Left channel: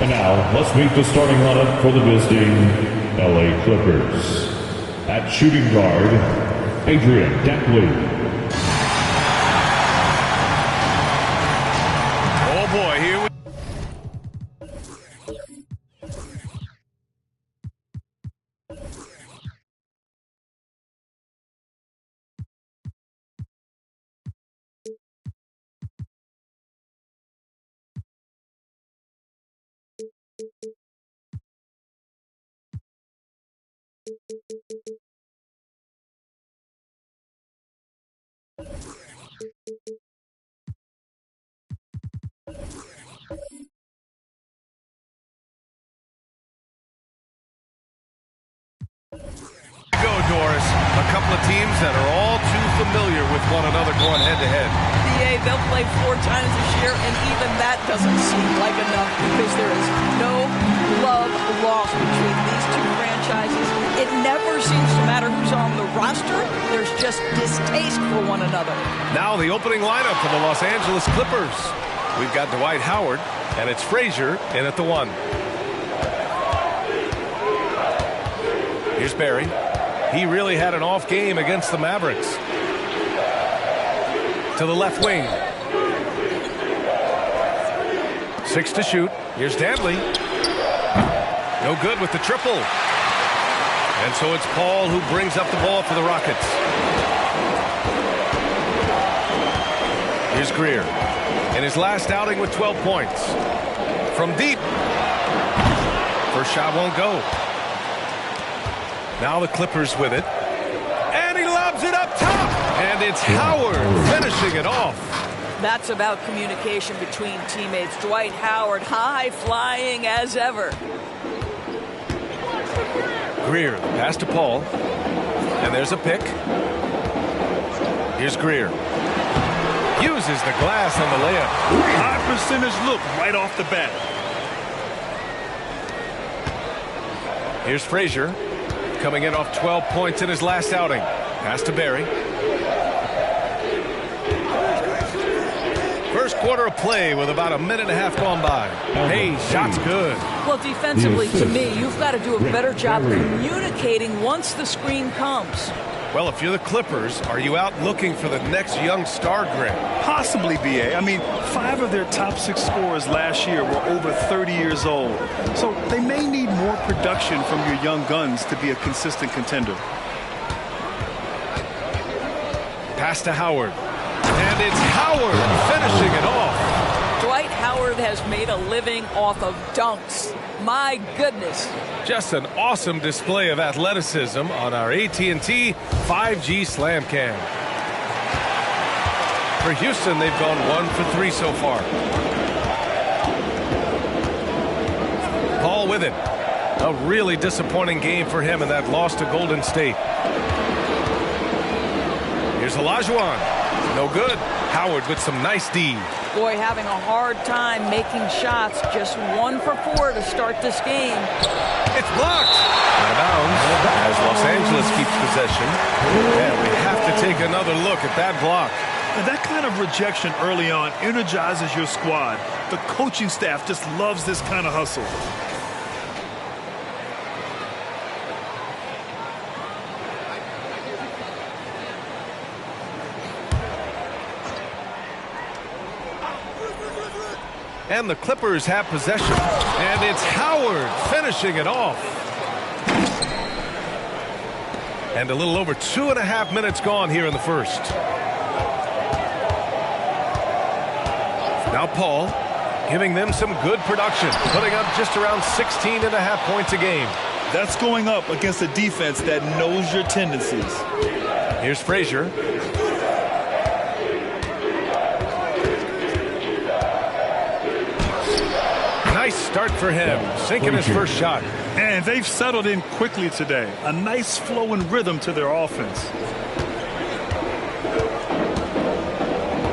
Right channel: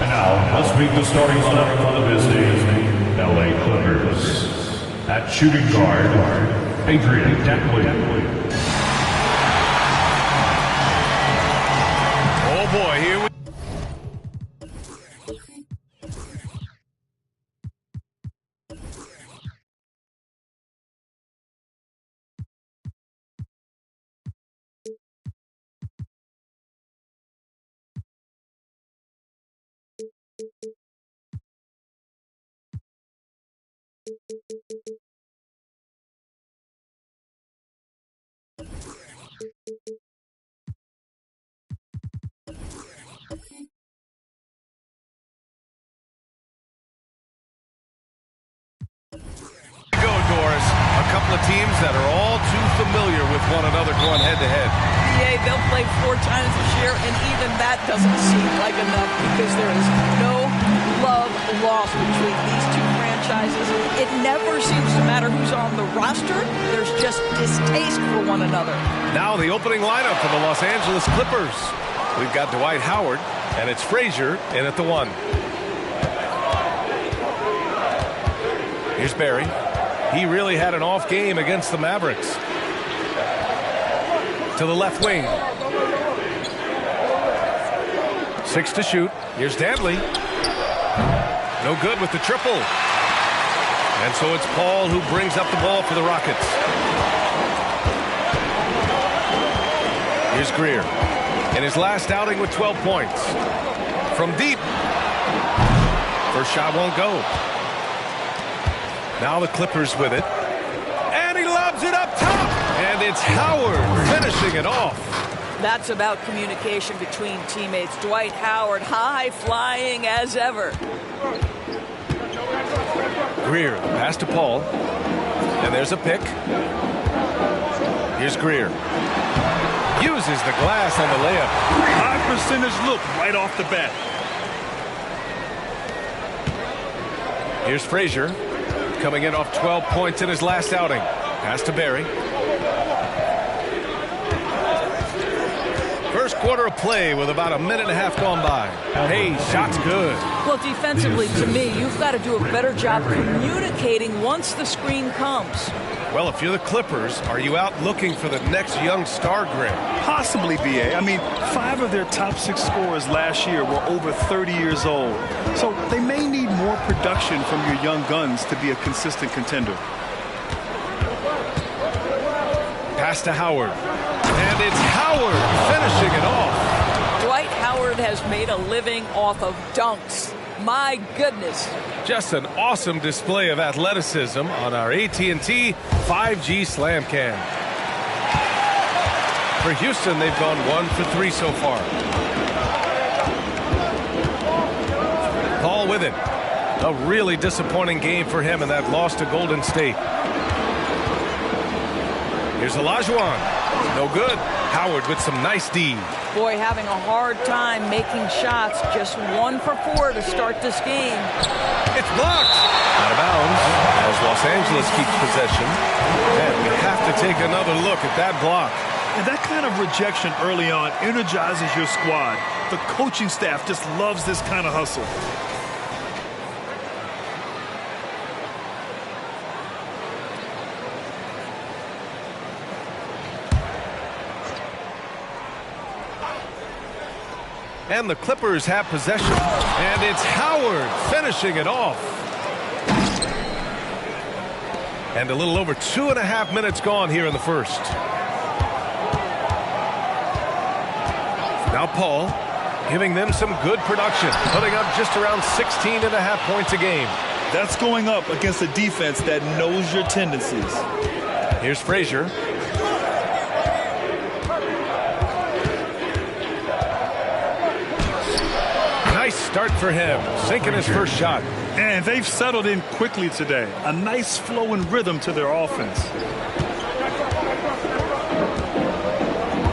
And now, let's meet the starting lineup for the visiting LA Clippers. At shooting guard, Adrian Dantley. Oh boy, here we go, Doris. A couple of teams that are all too familiar with one another going head-to-head. BA, they'll play 4 times this year, and even that doesn't seem like enough because there is no love lost between these two franchises. It never seems to matter who's on the roster. There's just distaste for one another. Now the opening lineup for the Los Angeles Clippers. We've got Dwight Howard, and it's Frazier in at the 1. Here's Barry. He really had an off game against the Mavericks. To the left wing. 6 to shoot. Here's Dantley. No good with the triple. And so it's Paul who brings up the ball for the Rockets. Here's Greer. In his last outing with 12 points. From deep. First shot won't go. Now the Clippers with it. And he lobs it up top. And it's Howard finishing it off. That's about communication between teammates. Dwight Howard, high flying as ever. Greer, the pass to Paul. And there's a pick. Here's Greer. Uses the glass on the layup. High percentage look right off the bat. Here's Frazier. Coming in off 12 points in his last outing. Pass to Barry. First quarter of play with about a minute and a half gone by. Hey, shot's good. Well, defensively, to me, you've got to do a better job communicating once the screen comes. Well, if you're the Clippers, are you out looking for the next young star, Greg? Possibly, BA. I mean, 5 of their top 6 scorers last year were over 30 years old. So they may need more production from your young guns to be a consistent contender. Pass to Howard. And it's Howard finishing it off. Dwight Howard has made a living off of dunks. My goodness. Just an awesome display of athleticism on our AT&T 5G Slam Cam. For Houston, they've gone 1 for 3 so far. Paul with it. A really disappointing game for him in that loss to Golden State. Here's Olajuwon. No good. Howard with some nice D. Boy, having a hard time making shots. Just 1 for 4 to start this game. It's blocked. Out of bounds as Los Angeles keeps possession. And we have to take another look at that block. And that kind of rejection early on energizes your squad. The coaching staff just loves this kind of hustle. And the Clippers have possession. And it's Howard finishing it off. And a little over 2.5 minutes gone here in the first. Now Paul giving them some good production, putting up just around 16.5 points a game. That's going up against a defense that knows your tendencies. Here's Frazier. Nice start for him, sinking his first shot. And they've settled in quickly today. A nice flow and rhythm to their offense.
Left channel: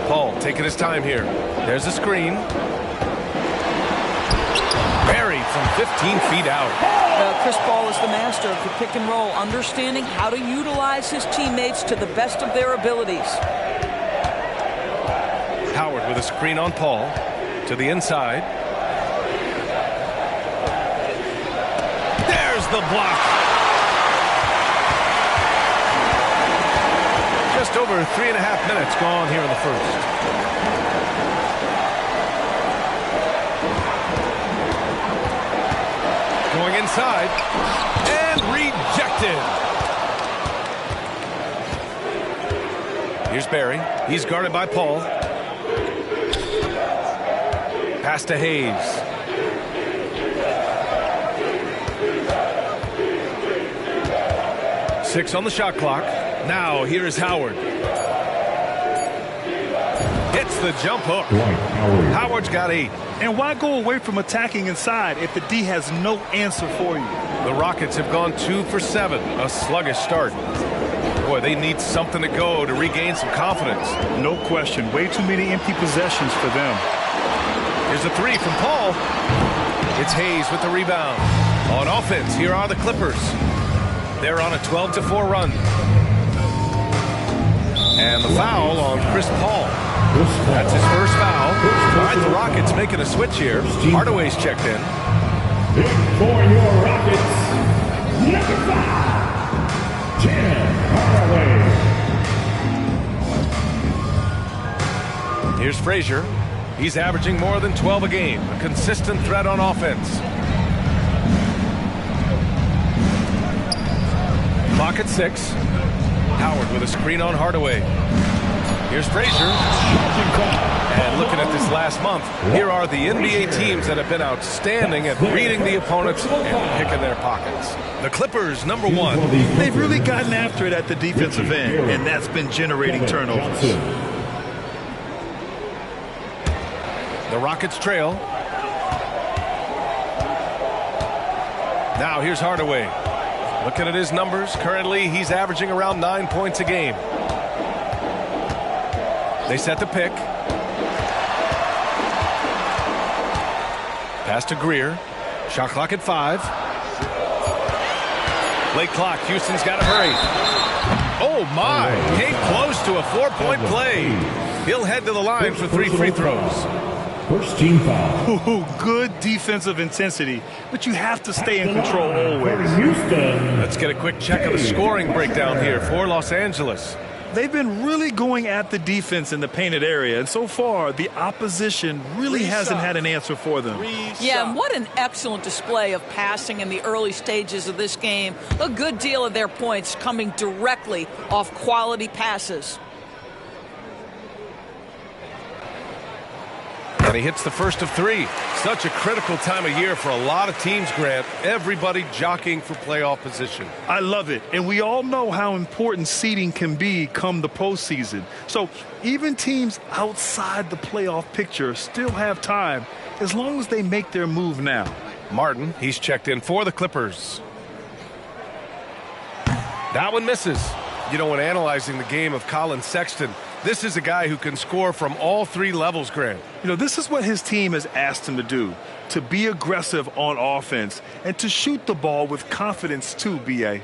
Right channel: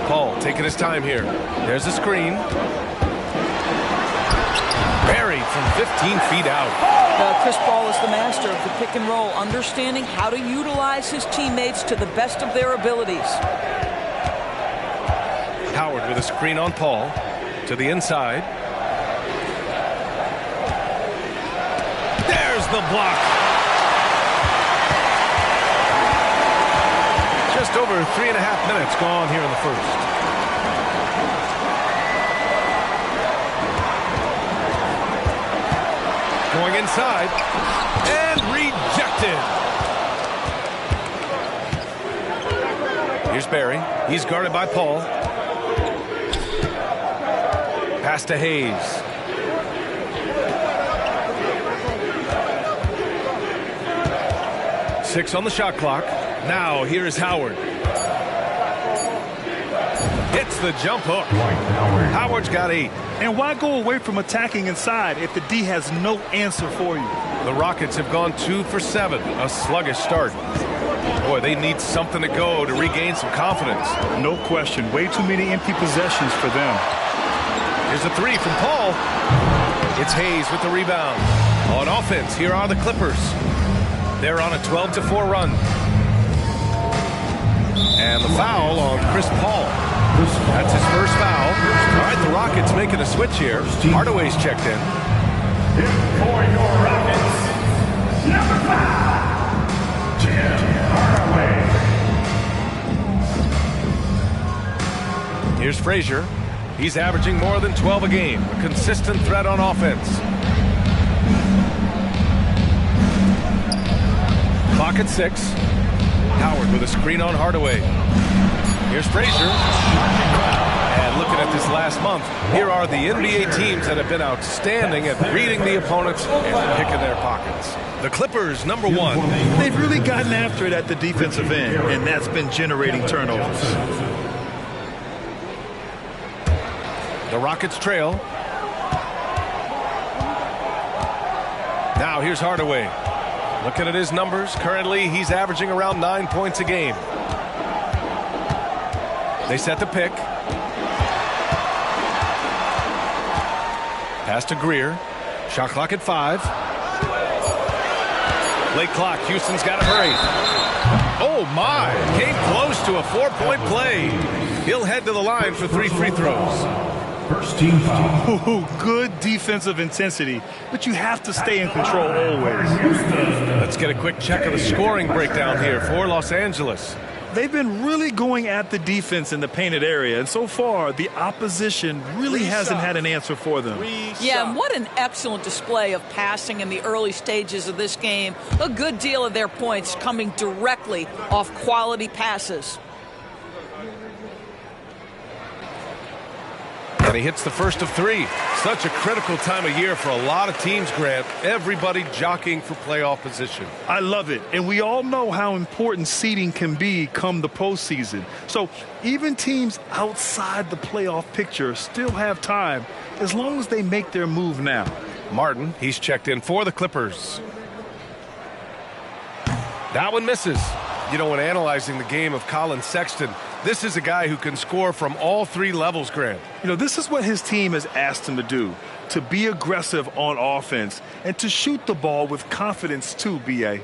Paul taking his time here. There's a screen. Buried from 15 feet out. Chris Paul is the master of the pick and roll, understanding how to utilize his teammates to the best of their abilities. Howard with a screen on Paul to the inside. There's the block. Just over 3.5 minutes gone here in the first. Going inside and rejected. Here's Barry. He's guarded by Paul. Pass to Hayes. Six on the shot clock. Now here is Howard. Hits the jump hook. Howard's got 8. And why go away from attacking inside if the D has no answer for you? The Rockets have gone 2 for 7. A sluggish start. Boy, they need something to go to regain some confidence. No question. Way too many empty possessions for them. Here's a 3 from Paul. It's Hayes with the rebound. On offense, here are the Clippers. They're on a 12-4 run. And the foul on Chris Paul. That's his first foul. All right, the Rockets making a switch here. Hardaway's checked in. For your Rockets, number 5, Tim Hardaway. Here's Frazier. He's averaging more than 12 a game. A consistent threat on offense. Clock at 6. Howard with a screen on Hardaway. Here's Frazier. And looking at this last month, here are the NBA teams that have been outstanding at reading the opponents and picking their pockets. The Clippers, number 1. They've really gotten after it at the defensive end, and that's been generating turnovers. The Rockets trail. Now here's Hardaway. Looking at his numbers, currently he's averaging around 9 points a game. They set the pick. Pass to Greer. Shot clock at 5. Late clock. Houston's got to hurry. Oh, my. Came close to a 4-point play. He'll head to the line for 3 free throws. First team foul. Ooh, good defensive intensity, but you have to stay in control always. Let's get a quick check of the scoring breakdown here for Los Angeles. They've been really going at the defense in the painted area, and so far the opposition really hasn't had an answer for them. Yeah, and what an excellent display of passing in the early stages of this game. A good deal of their points coming directly off quality passes. And he hits the first of 3. Such a critical time of year for a lot of teams, Grant. Everybody jockeying for playoff position. I love it. And we all know how important seeding can be come the postseason. So even teams outside the playoff picture still have time as long as they make their move now. Martin, he's checked in for the Clippers. That one misses. You know, when analyzing the game of Colin Sexton, this is a guy who can score from all 3 levels, Grant. You know, this is what his team has asked him to do, to be aggressive on offense and to shoot the ball with confidence too, B.A.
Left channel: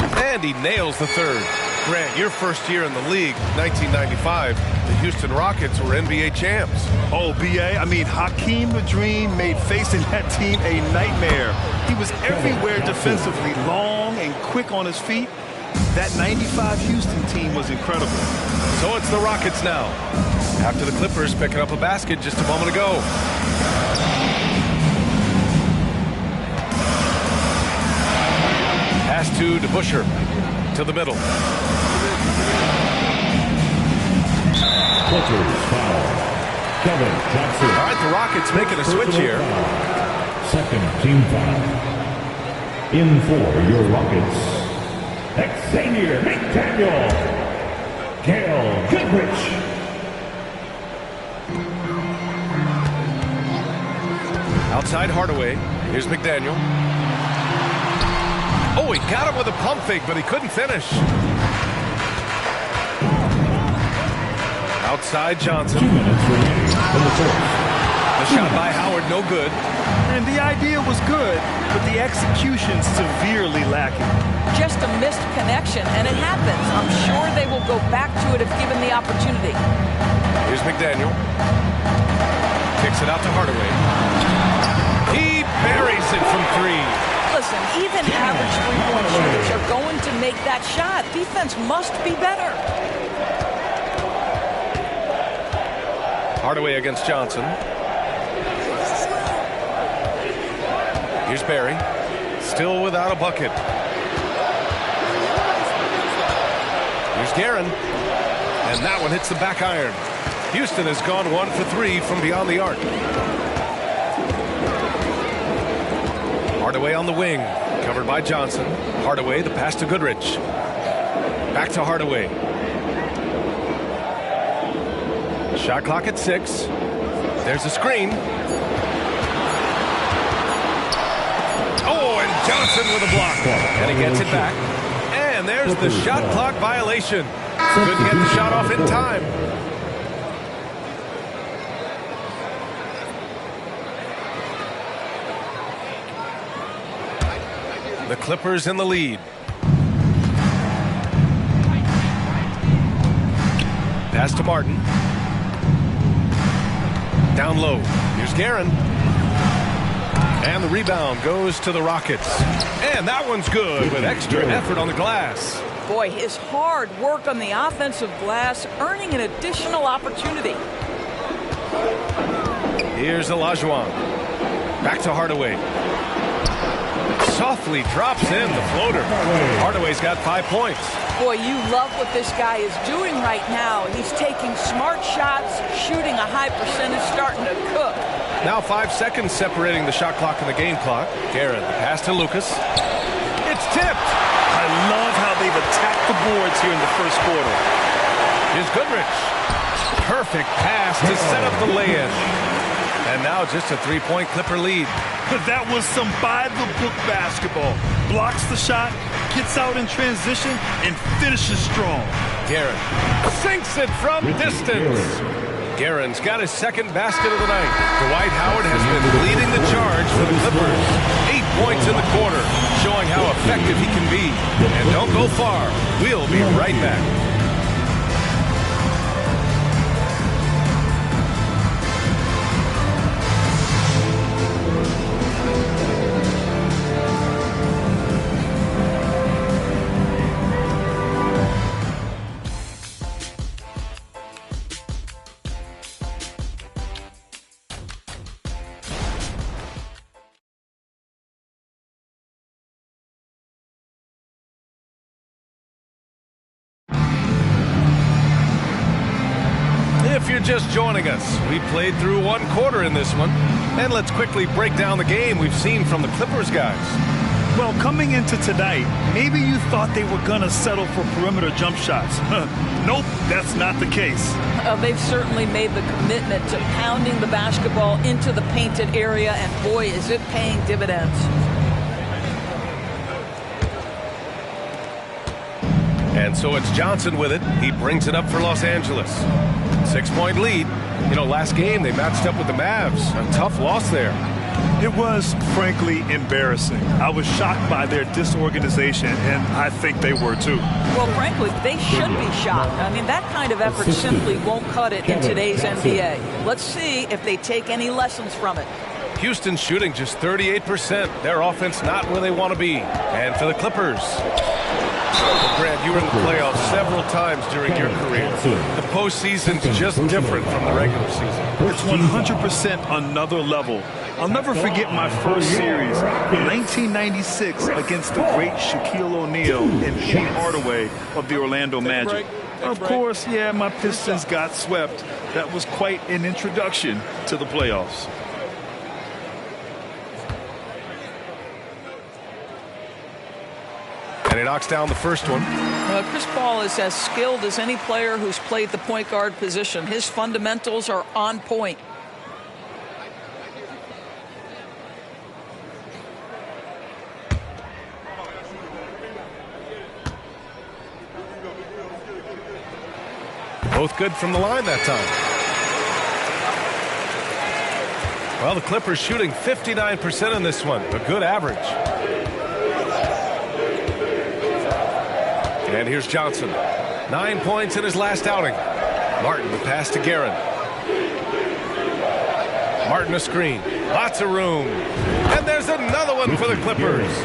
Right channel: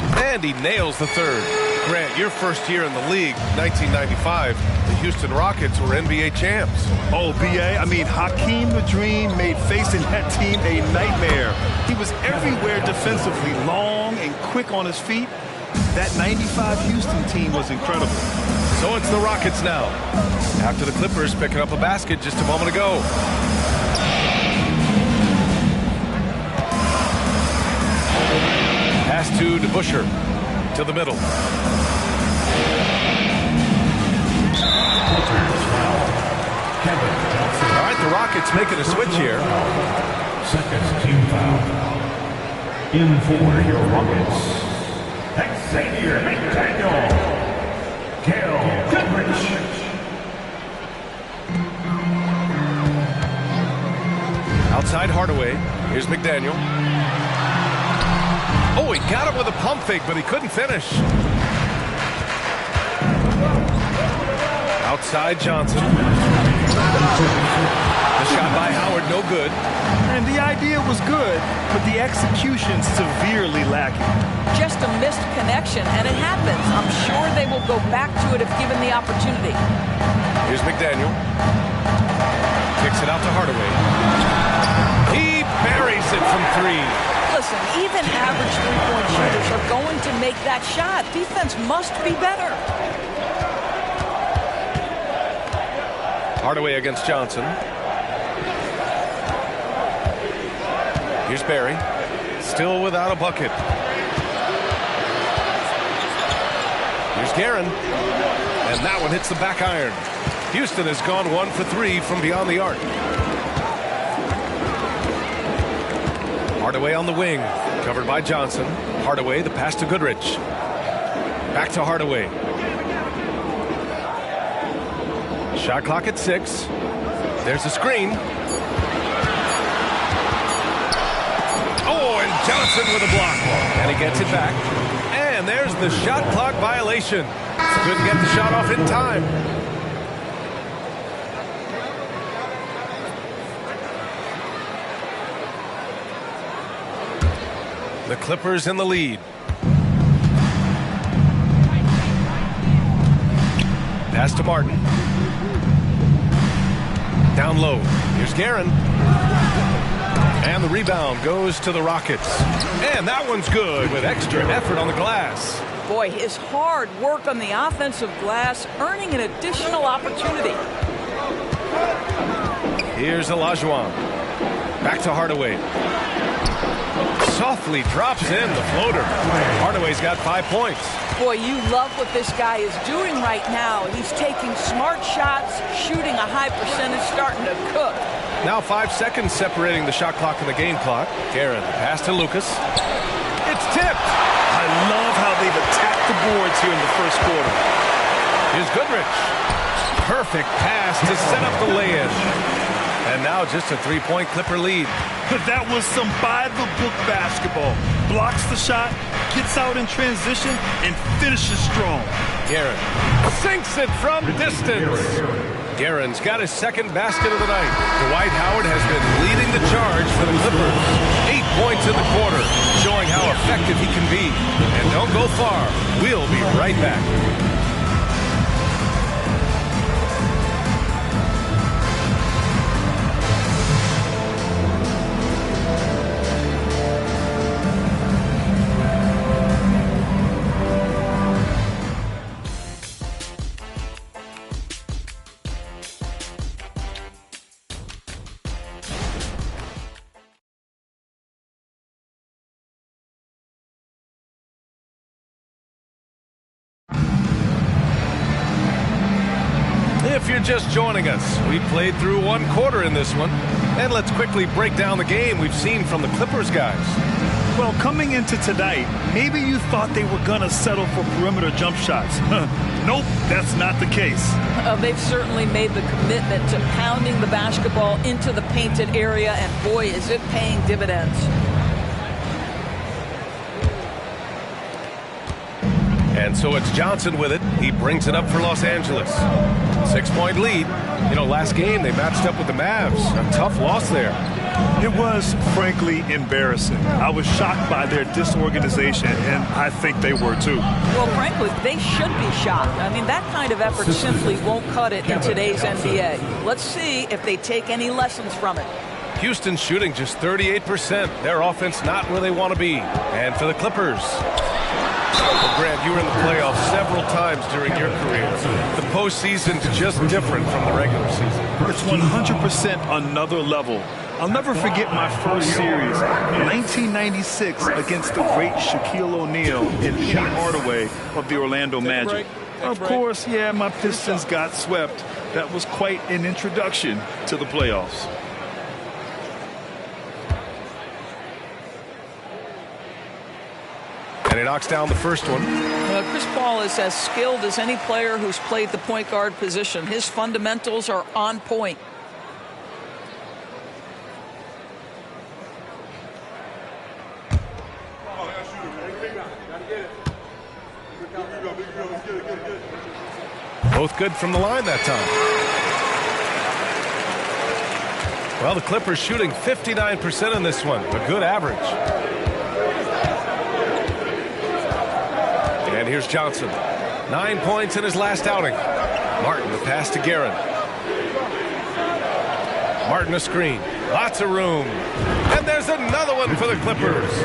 And he nails the third. Grant, your first year in the league, 1995, the Houston Rockets were NBA champs. Oh, B.A., I mean, Hakeem the Dream made facing that team a nightmare. He was everywhere defensively, long and quick on his feet. That 95 Houston team was incredible. So it's the Rockets now, after the Clippers picking up a basket just a moment ago. Pass to DeBusschere, to the middle. Clippers foul. Kevin Johnson. All right, the Rockets making a switch here. Second team foul. In for your Rockets, Xavier McDaniel. Gail Goodrich. Outside Hardaway. Here's McDaniel. Oh, he got him with a pump fake, but he couldn't finish. Outside Johnson. The shot by Howard, no good. And the idea was good, but the execution severely lacking. Just a missed connection, and it happens. I'm sure they will go back to it if given the opportunity. Here's McDaniel. Kicks it out to Hardaway. He buries it from three. Listen, even average three-point shooters are going to make that shot. Defense must be better. Hardaway against Johnson. Here's Barry. Still without a bucket. Here's Guerin. And that one hits the back iron. Houston has gone 1 for 3 from beyond the arc. Hardaway on the wing. Covered by Johnson. Hardaway, the pass to Goodrich. Back to Hardaway. Shot clock at 6. There's a screen. Oh, and Johnson with a block. And he gets it back. And there's the shot clock violation. Couldn't get the shot off in time. The Clippers in the lead. Pass to Martin. Down low. Here's Guerin. And the rebound goes to the Rockets. And that one's good with extra effort on the glass. Boy, his hard work on the offensive glass earning an additional opportunity. Here's Olajuwon. Back to Hardaway. Softly drops in the floater. Hardaway's got 5 points. Boy, you love what this guy is doing right now. He's taking smart shots, shooting a high percentage, starting to cook. Now 5 seconds separating the shot clock and the game clock. Guerin, the pass to Lucas. It's tipped. I love how they've attacked the boards here in the first quarter. Here's Goodrich. Perfect pass to set up the lay-in. And now just a 3-point Clipper lead. That was some by-the-book basketball. Blocks the shot, gets out in transition, and finishes strong. Guerin sinks it from distance. Guerin's got his second basket of the night. Dwight Howard has been leading the charge for the Clippers. 8 points in the quarter, showing how effective he can be. And don't go far. We'll be right back. If you're just joining us, we played through 1 quarter in this one. And let's quickly break down the game we've seen from the Clippers guys. Well, coming into tonight, maybe you thought they were going to settle for perimeter jump shots. Nope, that's not the case. They've certainly made the commitment to pounding the basketball into the painted area, and boy, is it paying dividends. And so it's Johnson with it. He brings it up for Los Angeles. 6-point lead. You know, last game they matched up with the Mavs. A tough loss there. It was, frankly, embarrassing. I was shocked by their disorganization, and I think they were too. Well, frankly, they should be shocked. I mean, that kind of effort simply won't cut it in today's NBA. Let's see if they take any lessons from it. Houston shooting just 38%. Their offense not where they want to be. And for the Clippers. Well, Grant, you were in the playoffs several times during your career. The postseason's just different from the regular season. It's 100% another level. I'll never forget my first series, 1996, against the great Shaquille O'Neal and Penny Hardaway of the Orlando Magic. Of course, yeah, my Pistons got swept. That was quite an introduction to the playoffs. And he knocks down the first one. Chris Paul is as skilled as any player who's played the point guard position. His fundamentals are on point. Both good from the line that time. Well, the Clippers shooting 59% in this one. A good average. And here's Johnson. 9 points in his last outing. Martin, the pass to Guerin. Martin a screen. Lots of room. And there's another one for the Clippers.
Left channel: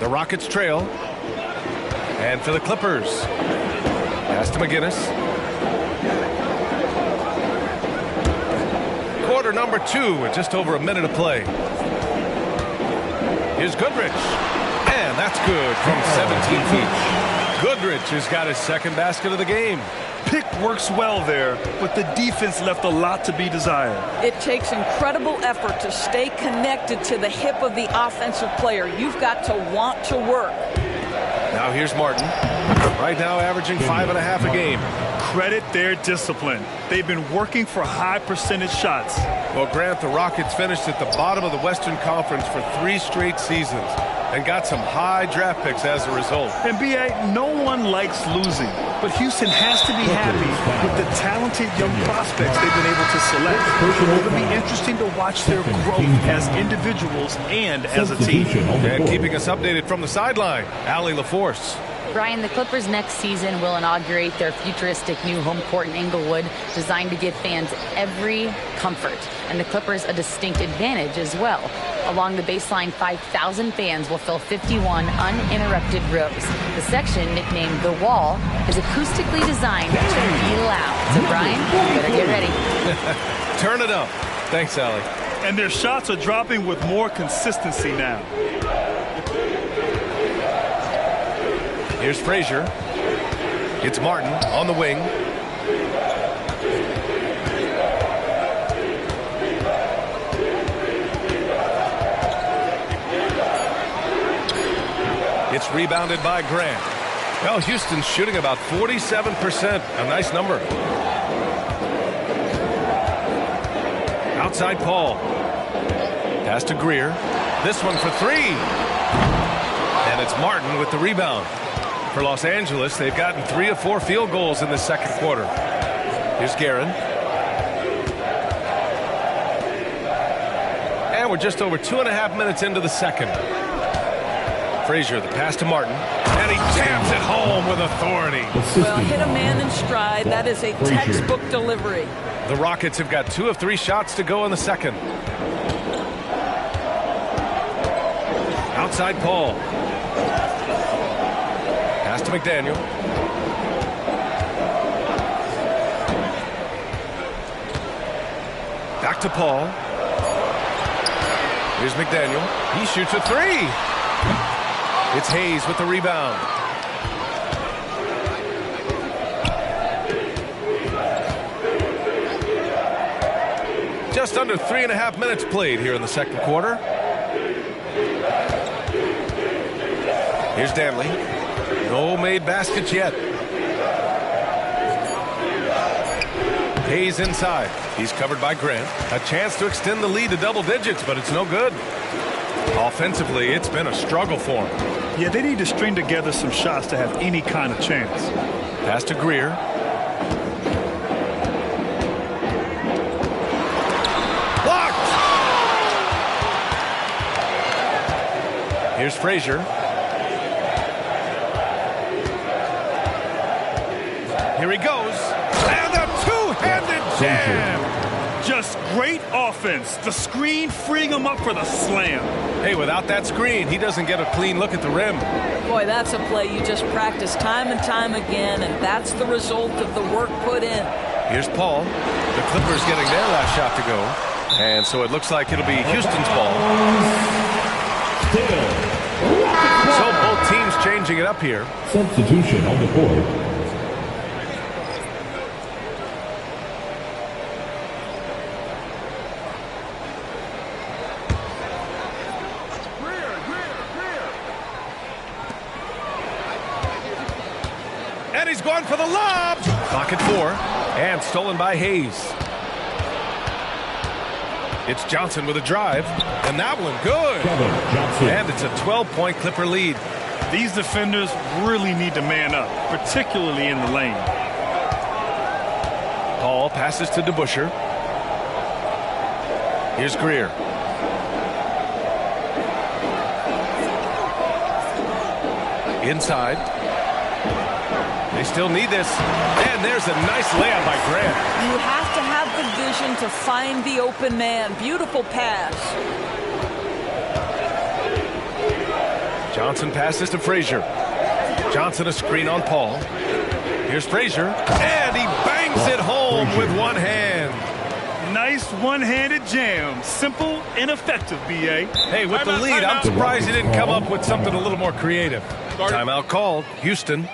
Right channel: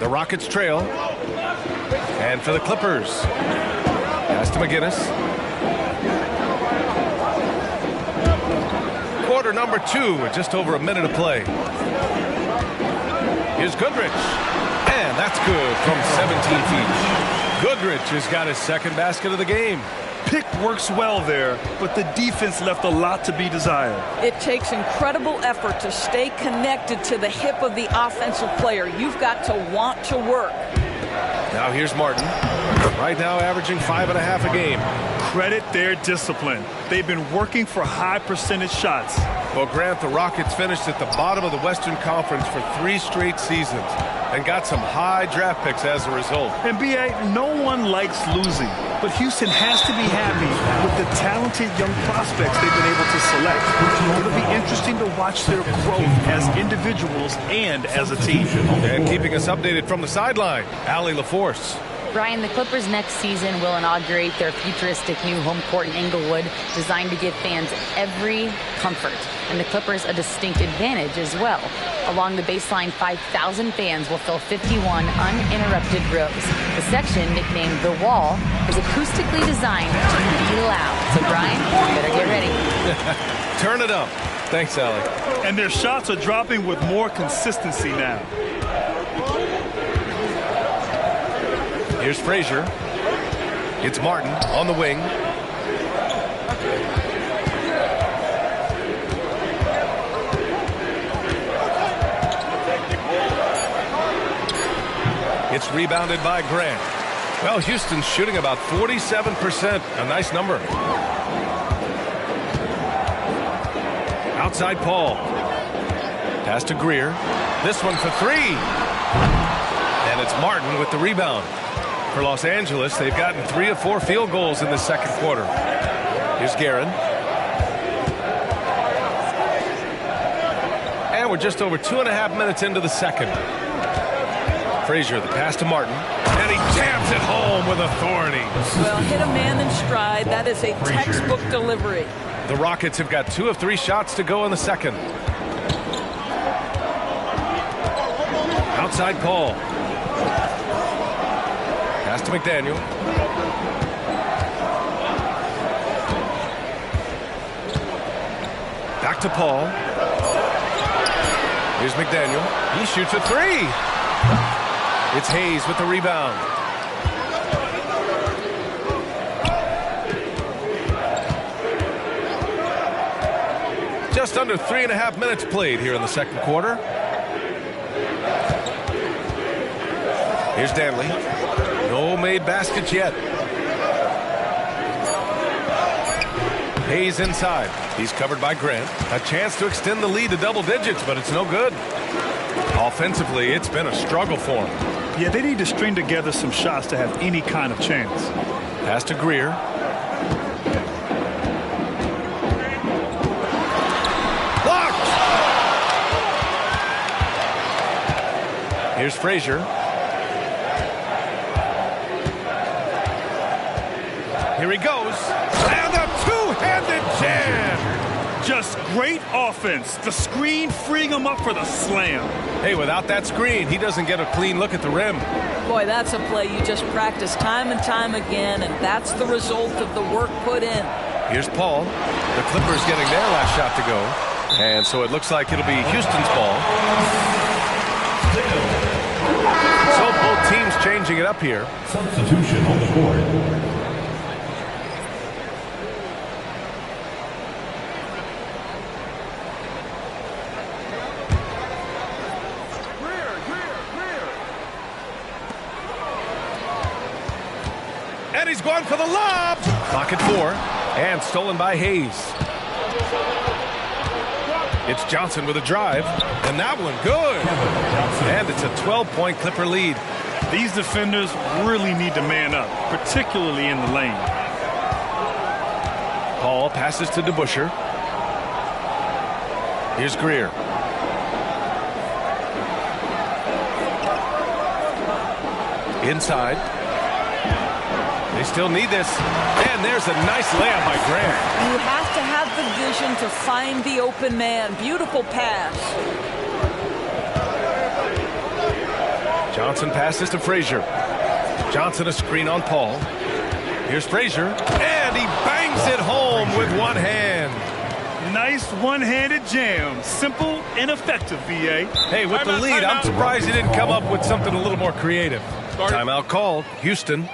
The Rockets trail. And for the Clippers, pass to McGinnis. Quarter number 2 with just over a minute of play. Here's Goodrich. And that's good from 17 feet. Goodrich has got his second basket of the game. Pick works well there, but the defense left a lot to be desired. It takes incredible effort to stay connected to the hip of the offensive player. You've got to want to work. Now here's Martin. Right now averaging 5.5 a game. Credit their discipline. They've been working for high percentage shots. Well, Grant, the Rockets finished at the bottom of the Western Conference for 3 straight seasons and got some high draft picks as a result. And B.A., no one likes losing, but Houston has to be happy with the talented young prospects they've been able to select. It'll be interesting to watch their growth as individuals and as a team. And keeping us updated from the sideline, Allie LaForce. Brian, the Clippers next season will inaugurate their futuristic new home court in Inglewood, designed to give fans every comfort, and the Clippers a distinct advantage as well. Along the baseline, 5,000 fans will fill 51 uninterrupted rows. The section, nicknamed The Wall, is acoustically designed to be loud. So, Brian, you better get ready. Turn it up. Thanks, Allie. And their shots are dropping with more consistency now. Here's Frazier. It's Martin on the wing. It's rebounded by Grant. Well, Houston's shooting about 47%. A nice number. Outside Paul. Pass to Greer. This one for 3. And it's Martin with the rebound. For Los Angeles, they've gotten 3 of 4 field goals in the second quarter. Here's Guerin. And we're just over 2.5 minutes into the second. Frazier, the pass to Martin. And he jams it home with authority. Well, hit a man in stride. That is a textbook delivery. The Rockets have got 2 of 3 shots to go in the second. Outside Paul. Pass to McDaniel. Back to Paul. Here's McDaniel. He shoots a 3. It's Hayes with the rebound. Just under 3.5 minutes played here in the second quarter. Here's Danley. No made baskets yet. Hayes inside. He's covered by Grant. A chance to extend the lead to double digits, but it's no good. Offensively, it's been a struggle for him. Yeah, they need to string together some shots to have any kind of chance. Pass to Greer. Here's Frazier. Here he goes. And a two-handed jam. Just great offense. The screen freeing him up for the slam. Hey, without that screen, he doesn't get a clean look at the rim. Boy, that's a play you just practice time and time again, and that's the result of the work put in. Here's Paul. The Clippers getting their last shot to go. And so it looks like it'll be Houston's ball. So both teams changing it up here. Substitution on the court. And he's going for the lob. Clock at 4. And stolen by Hayes. It's Johnson with a drive. And that one good. And it's a 12-point Clipper lead. These defenders really need to man up, particularly in the lane. Paul passes to DeBusschere. Here's Greer. Inside. They still need this. And there's a nice layup by Grant. You have to have the vision to find the open man. Beautiful pass. Johnson passes to Frazier. Johnson a screen on Paul. Here's Frazier. And he bangs it home with one hand. Nice one-handed jam. Simple and effective, B.A. Hey, with the lead, I'm surprised he didn't come up with something a little more creative. Timeout called. Houston.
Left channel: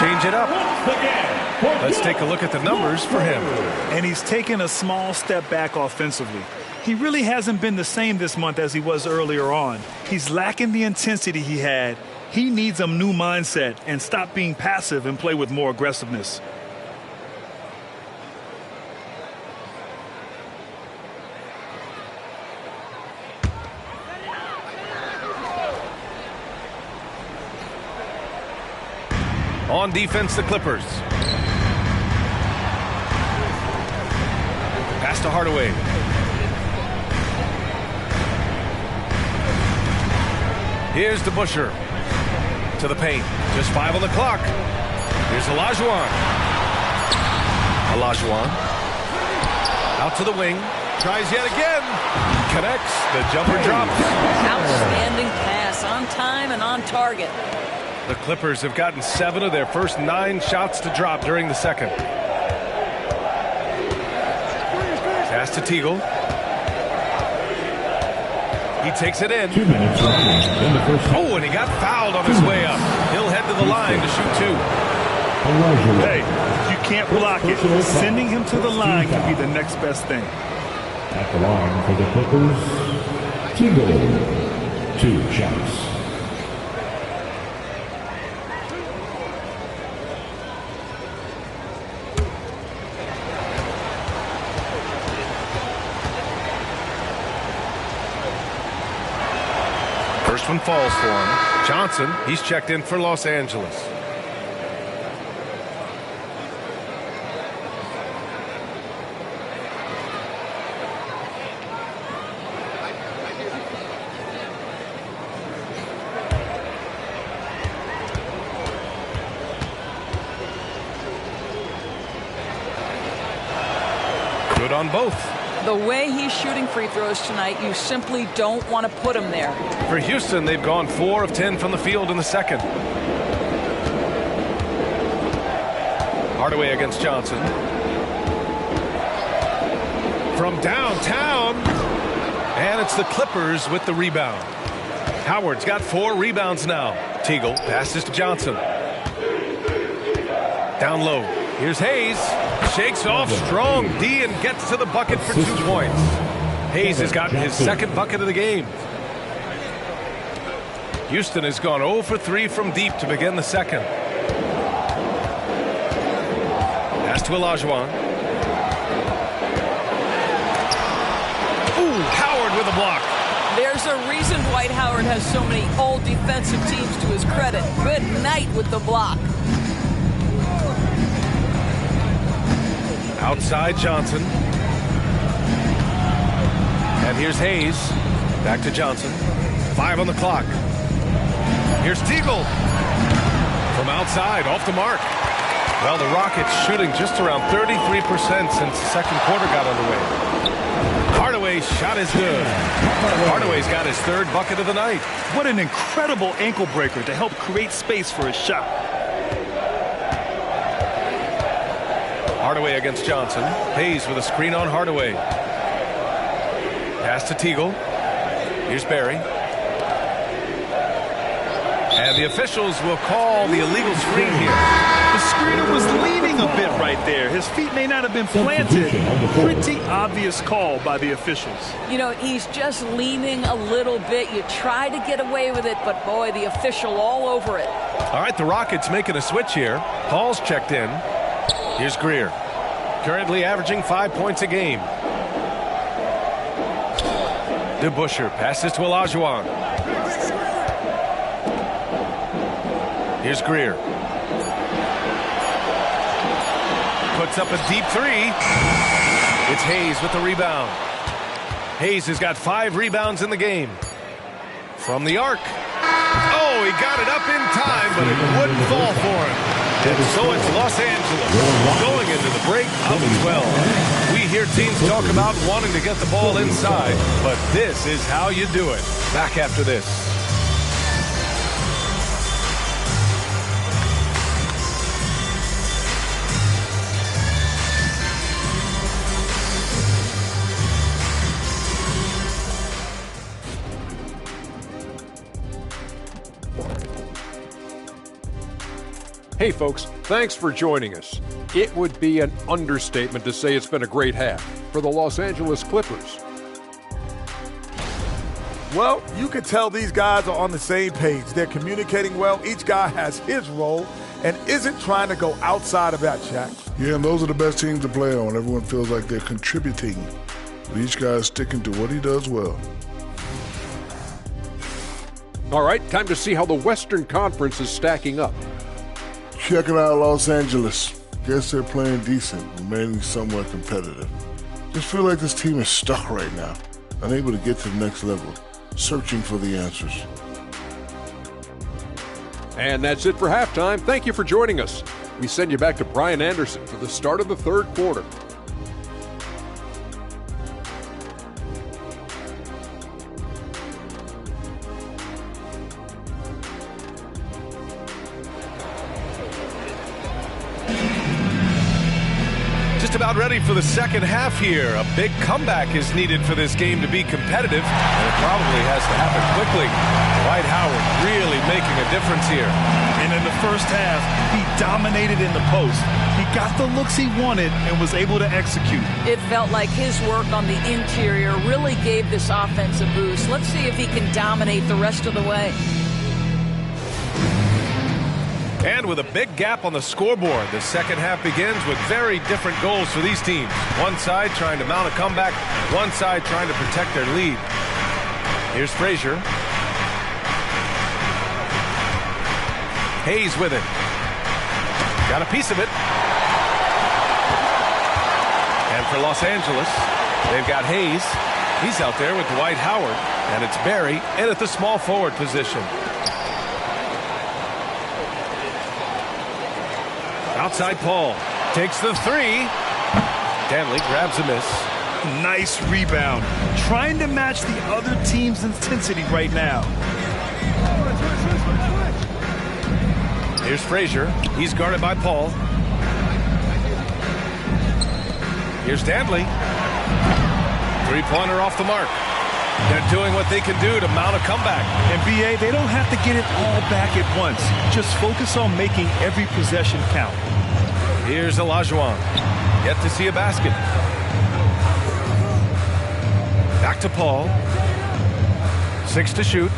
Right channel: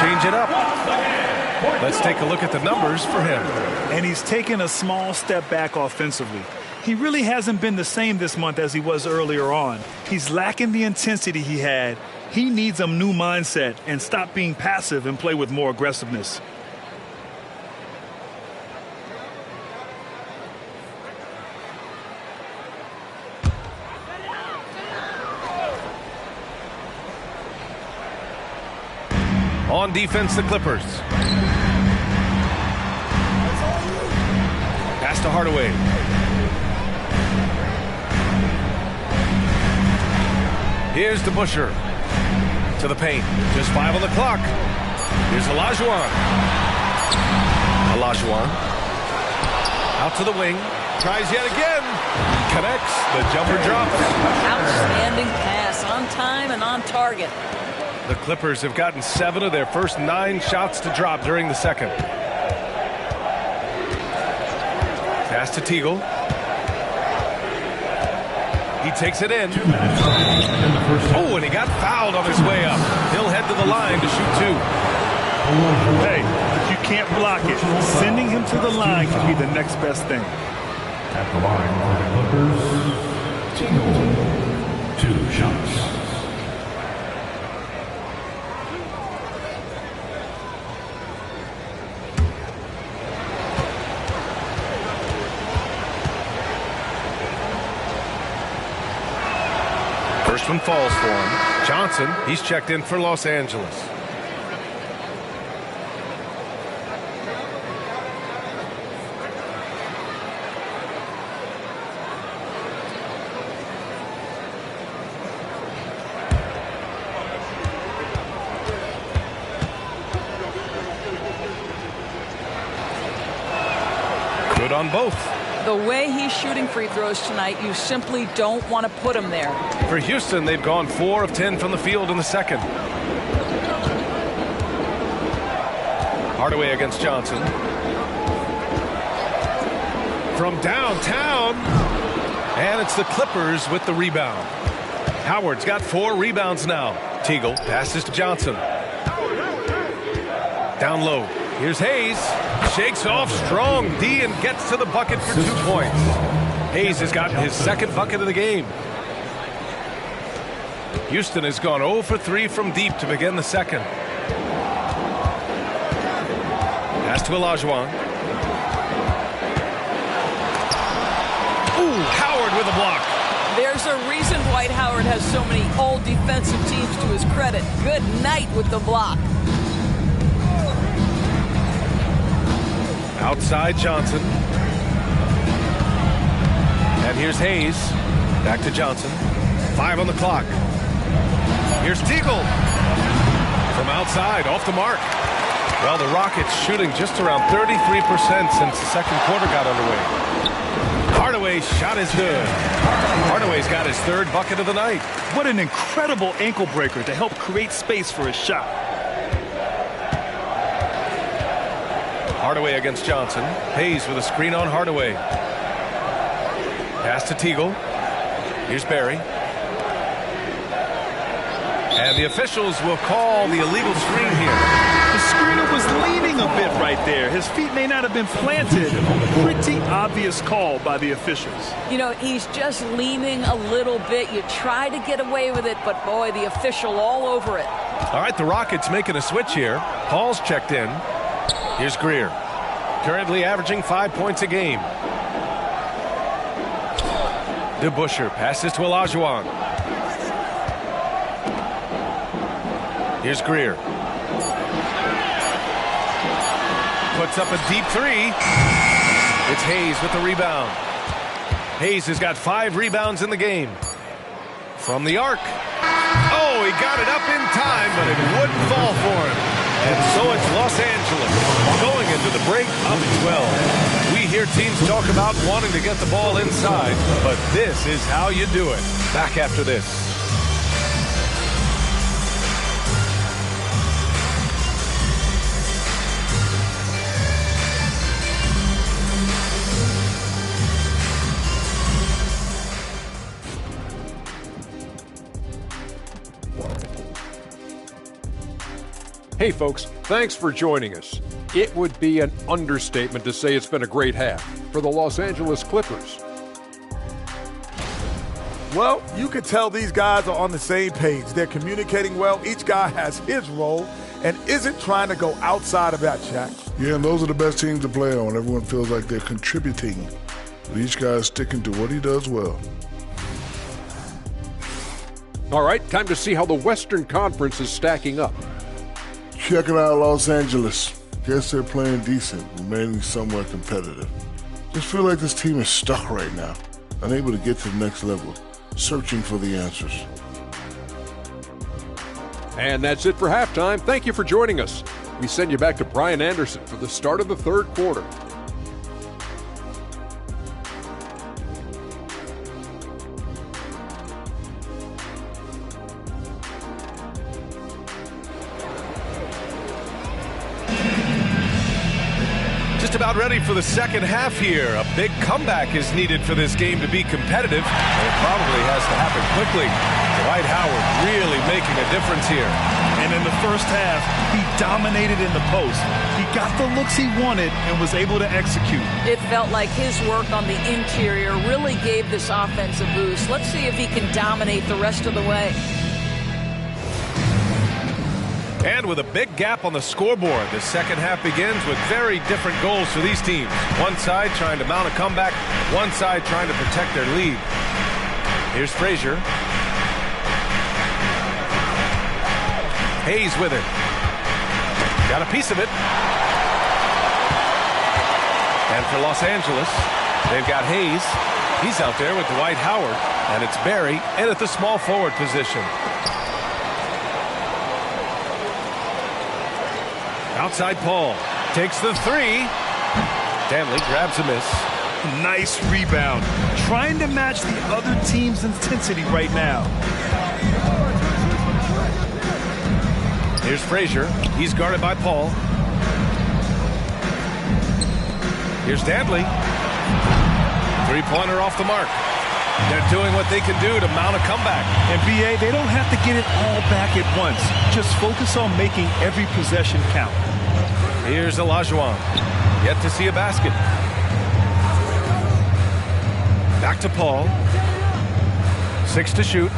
Change it up. Let's take a look at the numbers for him. And he's taken a small step back offensively. He really hasn't been the same this month as he was earlier on. He's lacking the intensity he had. He needs a new mindset and stop being passive and play with more aggressiveness. On defense, the Clippers. Pass to Hardaway. Here's DeBusschere. To the paint. Just 5 on the clock. Here's Olajuwon. Olajuwon. Out to the wing. Tries yet again. Connects. The jumper drops. Outstanding pass. On time and on target. The Clippers have gotten 7 of their first 9 shots to drop during the second. Pass to Teagle. He takes it in. 2 minutes in the first half. Oh, and he got fouled on his way up. He'll head to the line to shoot 2. Hey, if you can't block it, sending him to the line can be the next best thing. At the line for the Clippers, Teagle. 2 shots. First one falls for him. Johnson, he's checked in for Los Angeles. Good on both. The way he's shooting free throws tonight, you simply don't want to put him there. For Houston, they've gone 4 of 10 from the field in the second. Hardaway against Johnson. From downtown. And it's the Clippers with the rebound. Howard's got 4 rebounds now. Teagle passes to Johnson. Down low. Here's Hayes. Shakes off strong D and gets to the bucket for 2 points. Hayes has gotten his second bucket of the game. Houston has gone 0 for 3 from deep to begin the second. Pass to Olajuwon. Ooh, Howard with a block. There's a reason Dwight Howard has so many all defensive teams to his credit. Good night with the block. Outside Johnson. And here's Hayes. Back to Johnson. 5 on the clock. Here's Teagle. From outside, off the mark. Well, the Rockets shooting just around 33% since the second quarter got underway. Hardaway's shot is good. Hardaway's got his 3rd bucket of the night. What an incredible ankle breaker to help create space for his shot. Hardaway against Johnson. Hayes with a screen on Hardaway. Pass to Teagle. Here's Barry. And the officials will call the illegal screen here. The screener was leaning a bit right there. His feet may not have been planted. Pretty obvious call by the officials. You know, he's just leaning a little bit. You try to get away with it, but boy, the official all over it. All right, the Rockets making a switch here. Paul's checked in. Here's Greer. Currently averaging 5 points a game. DeBusschere passes to Olajuwon. Here's Greer. Puts up a deep 3. It's Hayes with the rebound. Hayes has got 5 rebounds in the game. From the arc. Oh, he got it up in time, but it wouldn't fall for him. And so it's Los Angeles going into the break up 12. We hear teams talk about wanting to get the ball inside, but this is how you do it. Back after this. Hey folks, thanks for joining us. It would be an understatement to say it's been a great half for the Los Angeles Clippers. Well, you can tell these guys are on the same page. They're communicating well. Each guy has his role and isn't trying to go outside of that, Shaq. Yeah, and those are the best teams to play on. Everyone feels like they're contributing. But each guy is sticking to what he does well. All right, time to see how the Western Conference is stacking up. Checking out Los Angeles. Guess they're playing decent, remaining somewhat competitive. Just feel like this team is stuck right now, unable to get to the next level, searching for the answers. And that's it for halftime. Thank you for joining us. We send you back to Brian Anderson for the start of the 3rd quarter. Just about ready for the second half here. A big comeback is needed for this game to be competitive, and it probably has to happen quickly. Dwight Howard really making a difference here. And in the first half, he dominated in the post. He got the looks he wanted and was able to execute. It felt like his work on the interior really gave this offense a boost. Let's see if he can dominate the rest of the way. And with a big gap on the scoreboard, the second half begins with very different goals for these teams. One side trying to mount a comeback, one side trying to protect their lead. Here's Frazier. Hayes with it. Got a piece of it. And for Los Angeles, they've got Hayes. He's out there with Dwight Howard. And it's Barry in at the small forward position. Outside Paul. Takes the three. Danley grabs a miss. Nice rebound. Trying to match the other team's intensity right now. Here's Frazier. He's guarded by Paul. Here's Danley. Three-pointer off the mark. They're doing what they can do to mount a comeback. And BA, they don't have to get it all back at once. Just focus on making every possession count. Here's Olajuwon. Yet to see a basket. Back to Paul. 6 to shoot.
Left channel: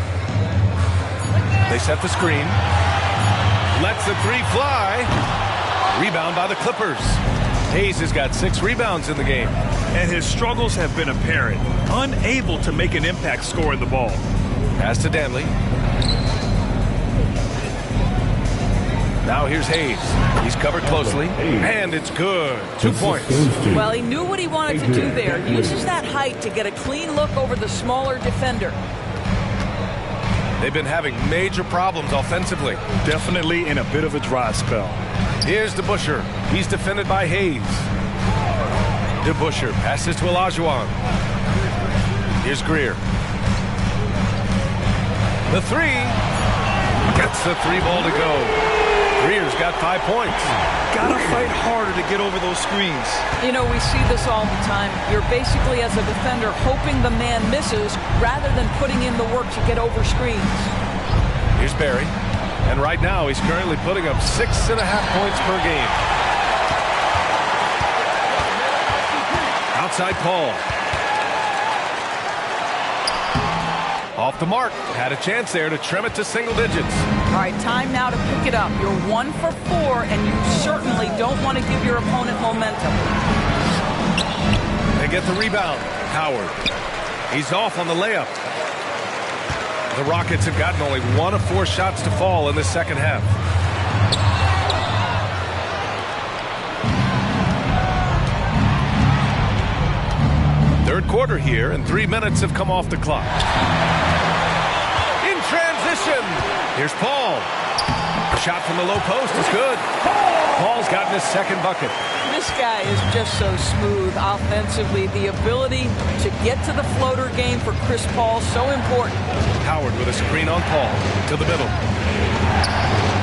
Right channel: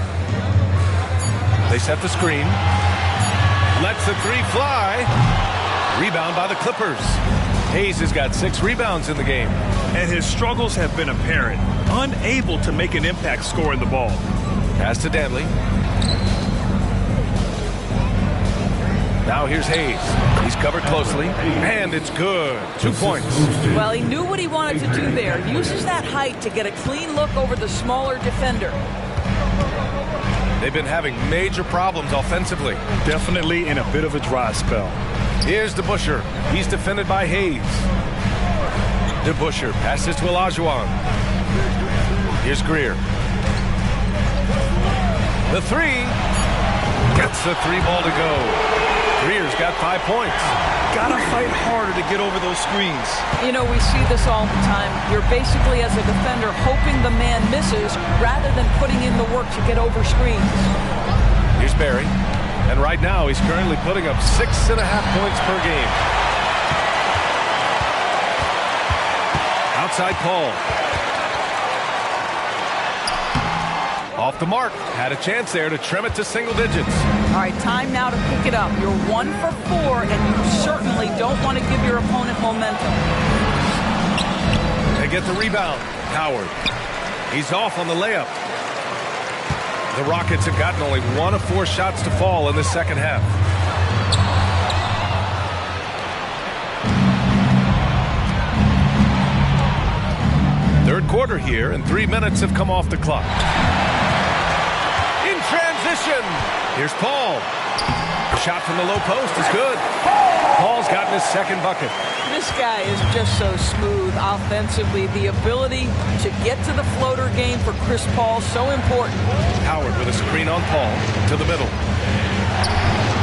They set the screen. Lets the three fly. Rebound by the Clippers. Hayes has got 6 rebounds in the game. And his struggles have been apparent. Unable to make an impact scoring the ball. Pass to Danley. Now here's Hayes. He's covered closely. And it's good. 2 points. Well, he knew what he wanted to do there. Uses that height to get a clean look over the smaller defender. They've been having major problems offensively. Definitely in a bit of a dry spell. Here's DeBusschere. He's defended by Hayes. DeBusschere passes to Olajuwon. Here's Greer. The three. Gets the three ball to go. Greer's got 5 points. Gotta fight harder to get over those screens. You know, we see this all the time. You're basically, as a defender, hoping the man misses rather than putting in the work to get over screens. Here's Barry. And right now, he's currently putting up 6.5 points per game. Outside Paul. Off the mark. Had a chance there to trim it to single digits. All right, time now to pick it up. You're 1 for 4, and you certainly don't want to give your opponent momentum. They get the rebound. Howard. He's off on the layup. The Rockets have gotten only 1 of 4 shots to fall in the second half. Third quarter here, and 3 minutes have come off the clock. In transition, here's Paul. Shot from the low post is good. Paul's gotten his second bucket. This guy is just so smooth offensively. The ability to get to the floater game for Chris Paul, so important. Howard with a screen on Paul to the middle.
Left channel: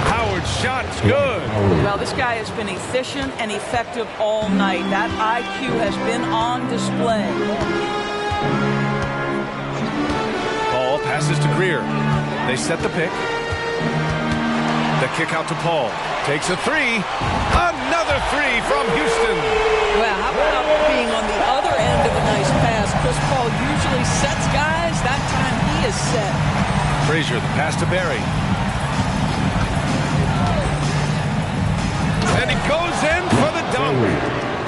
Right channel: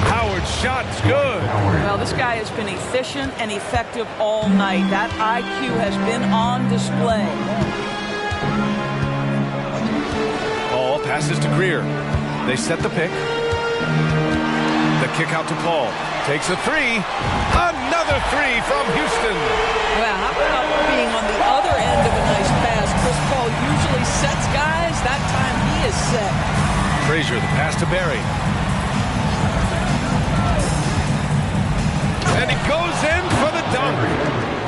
Howard's shot's good. Well, this guy has been efficient and effective all night. That IQ has been on display. Paul passes to Greer. They set the pick. The kick out to Paul. Takes a three. Another three from Houston. Well, how about being on the other end of a nice pass? Chris Paul usually sets guys. That time he is set. Frazier, the pass to Barry. And he goes in for the dunk.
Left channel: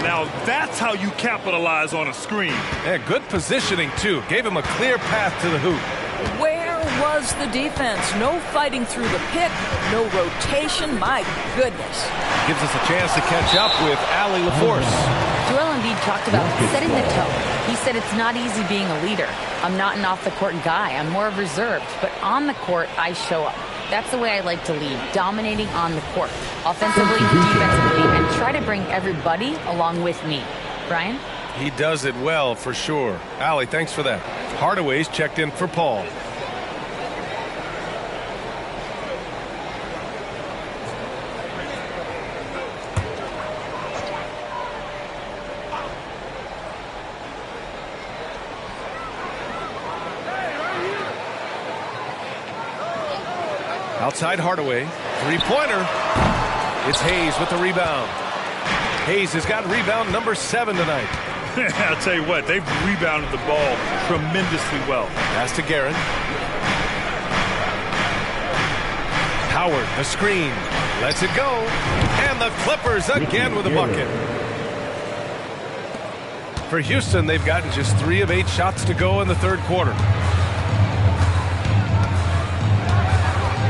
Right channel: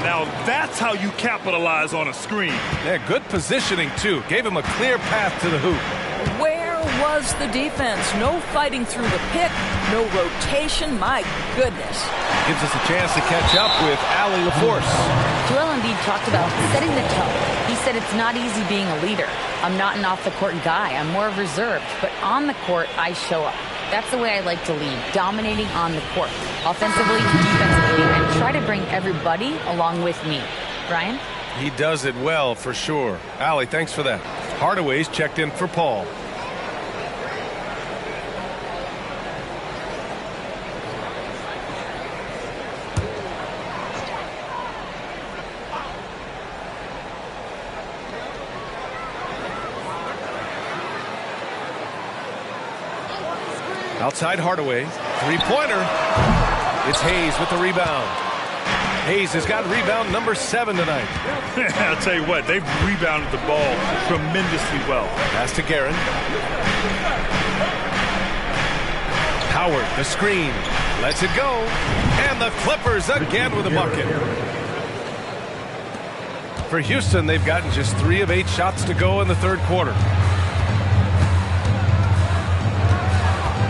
Now that's how you capitalize on a screen. Yeah, good positioning, too. Gave him a clear path to the hoop. Where was the defense? No fighting through the pick, no rotation. My goodness. Gives us a chance to catch up with Allie LaForce. Joel Embiid talked about setting the tone. He said it's not easy being a leader. I'm not an off-the-court guy. I'm more reserved. But on the court, I show up. That's the way I like to lead, dominating on the court, offensively, defensively, and try to bring everybody along with me. Brian? He does it well, for sure. Allie, thanks for that. Hardaway's checked in for Paul. Outside Hardaway, three-pointer. It's Hayes with the rebound. Hayes has got rebound number 7 tonight. I'll tell you what, they've rebounded the ball tremendously well. Pass to Guerin. Howard, the screen, lets it go. And the Clippers again with a bucket. For Houston, they've gotten just 3 of 8 shots to go in the third quarter.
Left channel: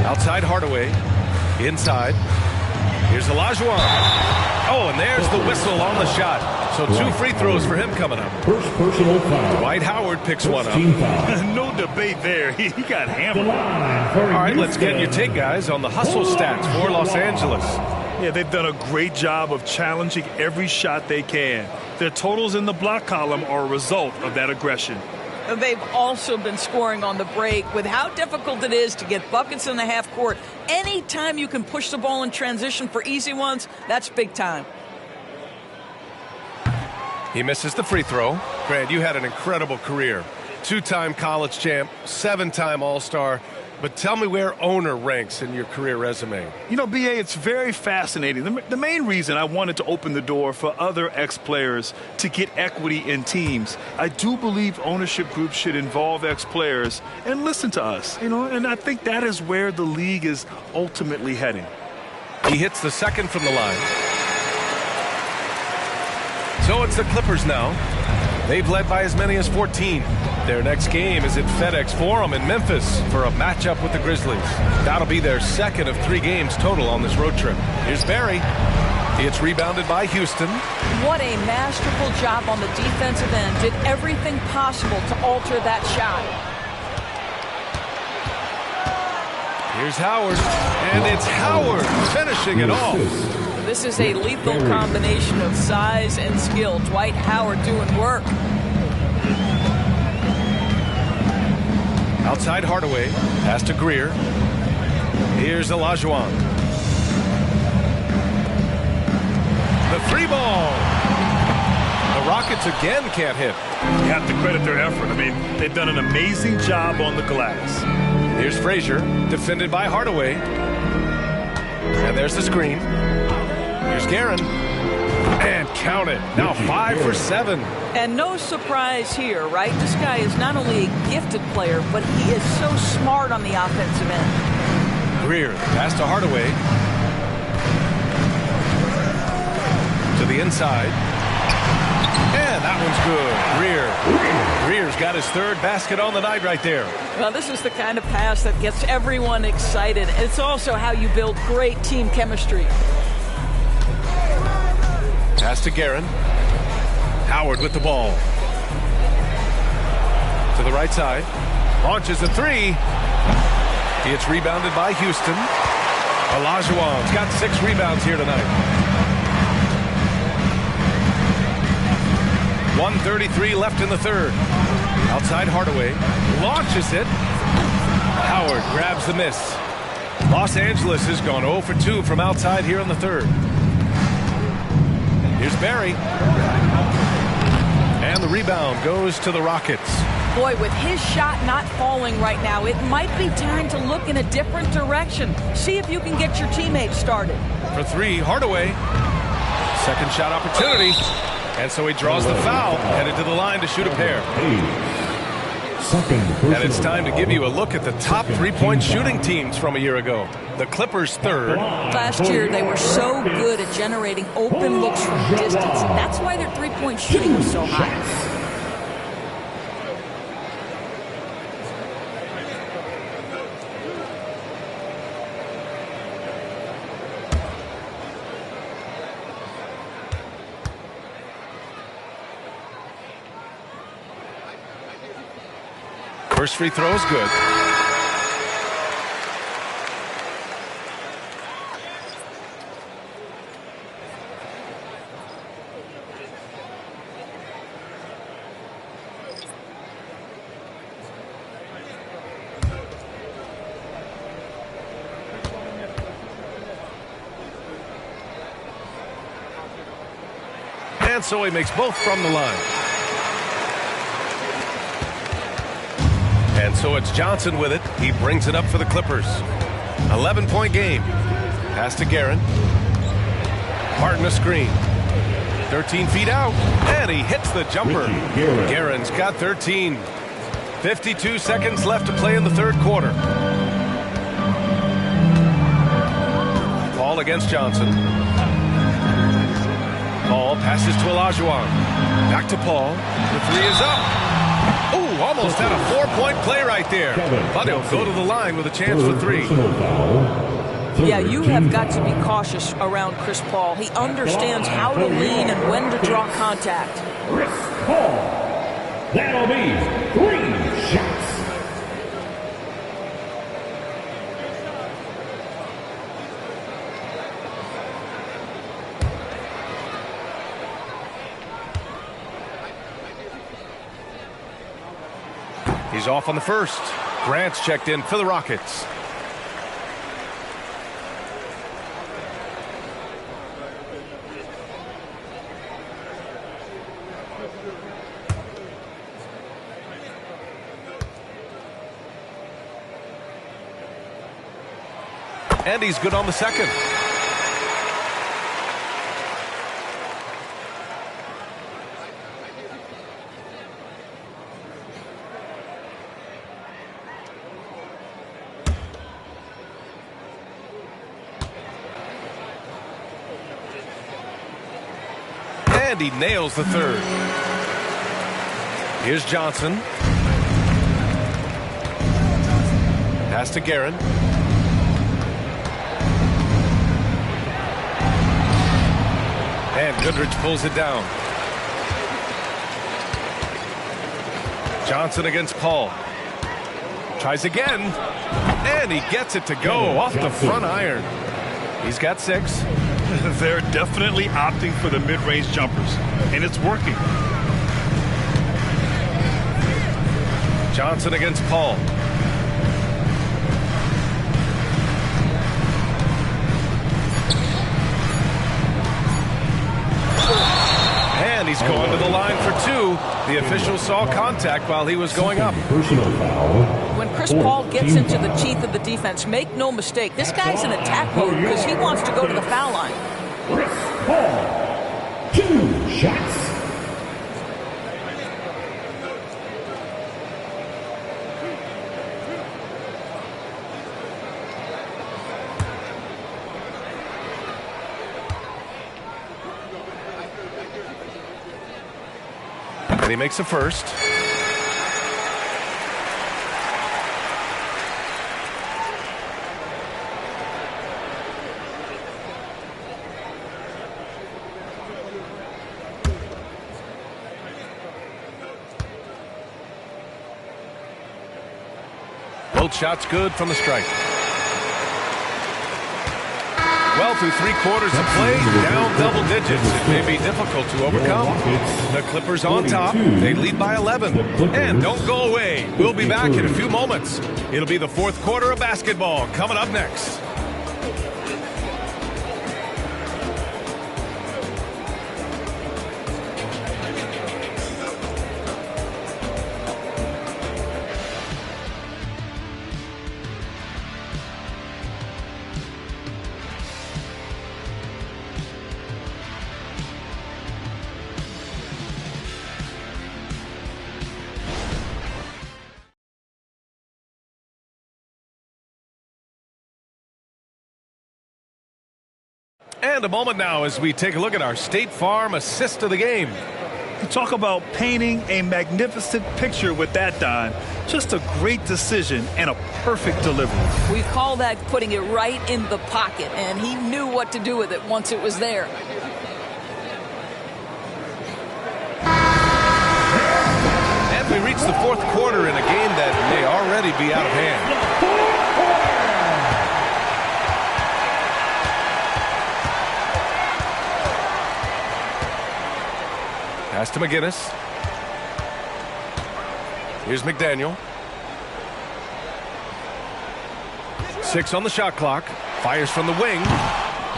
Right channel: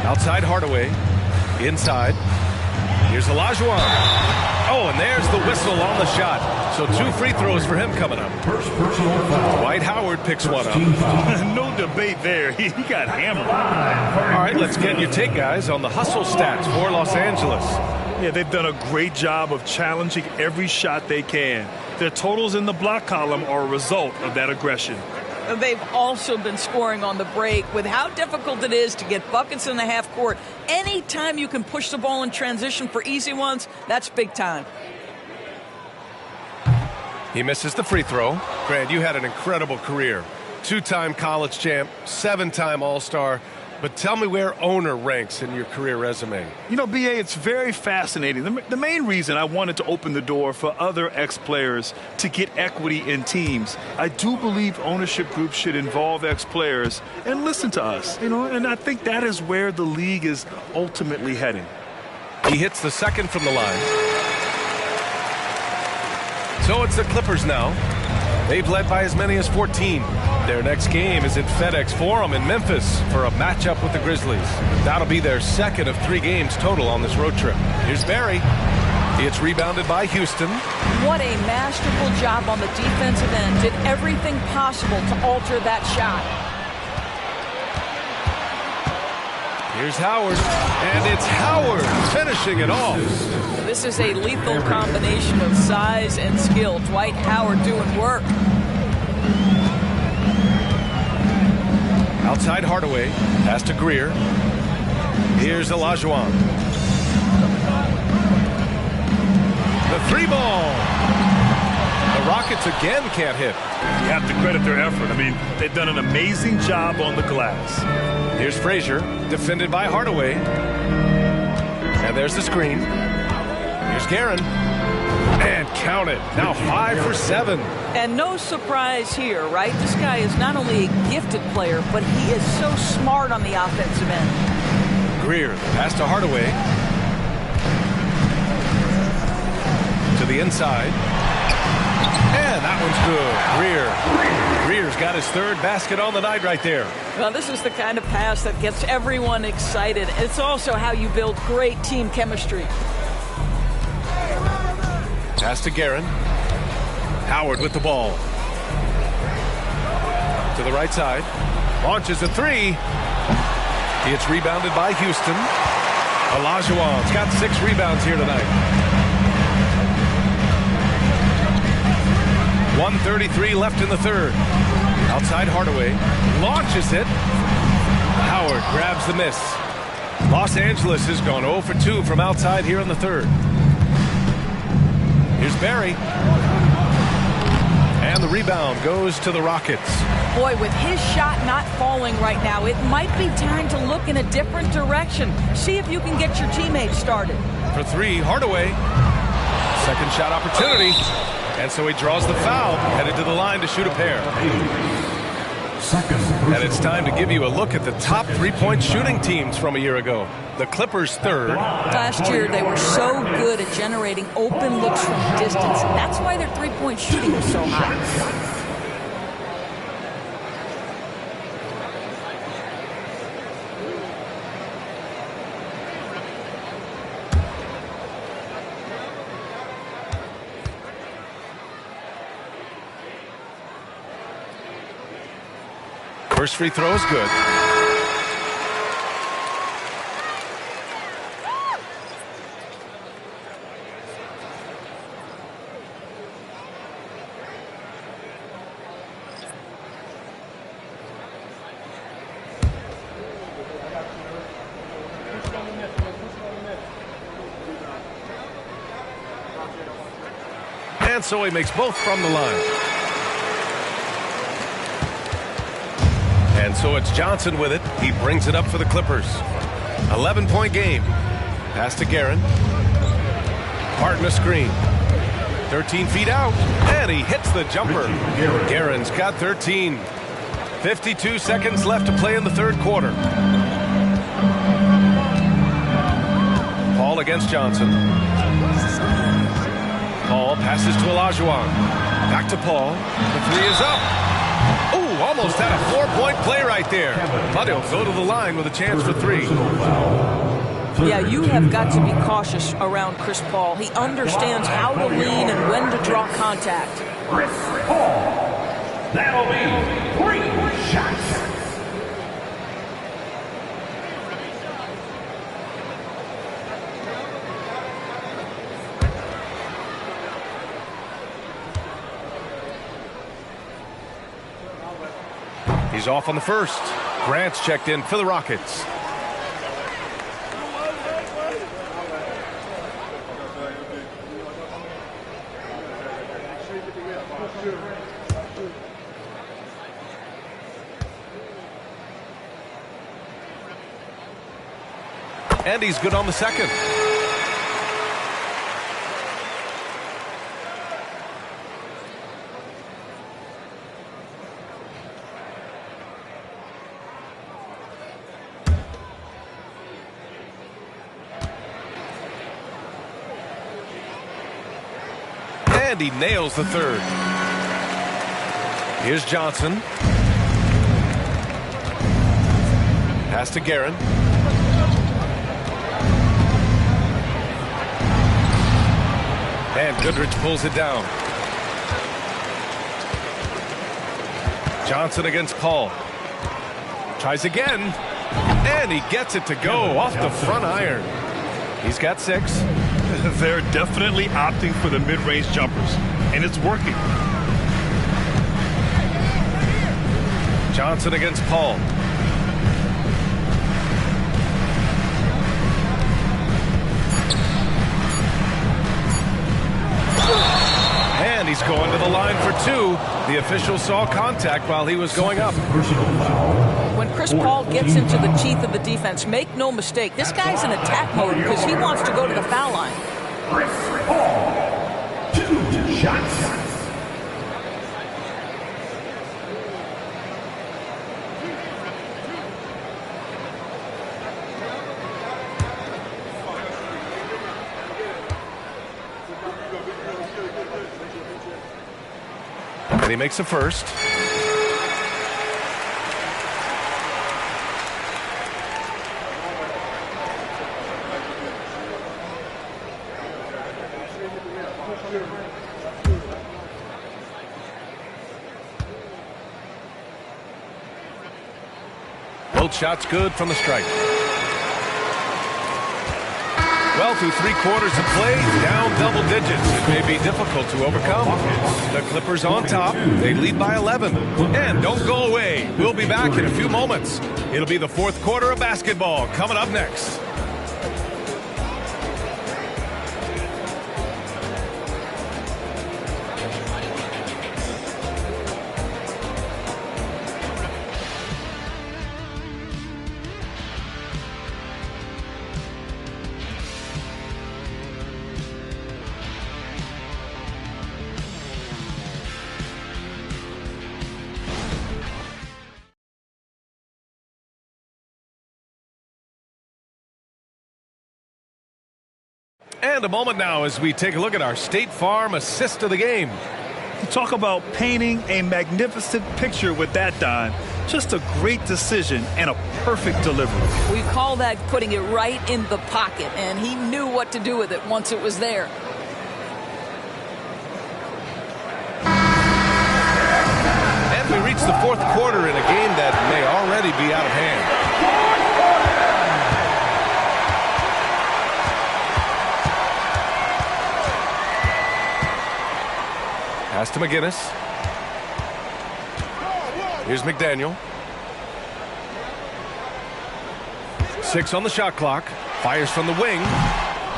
Outside Hardaway. Inside. Here's Olajuwon. Oh, and there's the whistle on the shot. So 2 free throws for him coming up. First personal foul. Dwight Howard picks one up. No debate there. He got hammered. All right, let's get your take, guys, on the hustle stats for Los Angeles. Yeah, they've done a great job of challenging every shot they can. Their totals in the block column are a result of that aggression. They've also been scoring on the break. With how difficult it is to get buckets in the half court, anytime you can push the ball in transition for easy ones, that's big time. He misses the free throw. Grant, you had an incredible career. 2-time college champ, 7-time All-Star. But tell me where owner ranks in your career resume. You know, B.A., it's very fascinating. The main reason I wanted to open the door for other ex-players to get equity in teams, I do believe ownership groups should involve ex-players and listen to us. You know, and I think that is where the league is ultimately heading. He hits the second from the line. So it's the Clippers now. They've led by as many as 14. Their next game is at FedEx Forum in Memphis for a matchup with the Grizzlies. That'll be their second of 3 games total on this road trip. Here's Barry. It's rebounded by Houston. What a masterful job on the defensive end. Did everything possible to alter that shot. Here's Howard. And it's Howard finishing it off. This is a lethal combination of size and skill. Dwight Howard doing work. Outside Hardaway, pass to Greer. Here's Olajuwon. The 3-ball. The Rockets again can't hit. You have to credit their effort. I mean, they've done an amazing job on the glass. Here's Frazier, defended by Hardaway. And there's the screen. Here's Guerin. And count it. Now 5 for 7. And no surprise here, right? This guy is not only a gifted player, but he is so smart on the offensive end. Greer, pass to Hardaway. To the inside. And that one's good. Greer's got his 3rd basket on the night right there. Well, this is the kind of pass that gets everyone excited. It's also how you build great team chemistry. Pass to Guerin. Howard with the ball. To the right side. Launches a 3. It's rebounded by Houston. Olajuwon's got 6 rebounds here tonight. 1:33 left in the 3rd. Outside Hardaway. Launches it. Howard grabs the miss. Los Angeles has gone 0 for 2 from outside here in the 3rd. Here's Barry. And the rebound goes to the Rockets. Boy, with his shot not falling right now, it might be time to look in a different direction. See if you can get your teammates started. For 3, Hardaway. Second shot opportunity. And so he draws the foul, headed to the line to shoot a pair. And it's time to give you a look at the top 3-point shooting teams from a year ago. The Clippers 3rd. Last year, they were so good at generating open looks from distance. That's why their 3-point shooting was so high. First free throw is good. And so he makes both from the line. And so it's Johnson with it. He brings it up for the Clippers. 11-point game. Pass to Guerin. Martin a screen. 13 feet out. And he hits the jumper. Guerin's got 13. 52 seconds left to play in the 3rd quarter. Paul against Johnson. Paul passes to Olajuwon. Back to Paul. The 3 is up. Oh, almost had a 4-point play right there. But he'll go to the line with a chance for 3. Yeah, you have got to be cautious around Chris Paul. He understands how to lean and when to draw contact. Chris Paul. That'll be 3 shots. He's off on the first. Grant's checked in for the Rockets. And he's good on the second. And he nails the third. Here's Johnson. Pass to Guerin. And Goodrich pulls it down. Johnson against Paul. Tries again. And he gets it to go off the front iron. He's got 6. They're definitely opting for the mid-range jumpers, and it's working. Johnson against Paul. And he's going to the line for 2. The official saw contact while he was going up. Personal foul. When Chris Paul gets into the teeth of the defense, make no mistake, this guy's in attack mode because he wants to go to the foul line. Chris Paul. 2 shots. And he makes a first. Both shots good from the stripe. Well, through 3 quarters of play, down double digits. It may be difficult to overcome. The Clippers on top. They lead by 11. And don't go away. We'll be back in a few moments. It'll be the 4th quarter of basketball coming up next. And a moment now as we take a look at our State Farm assist of the game. You talk about painting a magnificent picture with that, Don. Just a great decision and a perfect delivery. We call that putting it right in the pocket, and he knew what to do with it once it was there. And we reach the 4th quarter in a game that may already be out of hand. Pass to McGinnis. Here's McDaniel. 6 on the shot clock. Fires from the wing.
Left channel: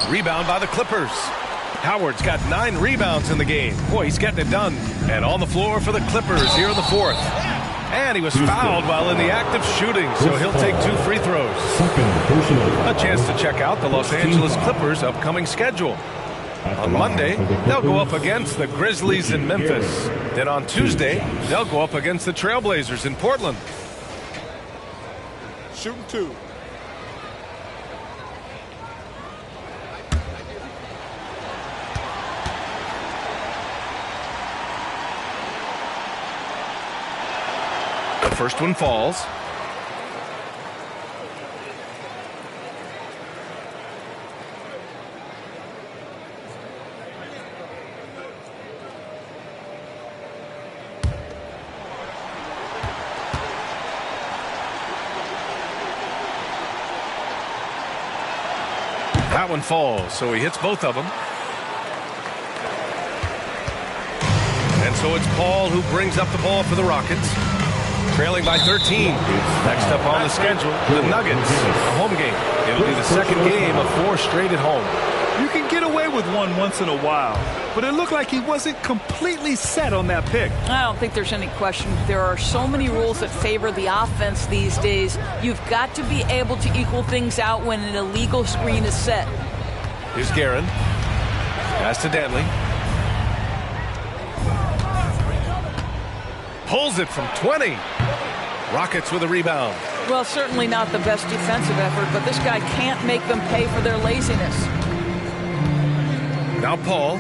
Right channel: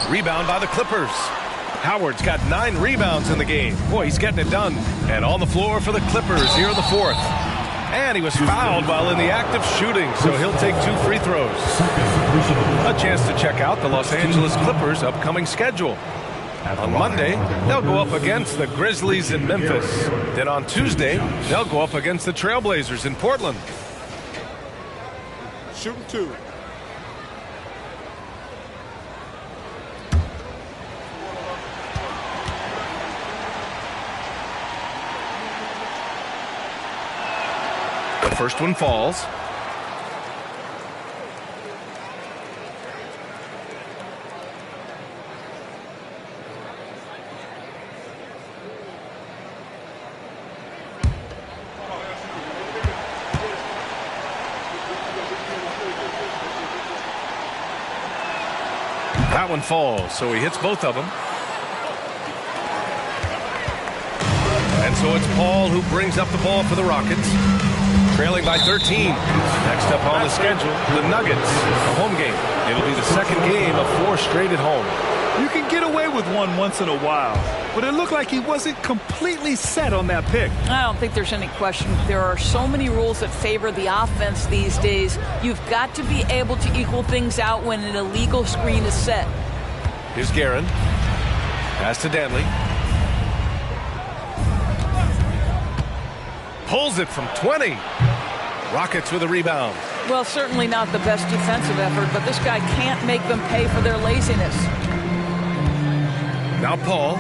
Rebound by the Clippers. Howard's got 9 rebounds in the game. Boy, he's getting it done. And on the floor for the Clippers here in the 4th. And he was fouled while in the act of shooting, so he'll take 2 free throws. A chance to check out the Los Angeles Clippers' upcoming schedule. On Monday, they'll go up against the Grizzlies in Memphis. Then on Tuesday, they'll go up against the Trailblazers in Portland. Shooting 2. The first one falls. That one falls, so he hits both of them. And so it's Paul who brings up the ball for the Rockets. Trailing by 13. Next up on the schedule, the Nuggets, a home game. It'll be the second game of 4 straight at home. You can get away with one once in a while, but it looked like he wasn't completely set on that pick. I don't think there's any question. There are so many rules that favor the offense these days. You've got to be able to equal things out when an illegal screen is set. Here's Guerin. Pass to Danley. Pulls it from 20. Rockets with a rebound. Well, certainly not the best defensive effort, but this guy can't make them pay for their laziness. Now Paul.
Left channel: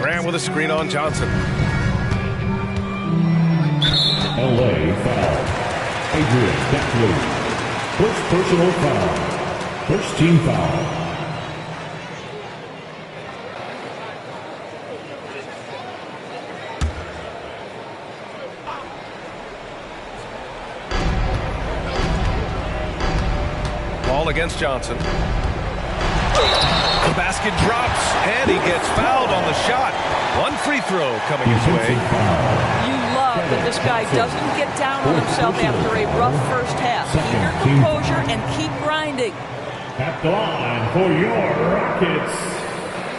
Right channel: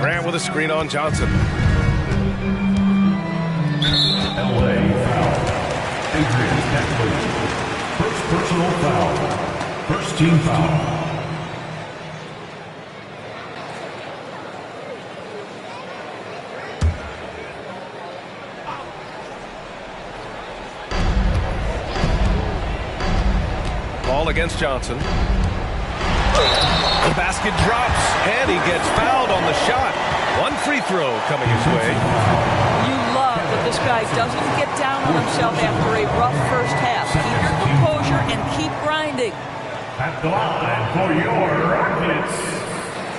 Grant with a screen on Johnson. LA foul. Adrian Datley. First personal foul. First team foul. Ball against Johnson. The basket drops, and he gets fouled on the shot. One free throw coming his way. You love that this guy doesn't get down on himself after a rough first half. Keep your composure and keep grinding. At the line for your Rockets,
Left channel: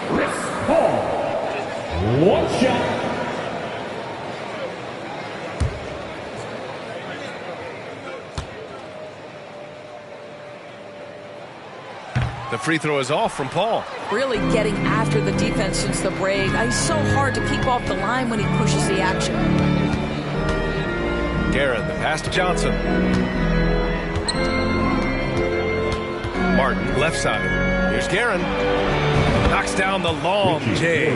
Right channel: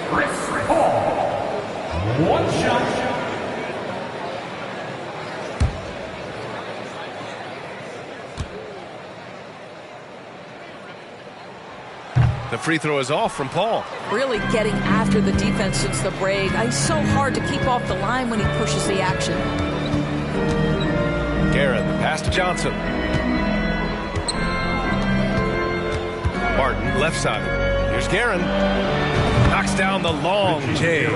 Chris Paul. One shot. The free throw is off from Paul. Really getting after the defense since the break. He's so hard to keep off the line when he pushes the action. Guerin, the pass to Johnson. Martin, left side. Here's Guerin. Knocks down the long J.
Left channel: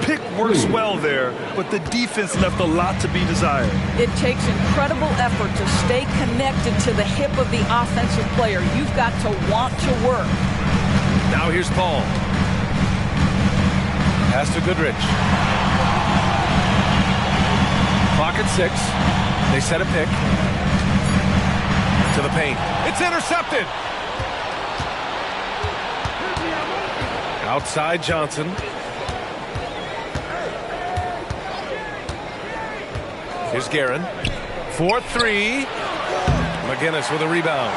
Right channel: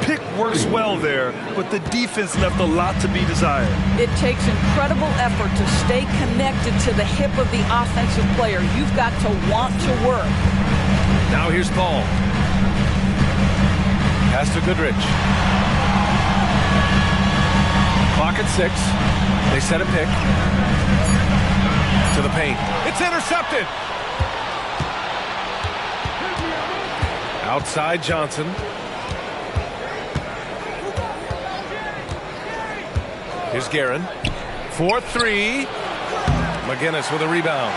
Pick works well there, but the defense left a lot to be desired. It takes incredible effort to stay connected to the hip of the offensive player. You've got to want to work. Now here's Paul. Pass to Goodrich. Clock at 6. They set a pick. To the paint. It's intercepted. Outside Johnson. Here's Guerin. 4-3. McGinnis with a rebound.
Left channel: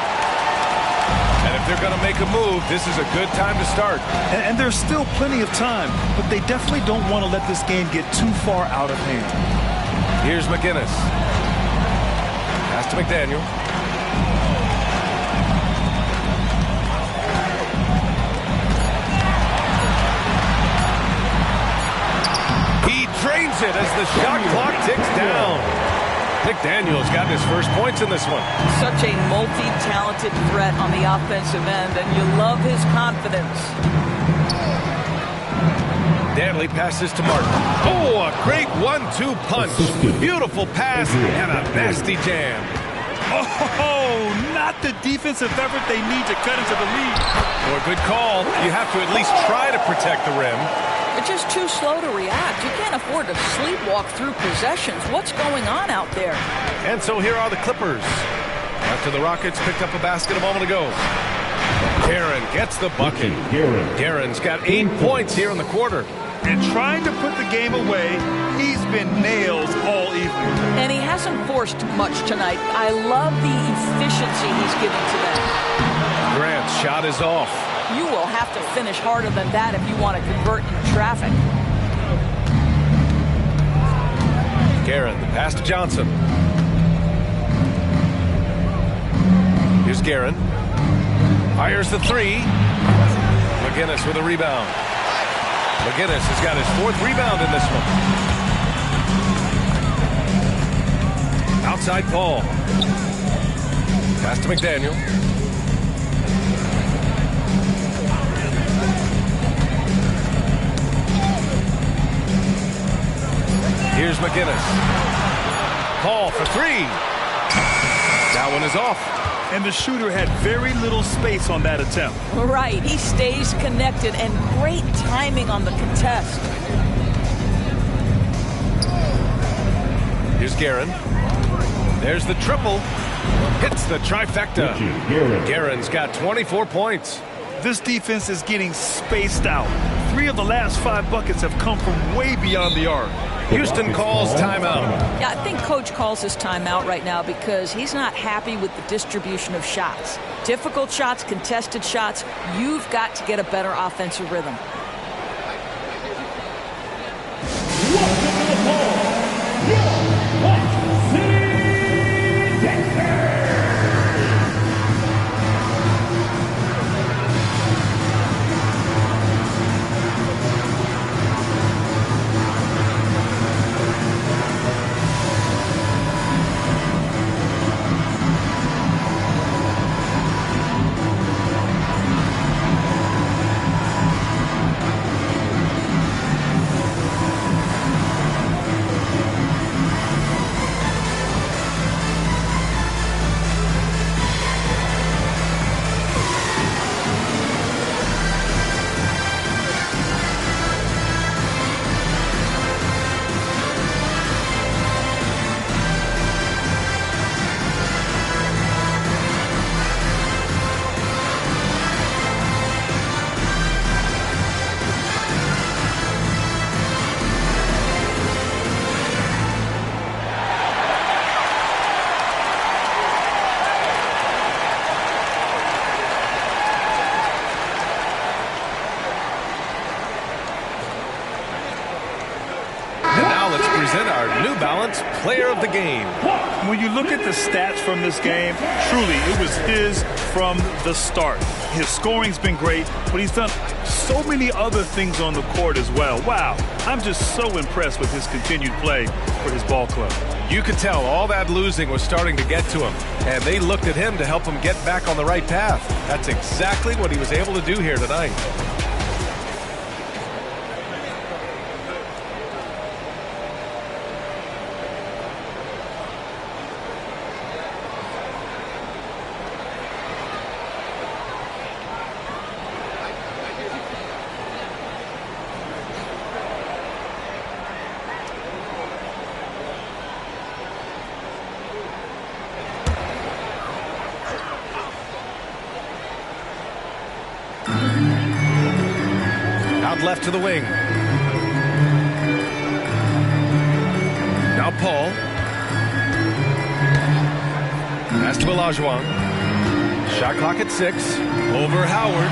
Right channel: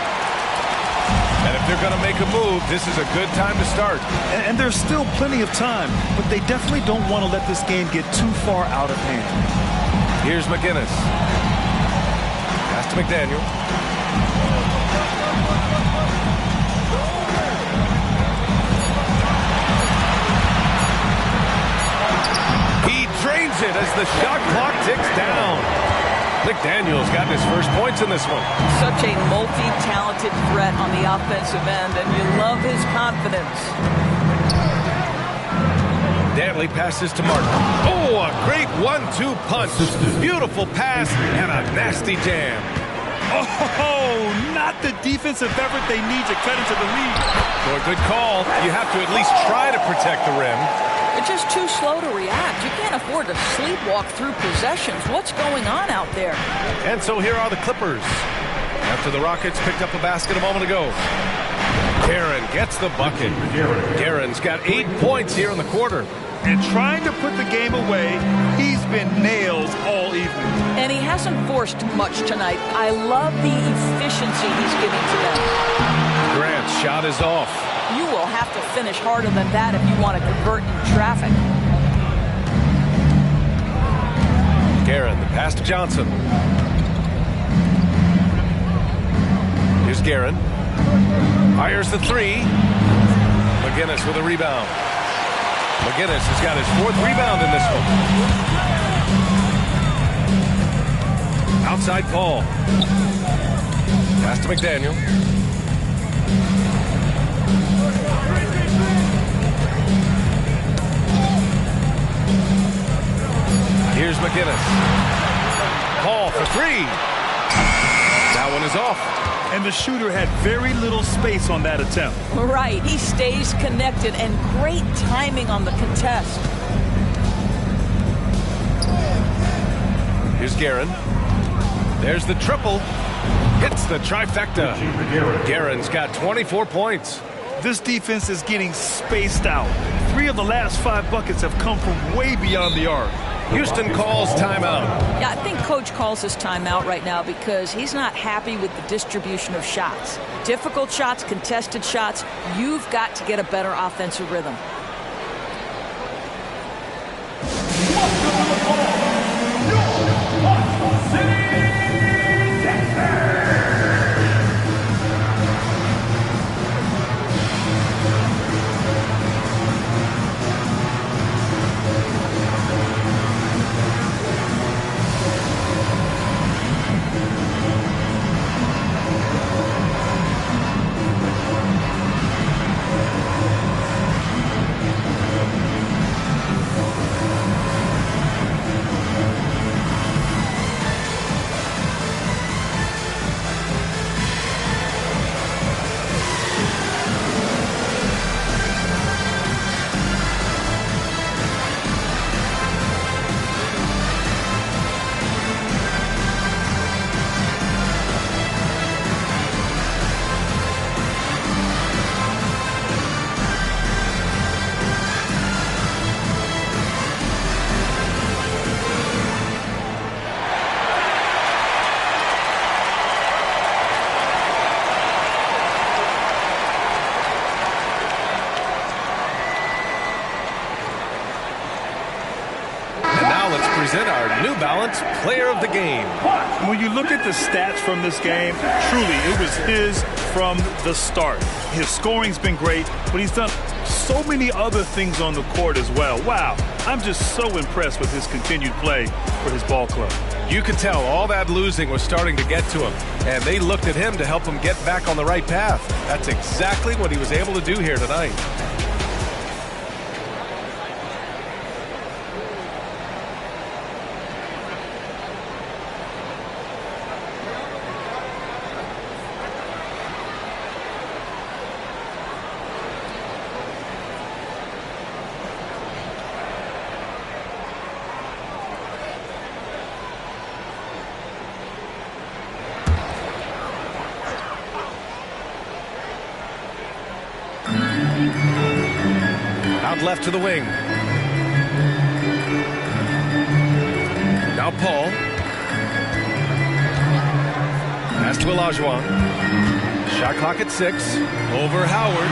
And if they're going to make a move, this is a good time to start. And there's still plenty of time, but they definitely don't want to let this game get too far out of hand. Here's McGinnis. Pass to McDaniel. He drains it as the shot clock ticks down. McDaniel's got his first points in this one. Such a multi-talented threat on the offensive end, and you love his confidence. Danley passes to Martin. Oh, a great 1-2 punch. Beautiful pass and a nasty jam. Oh, not the defensive effort they need to cut into the lead. For a good call, you have to at least try to protect the rim. They're just too slow to react. You can't afford to sleepwalk through possessions. What's going on out there? And so here are the Clippers. After the Rockets picked up a basket a moment ago. Guerin gets the bucket. Guerin's got 8 points here in the quarter. And trying to put the game away, he's been nails all evening. And he hasn't forced much tonight. I love the efficiency he's giving to them. Grant's shot is off. You will have to finish harder than that if you want to convert in traffic. Guerin, the pass to Johnson. Here's Guerin. Fires the 3. McGinnis with a rebound. McGinnis has got his 4th rebound in this one. Outside Paul. Pass to McDaniel. Here's McGinnis. Paul for 3. That one is off. And the shooter had very little space on that attempt. Right. He stays connected, and great timing on the contest. Here's Guerin. There's the triple. Hits the trifecta. Guerin's got 24 points. This defense is getting spaced out. 3 of the last 5 buckets have come from way beyond the arc. Houston calls timeout. Yeah, I think Coach calls his timeout right now because he's not happy with the distribution of shots. Difficult shots, contested shots. You've got to get a better offensive rhythm. Let's present our New Balance Player of the Game. When you look at the stats from this game, truly, it was his from the start. His scoring's been great, but he's done so many other things on the court as well. Wow, I'm just so impressed with his continued play for his ball club. You could tell all that losing was starting to get to him, and they looked at him to help him get back on the right path. That's exactly what he was able to do here tonight. Out left to the wing. Now Paul. Pass to Olajuwon. Shot clock at 6. Over Howard.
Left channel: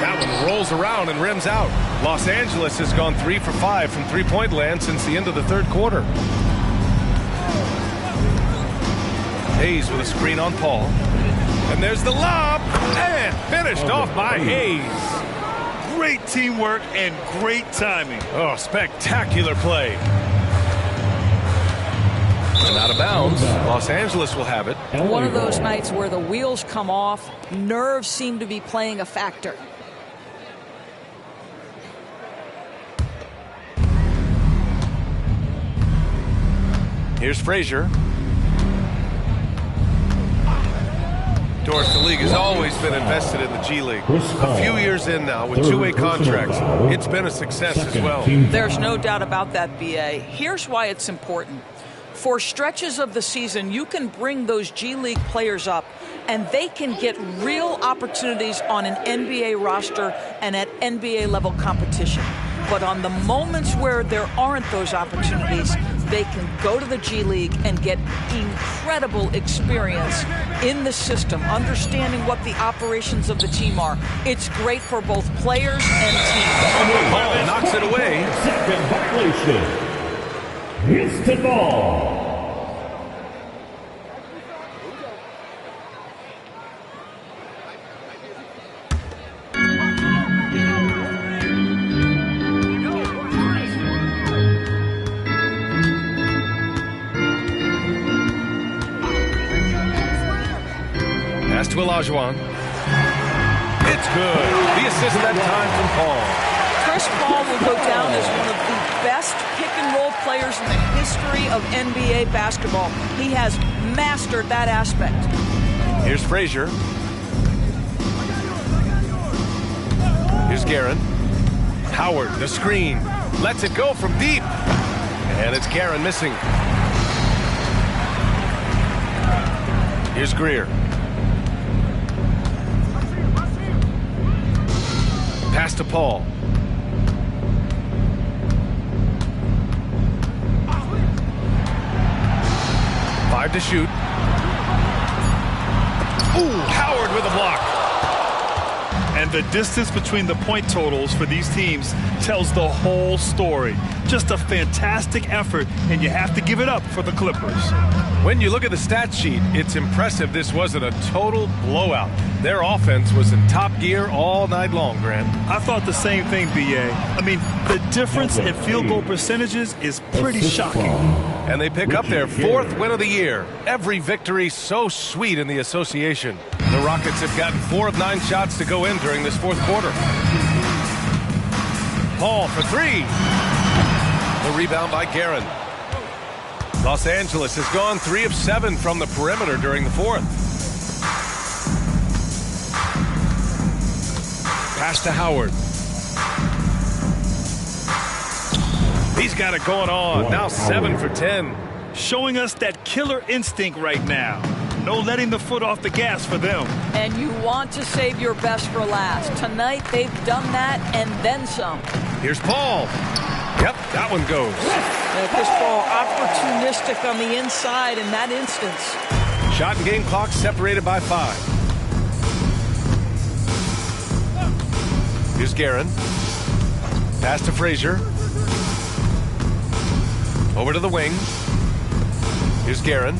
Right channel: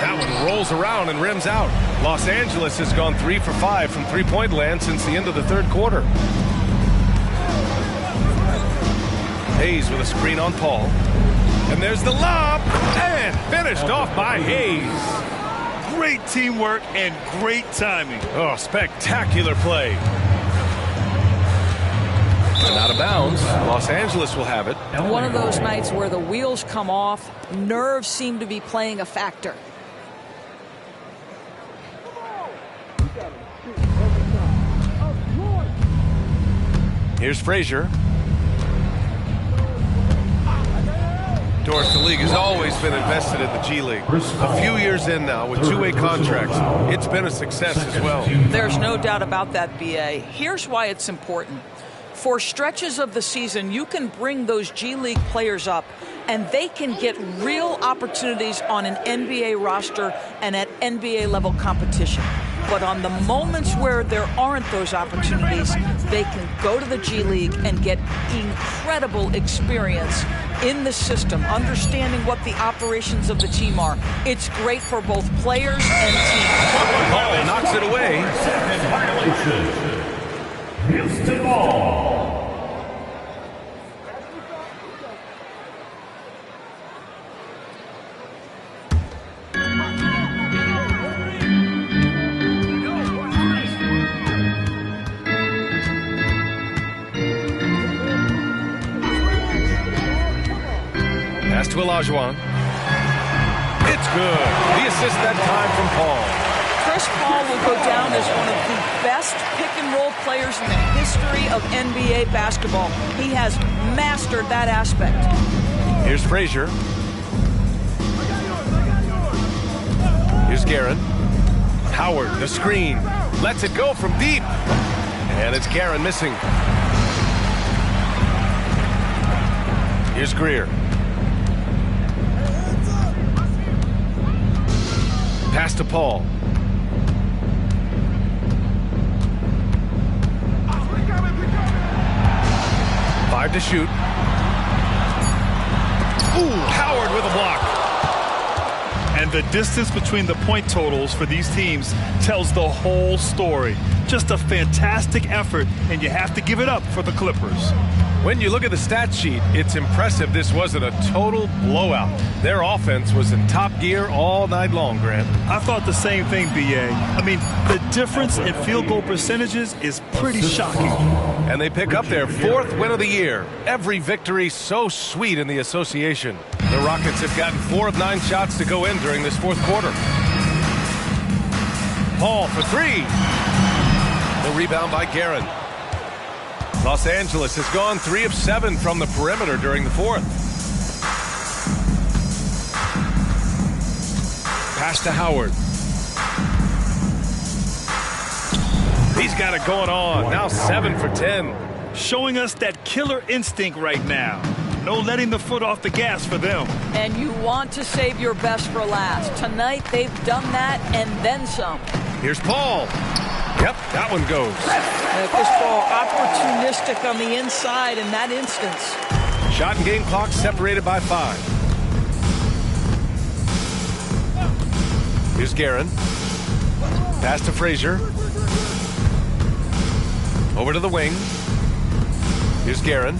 That one rolls around and rims out. Los Angeles has gone 3 for 5 from three-point land since the end of the third quarter. Hayes with a screen on Paul. And there's the lob. And finished off by Hayes. Great teamwork and great timing. Oh, spectacular play. And out of bounds. Los Angeles will have it. One of those nights where the wheels come off, nerves seem to be playing a factor. Here's Frazier. Doris, the league has always been invested in the G League. A few years in now with two-way contracts, it's been a success as well. There's no doubt about that, B.A. Here's why it's important. For stretches of the season, you can bring those G League players up, and they can get real opportunities on an NBA roster and at NBA level competition. But on the moments where there aren't those opportunities, they can go to the G League and get incredible experience in the system, understanding what the operations of the team are. It's great for both players and teams. Paul knocks it away. Second violation. Houston ball. Pass to Olajuwon. It's good. The assist that time from Paul. Chris Paul will go down as one of the best pick-and-roll players in the history of NBA basketball. He has mastered that aspect. Here's Frazier. Here's Guerin. Howard, the screen. Lets it go from deep. And it's Guerin missing. Here's Greer. Pass to Paul. Five to shoot. Ooh, Howard with a block. And the distance between the point totals for these teams tells the whole story. Just a fantastic effort, and you have to give it up for the Clippers. When you look at the stat sheet, it's impressive this wasn't a total blowout. Their offense was in top gear all night long, Grant. I thought the same thing, B.A. I mean, the difference in field goal percentages is pretty shocking. And they pick up their 4th win of the year. Every victory so sweet in the association. The Rockets have gotten 4 of 9 shots to go in during this 4th quarter. Paul for 3. The rebound by Guerin. Los Angeles has gone 3 of 7 from the perimeter during the 4th. Pass to Howard. He's got it going on. Now 7 for 10. Showing us that killer instinct right now. No letting the foot off the gas for them. And you want to save your best for last. Tonight, they've done that and then some. Here's Paul. Yep, that one goes. Chris Paul opportunistic on the inside in that instance. Shot and game clock separated by 5. Here's Guerin. Pass to Frazier. Over to the wing. Here's Guerin.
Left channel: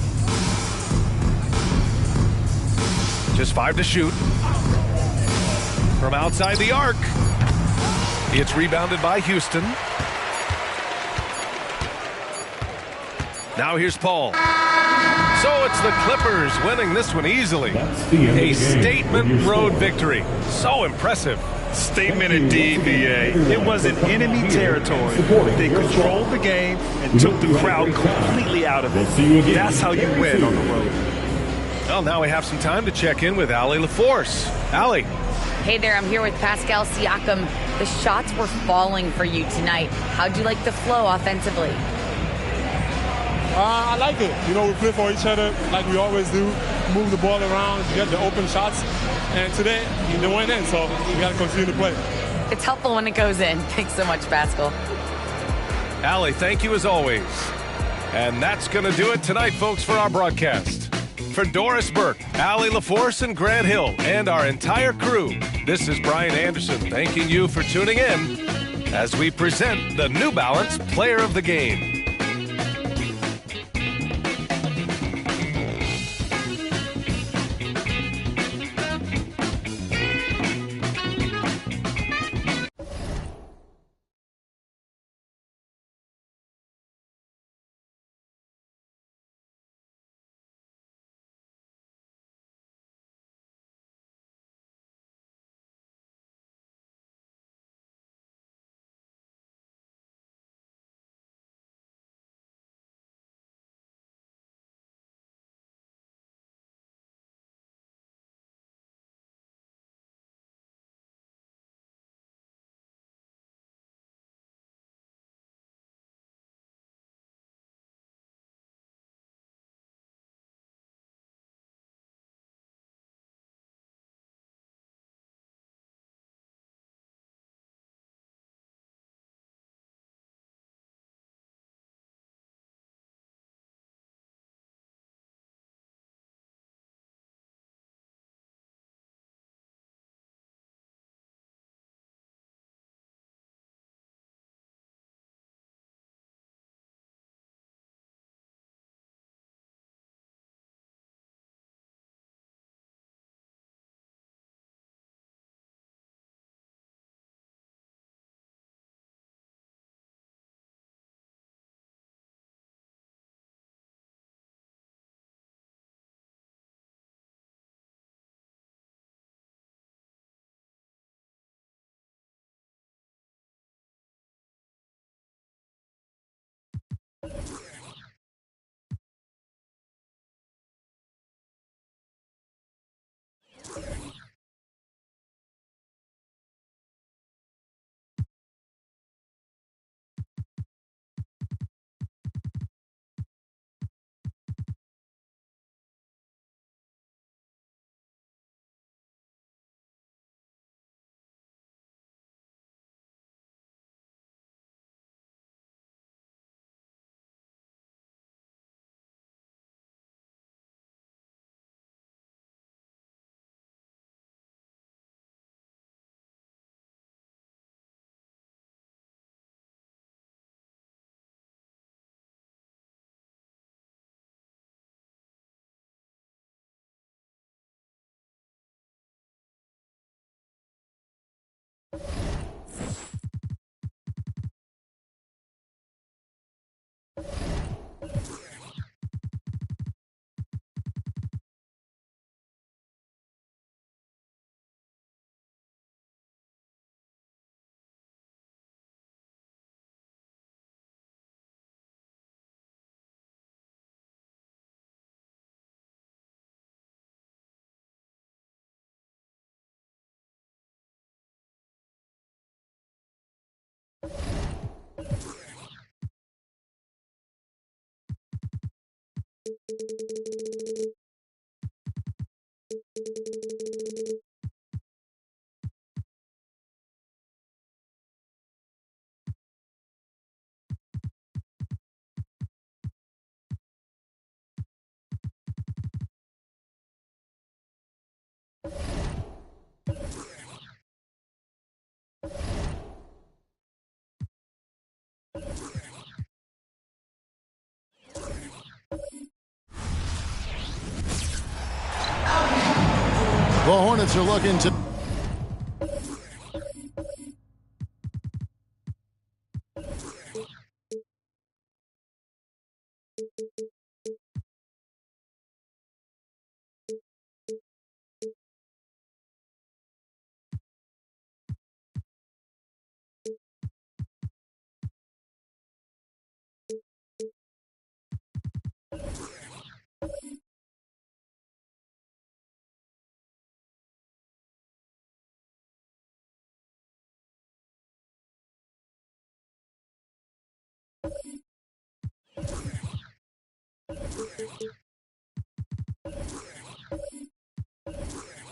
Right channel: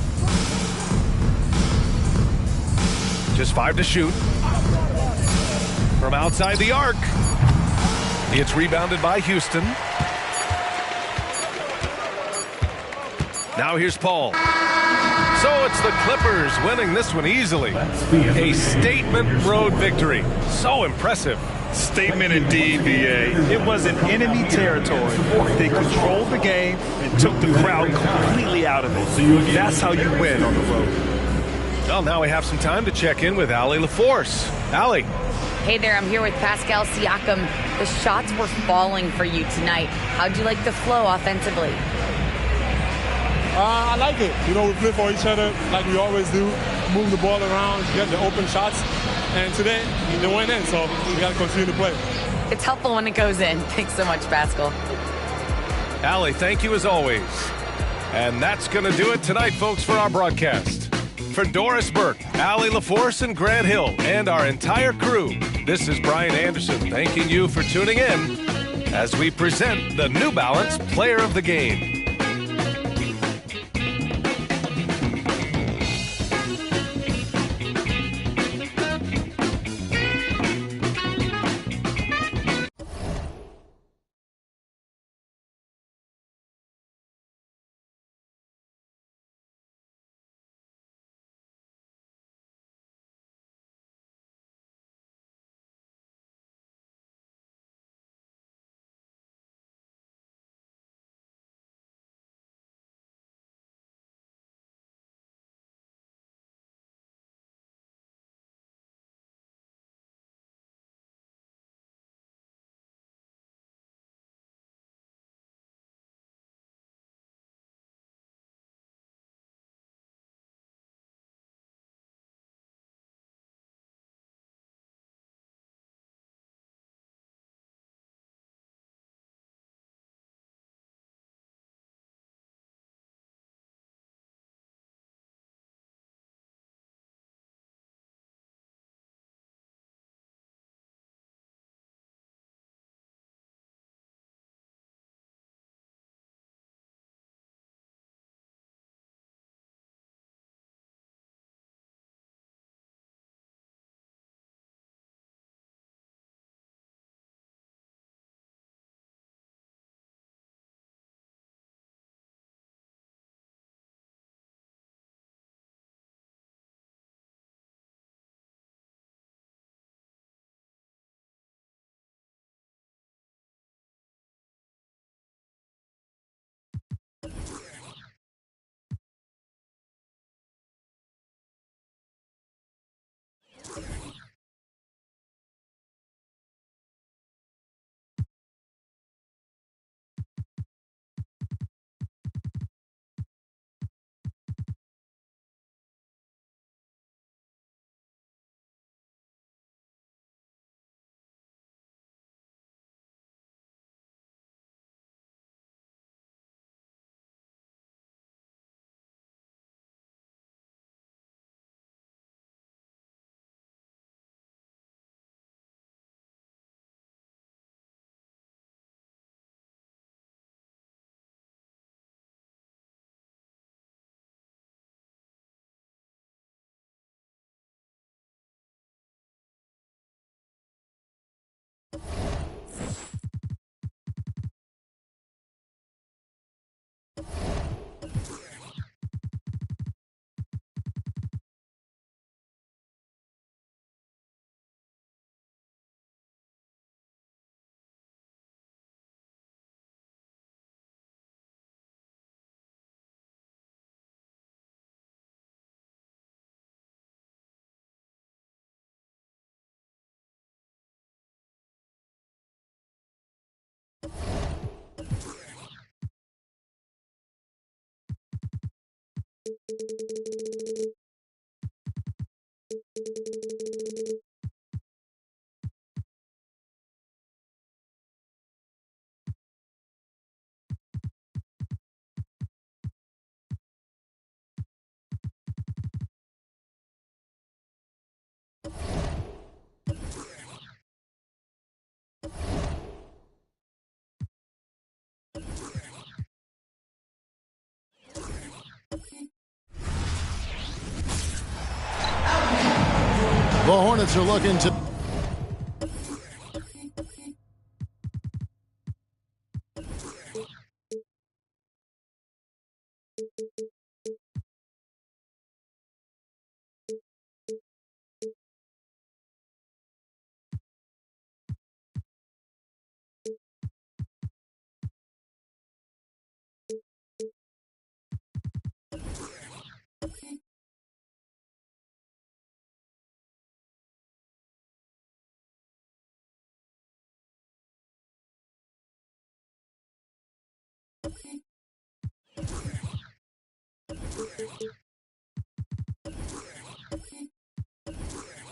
Just 5 to shoot. From outside the arc. It's rebounded by Houston. Now here's Paul. So it's the Clippers winning this one easily. A statement road victory. So impressive. Statement indeed, B.A. It was in enemy territory. They controlled the game and took the crowd completely out of it. That's how you win on the road. Well, now we have some time to check in with Allie LaForce. Allie. Hey there, I'm here with Pascal Siakam. The shots were falling for you tonight. How'd you like the flow offensively? I like it. You know, we play for each other like we always do. Move the ball around, get the open shots. And today, they went in, so we got to continue to play. It's helpful when it goes in. Thanks so much, Pascal. Allie, thank you as always. And that's going to do it tonight, folks, for our broadcast. For Doris Burke, Allie LaForce, and Grant Hill, and our entire crew, this is Brian Anderson thanking you for tuning in as we present the New Balance Player of the Game. The Hornets are looking to...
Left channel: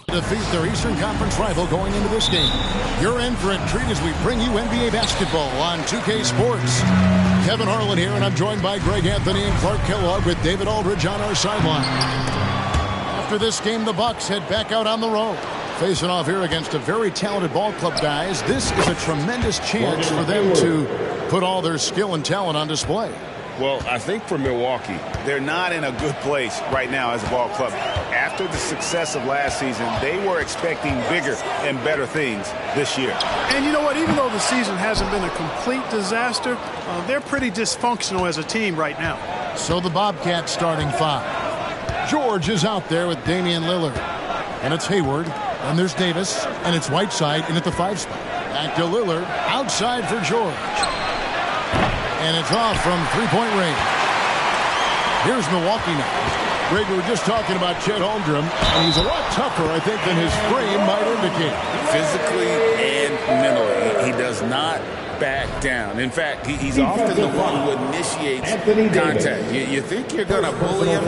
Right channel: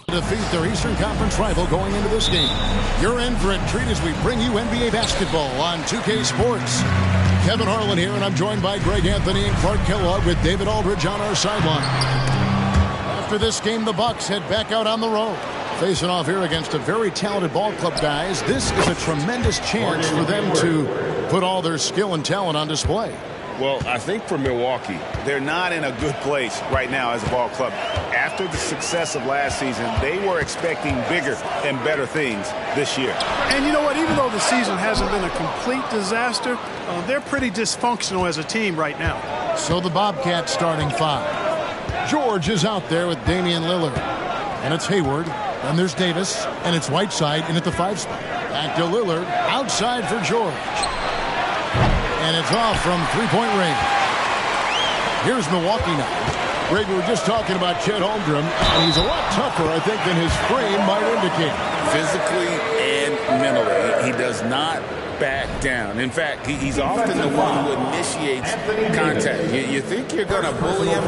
defeat their Eastern Conference rival going into this game. You're in for a treat as we bring you NBA basketball on 2K Sports. Kevin Harlan here, and I'm joined by Greg Anthony and Clark Kellogg with David Aldridge on our sideline. After this game, the Bucks head back out on the road. Facing off here against a very talented ball club, guys. This is a tremendous chance for them to put all their skill and talent on display. Well, I think for Milwaukee, they're not in a good place right now as a ball club. After the success of last season, they were expecting bigger and better things this year. And you know what? Even though the season hasn't been a complete disaster, they're pretty dysfunctional as a team right now. So the Bobcats starting five. George is out there with Damian Lillard. And it's Hayward. And there's Davis. And it's Whiteside in at the 5 spot. Back to Lillard. Outside for George. And it's off from three-point range. Here's Milwaukee now. Greg, we were just talking about Chet Holmgren, and he's a lot tougher, I think, than his frame might indicate. Physically and mentally, he does not back down. In fact, he's often the one who initiates contact. You think you're going to bully him?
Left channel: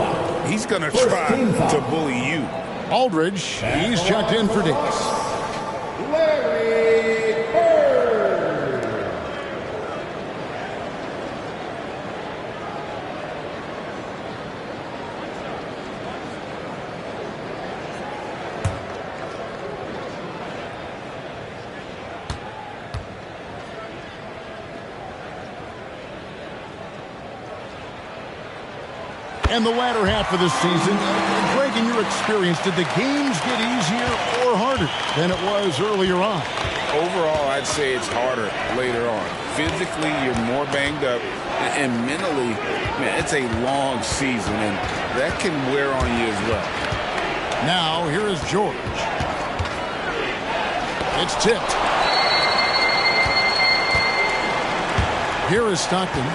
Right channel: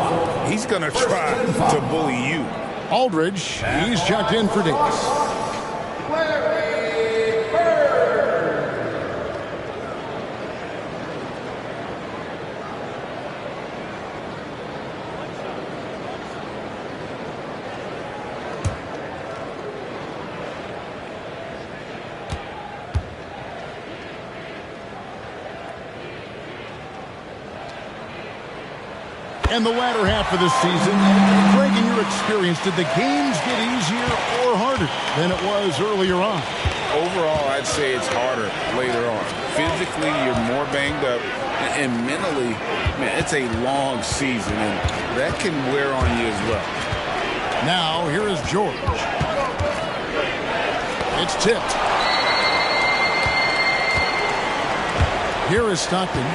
He's going to try to bully you. Aldridge, he's checked in for Davis. And the latter half of the season, Greg, in your experience, did the games get easier or harder than it was earlier on? Overall, I'd say it's harder later on. Physically, you're more banged up, and mentally, man, it's a long season, and that can wear on you as well. Now, here is George. It's tipped. Here is Stockton.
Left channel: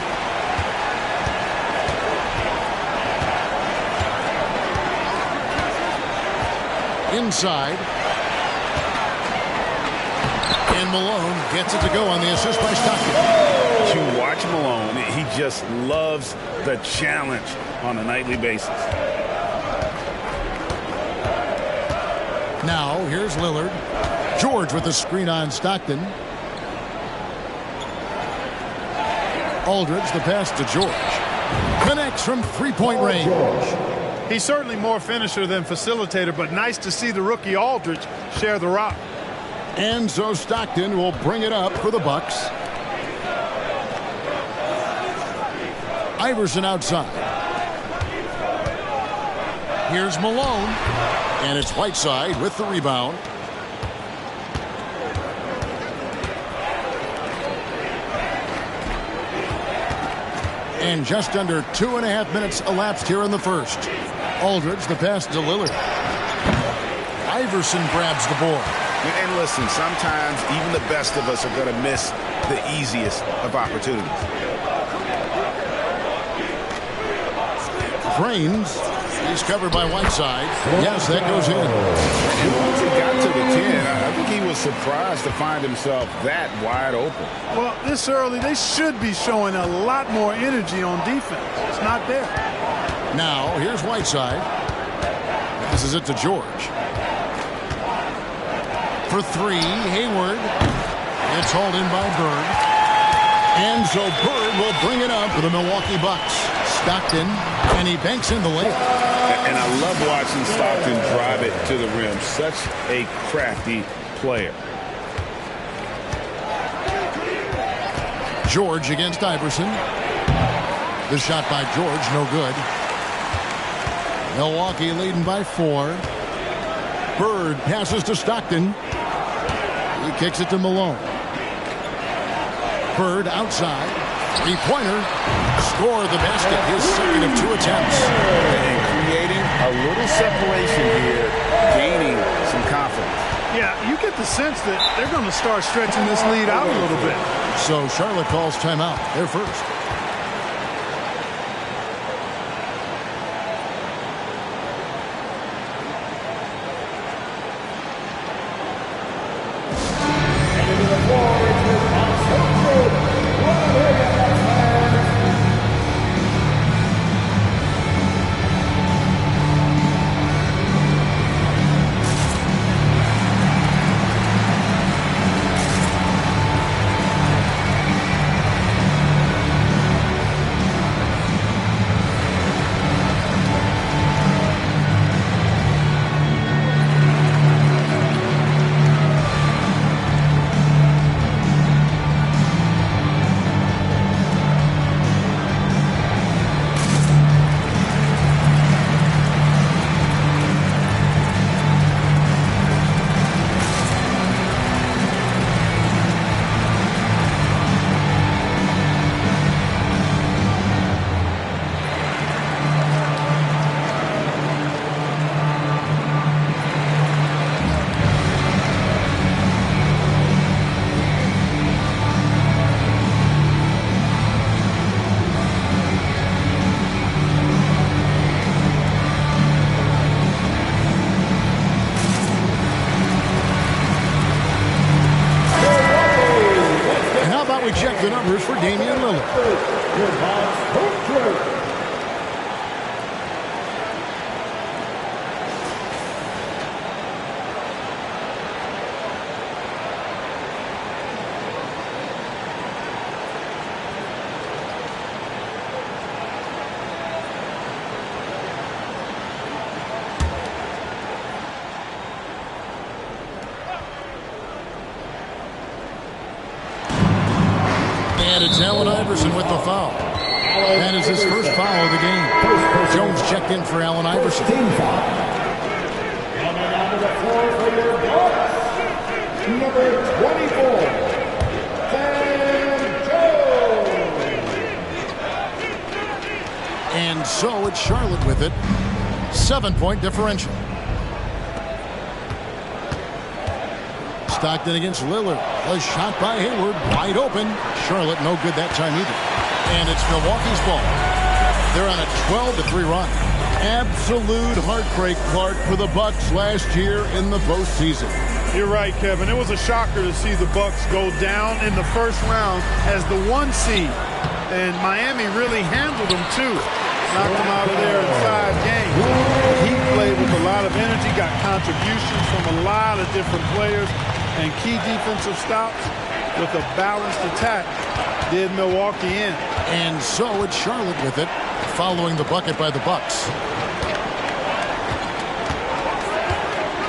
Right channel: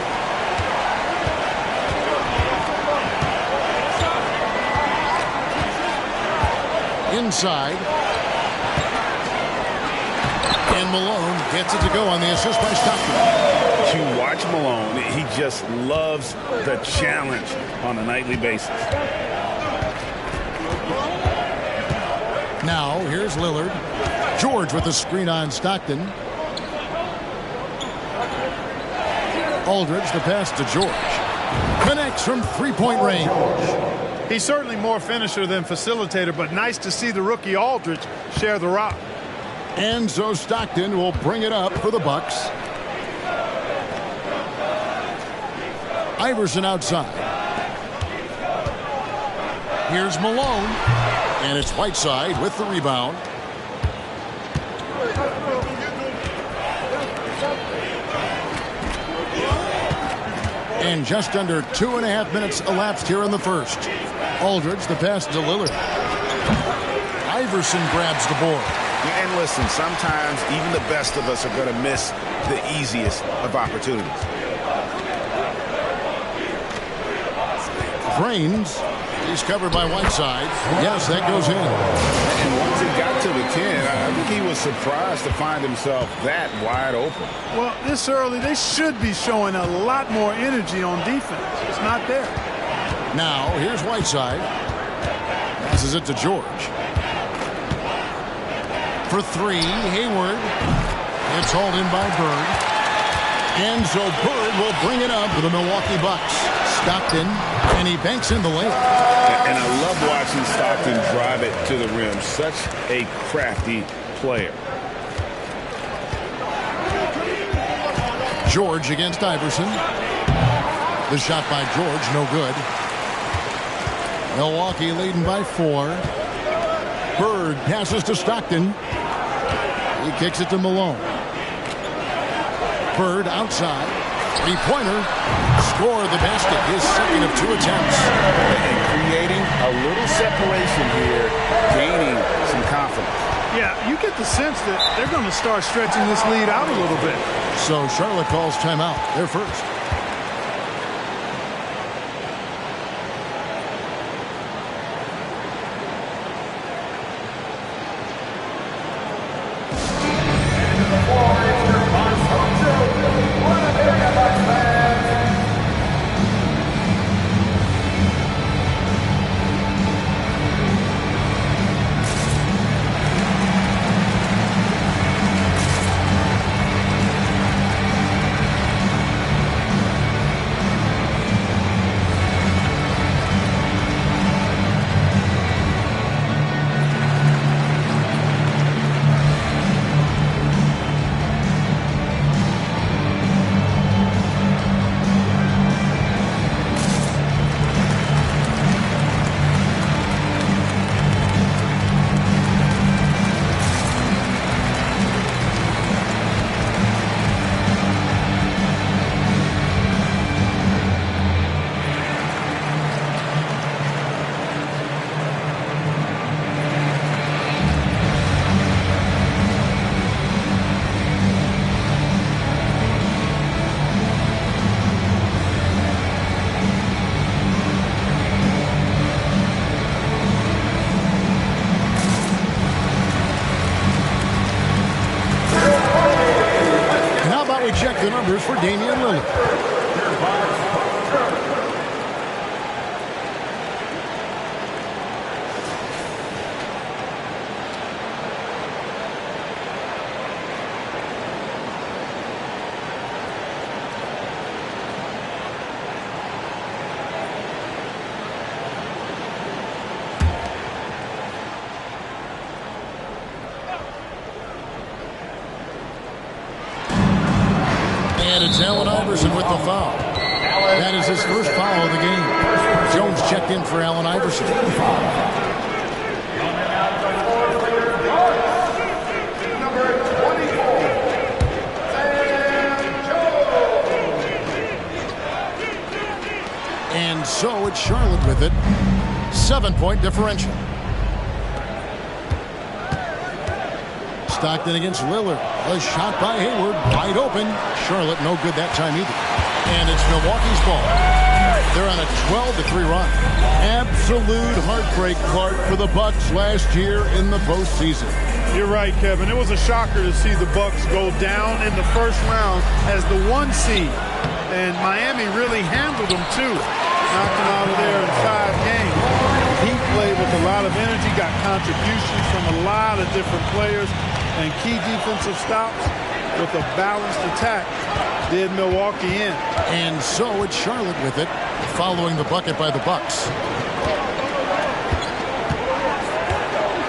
Inside. And Malone gets it to go on the assist by Stockton. You watch Malone, he just loves the challenge on a nightly basis. Now, here's Lillard. George with the screen on Stockton. Aldridge, the pass to George. Connects from three-point range. He's certainly more finisher than facilitator, but nice to see the rookie Aldridge share the rock. And so Stockton will bring it up for the Bucks. Iverson outside. Here's Malone. And it's Whiteside with the rebound. And just under 2.5 minutes elapsed here in the first. Aldridge, the pass to Lillard. Iverson grabs the board. And listen, sometimes even the best of us are going to miss the easiest of opportunities. Drains. He's covered by Whiteside. Yes, that goes in. And once he got to the 10, I think he was surprised to find himself that wide open. Well, this early, they should be showing a lot more energy on defense. It's not there. Now, here's Whiteside. Passes it to George. For three, Hayward. It's hauled in by Bird. And so Bird will bring it up for the Milwaukee Bucks. Stockton, and he banks in the layup. And I love watching Stockton drive it to the rim. Such a crafty player. George against Iverson. The shot by George, no good. Milwaukee leading by 4. Bird passes to Stockton. He kicks it to Malone. Bird outside. Three-pointer. Score the basket. His second of 2 attempts. And creating a little separation here, gaining some confidence. Yeah, you get the sense that they're going to start stretching this lead out a little bit. So Charlotte calls timeout. They're first. We check the numbers for Damian Lillard. And it's Allen Iverson with the foul. That is his first foul of the game. Jones checked in for Allen Iverson. And so it's Charlotte with it. 7-point differential. Stockton against Lillard. A shot by Hayward. Wide open. Charlotte no good that time either. And it's Milwaukee's ball. They're on a 12-3 run. Absolute heartbreak, Clark, for the Bucks last year in the postseason. You're right, Kevin. It was a shocker to see the Bucks go down in the first round as the 1 seed. And Miami really handled them, too. Knocked them out of there in 5 games. The Heat played with a lot of energy, got contributions from a lot of different players, and key defensive stops with a balanced attack did Milwaukee in. And so it's Charlotte with it, following the bucket by the Bucks.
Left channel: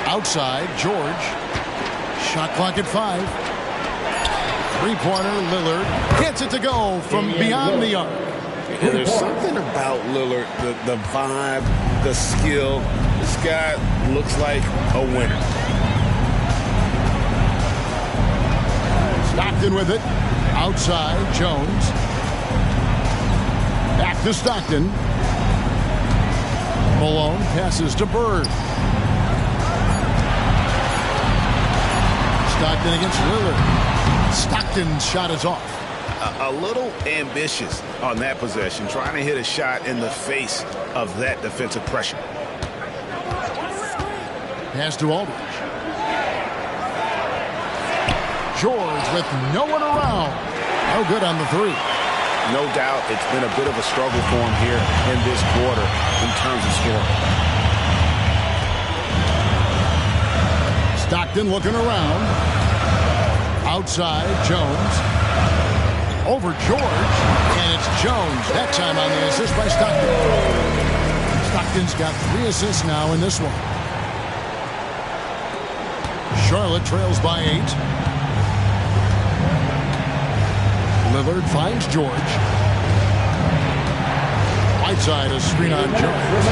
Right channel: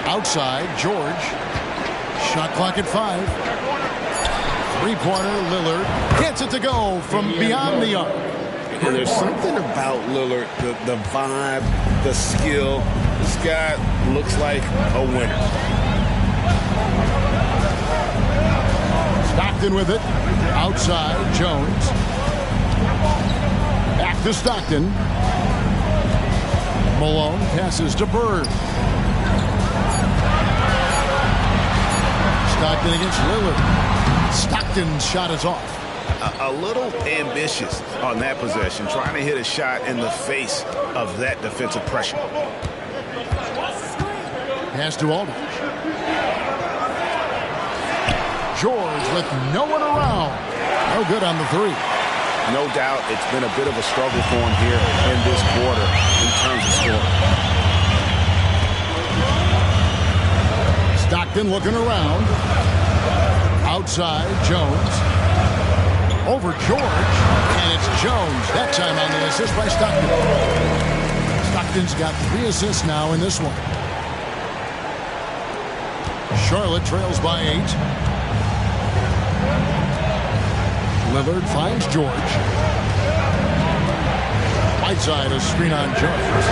Outside, George. Shot clock at 5. Three-pointer, Lillard gets it to go from beyond the arc. And there's something about Lillard, the vibe, the skill. This guy looks like a winner. Stockton with it. Outside, Jones. Back to Stockton. Malone passes to Bird. Stockton against Lillard. Stockton's shot is off. A little ambitious on that possession, trying to hit a shot in the face of that defensive pressure. Pass to Aldridge. George with no one around. No good on the 3. no doubt it's been a bit of a struggle for him here in this quarter in terms of scoring. Stockton looking around. Outside, Jones. Over George, and it's Jones. That time on the assist by Stockton. Stockton's got 3 assists now in this one. Charlotte trails by 8. Lillard finds George. Whiteside, a screen on Jones.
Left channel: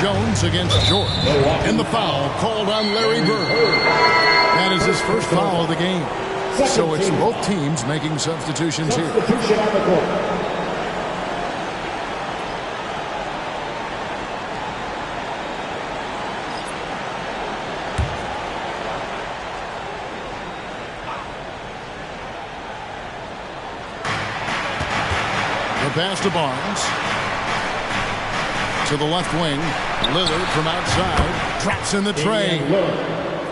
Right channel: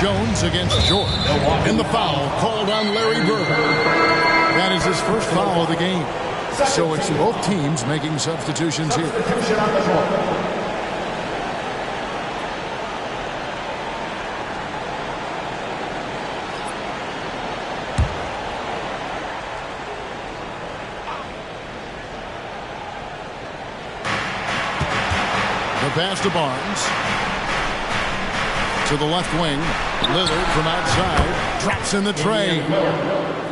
Jones against George. And the foul called on Larry Bird. That is his first foul of the game. So it's both teams making substitutions here. The pass to Barnes. To the left wing. Lillard from outside. Drops in the tray.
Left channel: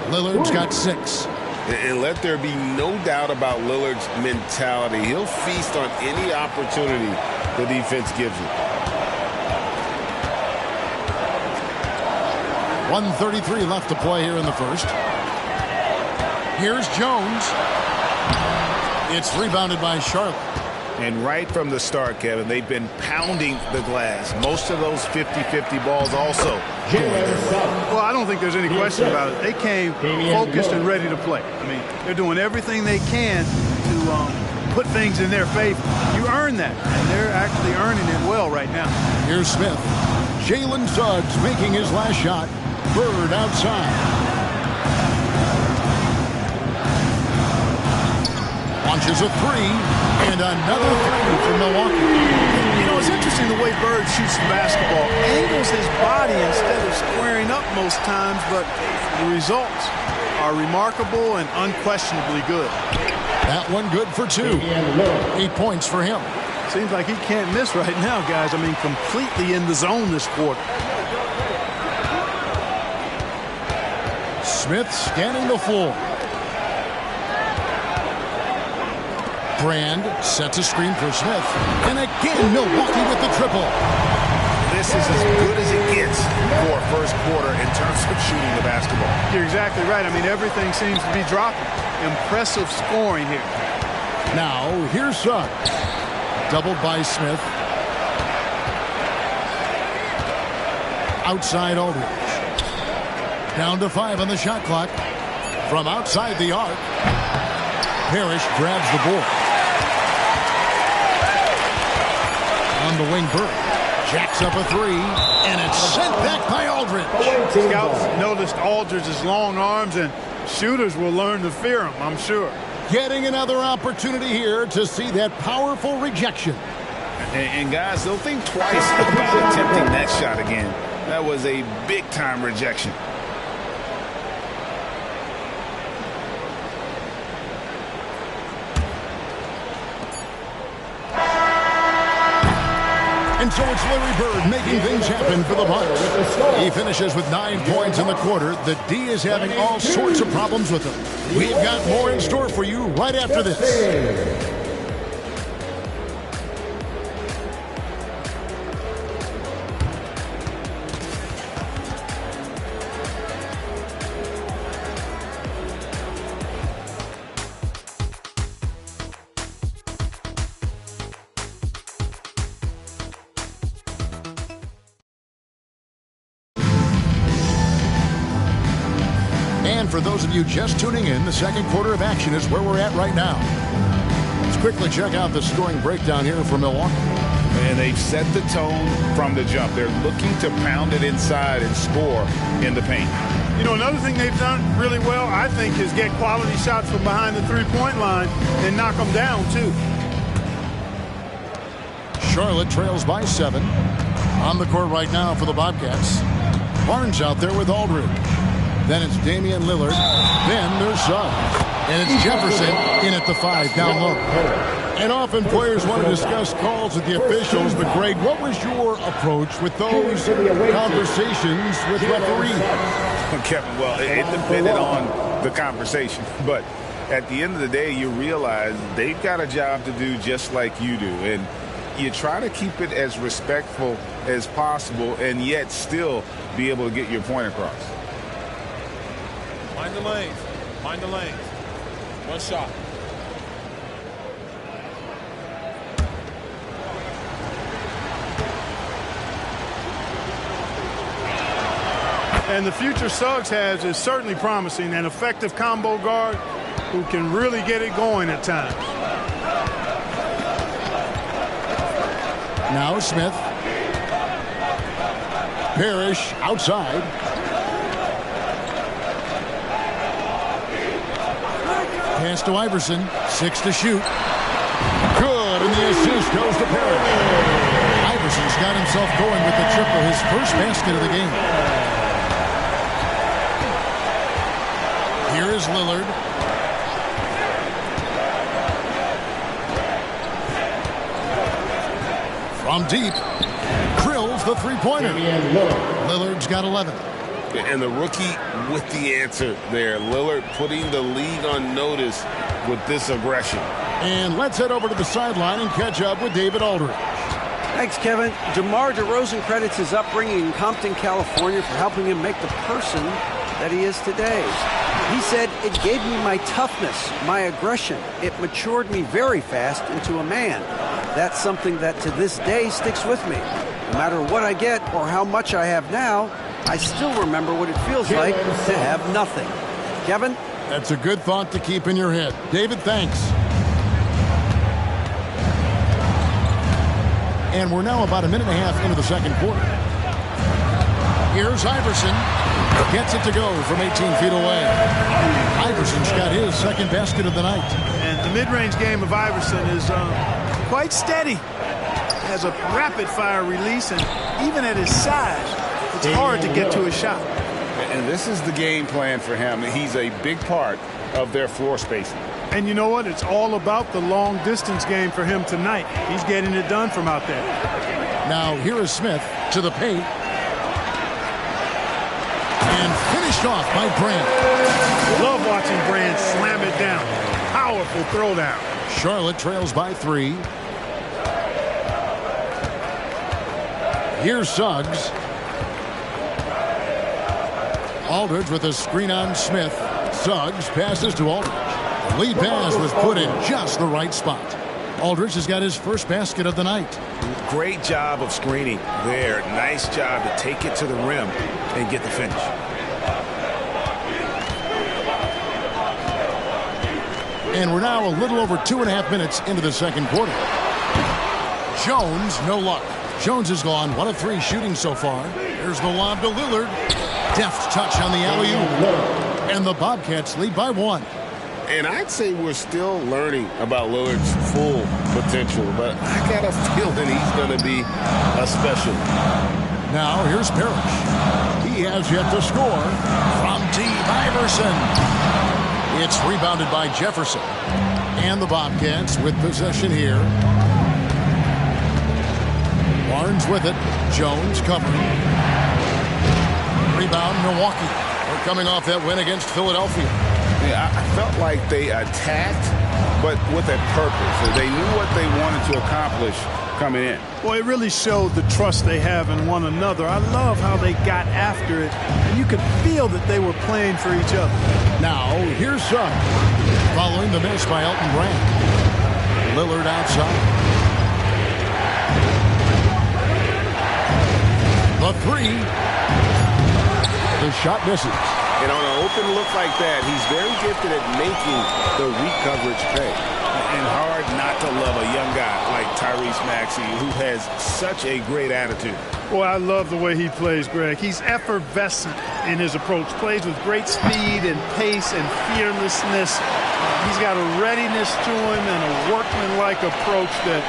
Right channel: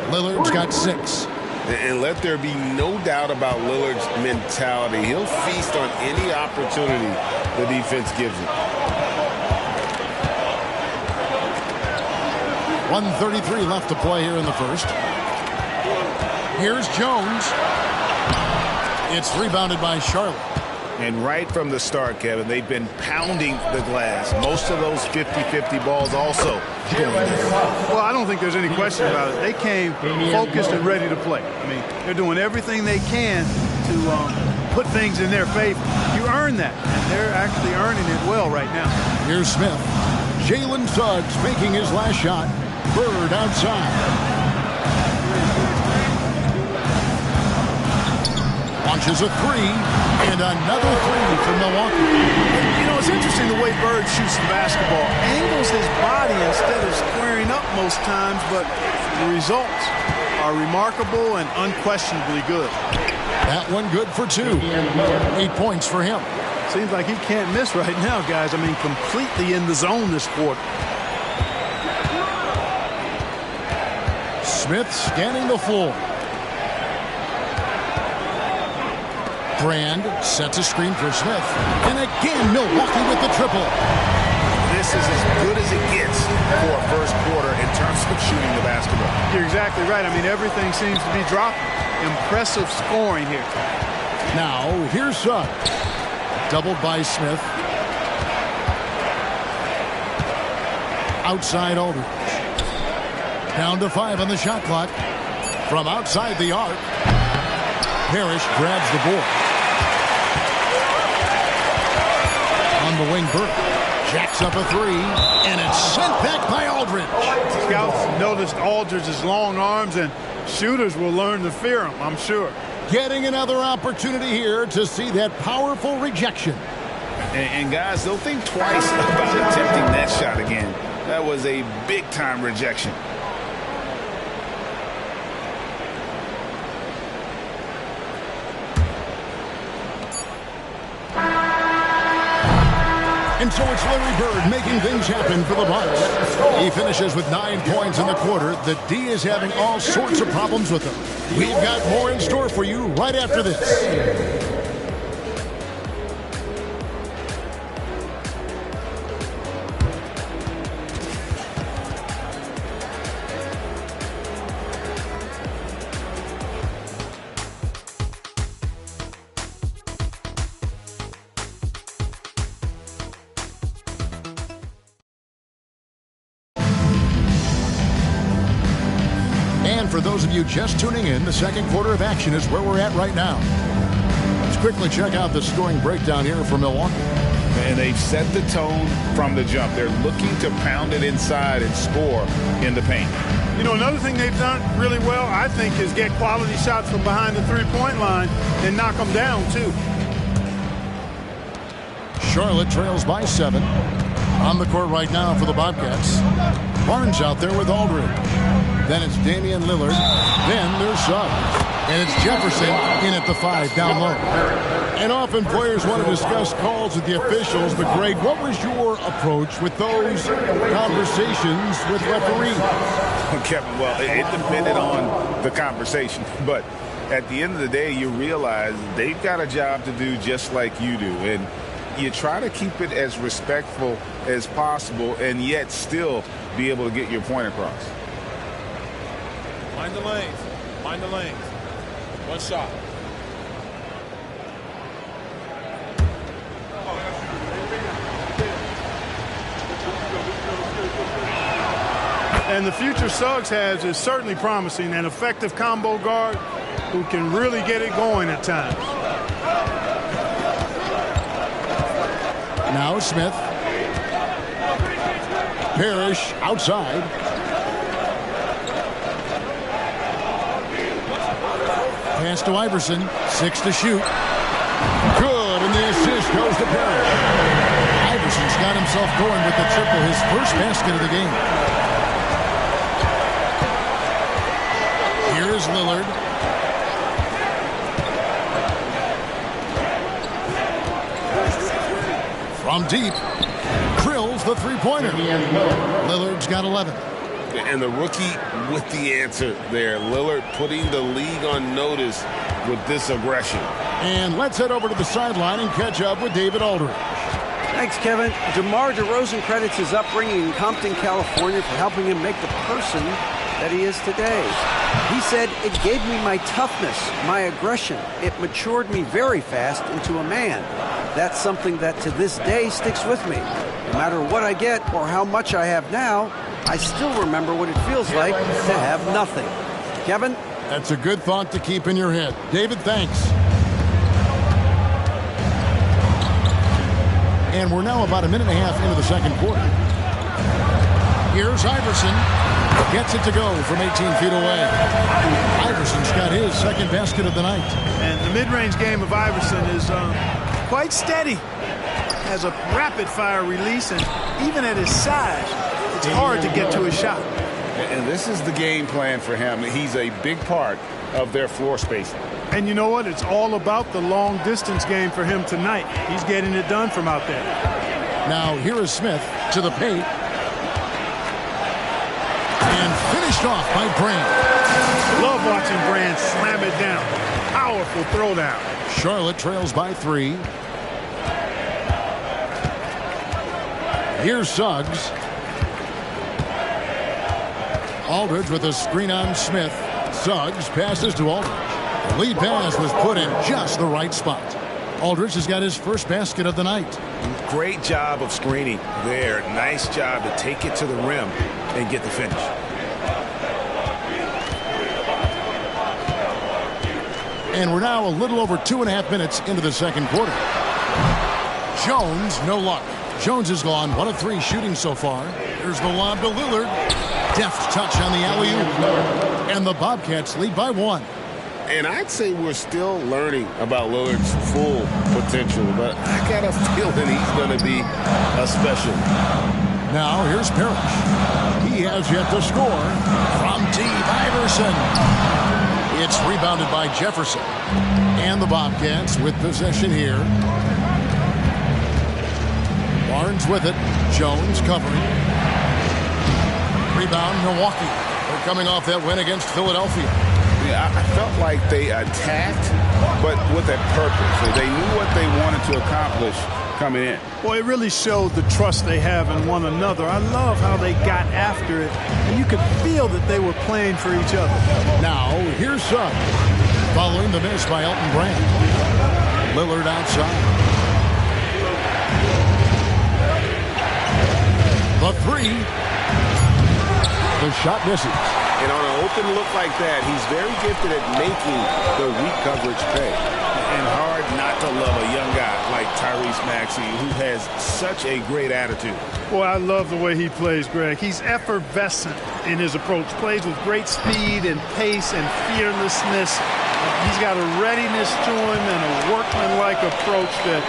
Lillard's got 6. And let there be no doubt about Lillard's mentality. He'll feast on any opportunity the defense gives him. 1:33 left to play here in the first. Here's Jones. It's rebounded by Charlotte. And right from the start, Kevin, they've been pounding the glass. Most of those 50-50 balls also going their way. Well, I don't think there's any question about it. They came focused and ready to play. I mean, they're doing everything they can to put things in their favor. You earn that, and they're actually earning it well right now. Here's Smith. Jalen Suggs making his last shot. Bird outside. Launches a 3, and another 3 from Milwaukee. You know, it's interesting the way Bird shoots the basketball. Angles his body instead of squaring up most times, but the results are remarkable and unquestionably good. That one good for 2. 8 points for him. Seems like he can't miss right now, guys. I mean, completely in the zone this quarter. Smith scanning the floor. Brand sets a screen for Smith. And again, Milwaukee with the triple. This is as good as it gets for a first quarter in terms of shooting the basketball. You're exactly right. I mean, everything seems to be dropping. Impressive scoring here. Now, here's Suggs. Doubled by Smith. Outside Aldridge. Down to 5 on the shot clock. From outside the arc. Parrish grabs the board. On the wing, Burke jacks up a 3, and it's sent back by Aldridge. Scouts noticed Aldridge's long arms, and shooters will learn to fear him, I'm sure. Getting another opportunity here to see that powerful rejection. And guys, they'll think twice about attempting that shot again. That was a big-time rejection. And so it's Larry Bird making things happen for the Bucks. He finishes with 9 points in the quarter. The D is having all sorts of problems with him. We've got more in store for you right after this. And for those of you just tuning in, the second quarter of action is where we're at right now. Let's quickly check out the scoring breakdown here for Milwaukee. And they've set the tone from the jump. They're looking to pound it inside and score in the paint. You know, another thing they've done really well, I think, is get quality shots from behind the three-point line and knock them down, too. Charlotte trails by 7. On the court right now for the Bobcats. Barnes out there with Aldridge. Then it's Damian Lillard. Then there's Suggs. And it's Jefferson in at the 5 down low. And often players want to discuss calls with the officials. But, Greg, what was your approach with those conversations with referees? Kevin, well, it depended on the conversation. But at the end of the day, you realize they've got a job to do just like you do. And you try to keep it as respectful as possible and yet still be able to get your point across. Mind the lanes. Mind the lanes. One shot. And the future Suggs has is certainly promising, an effective combo guard who can really get it going at times. Now Smith. Parrish outside. Pass to Iverson. 6 to shoot. Good, and the assist goes to Parrish. Iverson's got himself going with the triple, his first basket of the game. Here is Lillard. From deep, drills the three-pointer. Lillard's got 11. And the rookie with the answer there. Lillard putting the league on notice with this aggression. And let's head over to the sideline and catch up with David Aldridge. Thanks, Kevin. DeMar DeRozan credits his upbringing in Compton, California for helping him make the person that he is today. He said, "It gave me my toughness, my aggression. It matured me very fast into a man. That's something that to this day sticks with me. No matter what I get or how much I have now, I still remember what it feels like to have nothing." Kevin? That's a good thought to keep in your head. David, thanks. And we're now about a minute and a half into the second quarter. Here's Iverson. Gets it to go from 18 feet away. Iverson's got his second basket of the night. And the mid-range game of Iverson is quite steady. Has a rapid-fire release, and even at his size, it's hard to get to his shot. And this is the game plan for him. He's a big part of their floor spacing. And you know what? It's all about the long-distance game for him tonight. He's getting it done from out there. Now here is Smith to the paint. And finished off by Brand. Love watching Brand slam it down. Powerful throwdown. Charlotte trails by 3. Here's Suggs. Aldridge with a screen on Smith. Suggs passes to Aldridge. The lead pass was put in just the right spot. Aldridge has got his first basket of the night. Great job of screening there. Nice job to take it to the rim and get the finish. And we're now a little over 2.5 minutes into the second quarter. Jones, no luck. Jones has gone 1 of 3 shooting so far. There's the lob to Lillard. Deft touch on the alley-oop. And the Bobcats lead by 1. And I'd say we're still learning about Lillard's full potential, but I got a feeling he's going to be a special. Now here's Parrish. He has yet to score. From deep, Iverson. It's rebounded by Jefferson. And the Bobcats with possession here. Barnes with it. Jones covering. Rebound, Milwaukee. They're coming off that win against Philadelphia. Yeah, I felt like they attacked, but with a purpose. They knew what they wanted to accomplish coming in. Well, it really showed the trust they have in one another. I love how they got after it, and you could feel that they were playing for each other. Now, here's Suggs. Following the miss by Elton Brand. Lillard outside. The 3. The shot misses. And on an open look like that, he's very gifted at making the weak coverage pay. And hard not to love a young guy like Tyrese Maxey, who has such a great attitude. Boy, I love the way he plays, Greg. He's effervescent in his approach. Plays with great speed and pace and fearlessness. He's got a readiness to him and a workmanlike approach that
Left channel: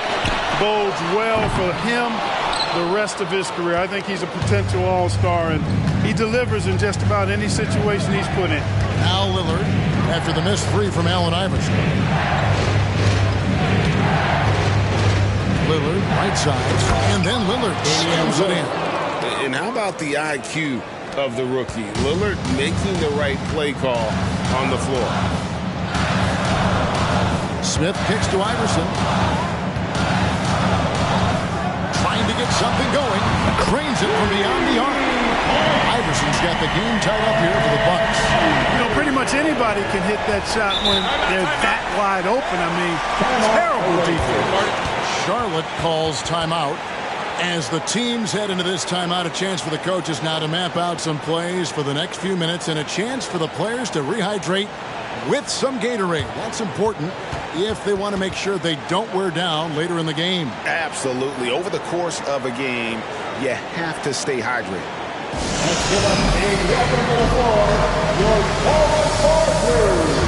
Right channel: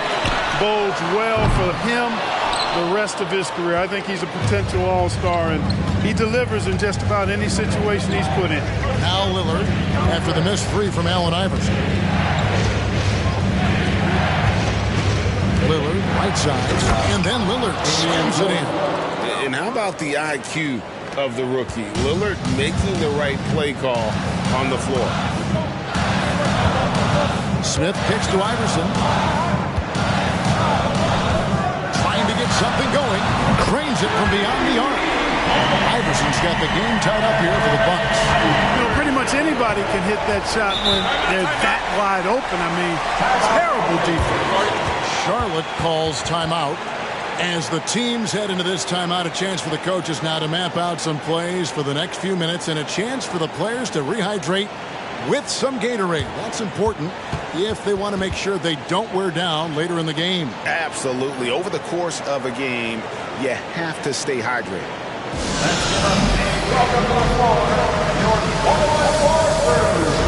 bodes well for him the rest of his career. I think he's a potential all-star, and he delivers in just about any situation he's put in. Now Lillard after the missed 3 from Allen Iverson. Lillard right side, and then Lillard slams it in. And how about the IQ of the rookie? Lillard making the right play call on the floor. Smith kicks to Iverson. Trying to get something going. Drains it from beyond the arc. Iverson's got the game tied up here for the Bucks. You know, pretty much anybody can hit that shot when they're that wide open. I mean, terrible defense. Charlotte calls timeout. As the teams head into this timeout, a chance for the coaches now to map out some plays for the next few minutes and a chance for the players to rehydrate with some Gatorade. That's important if they want to make sure they don't wear down later in the game. Absolutely. Over the course of a game, you have to stay hydrated. Let's give up a welcome to the floor, your forward crew.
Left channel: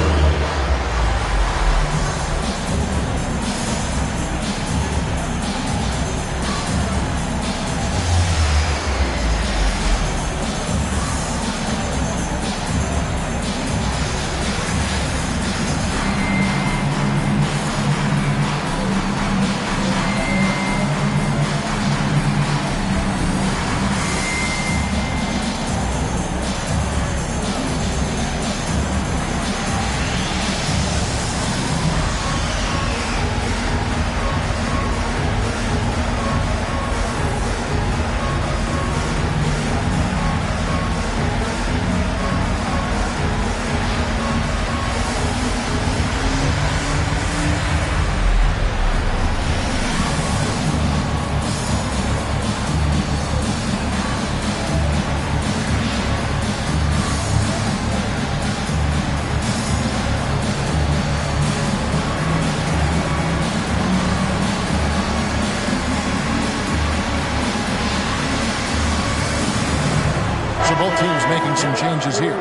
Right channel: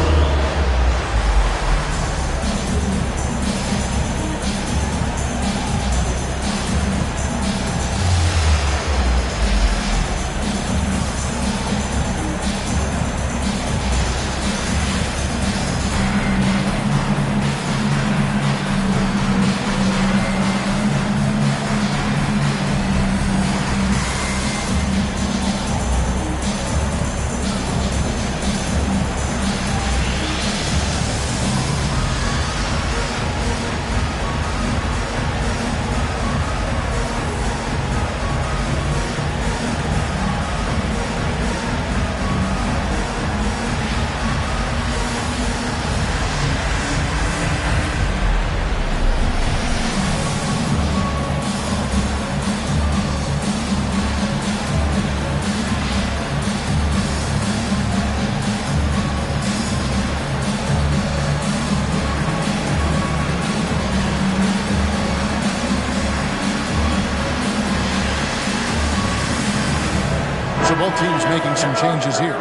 So both teams making some changes here.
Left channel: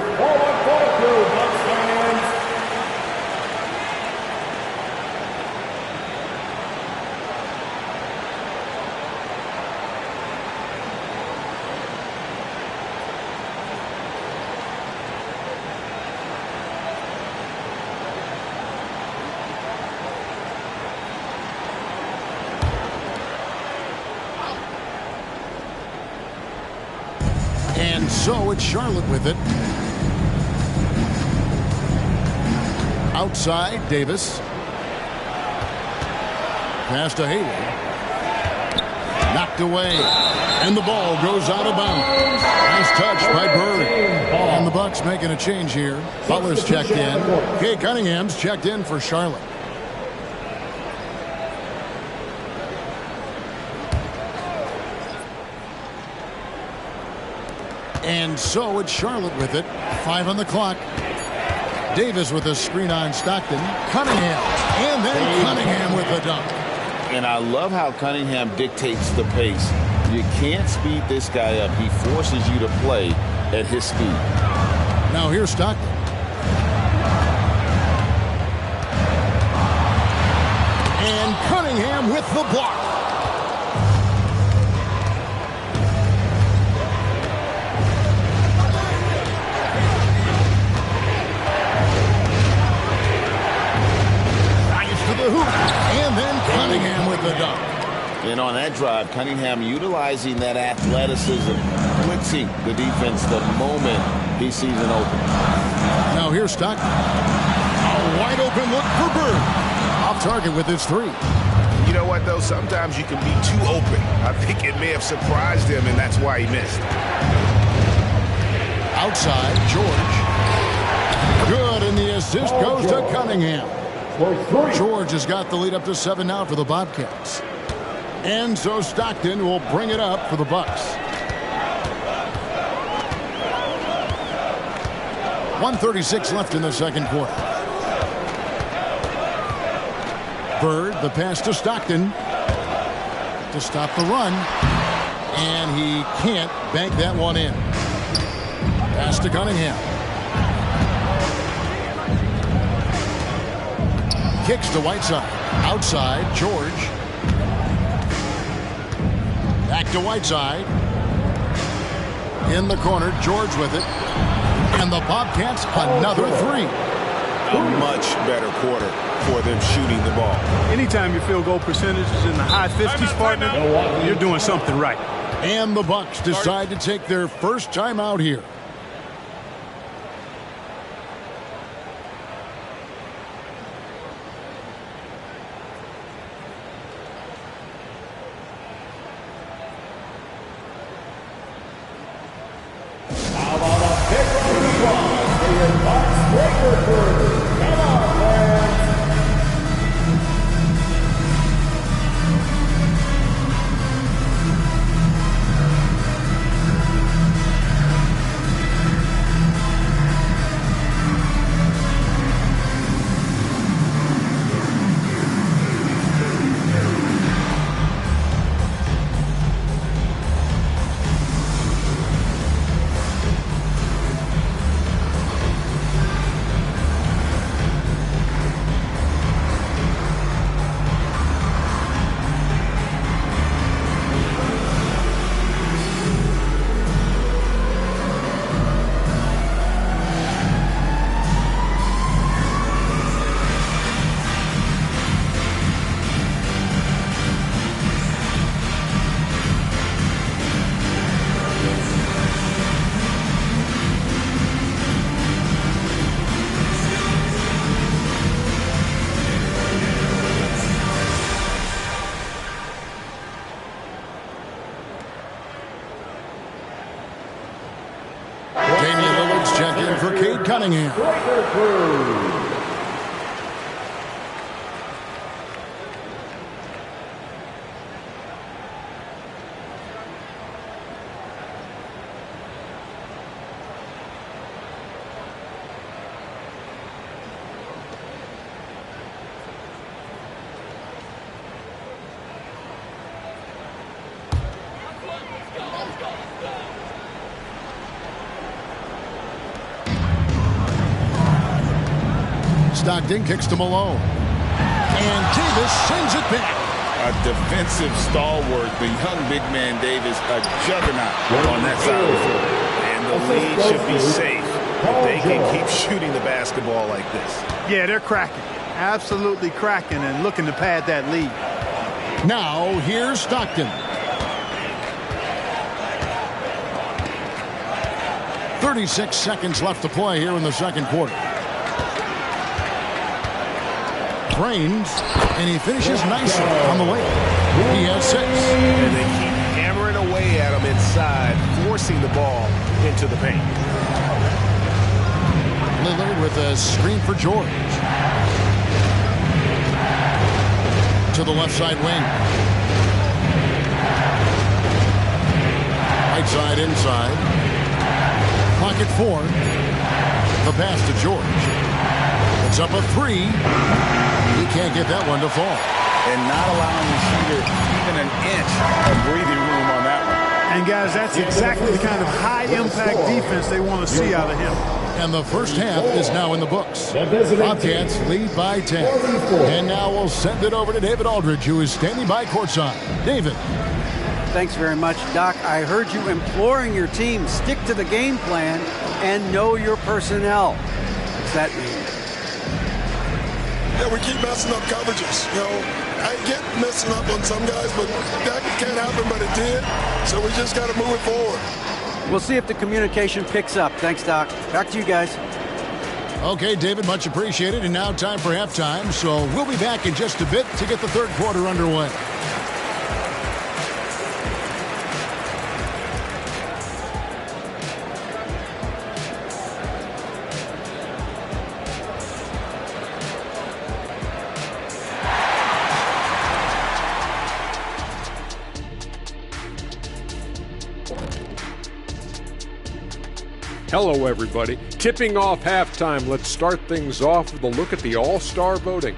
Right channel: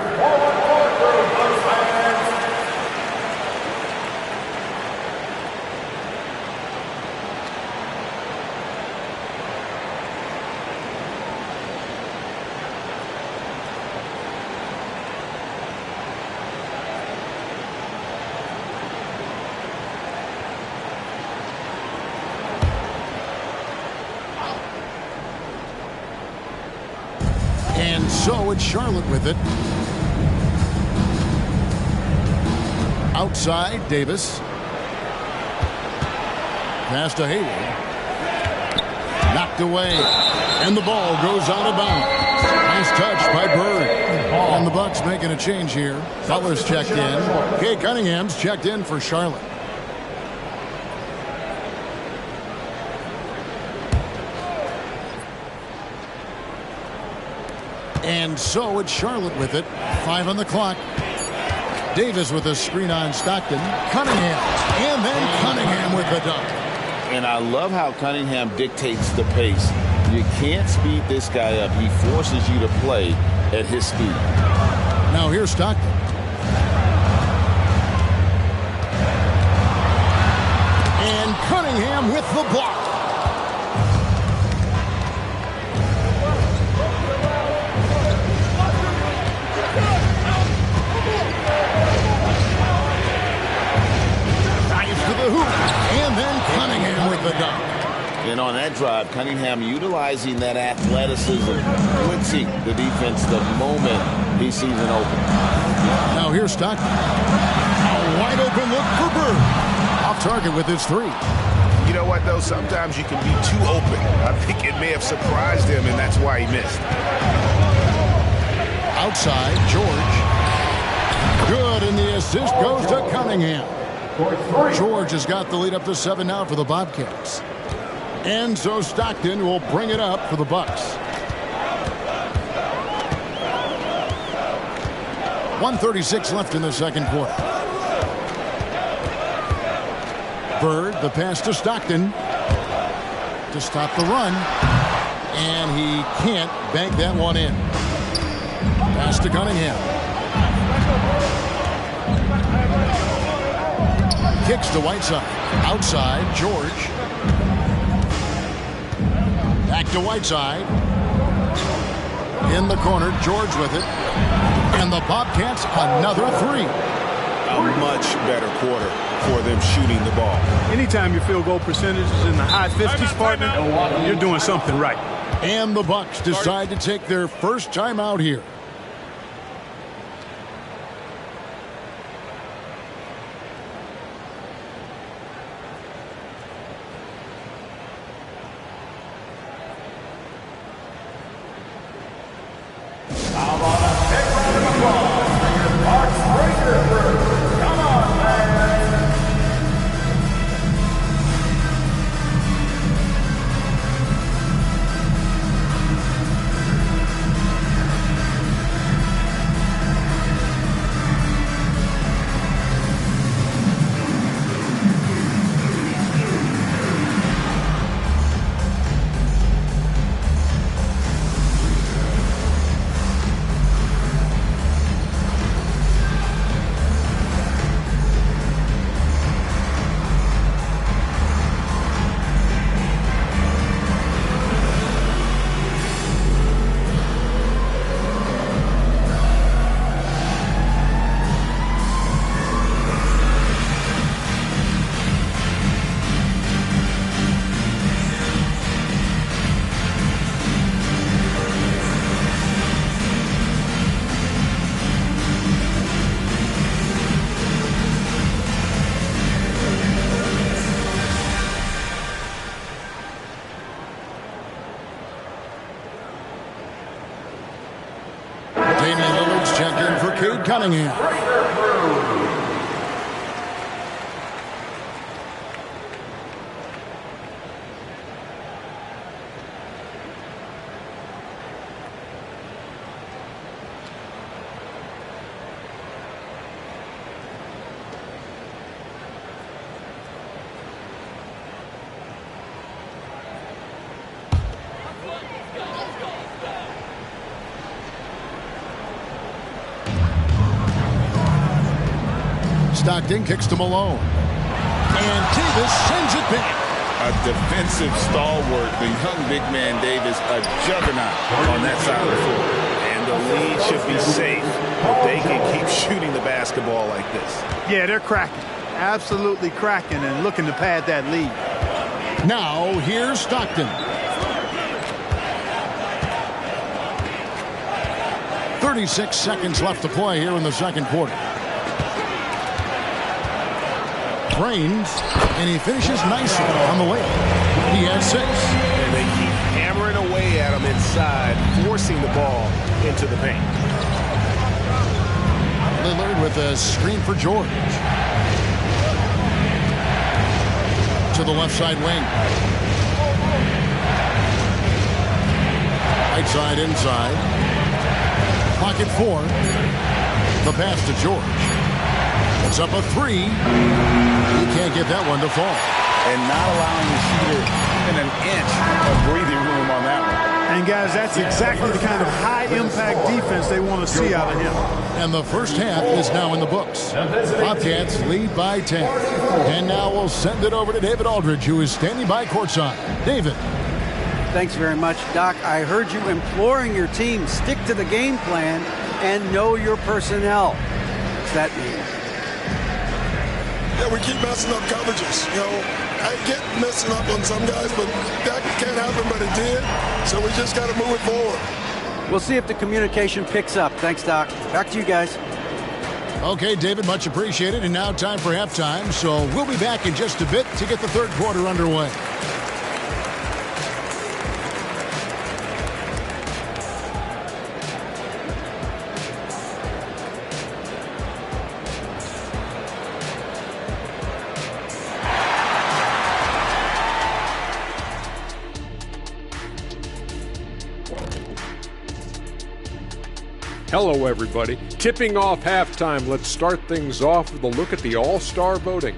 And so it's Charlotte with it. Outside, Davis. Pass to Hayward. Knocked away. And the ball goes out of bounds. Nice touch by Bird. And the Bucks making a change here. Butler's checked in. Kay Cunningham's checked in for Charlotte. And so it's Charlotte with it. 5 on the clock. Davis with a screen on Stockton. Cunningham. And then Cunningham with the dunk. And I love how Cunningham dictates the pace. You can't speed this guy up. He forces you to play at his speed. Now here's Stockton. And Cunningham with the block. To the hoop, and then Cunningham with the dunk. And on that drive, Cunningham utilizing that athleticism, blitzing the defense the moment he sees an open. Now here's Stockton. A wide open look for Bird. Off target with his 3. You know what, though? Sometimes you can be too open. I think it may have surprised him, and that's why he missed. Outside, George. Good, and the assist goes to Cunningham. George has got the lead up to 7 now for the Bobcats. And so Stockton will bring it up for the Bucks. 1:36 left in the second quarter. Bird, the pass to Stockton to stop the run. And he can't bank that one in. Pass to Cunningham. Kicks to Whiteside. Outside, George. Back to Whiteside. In the corner, George with it. And the Bobcats another 3. A much better quarter for them shooting the ball. Anytime your field goal percentage is in the high 50s, partner, you're doing something right. And the Bucks decide to take their first timeout here. Let's check in for Cade Cunningham. Stockton kicks to Malone. And Davis sends it back. A defensive stalwart, the young big man Davis, a juggernaut on that side of the floor. And the lead should be safe if they can keep shooting the basketball like this. Yeah, they're cracking. Absolutely cracking and looking to pad that lead. Now, here's Stockton. 36 seconds left to play here in the second quarter. Drains, and he finishes nicely on the layup. He has 6. And they keep hammering away at him inside, forcing the ball into the paint. Lillard with a screen for George. To the left side wing. Right side inside. Clock at 4. The pass to George. It's up a 3. He can't get that one to fall. And not allowing the shooter even an inch of breathing room on that one. And guys, that's exactly the kind of high-impact defense they want to see out of him. And the first half is now in the books. Bobcats lead by 10. And now we'll send it over to David Aldridge, who is standing by courtside. David. Thanks very much, Doc. I heard you imploring your team, stick to the game plan and know your personnel. What's that mean? Yeah, we keep messing up coverages. You know, I get messing up on some guys, but that can't happen, but it did. So we just got to move it forward. We'll see if the communication picks up. Thanks, Doc. Back to you guys. Okay, David, much appreciated. And now time for halftime. So we'll be back in just a bit to get the third quarter underway. Hello, everybody. Tipping off halftime, let's start things off with a look at the All-Star voting.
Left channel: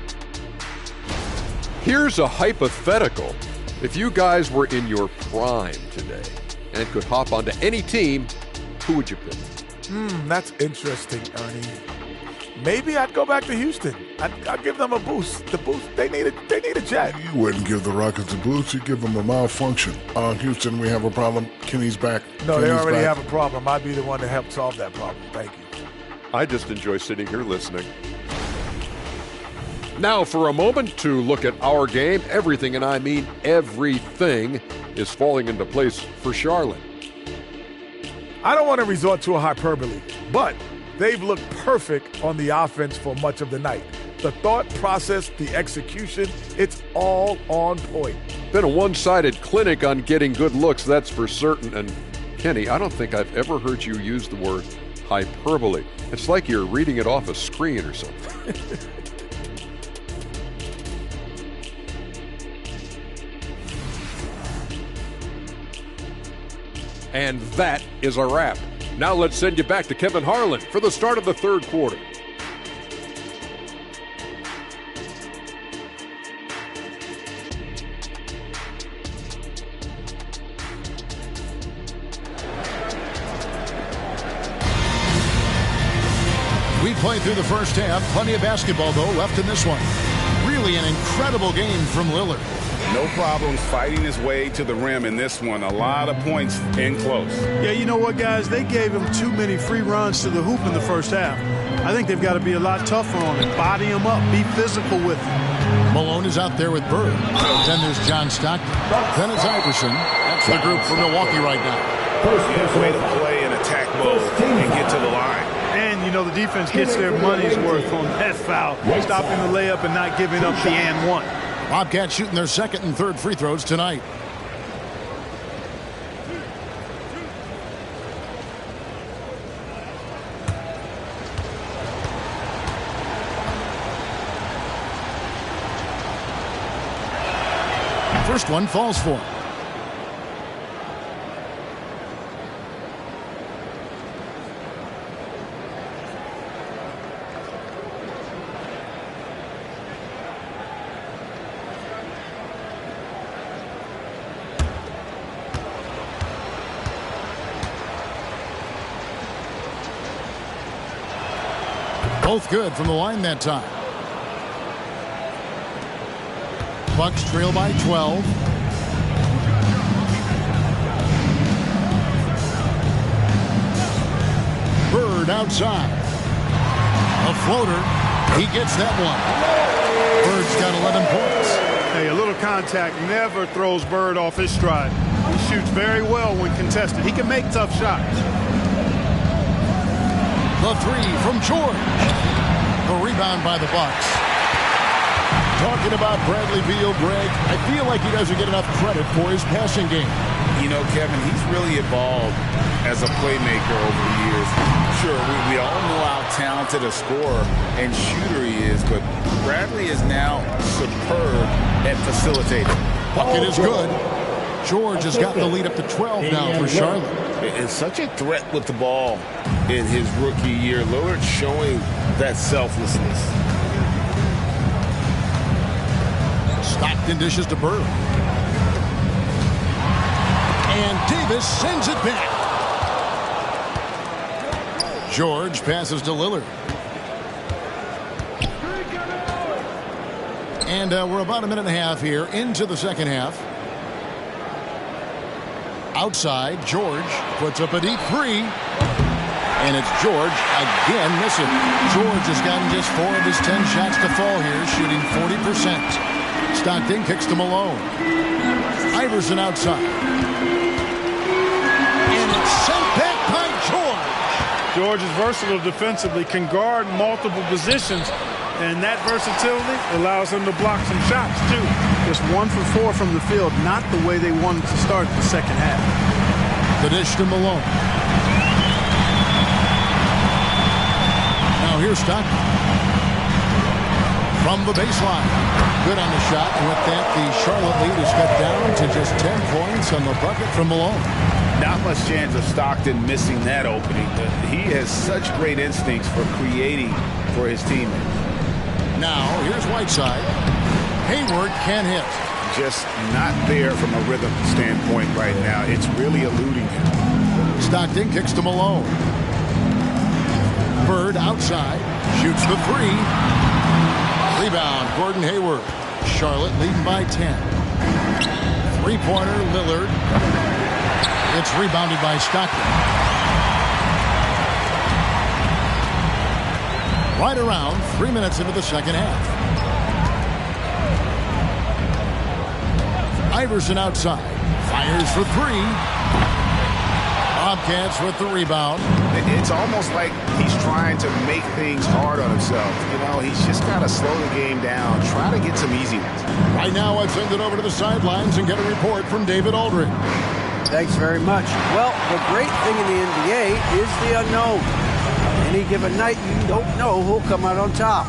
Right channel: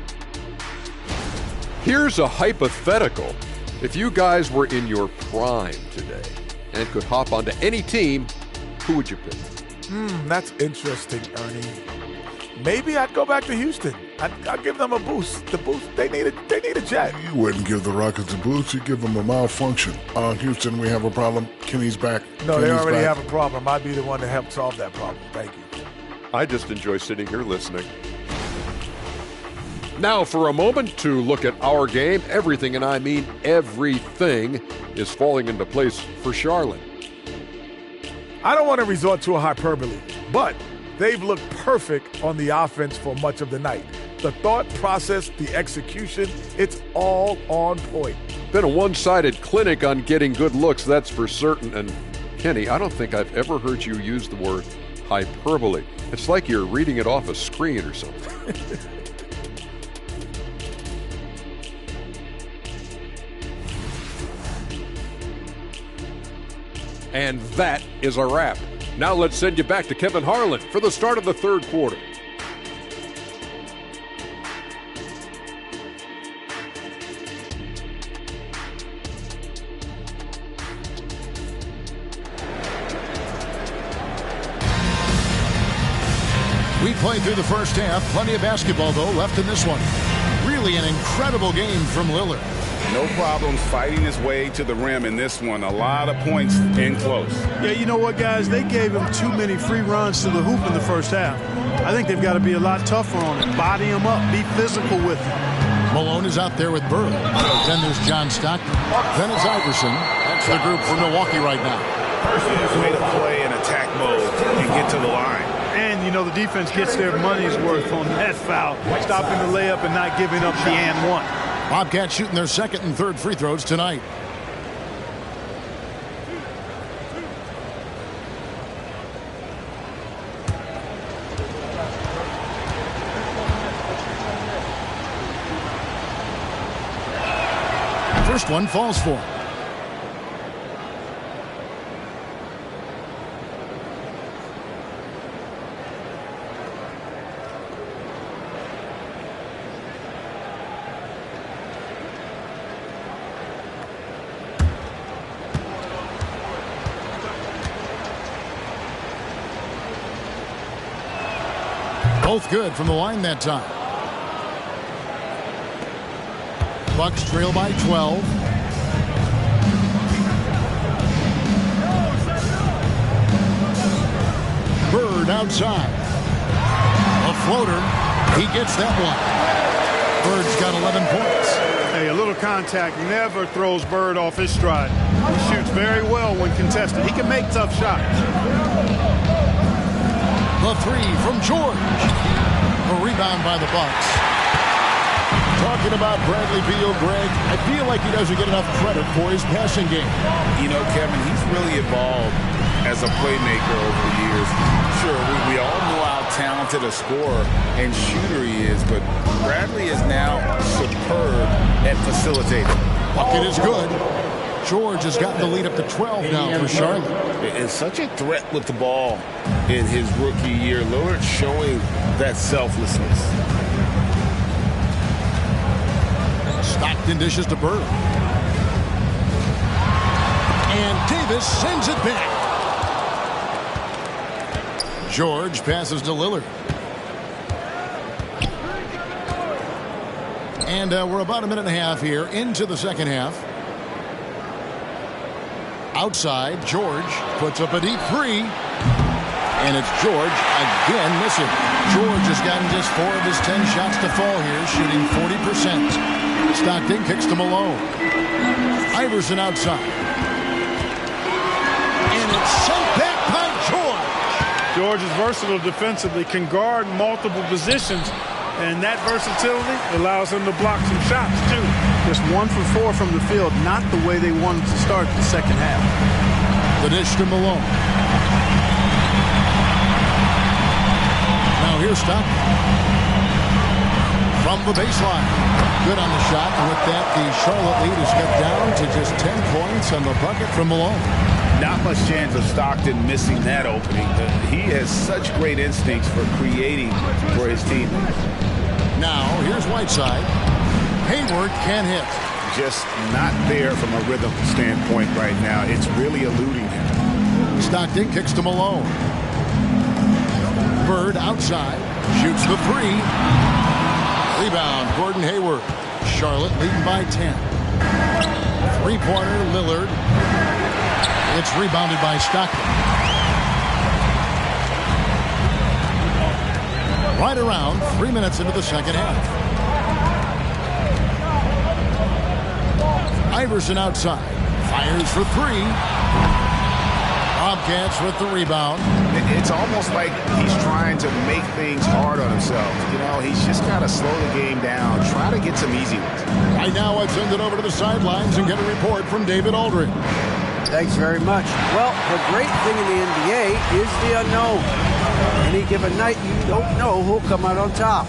Here's a hypothetical. If you guys were in your prime today and could hop onto any team, who would you pick? That's interesting, Ernie. Maybe I'd go back to Houston. I'd give them a boost. The boost, they need a jet. You wouldn't give the Rockets a boost. You give them a malfunction. Houston, we have a problem. Kenny's back. No, they Kenny's already back. have a problem. I'd be the one to help solve that problem. Thank you. I just enjoy sitting here listening. Now for a moment to look at our game. Everything, and I mean everything, is falling into place for Charlotte. I don't want to resort to a hyperbole, but they've looked perfect on the offense for much of the night. The thought process, the execution, it's all on point. Been a one-sided clinic on getting good looks, that's for certain. And Kenny, I don't think I've ever heard you use the word hyperbole. It's like you're reading it off a screen or something. And that is a wrap. Now let's send you back to Kevin Harlan for the start of the third quarter. We played through the first half. Plenty of basketball, though, left in this one. Really an incredible game from Lillard. No problems fighting his way to the rim in this one. A lot of points in close. Yeah, you know what, guys? They gave him too many free runs to the hoop in the first half. I think they've got to be a lot tougher on him. Body him up. Be physical with him. Malone is out there with Bird. Then there's John Stockton. Then it's Iverson. That's the group for Milwaukee right now. Yeah, way to play in attack mode and get to the line. And, you know, the defense gets their money's worth on that foul. Stopping the layup and not giving up the and one. Bobcats shooting their second and third free throws tonight. first one falls for him. Both good from the line that time. Bucks trail by 12. Bird outside. A floater. He gets that one. Bird's got 11 points. Hey, a little contact never throws Bird off his stride. He shoots very well when contested. He can make tough shots. The three from George. A rebound by the Bucks. Talking about Bradley Beal, Greg, I feel like he doesn't get enough credit for his passing game. You know, Kevin, he's really evolved as a playmaker over the years. Sure, we all know how talented a scorer and shooter he is, but Bradley is now superb at facilitating. Bucket is good. George has gotten the lead up to 12 now for Charlotte. It's such a threat with the ball in his rookie year. Lillard showing that selflessness. Stockton dishes to Bird. And Davis sends it back. George passes to Lillard. And we're about a minute and a half here into the second half. Outside, George puts up a deep three. And it's George again missing. George has gotten just 4 of his 10 shots to fall here, shooting 40%. Stockton kicks to Malone. Iverson outside. And it's sent back by George. George is versatile defensively, can guard multiple positions, and that versatility allows him to block some shots, too. Just 1 for 4 from the field, not the way they wanted to start the second half. The dish to Malone. Now here's Stockton. From the baseline. Good on the shot, and with that, the Charlotte lead is cut down to just 10 points on the bucket from Malone. Not much chance of Stockton missing that opening. He has such great instincts for creating for his teammates. Now, here's Whiteside. Hayward can't hit. Just not there from a rhythm standpoint right now. It's really eluding him. Stockton kicks to Malone. Bird outside. Shoots the three. Rebound, Gordon Hayward. Charlotte leading by 10. Three-pointer, Lillard. It's rebounded by Stockton. Right around 3 minutes into the second half. Iverson outside. Fires for three. Bobcats with the rebound. It's almost like he's trying to make things hard on himself. You know, he's just got to slow the game down. Try to get some easy ones. Right now, I'd send it over to the sidelines and get a report from David Aldridge. Thanks very much. Well, the great thing in the NBA is the unknown. Any given night, you don't know who'll come out on top.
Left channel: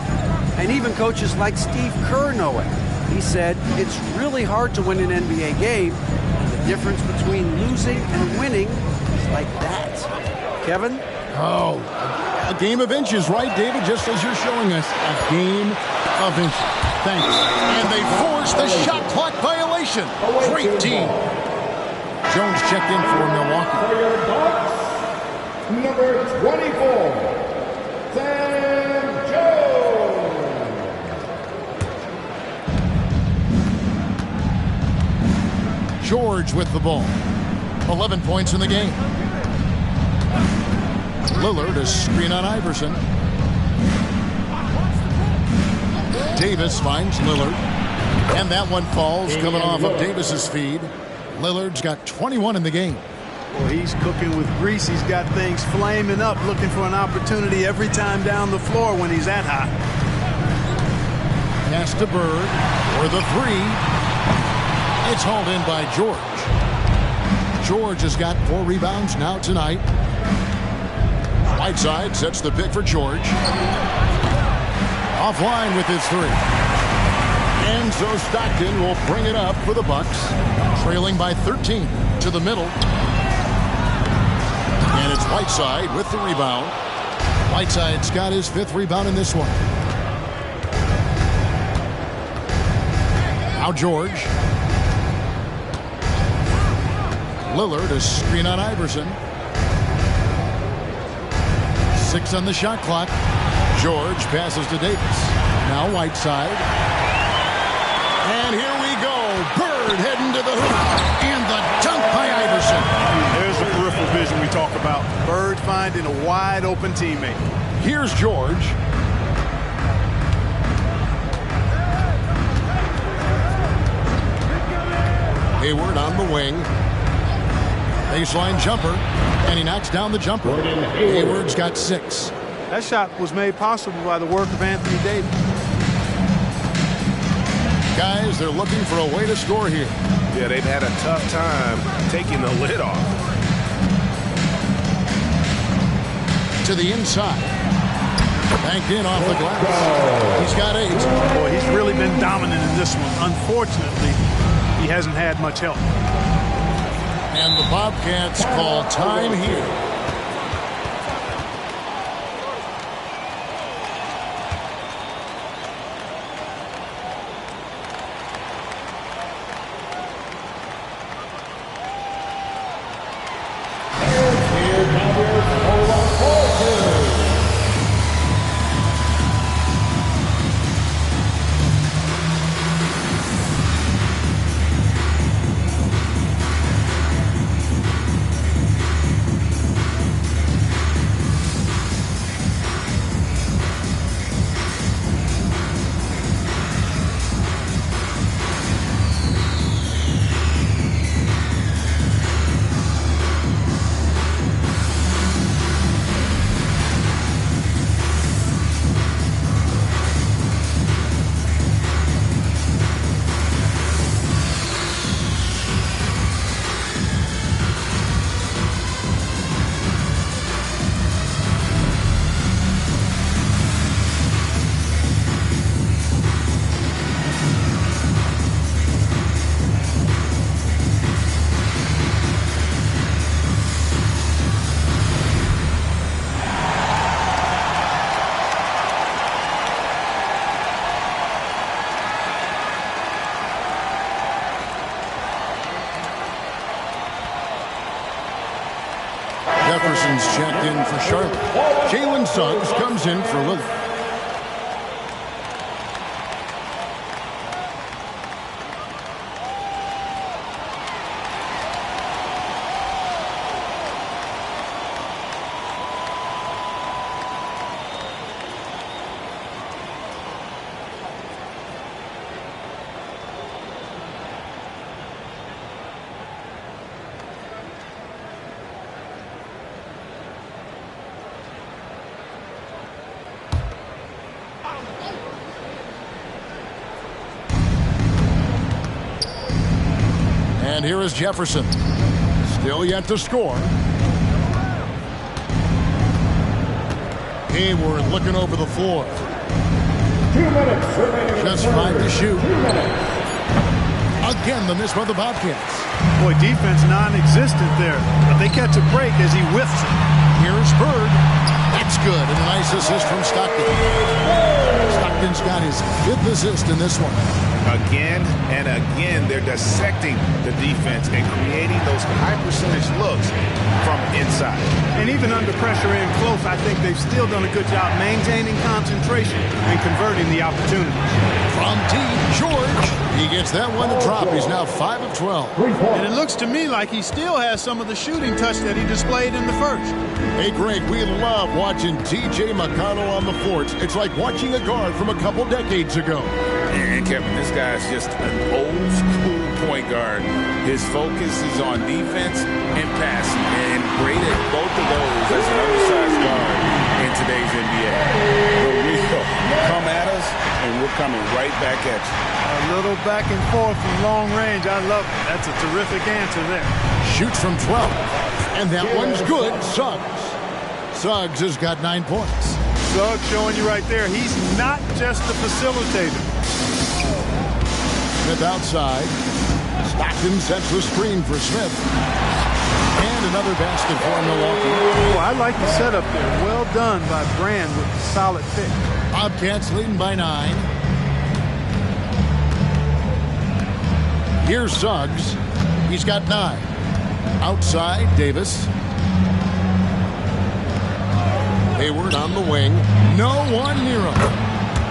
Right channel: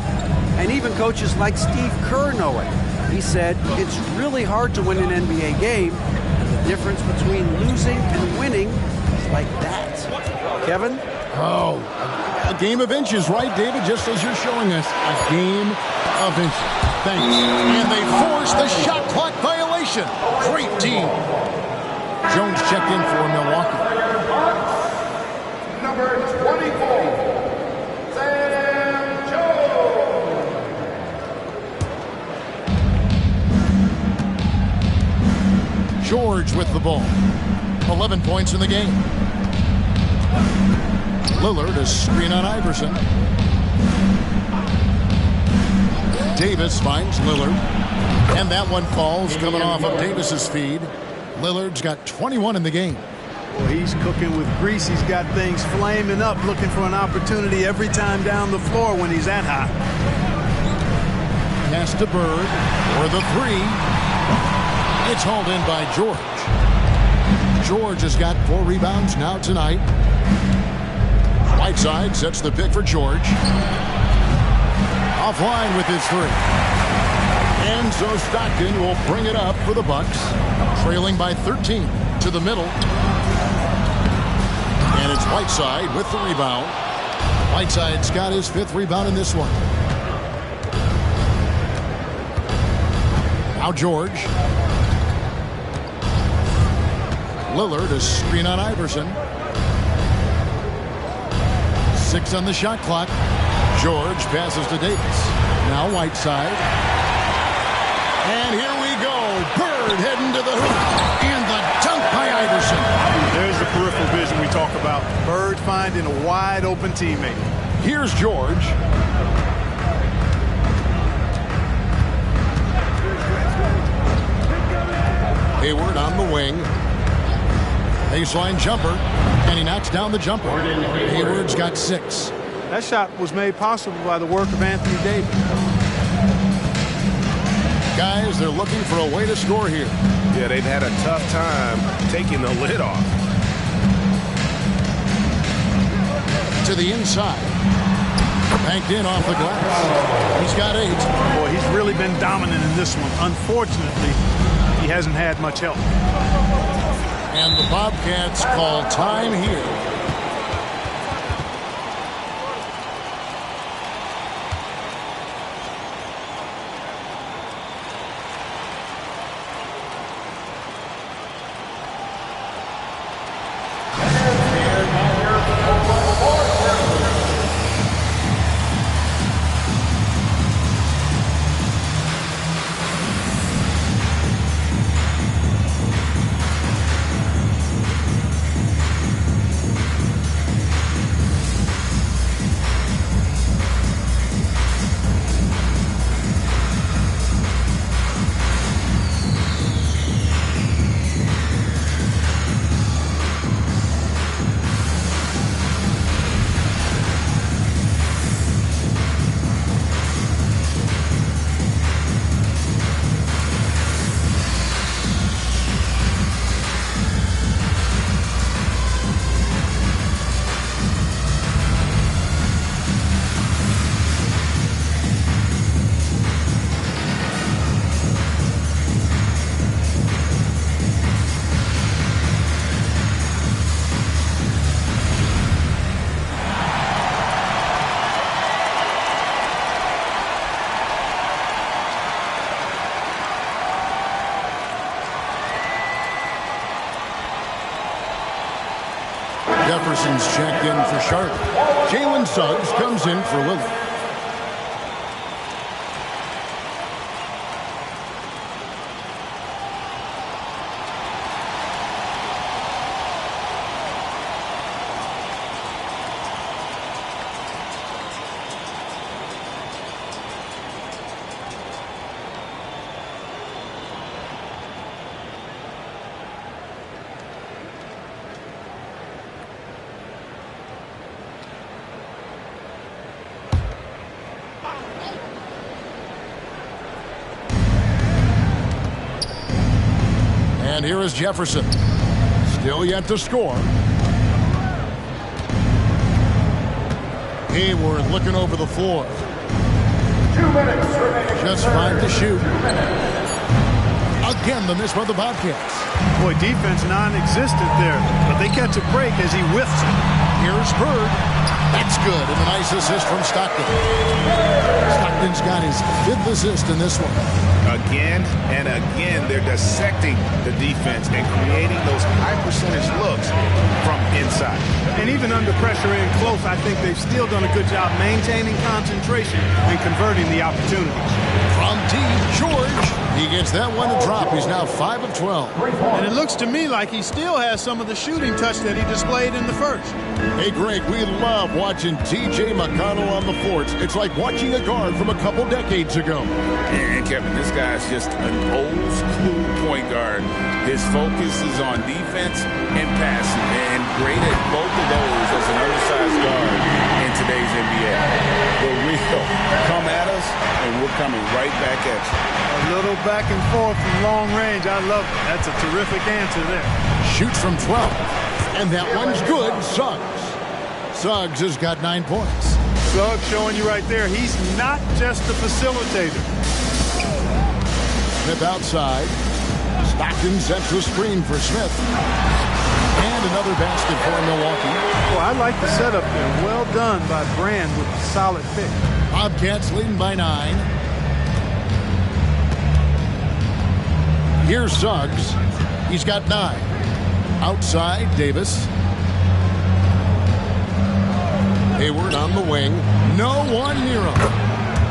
And even coaches like Steve Kerr know it. He said, it's really hard to win an NBA game, and the difference between losing and winning is like that. Kevin? Oh, a game of inches, right, David? Just as you're showing us, a game of inches. Thanks. And they force the shot clock violation. Great team. Jones checked in for Milwaukee. For your Bucks, number 24, Sam Jones. George with the ball. 11 points in the game. Lillard a screen on Iverson. Davis finds Lillard. And that one falls coming off of Davis's feed. Lillard's got 21 in the game. Well, he's cooking with grease. He's got things flaming up, looking for an opportunity every time down the floor when he's that hot. Pass to Bird for the three. It's hauled in by George. George has got 4 rebounds now tonight. Whiteside sets the pick for George. Offline with his three. And so Stockton will bring it up for the Bucks, trailing by 13 to the middle. And it's Whiteside with the rebound. Whiteside's got his 5th rebound in this one. Now George. Lillard a screen on Iverson. 6 on the shot clock. George passes to Davis. Now Whiteside. And here we go. Bird heading to the hoop. And the dunk by Iverson. There's the peripheral vision we talk about. Bird finding a wide open teammate. Here's George. Hayward on the wing. Baseline jumper. And he knocks down the jumper. Hayward's got 6. That shot was made possible by the work of Anthony Davis. Guys, they're looking for a way to score here. Yeah, they've had a tough time taking the lid off. To the inside. Banked in off the glass. He's got 8. Boy, he's really been dominant in this one. Unfortunately, he hasn't had much help. And the Bobcats call time here. Jefferson's checked in for Charlotte. Jalen Suggs comes in for Lillard. And here is Jefferson. Still yet to score. Hayward looking over the floor. 2 minutes remaining. Just 5 to shoot. Again, the miss by the Bobcats. Boy, defense non-existent there, but they catch a break as he whiffs it. Here's Bird. That's good, and a nice assist from Stockton. Stockton's got his 5th assist in this one. Again and again, they're dissecting the defense and creating those high percentage looks from inside. And even under pressure in close, I think they've still done a good job maintaining concentration and converting the opportunities. From deep, George. He gets that one to drop. He's now 5 of 12. And it looks to me like he still has some of the shooting touch that he displayed in the first. Hey, Greg, we love watching T.J. McConnell on the floor. It's like watching a guard from a couple decades ago. And Kevin, this guy's just an old school point guard. His focus is on defense and passing, and great at both of those as an undersized guard in today's NBA. The real come at us, and we're coming right back at you. A little back and forth from long range. I love it. That's a terrific answer there. Shoots from 12, and that one's good. Suggs. Suggs has got 9 points. Suggs showing you right there, he's not just a facilitator. Smith outside. Stockton sets the screen for Smith. And another basket for Milwaukee. Well, I like the setup there. Well done by Brand with a solid pick. Bobcats leading by 9. Here's Suggs. He's got 9. Outside, Davis. Hayward on the wing. No one near him.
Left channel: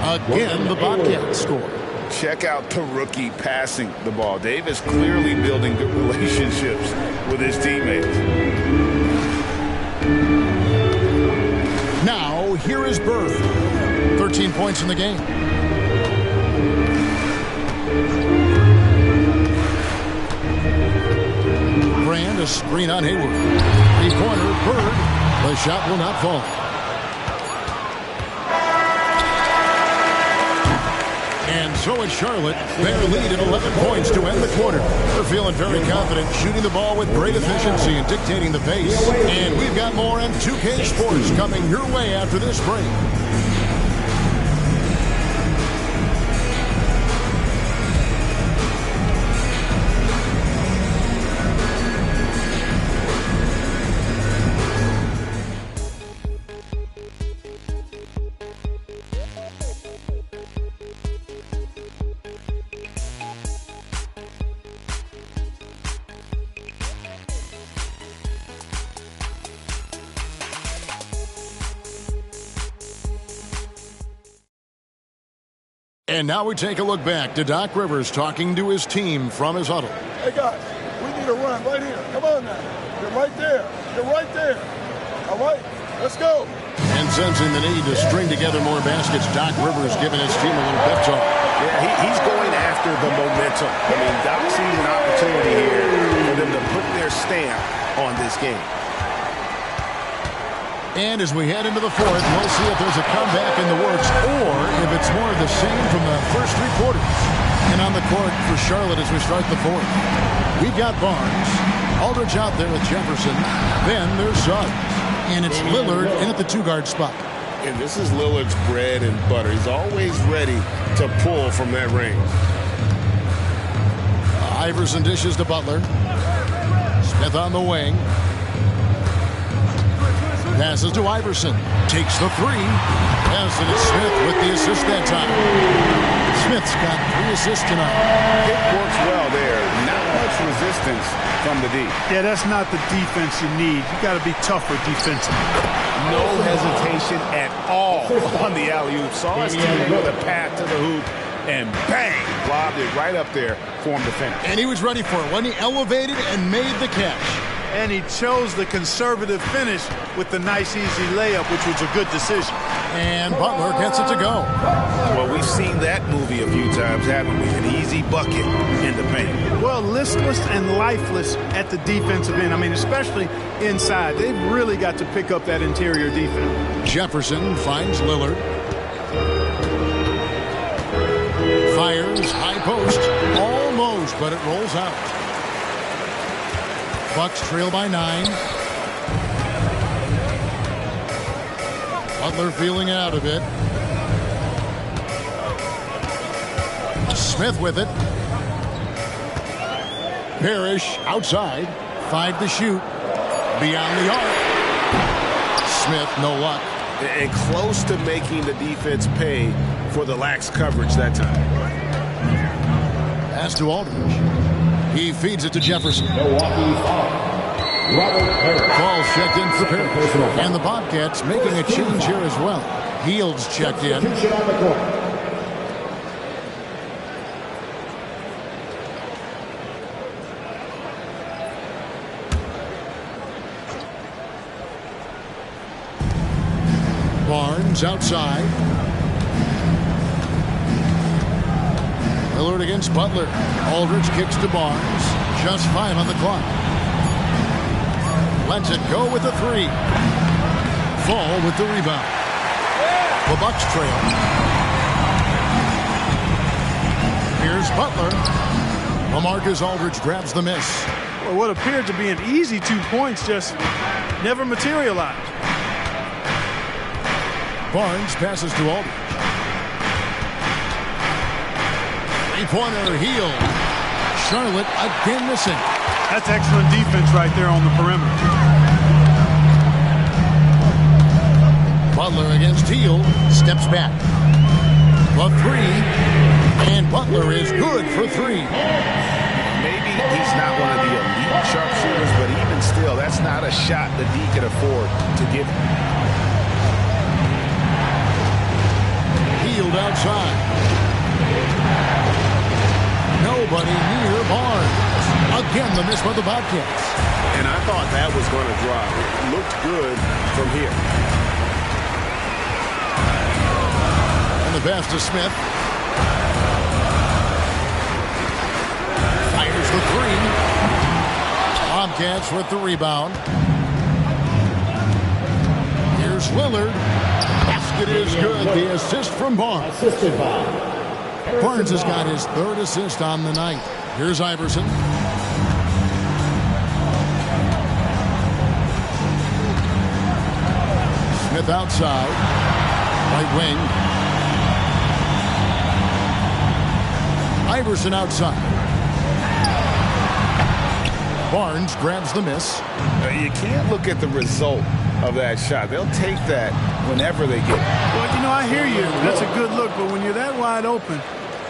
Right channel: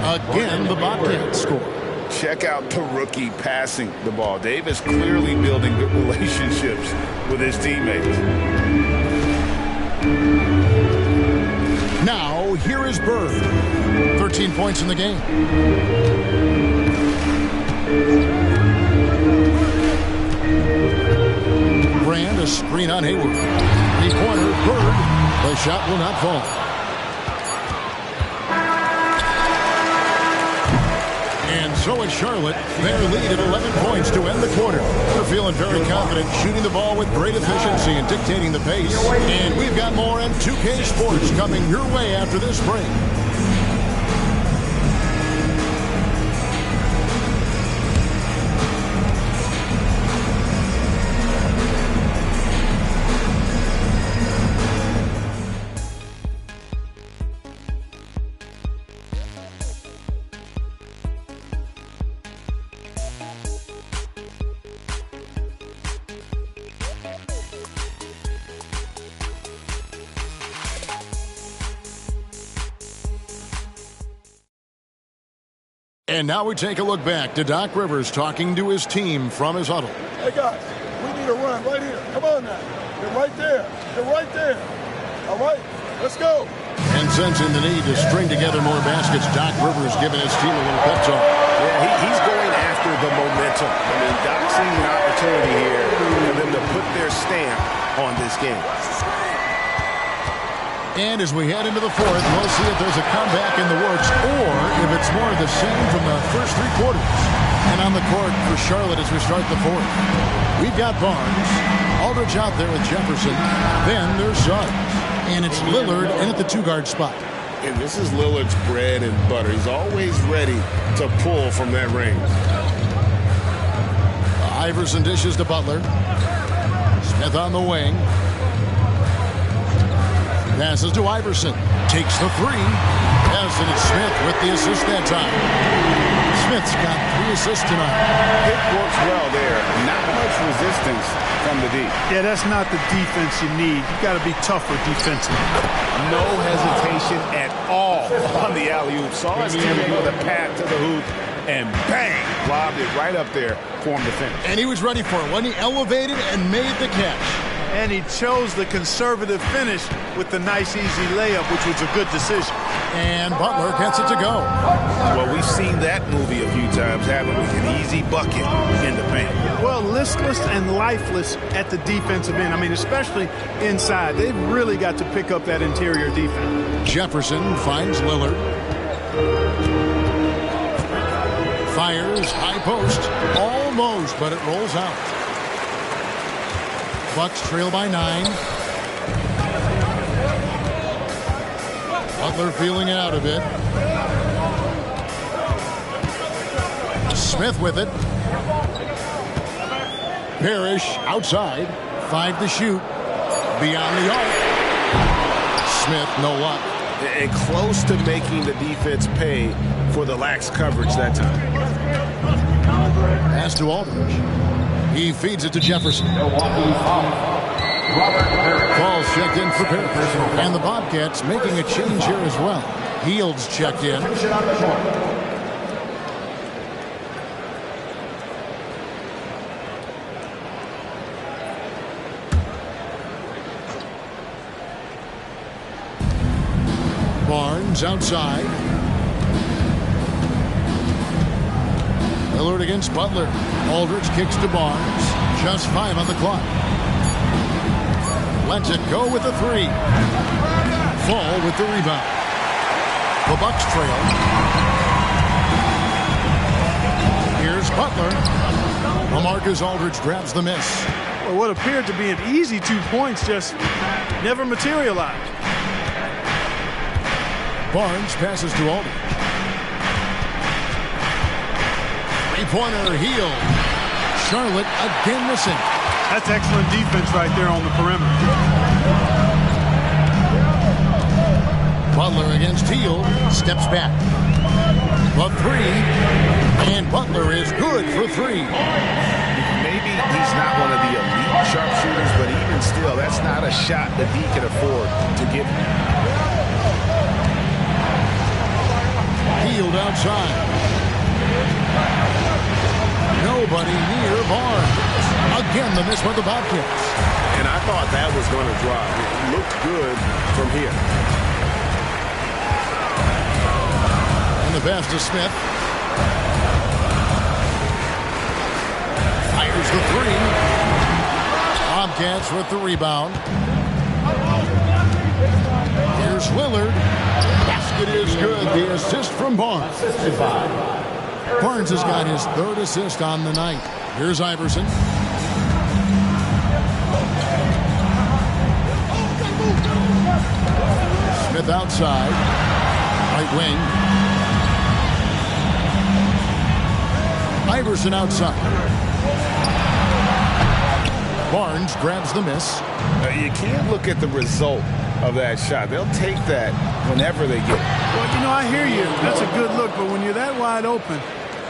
Again, the Bobcats score. Check out the rookie passing the ball. Davis clearly building good relationships with his teammates. Now, here is Bird. 13 points in the game. Brand, a screen on Hayward. Three-pointer, Bird. The shot will not fall. And so it's Charlotte. Their lead at 11 points to end the quarter. They're feeling very confident, shooting the ball with great efficiency and dictating the pace. And we've got more on 2K Sports coming your way after this break. And now we take a look back to Doc Rivers talking to his team from his huddle. Hey, guys, we need a run right here. Come on now. You're right there. You're right there. All right, let's go. And sensing the need to string together more baskets, Doc Rivers giving his team a little pep talk. Yeah, he's going after the momentum. I mean, Doc sees an opportunity here for them to put their stamp on this game. And as we head into the fourth, we'll see if there's a comeback in the works or if it's more of the same from the first 3 quarters. And on the court for Charlotte as we start the fourth, we've got Barnes, Aldridge out there with Jefferson. Then there's Suggs. And it's Lillard in at the 2-guard spot. And this is Lillard's bread and butter. He's always ready to pull from that range. Iverson dishes to Butler. Smith on the wing. Passes to Iverson. Takes the 3. Yes, and it's Smith with the assist that time. Smith's got 3 assists tonight. Pick works well there. Not much resistance from the D. Yeah, that's not the defense you need. You got to be tougher defensively. No hesitation at all on the alley-oop. Saw his teammate with a path to the hoop, and bang, lobbed it right up there for him to finish. And he was ready for it when he elevated and made the catch. And he chose the conservative finish with the nice, easy layup, which was a good decision. And Butler gets it to go. Well, we've seen that movie a few times, haven't we? An easy bucket in the paint. Well, listless and lifeless at the defensive end. I mean, especially inside. They've really got to pick up that interior defense. Jefferson finds Lillard. Fires, high post. Almost, but it rolls out. Bucks trail by 9. Butler feeling it out a bit. Smith with it. Parrish outside. 5 to shoot. Beyond the arc. Smith, no luck. And close to making the defense pay for the lax coverage that time. Pass to Aldridge. He feeds it to Jefferson. Milwaukee foul. Robert Parrish. Falls checked in for Parrish. And the Bobcats making a change here as well. Heald's checked in. On the court. Barnes outside. Lillard against Butler. Aldridge kicks to Barnes. Just 5 on the clock. Lets it go with the 3. Fall with the rebound. The Bucks trail. Here's Butler. LaMarcus Aldridge grabs the miss. Well, what appeared to be an easy 2 points just never materialized. Barnes passes to Aldridge. Three-pointer, Hield. Charlotte again missing. That's excellent defense right there on the perimeter. Butler against Hield. Steps back. The three. And Butler is good for three. Maybe he's not one of the elite sharpshooters, but even still, that's not a shot that he can afford to give him. Hield outside. Nobody near Barnes. Again, the miss by the Bobcats. And I thought that was going to drive. It looked good from here. And the pass to Smith. Fires the three. Bobcats with the rebound. Here's Lillard. Basket is good. The assist from Barnes. Barnes has got his third assist on the night. Here's Iverson. Smith outside. Right wing. Iverson outside. Barnes grabs the miss. You can't look at the result of that shot. They'll take that whenever they get it. Well, you know, I hear you. That's a good look, but when you're that wide open,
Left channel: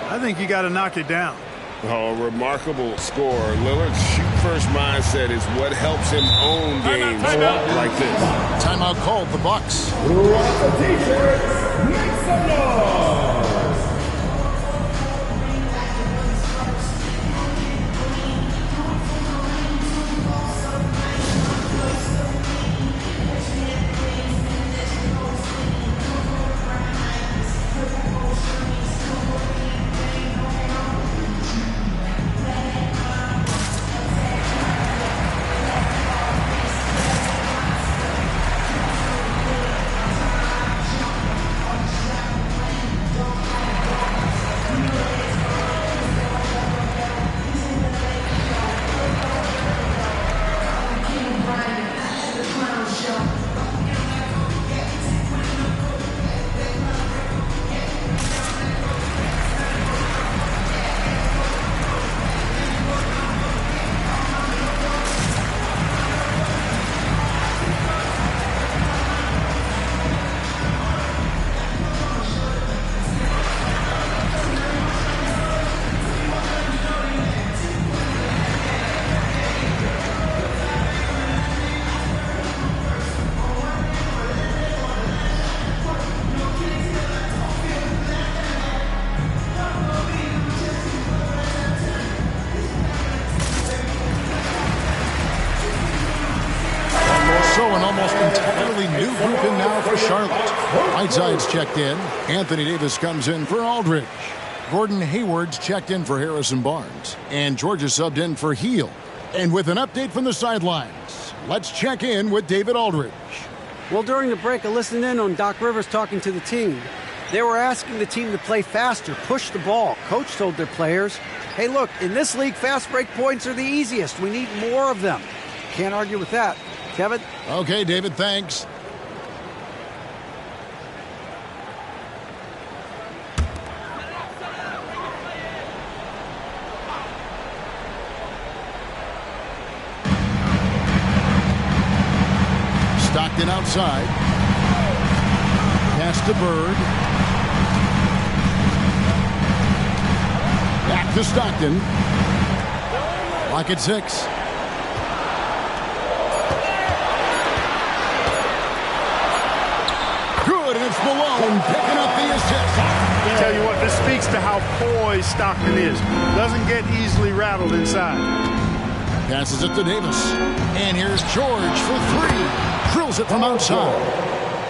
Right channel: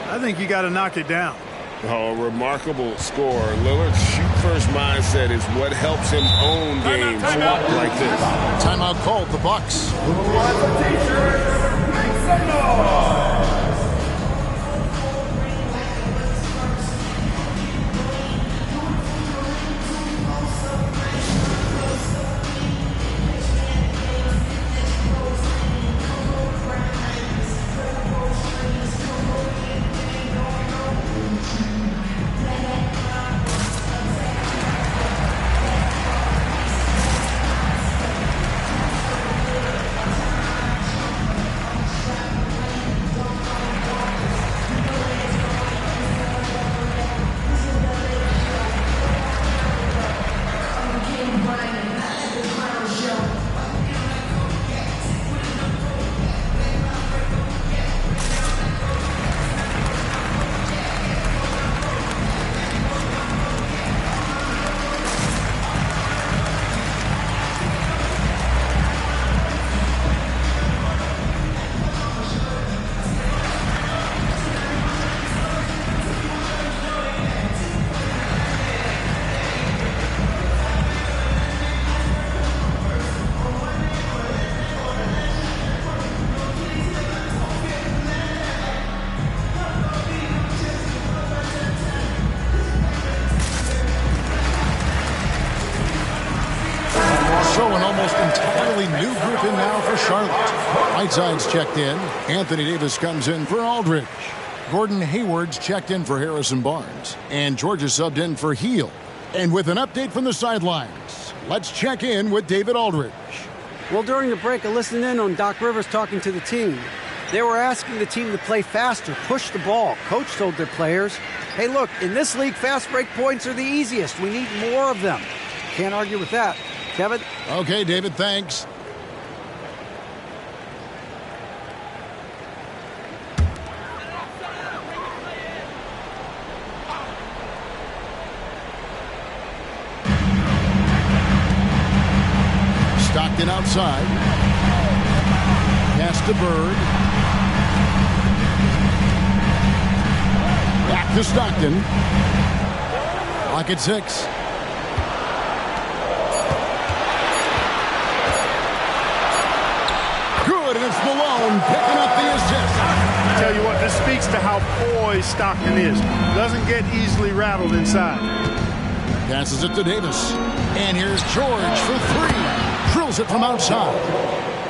I think you got to knock it down. Oh, remarkable score. Lillard's shoot-first mindset is what helps him own games like this. Timeout called the Bucks. Who has a t-shirt? Make some noise! So an almost entirely new group in now for Charlotte. Whiteside's checked in. Anthony Davis comes in for Aldridge. Gordon Hayward's checked in for Harrison Barnes. And Georgia subbed in for Hield. And with an update from the sidelines, let's check in with David Aldridge. Well, during the break, I listened in on Doc Rivers talking to the team. They were asking the team to play faster, push the ball. Coach told their players, hey, look, in this league, fast break points are the easiest. We need more of them. Can't argue with that. Kevin? Okay, David, thanks. Stockton outside. Pass to Bird. Back to Stockton. Clock at 6. Good, and it's Malone picking up the assist. Tell you what, this speaks to how poised Stockton is. Doesn't get easily rattled inside. Passes it to Davis. And here's George for three. Drills it from outside.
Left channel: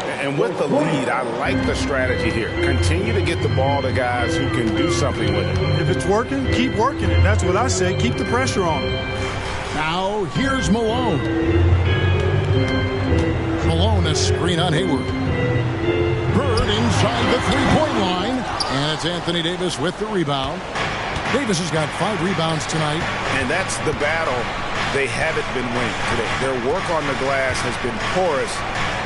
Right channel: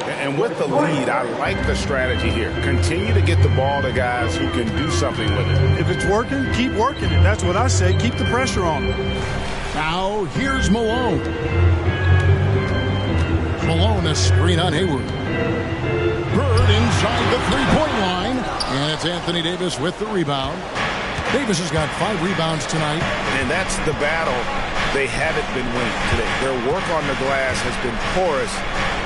And with the lead, I like the strategy here. Continue to get the ball to guys who can do something with it. If it's working, keep working it. That's what I say. Keep the pressure on him. Now here's Malone. Malone, a screen on Hayward. Bird inside the three-point line. And it's Anthony Davis with the rebound. Davis has got 5 rebounds tonight. And that's the battle they haven't been winning today. Their work on the glass has been porous,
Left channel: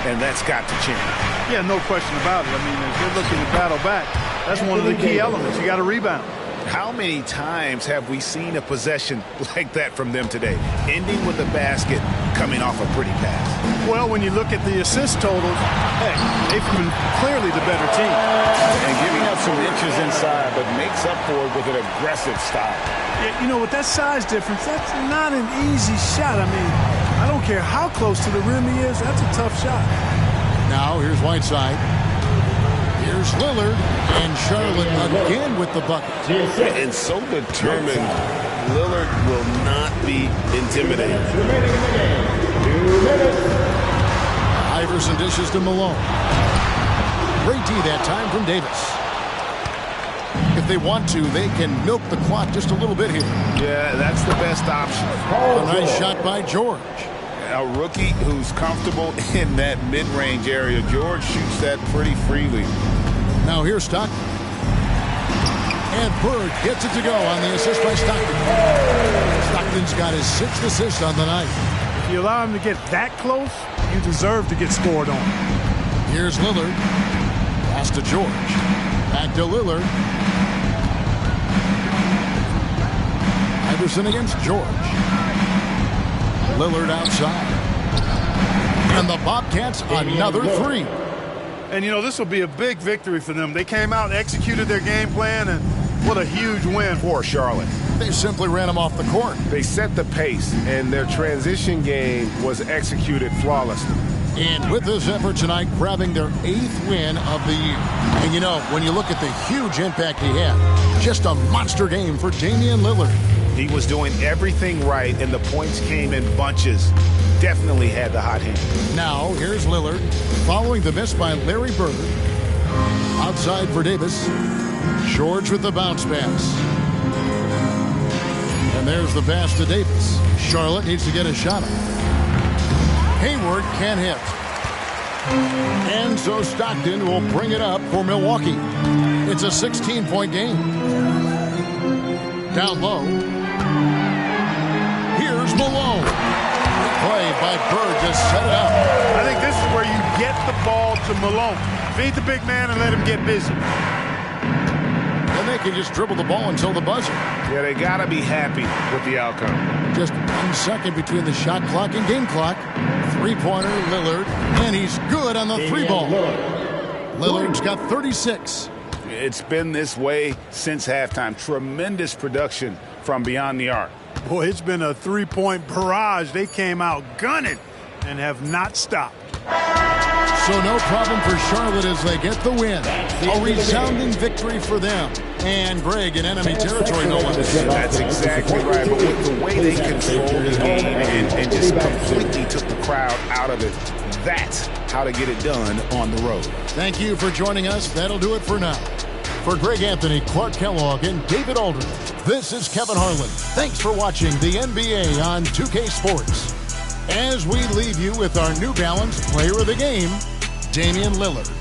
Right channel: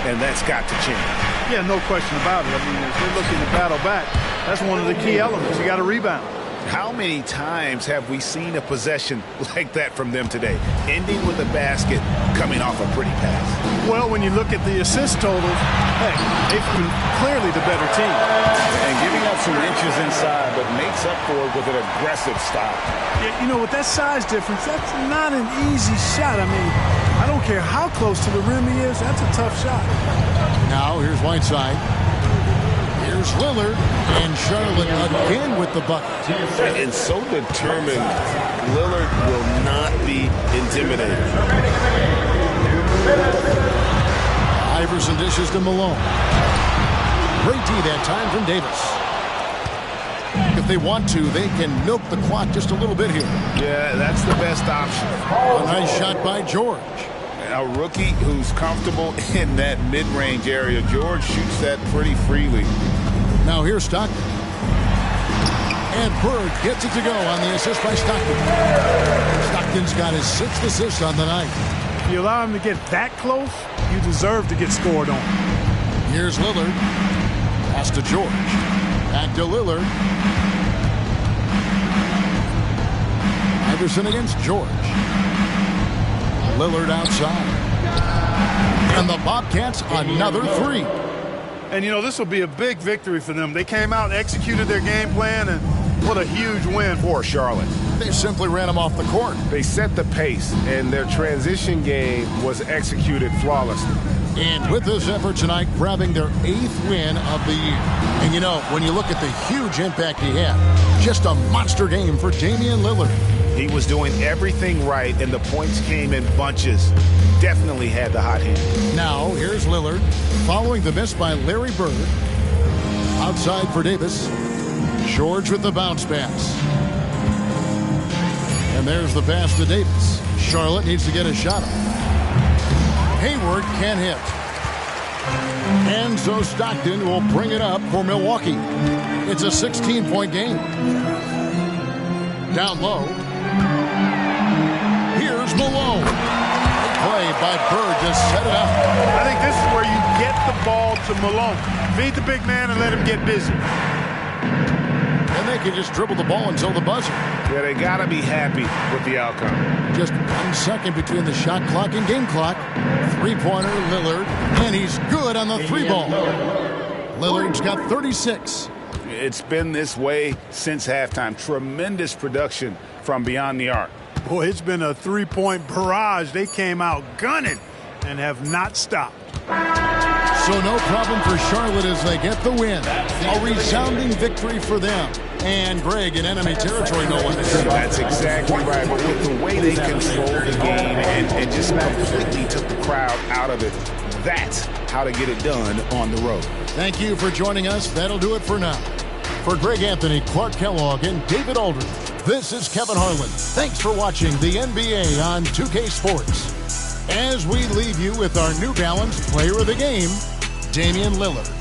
and that's got to change. Yeah, no question about it. I mean, as they're looking to battle back, that's one of the key elements. You got to rebound. How many times have we seen a possession like that from them today? Ending with a basket, coming off a pretty pass. Well, when you look at the assist totals, hey, they've been clearly the better team. And giving up some inches inside, but makes up for it with an aggressive style. Yeah, you know, with that size difference, that's not an easy shot. I mean, I don't care how close to the rim he is, that's a tough shot. Now here's Whiteside. Here's Lillard, and Charlotte again with the bucket. And so determined, Lillard will not be intimidated. Iverson dishes to Malone. Great D that time from Davis. If they want to, they can milk the clock just a little bit here. Yeah, that's the best option. A nice shot by George. A rookie who's comfortable in that mid-range area. George shoots that pretty freely. Now here's Stockton. And Bird gets it to go on the assist by Stockton. Stockton's got his 6th assist on the night. If you allow him to get that close, you deserve to get scored on. Here's Lillard. Pass to George. Back to Lillard. Iverson against George. Lillard outside. And the Bobcats another 3. And, you know, this will be a big victory for them. They came out, executed their game plan, and what a huge win for Charlotte. They simply ran them off the court. They set the pace, and their transition game was executed flawlessly. And with this effort tonight, grabbing their 8th win of the year. And, you know, when you look at the huge impact he had, just a monster game for Damian Lillard. He was doing everything right, and the points came in bunches. Definitely had the hot hand. Now, here's Lillard, following the miss by Larry Bird. Outside for Davis. George with the bounce pass. And there's the pass to Davis. Charlotte needs to get a shot up. Hayward can't hit. And so Stockton will bring it up for Milwaukee. It's a 16-point game. Down low. Here's Malone. Great play by Bird to set it up. I think this is where you get the ball to Malone. Feed the big man and let him get busy. And they can just dribble the ball until the buzzer. Yeah, they got to be happy with the outcome. Just 1 second between the shot clock and game clock. Three-pointer, Lillard, and he's good on the 3-ball. Lillard's got 36. It's been this way since halftime. Tremendous production from beyond the arc. Boy, it's been a 3-point barrage. They came out gunning and have not stopped. So no problem for Charlotte as they get the win. A resounding victory for them. And Greg in enemy territory, no one to see. That's exactly right. But with the way they controlled the game and just completely took the crowd out of it, that's how to get it done on the road. Thank you for joining us. That'll do it for now. For Greg Anthony, Clark Kellogg, and David Aldridge, this is Kevin Harlan. Thanks for watching the NBA on 2K Sports. As we leave you with our New Balance Player of the Game, Damian Lillard.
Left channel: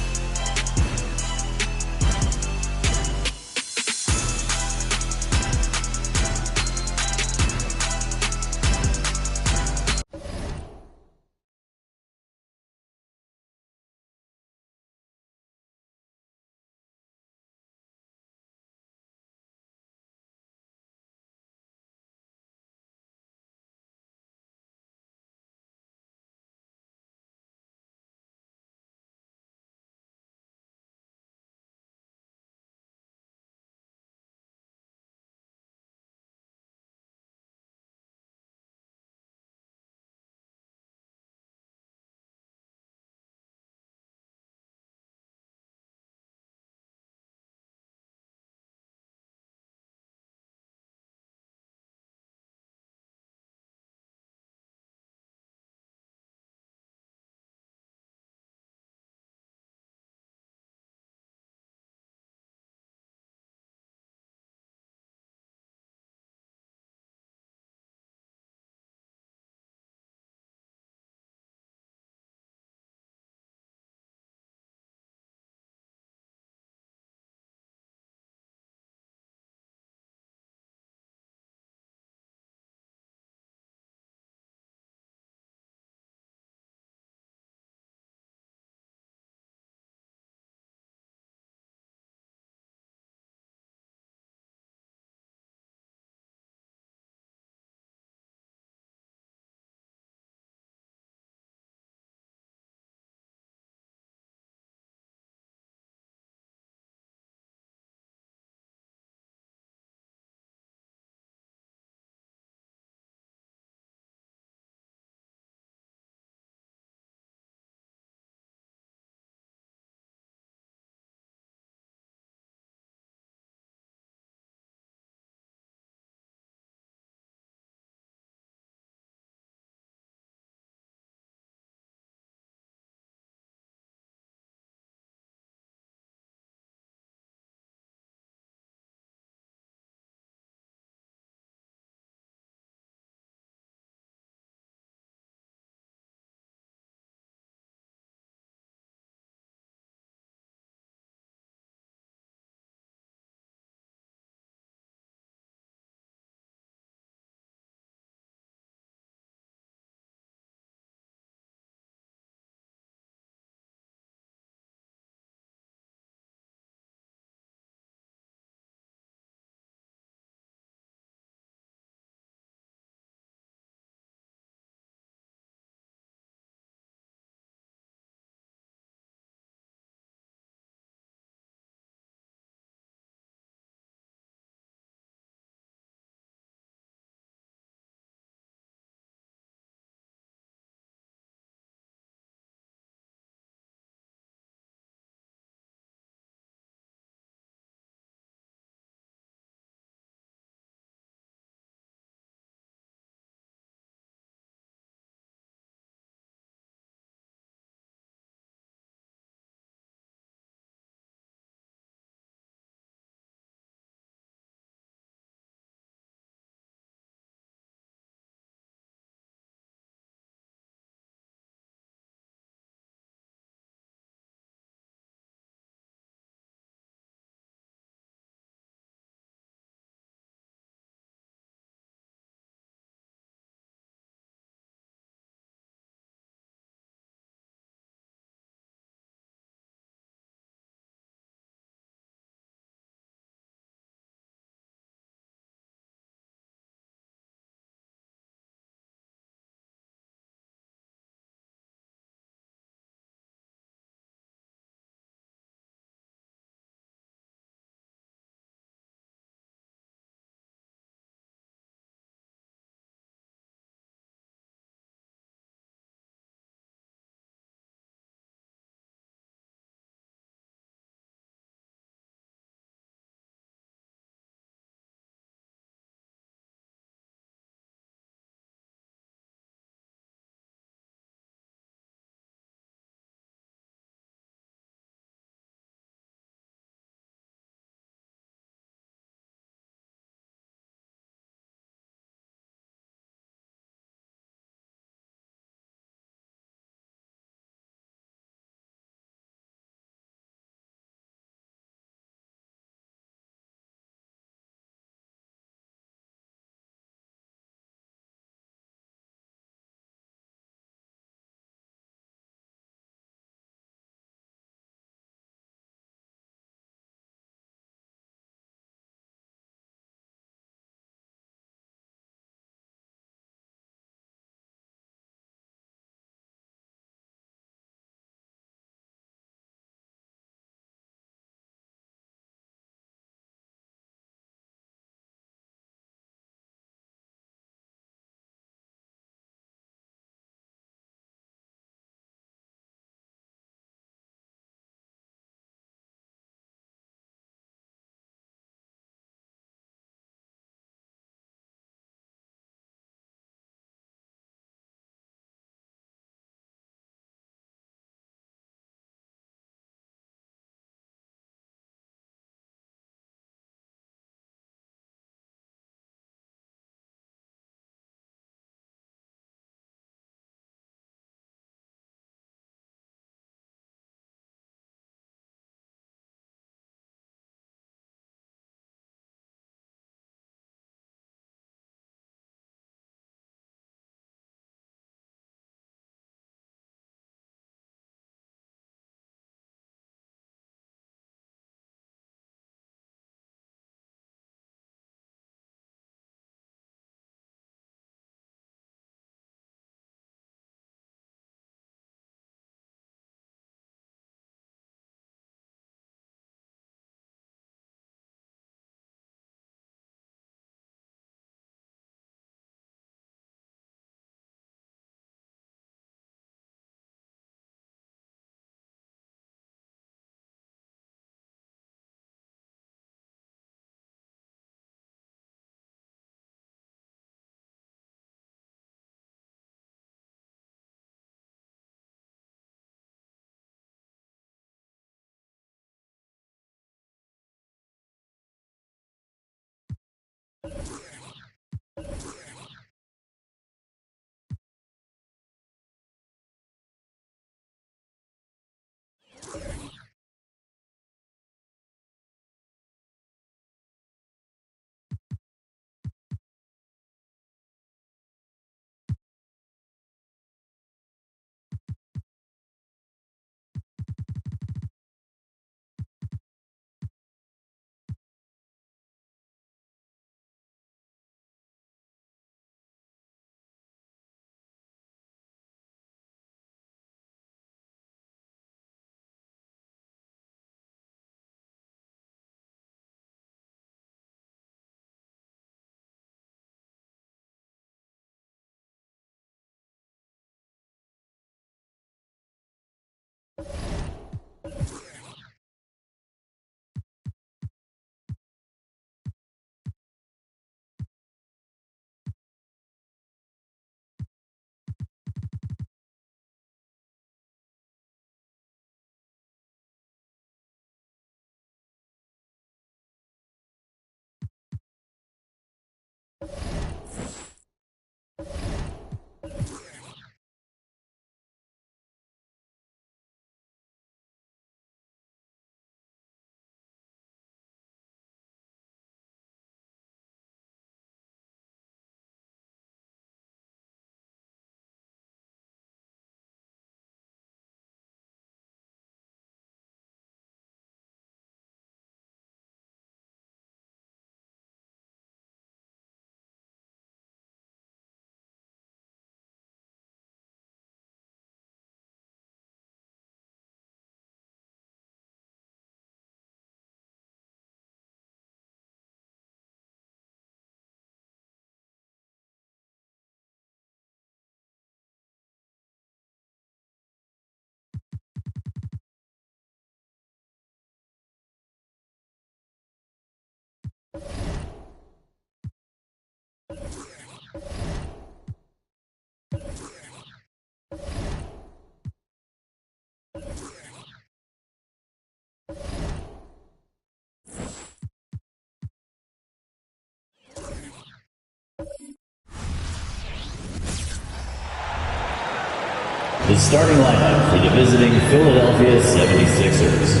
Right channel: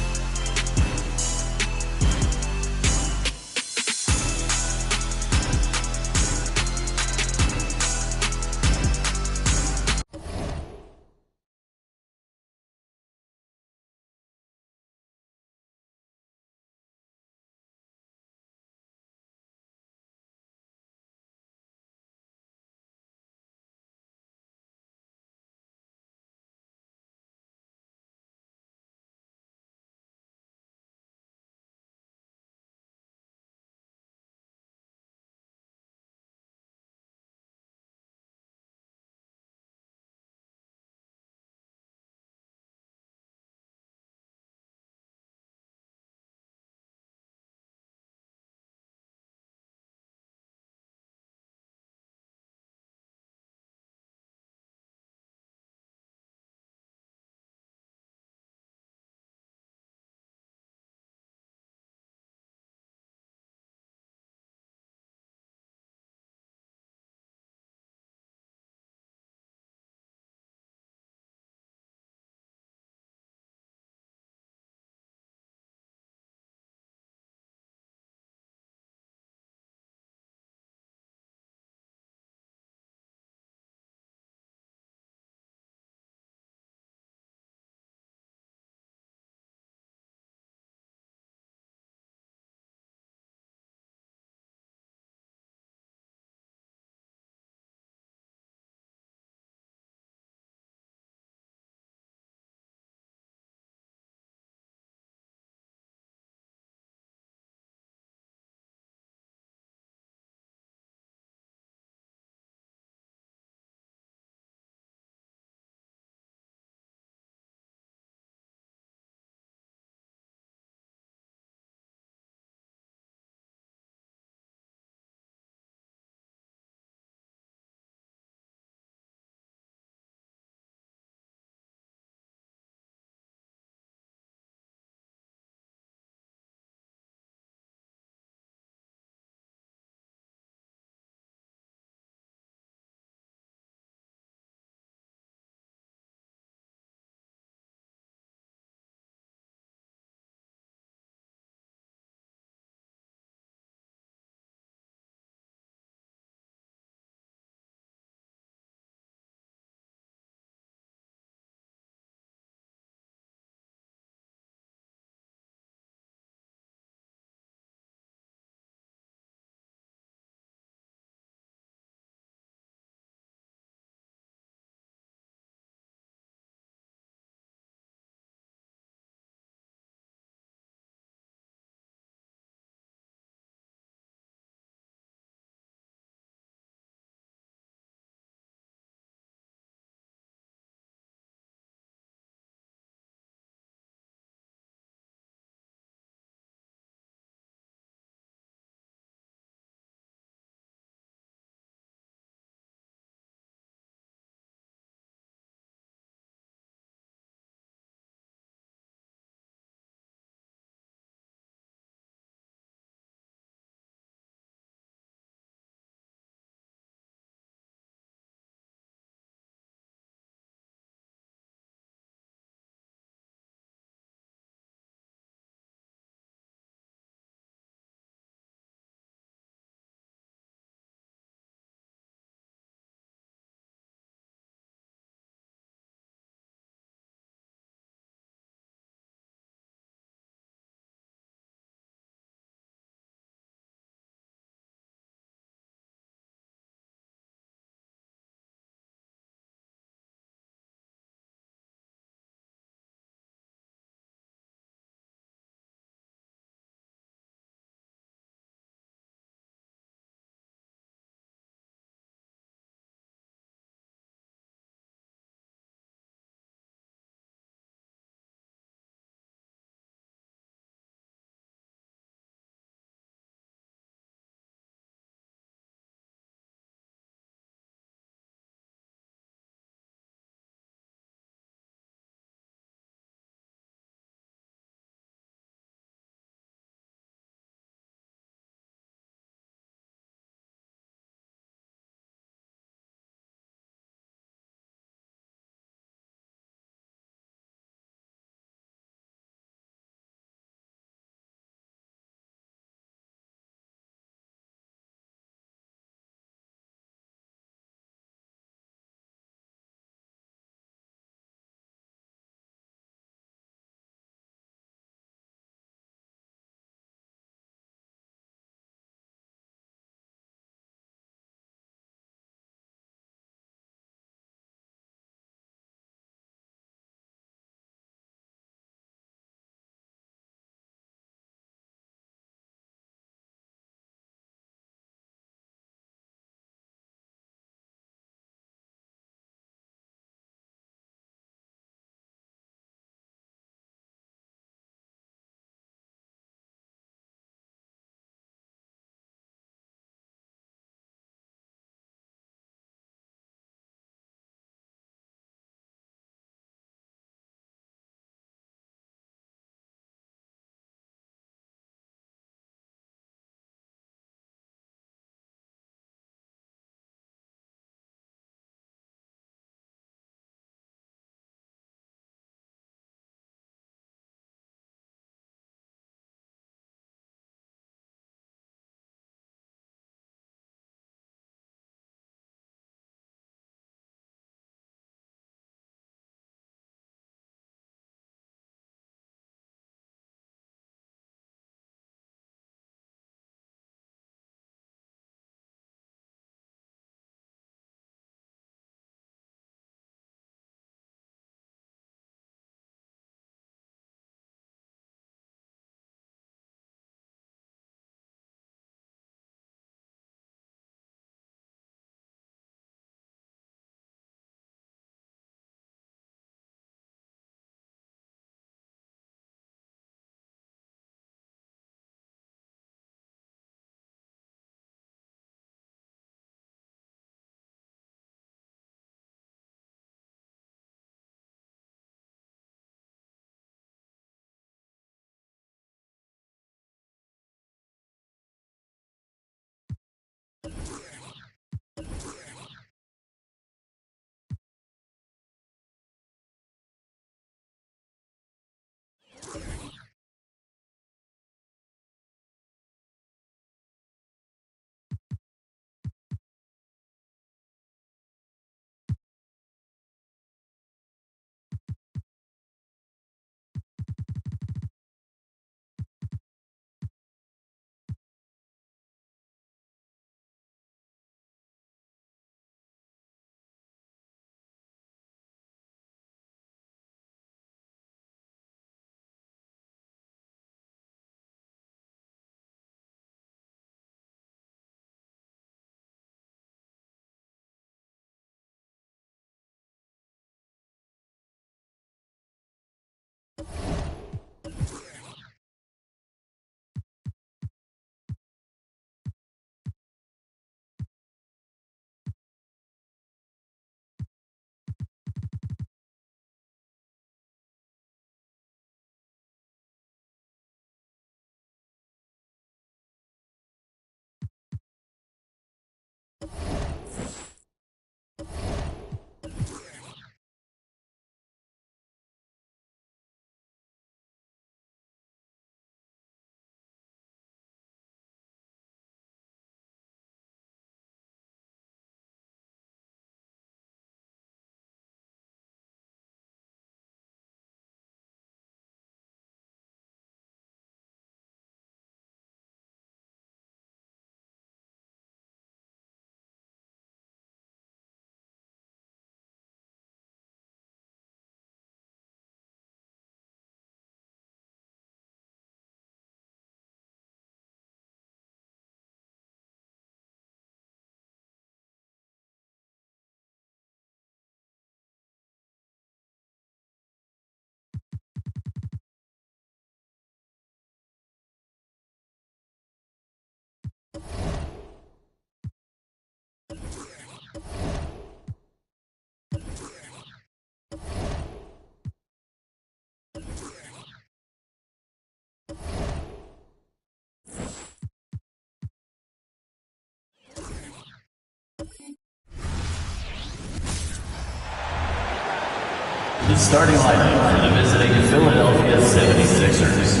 The starting lineup for the visiting Philadelphia 76ers.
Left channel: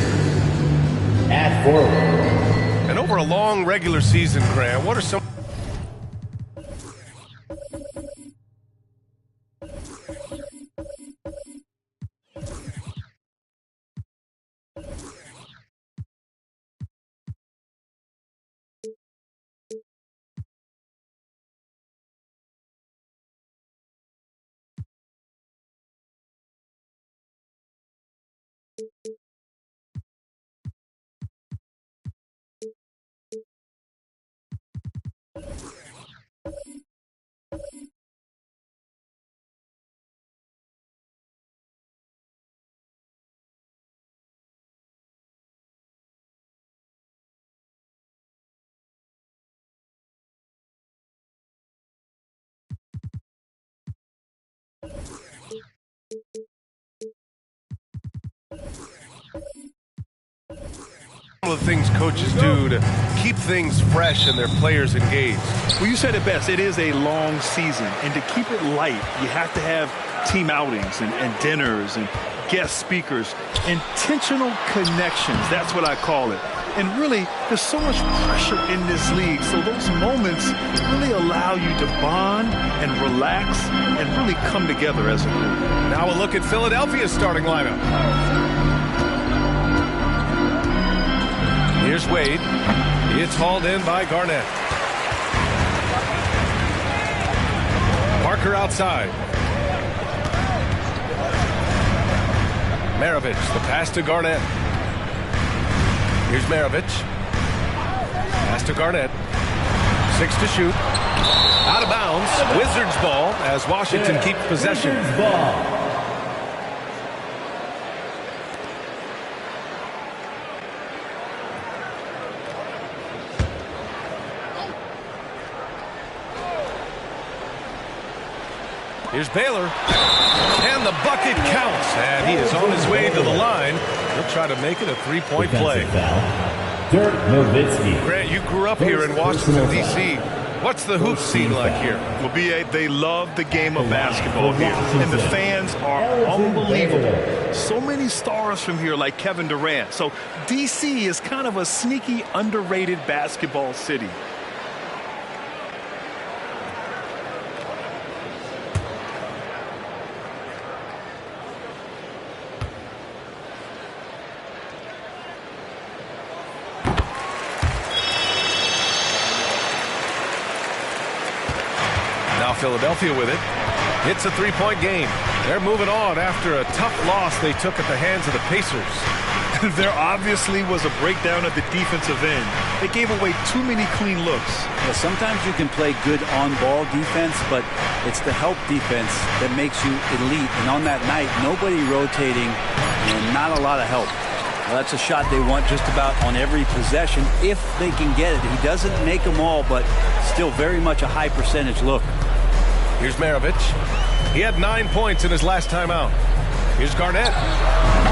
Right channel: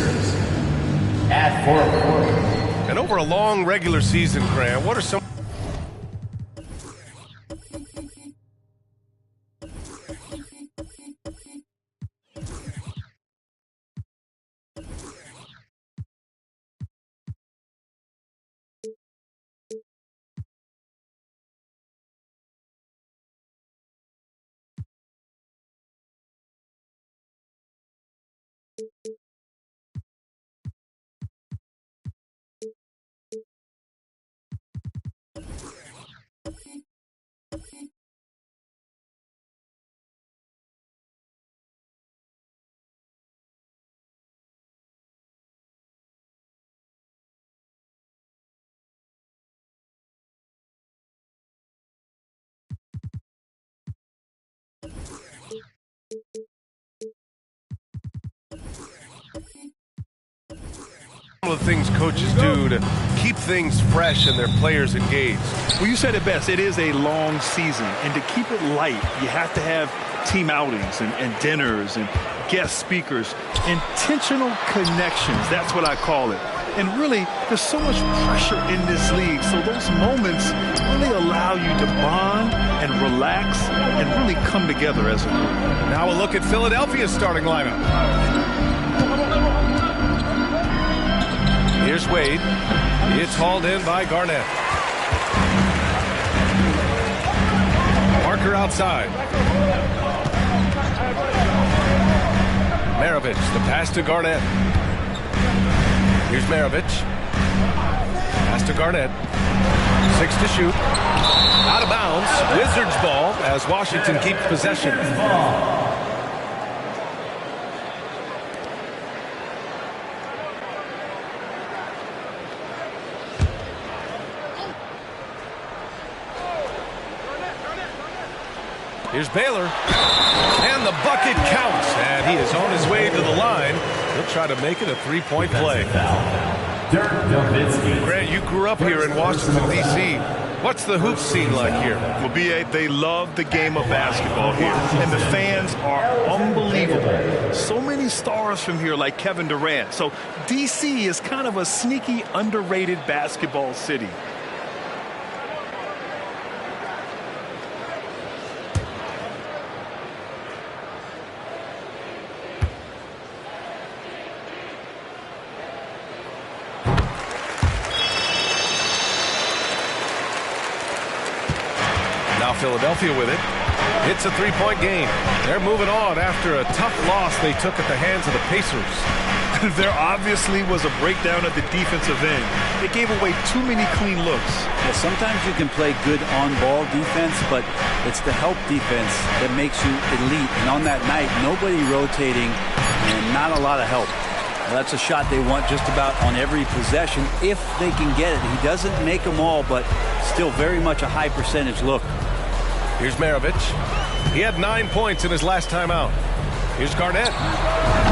At forward. And over a long regular season, Grant, what are some... Some of the things coaches do to keep things fresh and their players engaged? Well, you said it best. It is a long season, and to keep it light, you have to have team outings and dinners and guest speakers, intentional connections. That's what I call it. And really, there's so much pressure in this league, so those moments really allow you to bond and relax and really come together as a group. Now a look at Philadelphia's starting lineup. Here's Wade. It's hauled in by Garnett. Parker outside. Maravich, the pass to Garnett. Here's Maravich. Pass to Garnett. 6 to shoot. Out of bounds. Wizards ball as Washington keeps possession. Here's Baylor. And the bucket counts. And he is on his way to the line. He'll try to make it a three-point play. Dirk Nowitzki. Grant, you grew up here in Washington, D.C. What's the hoop scene like here? Well, B.A., they love the game of basketball here, and the fans are unbelievable. So many stars from here like Kevin Durant. So D.C. is kind of a sneaky, underrated basketball city. Now Philadelphia with it. It's a three-point game. They're moving on after a tough loss they took at the hands of the Pacers. There obviously was a breakdown at the defensive end. They gave away too many clean looks. Yeah, sometimes you can play good on-ball defense, but it's the help defense that makes you elite. And on that night, nobody rotating and not a lot of help. Well, that's a shot they want just about on every possession if they can get it. He doesn't make them all, but still very much a high percentage look. Here's Maravich. He had 9 points in his last time out. Here's Garnett.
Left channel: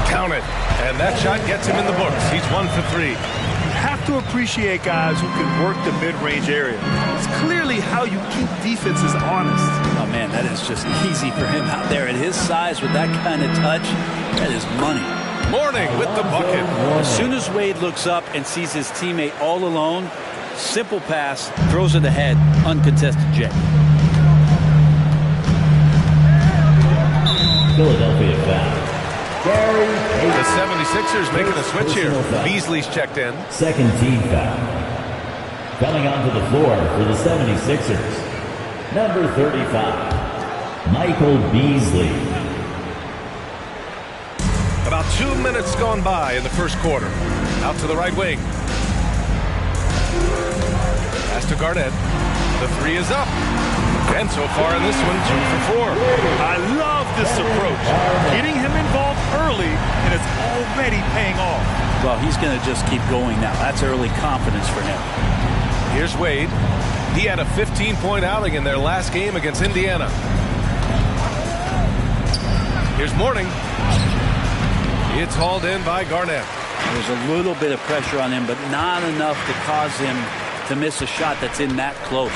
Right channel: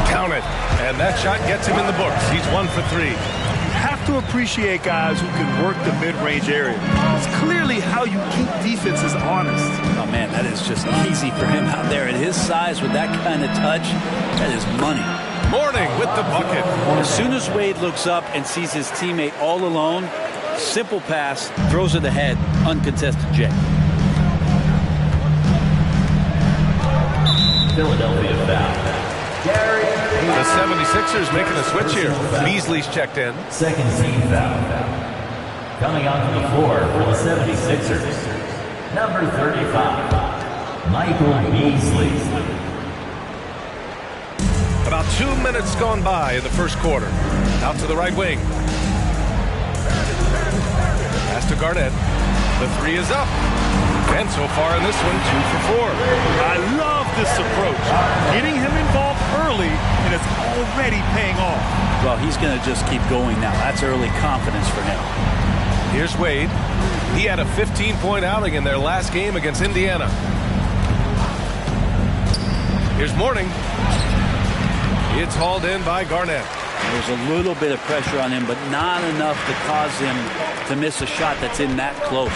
Count it. And that shot gets him in the books. He's 1 for 3. You have to appreciate guys who can work the mid-range area. It's clearly how you keep defenses honest. Oh, man, that is just easy for him out there. At his size with that kind of touch, that is money. Mourning with the bucket. As soon as Wade looks up and sees his teammate all alone, simple pass, throws it ahead, uncontested J. Philadelphia foul. Gary. The 76ers making a switch here. Beasley's checked in. Second team foul. Coming onto the floor for the 76ers. Number 35, Michael Beasley. About 2 minutes gone by in the first quarter. Out to the right wing. Pass to Garnett. The three is up. And so far in this one, 2 for 4. I love this approach. Getting him involved early, and it's already paying off. Well, he's going to just keep going now. That's early confidence for him. Here's Wade. He had a 15-point outing in their last game against Indiana. Here's Mourning. It's hauled in by Garnett. There's a little bit of pressure on him, but not enough to cause him to miss a shot that's in that close.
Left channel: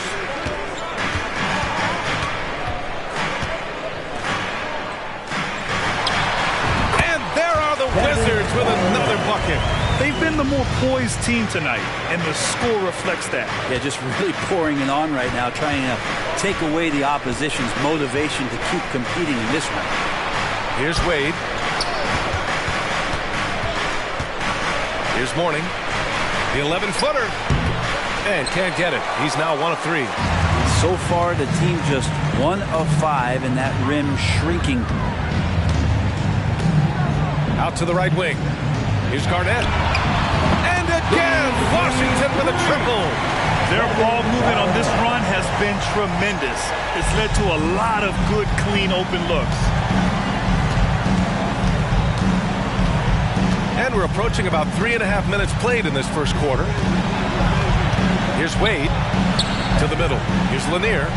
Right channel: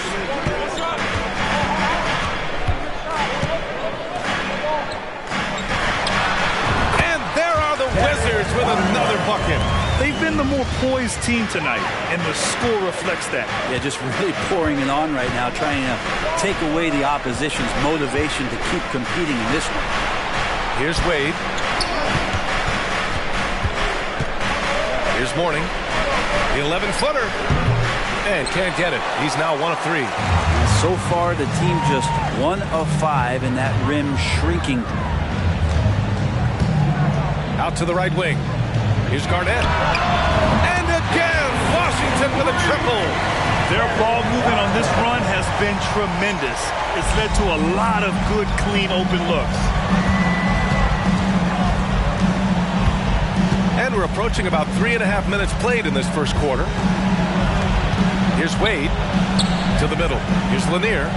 Wizards with another bucket. They've been the more poised team tonight, and the score reflects that. Yeah, just really pouring it on right now, trying to take away the opposition's motivation to keep competing in this one. Here's Wade. Here's Mourning. The 11-footer. And can't get it. He's now 1 of 3. And so far, the team just 1 of 5, and that rim shrinking. Out to the right wing. Here's Garnett. And again, Washington with a triple. Their ball movement on this run has been tremendous. It's led to a lot of good, clean, open looks. And we're approaching about 3.5 minutes played in this first quarter. Here's Wade to the middle. Here's Lanier.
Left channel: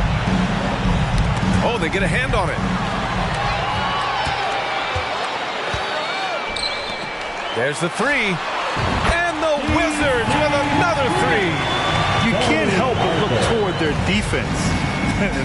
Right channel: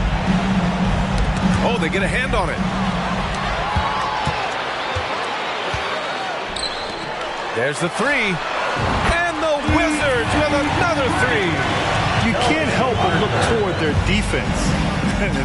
Oh, they get a hand on it. There's the 3. And the Wizards with another 3. You can't help but look toward their defense.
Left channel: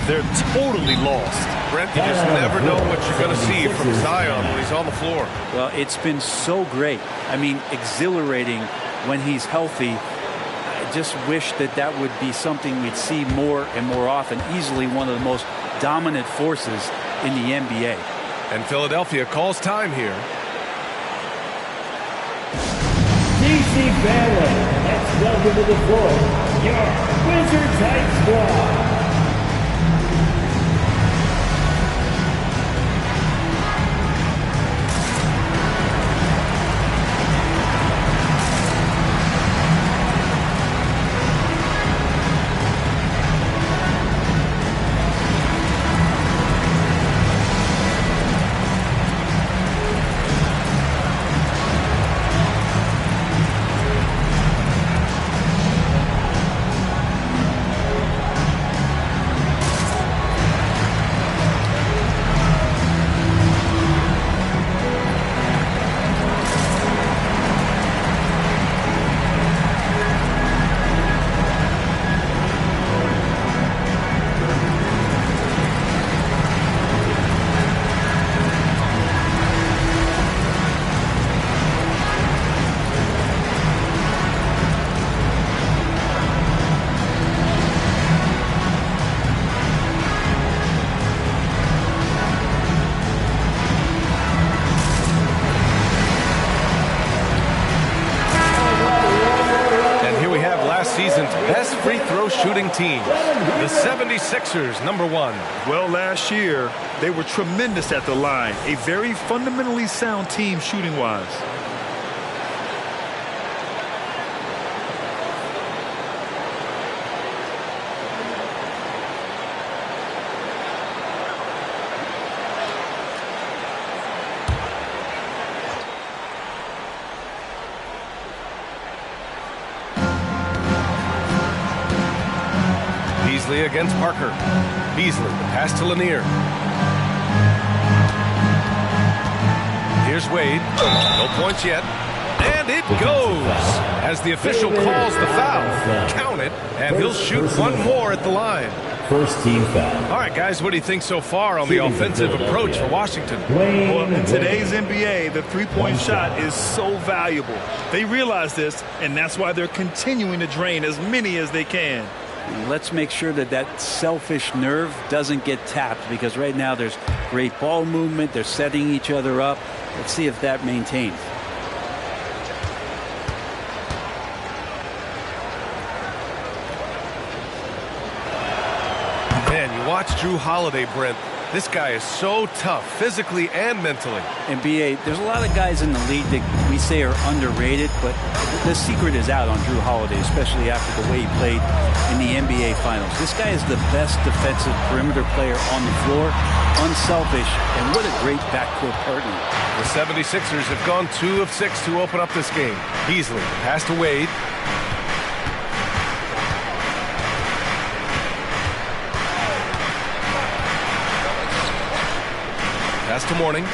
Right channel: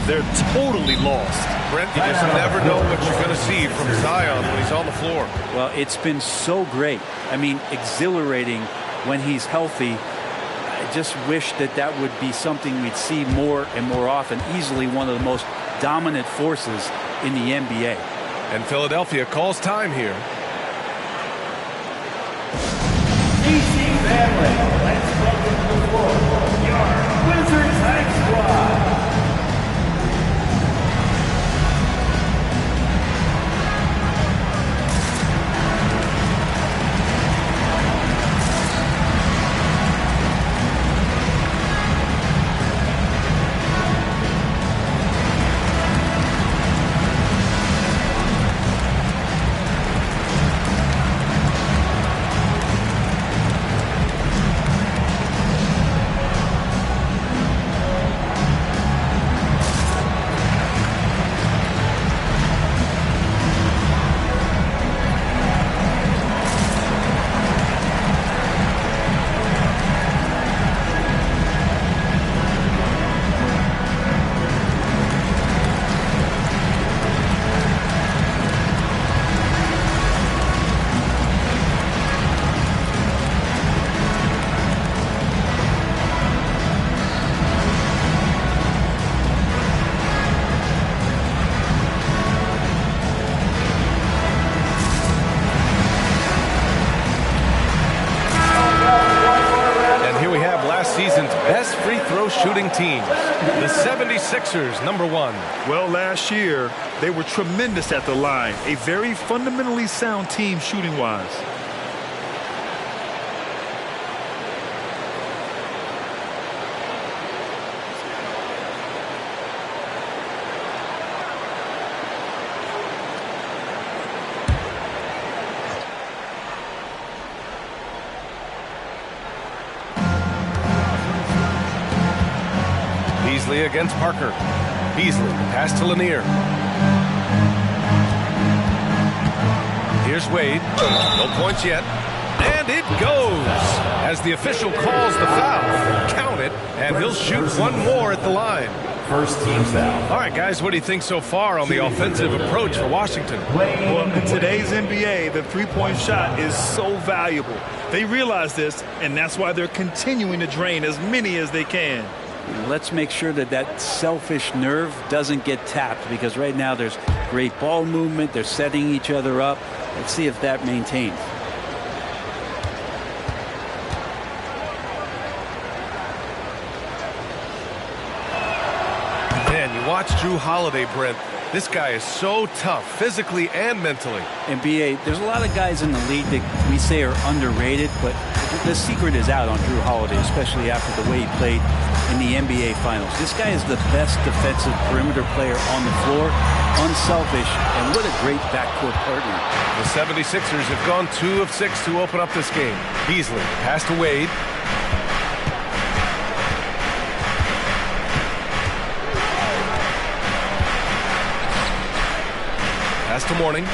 They're totally lost. Brent, you just never know what you're going to see from Zion when he's on the floor. Well, it's been so great. I mean, exhilarating when he's healthy. I just wish that would be something we'd see more and more often. Easily one of the most dominant forces in the NBA. And Philadelphia calls time here. DC family, let's welcome to the floor your Wizards High Squad. Season's best free throw shooting teams. The 76ers, number 1. Well, last year, they were tremendous at the line. A very fundamentally sound team shooting-wise. Beasley against Parker. Beasley, the pass to Lanier. Here's Wade. No points yet. And it goes. As the official calls the foul, count it, and he'll shoot one more at the line. First team foul. All right, guys, what do you think so far on the offensive approach for Washington? Well, in today's NBA, the three-point shot is so valuable. They realize this, and that's why they're continuing to drain as many as they can. Let's make sure that selfish nerve doesn't get tapped, because right now there's great ball movement. They're setting each other up. Let's see if that maintains. Man, you watch Jrue Holiday, Brent. This guy is so tough, physically and mentally. And B.A., there's a lot of guys in the league that we say are underrated, but the secret is out on Jrue Holiday, especially after the way he played in the NBA Finals. This guy is the best defensive perimeter player on the floor, unselfish, and what a great backcourt partner. The 76ers have gone 2 of 6 to open up this game. Beasley, pass to Wade. Pass to Mourning.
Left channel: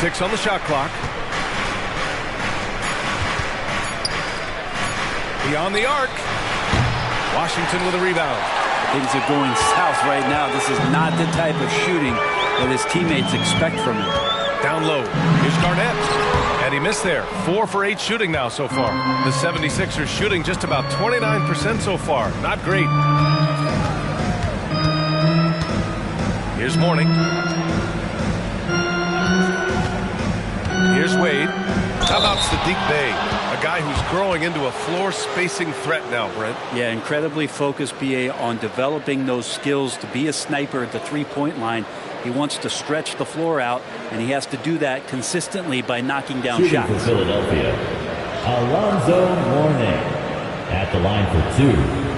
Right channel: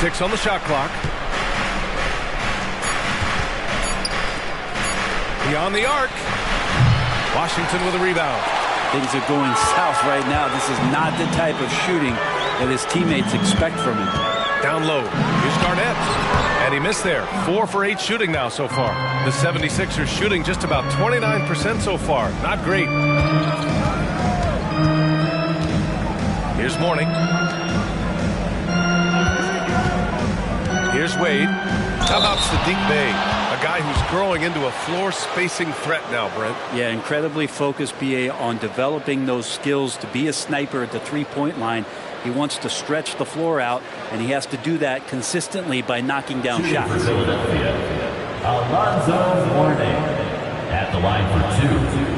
6 on the shot clock. Beyond the arc. Washington with a rebound. Things are going south right now. This is not the type of shooting that his teammates expect from him. Down low. Here's Garnett. And he missed there. 4 for 8 shooting now so far. The 76ers shooting just about 29% so far. Not great. Here's Mourning. Here's Wade. How about Saddiq Bey? A guy who's growing into a floor spacing threat now, Brent. Yeah, incredibly focused, B.A., on developing those skills to be a sniper at the three-point line. He wants to stretch the floor out, and he has to do that consistently by knocking down Shooting shots. for Philadelphia, Alonzo Mourning at the line for 2.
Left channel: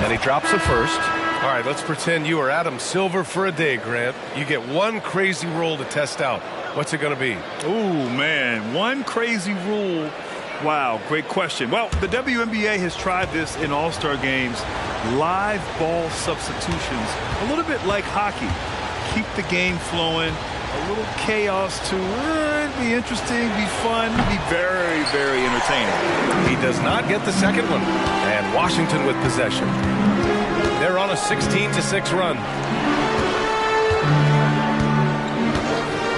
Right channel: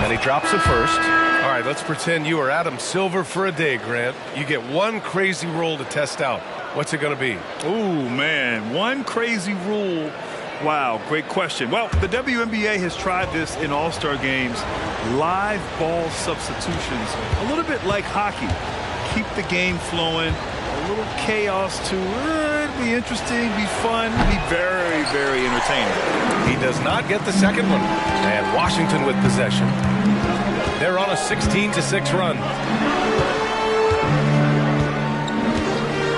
And he drops it first. All right, let's pretend you are Adam Silver for a day, Grant. You get one crazy rule to test out. What's it going to be? Ooh, man, one crazy rule. Wow, great question. Well, the WNBA has tried this in All-Star games. Live ball substitutions, a little bit like hockey. Keep the game flowing. A little chaos to it. Be interesting, be fun, be very, very entertaining. He does not get the second one. And Washington with possession. They're on a 16-6 run.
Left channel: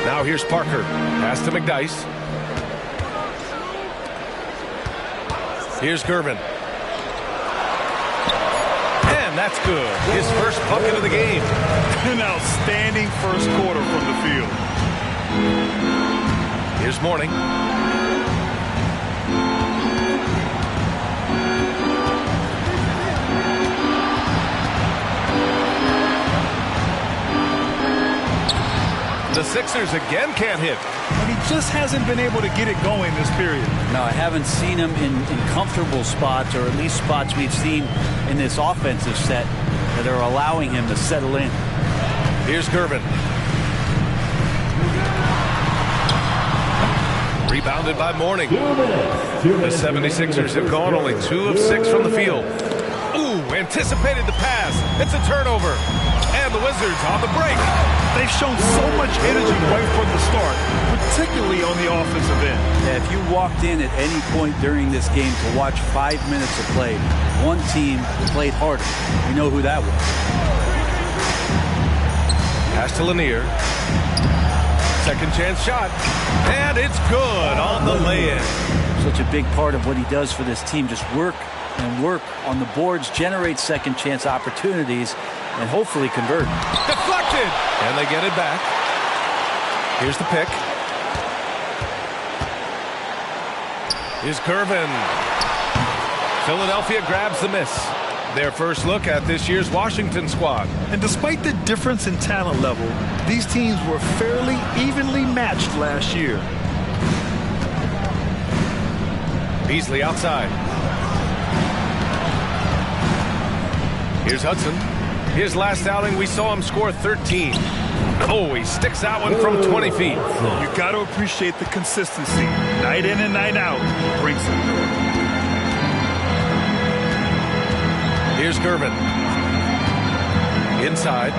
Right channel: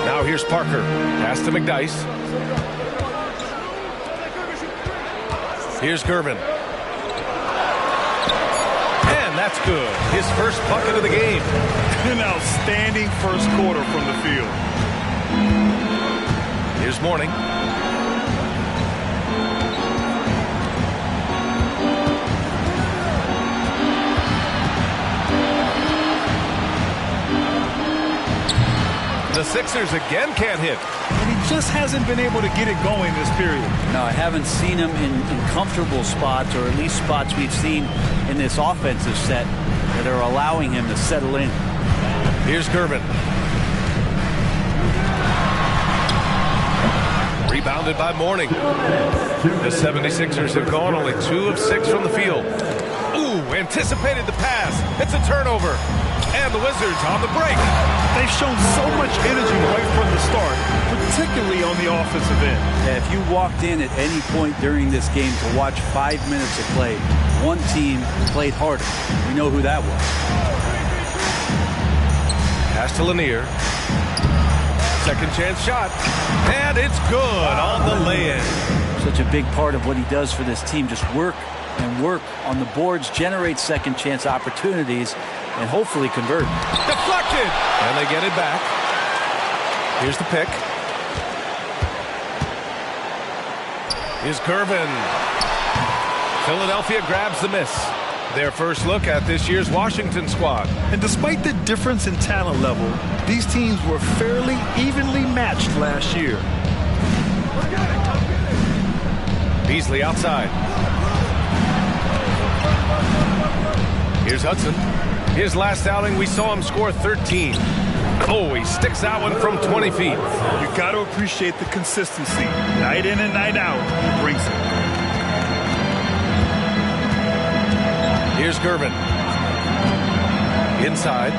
Now here's Parker. Pass to McDyess. Here's Gervin. And that's good. His first bucket of the game. An outstanding first quarter from the field. Here's Mourning. The Sixers again can't hit. And he just hasn't been able to get it going this period. No, I haven't seen him in comfortable spots, or at least spots we've seen in this offensive set that are allowing him to settle in. Here's Gervin. Rebounded by Mourning. The 76ers have gone only 2 of 6 from the field. Ooh, anticipated the pass. It's a turnover. And the Wizards on the break. They've shown so much energy right from the start, particularly on the offensive end. Yeah, if you walked in at any point during this game to watch 5 minutes of play, one team played harder. We know who that was. Pass to Lanier. Second chance shot. And it's good on the lay-in. Such a big part of what he does for this team. Just work and work on the boards, generate second chance opportunities, and hopefully convert. Deflected! And they get it back. Here's the pick. Here's Gervin. Philadelphia grabs the miss. Their first look at this year's Washington squad. And despite the difference in talent level, these teams were fairly evenly matched last year. Beasley outside. Here's Hudson. His last outing, we saw him score 13. Oh, he sticks that one from 20 feet. You got to appreciate the consistency. Night in and night out, he brings it. Here's Gervin. Inside.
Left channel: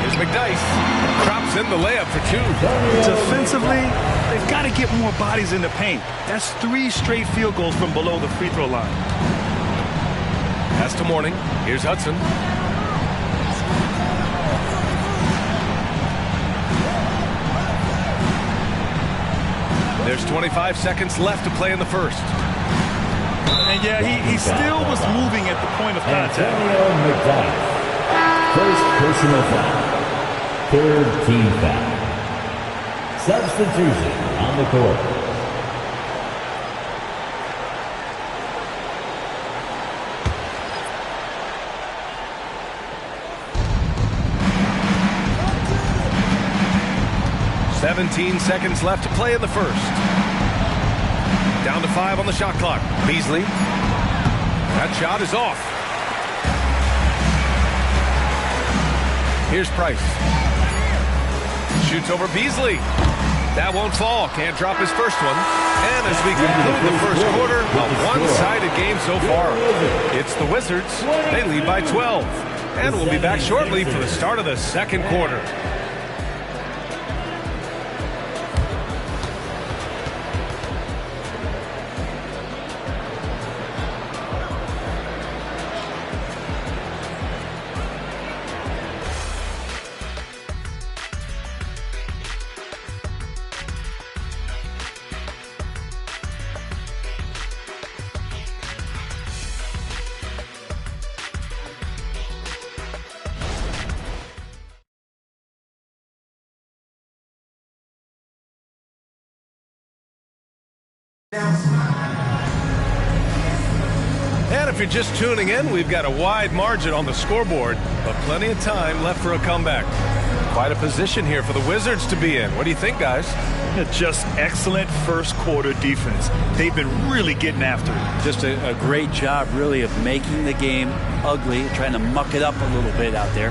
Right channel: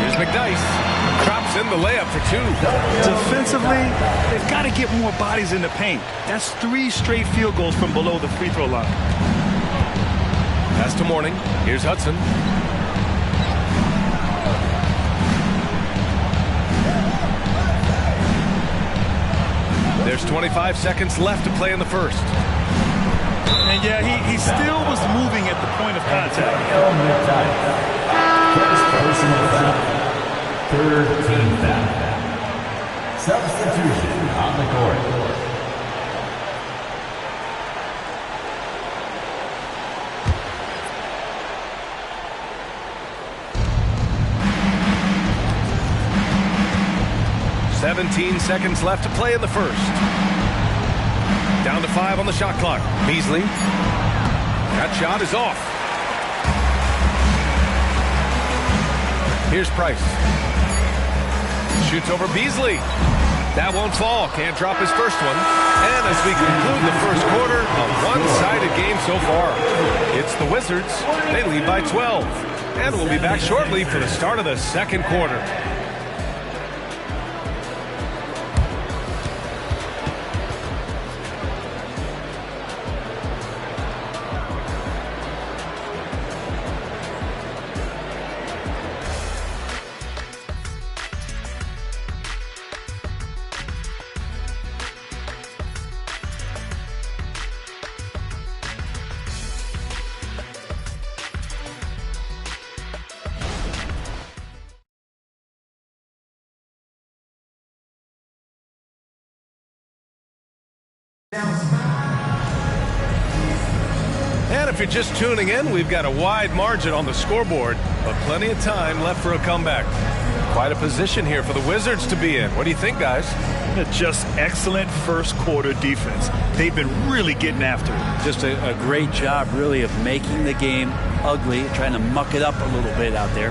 Here's McDyess. Drops in the layup for 2. Defensively, they've got to get more bodies in the paint. That's 3 straight field goals from below the free throw line. Pass to Mourning. Here's Hudson. There's 25 seconds left to play in the first. And yeah, he still was moving at the point of contact. First personal foul. Third team foul. Substitution on the court. "17 seconds left to play in the first. Down to 5 on the shot clock. Beasley. That shot is off. Here's Price. Shoots over Beasley. That won't fall. Can't drop his first one. And as we conclude the first quarter, a one-sided game so far. It's the Wizards. They lead by 12. And we'll be back shortly for the start of the second quarter. And if you're just tuning in, we've got a wide margin on the scoreboard, but plenty of time left for a comeback. Quite a position here for the Wizards to be in. What do you think, guys? Just excellent first quarter defense. They've been really getting after it. Just a great job, really, of making the game ugly, trying to muck it up a little bit out there.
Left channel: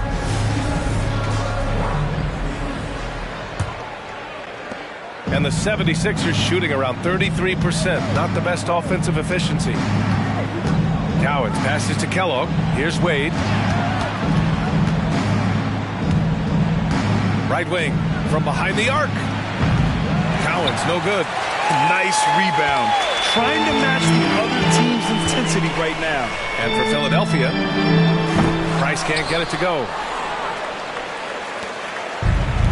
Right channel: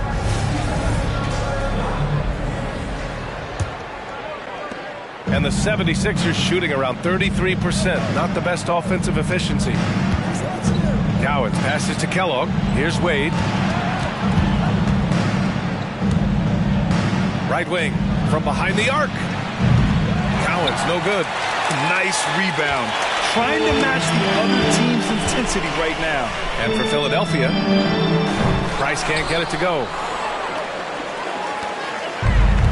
And the 76ers shooting around 33%. Not the best offensive efficiency. Cowens passes to Kellogg. Here's Wade. Right wing from behind the arc. Cowens, no good. Nice rebound. Trying to match the other team's intensity right now. And for Philadelphia, Price can't get it to go.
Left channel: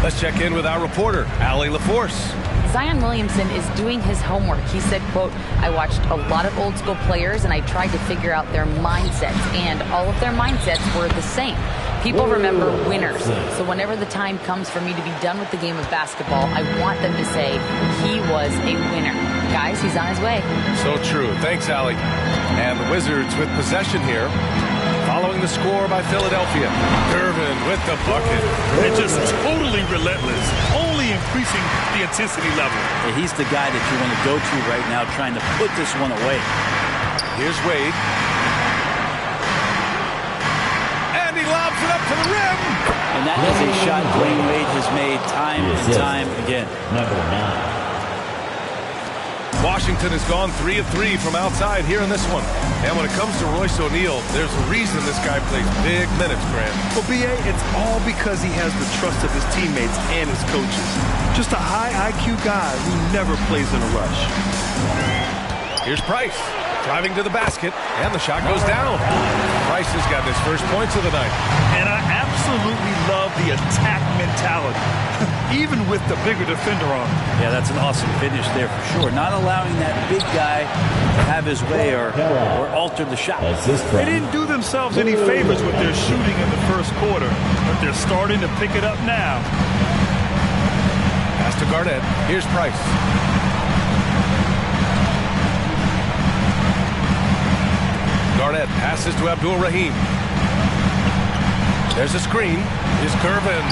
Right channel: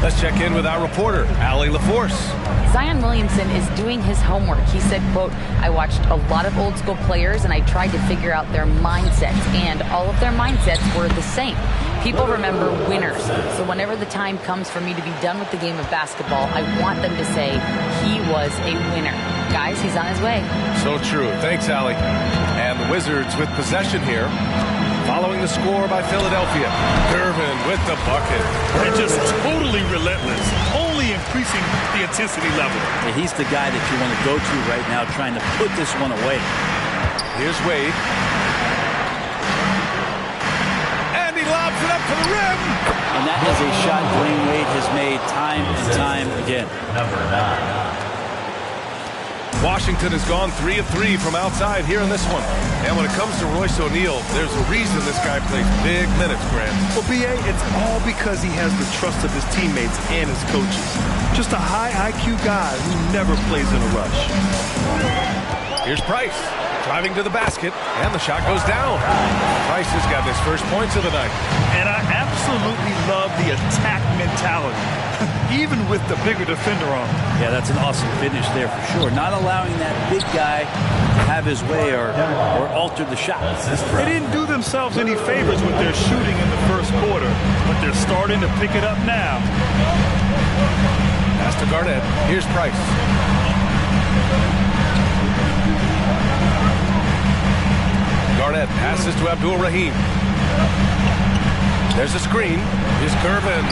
Let's check in with our reporter, Allie LaForce. Zion Williamson is doing his homework. He said, quote, "I watched a lot of old school players and I tried to figure out their mindsets, and all of their mindsets were the same. People remember winners. So whenever the time comes for me to be done with the game of basketball, I want them to say he was a winner." Guys, he's on his way. So true. Thanks, Allie. And the Wizards with possession here. Following the score by Philadelphia. Durbin with the bucket. And just totally relentless, only increasing the intensity level. Yeah, he's the guy that you want to go to right now, trying to put this one away. Here's Wade. And he lobs it up to the rim. And that is a shot Dwayne Wade has made time and time again. Number 9. Washington has gone 3 of 3 from outside here in this one. And when it comes to Royce O'Neal, there's a reason this guy plays big minutes, Grant. Well, B.A., it's all because he has the trust of his teammates and his coaches. Just a high IQ guy who never plays in a rush. Here's Price, driving to the basket, and the shot goes down. Price has got his first points of the night. And I absolutely love the attack mentality, even with the bigger defender on him. Yeah, that's an awesome finish there for sure. Not allowing that big guy to have his way or alter the shot. They didn't do themselves any favors with their shooting in the first quarter, but they're starting to pick it up now. Pass to Garnett. Here's Price. Garnett passes to Abdul Rahim. There's a screen. Here's Gervin.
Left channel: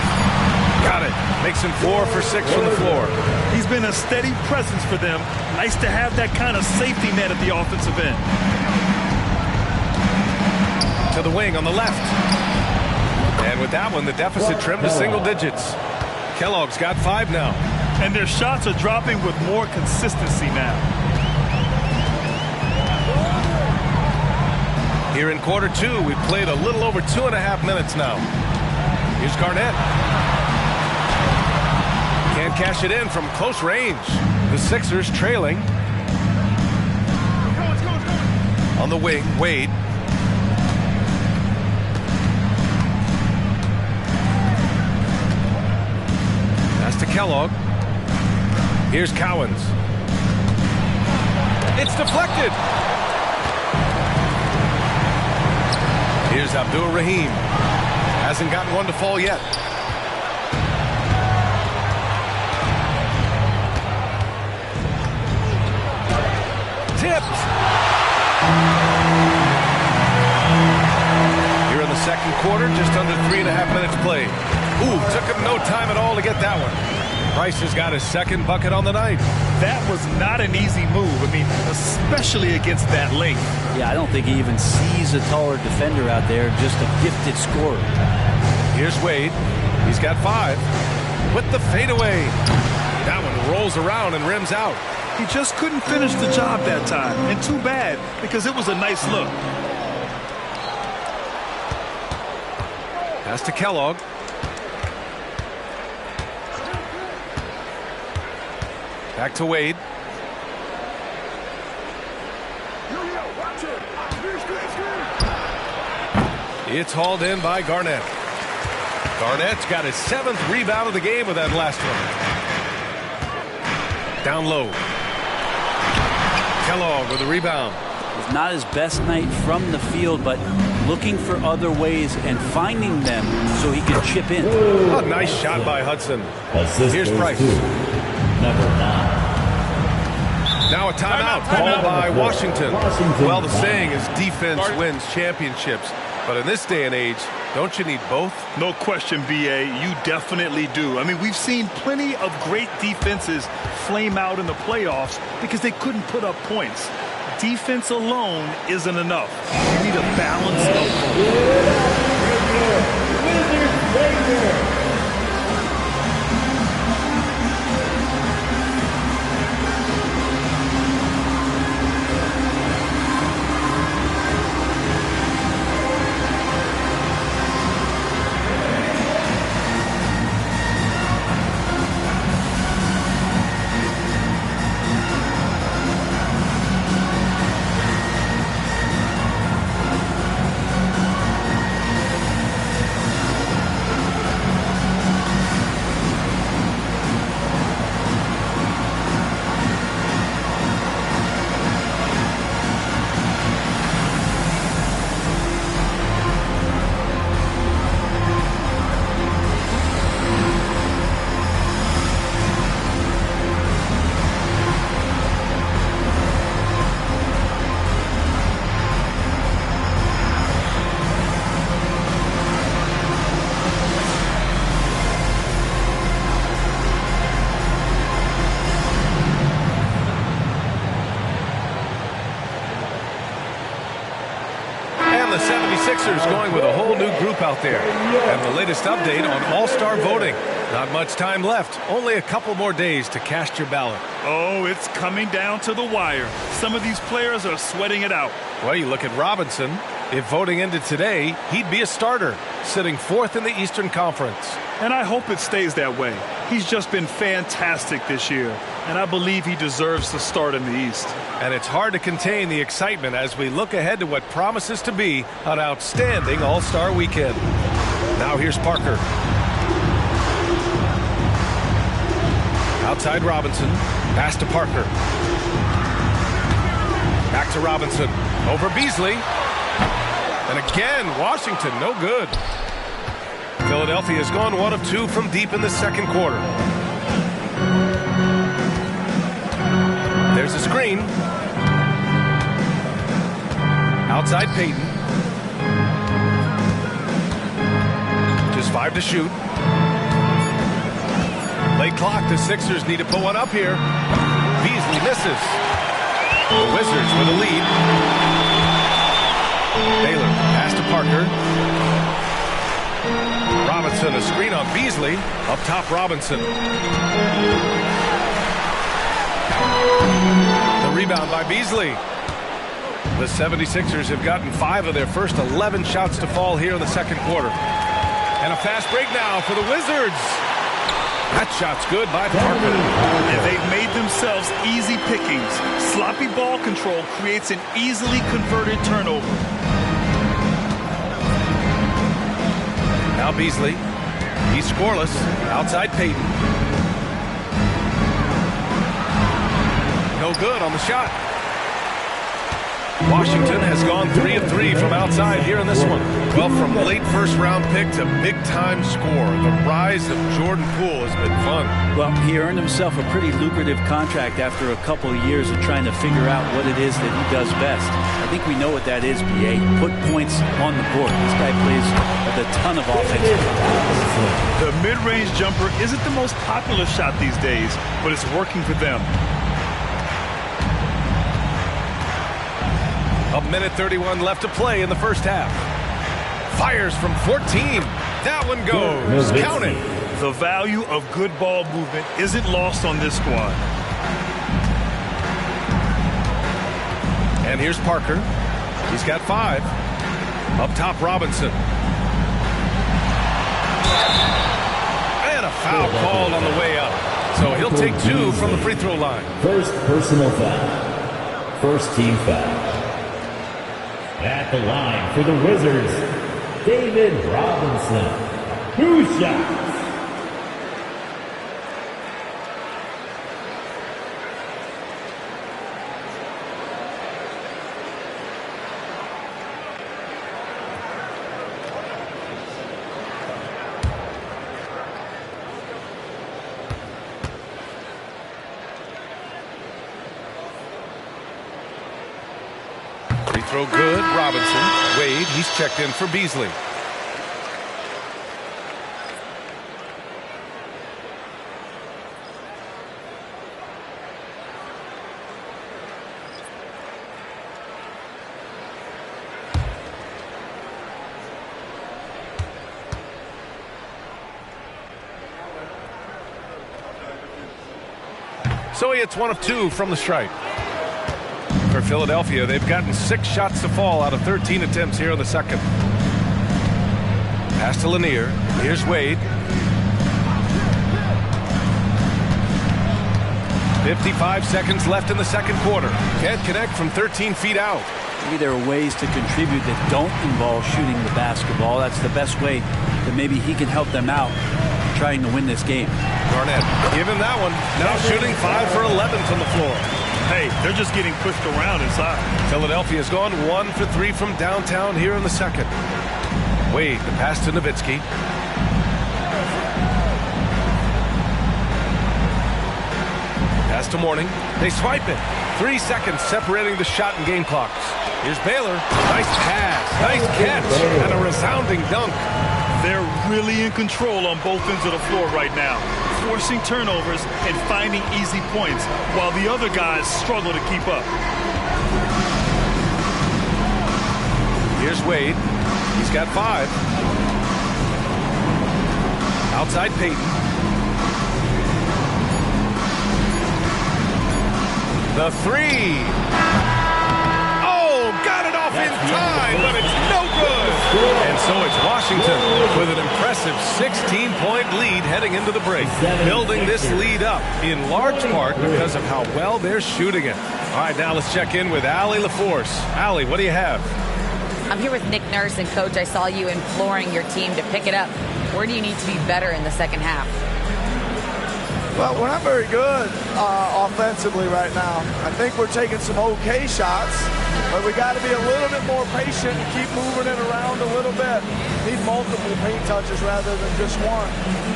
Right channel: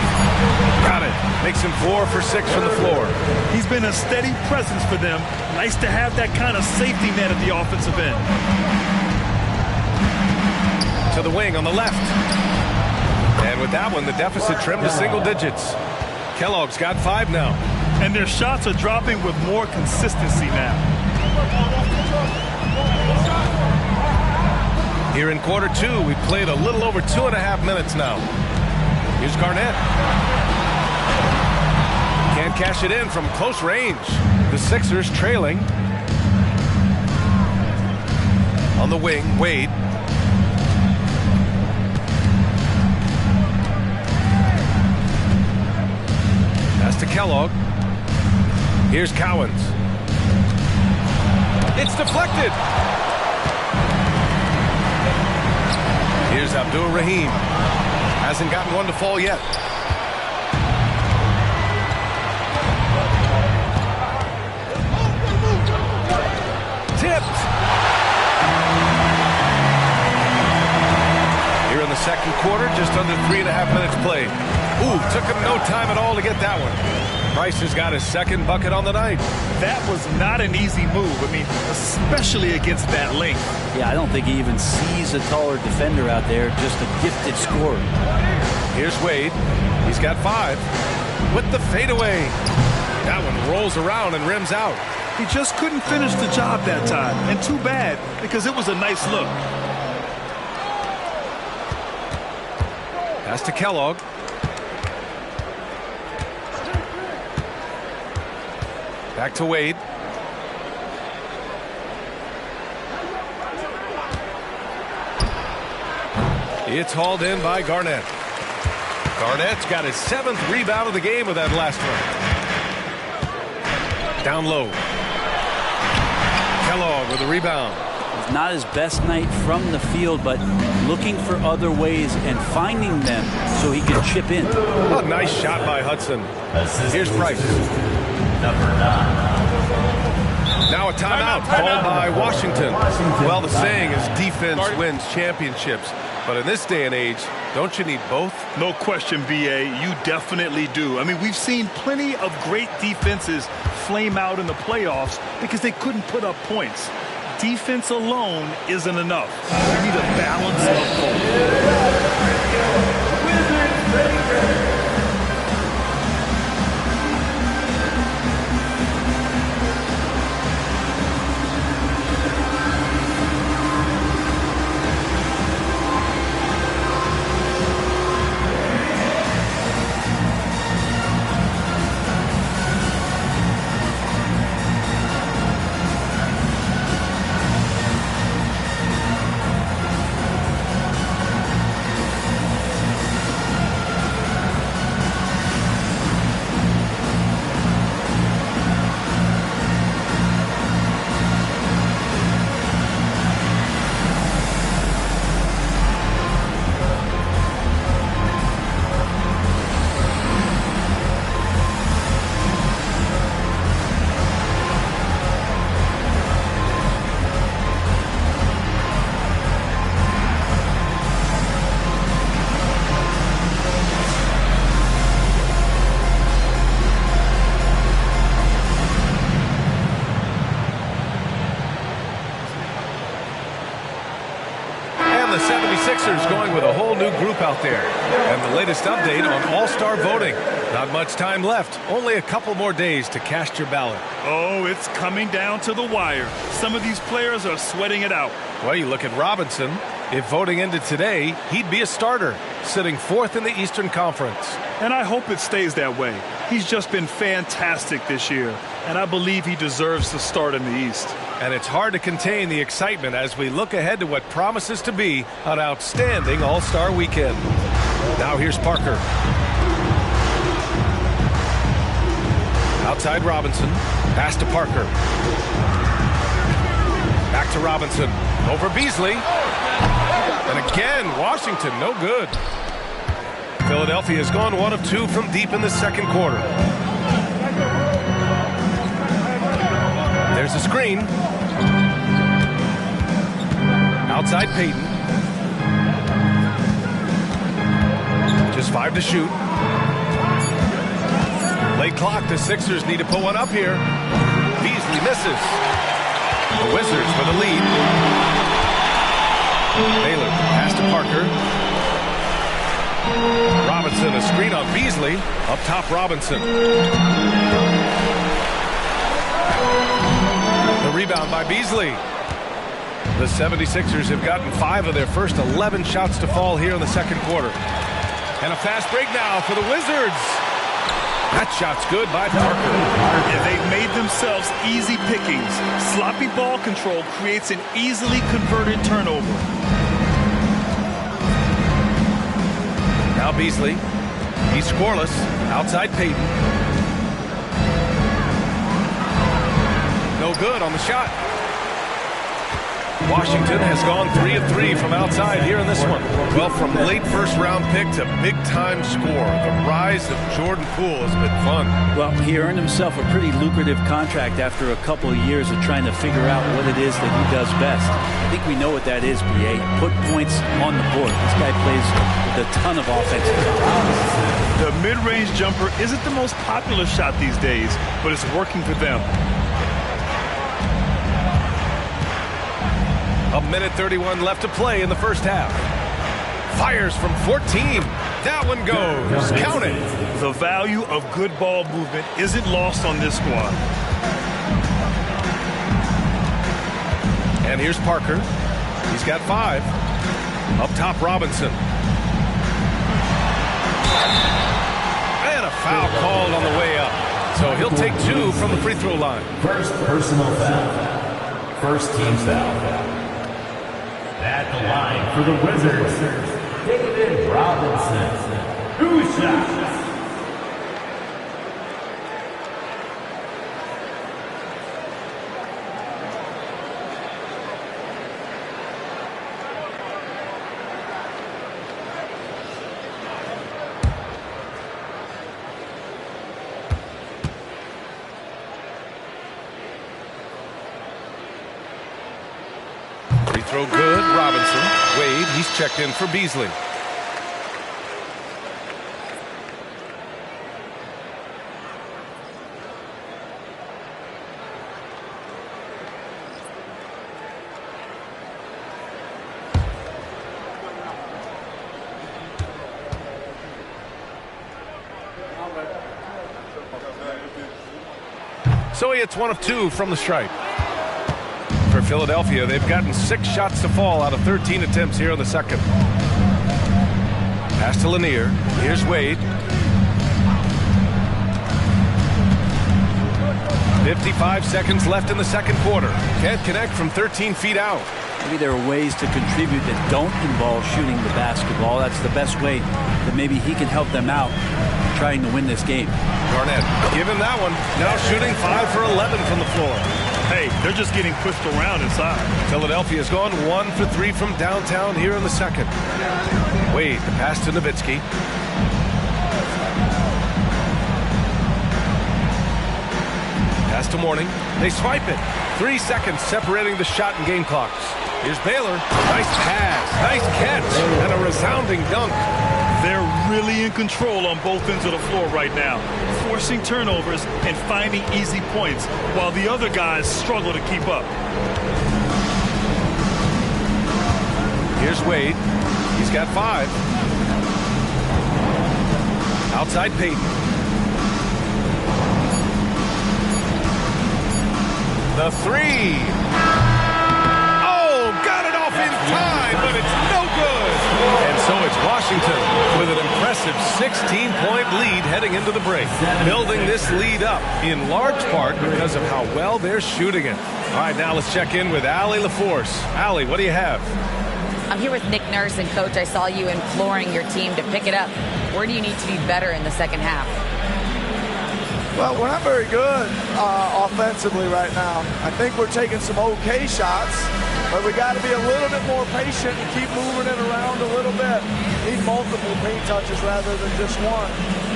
Got it. Makes him 4 for 6 from the floor. He's been a steady presence for them. Nice to have that kind of safety net at the offensive end. To the wing on the left. And with that one, the deficit trimmed to single digits. Kellogg's got 5 now. And their shots are dropping with more consistency now. Here in quarter 2, we played a little over 2.5 minutes now. Here's Garnett. Can't cash it in from close range. The Sixers trailing. On the wing, Wade. Pass to Kellogg. Here's Cowens. It's deflected. Here's Abdul Rahim. Hasn't gotten one to fall yet. Tipped. Here in the second quarter, just under 3.5 minutes played. Ooh, took him no time at all to get that one. Price has got his second bucket on the night. That was not an easy move. I mean, especially against that length. Yeah, I don't think he even sees a taller defender out there, just a gifted scorer. Here's Wade. He's got 5. With the fadeaway. That one rolls around and rims out. He just couldn't finish the job that time. And too bad, because it was a nice look. Pass to Kellogg. Back to Wade. It's hauled in by Garnett. Garnett's got his 7th rebound of the game with that last one. Down low. Kellogg with a rebound. It's not his best night from the field, but looking for other ways and finding them so he can chip in. A nice shot by Hudson. Here's Price. Number 9. Now a timeout called by Washington. Well, the saying is defense wins championships. But in this day and age, don't you need both? No question, B.A. You definitely do. I mean, we've seen plenty of great defenses flame out in the playoffs because they couldn't put up points. Defense alone isn't enough. You need a balance of both. The 76ers going with a whole new group out there. And the latest update on All-Star voting. Not much time left. Only a couple more days to cast your ballot. Oh, it's coming down to the wire. Some of these players are sweating it out. Well, you look at Robinson. If voting ended today, he'd be a starter, sitting 4th in the Eastern Conference. And I hope it stays that way. He's just been fantastic this year, and I believe he deserves to start in the East. And it's hard to contain the excitement as we look ahead to what promises to be an outstanding All-Star weekend. Now here's Parker. Outside Robinson. Pass to Parker. Back to Robinson. Over Beasley. And again, Washington, no good. Philadelphia has gone 1 of 2 from deep in the second quarter. There's a screen. Outside Payton. Just 5 to shoot. Late clock, the Sixers need to put one up here. Beasley misses. The Wizards with a lead. Baylor, pass to Parker. Robinson, a screen on Beasley. Up top, Robinson. The rebound by Beasley. The 76ers have gotten 5 of their first 11 shots to fall here in the second quarter. And a fast break now for the Wizards. That shot's good by Parker. And they've made themselves easy pickings. Sloppy ball control creates an easily converted turnover. Now Beasley. He's scoreless. Outside Payton. No good on the shot. Washington has gone 3 of 3 from outside here in this one. Well, from late first-round pick to big-time score, the rise of Jordan Poole has been fun. Well, he earned himself a pretty lucrative contract after a couple of years of trying to figure out what it is that he does best. I think we know what that is, B.A. Put points on the board. This guy plays with a ton of offensive confidence. The mid-range jumper isn't the most popular shot these days, but it's working for them. A minute 31 left to play in the first half. Fires from 14. That one goes. Count it. The value of good ball movement isn't lost on this squad. And here's Parker. He's got 5. Up top, Robinson. And a foul called on the way up. So he'll take 2 from the free throw line. First personal foul. First team foul. At the line for the Wizards, David Robinson. 2 shots. Throw good, Robinson. Wade, he's checked in for Beasley. So he hits 1 of 2 from the stripe. For Philadelphia, they've gotten 6 shots to fall out of 13 attempts here in the second. Pass to Lanier. Here's Wade. 55 seconds left in the second quarter. Can't connect from 13 feet out. Maybe there are ways to contribute that don't involve shooting the basketball. That's the best way that maybe he can help them out trying to win this game. Garnett, give him that one. Now shooting 5 for 11 from the floor. Hey, they're just getting pushed around inside. Philadelphia's gone 1 for 3 from downtown here in the second. Wade, the pass to Nowitzki. Pass to Mourning. They swipe it. 3 seconds separating the shot and game clocks. Here's Baylor. Nice pass. Nice catch. And a resounding dunk. They're really in control on both ends of the floor right now, forcing turnovers and finding easy points while the other guys struggle to keep up. Here's Wade. He's got 5. Outside Payton. The 3. Oh, got it off in time, but it's no good. And so it's Washington with an impressive 16-point lead heading into the break, building this lead up in large part because of how well they're shooting it. All right, now let's check in with Allie LaForce. Allie, what do you have? I'm here with Nick Nurse, and Coach, I saw you imploring your team to pick it up. Where do you need to be better in the second half? Well, we're not very good offensively right now. I think we're taking some okay shots, but we got to be a little bit more patient and keep moving it around a little bit. Need multiple paint touches rather than just one.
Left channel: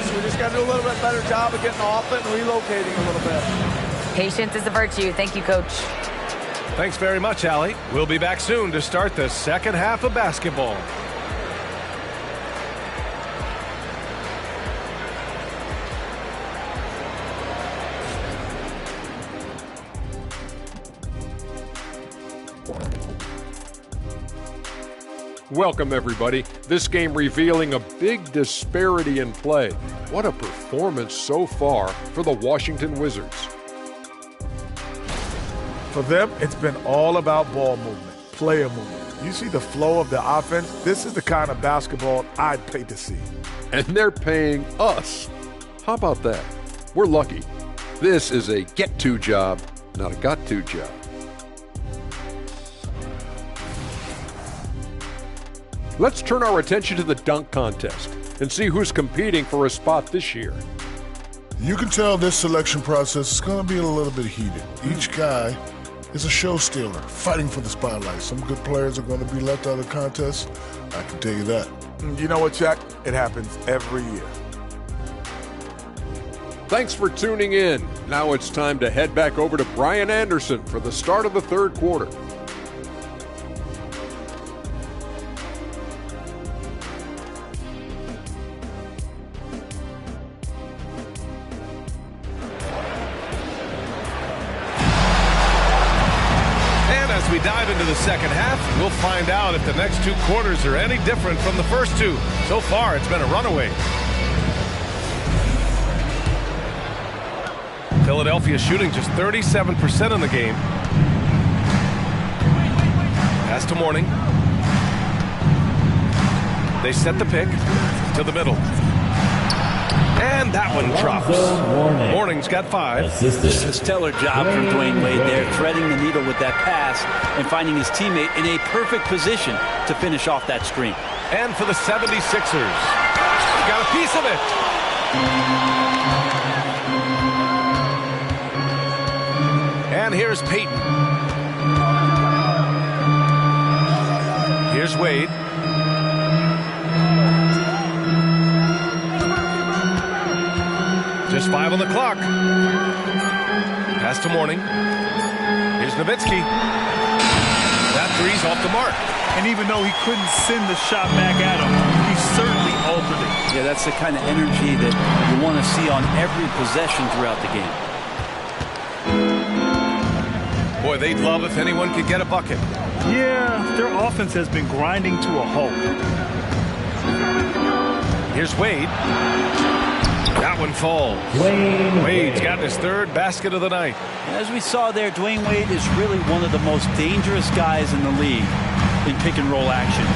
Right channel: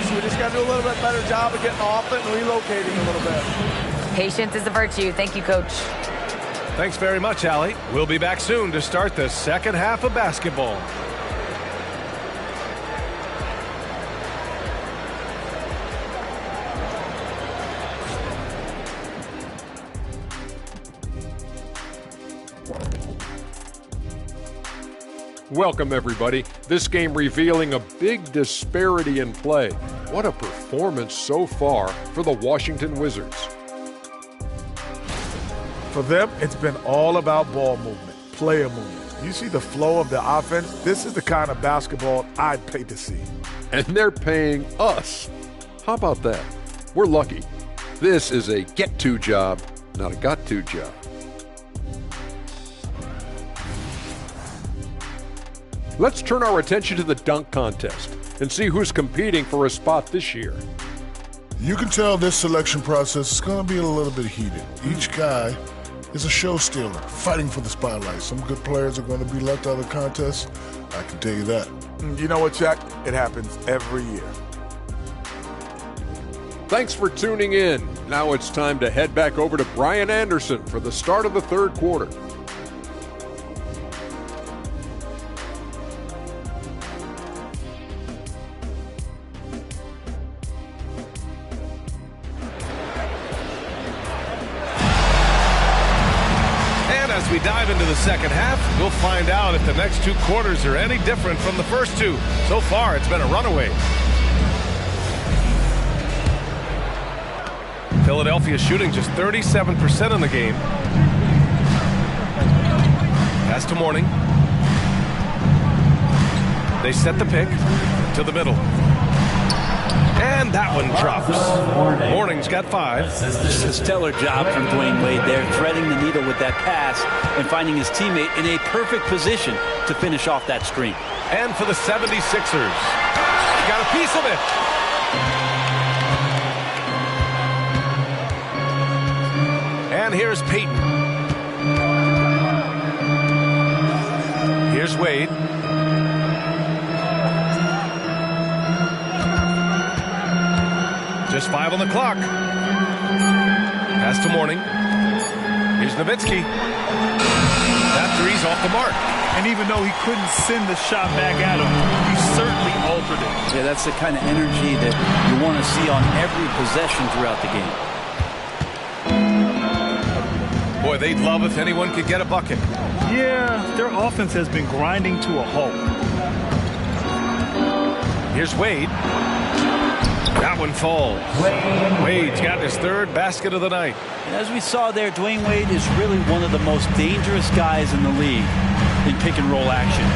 So we just got to do a little bit better job of getting off it and relocating a little bit. Patience is a virtue. Thank you, Coach. Thanks very much, Allie. We'll be back soon to start the second half of basketball. Welcome, everybody. This game revealing a big disparity in play. What a performance so far for the Washington Wizards. For them, it's been all about ball movement, player movement. You see the flow of the offense? This is the kind of basketball I'd pay to see. And they're paying us. How about that? We're lucky. This is a get-to job, not a got-to job. Let's turn our attention to the dunk contest and see who's competing for a spot this year. You can tell this selection process is going to be a little bit heated. Each guy is a show stealer, fighting for the spotlight. Some good players are going to be left out of the contest. I can tell you that. You know what, Jack? It happens every year. Thanks for tuning in. Now it's time to head back over to Brian Anderson for the start of the third quarter. As we dive into the second half, we'll find out if the next 2 quarters are any different from the first 2. So far, it's been a runaway. Philadelphia shooting just 37% in the game. Pass to Mourning. They set the pick to the middle. And that one drops. Mourning's got 5. Just a stellar job from Dwayne Wade there, threading the needle with that pass and finding his teammate in a perfect position to finish off that screen. And for the 76ers, he got a piece of it. And here's Payton. Here's Wade. Just 5 on the clock. Pass to Mourning. Here's Nowitzki. That three's off the mark. And even though he couldn't send the shot back at him, he certainly altered it. Yeah, that's the kind of energy that you want to see on every possession throughout the game. Boy, they'd love if anyone could get a bucket. Yeah, their offense has been grinding to a halt. Here's Wade. That one falls. Wade's got his 3rd basket of the night. And as we saw there, Dwayne Wade is really one of the most dangerous guys in the league in pick and roll action.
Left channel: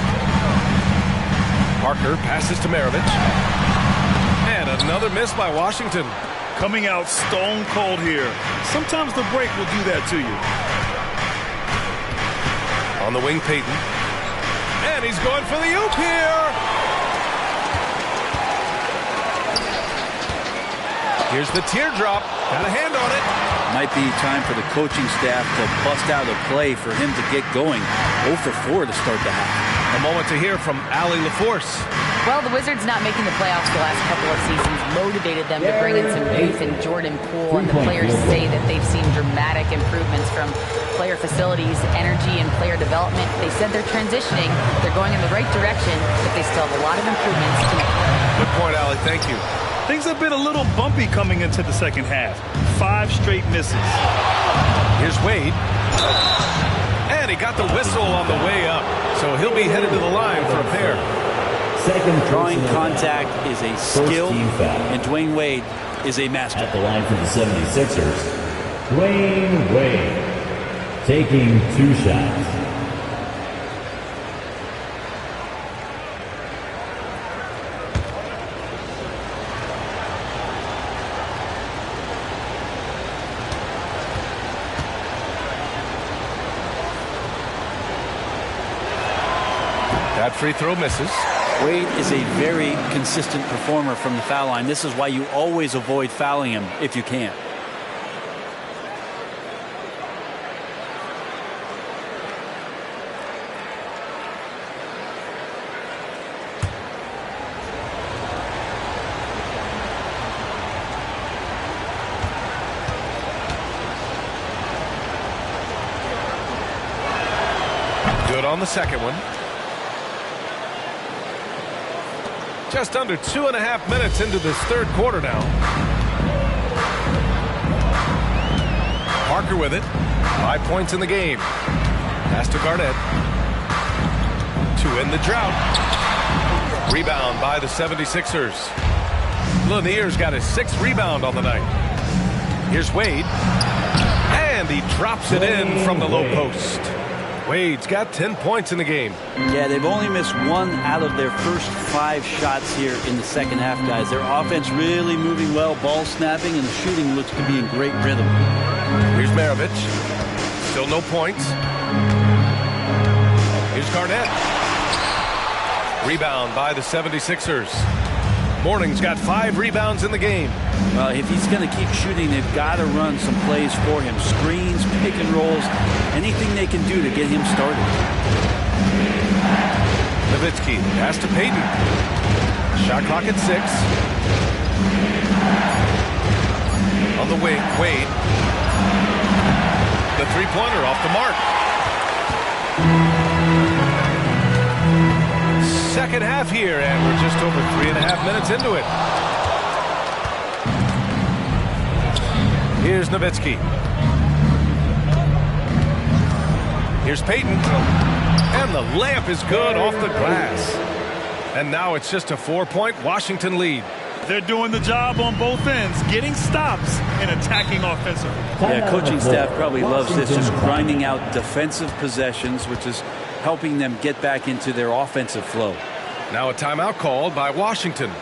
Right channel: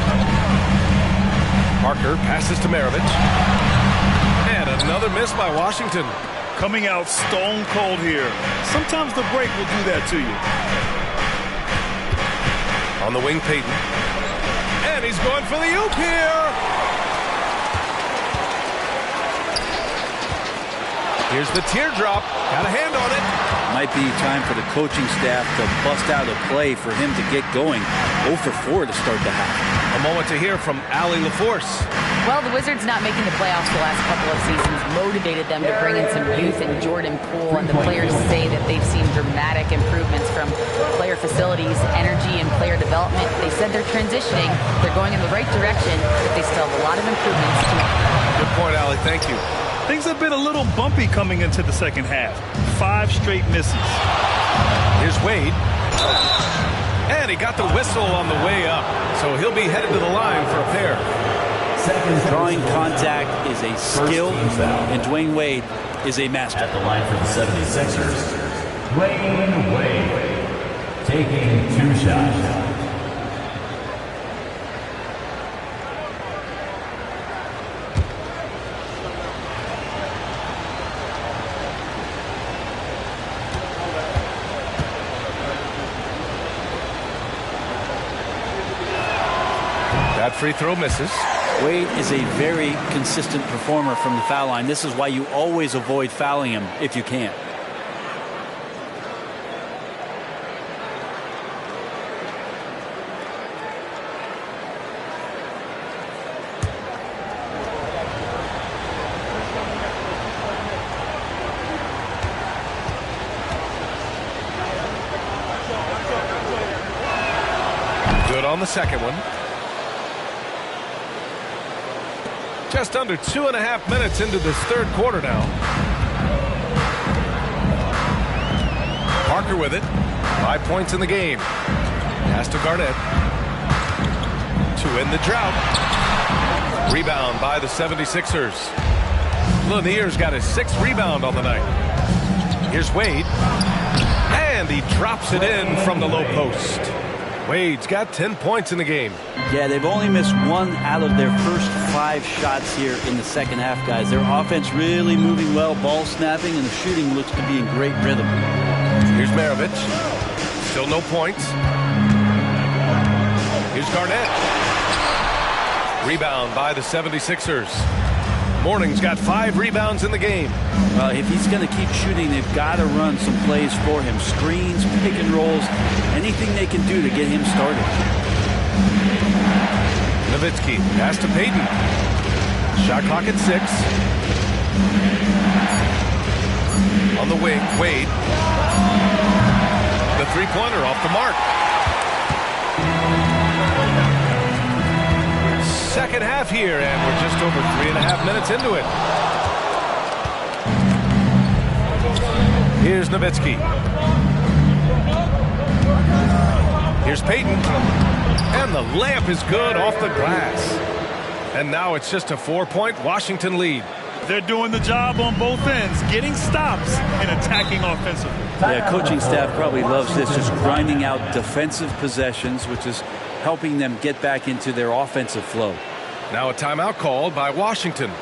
Parker passes to Maravich. And another miss by Washington. Coming out stone cold here. Sometimes the break will do that to you. On the wing, Payton. And he's going for the oop here. Here's the teardrop. Got a hand on it. Might be time for the coaching staff to bust out a play for him to get going. 0 for 4 to start the half. A moment to hear from Allie LaForce. Well, the Wizards not making the playoffs the last couple of seasons motivated them to bring in some youth in Jordan Poole, and the players say that they've seen dramatic improvements from player facilities, energy, and player development. They said they're transitioning. They're going in the right direction, but they still have a lot of improvements to make. Good point, Allie. Thank you. Things have been a little bumpy coming into the second half. 5 straight misses. Here's Wade. And he got the whistle on the way up. So he'll be headed to the line for a pair. Drawing contact is a skill, and Dwayne Wade is a master. At the line for the 76ers, Dwayne Wade taking 2 shots. That free throw misses. Wade is a very consistent performer from the foul line. This is why you always avoid fouling him if you can. Good on the second one. Just under 2.5 minutes into this 3rd quarter now. Parker with it. 5 points in the game. Pass to Garnett. To end the drought. Rebound by the 76ers. Lanier's got his 6th rebound on the night. Here's Wade. And he drops it in from the low post. Wade's got 10 points in the game. Yeah, they've only missed 1 out of their first 5 shots here in the second half, guys. Their offense really moving well, ball snapping, and the shooting looks to be in great rhythm. Here's Maravich. Still no points. Here's Garnett. Rebound by the 76ers. Mourning's got 5 rebounds in the game. Well, if he's going to keep shooting, they've got to run some plays for him. Screens, pick and rolls, anything they can do to get him started. Nowitzki, pass to Payton. Shot clock at 6. On the wing, Wade. The three-pointer off the mark. Second half here, and we're just over 3.5 minutes into it. Here's Nowitzki. Here's Payton. And the layup is good off the glass. And now it's just a 4-point Washington lead. They're doing the job on both ends, getting stops and attacking offensively. Yeah, coaching staff probably loves this, just grinding out defensive possessions, which is helping them get back into their offensive flow. Now a timeout called by Washington.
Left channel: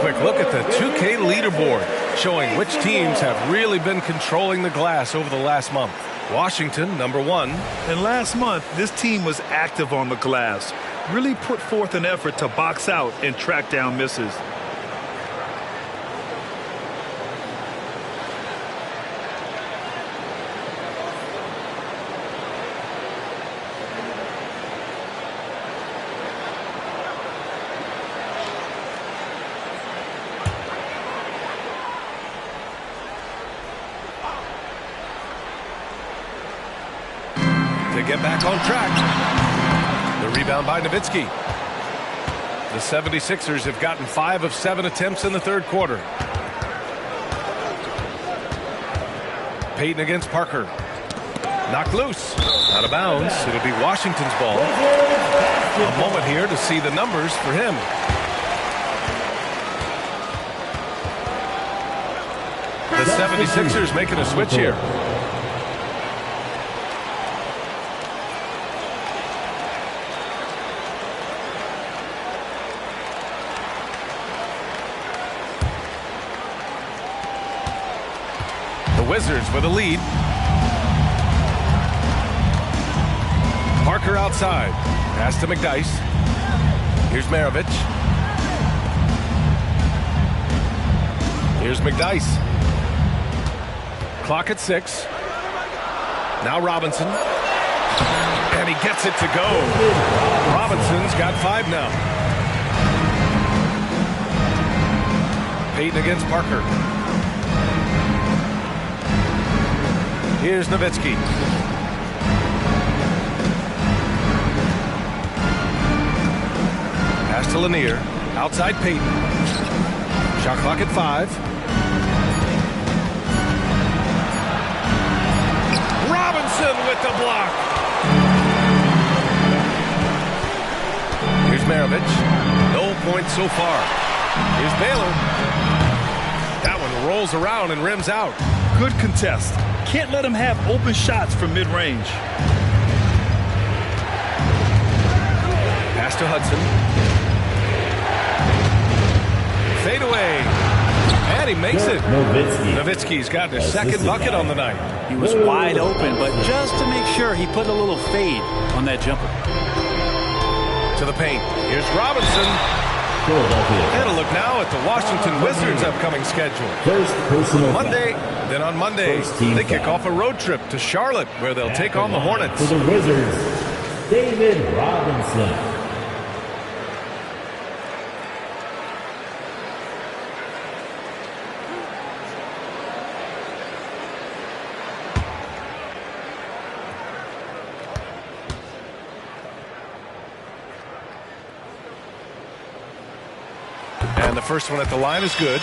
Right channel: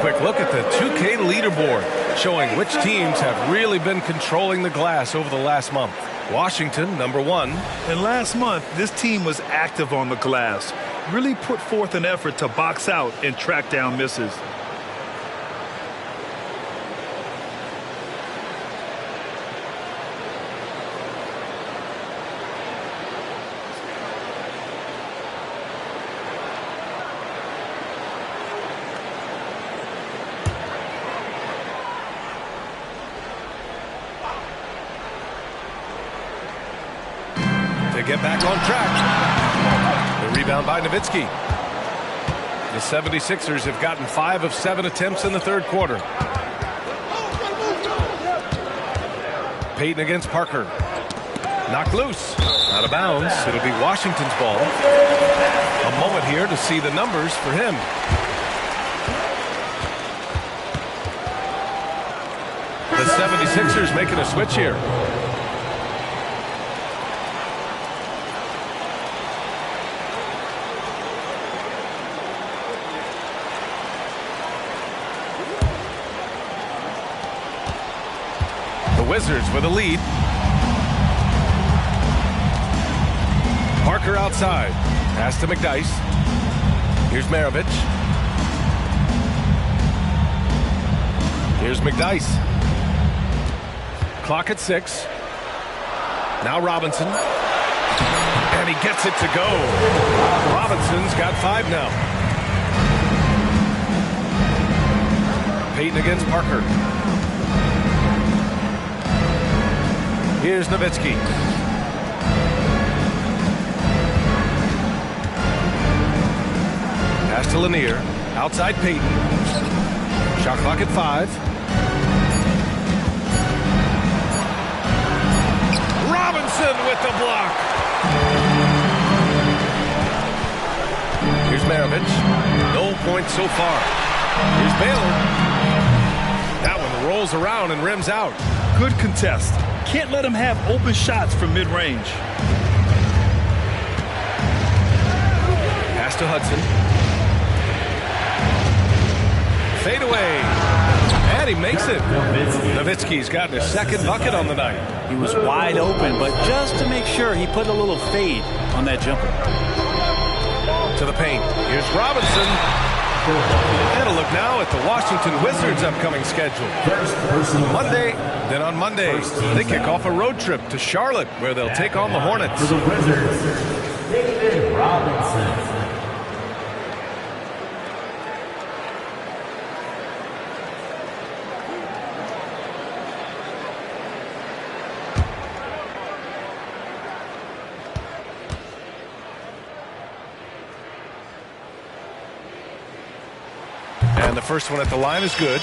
Quick look at the 2K leaderboard, showing which teams have really been controlling the glass over the last month. Washington, number 1. And last month, this team was active on the glass, really put forth an effort to box out and track down misses. To get back on track. The rebound by Nowitzki. The 76ers have gotten 5 of 7 attempts in the third quarter. Payton against Parker. Knocked loose. Out of bounds. It'll be Washington's ball. A moment here to see the numbers for him. The 76ers making a switch here. Wizards with a lead. Parker outside. Pass to McDyess. Here's Maravich. Here's McDyess. Clock at 6. Now Robinson. And he gets it to go. Robinson's got 5 now. Payton against Parker. Here's Nowitzki. Pass to Lanier. Outside Payton. Shot clock at 5. Robinson with the block. Here's Maravich. No points so far. Here's Baylor. That one rolls around and rims out. Good contest. Can't let him have open shots from mid-range. Pass to Hudson. Fade away. And he makes it. Nowitzki's gotten his second bucket on the night. He was wide open, but just to make sure, he put a little fade on that jumper. To the paint. Here's Robinson. And a look now at the Washington Wizards' upcoming schedule. On Monday, then on Monday, they kick off a road trip to Charlotte, where they'll take on the Hornets. For the Wizards, David Robinson. And the first one at the line is good.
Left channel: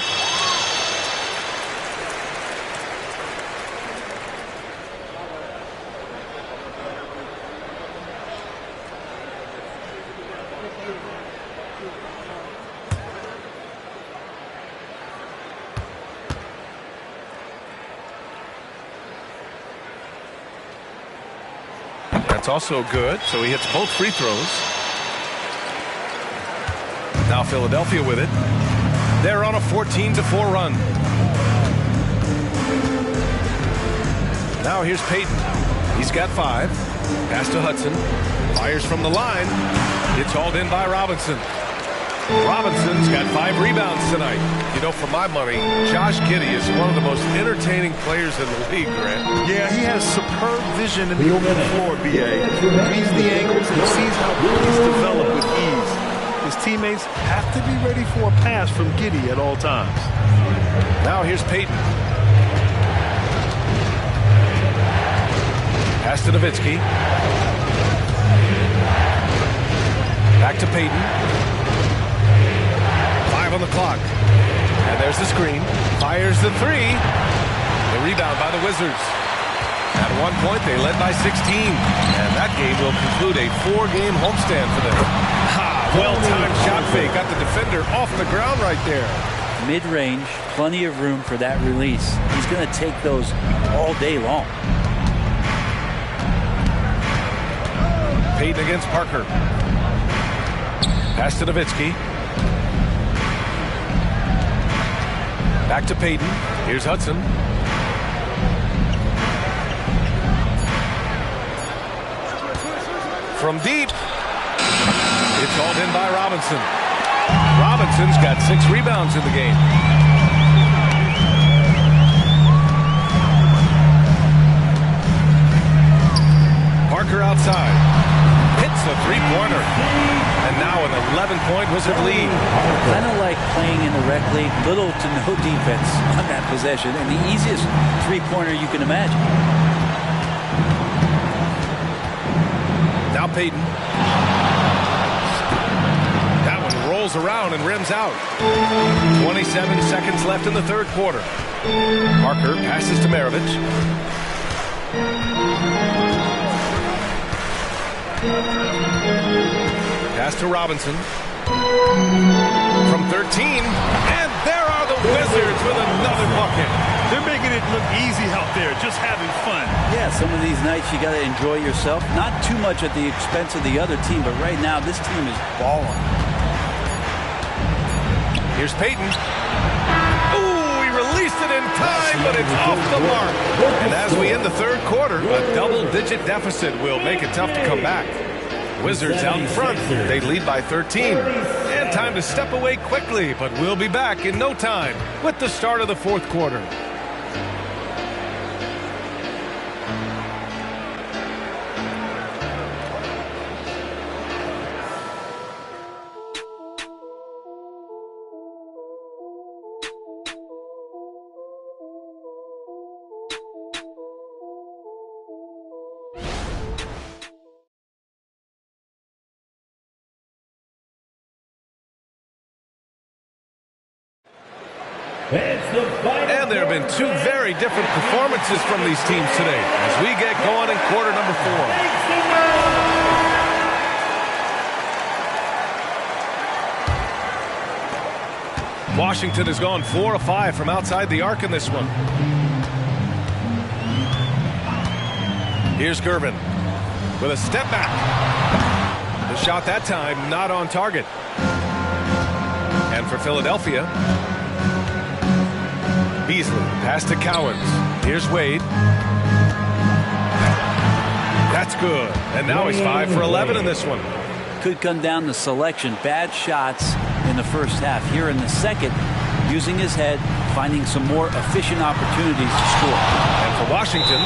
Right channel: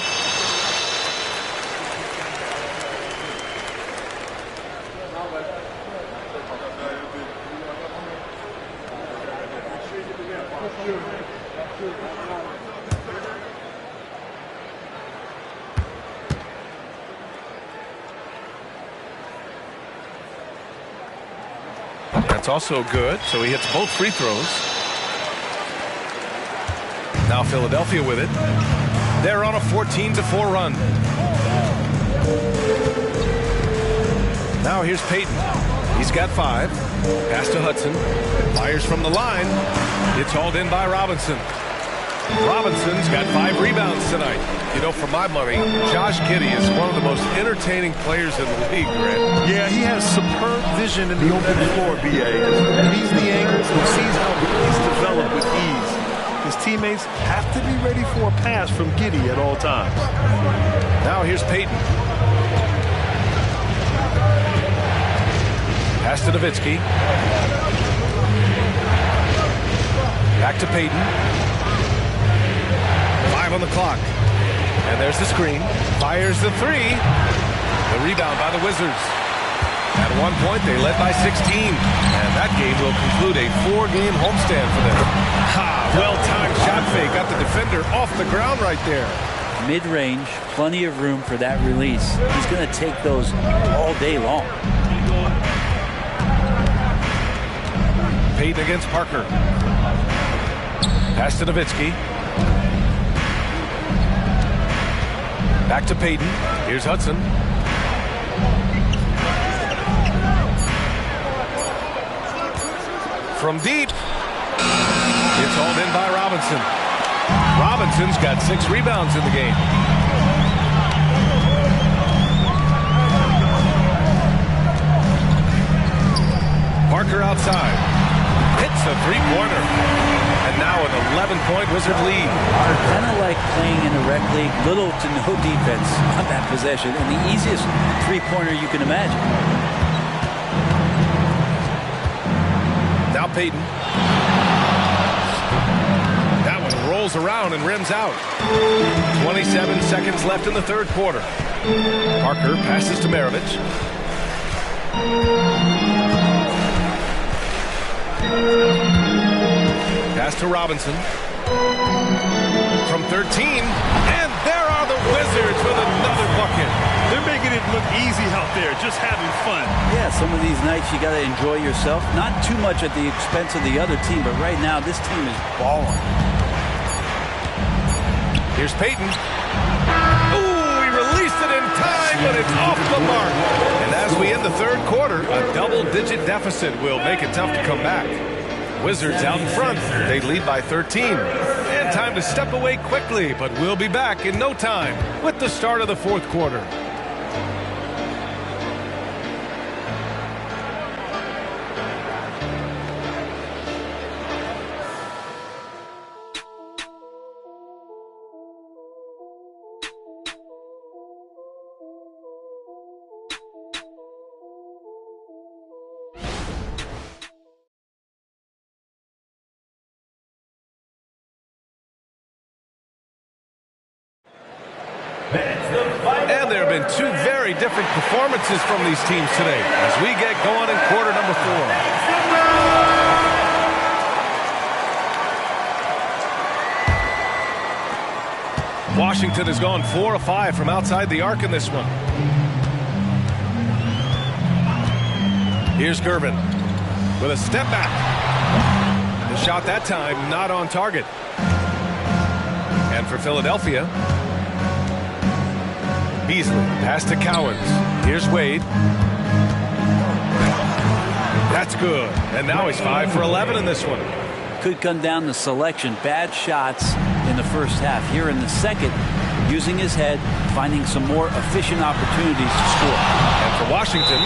That's also good. So he hits both free throws. Now Philadelphia with it. They're on a 14-4 run. Now here's Payton. He's got 5. Pass to Hudson. Fires from the line. It's hauled in by Robinson. Robinson's got 5 rebounds tonight. You know, for my money, Josh Giddey is one of the most entertaining players in the league, Grant. Yeah, he has superb vision in the open floor, B.A. Reads the angles and sees how plays develop with ease. His teammates have to be ready for a pass from Giddey at all times. Now here's Payton. Pass to Nowitzki. Back to Payton. 5 on the clock. And there's the screen. Fires the 3. The rebound by the Wizards. At one point, they led by 16. And that game will conclude a 4-game homestand for them. Ha! Well-timed shot fake. Got the defender off the ground right there. Mid-range, plenty of room for that release. He's going to take those all day long. Payton against Parker. Pass to Nowitzki. Back to Payton. Here's Hudson. From deep. It's hauled in by Robinson. Robinson's got 6 rebounds in the game. Parker outside. Hits the 3-pointer. And now an 11-point Wizard lead. Kind of like playing in the rec league, little to no defense on that possession, and the easiest 3-pointer you can imagine. Now Payton. That one rolls around and rims out. 27 seconds left in the third quarter. Parker passes to Maravich. Pass to Robinson. From 13. And there are the Wizards with another bucket. They're making it look easy out there, just having fun. Yeah, some of these nights you got to enjoy yourself. Not too much at the expense of the other team, but right now this team is balling. Here's Payton. Ooh, he released it in time, but it's off the mark. And as we end the third quarter, a double-digit deficit will make it tough to come back. Wizards out in front. They lead by 13. And time to step away quickly, but we'll be back in no time with the start of the fourth quarter. And there have been 2 very different performances from these teams today as we get going in quarter number 4. Washington has gone 4 of 5 from outside the arc in this one. Here's Gervin with a step back. The shot that time not on target. And for Philadelphia, Beasley, pass to Cowens. Here's Wade. That's good. And now he's 5 for 11 in this one. Could come down to selection. Bad shots in the first half. Here in the second, using his head, finding some more efficient opportunities to score. And for Washington,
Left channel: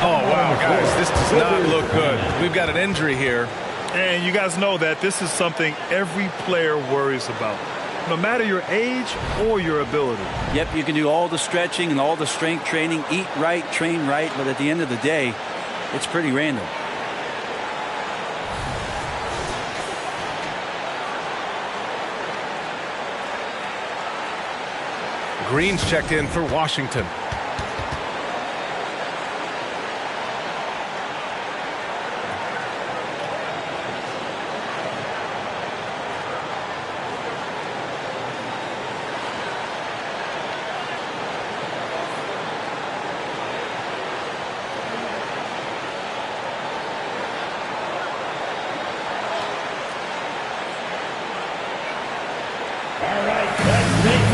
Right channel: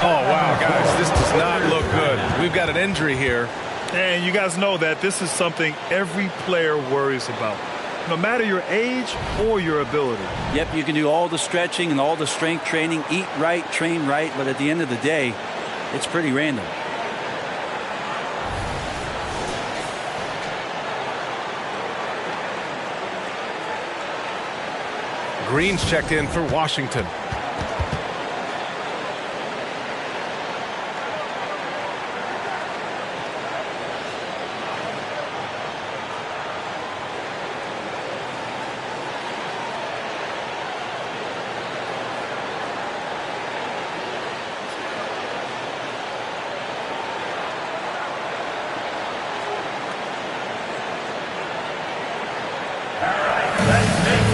oh, wow, guys, this does not look good. We've got an injury here. And you guys know that this is something every player worries about, no matter your age or your ability. Yep, you can do all the stretching and all the strength training, eat right, train right, but at the end of the day, it's pretty random. Green's checked in for Washington.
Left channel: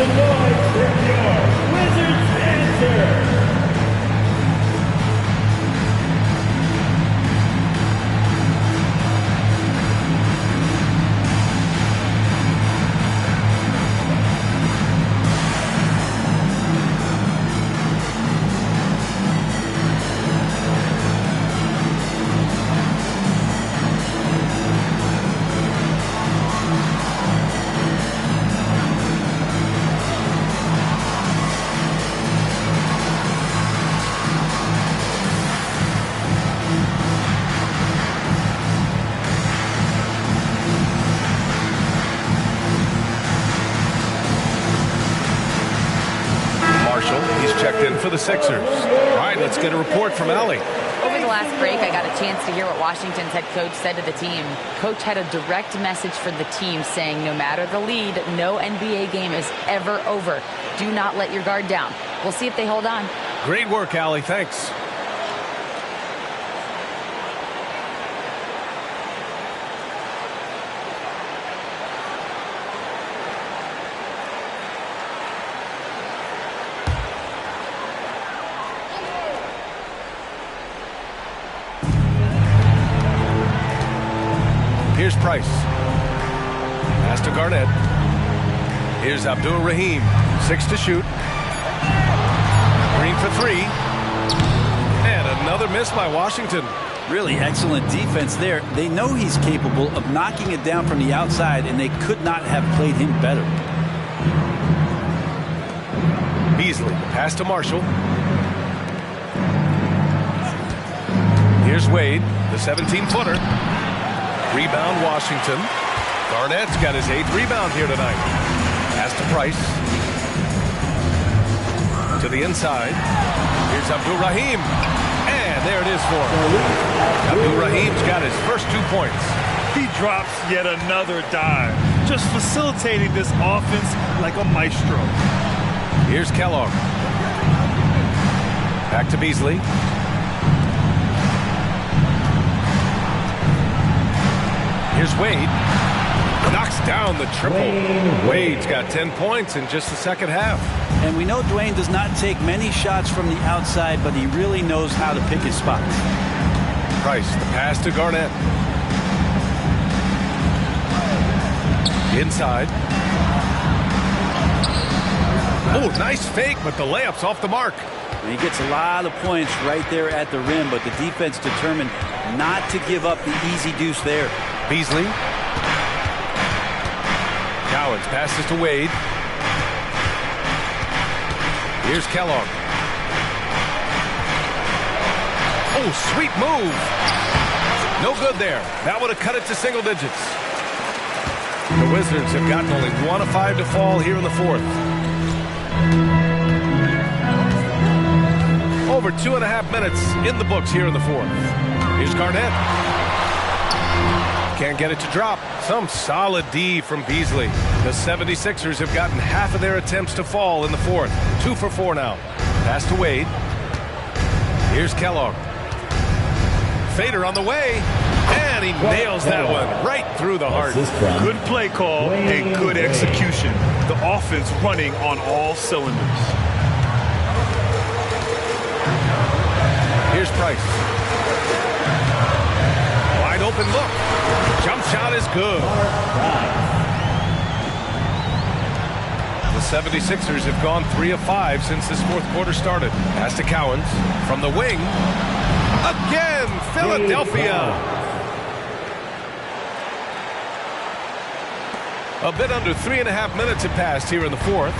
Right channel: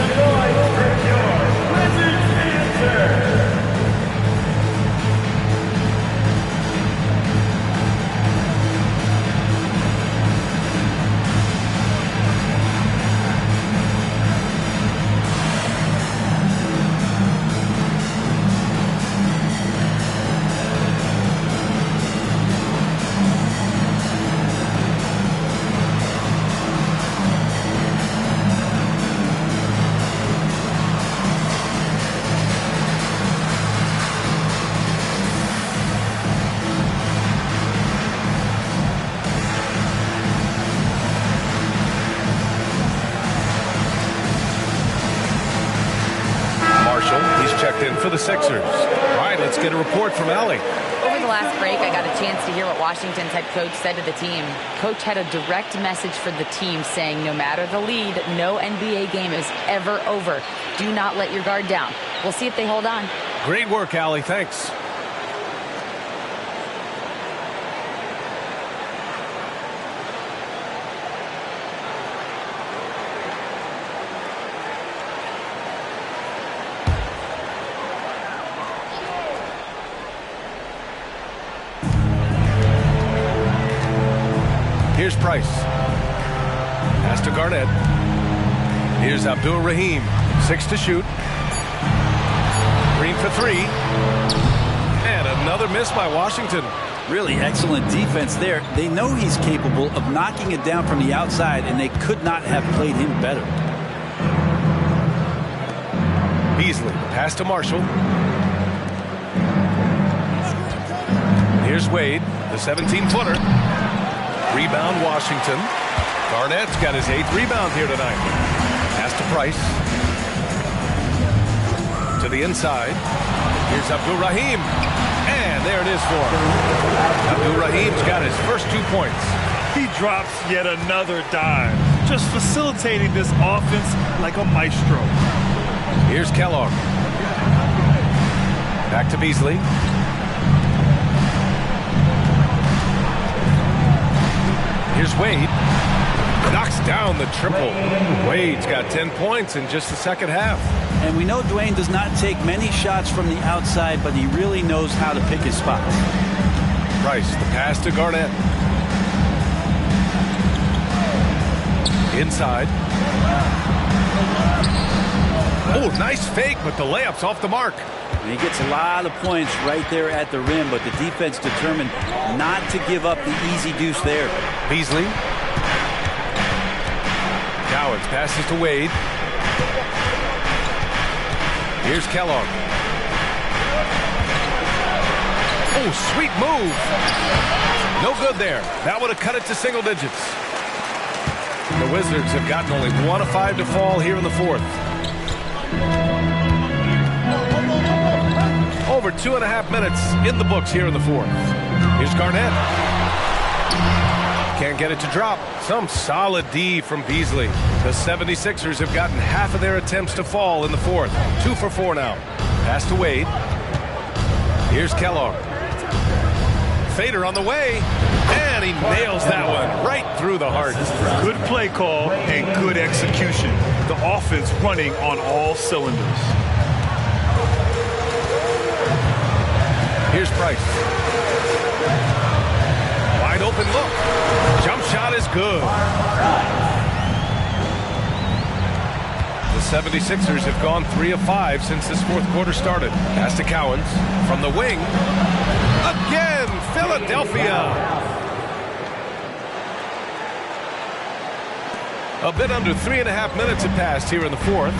the noise for your Wizards answer. He's checked in for the Sixers. All right, let's get a report from Allie. Over the last break, I got a chance to hear what Washington's head coach said to the team. Coach had a direct message for the team saying no matter the lead, no NBA game is ever over. Do not let your guard down. We'll see if they hold on. Great work, Allie. Thanks. Here's Price. Pass to Garnett. Here's Abdul Rahim. 6 to shoot. Green for 3. And another miss by Washington. Really excellent defense there. They know he's capable of knocking it down from the outside, and they could not have played him better. Beasley. Pass to Marshall. Here's Wade. The 17-footer. Rebound Washington. Garnett's got his 8th rebound here tonight. Pass to Price. To the inside. Here's Abdul Rahim. And there it is for him. Abdul Rahim's got his first 2 points. He drops yet another dive. Just facilitating this offense like a maestro. Here's Kellogg. Back to Beasley. Here's Wade. Knocks down the triple. Wade's got 10 points in just the second half. And we know Dwayne does not take many shots from the outside, but he really knows how to pick his spots. Price, the pass to Garnett. Inside. Oh, nice fake, but the layup's off the mark. And he gets a lot of points right there at the rim, but the defense determined not to give up the easy deuce there. Beasley. Cowens passes to Wade. Here's Kellogg. Oh, sweet move. No good there. That would have cut it to single digits. The Wizards have gotten only 1 of 5 to fall here in the fourth. Over 2.5 minutes in the books here in the fourth. Here's Garnett. Can't get it to drop. Some solid D from Beasley. The 76ers have gotten half of their attempts to fall in the fourth. 2 for 4 now. Pass to Wade. Here's Kellogg. Fader on the way. And he nails that one right through the heart. Good play call and good execution. The offense running on all cylinders. Here's Price. Wide open look. Jump shot is good. The 76ers have gone 3 of 5 since this fourth quarter started. Pass to Cowens from the wing. Again, Philadelphia. A bit under 3.5 minutes have passed here in the fourth.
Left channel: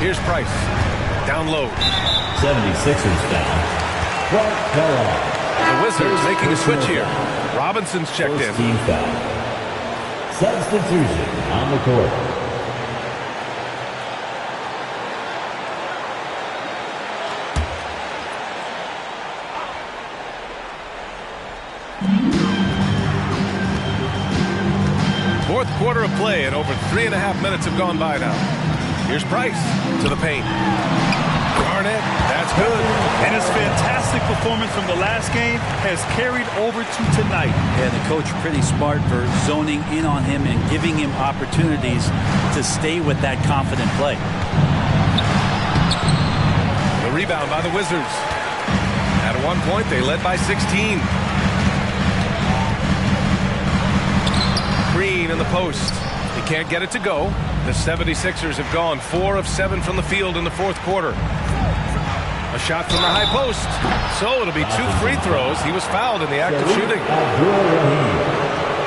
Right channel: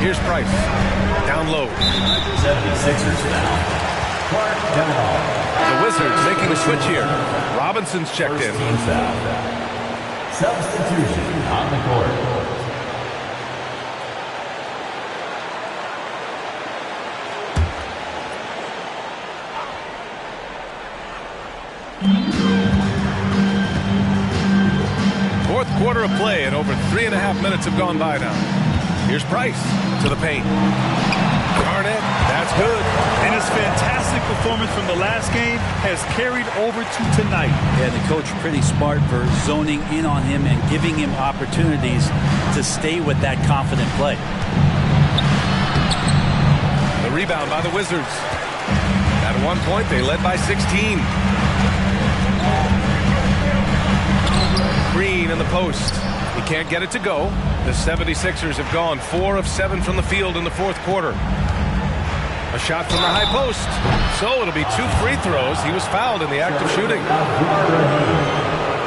Here's Price. Down low. 76ers foul. Clark Kellogg. The Wizards making a switch here. Robinson's checked in. Team foul. Substitution on the court. Fourth quarter of play, and over 3.5 minutes have gone by now. Here's Price to the paint. Garnett, that's good. And his fantastic performance from the last game has carried over to tonight. Yeah, the coach pretty smart for zoning in on him and giving him opportunities to stay with that confident play. The rebound by the Wizards. At one point, they led by 16. Green in the post. He can't get it to go. The 76ers have gone 4 of 7 from the field in the fourth quarter. A shot from the high post. So it'll be 2 free throws. He was fouled in the act of shooting.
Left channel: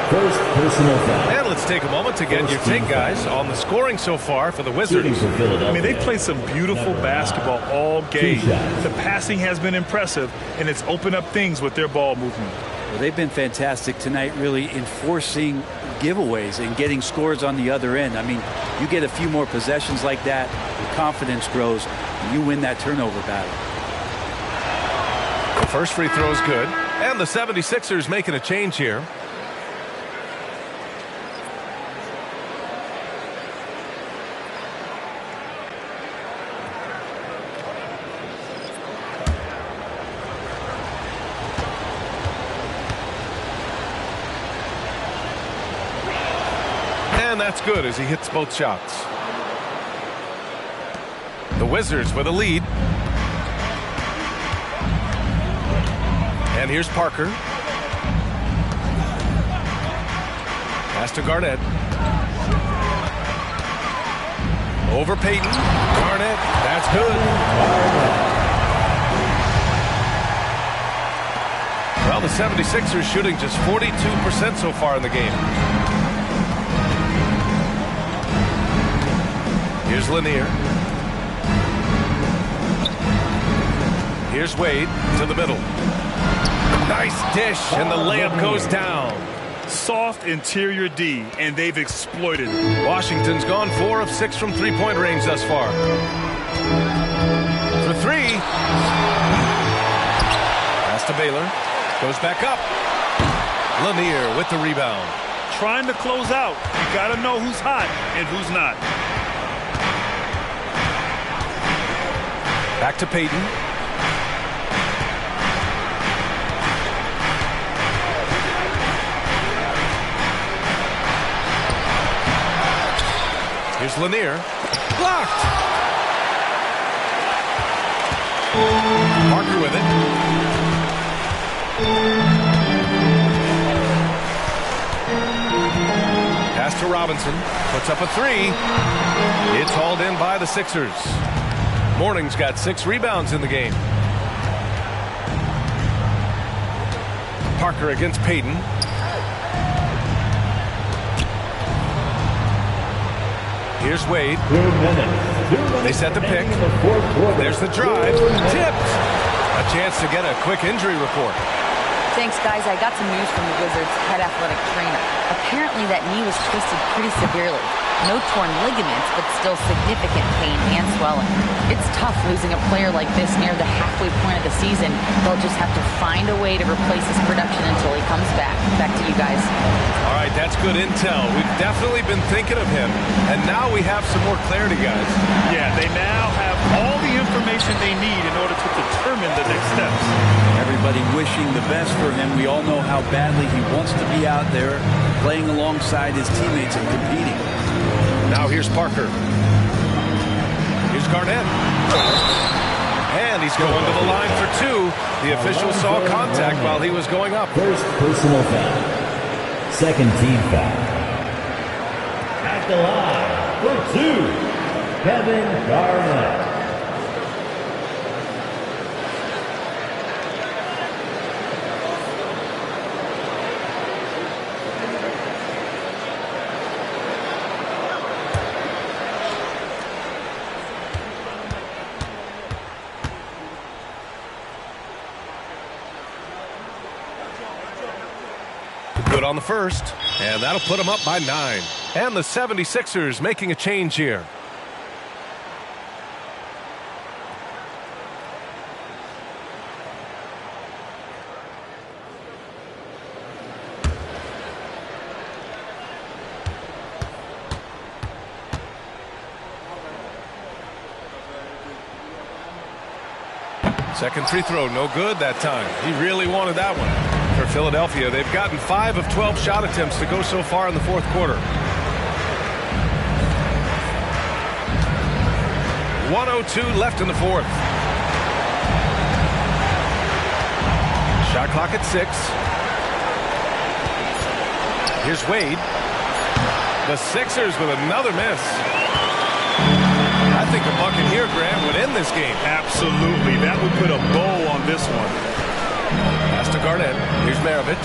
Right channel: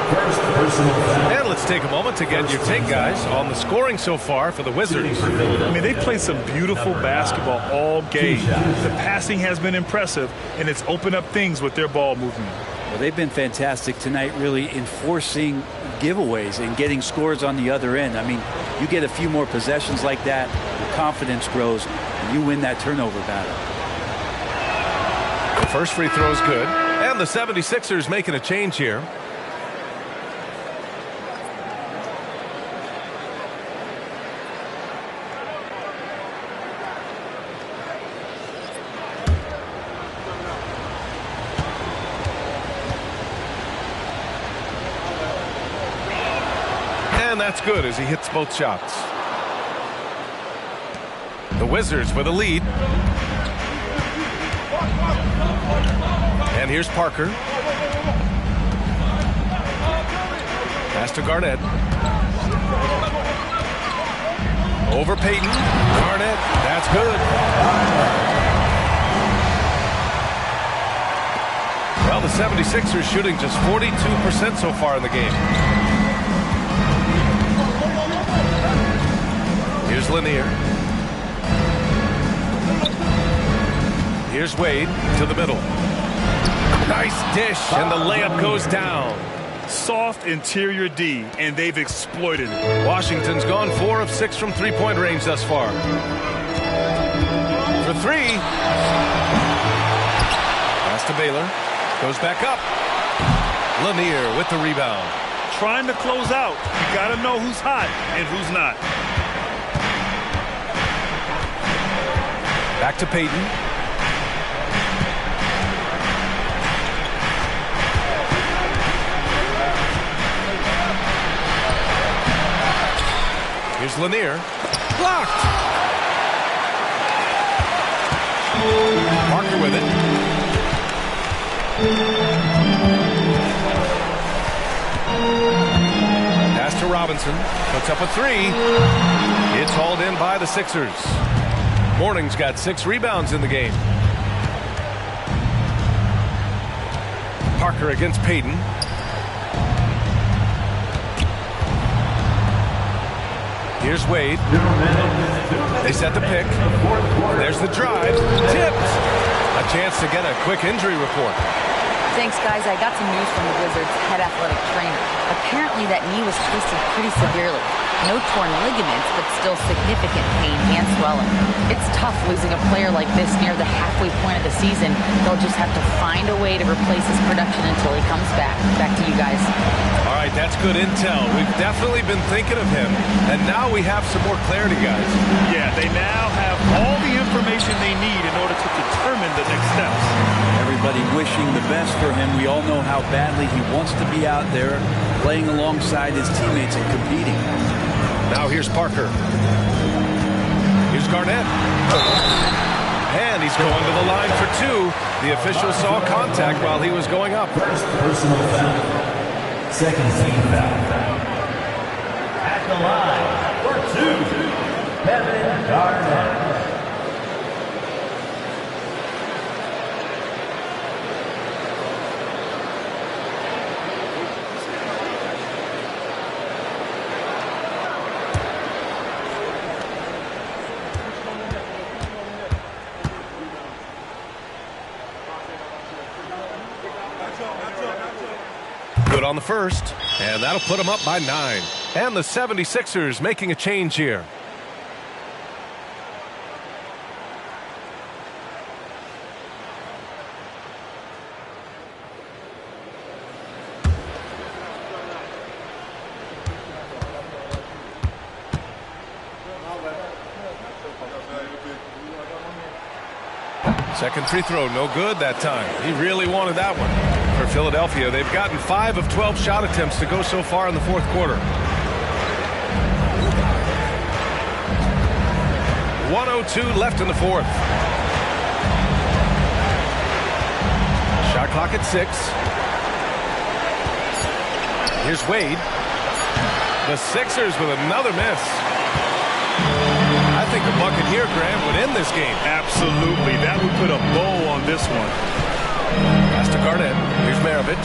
First personal foul. And let's take a moment to get your take, guys, on the scoring so far for the Wizards. I mean, they played some beautiful basketball all game. The passing has been impressive, and it's opened up things with their ball movement. Well, they've been fantastic tonight, really enforcing giveaways and getting scores on the other end. I mean, you get a few more possessions like that, your confidence grows, and you win that turnover battle. The first free throw is good, and the 76ers making a change here. And that's good as he hits both shots. The Wizards with a lead. And here's Parker. Pass to Garnett. Over Payton. Garnett. That's good. Well, the 76ers shooting just 42% so far in the game. Here's Lanier. Here's Wade to the middle. Nice dish, and the layup goes down. Soft interior D, and they've exploited it. Washington's gone 4 of 6 from three-point range thus far. For 3. Pass to Baylor. Goes back up. Lanier with the rebound. Trying to close out. You got to know who's hot and who's not. Back to Payton. Here's Lanier. Blocked. Parker with it. Pass to Robinson. Puts up a 3. It's hauled in by the Sixers. Mourning's got 6 rebounds in the game. Parker against Payton. Here's Wade. 2 minutes. They set the pick. There's the drive. Tipped. A chance to get a quick injury report. Thanks, guys. I got some news from the Wizards' head athletic trainer. Apparently that knee was twisted pretty severely. No torn ligaments, but still significant pain and swelling. It's tough losing a player like this near the halfway point of the season. They'll just have to find a way to replace his production until he comes back. Back to you guys. All right, that's good intel. We've definitely been thinking of him, and now we have some more clarity, guys. Yeah, they now have all the information they need in order to determine the next steps. Everybody wishing the best for him. We all know how badly he wants to be out there playing alongside his teammates and competing. Now here's Parker. Here's Garnett. And he's going to the line for 2. The official saw contact while he was going up. First personal foul. Second team foul. At the line for 2, Kevin Garnett. Good on the first, and that'll put them up by 9. And the 76ers making a change here. Second free throw, no good that time. He really wanted that one. For Philadelphia, they've gotten 5 of 12 shot attempts to go so far in the fourth quarter. 1:02 left in the fourth. Shot clock at 6. Here's Wade. The Sixers with another miss. I think a bucket here, Grant, would end this game. Absolutely. That would put a bow on this one. Pass to Garnett. Here's Maravich.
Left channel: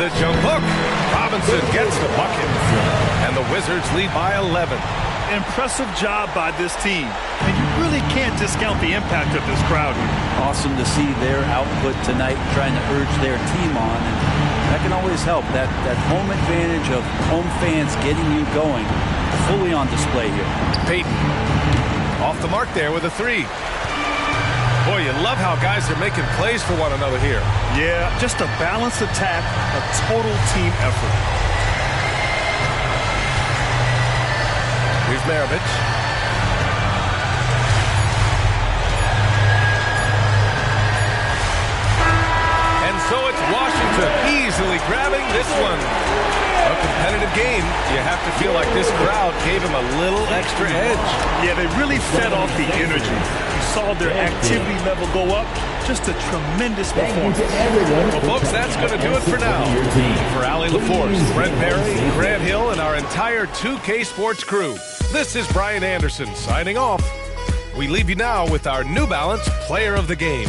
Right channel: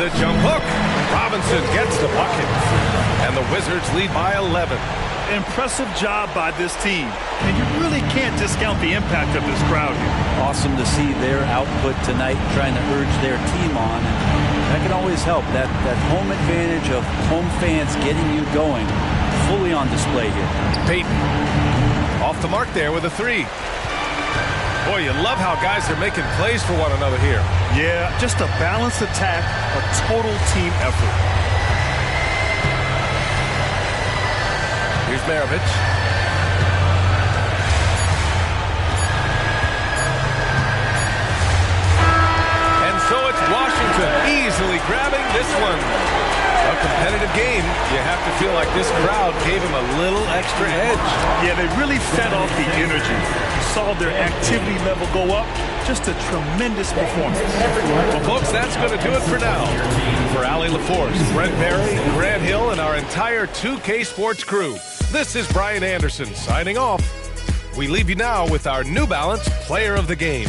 The jump hook. Robinson gets the bucket. And the Wizards lead by 11. Impressive job by this team. And you really can't discount the impact of this crowd here. Awesome to see their output tonight, trying to urge their team on. And that can always help. That home advantage of home fans getting you going, fully on display here. Payton off the mark there with a 3. Boy, you love how guys are making plays for one another here. Yeah, just a balanced attack, a total team effort. Here's Maravich. And so it's Washington easily grabbing this one. A competitive game. You have to feel like this crowd gave him a little extra edge. Yeah, they really fed off the energy. You saw their activity level go up. Just a tremendous performance. Well, folks, that's going to do it for now. For Allie LaForce, Brent Barry, Grant Hill, and our entire 2K Sports crew, this is Brian Anderson signing off. We leave you now with our New Balance Player of the Game.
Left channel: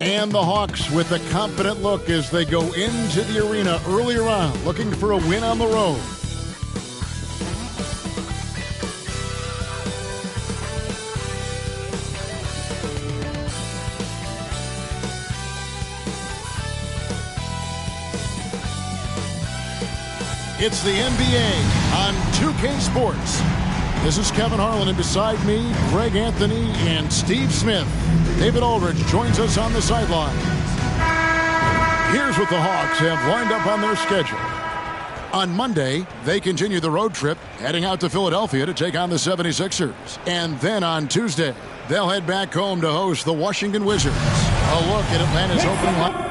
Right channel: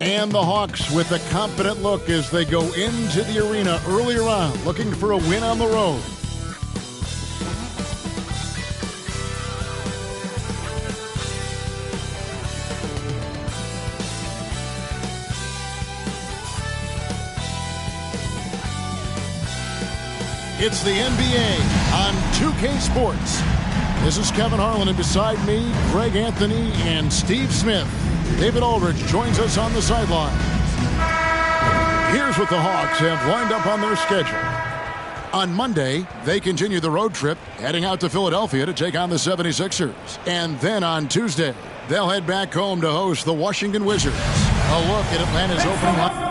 And the Hawks with a confident look as they go into the arena earlier on, looking for a win on the road. It's the NBA on 2K Sports. This is Kevin Harlan, and beside me, Greg Anthony and Steve Smith. David Aldridge joins us on the sidelines. Here's what the Hawks have lined up on their schedule. On Monday, they continue the road trip, heading out to Philadelphia to take on the 76ers. And then on Tuesday, they'll head back home to host the Washington Wizards. A look at Atlanta's opening line.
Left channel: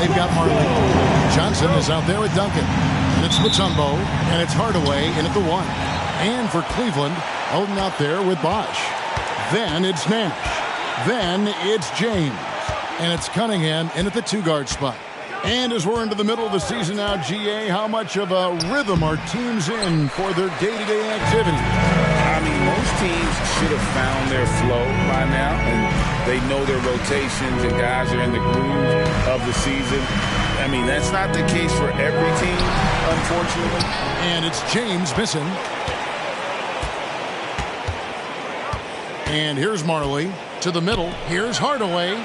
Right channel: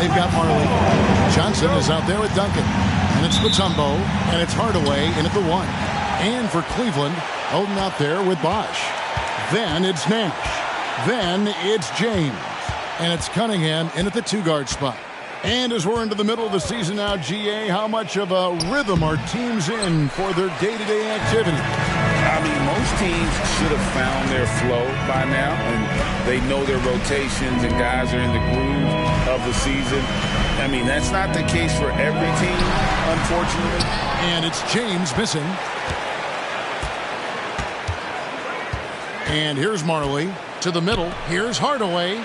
They've got Marley. Johnson is out there with Duncan. And it's Mutombo. And it's Hardaway in at the 1. And for Cleveland, Oden out there with Bosch. Then it's Nash. Then it's James. And it's Cunningham in at the 2-guard spot. And as we're into the middle of the season now, GA, how much of a rhythm are teams in for their day-to-day activity? I mean, most teams should have found their flow by now, and they know their rotations and guys are in the groove of the season. I mean, that's not the case for every team, unfortunately. And it's James missing. And here's Marley to the middle. Here's Hardaway.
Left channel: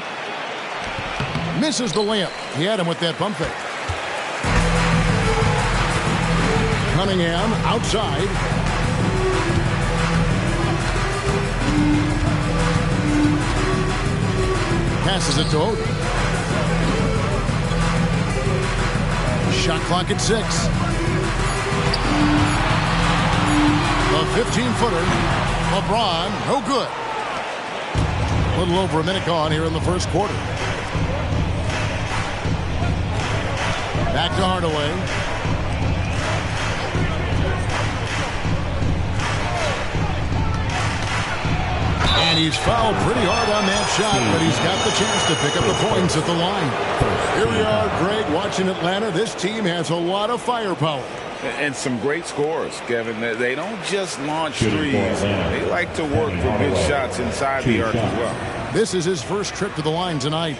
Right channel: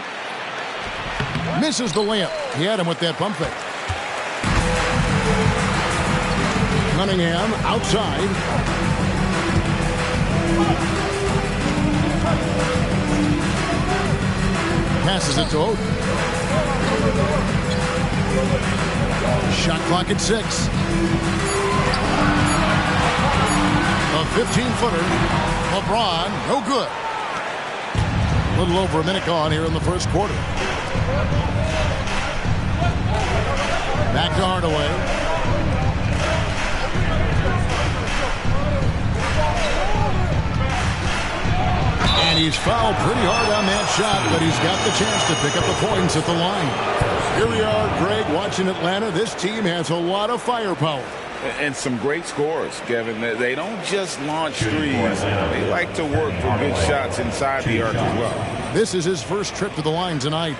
Misses the layup. He had him with that pump fake. Cunningham outside. Passes it to Oden. Shot clock at 6. The 15-footer. LeBron, no good. A little over a minute gone here in the first quarter. Back to Hardaway. And he's fouled pretty hard on that shot, but he's got the chance to pick up the points at the line. Here we are, Greg, watching Atlanta. This team has a lot of firepower. And some great scores, Kevin. They don't just launch threes. They like to work for good shots inside the arc as well. This is his first trip to the line tonight.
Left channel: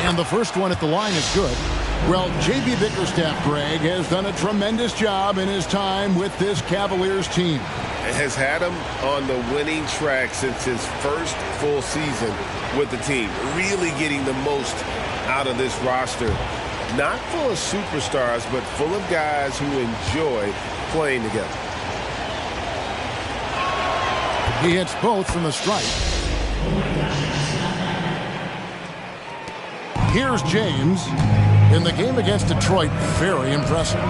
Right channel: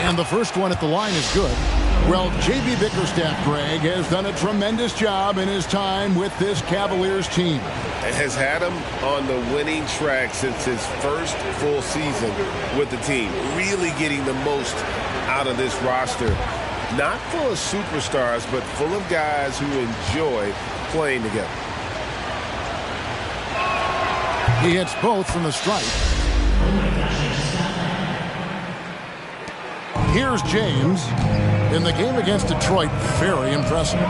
And the first one at the line is good. Well, J.B. Bickerstaff, Greg, has done a tremendous job in his time with this Cavaliers team. Has had him on the winning track since his first full season with the team. Really getting the most out of this roster. Not full of superstars, but full of guys who enjoy playing together. He hits both from the stripe. Here's James. In the game against Detroit, very impressive.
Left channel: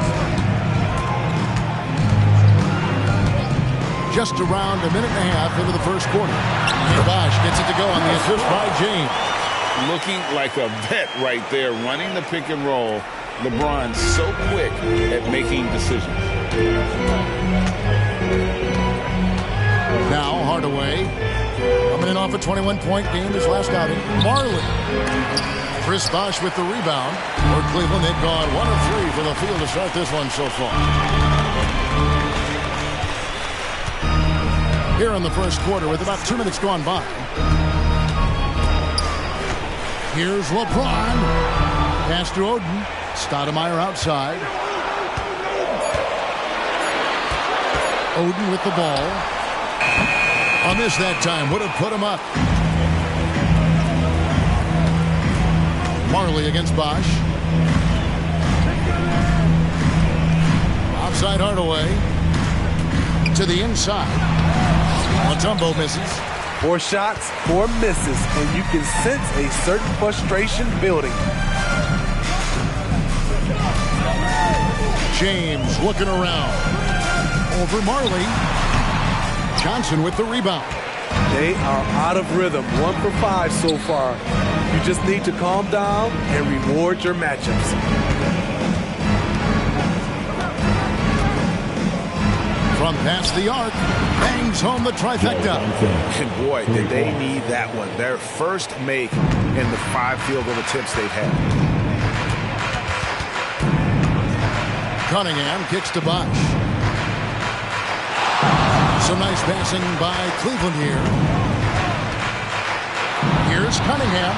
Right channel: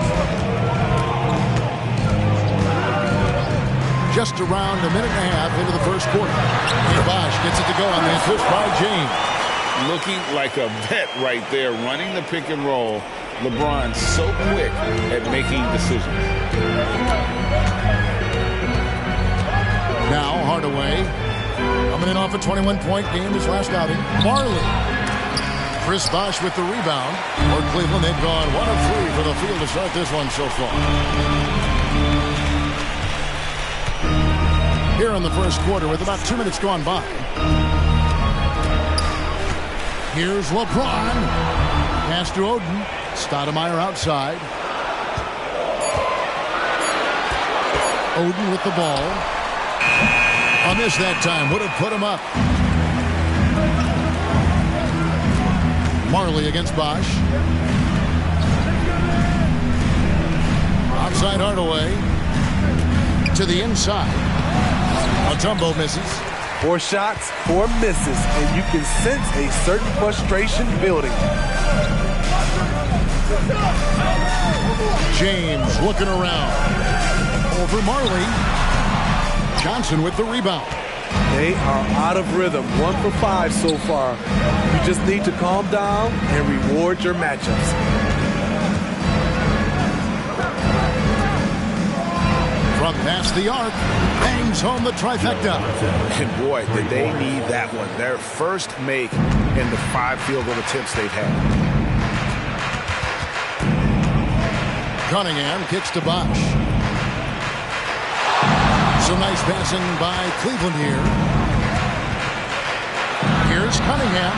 Just around a minute and a half into the first quarter. And Bosh gets it to go on the assist by James. Looking like a vet right there, running the pick and roll. LeBron so quick at making decisions. Now Hardaway coming in off a 21-point game his last outing. Marley. Chris Bosh with the rebound. For Cleveland, they've gone 1 of 3 from the field to start this one so far. Here in the first quarter with about 2 minutes gone by. Here's LeBron. Pass to Oden. Stoudemire outside. Oden with the ball. A miss that time. Would have put him up. Marley against Bosh. Outside Hardaway. To the inside. Mutombo misses. 4 shots, 4 misses, and you can sense a certain frustration building. James looking around. Over Marley. Johnson with the rebound. They are out of rhythm. 1 for 5 so far. You just need to calm down and reward your matchups. From past the arc, bangs home the trifecta. And boy, did they need that one. Their first make in the 5 field goal attempts they've had. Cunningham kicks to Bosh. Some nice passing by Cleveland here. Here's Cunningham.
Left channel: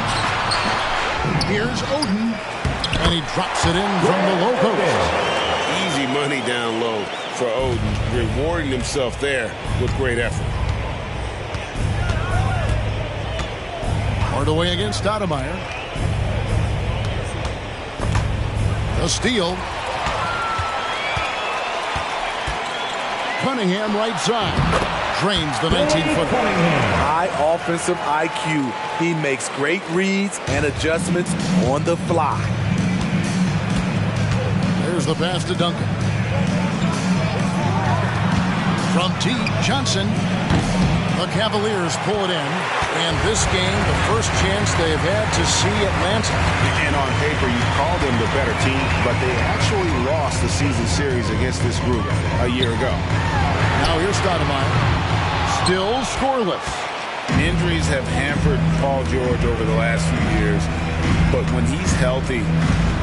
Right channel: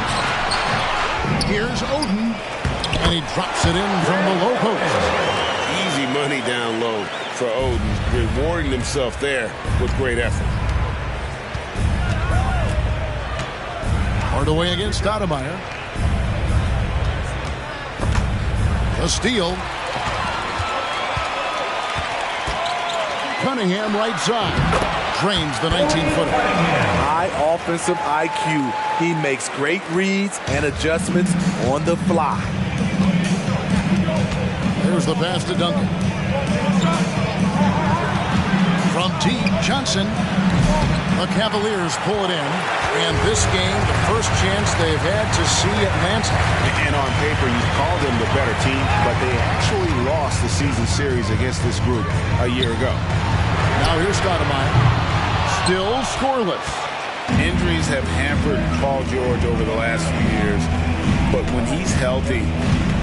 Here's Oden. And he drops it in from the low post. Easy money down low for Oden, rewarding himself there with great effort. Hardaway against Stoudemire. The steal. Cunningham right side. Drains the 19-footer. High offensive IQ. He makes great reads and adjustments on the fly. There's the pass to Duncan. From deep, Johnson. The Cavaliers pull it in. And this game, the first chance they've had to see Atlanta. And on paper, you call them the better team, but they actually lost the season series against this group a year ago. Now here's Stoudemire. Still scoreless. Injuries have hampered Paul George over the last few years, but when he's healthy,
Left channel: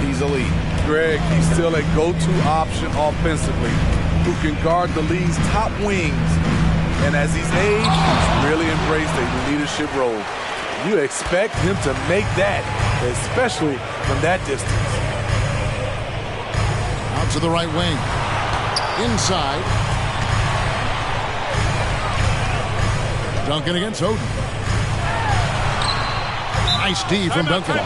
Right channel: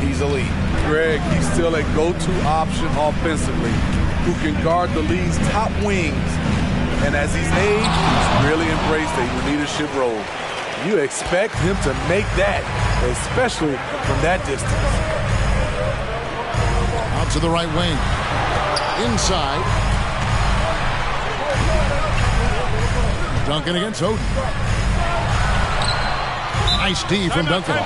he's elite. Greg, he's still a go-to option offensively who can guard the league's top wings. And as he's aged, he's really embraced a leadership role. You expect him to make that, especially from that distance. Out to the right wing. Inside. Duncan against Oden. Nice D from Duncan.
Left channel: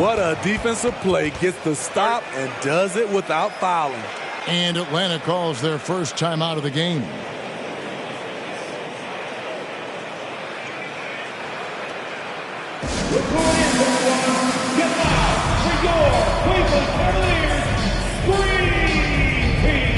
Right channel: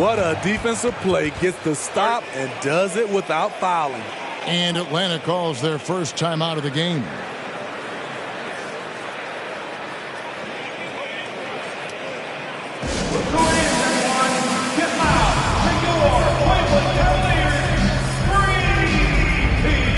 What a defensive play. Gets the stop and does it without fouling. And Atlanta calls their first timeout of the game. who it is, everyone. Get loud for your Cleveland Cavaliers Dream Team.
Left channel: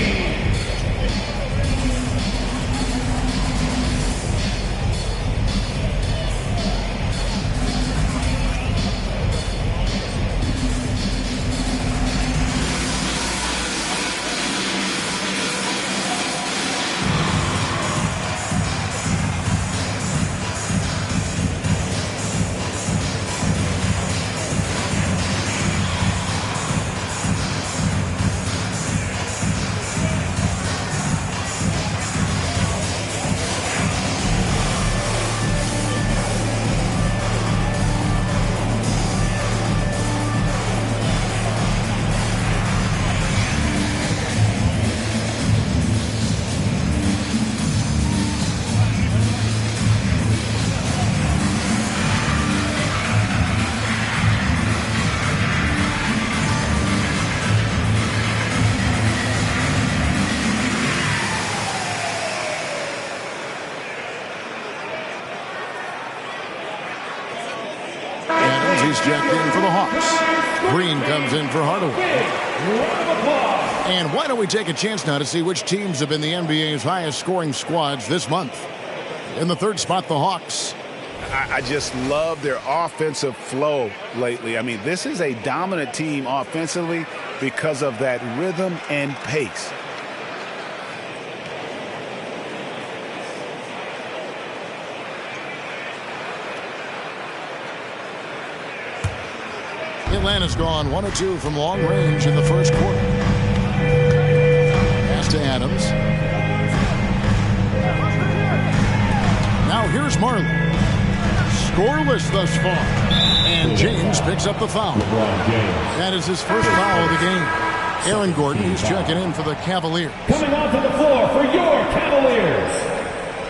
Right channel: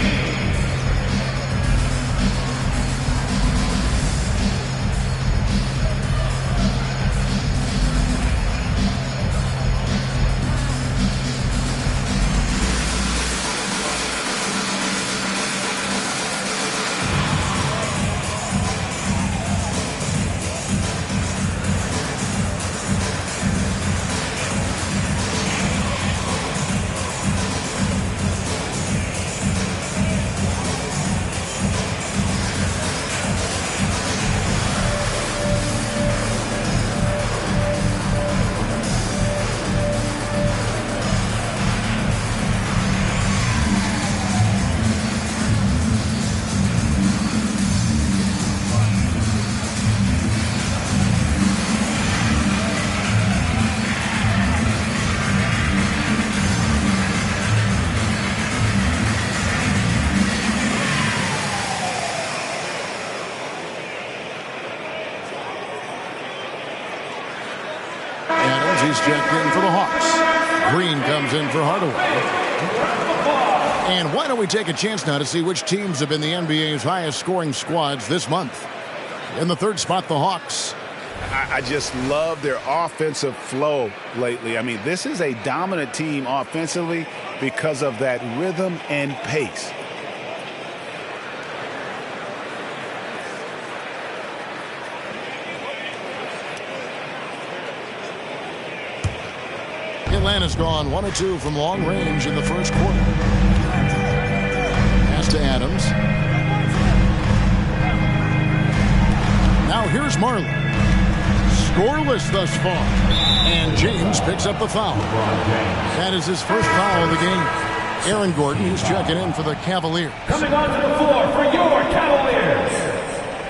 He's checked in for the Hawks. Green comes in for Hardaway. And why don't we take a chance now to see which teams have been the NBA's highest scoring squads this month. In the third spot, the Hawks. I just love their offensive flow lately. I mean, this is a dominant team offensively because of that rhythm and pace. Atlanta's gone 1 of 2 from long range in the first quarter. Pass to Adams. Now here's Marley. Scoreless thus far. And James picks up the foul. That is his first foul of the game. Aaron Gordon, who's checking in for the Cavaliers. Coming onto the floor for your Cavaliers,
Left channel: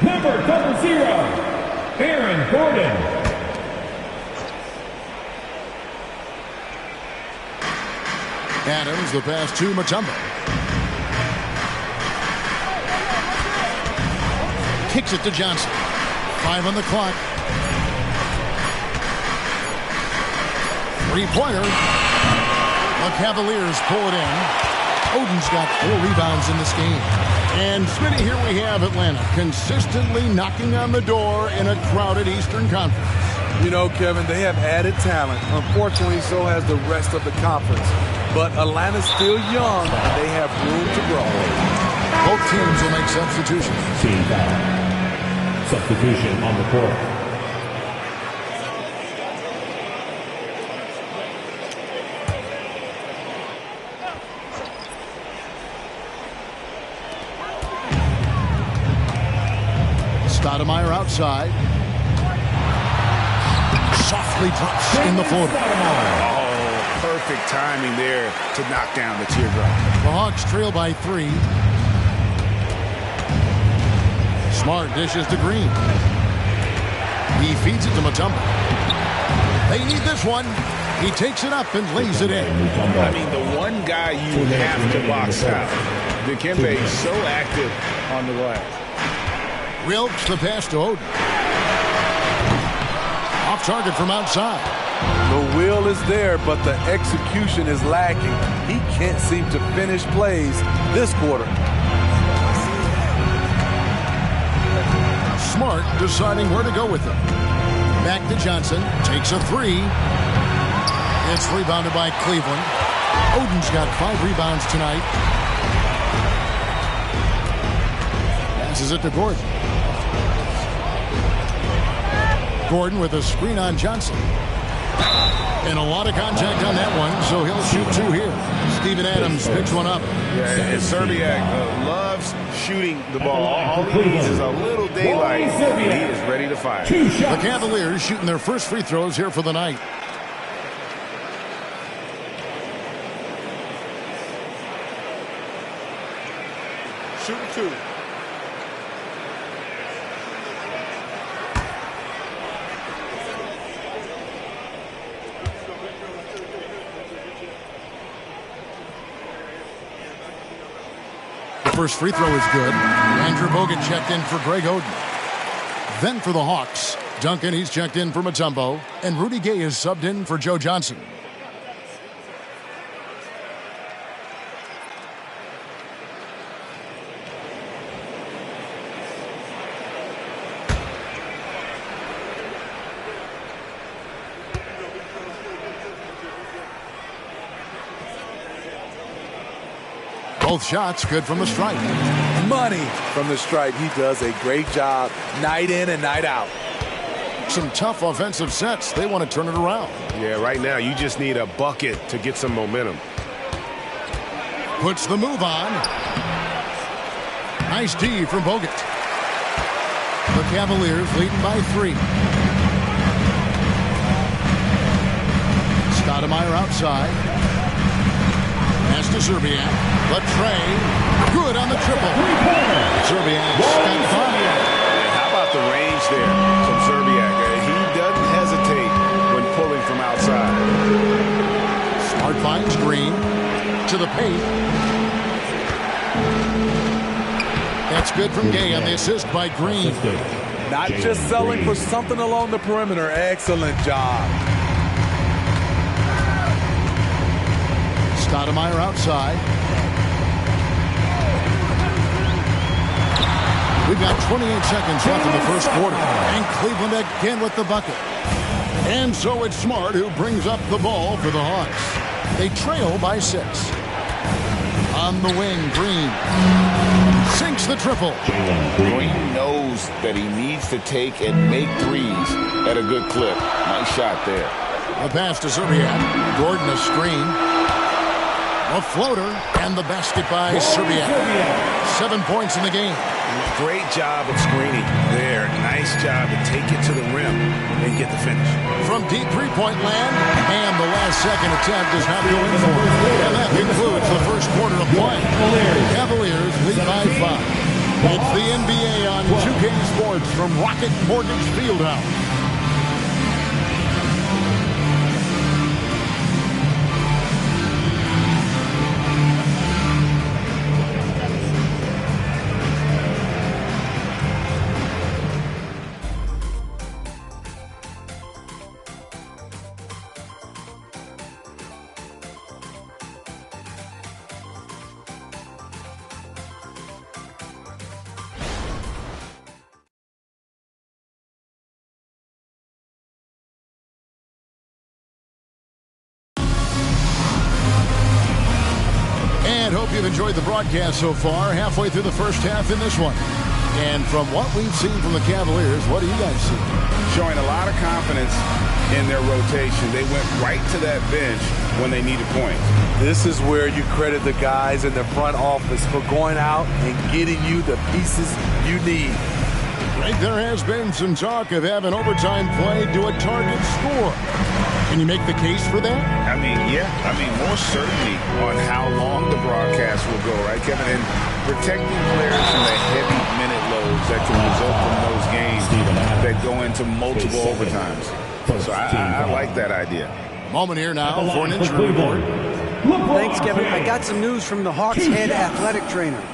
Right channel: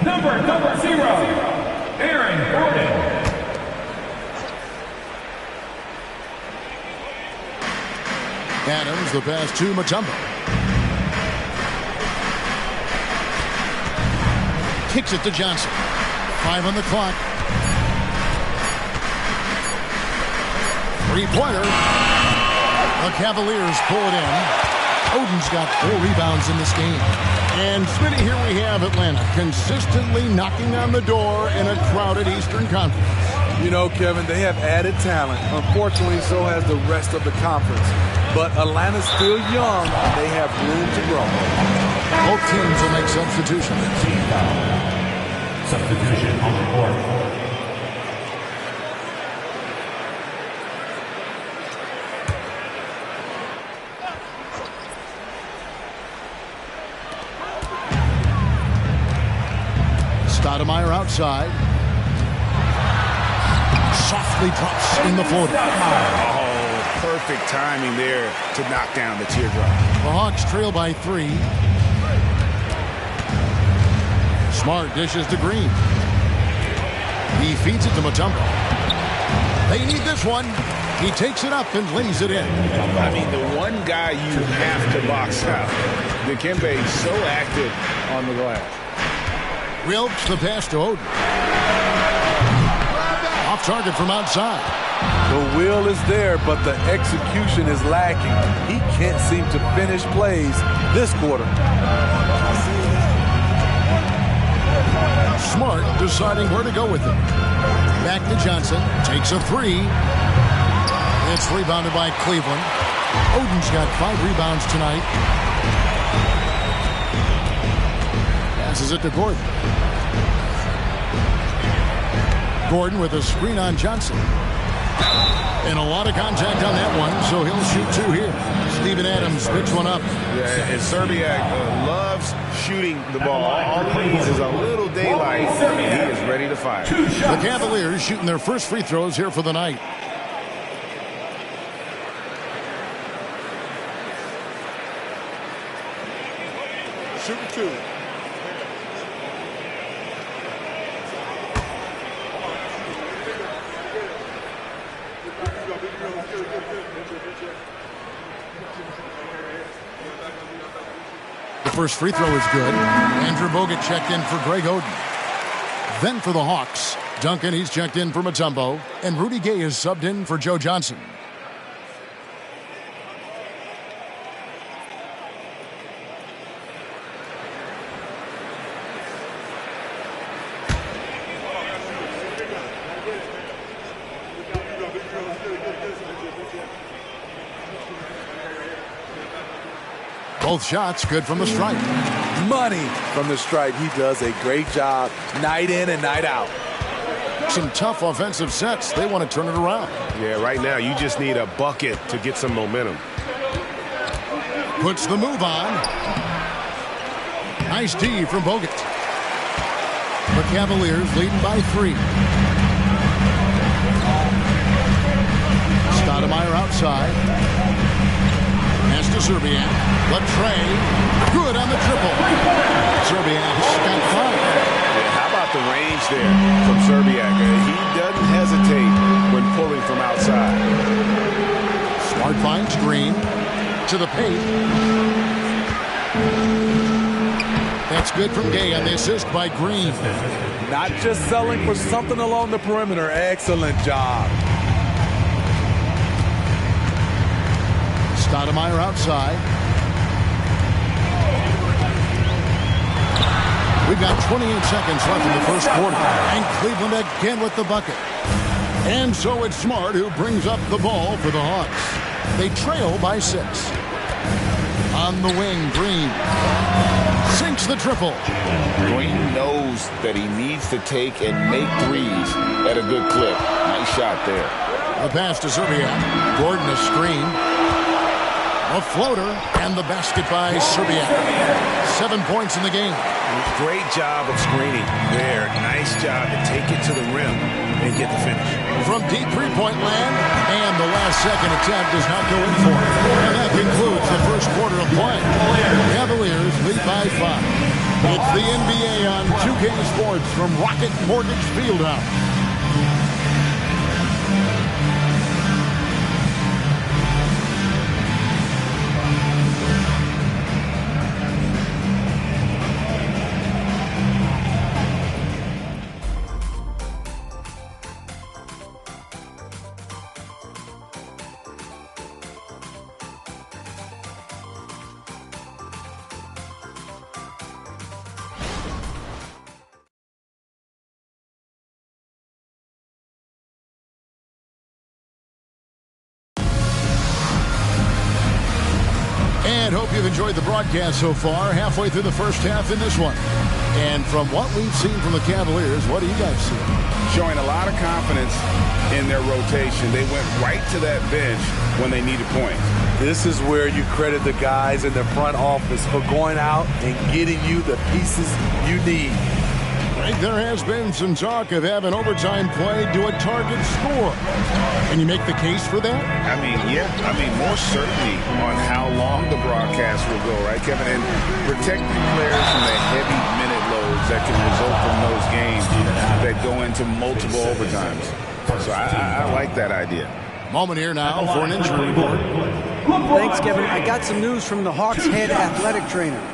number 0, Aaron Gordon. Adams, the pass to Mutombo. Kicks it to Johnson. 5 on the clock. Three-pointer. The Cavaliers pull it in. Oden's got 4 rebounds in this game. And Smitty, here we have Atlanta consistently knocking on the door in a crowded Eastern Conference. You know, Kevin, they have added talent. Unfortunately, so has the rest of the conference. But Atlanta's still young, and they have room to grow. Both teams will make substitutions. Team foul. Substitution on the court. Stoudemire outside. Softly drops in the floater. Oh, perfect timing there to knock down the teardrop. The Hawks trail by 3. Smart dishes to Green. He feeds it to Mutombo. They need this one. He takes it up and lays it in. I mean, the one guy you have to box out. Dikembe is so active on the glass. Wilkes the pass to Oden. Off target from outside. The will is there, but the execution is lacking. He can't seem to finish plays this quarter. Smart deciding where to go with it. Back to Johnson. Takes a 3. It's rebounded by Cleveland. Oden's got 5 rebounds tonight. Passes it to Gordon. Gordon with a screen on Johnson. And a lot of contact on that one, so he'll shoot 2 here. Steven Adams picks one up. Yeah, and Serbiak loves shooting the ball. All he needs is a little daylight, and he is ready to fire. The Cavaliers shooting their first free throws here for the night. Shooting 2. First free throw is good. Andrew Bogut checked in for Greg Oden. Then for the Hawks, Duncan, he's checked in for Mutombo, and Rudy Gay is subbed in for Joe Johnson. Both shots good from the stripe. Money from the stripe. He does a great job night in and night out. Some tough offensive sets. They want to turn it around. Yeah, right now you just need a bucket to get some momentum. Puts the move on. Nice D from Bogut. The Cavaliers leading by 3. Stoudemire outside. Pass to Szczerbiak. The tray. Good on the triple. Szczerbiak's got 5. Yeah, how about the range there from Szczerbiak? He doesn't hesitate when pulling from outside. Smart finds Green to the paint. That's good from Gay on the assist by Green. Not just selling for something along the perimeter. Excellent job. Stoudemire outside. We've got 28 seconds left in the first quarter. And Cleveland again with the bucket. And so it's Smart who brings up the ball for the Hawks. They trail by 6. On the wing, Green sinks the triple. Green knows that he needs to take and make threes at a good clip. Nice shot there. The pass to Szczerbiak. Gordon a screen. A floater and the basket by Szczerbiak. 7 points in the game. Great job of screening there. Nice job to take it to the rim and get the finish. From deep three-point land, and the last second attempt does not go in for it. And that concludes the first quarter of play. Cavaliers lead by 5. It's the NBA on 2K Sports from Rocket Mortgage Fieldhouse. And hope you've enjoyed the broadcast so far. Halfway through the first half in this one. And from what we've seen from the Cavaliers, what do you guys see? Showing a lot of confidence in their rotation. They went right to that bench when they needed points. This is where you credit the guys in the front office for going out and getting you the pieces you need. Greg, there has been some talk of having overtime play to a target score. Can you make the case for that? I mean, yeah. I mean, more certainty on how long the broadcast will go, right, Kevin? And protecting players from the heavy minute loads that can result from those games that go into multiple overtimes. So I like that idea. Moment here now for an injury report. Thanks, Kevin. I got some news from the Hawks head athletic trainer.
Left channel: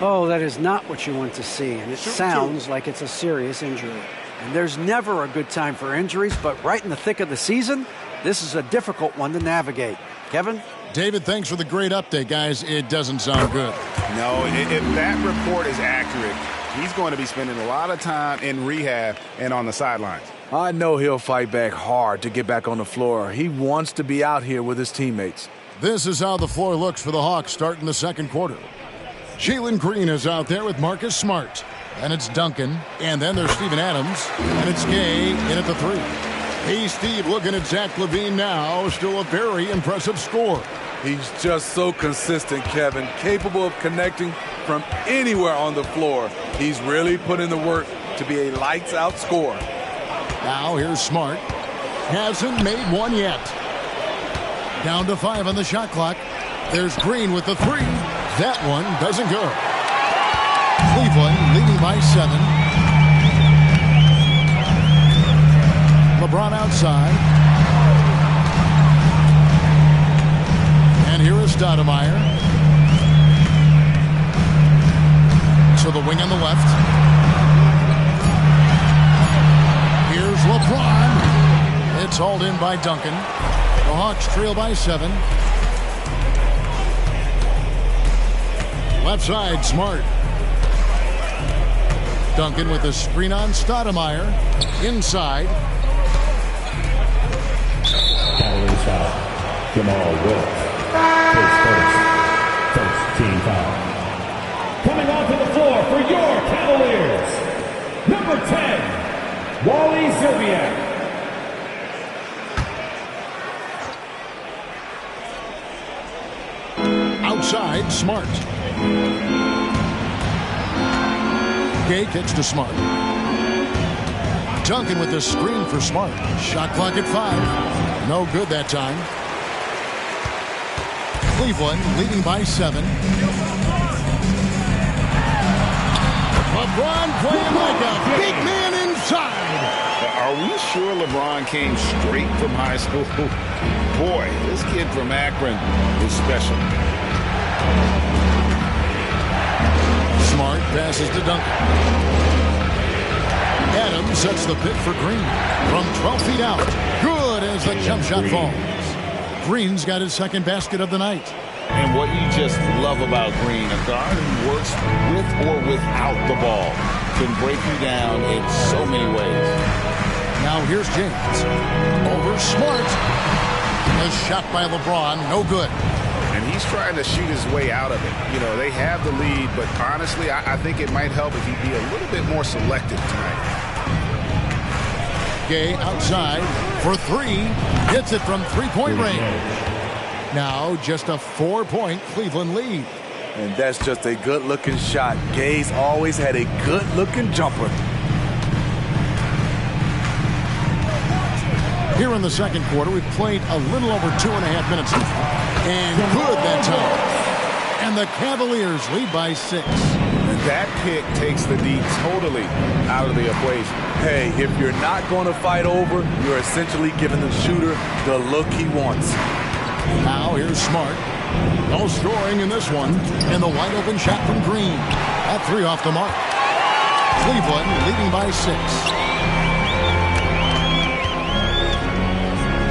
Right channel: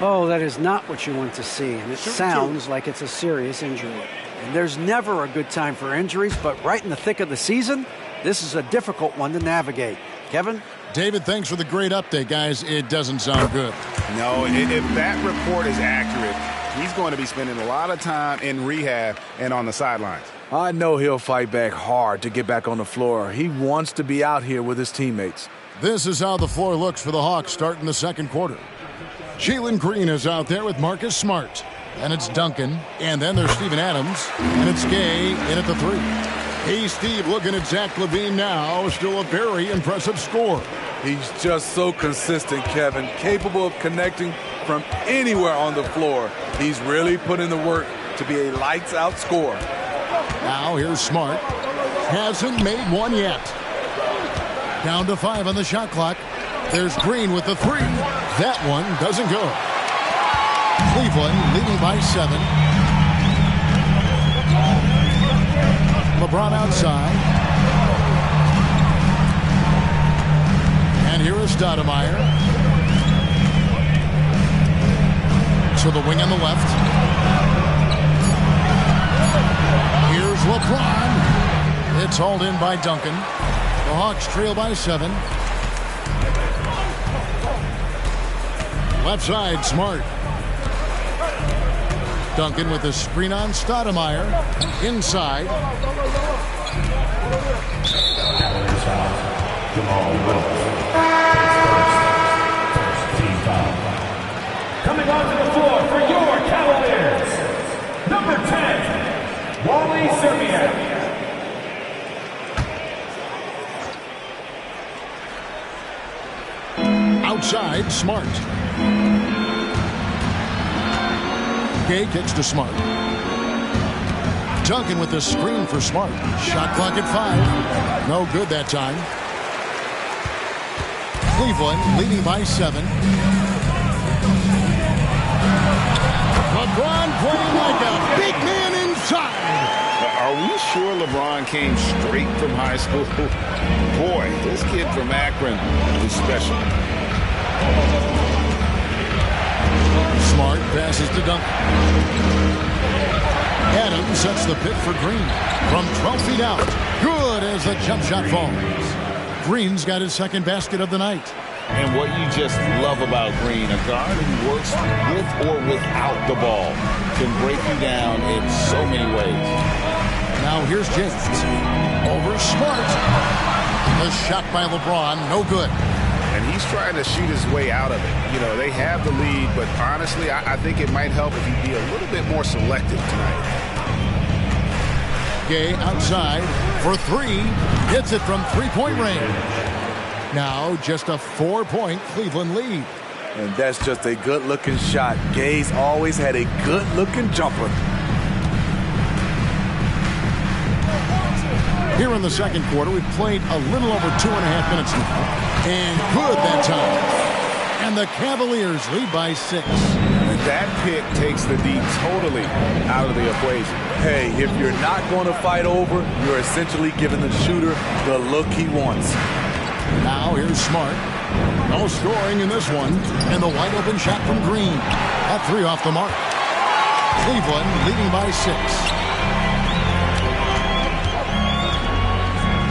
Oh, that is not what you want to see, and it sounds like it's a serious injury. And there's never a good time for injuries, but right in the thick of the season, this is a difficult one to navigate. Kevin? David, thanks for the great update, guys. It doesn't sound good. No, if that report is accurate, he's going to be spending a lot of time in rehab and on the sidelines. I know he'll fight back hard to get back on the floor. He wants to be out here with his teammates. This is how the floor looks for the Hawks starting the second quarter. Jalen Green is out there with Marcus Smart. And it's Duncan. And then there's Steven Adams. And it's Gay in at the 3. Hey, Steve, looking at Zach LaVine now. Still a very impressive score. He's just so consistent, Kevin. Capable of connecting from anywhere on the floor. He's really put in the work to be a lights-out scorer. Now here's Smart. Hasn't made one yet. Down to 5 on the shot clock. There's Green with the 3. That one doesn't go. Cleveland leading by 7. LeBron outside. And here is Stoudemire. To the wing on the left. Here's LeBron. It's hauled in by Duncan. The Hawks trail by 7. Left side, Smart. Duncan with the screen on Stoudemire. Inside. Cavaliers foul. Jamal Wilkes. His first team foul. Coming onto the floor for your Cavaliers, number 10, Wally Szczerbiak. Outside, Smart. Gay kicks to Smart. Duncan with the screen for Smart. Shot clock at 5. No good that time. Cleveland leading by 7. LeBron playing like a big man inside. Are we sure LeBron came straight from high school? Boy, this kid from Akron is special. Smart passes to Duncan. Adams sets the pick for Green. From 12 feet out. Good as the jump shot falls. Green's got his second basket of the night. And what you just love about Green, a guard who works with or without the ball, can break you down in so many ways. Now here's James. Over Smart. The shot by LeBron, no good. And he's trying to shoot his way out of it. You know, they have the lead, but honestly, I think it might help if he'd be a little bit more selective tonight. Gay outside for 3. Hits it from three-point range. Now just a 4-point Cleveland lead. And that's just a good-looking shot. Gay's always had a good-looking jumper. Here in the second quarter, we've played a little over 2.5 minutes now. And good that time. And the Cavaliers lead by 6. And that pick takes the D totally out of the equation. Hey, if you're not going to fight over, you're essentially giving the shooter the look he wants. Now here's Smart. No scoring in this one. And the wide open shot from Green. At 3 off the mark. Cleveland leading by 6.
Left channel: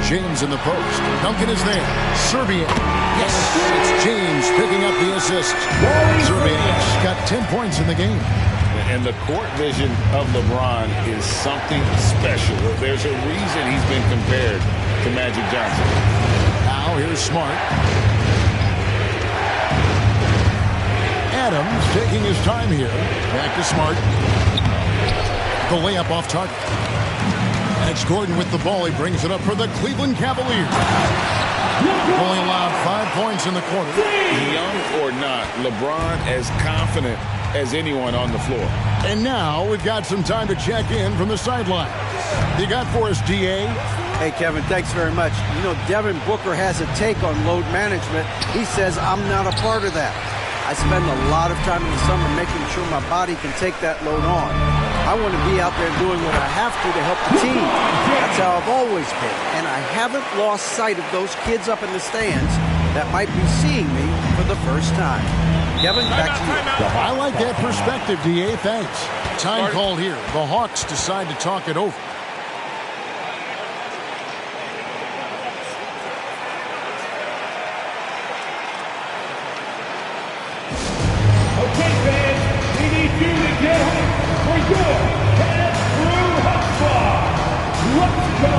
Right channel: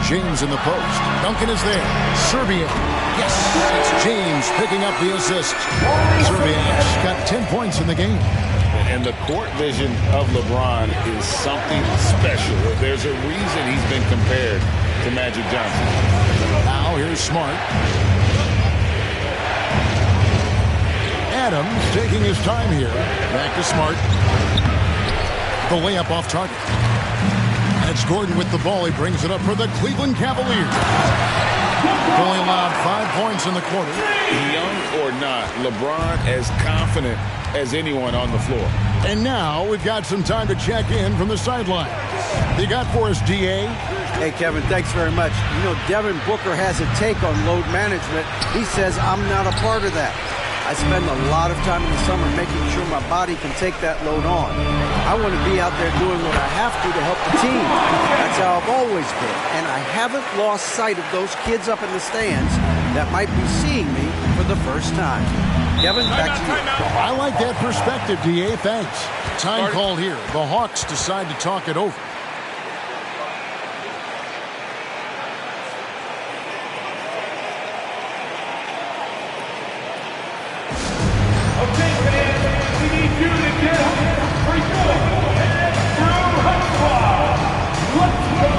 James in the post. Duncan is there. Szczerbiak. Yes, it's James picking up the assist. Szczerbiak's got 10 points in the game. And the court vision of LeBron is something special. There's a reason he's been compared to Magic Johnson. Now here's Smart. Adams taking his time here. Back to Smart. The layup off target. And it's Gordon with the ball. He brings it up for the Cleveland Cavaliers. Only allowed 5 points in the quarter. Young or not, LeBron as confident as anyone on the floor. And now we've got some time to check in from the sidelines. You got for us, DA? Hey, Kevin, thanks very much. You know, Devin Booker has a take on load management. He says, I'm not a part of that. I spend a lot of time in the summer making sure my body can take that load on. I want to be out there doing what I have to help the team. That's how I've always been. And I haven't lost sight of those kids up in the stands that might be seeing me for the first time. Kevin, back to you. I like that perspective, DA. Thanks. Time called here. The Hawks decide to talk it over. Okay, fans, we need you to get home for your Andrew Hut Squad. Let's go.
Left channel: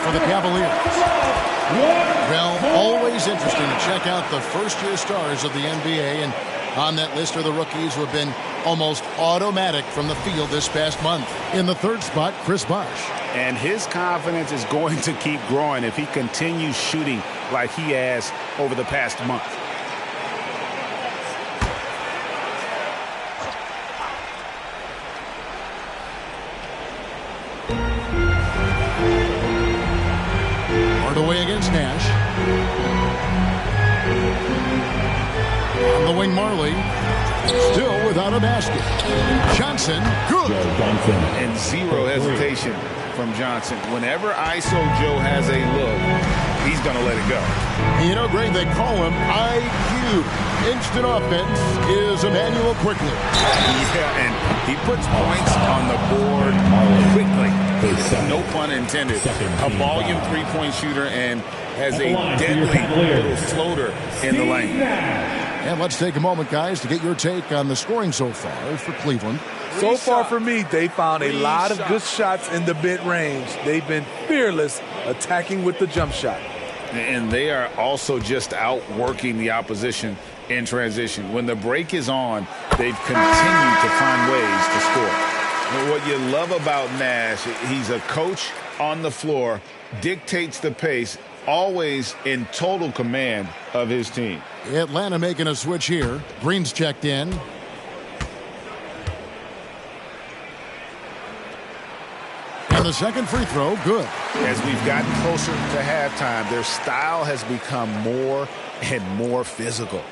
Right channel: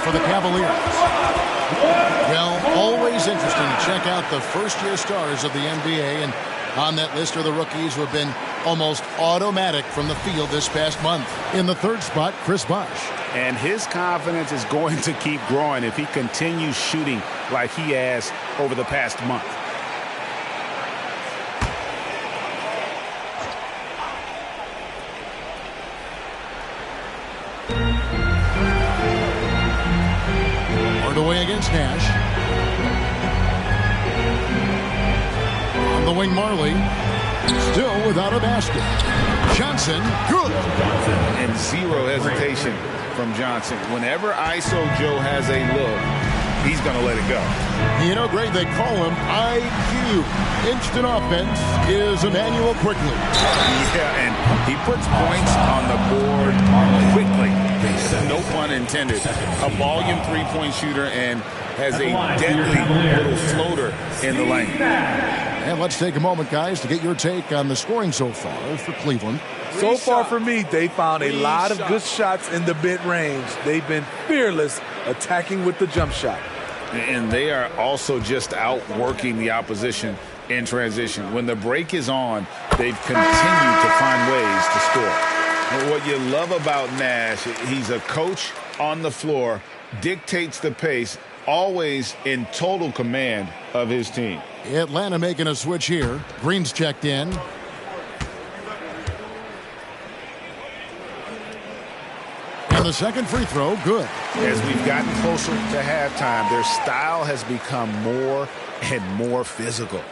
for the Cavaliers. Well, always interesting to check out the first-year stars of the NBA, and on that list are the rookies who have been almost automatic from the field this past month. In the third spot, Chris Bosh. And his confidence is going to keep growing if he continues shooting like he has over the past month. Hardaway against Nash. On the wing, Marley. Still without a basket. Johnson, good. And zero hesitation from Johnson. Whenever ISO Joe has a look, he's going to let it go. You know, Greg, they call him IQ. Instant offense is Emmanuel quickly. Yeah, and he puts points on the board quickly. No pun intended. A volume three-point shooter and has a deadly little floater in the lane. And let's take a moment, guys, to get your take on the scoring so far for Cleveland. So far for me, they found a lot of good shots in the mid-range. They've been fearless attacking with the jump shot. And they are also just outworking the opposition in transition. When the break is on, they've continued to find ways to score. What you love about Nash, he's a coach on the floor, dictates the pace, always in total command of his team. Atlanta making a switch here. Green's checked in. And the second free throw, good. As we've gotten closer to halftime, their style has become more and more physical.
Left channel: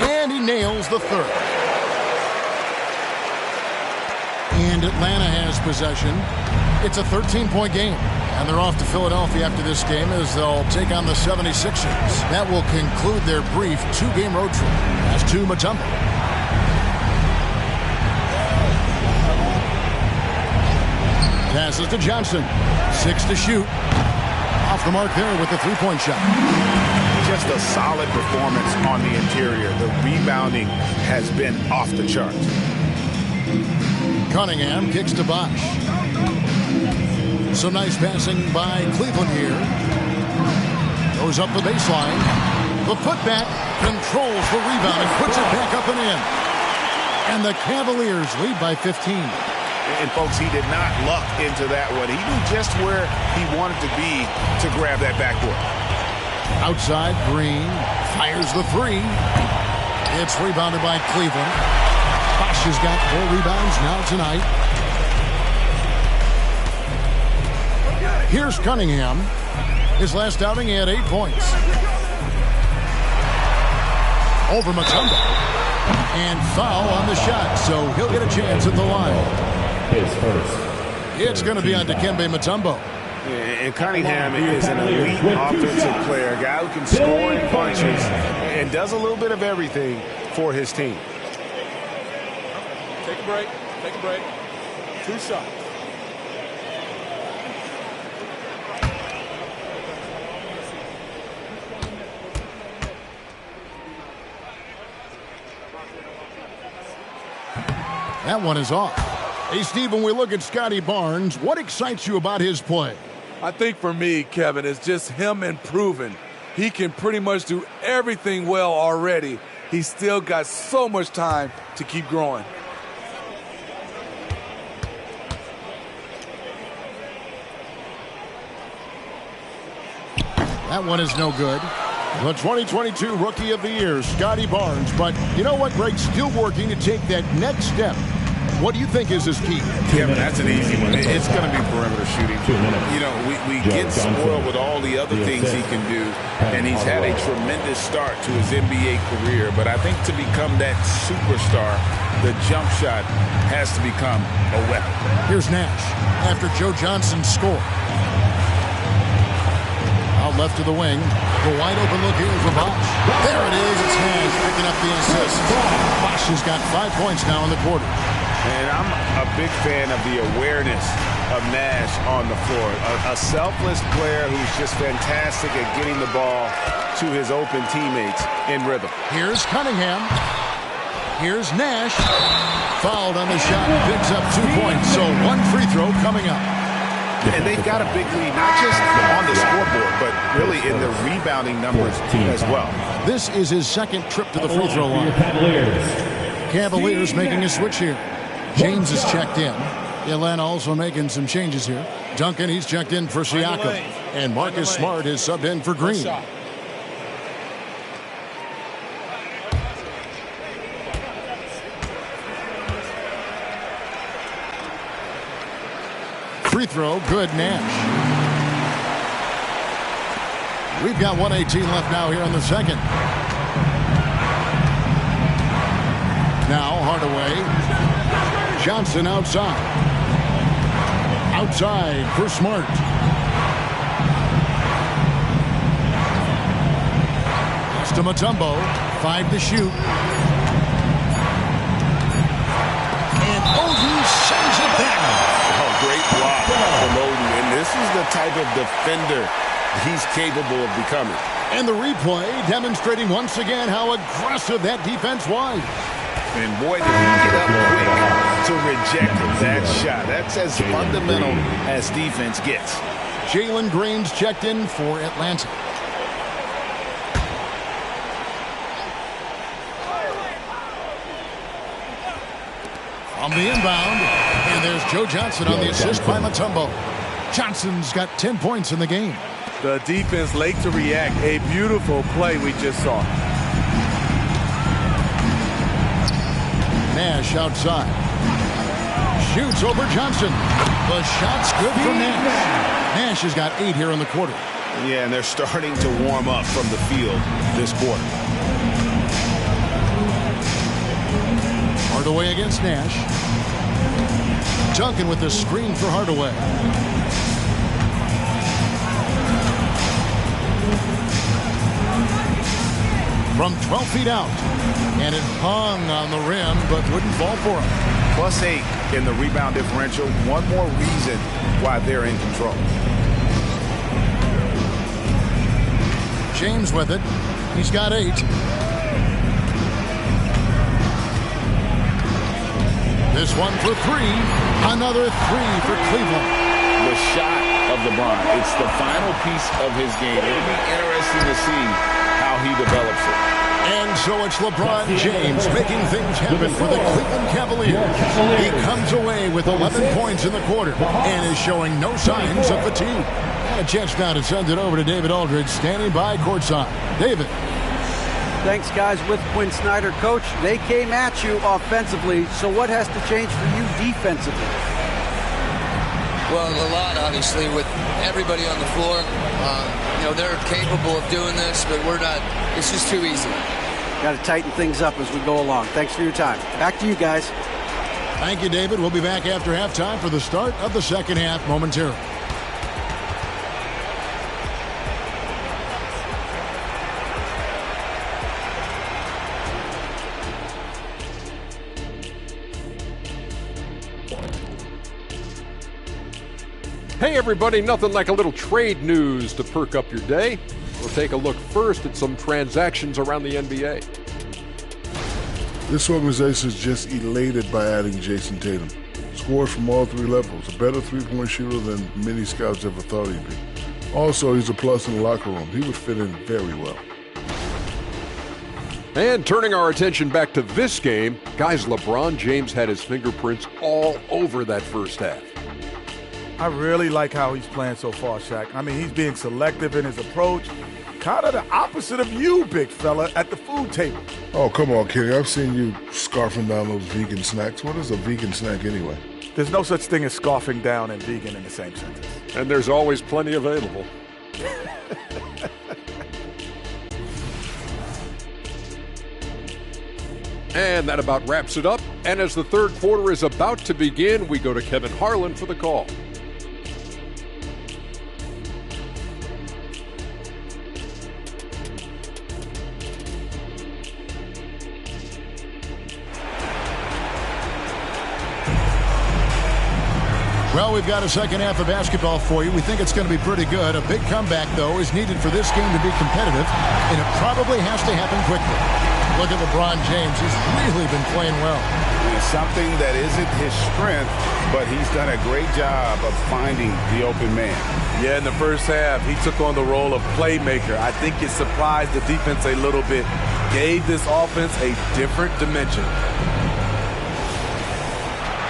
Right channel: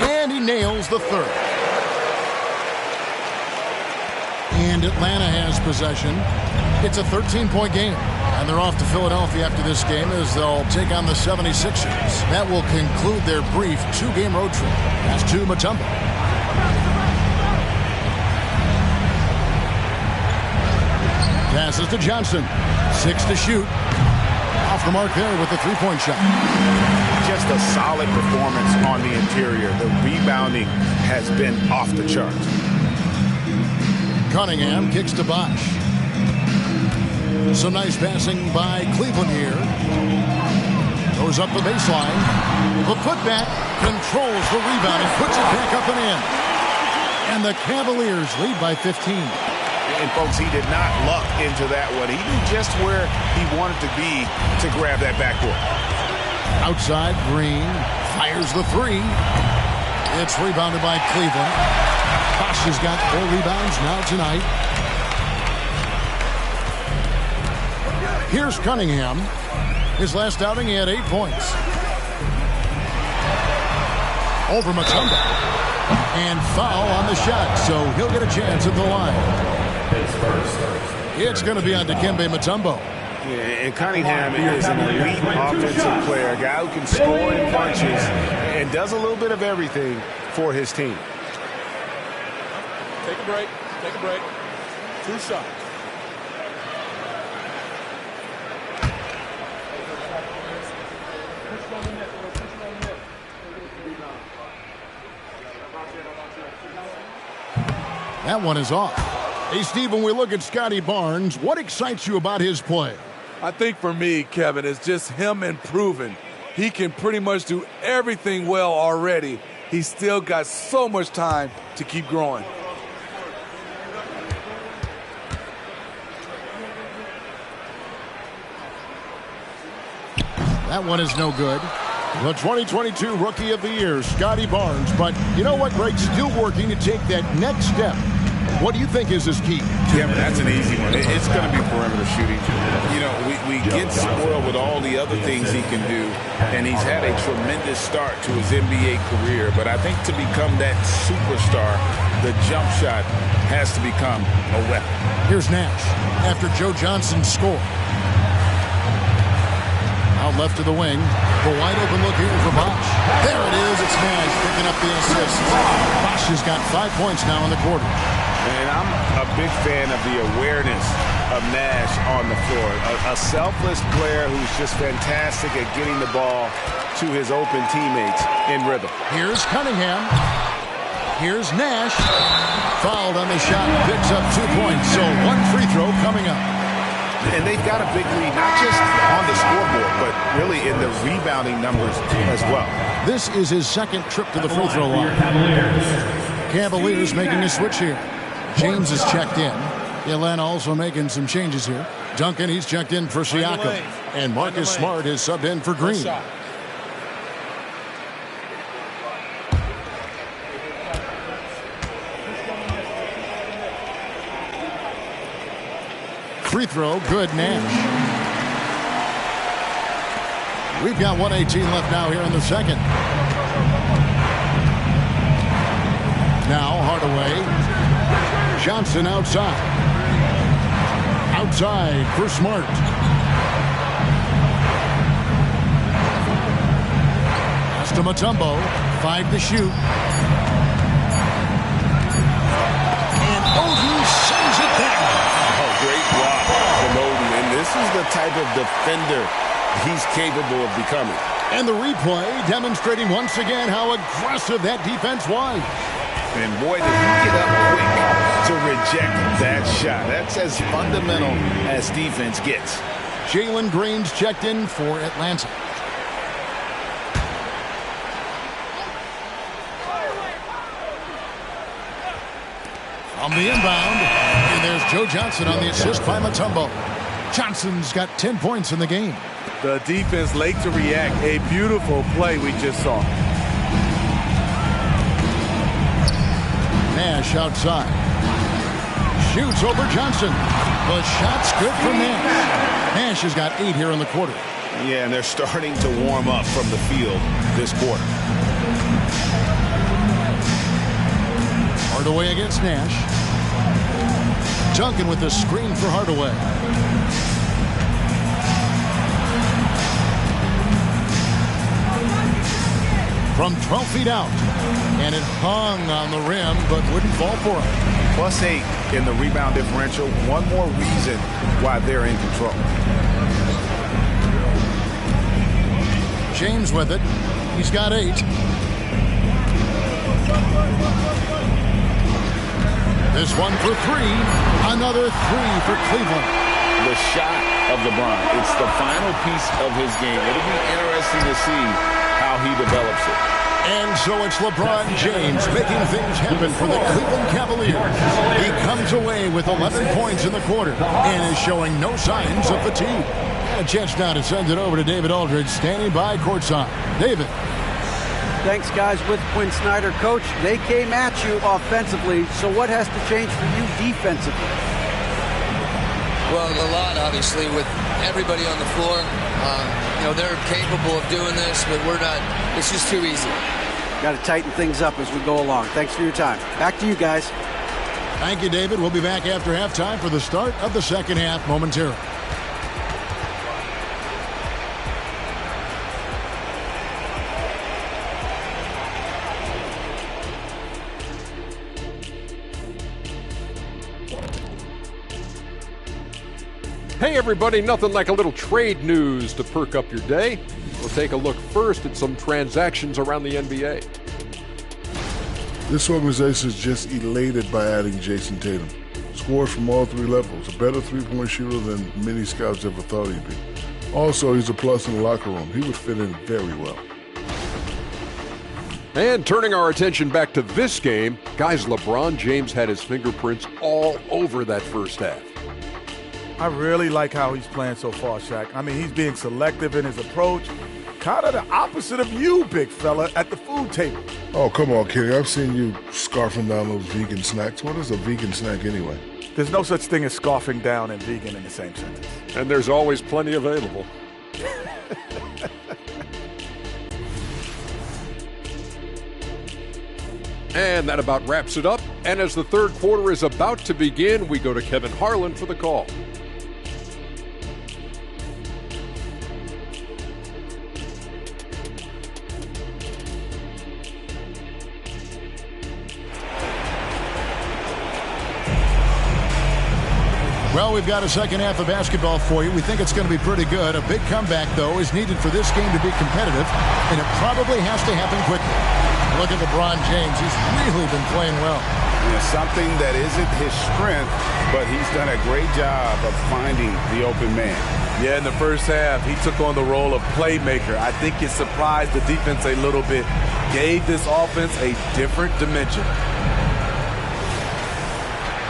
And he nails the third. And Atlanta has possession. It's a 13-point game. And they're off to Philadelphia after this game as they'll take on the 76ers. That will conclude their brief two-game road trip. Pass to Mutombo. Passes to Johnson. 6 to shoot. Off the mark there with the three-point shot. Just a solid performance on the interior. The rebounding has been off the charts. Cunningham kicks to Bosh. Some nice passing by Cleveland here. Goes up the baseline. The putback controls the rebound and puts it back up and in. And the Cavaliers lead by 15. And, folks, he did not luck into that one. He knew just where he wanted to be to grab that backboard. Outside, Green fires the three. It's rebounded by Cleveland. Bosh has got 4 rebounds now tonight. Here's Cunningham. His last outing, he had 8 points. Over Mutombo. And foul on the shot, so he'll get a chance at the line. It's going to be on Dikembe Mutombo. Yeah, and Cunningham is an elite offensive player, a guy who can score in bunches and does a little bit of everything for his team. Take a break. Take a break. 2 shots. That one is off. Hey, Steve, when we look at Scotty Barnes, what excites you about his play? I think for me, Kevin, it's just him improving. He can pretty much do everything well already. He's still got so much time to keep growing. That one is no good. The 2022 Rookie of the Year, Scotty Barnes. But you know what, Greg? Still working to take that next step. What do you think is his key? Yeah, but that's an easy one. It's going to be perimeter shooting. You know, we get spoiled with all the other things he can do, and he's had a tremendous start to his NBA career. But I think to become that superstar, the jump shot has to become a weapon. Here's Nash after Joe Johnson scored. Out left to the wing. The wide open look here for Bosh. There it is. It's Nash picking up the assist. Bosh has got 5 points now in the quarter. And I'm a big fan of the awareness of Nash on the floor. A selfless player who's just fantastic at getting the ball to his open teammates in rhythm. Here's Cunningham. Here's Nash. Fouled on the shot, picks up 2 points. So one free throw coming up. And they've got a big lead, not just on the scoreboard, but really in the rebounding numbers as well. This is his second trip to the free throw line. Cavaliers making a switch here. James is checked in. Atlanta also making some changes here. Duncan, he's checked in for Siakam. And Marcus Smart is subbed in for Green. Free throw, good. Nash. We've got 1:18 left now here in the second. Now Hardaway. Johnson outside. Outside for Smart. Pass to Mutombo. 5 to shoot. And Oden sends it back. Oh, great block from Oden. And this is the type of defender he's capable of becoming. And the replay demonstrating once again how aggressive that defense was. And boy, did he get up quick to reject that shot. That's as fundamental as defense gets. Jalen Green's checked in for Atlanta. On the inbound, and there's Joe Johnson on the assist by Mutombo. Johnson's got 10 points in the game. The defense late to react. A beautiful play we just saw. Nash outside. Shoots over Johnson. The shot's good for Nash. Nash has got 8 here in the quarter. Yeah, and they're starting to warm up from the field this quarter. Hardaway against Nash. Duncan with the screen for Hardaway. From 12 feet out. And it hung on the rim, but wouldn't fall for him. +8 in the rebound differential. One more reason why they're in control. James with it. He's got 8. This one for 3. Another 3 for Cleveland. The shot of LeBron. It's the final piece of his game. It'll be interesting to see how he develops it. And so it's LeBron James making things happen for the Cleveland Cavaliers. He comes away with 11 points in the quarter and is showing no signs of fatigue. And a chance now to send it over to David Aldridge, standing by courtside. David. Thanks, guys. With Quinn Snyder, Coach, they came at you offensively. So what has to change for you defensively? Well, a lot, obviously, with everybody on the floor. They're capable of doing this, but we're not. It's just too easy. Got to tighten things up as we go along. Thanks for your time. Back to you guys. Thank you, David. We'll be back after halftime for the start of the second half momentarily. Hey everybody, nothing like a little trade news to perk up your day. We'll take a look first at some transactions around the NBA. This organization is just elated by adding Jason Tatum. Scores from all 3 levels, a better three-point shooter than many scouts ever thought he'd be. Also, he's a plus in the locker room. He would fit in very well. And turning our attention back to this game, guys, LeBron James had his fingerprints all over that first half. I really like how he's playing so far, Shaq. I mean, he's being selective in his approach. Kind of the opposite of you, big fella, at the food table. Oh, come on, Kenny. I've seen you scarfing down those vegan snacks. What is a vegan snack anyway? There's no such thing as scarfing down and vegan in the same sentence. And there's always plenty available. And that about wraps it up. And as the third quarter is about to begin, we go to Kevin Harlan for the call. Well, we've got a second half of basketball for you. We think it's going to be pretty good. A big comeback, though, is needed for this game to be competitive, and it probably has to happen quickly. Look at LeBron James. He's really been playing well. Yeah, something that isn't his strength, but he's done a great job of finding the open man. Yeah, in the first half, he took on the role of playmaker. I think it surprised the defense a little bit. Gave this offense a different dimension.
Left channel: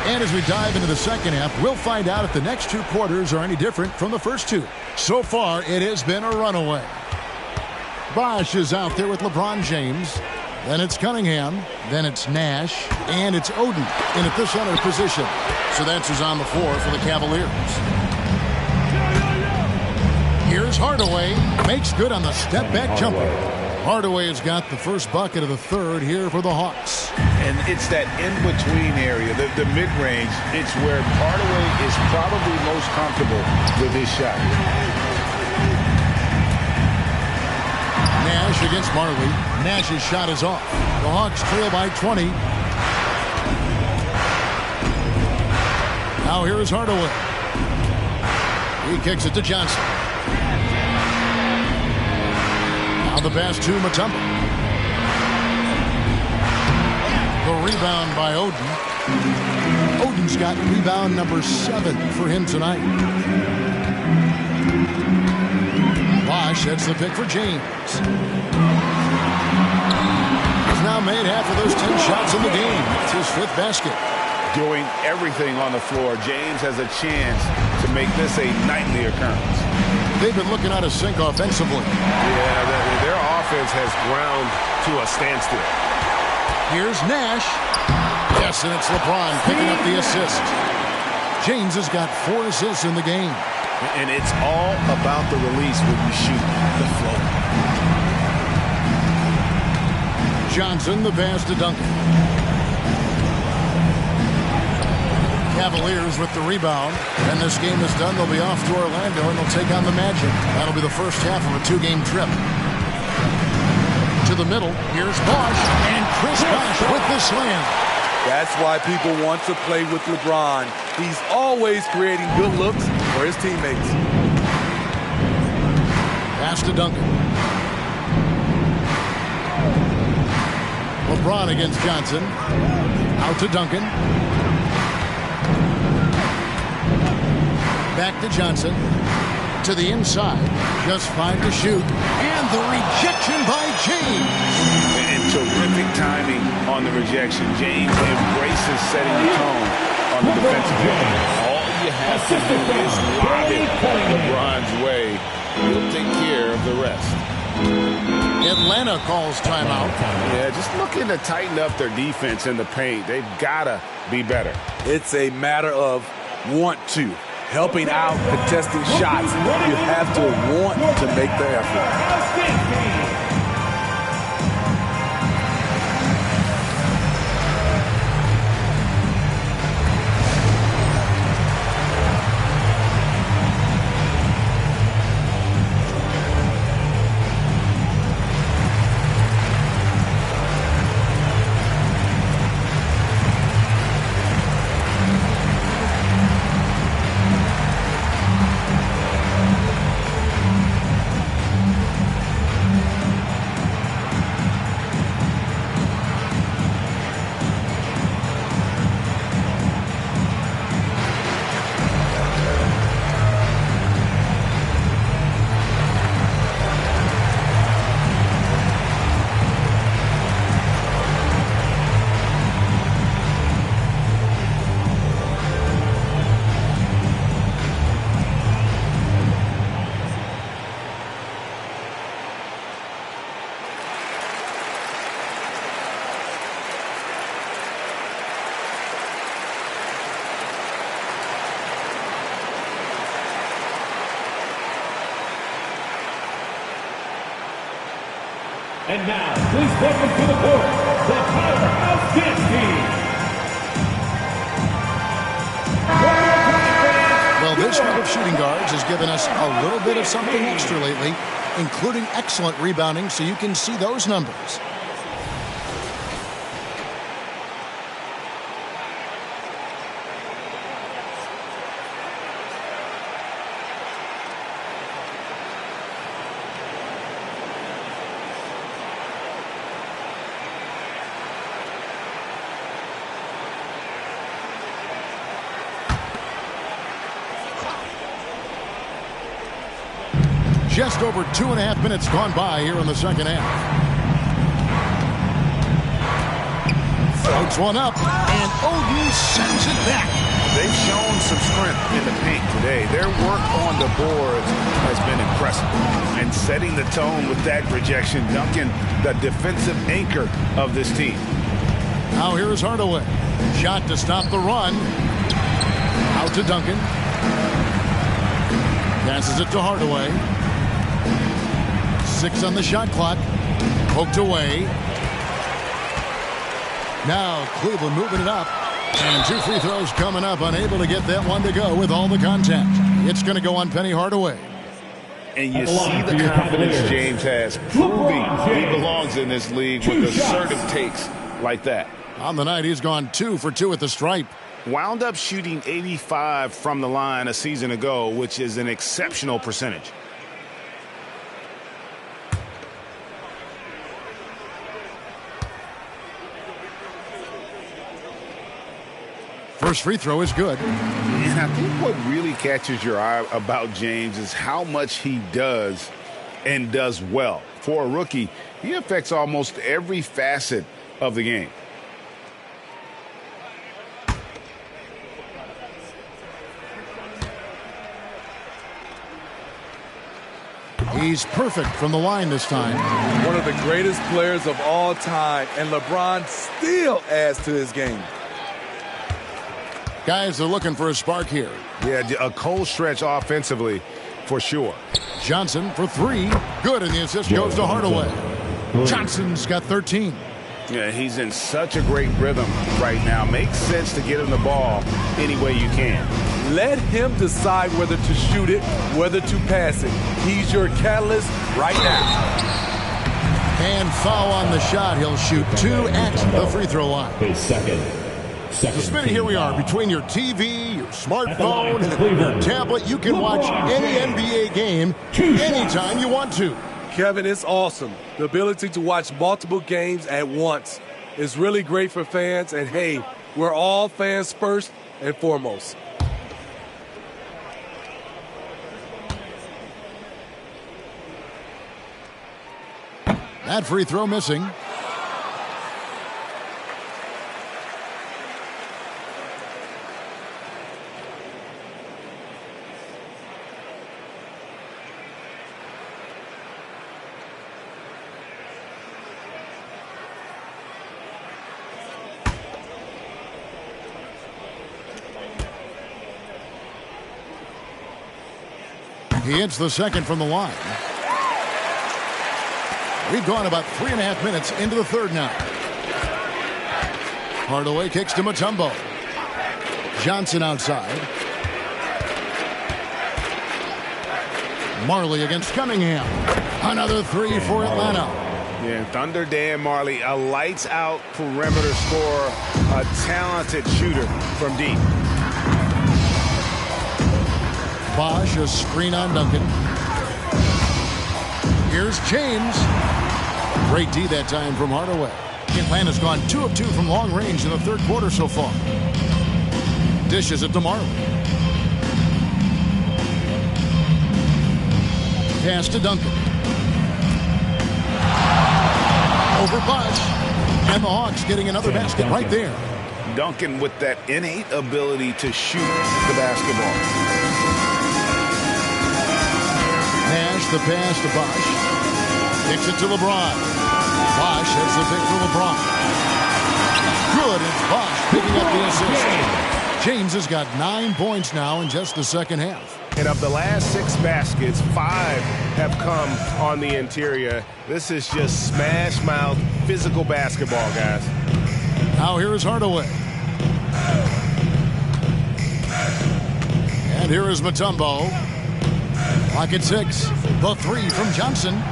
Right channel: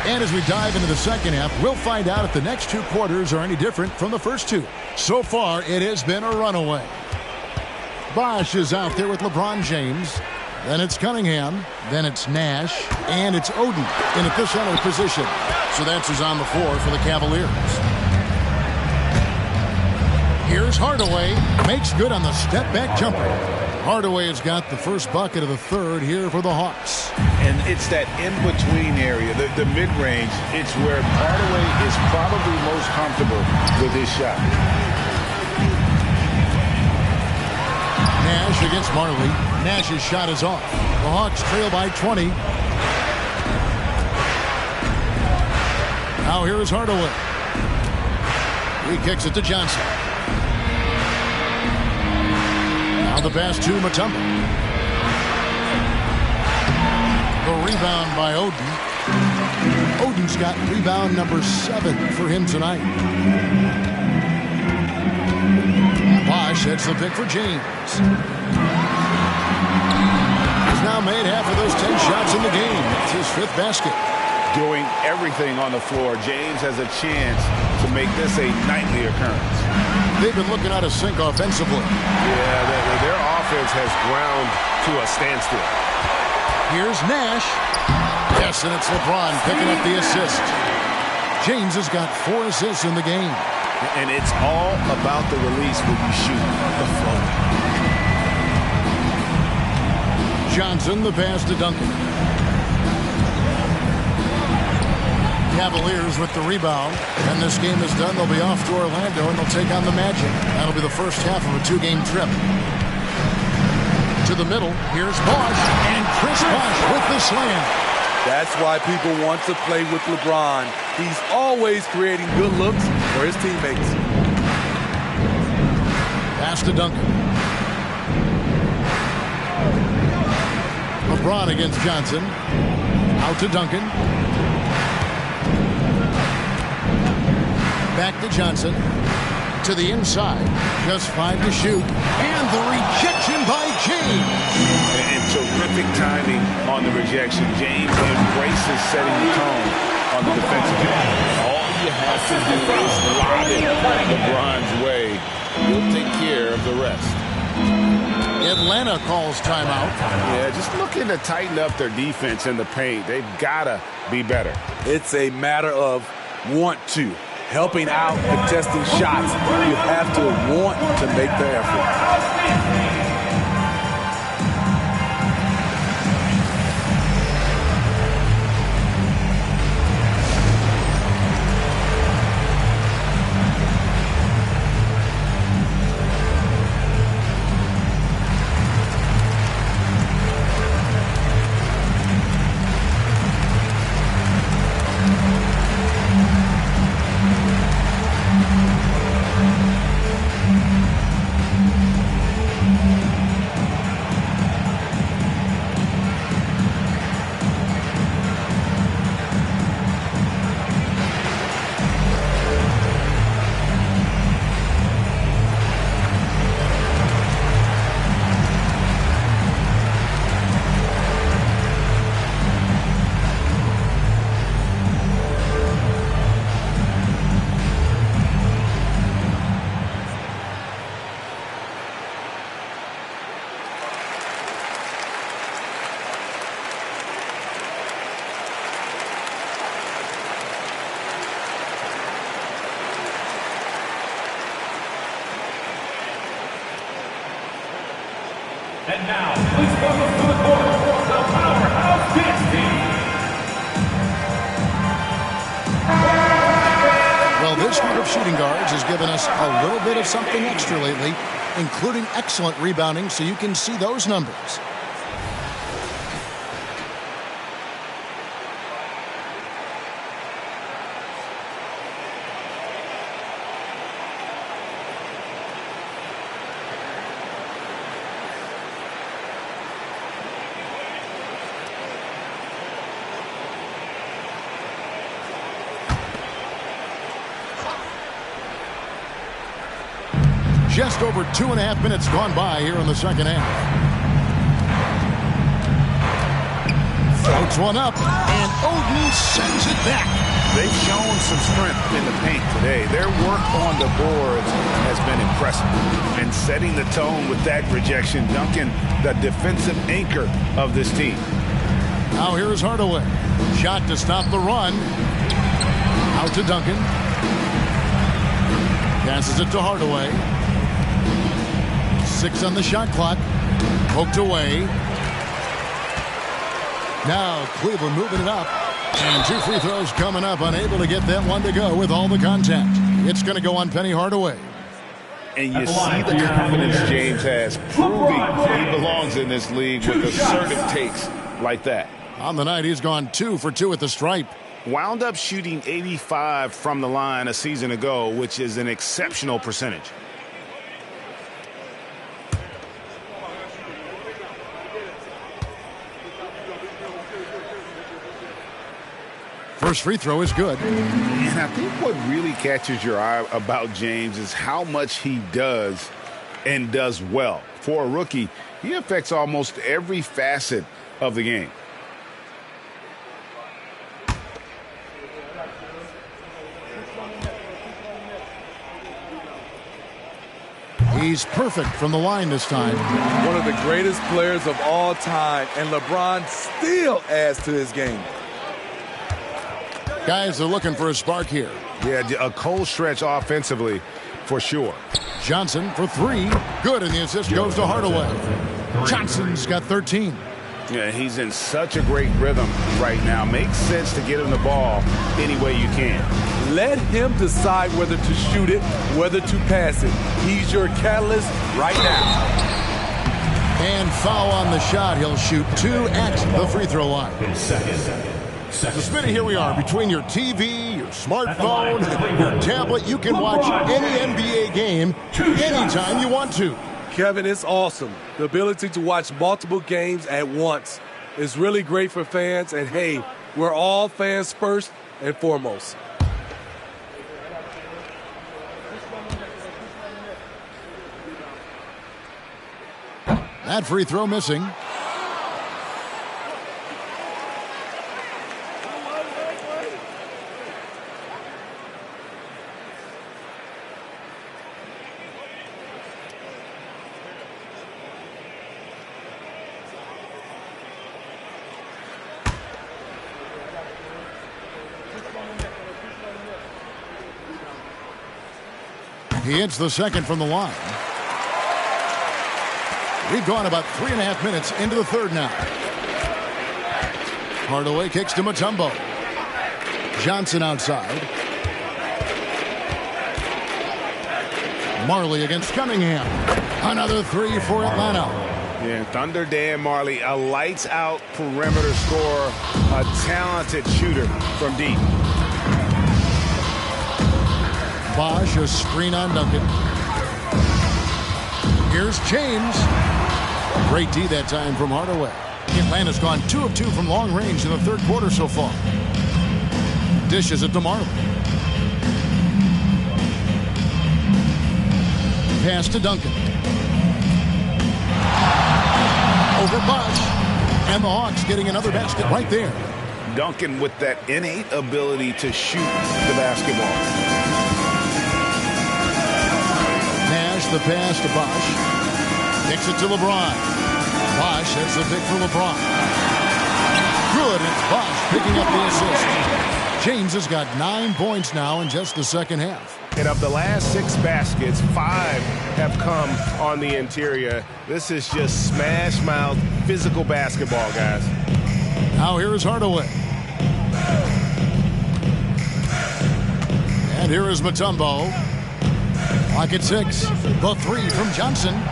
And as we dive into the second half, we'll find out if the next 2 quarters are any different from the first 2. So far, it has been a runaway. Bosh is out there with LeBron James. Then it's Cunningham. Then it's Nash. And it's Oden in at the center position. So that's who's on the floor for the Cavaliers. Here's Hardaway. Makes good on the step-back jumper. Hardaway has got the first bucket of the third here for the Hawks. And it's that in-between area, the mid-range. It's where Hardaway is probably most comfortable with his shot. Nash against Marley. Nash's shot is off. The Hawks trail by 20. Now here is Hardaway. He kicks it to Johnson. Now the pass to Mutombo. The rebound by Oden. Oden's got rebound number 7 for him tonight. Bosh sets the pick for James. He's now made half of those 10 shots in the game. It's his 5th basket. Doing everything on the floor. James has a chance to make this a nightly occurrence. They've been looking out of sync offensively. Yeah, their offense has ground to a standstill. Here's Nash. Yes, and it's LeBron picking up the assist. James has got 4 assists in the game. And it's all about the release when you shoot the flow. Johnson, the pass to Duncan. Cavaliers with the rebound. When this game is done, they'll be off to Orlando, and they'll take on the Magic. That'll be the first half of a 2-game trip. To the middle, here's Bosh, and Chris Bosh with the slam. That's why people want to play with LeBron. He's always creating good looks for his teammates. Pass to Duncan. LeBron against Johnson. Out to Duncan. Back to Johnson. To the inside. Just 5 to shoot. And the rejection by James. And terrific timing on the rejection. James embraces setting the tone on the defensive end. All you have to do is lob it LeBron's way. He'll take care of the rest. Atlanta calls timeout. Yeah, just looking to tighten up their defense in the paint. They've got to be better. It's a matter of want to. Helping out, contesting shots. You have to want to make the effort. And now, please welcome to the court, the Powerhouse Kids team. Well, this group of shooting guards has given us a little bit of something extra lately, including excellent rebounding, so you can see those numbers. Just over 2.5 minutes gone by here in the second half. Floats one up, and Oden sends it back. They've shown some strength in the paint today. Their work on the boards has been impressive. And setting the tone with that rejection, Duncan, the defensive anchor of this team. Now here's Hardaway. Shot to stop the run. Out to Duncan. Passes it to Hardaway. 6 on the shot clock. Poked away. Now Cleveland moving it up. And 2 free throws coming up. Unable to get that one to go with all the contact. It's going to go on Penny Hardaway. And you see the confidence James has, proving he belongs in this league with assertive takes like that. On the night, he's gone 2 for 2 at the stripe. Wound up shooting 85 from the line a season ago, which is an exceptional percentage. First free throw is good. And I think what really catches your eye about James is how much he does and does well. For a rookie, he affects almost every facet of the game. He's perfect from the line this time. One of the greatest players of all time, and LeBron still adds to his game. Guys are looking for a spark here. Yeah, a cold stretch offensively for sure. Johnson for 3. Good, and the assist goes to Hardaway. Johnson's got 13. Yeah, he's in such a great rhythm right now. Makes sense to get him the ball any way you can. Let him decide whether to shoot it, whether to pass it. He's your catalyst right now. And foul on the shot. He'll shoot 2 at the free throw line. So, Smitty, here we are. Between your TV, your smartphone, your tablet, you can watch any NBA game anytime you want to. Kevin, it's awesome. The ability to watch multiple games at once is really great for fans. And, hey, we're all fans first and foremost. That free throw missing. He hits the second from the line. We've gone about 3.5 minutes into the third now. Hardaway kicks to Mutombo. Johnson outside. Marley against Cunningham. Another 3 for Atlanta. Yeah, Thunder Dan Marley, a lights-out perimeter scorer, a talented shooter from deep. Bosch, a screen on Duncan. Here's James. Great D that time from Hardaway. Atlanta's gone 2 of 2 from long range in the third quarter so far. Dishes it to Marley. Pass to Duncan. Over Bosch. And the Hawks getting another basket right there. Duncan with that innate ability to shoot the basketball. Nash, the pass to Bosch. Kicks it to LeBron. Bosch has the pick for LeBron. Good, it's Bosch picking up the assist. James has got 9 points now in just the second half. And of the last 6 baskets, 5 have come on the interior. This is just smash mouth physical basketball, guys. Now here is Hardaway. And here is Mutombo. Clock at 6. The 3 from Johnson.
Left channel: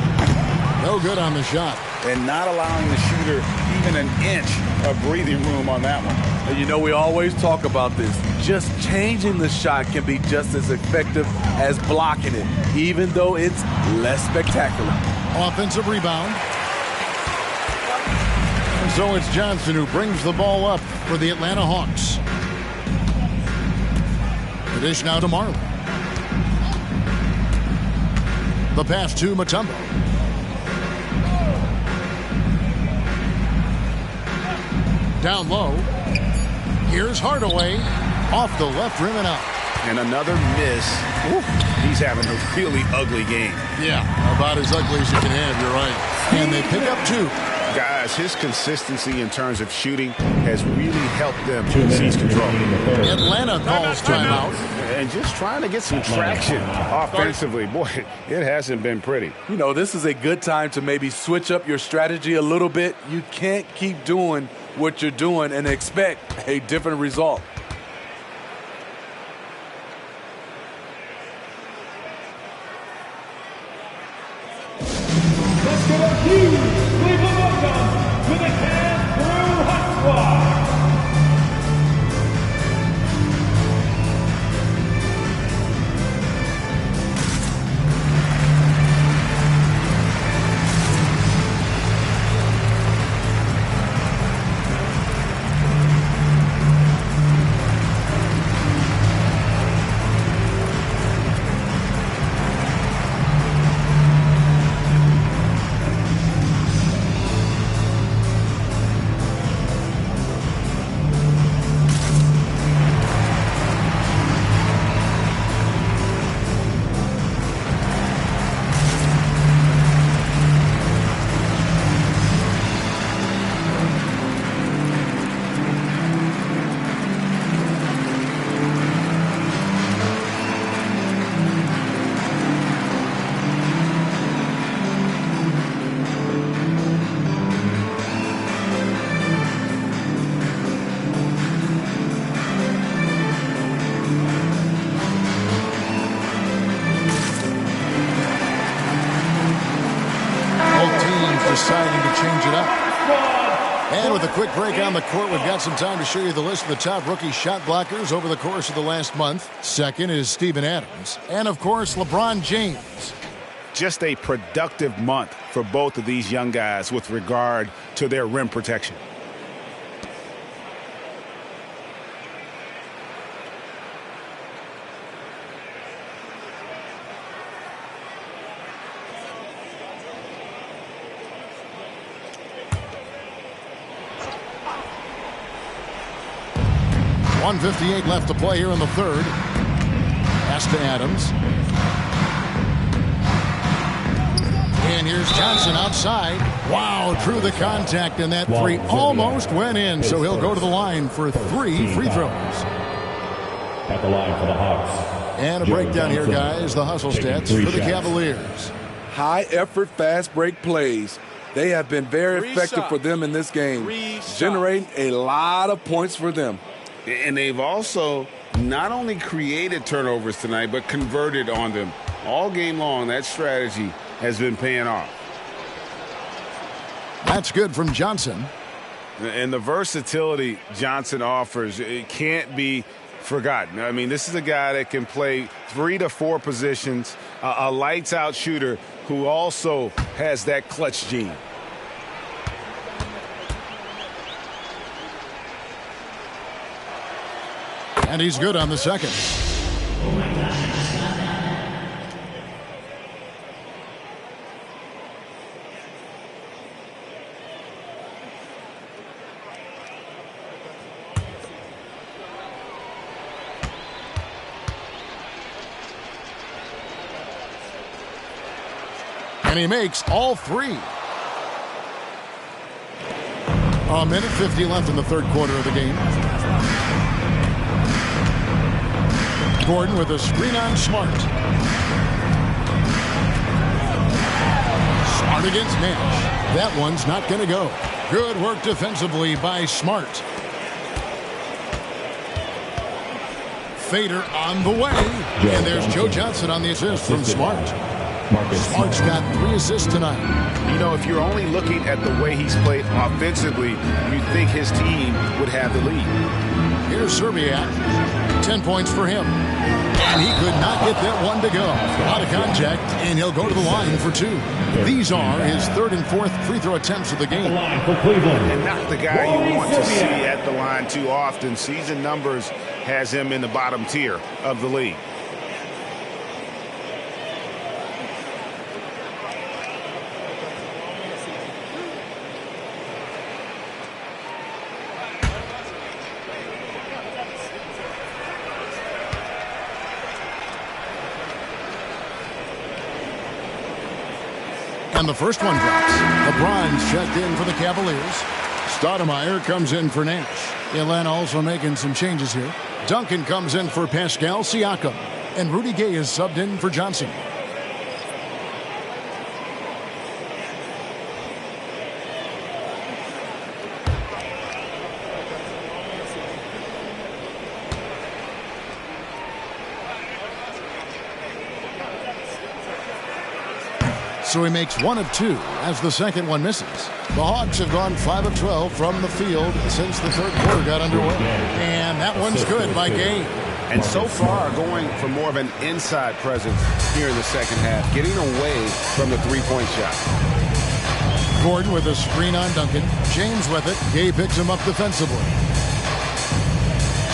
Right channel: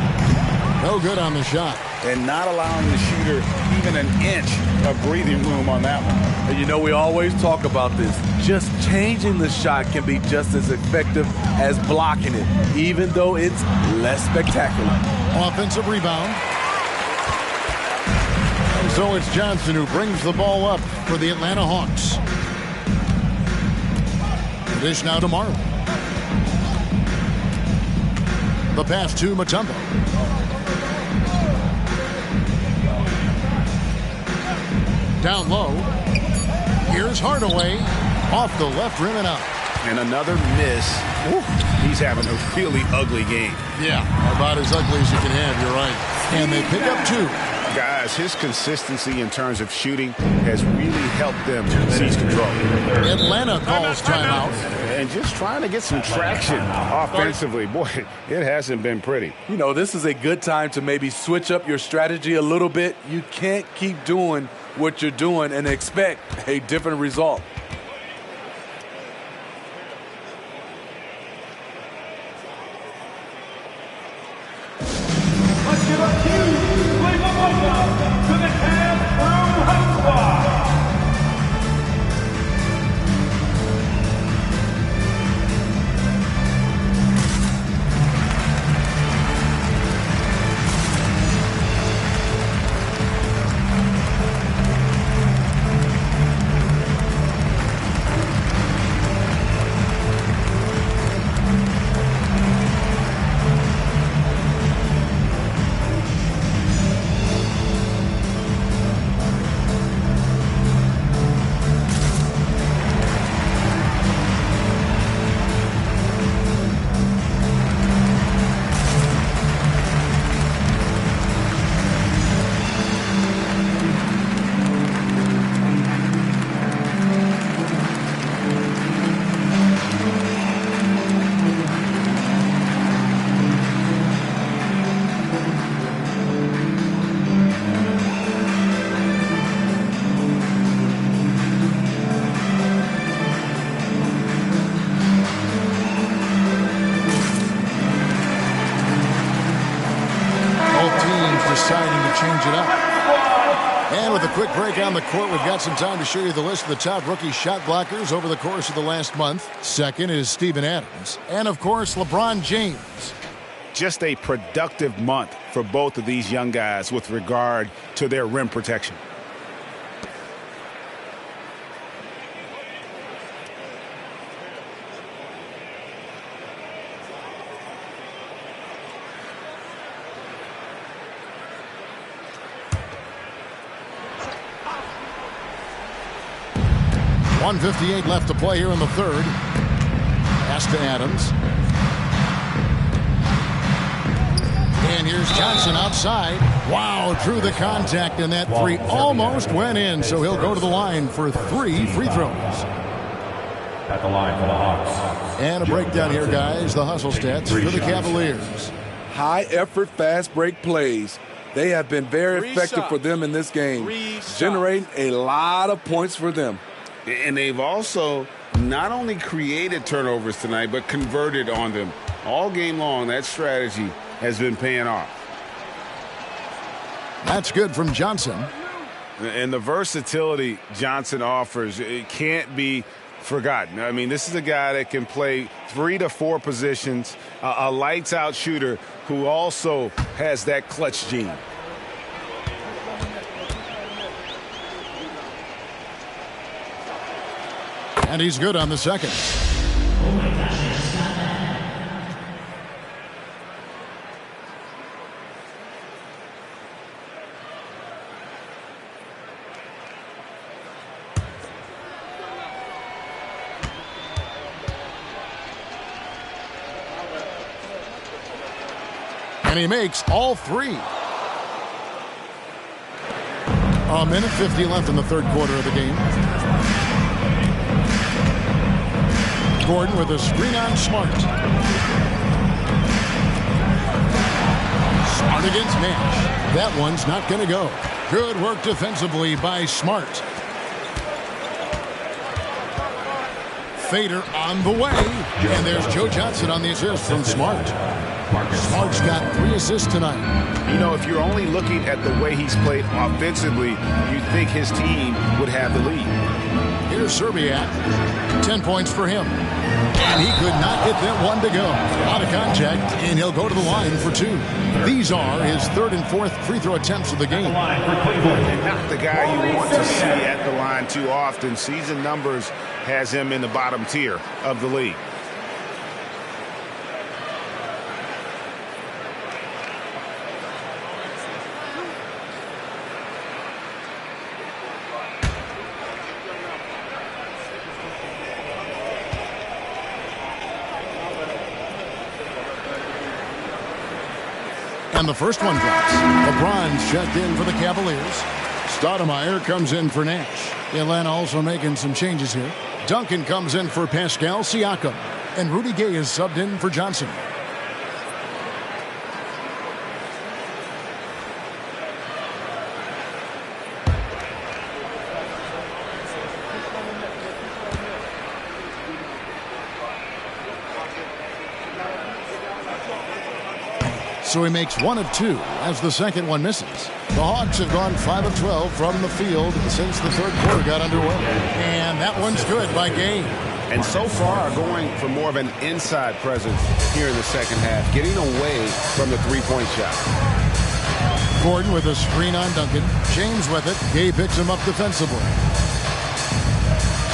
No good on the shot. And not allowing the shooter even an inch of breathing room on that one. And you know, we always talk about this. Just changing the shot can be just as effective as blocking it, even though it's less spectacular. Offensive rebound. And so it's Johnson who brings the ball up for the Atlanta Hawks. The dish now to Marley. The pass to Mutombo. Down low. Here's Hardaway. Off the left rim and out. And another miss. Ooh, he's having a really ugly game. Yeah, about as ugly as you can have, you're right. And they pick up 2. Guys, his consistency in terms of shooting has really helped them seize control. Atlanta calls timeout. And just trying to get some traction offensively. Boy, it hasn't been pretty. You know, this is a good time to maybe switch up your strategy a little bit. You can't keep doing what you're doing and expect a different result. Let's give a huge Cleveland welcome to the Cast Room Hot Squad. Deciding to change it up. And with a quick break on the court, we've got some time to show you the list of the top rookie shot blockers over the course of the last month. Second is Steven Adams. And, of course, LeBron James. Just a productive month for both of these young guys with regard to their rim protection. .158 left to play here in the third. Pass to Adams. And here's Johnson outside. Wow, drew the contact, and that three almost went in. So he'll go to the line for 3 free throws. At the line for the Hawks. And a breakdown here, guys. The hustle stats for the Cavaliers. High effort, fast break plays. They have been very effective for them in this game, generating a lot of points for them. And they've also not only created turnovers tonight, but converted on them. All game long, that strategy has been paying off. That's good from Johnson. And the versatility Johnson offers, it can't be forgotten. I mean, this is a guy that can play 3 to 4 positions, a lights-out shooter who also has that clutch gene. And he's good on the second. Oh my gosh, I just got that. And he makes all 3. A minute 50 left in the third quarter of the game. Gordon with a screen on Smart. Smart against Nash. That one's not going to go. Good work defensively by Smart. Fader on the way. And there's Joe Johnson on the assist from Smart. Smart's got 3 assists tonight. You know, if you're only looking at the way he's played offensively, you'd think his team would have the lead. Here's Serbiak. 10 points for him. And he could not get that one to go. A lot of contact, and he'll go to the line for 2. These are his 3rd and 4th free throw attempts of the game. Line for Cleveland. And not the guy you want to see at the line too often. Season numbers has him in the bottom tier of the league. And the first one drops. LeBron's checked in for the Cavaliers. Stoudemire comes in for Nash. Atlanta also making some changes here. Duncan comes in for Pascal Siakam. And Rudy Gay is subbed in for Johnson. So he makes 1 of 2 as the second one misses. The Hawks have gone 5 of 12 from the field since the third quarter got underway. And that one's good by Gay. And so far going for more of an inside presence here in the second half, getting away from the three-point shot. Gordon with a screen on Duncan. James with it. Gay picks him up defensively.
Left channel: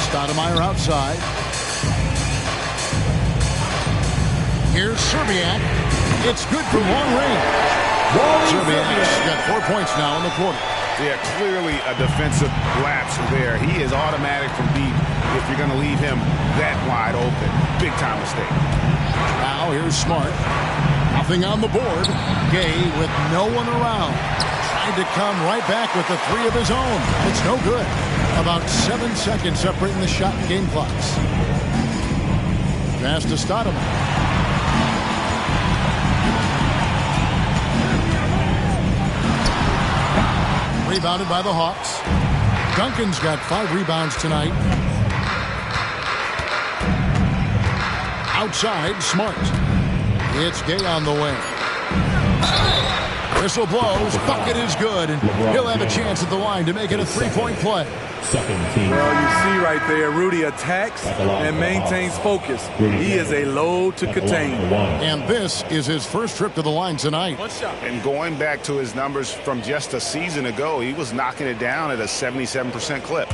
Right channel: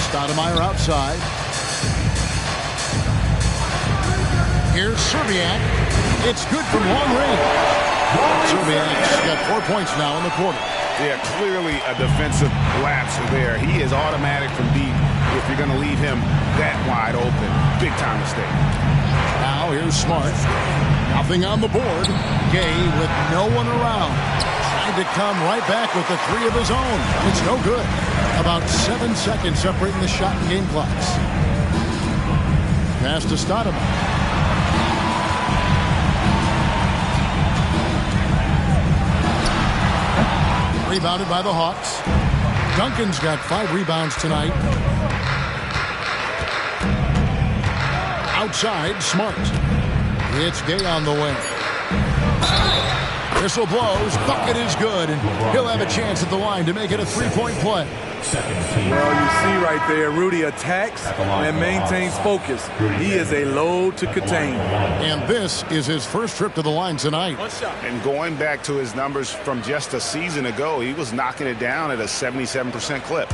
Stoudemire outside. Here's Serbiak. It's good from long range. Serbiak's got 4 points now in the quarter. Yeah, clearly a defensive lapse there. He is automatic from deep if you're going to leave him that wide open. Big time mistake. Now here's Smart. Nothing on the board. Gay with no one around. Tried to come right back with the 3 of his own. And it's no good. About 7 seconds separating the shot and game clocks. Pass to Stoudemire. Rebounded by the Hawks. Duncan's got 5 rebounds tonight. Outside, Smart. It's Gay on the way. Whistle blows. Bucket is good. And he'll have a chance at the line to make it a 3-point play. Well, you see right there, Rudy attacks and maintains focus. He is a load to contain. And this is his first trip to the line tonight. And going back to his numbers from just a season ago, he was knocking it down at a 77% clip.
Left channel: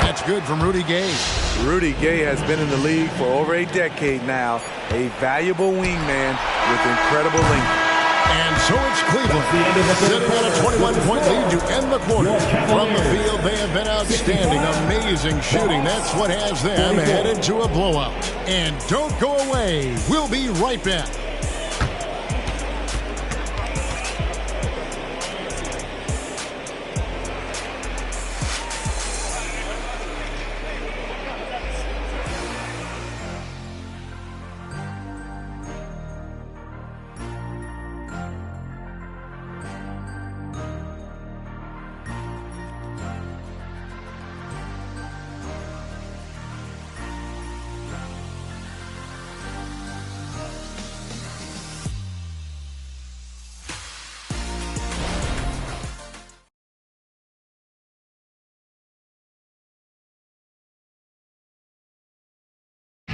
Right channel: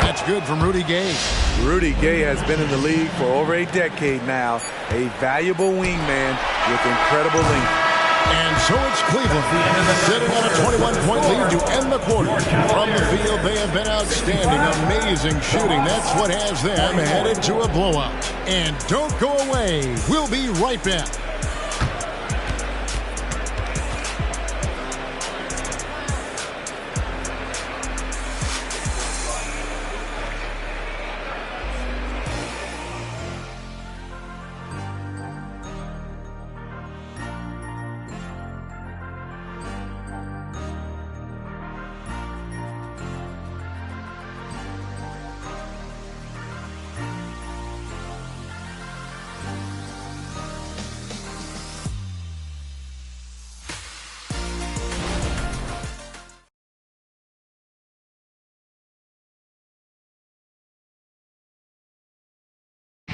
That's good from Rudy Gay. Rudy Gay has been in the league for over a decade now. A valuable wingman with incredible length. And so it's Cleveland sitting on a 21-point lead to end the quarter. From the field, they have been outstanding. Amazing shooting. That's what has them headed to a blowout. And don't go away. We'll be right back.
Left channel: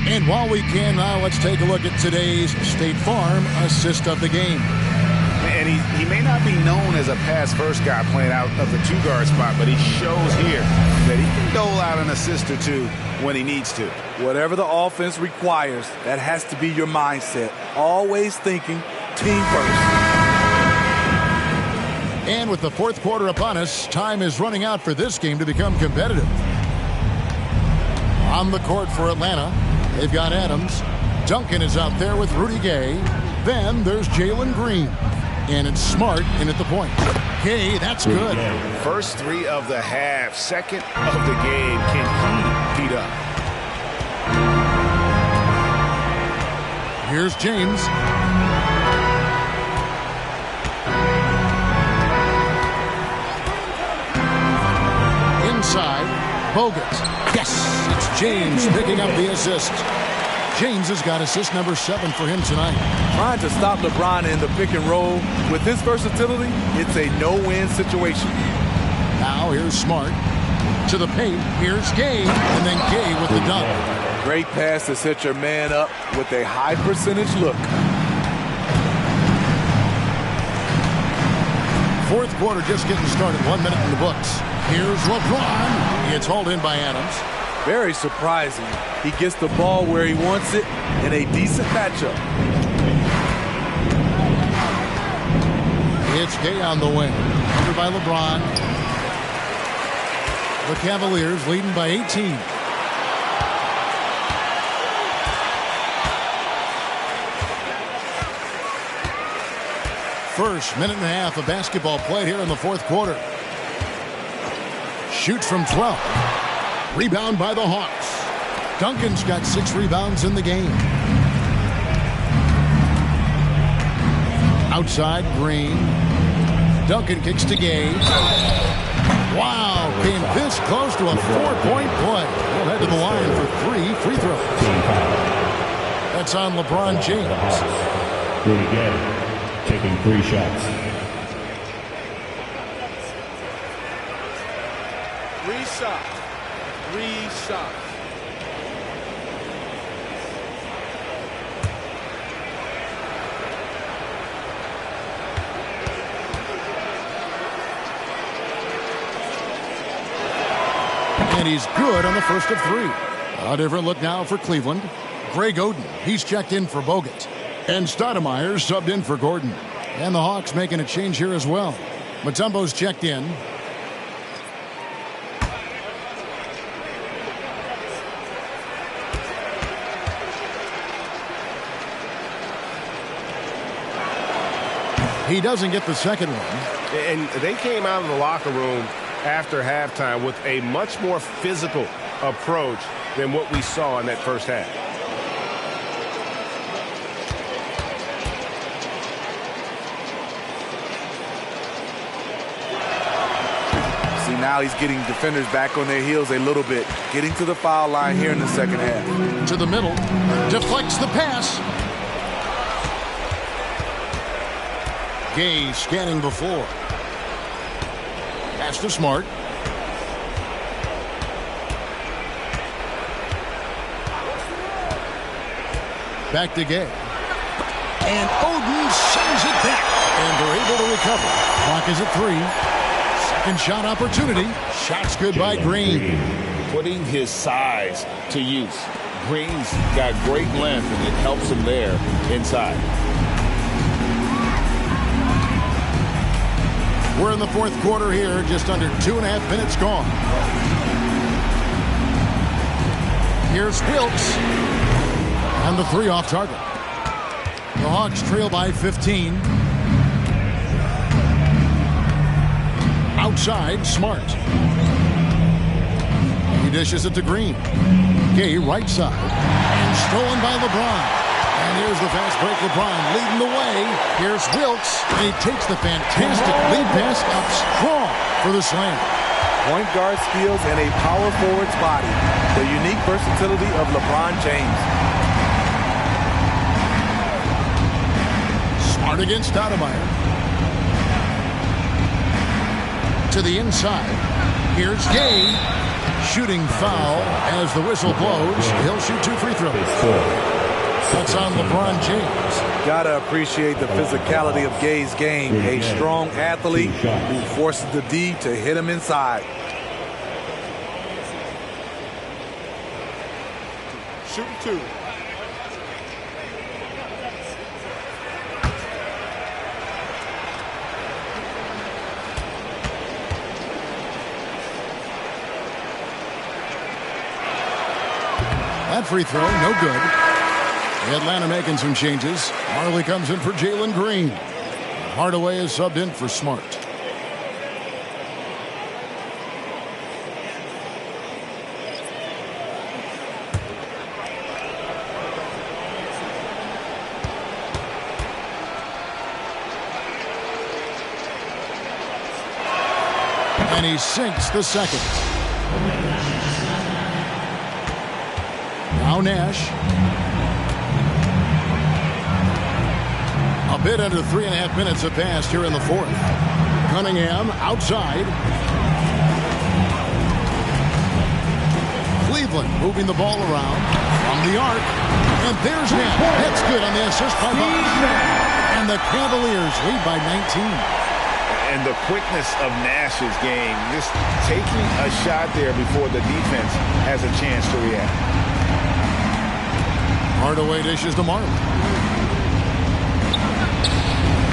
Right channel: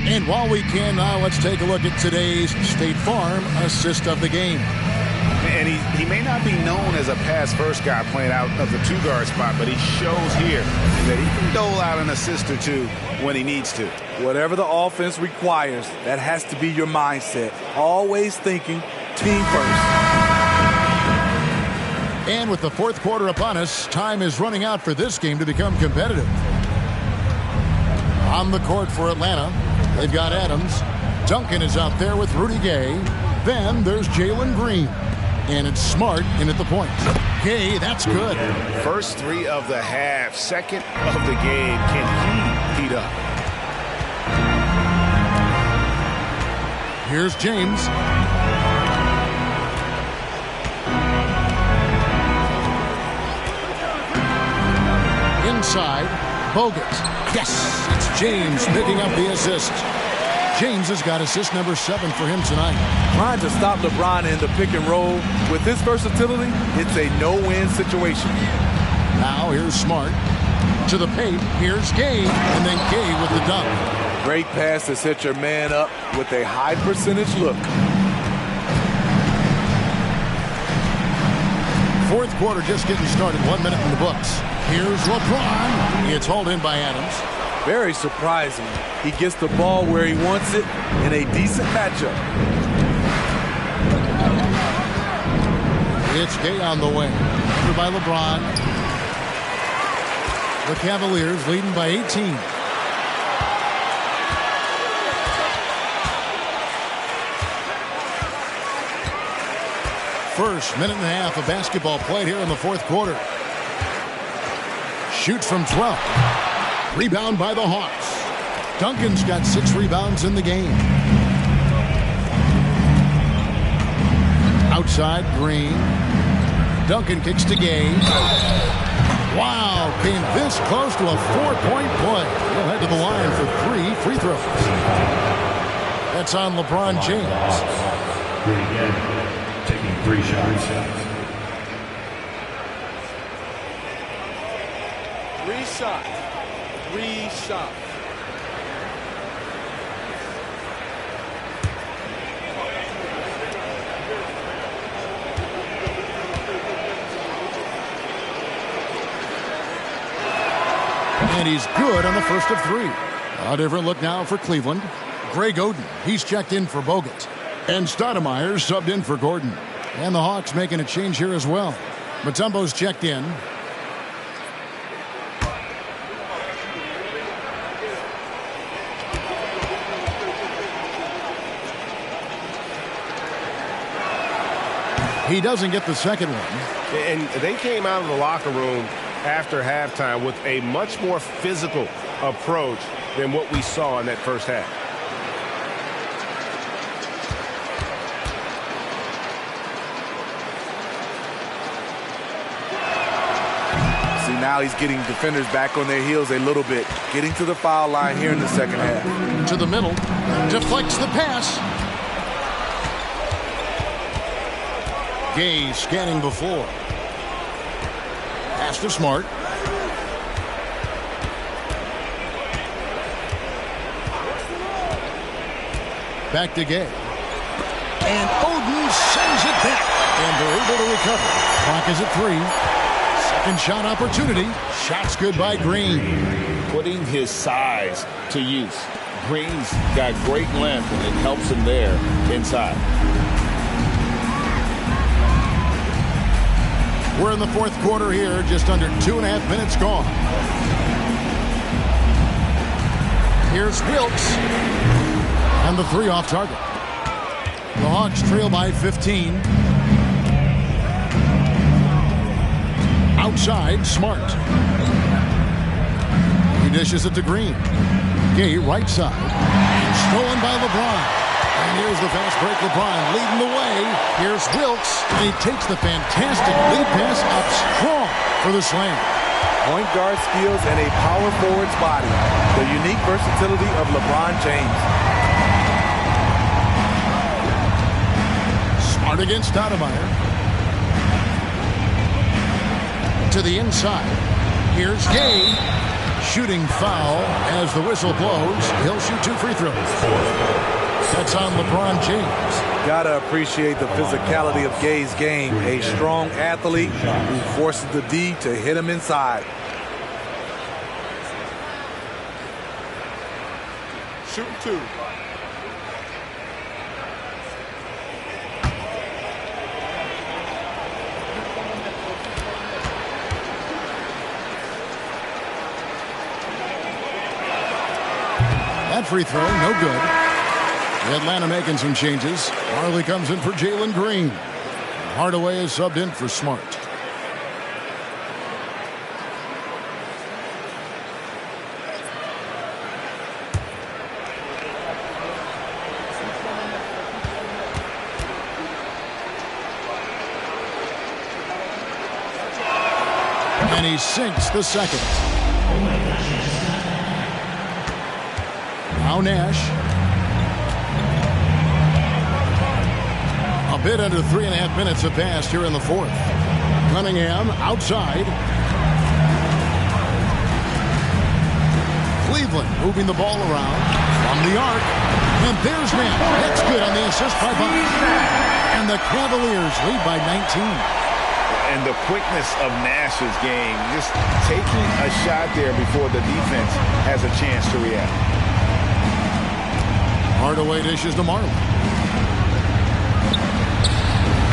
And while we can now, let's take a look at today's State Farm assist of the game. And he may not be known as a pass-first guy playing out of the 2-guard spot, but he shows here that he can dole out an assist or 2 when he needs to. Whatever the offense requires, that has to be your mindset. Always thinking team first. And with the fourth quarter upon us, time is running out for this game to become competitive. On the court for Atlanta, they've got Adams. Duncan is out there with Rudy Gay. Then there's Jalen Green. And it's Smart in at the point. Gay, that's good. First 3 of the half, second of the game. Can he heat up? Here's James. Inside, Bogut. Yes, it's James picking up the assist. James has got assist number 7 for him tonight. Trying to stop LeBron in the pick and roll. With his versatility, it's a no-win situation. Now here's Smart. To the paint, here's Gay, and then Gay with the dunk. Great pass to set your man up with a high percentage look. Fourth quarter just getting started. 1 minute in the books. Here's LeBron. It's hauled in by Adams. Very surprising. He gets the ball where he wants it in a decent matchup. It's Gay on the wing. Covered by LeBron. The Cavaliers leading by 18. First minute and a half of basketball played here in the fourth quarter. Shoots from 12. Rebound by the Hawks. Duncan's got 6 rebounds in the game. Outside, Green. Duncan kicks to Gay. Wow, came this close to a 4-point play. He'll head to the line for 3 free throws. That's on LeBron James. Good again. Taking 3 shots. 3 shots. 3 shots. And he's good on the first of 3. A different look now for Cleveland. Greg Oden, he's checked in for Bogut. And Stoudemire subbed in for Gordon. And the Hawks making a change here as well. Mutombo's checked in. He doesn't get the second one. And they came out of the locker room after halftime with a much more physical approach than what we saw in that first half. See, now he's getting defenders back on their heels a little bit. Getting to the foul line here in the second half. To the middle. Deflects the pass. Gay scanning the floor. Pass to Smart. Back to Gay. And Oden sends it back. And they're able to recover. Clock is at 3. Second shot opportunity. Shot's good by Green. Putting his size to use. Green's got great length, and it helps him there inside. We're in the fourth quarter here, just under 2.5 minutes gone. Here's Wilkes. And the 3 off target. The Hawks trail by 15. Outside, Smart. He dishes it to Green. Gay right side. And stolen by LeBron. And here's the fast break. LeBron leading the way. Here's Wilkes. And he takes the fantastic lead pass up strong for the slam. Point guard skills and a power forward's body. The unique versatility of LeBron James. Smart against Stoudemire. To the inside. Here's Gay. Shooting foul as the whistle blows. He'll shoot 2 free throws. That's on LeBron James. Gotta appreciate the physicality of Gay's game. A strong athlete who forces the D to hit him inside. Shooting 2. That free throw, no good. Atlanta making some changes. Marley comes in for Jalen Green. Hardaway is subbed in for Smart. And he sinks the second. Now Nash. A bit under 3.5 minutes have passed here in the fourth. Cunningham outside. Cleveland moving the ball around from the arc. And there's Nash. That's good on the assist by Bosch. And the Cavaliers lead by 19. And the quickness of Nash's game, just taking a shot there before the defense has a chance to react. Hardaway dishes to Marley.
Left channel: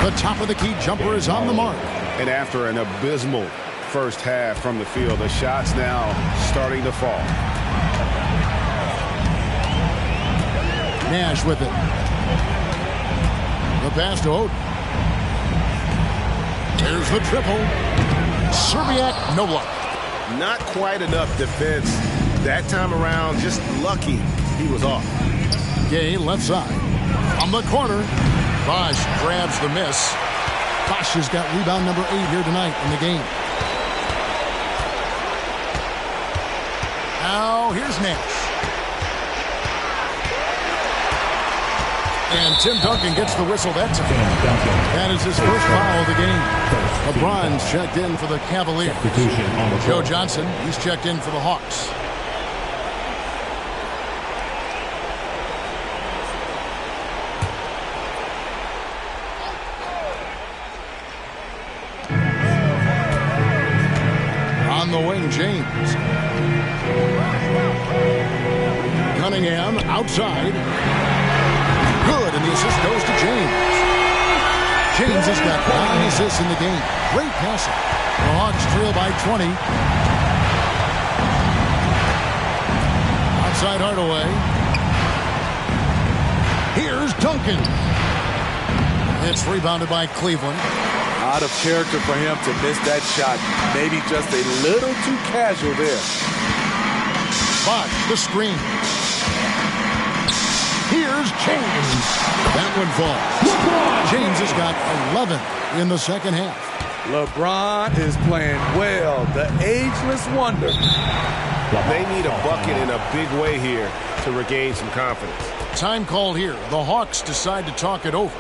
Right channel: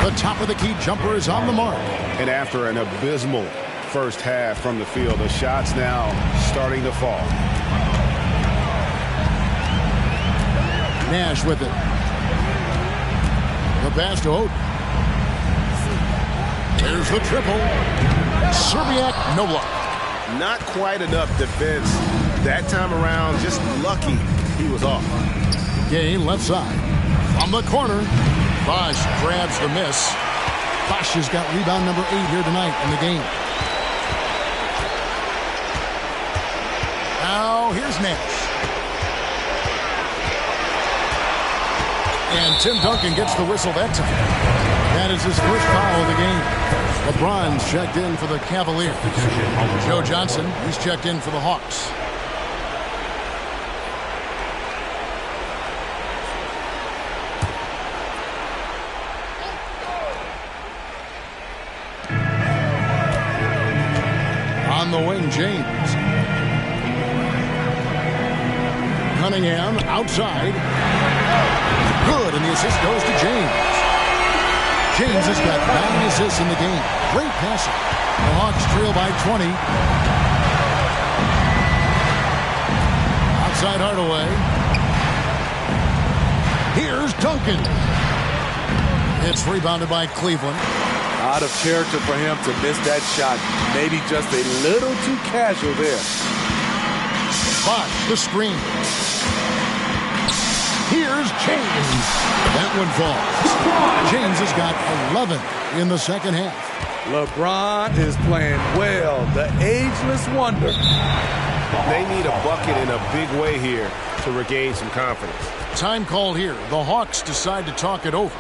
The top of the key jumper is on the mark. And after an abysmal first half from the field. The shots now starting to fall. Nash with it. The pass to Oden. There's the triple. Serbiak, no luck. Not quite enough defense that time around. Just lucky he was off. Gay left side. From the corner. Bosch grabs the miss. Bosch has got rebound number 8 here tonight in the game. Now here's Nash. And Tim Duncan gets the whistle that time. That is his first foul of the game. LeBron's checked in for the Cavaliers. Joe Johnson, he's checked in for the Hawks. On the wing, James. Cunningham outside. Good, and the assist goes to James. James has got 9 assists in the game. Great passing. The Hawks trail by 20. Outside Hardaway. Here's Duncan. It's rebounded by Cleveland. Out of character for him to miss that shot. Maybe just a little too casual there. Bosch, the screen. Here's James. That one falls. James has got 11 in the second half. LeBron is playing well. The ageless wonder. They need a bucket in a big way here to regain some confidence. Time call here. The Hawks decide to talk it over.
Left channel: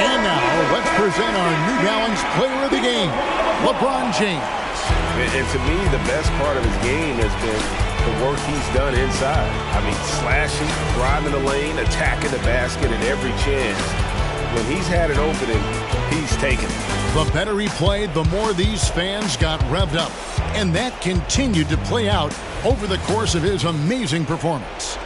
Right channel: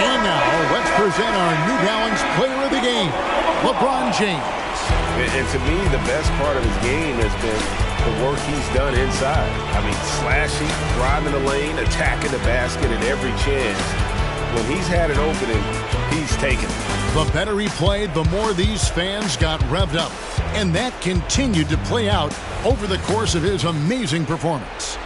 And now, let's present our New Balance Player of the Game, LeBron James. And to me, the best part of his game has been the work he's done inside. I mean, slashing, driving the lane, attacking the basket at every chance. When he's had an opening, he's taken it. The better he played, the more these fans got revved up. And that continued to play out over the course of his amazing performance.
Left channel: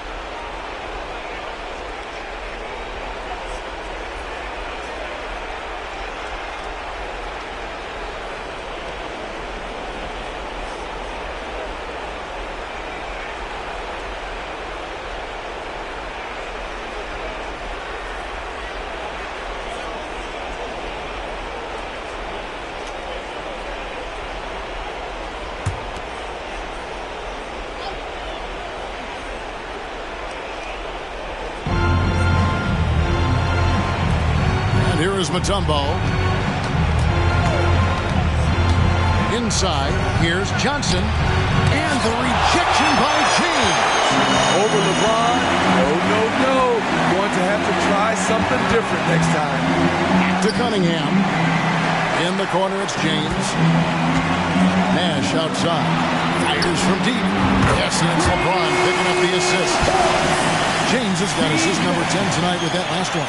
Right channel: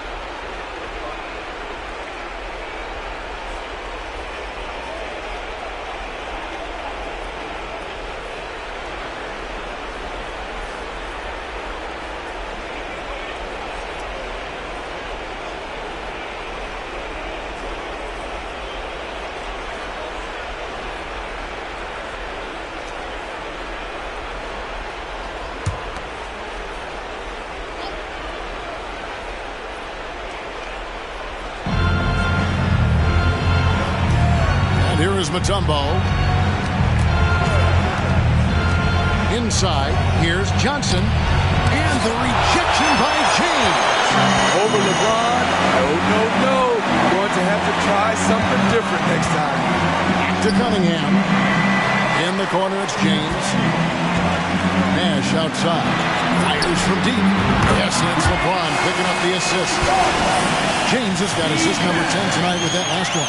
Here is Mutombo. Inside, here's Johnson. And the rejection by James. Over LeBron? No. You're going to have to try something different next time. Back to Cunningham. In the corner, it's James. Nash outside. Fires from deep. Yes, and it's LeBron picking up the assist. James has got assist number 10 tonight with that last one.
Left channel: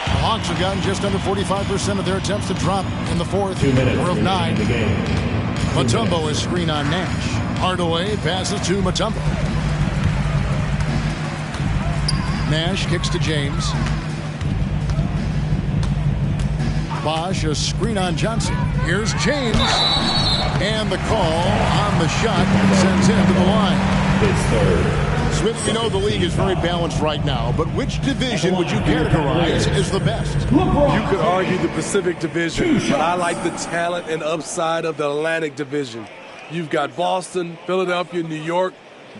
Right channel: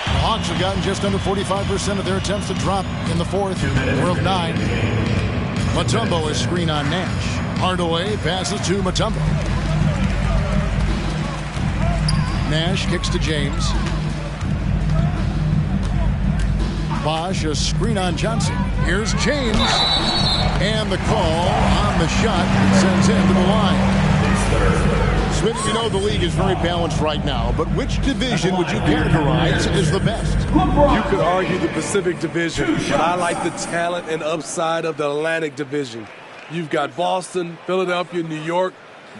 The Hawks have gotten just under 45% of their attempts to drop in the fourth. 4 of 9. Mutombo is screen on Nash. Hardaway passes to Mutombo. Nash kicks to James. Bosch a screen on Johnson. Here's James. And the call on the shot that sends him to the line. Smith, you know the league is very balanced right now, but which division would you categorize as the best? You could argue the Pacific Division, but I like the talent and upside of the Atlantic Division. You've got Boston, Philadelphia, New York,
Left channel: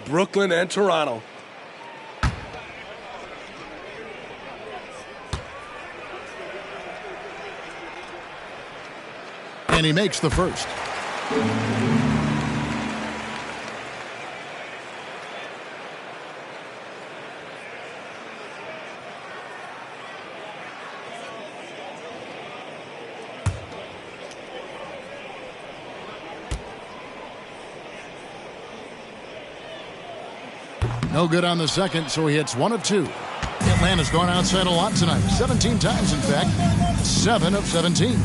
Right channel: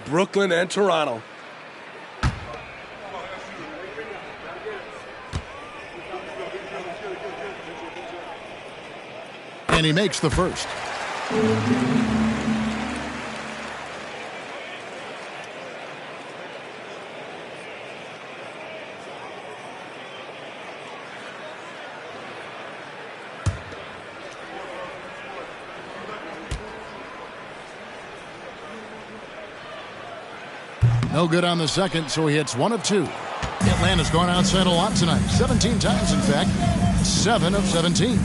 Brooklyn, and Toronto. And he makes the first. No good on the second, so he hits 1 of 2. Atlanta's gone outside a lot tonight. 17 times, in fact. 7 of 17.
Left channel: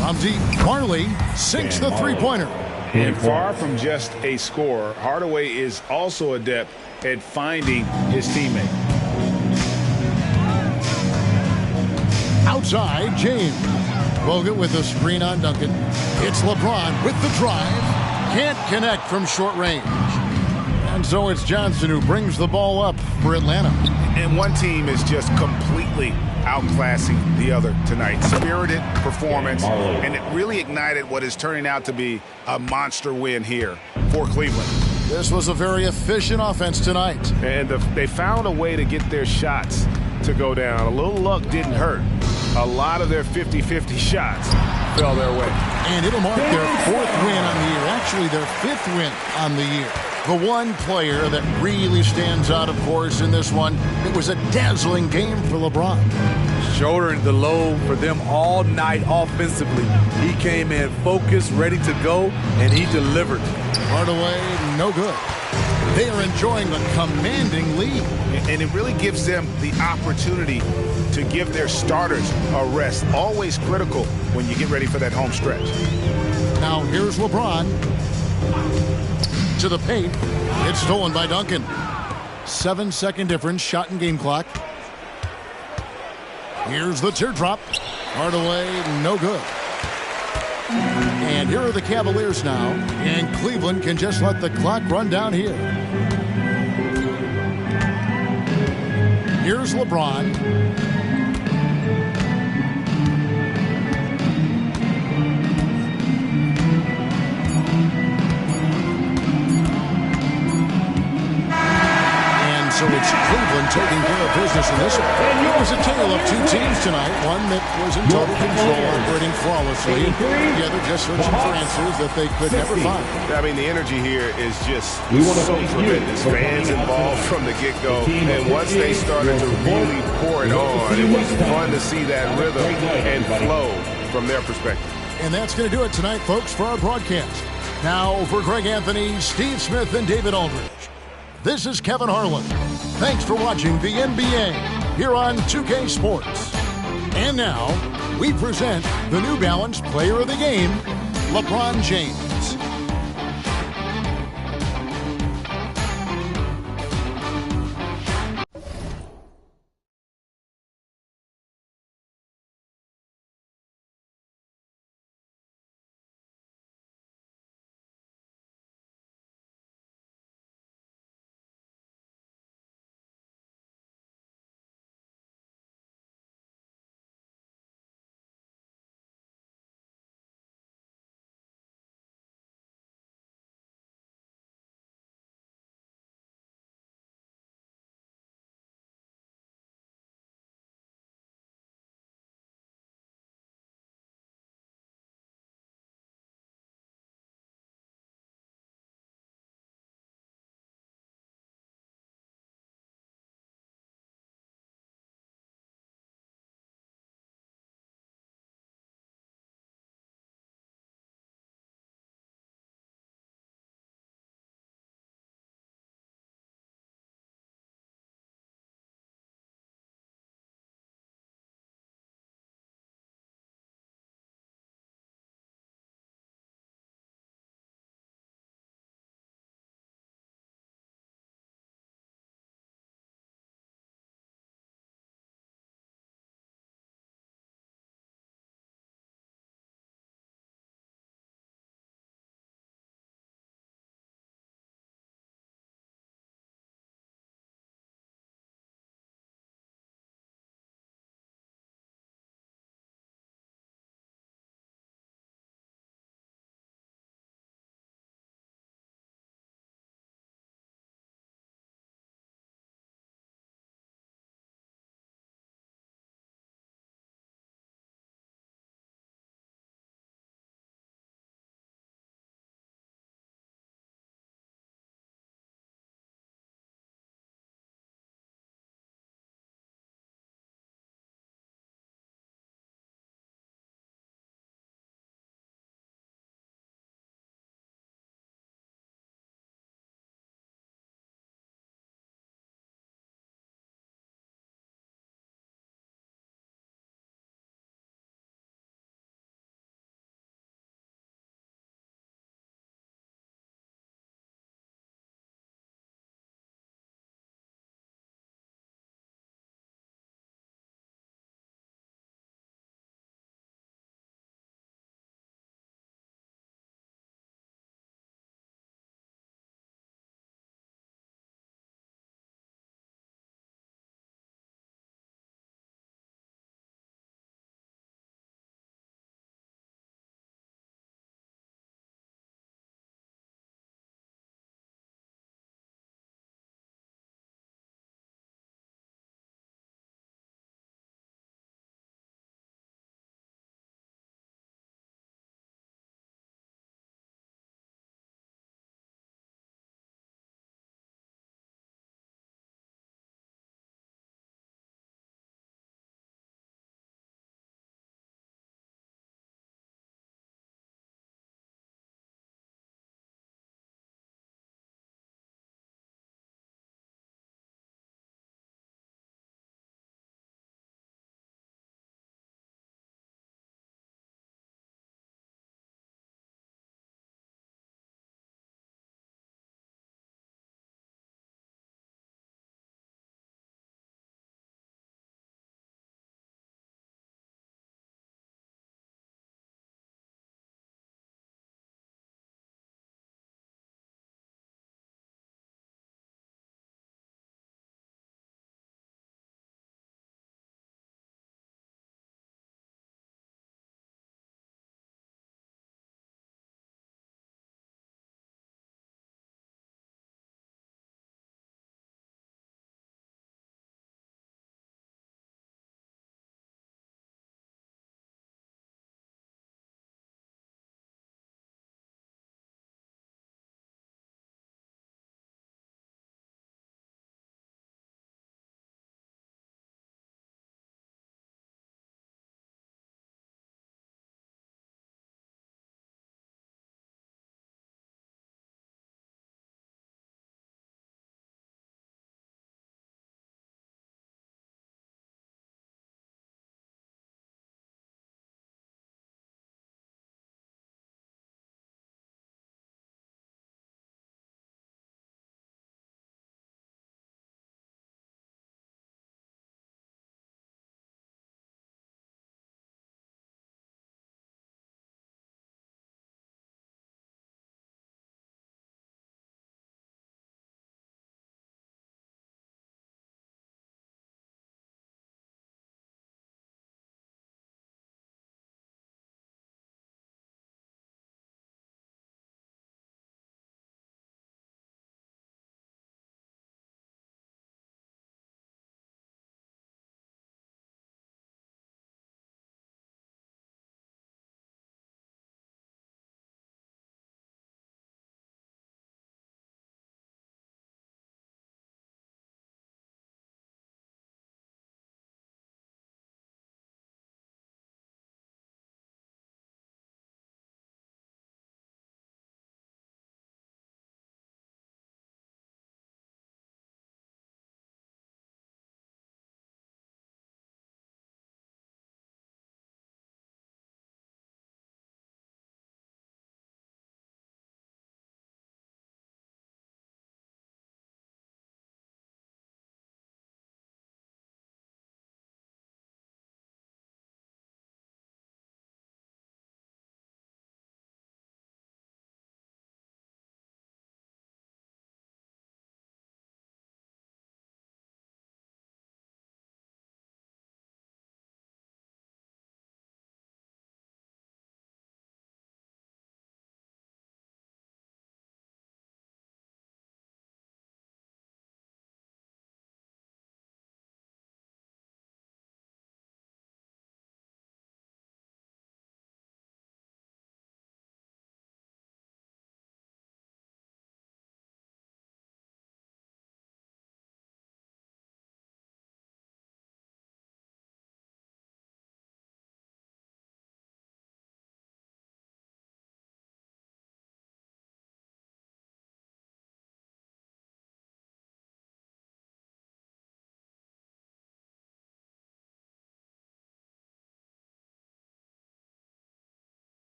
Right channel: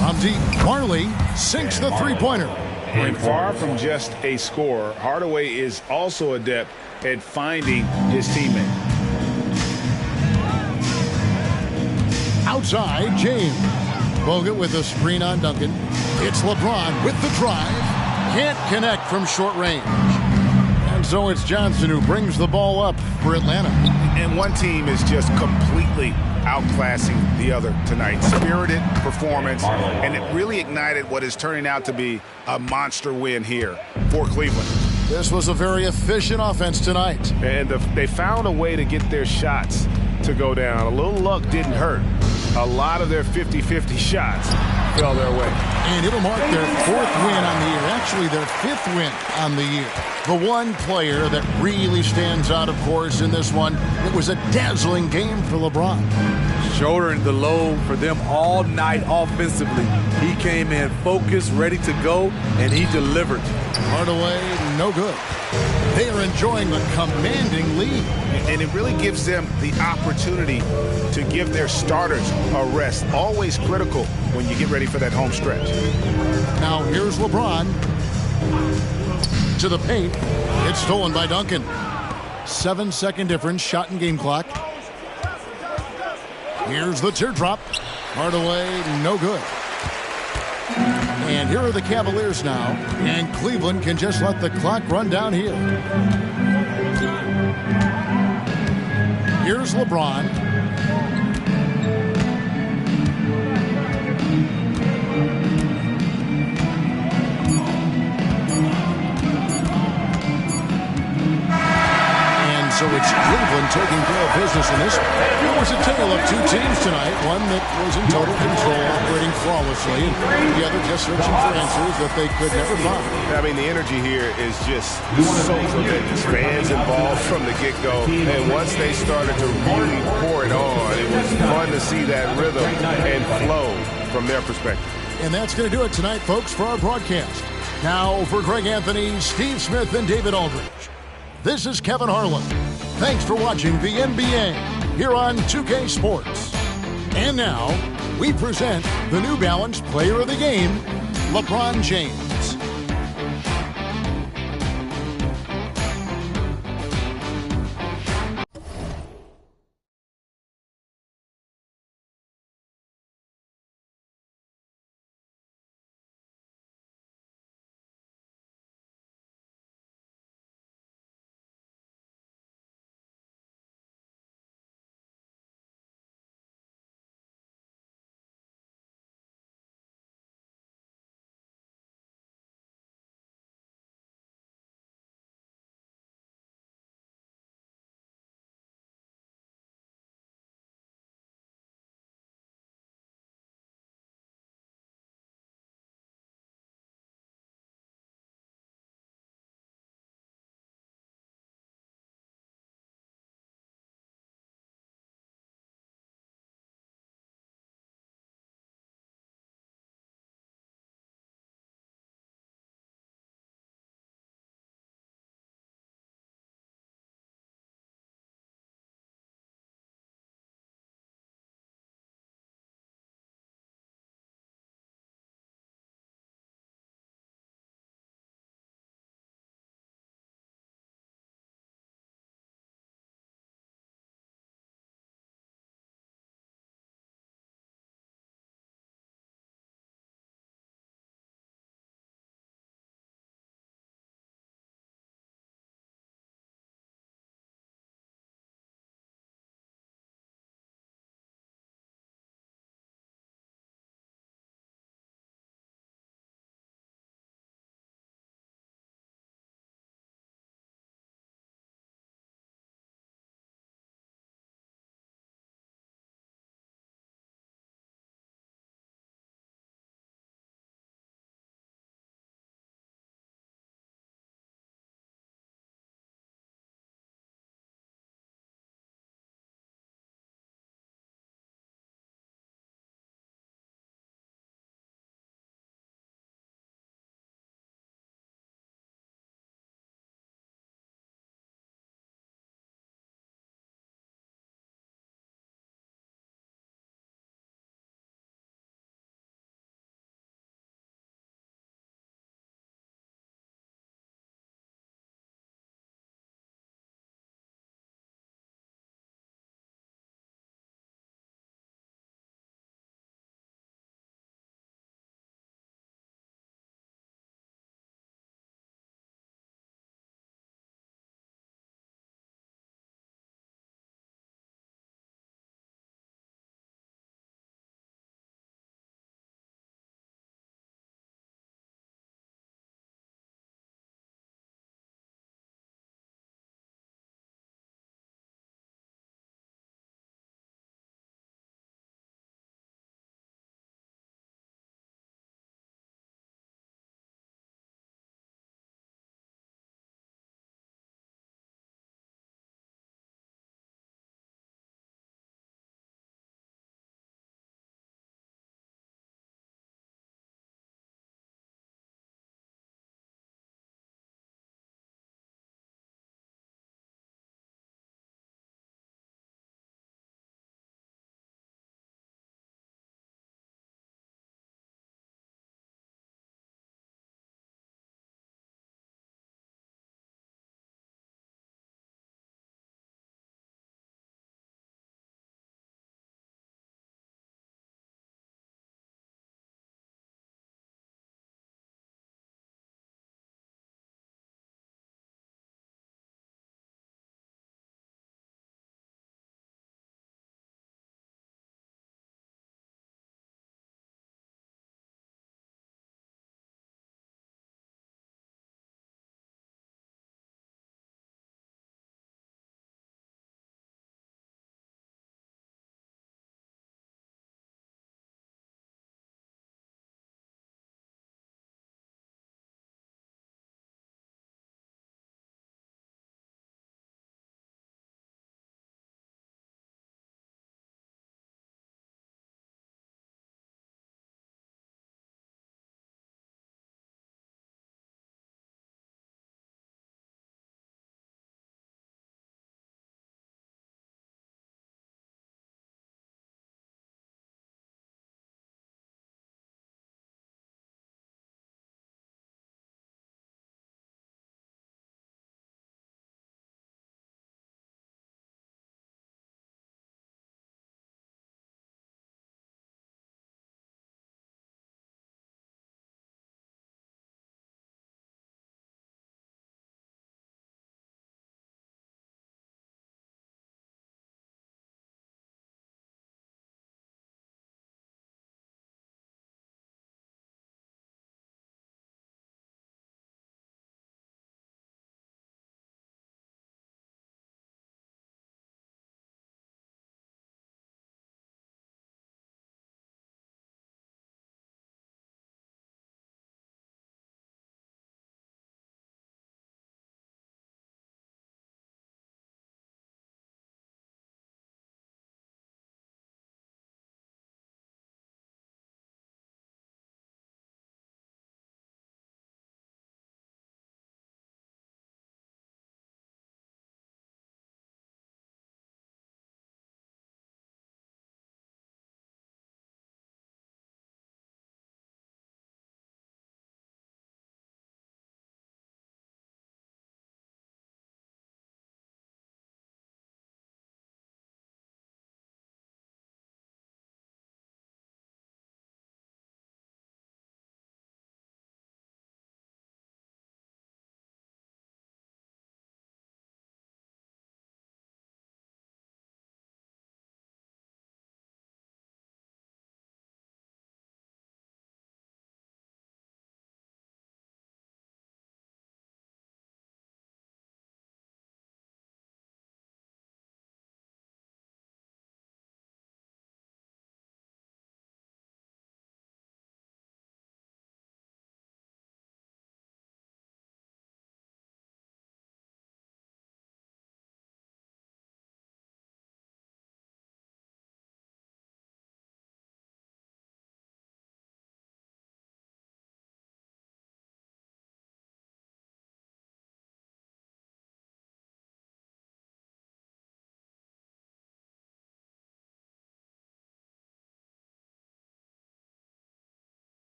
From deep, Marley sinks the three-pointer. And far from just a scorer, Hardaway is also adept at finding his teammate. Outside, James. Bogut with a screen on Duncan. It's LeBron with the drive. Can't connect from short range. And so it's Johnson who brings the ball up for Atlanta. And one team is just completely outclassing the other tonight. Spirited performance, and it really ignited what is turning out to be a monster win here for Cleveland. This was a very efficient offense tonight. And they found a way to get their shots to go down. A little luck didn't hurt. A lot of their 50-50 shots fell their way. And it'll mark their 4th win on the year. Actually, their 5th win on the year. The one player that really stands out, of course, in this one, it was a dazzling game for LeBron. Shouldering the load for them all night offensively. He came in focused, ready to go, and he delivered. Hardaway, no good. They are enjoying the commanding lead. And it really gives them the opportunity to give their starters a rest. Always critical when you get ready for that home stretch. Now here's LeBron. To the paint. It's stolen by Duncan. 7-second difference, shot and game clock. Here's the teardrop. Hardaway, no good. And here are the Cavaliers now. And Cleveland can just let the clock run down here. Here's LeBron. So it's Cleveland taking care of business in this one. It was a tale of 2 teams tonight. One that was in total control, operating flawlessly, and the other just searching for answers that they could never find. I mean, the energy here is just so tremendous. Fans involved from the get-go, and once they started to really pour it on, it was fun to see that rhythm and flow from their perspective. And that's going to do it tonight, folks, for our broadcast. Now, for Greg Anthony, Steve Smith, and David Aldridge, this is Kevin Harlan. Thanks for watching the NBA here on 2K Sports. And now, we present the New Balance Player of the Game, LeBron James.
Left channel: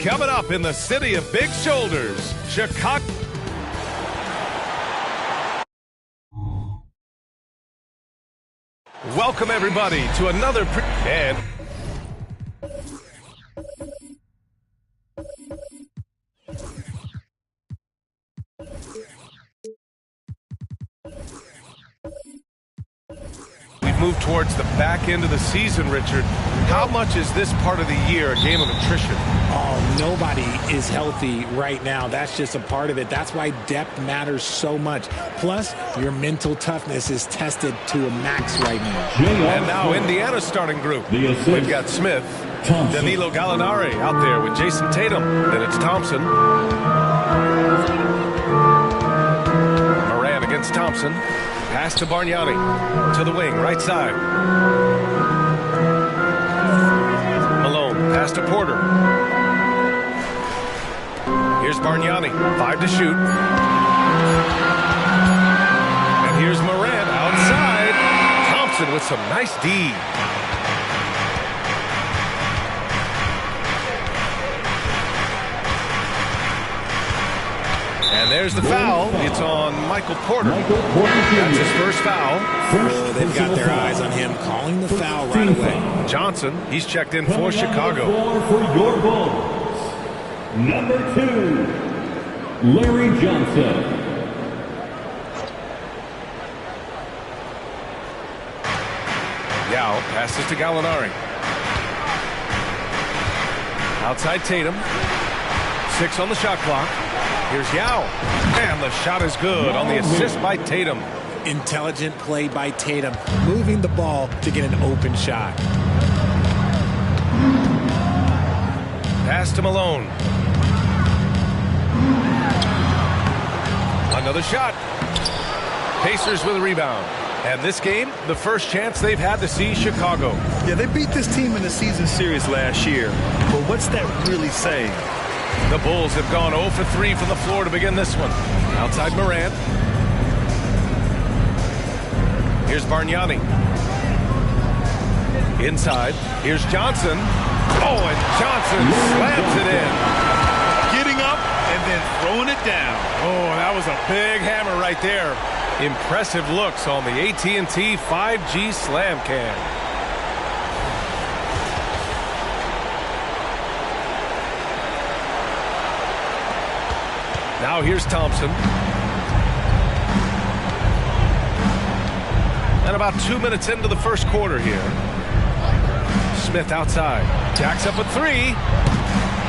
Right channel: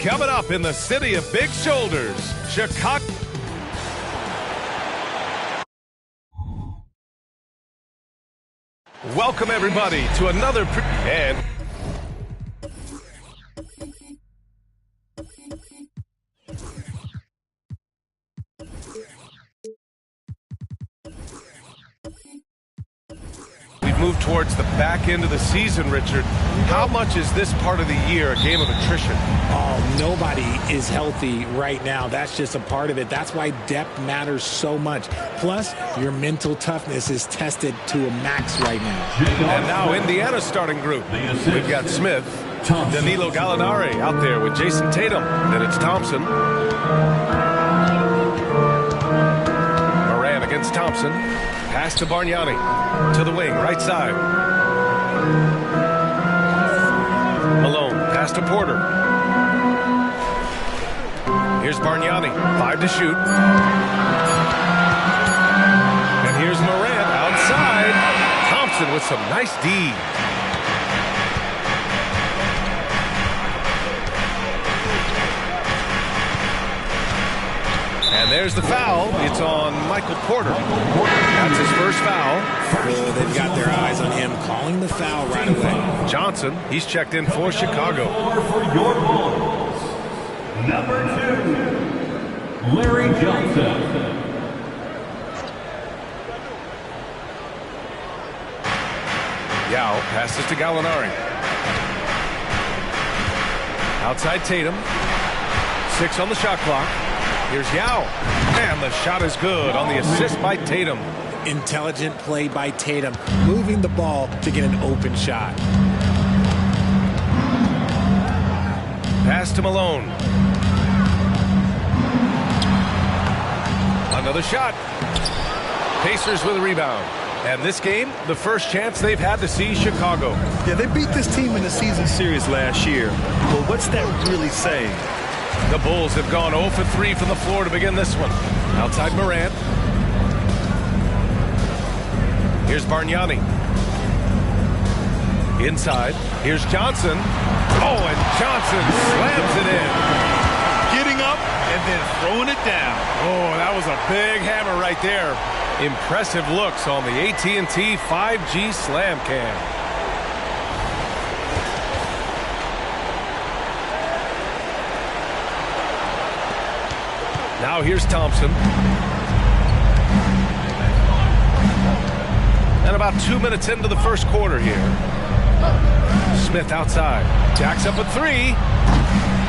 Coming up in the city of big shoulders, Chicago. Welcome everybody to another and we've moved towards the back end of the season, Richard. How much is this part of the year a game of attrition? Oh, nobody is healthy right now. That's just a part of it. That's why depth matters so much. Plus, your mental toughness is tested to a max right now. And now Indiana's starting group. We've got Smith, Danilo Gallinari out there with Jason Tatum. Then it's Thompson. Moran against Thompson. Pass to Bargnani. To the wing, right side. Malone, pass to Porter. Here's Bargnani, 5 to shoot. And here's Moran outside. Thompson with some nice D. And there's the foul. It's on Michael Porter. That's his first foul. Oh, they've got their eyes on him, calling the foul right away. Johnson, he's checked in for Chicago. For your Bulls, number 2, Larry Johnson. Yao passes to Gallinari. Outside Tatum. 6 on the shot clock. Here's Yao. And the shot is good on the assist by Tatum. Intelligent play by Tatum, moving the ball to get an open shot. Pass to Malone. Another shot. Pacers with a rebound. And this game, the first chance they've had to see Chicago. Yeah, they beat this team in the season series last year. But what's that really saying? The Bulls have gone 0 for 3 from the floor to begin this one. Outside Morant. Here's Bargnani. Inside. Here's Johnson. Oh, and Johnson slams it in. Getting up and then throwing it down. Oh, that was a big hammer right there. Impressive looks on the AT&T 5G Slam Cam. Now here's Thompson. And about 2 minutes into the first quarter here. Smith outside. Jacks up a 3.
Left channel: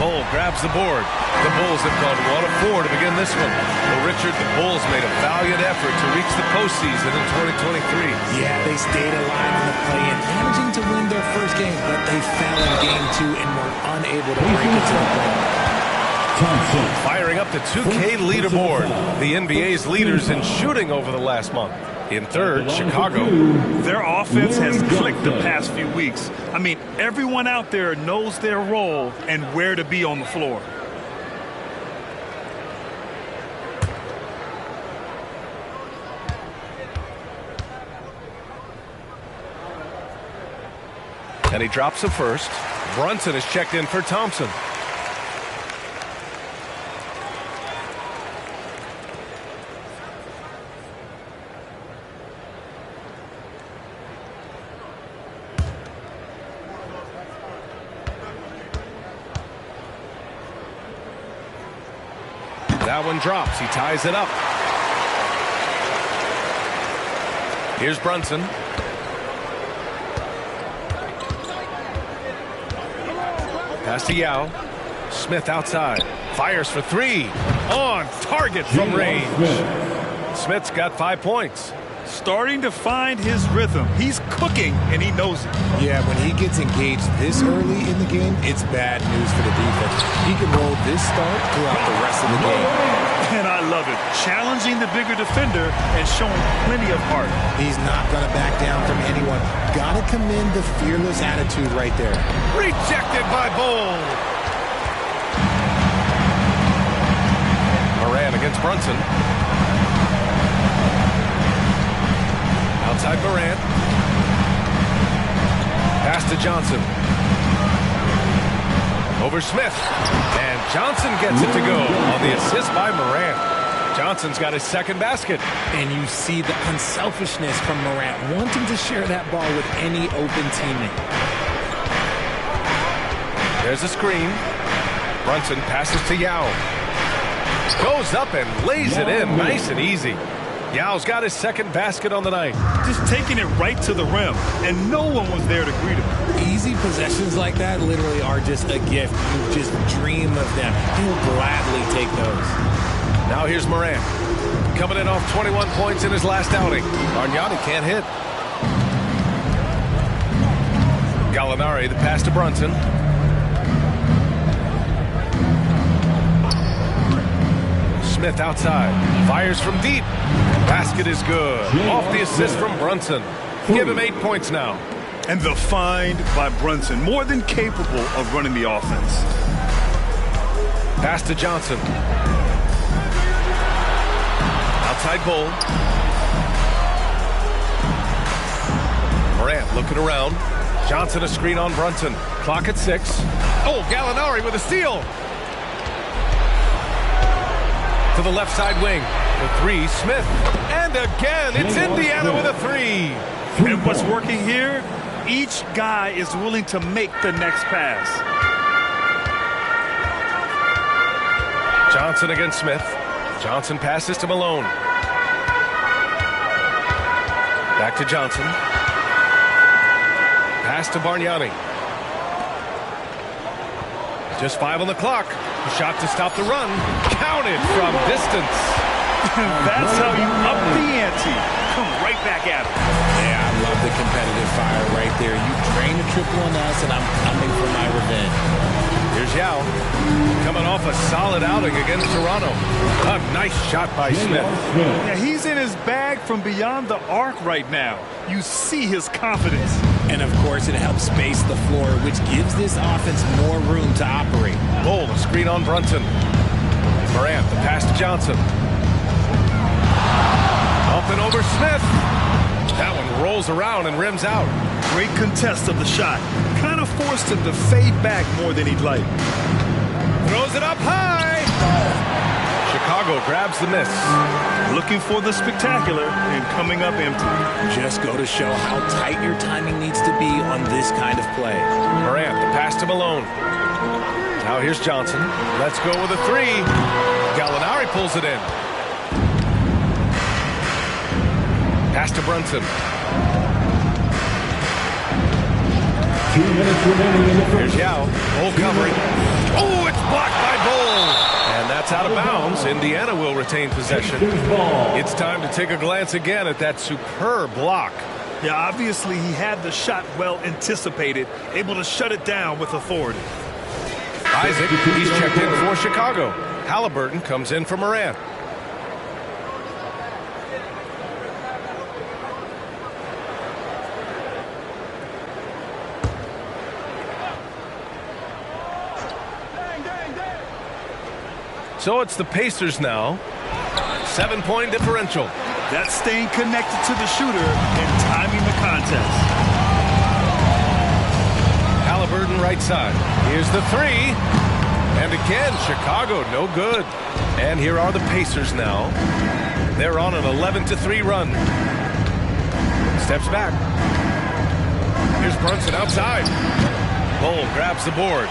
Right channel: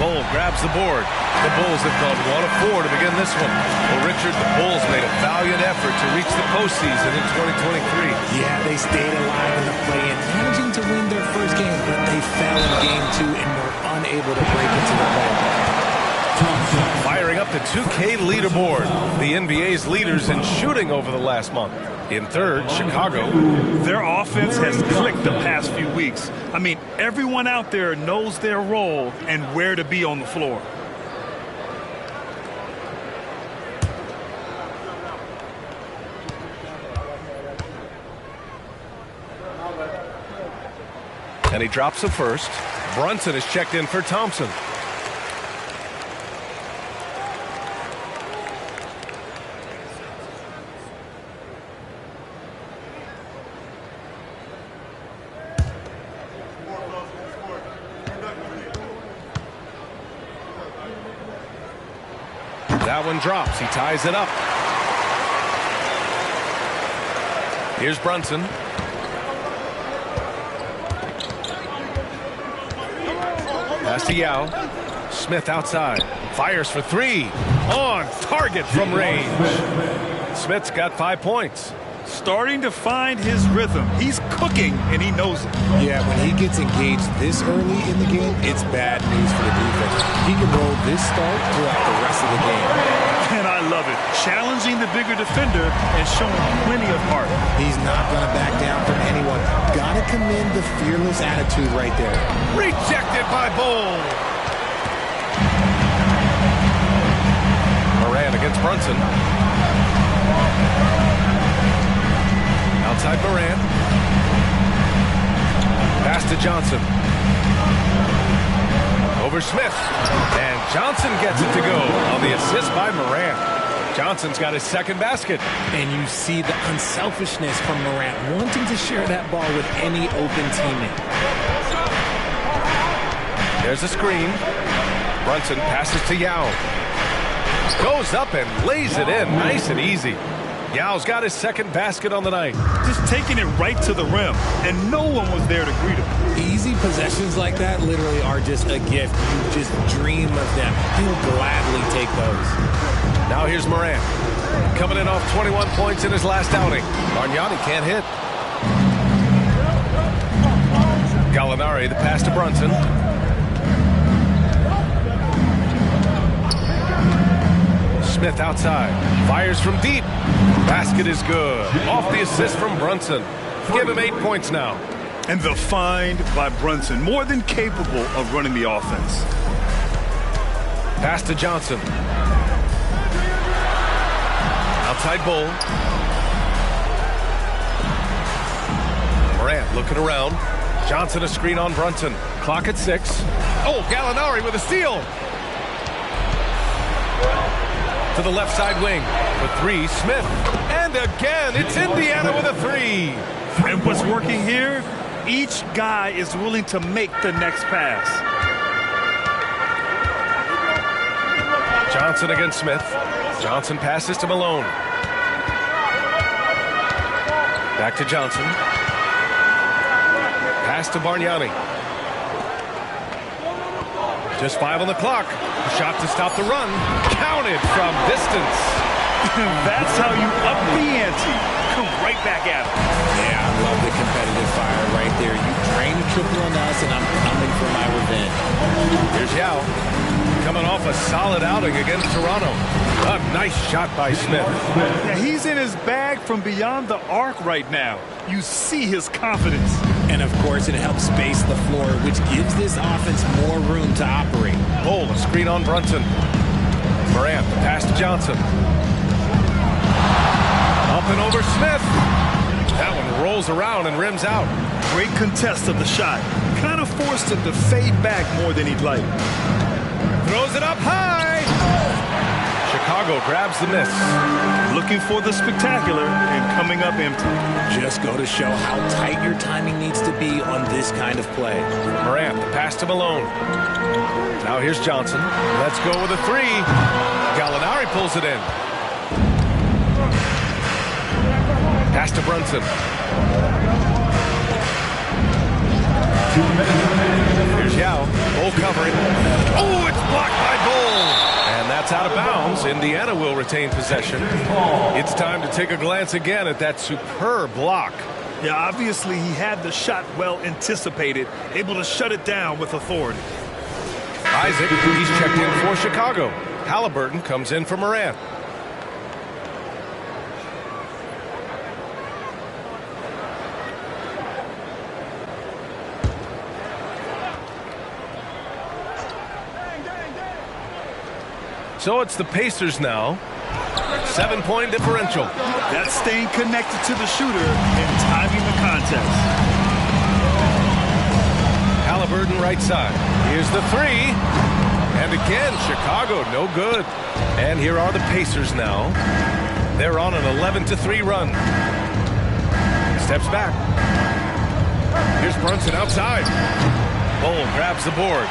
Bull grabs the board. The Bulls have gone 1 of 4 to begin this one. Well, Richard, the Bulls made a valiant effort to reach the postseason in 2023. Yeah, they stayed alive in the play-in, managing to win their first game, but they fell in game 2 and were unable to break into the playoffs. Firing up the 2K leaderboard. The NBA's leaders in shooting over the last month. In third, Chicago. Their offense has clicked the past few weeks. I mean, everyone out there knows their role and where to be on the floor. And he drops the first. Brunson is checked in for Thompson. That one drops. He ties it up. Here's Brunson. Pass to Yao. Smith outside. Fires for 3. On target from range. Smith's got 5 points. Starting to find his rhythm. He's cooking, and he knows it. Yeah, when he gets engaged this early in the game, it's bad news for the defense. He can roll this start throughout the rest of the game. And I love it. Challenging the bigger defender and showing plenty of heart. He's not going to back down from anyone. Got to commend the fearless attitude right there. Rejected by Bull. Moran against Brunson. Outside Morant. Pass to Johnson. Over Smith. And Johnson gets it to go on the assist by Morant. Johnson's got his second basket. And you see the unselfishness from Morant, wanting to share that ball with any open teammate. There's a screen. Brunson passes to Yao. Goes up and lays it in nice and easy. Yao's got his second basket on the night. Just taking it right to the rim, and no one was there to greet him. Easy possessions like that literally are just a gift. You just dream of them. He'll gladly take those. Now here's Morant. Coming in off 21 points in his last outing. Bargnani can't hit. Gallinari, the pass to Brunson. Smith outside. Fires from deep. Basket is good. Off the assist from Brunson. Give him 8 points now. And the find by Brunson. More than capable of running the offense. Pass to Johnson. Outside Bull. Morant looking around. Johnson a screen on Brunson. Clock at 6. Oh, Gallinari with a steal. To the left side wing. The 3, Smith. And again, it's Indiana with a 3. And what's working here? Each guy is willing to make the next pass. Johnson against Smith. Johnson passes to Malone. Back to Johnson. Pass to Bargnani. Just 5 on the clock. Shot to stop the run. Counted from distance. That's how you up the ante. Come right back at him. Yeah, I love the competitive fire right there. You drain a triple on us, and I'm coming for my revenge. Here's Yao. Coming off a solid outing against Toronto. A nice shot by Smith. Yeah, he's in his bag from beyond the arc right now. You see his confidence. And, of course, it helps space the floor, which gives this offense more room to operate. Bull, a screen on Brunson. Morant, the pass to Johnson. Up and over Smith. That one rolls around and rims out. Great contest of the shot. Kind of forced him to fade back more than he'd like. Throws it up high. Chicago grabs the miss. Looking for the spectacular and coming up empty. Just go to show how tight your timing needs to be on this kind of play. Morant, the pass to Malone. Now here's Johnson. Let's go with a 3. Gallinari pulls it in. Pass to Brunson. 2 minutes remaining in the first. Here's Yao. Bull covering. Oh, it's blocked by Bull. And that's out of bounds. Indiana will retain possession. It's time to take a glance again at that superb block. Yeah, obviously he had the shot well anticipated, able to shut it down with authority. Isaac, he's checked in for Chicago. Halliburton comes in for Morant. So it's the Pacers now. 7-point differential. That's staying connected to the shooter and timing the contest. Halliburton right side. Here's the 3. And again, Chicago no good. And here are the Pacers now. They're on an 11-3 run. Steps back. Here's Brunson outside. Bull grabs the board.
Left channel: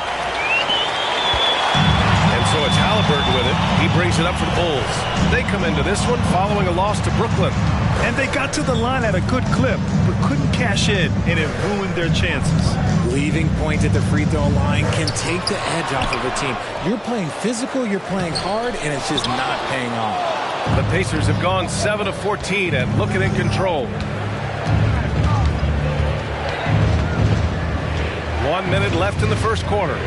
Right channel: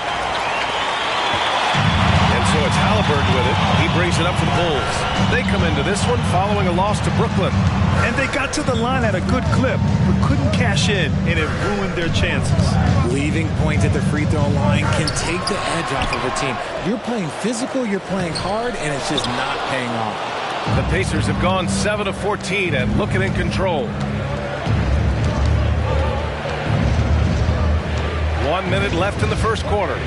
And so it's Halliburton with it. He brings it up for the Bulls. They come into this one following a loss to Brooklyn. And they got to the line at a good clip, but couldn't cash in, and it ruined their chances. Leaving points at the free throw line can take the edge off of a team. You're playing physical, you're playing hard, and it's just not paying off. The Pacers have gone 7 of 14 and looking in control. 1 minute left in the first quarter.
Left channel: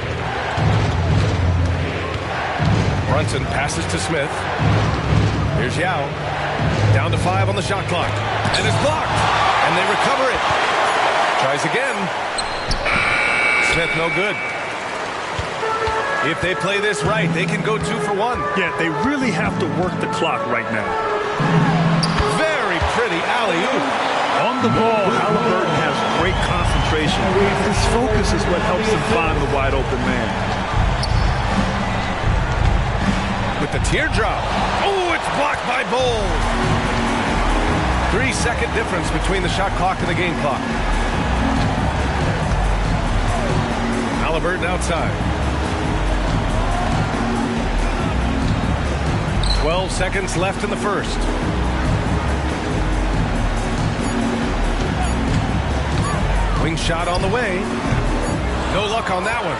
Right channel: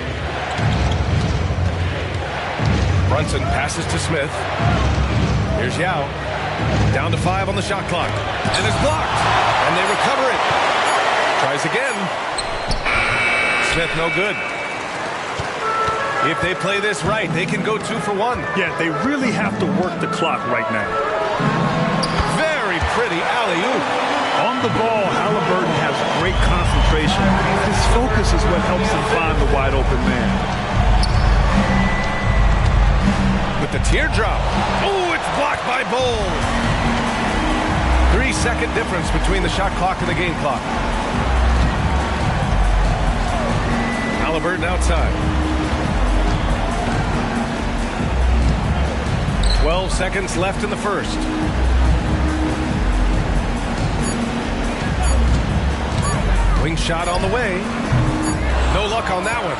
Brunson passes to Smith. Here's Yao. Down to 5 on the shot clock. And it's blocked. And they recover it. Tries again. Smith no good. If they play this right, they can go 2 for 1. Yeah, they really have to work the clock right now. Very pretty alley-oop. On the ball, Halliburton has great concentration. His focus is what helps him find the wide open man. With the teardrop. Oh, it's blocked by Bull. 3-second difference between the shot clock and the game clock. Halliburton outside. 12 seconds left in the first. Wing shot on the way. No luck on that one.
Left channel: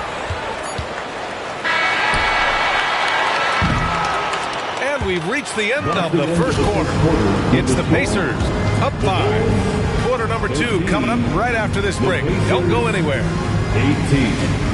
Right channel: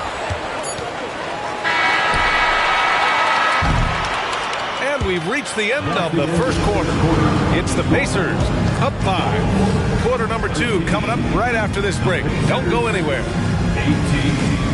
And we've reached the end of the first quarter. It's the Pacers up 5. Quarter number 2 coming up right after this break. Don't go anywhere. 18.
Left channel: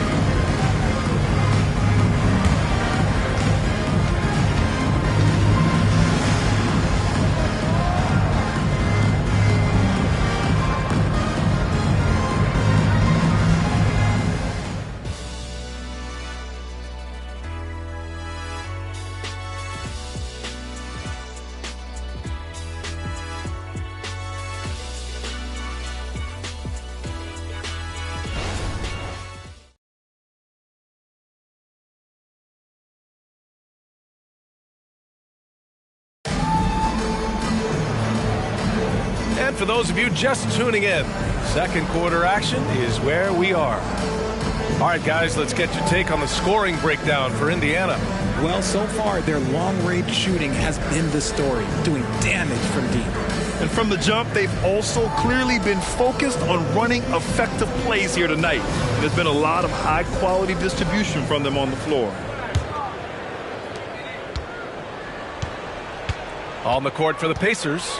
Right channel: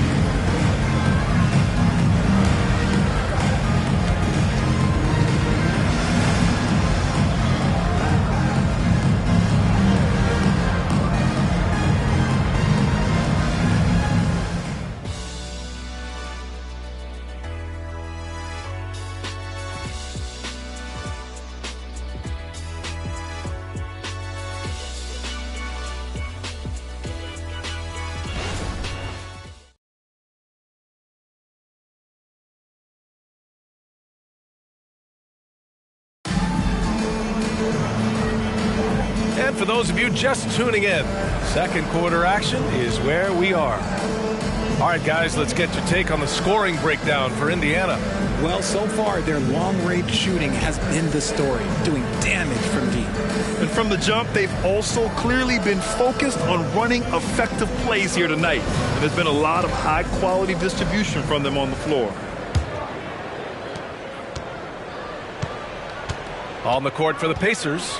And for those of you just tuning in, second quarter action is where we are. All right, guys, let's get your take on the scoring breakdown for Indiana. Well, so far, their long-range shooting has been the story, doing damage from deep. And from the jump, they've also clearly been focused on running effective plays here tonight. And there's been a lot of high-quality distribution from them on the floor. On the court for the Pacers.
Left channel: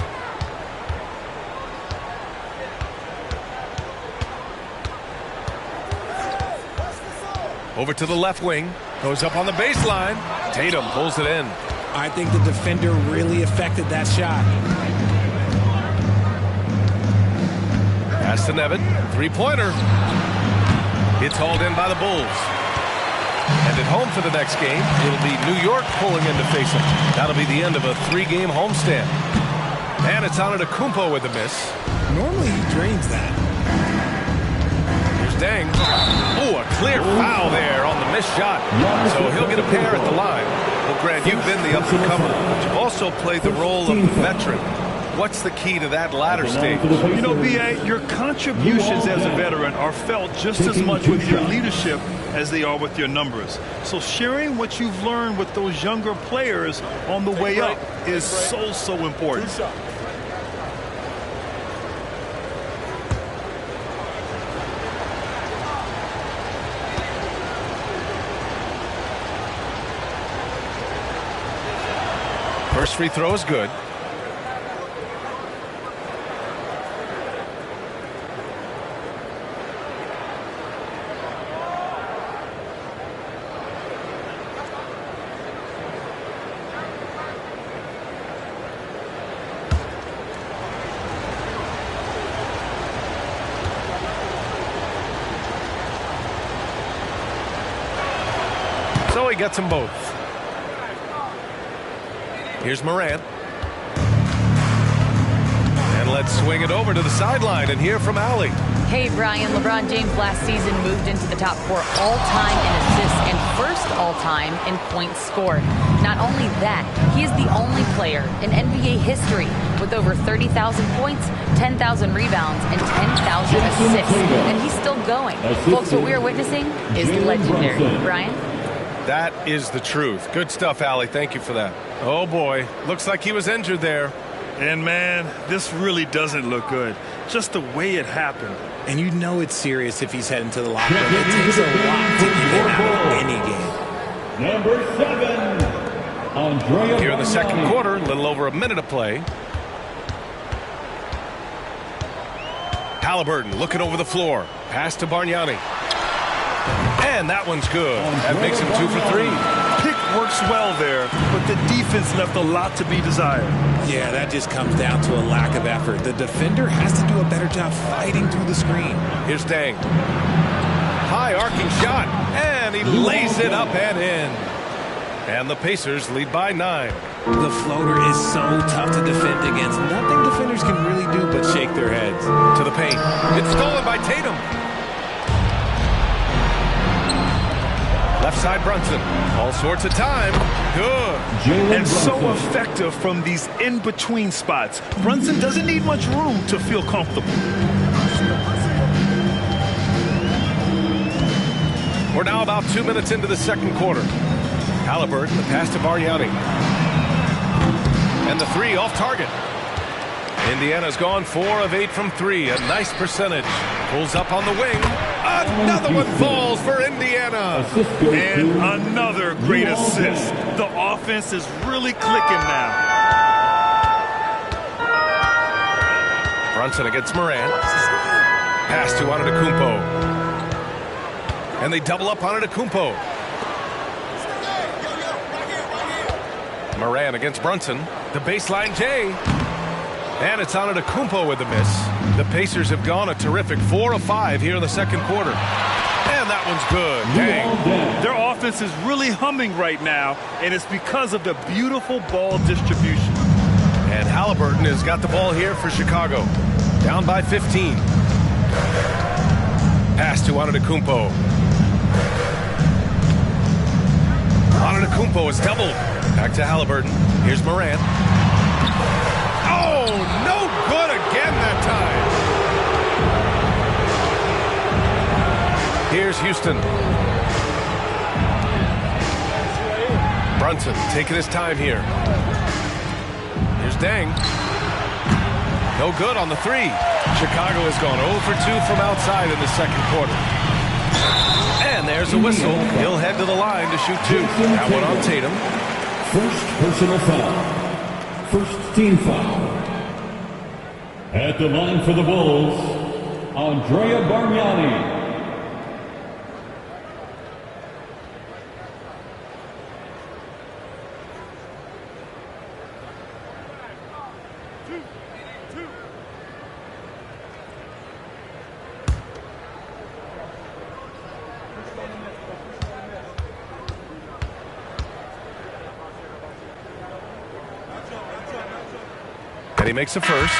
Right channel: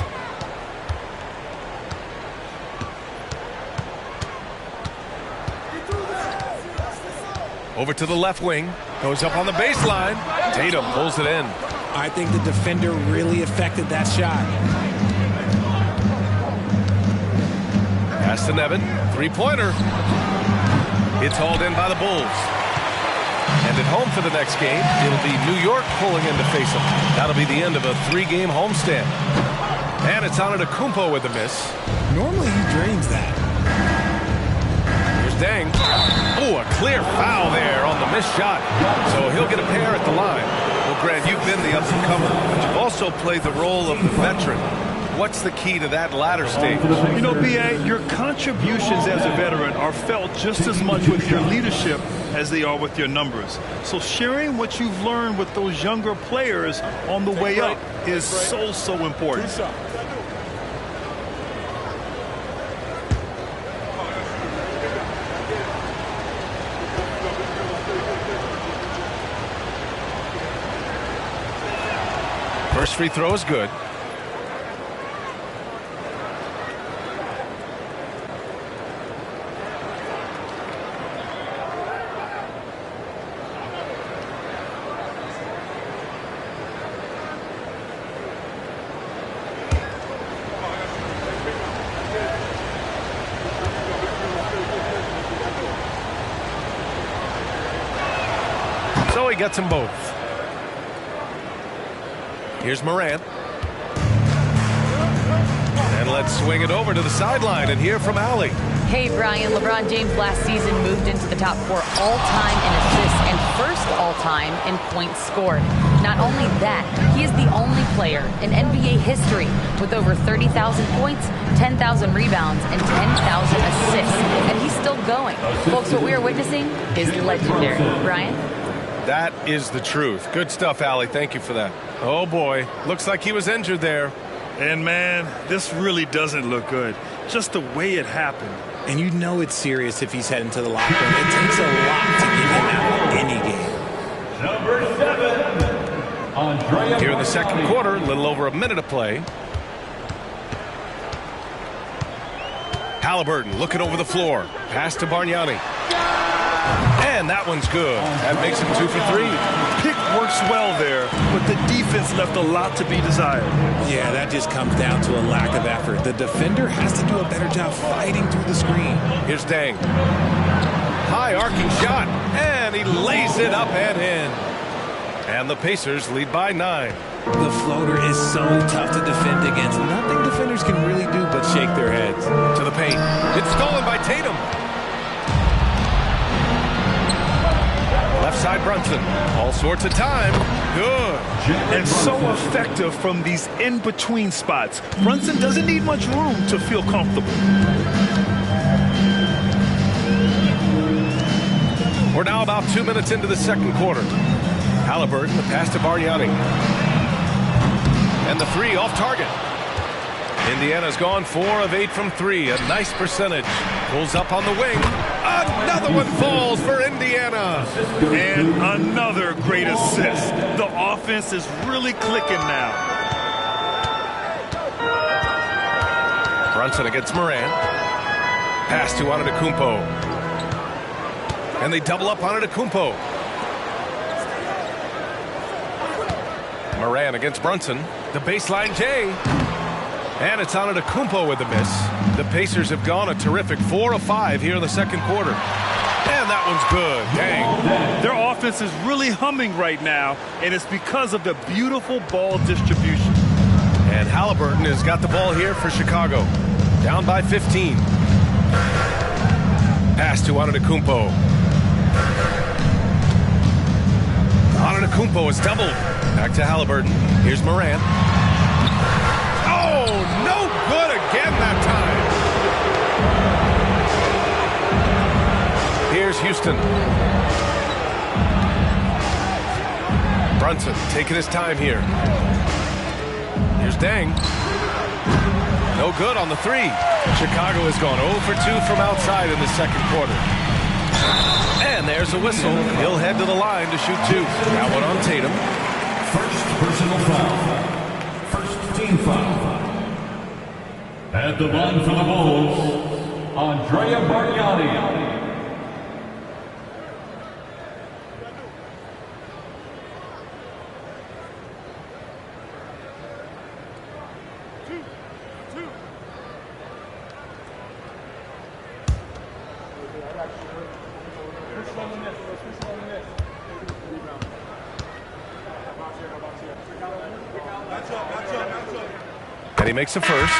Over to the left wing. Goes up on the baseline. Tatum pulls it in. I think the defender really affected that shot. Pass to Nevin. Three-pointer. It's hauled in by the Bulls. And at home for the next game, it'll be New York pulling in to face them. That'll be the end of a 3-game homestand. And it's Antetokounmpo with the miss. Normally he drains that. Here's Deng. Oh, a clear foul there on the missed shot. So he'll get a pair at the line. Well, Grant, you've been the up-and-comer, but you've also played the role of the veteran. What's the key to that latter stage? You know, B.A., your contributions as a veteran are felt just as much with your leadership as they are with your numbers. So sharing what you've learned with those younger players on the way up is so important. First free throw is good. So he gets them both. Here's Morant. And let's swing it over to the sideline and hear from Allie. Hey, Brian, LeBron James last season moved into the top 4 all-time in assists and first all-time in points scored. Not only that, he is the only player in NBA history with over 30,000 points, 10,000 rebounds, and 10,000 assists. And he's still going. Folks, what we are witnessing is legendary. Brian? That is the truth. Good stuff, Allie. Thank you for that. Oh, boy. Looks like he was injured there. And, man, this really doesn't look good. Just the way it happened. And you know it's serious if he's heading to the locker room. It takes a lot to get him out of any game. Number 7, Andrea. Here in the second quarter, a little over a minute to play. Halliburton looking over the floor. Pass to Bargnani. And that one's good. That makes him 2 for 3. Pick works well there, but the defense left a lot to be desired. Yeah, that just comes down to a lack of effort. The defender has to do a better job fighting through the screen. Here's Deng. High arcing shot, and he lays it up and in. And the Pacers lead by 9. The floater is so tough to defend against. Nothing defenders can really do but shake their heads. To the paint. It's stolen by Tatum. Left side Brunson. All sorts of time. Good. And so effective from these in-between spots. Brunson doesn't need much room to feel comfortable. We're now about 2 minutes into the second quarter. Halliburton, the pass to Bargnani. And the 3 off target. Indiana's gone 4 of 8 from 3. A nice percentage. Pulls up on the wing. Another one falls for Indiana. And another great assist. The offense is really clicking now. Brunson against Morant. Pass to Antetokounmpo. And they double up on Antetokounmpo. Morant against Brunson. The baseline J. And it's Antetokounmpo with the miss. The Pacers have gone a terrific 4 of 5 here in the second quarter. And that one's good. Dang. Their offense is really humming right now, and it's because of the beautiful ball distribution. And Halliburton has got the ball here for Chicago. Down by 15. Pass to Antetokounmpo. Antetokounmpo is doubled. Back to Halliburton. Here's Morant. Oh, no good again that time. Here's Houston. Brunson taking his time here. Here's Deng. No good on the three. Chicago has gone 0 for 2 from outside in the second quarter. And there's a whistle. He'll head to the line to shoot 2. That one on Tatum. First personal foul. First team foul. At the line for the Bulls, Andrea Bargnani. And he makes a first.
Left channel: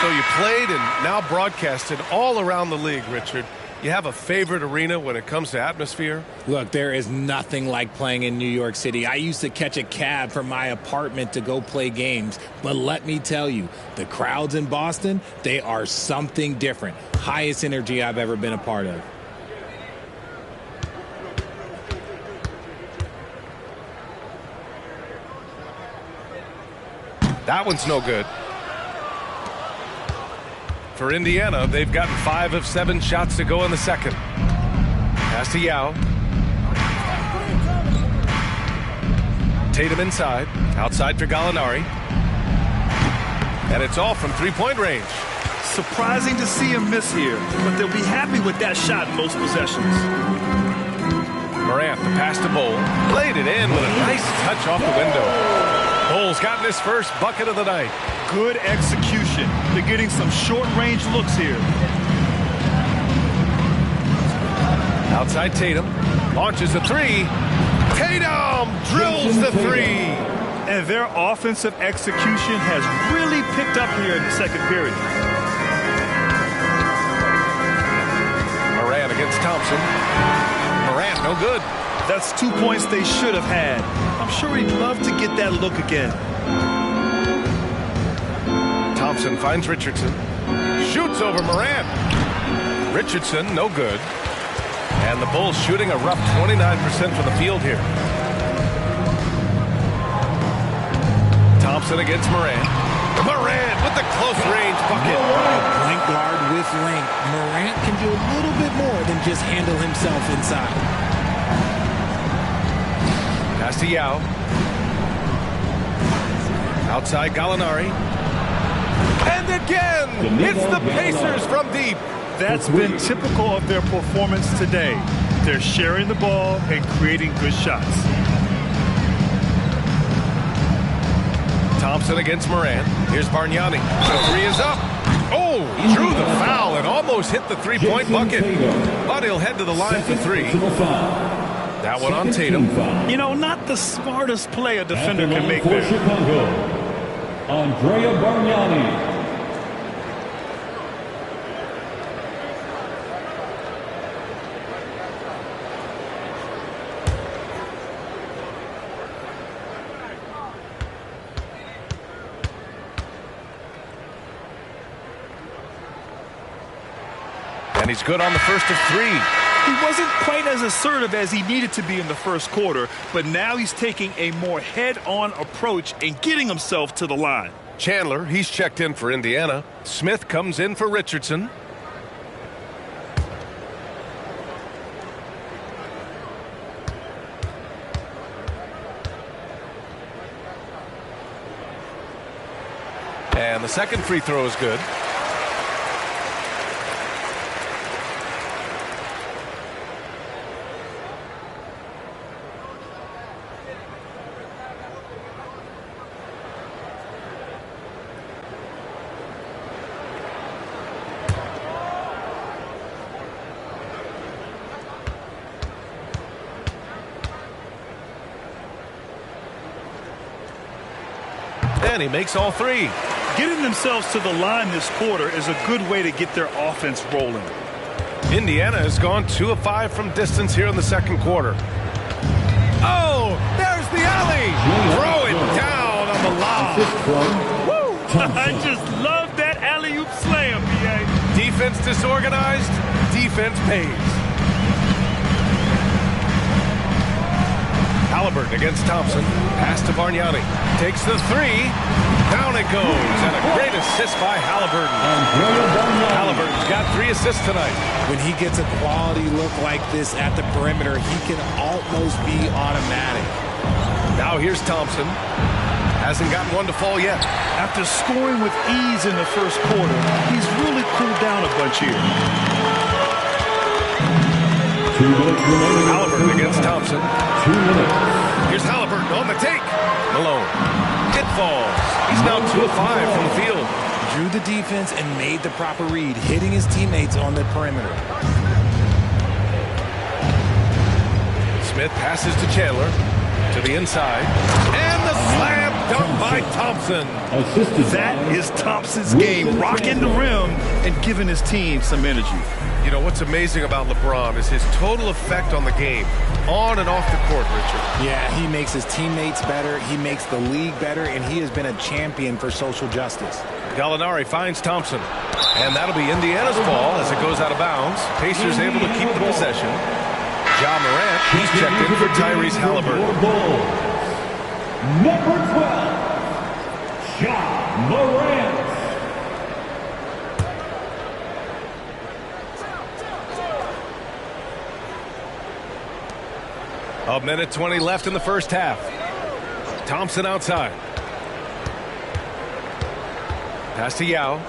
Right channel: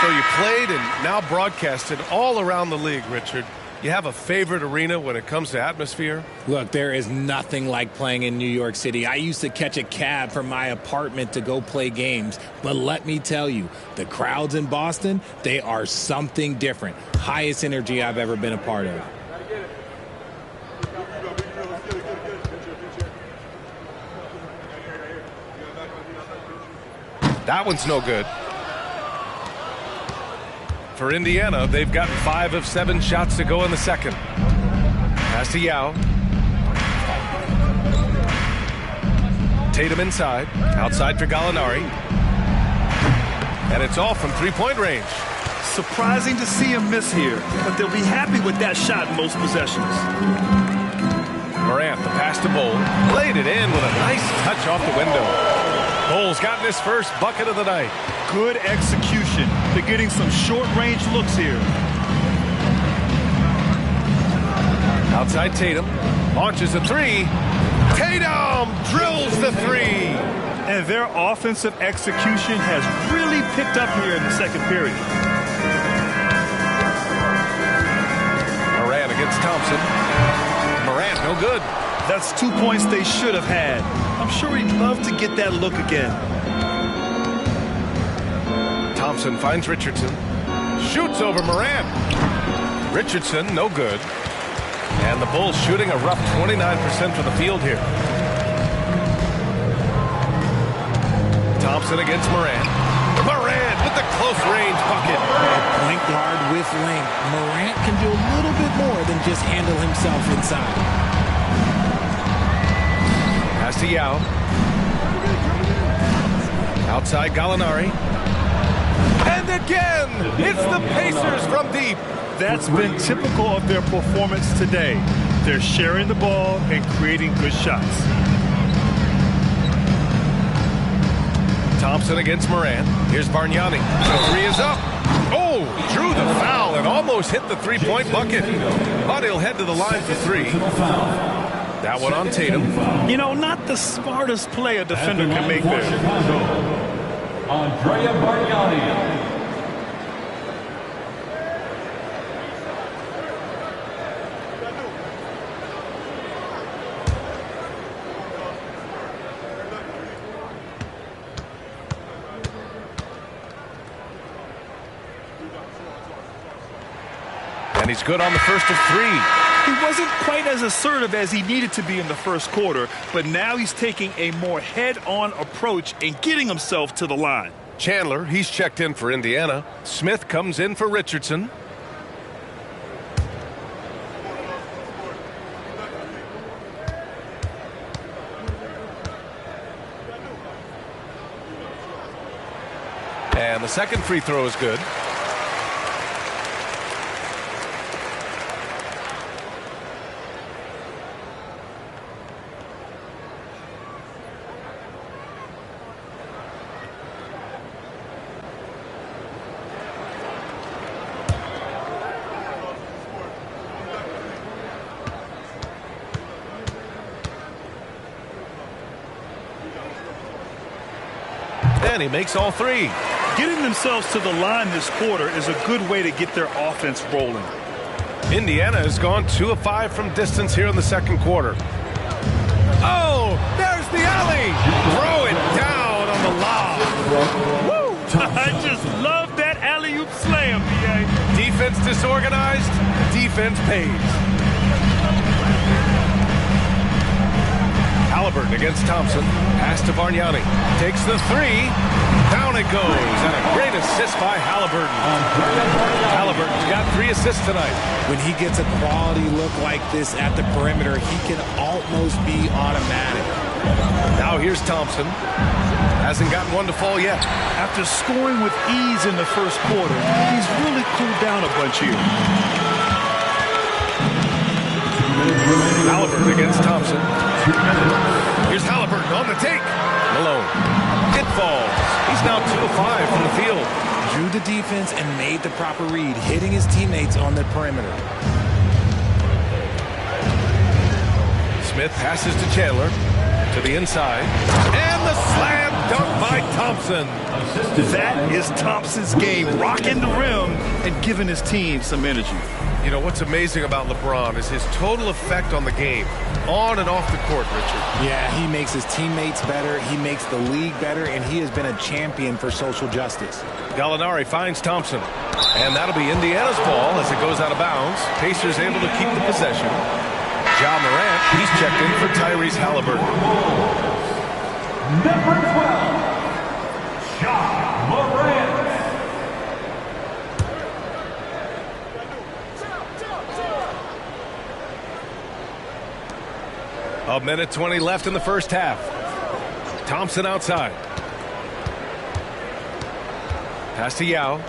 So you played and now broadcasted all around the league, Richard. You have a favorite arena when it comes to atmosphere? Look, there is nothing like playing in New York City. I used to catch a cab from my apartment to go play games. But let me tell you, the crowds in Boston, they are something different. Highest energy I've ever been a part of. That one's no good. For Indiana, they've gotten 5 of 7 shots to go in the second. Pass to Yao. Tatum inside. Outside for Gallinari. And it's all from three-point range. Surprising to see him miss here, but they'll be happy with that shot in most possessions. Morant, the pass to Bol. Laid it in with a nice touch off the window. Bol's gotten his first bucket of the night. Good execution. They're getting some short-range looks here. Outside Tatum. Launches a three. Tatum drills the three. And their offensive execution has really picked up here in the second period. Morant against Thompson. Morant, no good. That's 2 points they should have had. I'm sure he'd love to get that look again. Thompson finds Richardson. Shoots over Morant. Richardson, no good. And the Bulls shooting a rough 29% from the field here. Thompson against Morant. Morant with the close range bucket. A point guard with length. Morant can do a little bit more than just handle himself inside. Pass to Yao. Outside Gallinari. And again, it's the Pacers from deep. That's been typical of their performance today. They're sharing the ball and creating good shots. Thompson against Morant. Here's Bargnani. The three is up. Oh, drew the foul and almost hit the three-point bucket. But he'll head to the line for three. That one on Tatum. You know, not the smartest play a defender can make there. Chicago, Andrea Bargnani. And he's good on the first of three. He wasn't quite as assertive as he needed to be in the first quarter, but now he's taking a more head-on approach and getting himself to the line. Chandler, he's checked in for Indiana. Smith comes in for Richardson. the second free throw is good. And he makes all three. Getting themselves to the line this quarter is a good way to get their offense rolling. Indiana has gone 2 of 5 from distance here in the second quarter. Oh, there's the alley. Throw it down on the lob. Woo! I just love that alley-oop slam, B.A. Defense disorganized, defense pays. Halliburton against Thompson. Pass to Bargnani. Takes the three. Down it goes. And a great assist by Halliburton. Halliburton's got 3 assists tonight. When he gets a quality look like this at the perimeter, he can almost be automatic. Now here's Thompson. Hasn't gotten one to fall yet. After scoring with ease in the first quarter, he's really cooled down a bunch here. 2 minutes remaining. Halliburton against Thompson. 2 minutes. Here's Halliburton on the take. Malone. It falls. He's now 2 of 5 from the field. Drew the defense and made the proper read, hitting his teammates on the perimeter. Smith passes to Chandler. To the inside. And the slam dunk by Thompson. That is Thompson's game, rocking the rim and giving his team some energy. You know, what's amazing about LeBron is his total effect on the game, on and off the court, Richard. Yeah, he makes his teammates better, he makes the league better, and he has been a champion for social justice. Gallinari finds Thompson. And that'll be Indiana's ball as it goes out of bounds. Pacers able to keep the possession. Ja Morant, he's checked in for Tyrese Halliburton. Number 12, Ja Morant. A minute 20 left in the first half. Thompson outside. Pass to Yao.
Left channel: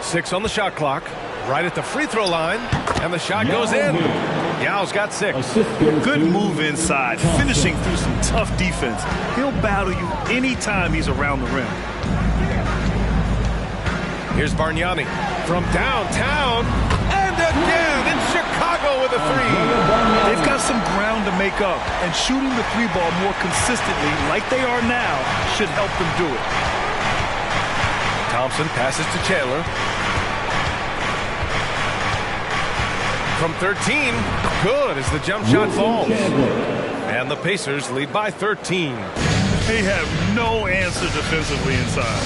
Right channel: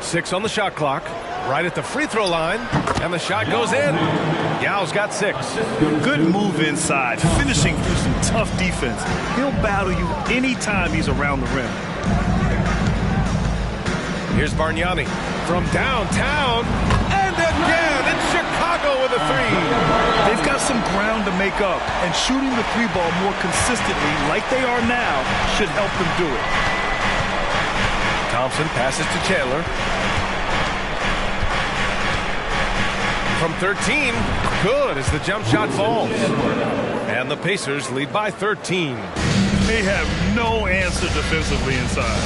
6 on the shot clock. Right at the free throw line. And the shot goes in. Yao's got 6. Good move inside, finishing through some tough defense. He'll battle you anytime he's around the rim. Here's Bargnani from downtown. And again in Chicago with a 3. They've got some ground to make up, and shooting the 3-ball more consistently like they are now should help them do it. Thompson passes to Chandler. From 13, good as the jump shot falls. And the Pacers lead by 13. They have no answer defensively inside.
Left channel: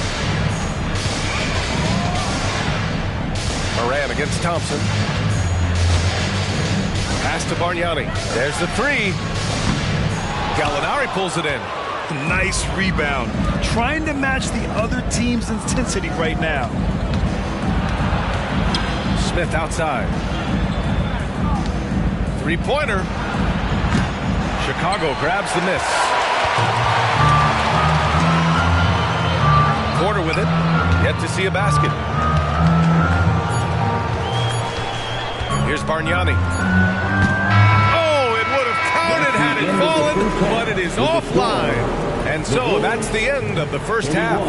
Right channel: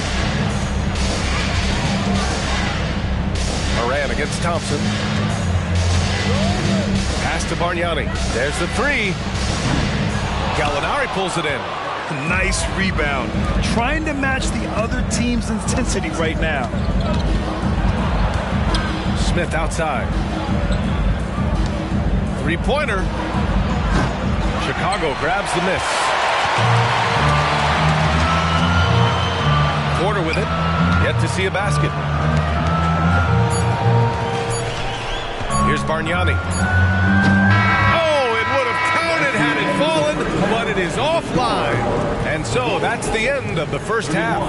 Moran against Thompson. Pass to Bargnani. There's the 3. Gallinari pulls it in. Nice rebound. Trying to match the other team's intensity right now. Smith outside. 3-pointer. Chicago grabs the miss. Porter with it. Yet to see a basket. Here's Bargnani. Oh, it would have counted had it fallen, but it is offline. And so that's the end of the first half.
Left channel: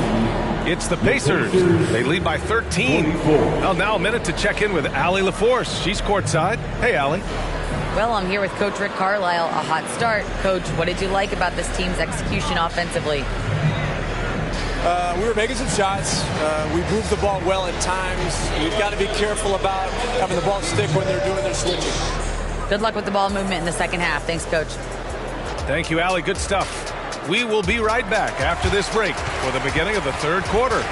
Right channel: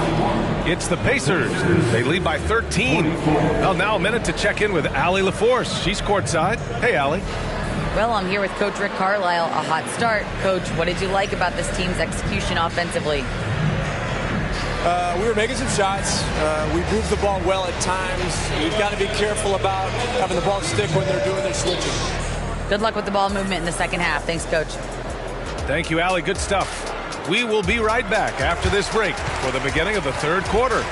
It's the Pacers. They lead by 13. Well, now a minute to check in with Allie LaForce. She's courtside. Hey, Allie. Well, I'm here with Coach Rick Carlisle. A hot start. Coach, what did you like about this team's execution offensively? We were making some shots. We moved the ball well at times. We've got to be careful about having the ball stick when they're doing their switching. Good luck with the ball movement in the second half. Thanks, Coach. Thank you, Allie. Good stuff. We will be right back after this break for the beginning of the third quarter.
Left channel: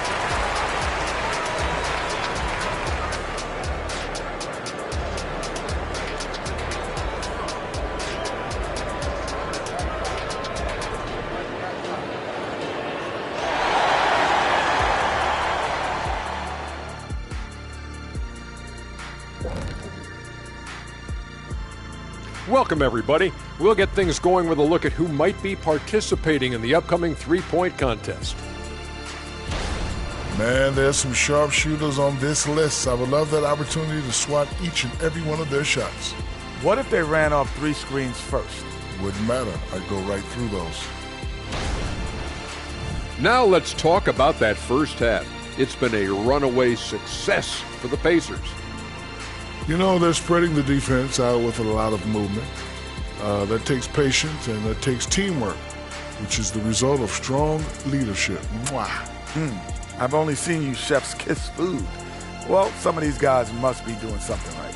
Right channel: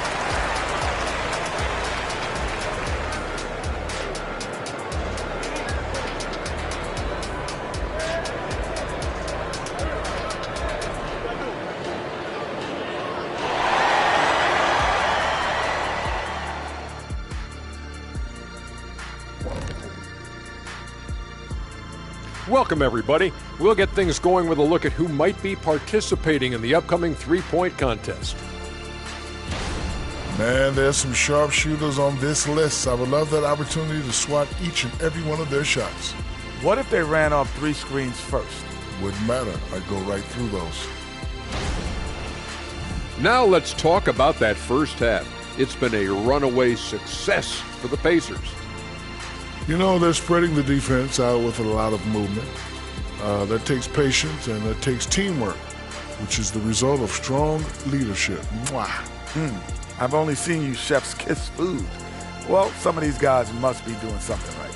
Welcome, everybody. We'll get things going with a look at who might be participating in the upcoming three-point contest. Man, there's some sharpshooters on this list. I would love that opportunity to swat each and every one of their shots. What if they ran off 3 screens first? Wouldn't matter. I'd go right through those. Now let's talk about that first half. It's been a runaway success for the Pacers. You know, they're spreading the defense out with a lot of movement. That takes patience and that takes teamwork, which is the result of strong leadership. Mwah. I've only seen you chefs kiss food. Well, some of these guys must be doing something right.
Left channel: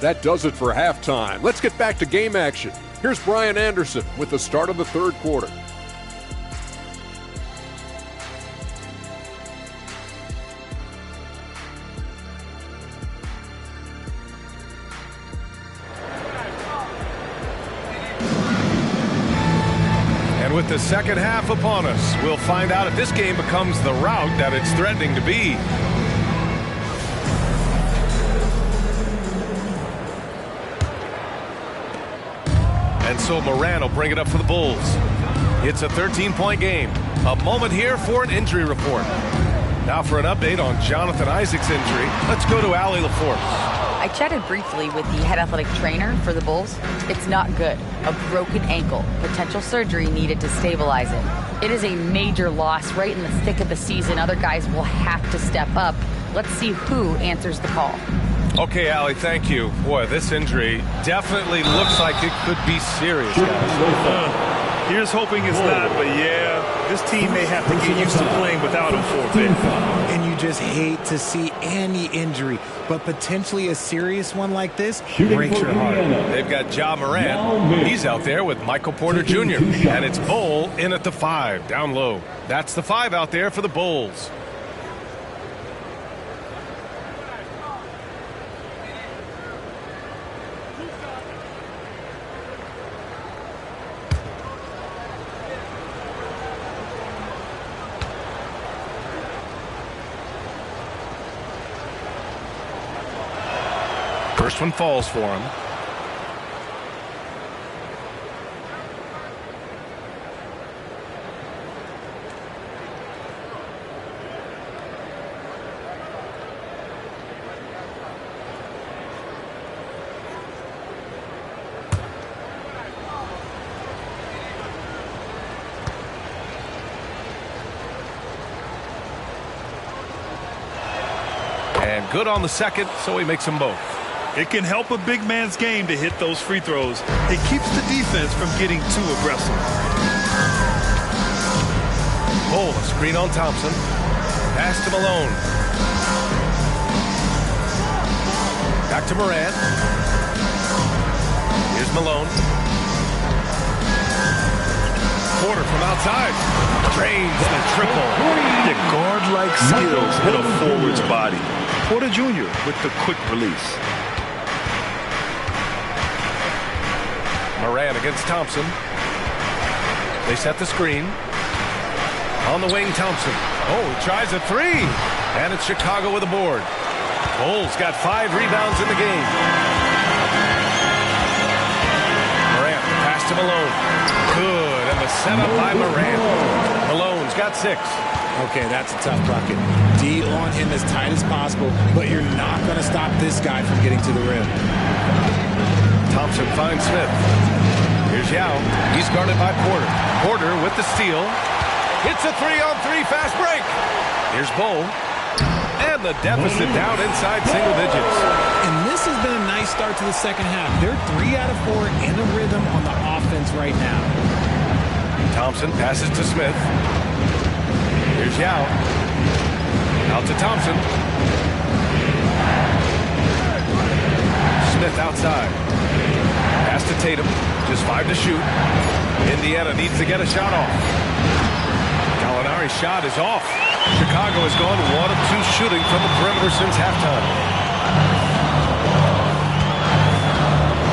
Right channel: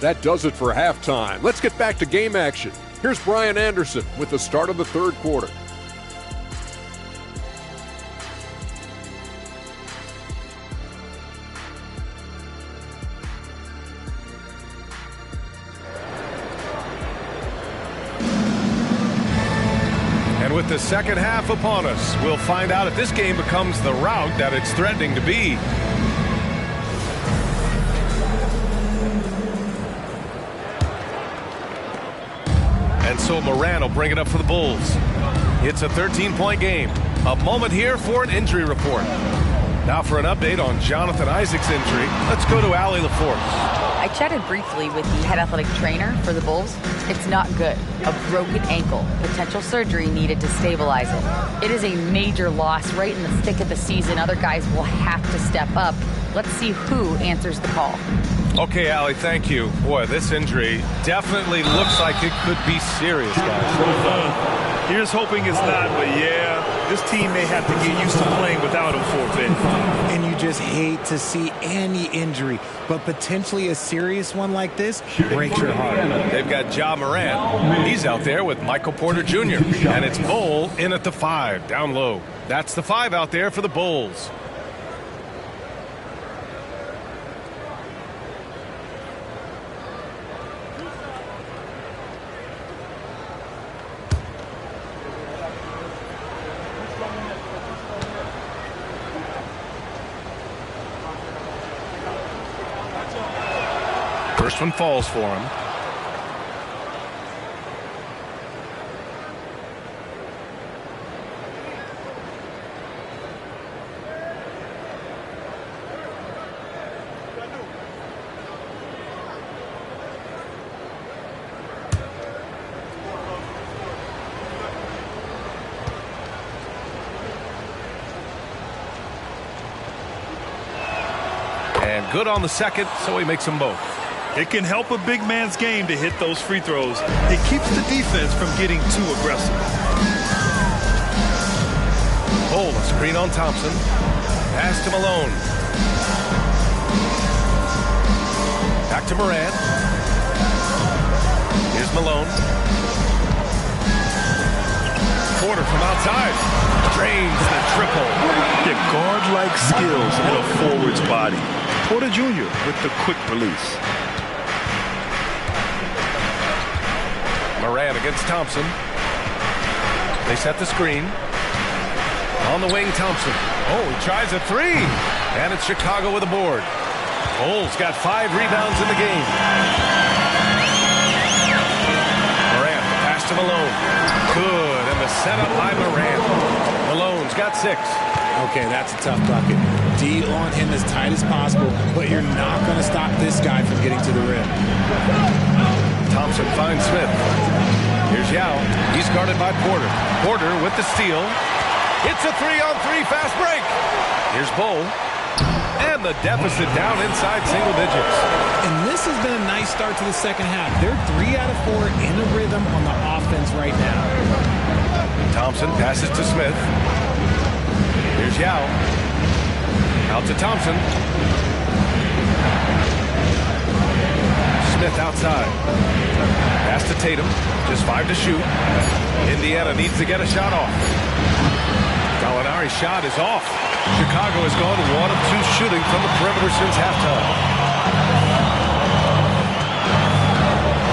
That does it for halftime. Let's get back to game action. Here's Brian Anderson with the start of the third quarter. And with the second half upon us, we'll find out if this game becomes the rout that it's threatening to be. And so Moran will bring it up for the Bulls. It's a 13-point game. A moment here for an injury report. Now for an update on Jonathan Isaac's injury, let's go to Allie LaForce. I chatted briefly with the head athletic trainer for the Bulls. It's not good. A broken ankle. Potential surgery needed to stabilize it. It is a major loss right in the thick of the season. Other guys will have to step up. Let's see who answers the call. Okay, Allie, thank you. Boy, this injury definitely looks like it could be serious, guys. Here's hoping it's not, but yeah, this team may have to get used to playing without him for a bit. And you just hate to see any injury, but potentially a serious one like this breaks your heart. They've got Ja Morant. He's out there with Michael Porter Jr. And it's Bull in at the 5, down low. That's the 5 out there for the Bulls. First one falls for him. And good on the second, so he makes them both. It can help a big man's game to hit those free throws. It keeps the defense from getting too aggressive. Bull, a screen on Thompson. Pass to Malone. Back to Morant. Here's Malone. Porter from outside. Drains the triple. The guard-like skills in a forward's body. Porter Jr. with the quick release. Moran against Thompson. They set the screen. On the wing, Thompson. Oh, he tries a 3. And it's Chicago with a board. Bulls got 5 rebounds in the game. Morant, the pass to Malone. Good, and the setup by Morant. Malone's got 6. Okay, that's a tough bucket. D on him as tight as possible, but you're not going to stop this guy from getting to the rim. Thompson finds Smith. Here's Yao. He's guarded by Porter. Porter with the steal. It's a 3-on-3 fast break. Here's Bull. And the deficit down inside single digits. And this has been a nice start to the second half. They're 3 out of 4 in a rhythm on the offense right now. Thompson passes to Smith. Here's Yao. Out to Thompson. Smith outside. Pass to Tatum. Just 5 to shoot. Indiana needs to get a shot off. Gallinari's shot is off. Chicago has gone 1 of 2 shooting from the perimeter since halftime.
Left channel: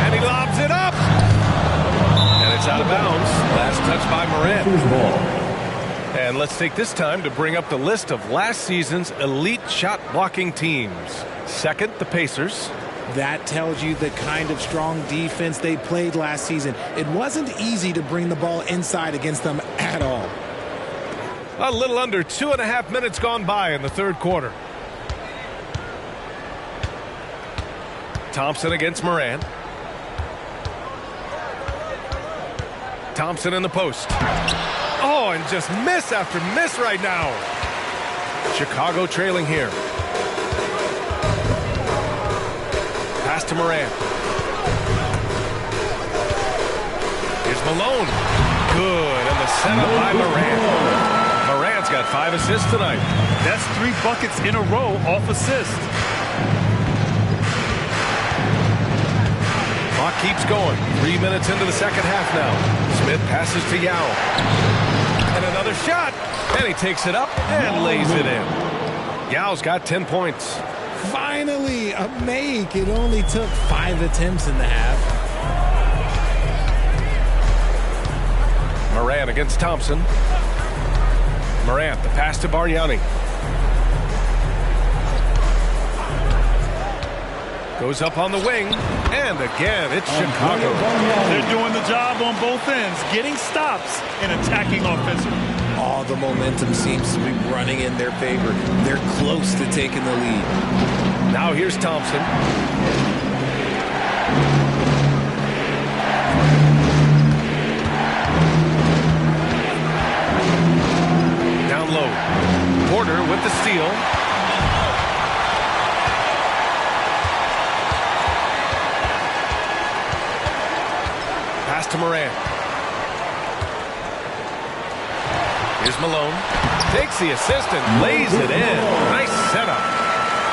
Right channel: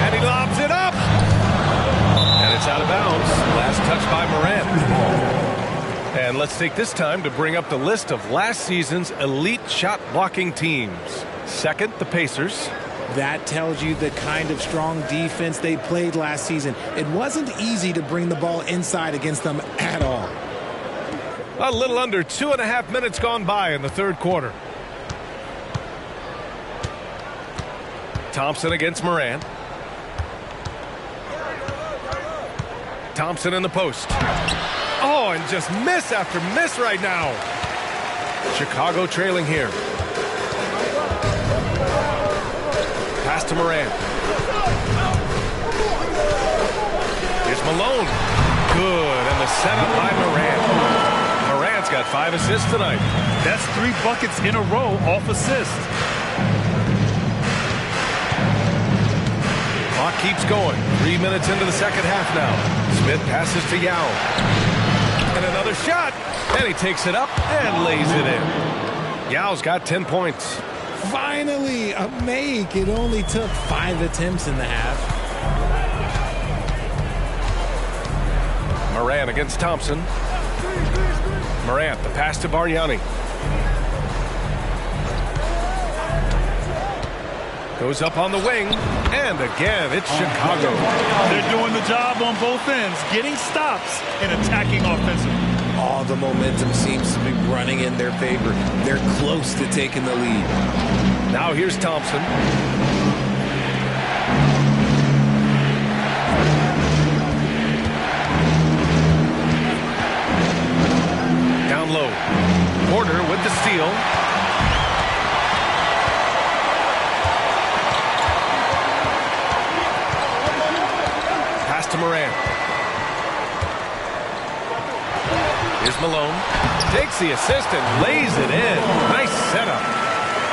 And he lobs it up. And it's out of bounds. Last touch by Morant. And let's take this time to bring up the list of last season's elite shot blocking teams. Second, the Pacers. That tells you the kind of strong defense they played last season. It wasn't easy to bring the ball inside against them at all. A little under 2.5 minutes gone by in the third quarter. Thompson against Moran. Thompson in the post. Oh, and just miss after miss right now. Chicago trailing here. Pass to Moran. Here's Malone. Good, and the setup by Moran. Moran's got 5 assists tonight. That's 3 buckets in a row off assist. Clock keeps going. 3 minutes into the second half now. Smith passes to Yao. And another shot. And he takes it up and lays it in. Yao's got 10 points. Finally, a make. It only took 5 attempts in the half. Moran against Thompson. Morant, the pass to Bargnani. Goes up on the wing. And again, it's Chicago. They're doing the job on both ends, getting stops and attacking offensively. All the momentum seems to be running in their favor. They're close to taking the lead. Now here's Thompson. Down low. Porter with the steal. Pass to Moran. Here's Malone. Takes the assist and lays it in. Nice setup.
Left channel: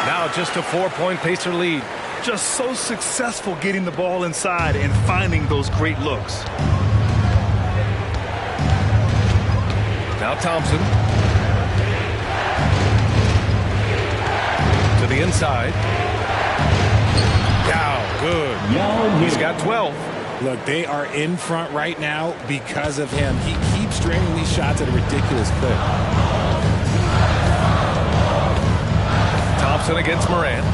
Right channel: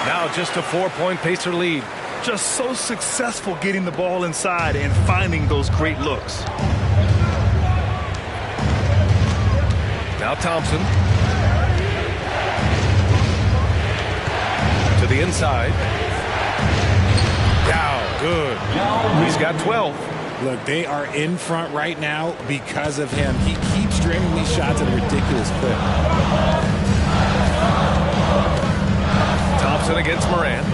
Now just a 4-point Pacer lead. Just so successful getting the ball inside and finding those great looks. Now Thompson. To the inside. Yao, good. He's got 12. Look, they are in front right now because of him. He keeps draining these shots at a ridiculous clip. Thompson against Moran.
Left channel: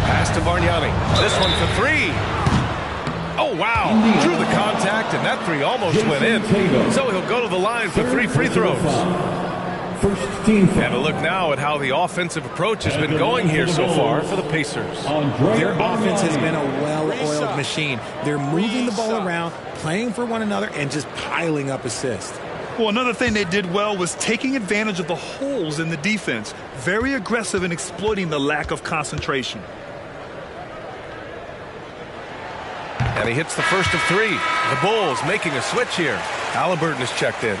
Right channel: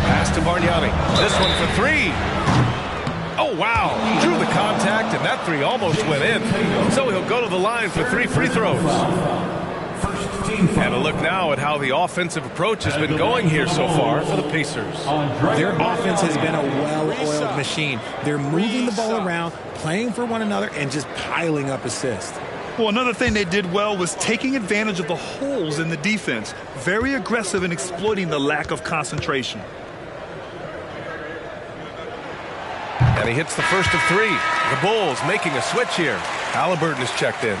Pass to Bargnani. This one for 3. Oh, wow. Drew the contact, and that 3 almost went in. So he'll go to the line for 3 free throws. And a look now at how the offensive approach has been going here so far for the Pacers. Their offense has been a well-oiled machine. They're moving the ball around, playing for one another, and just piling up assists. Well, another thing they did well was taking advantage of the holes in the defense. Very aggressive in exploiting the lack of concentration. And he hits the first of 3. The Bulls making a switch here. Halliburton is checked in.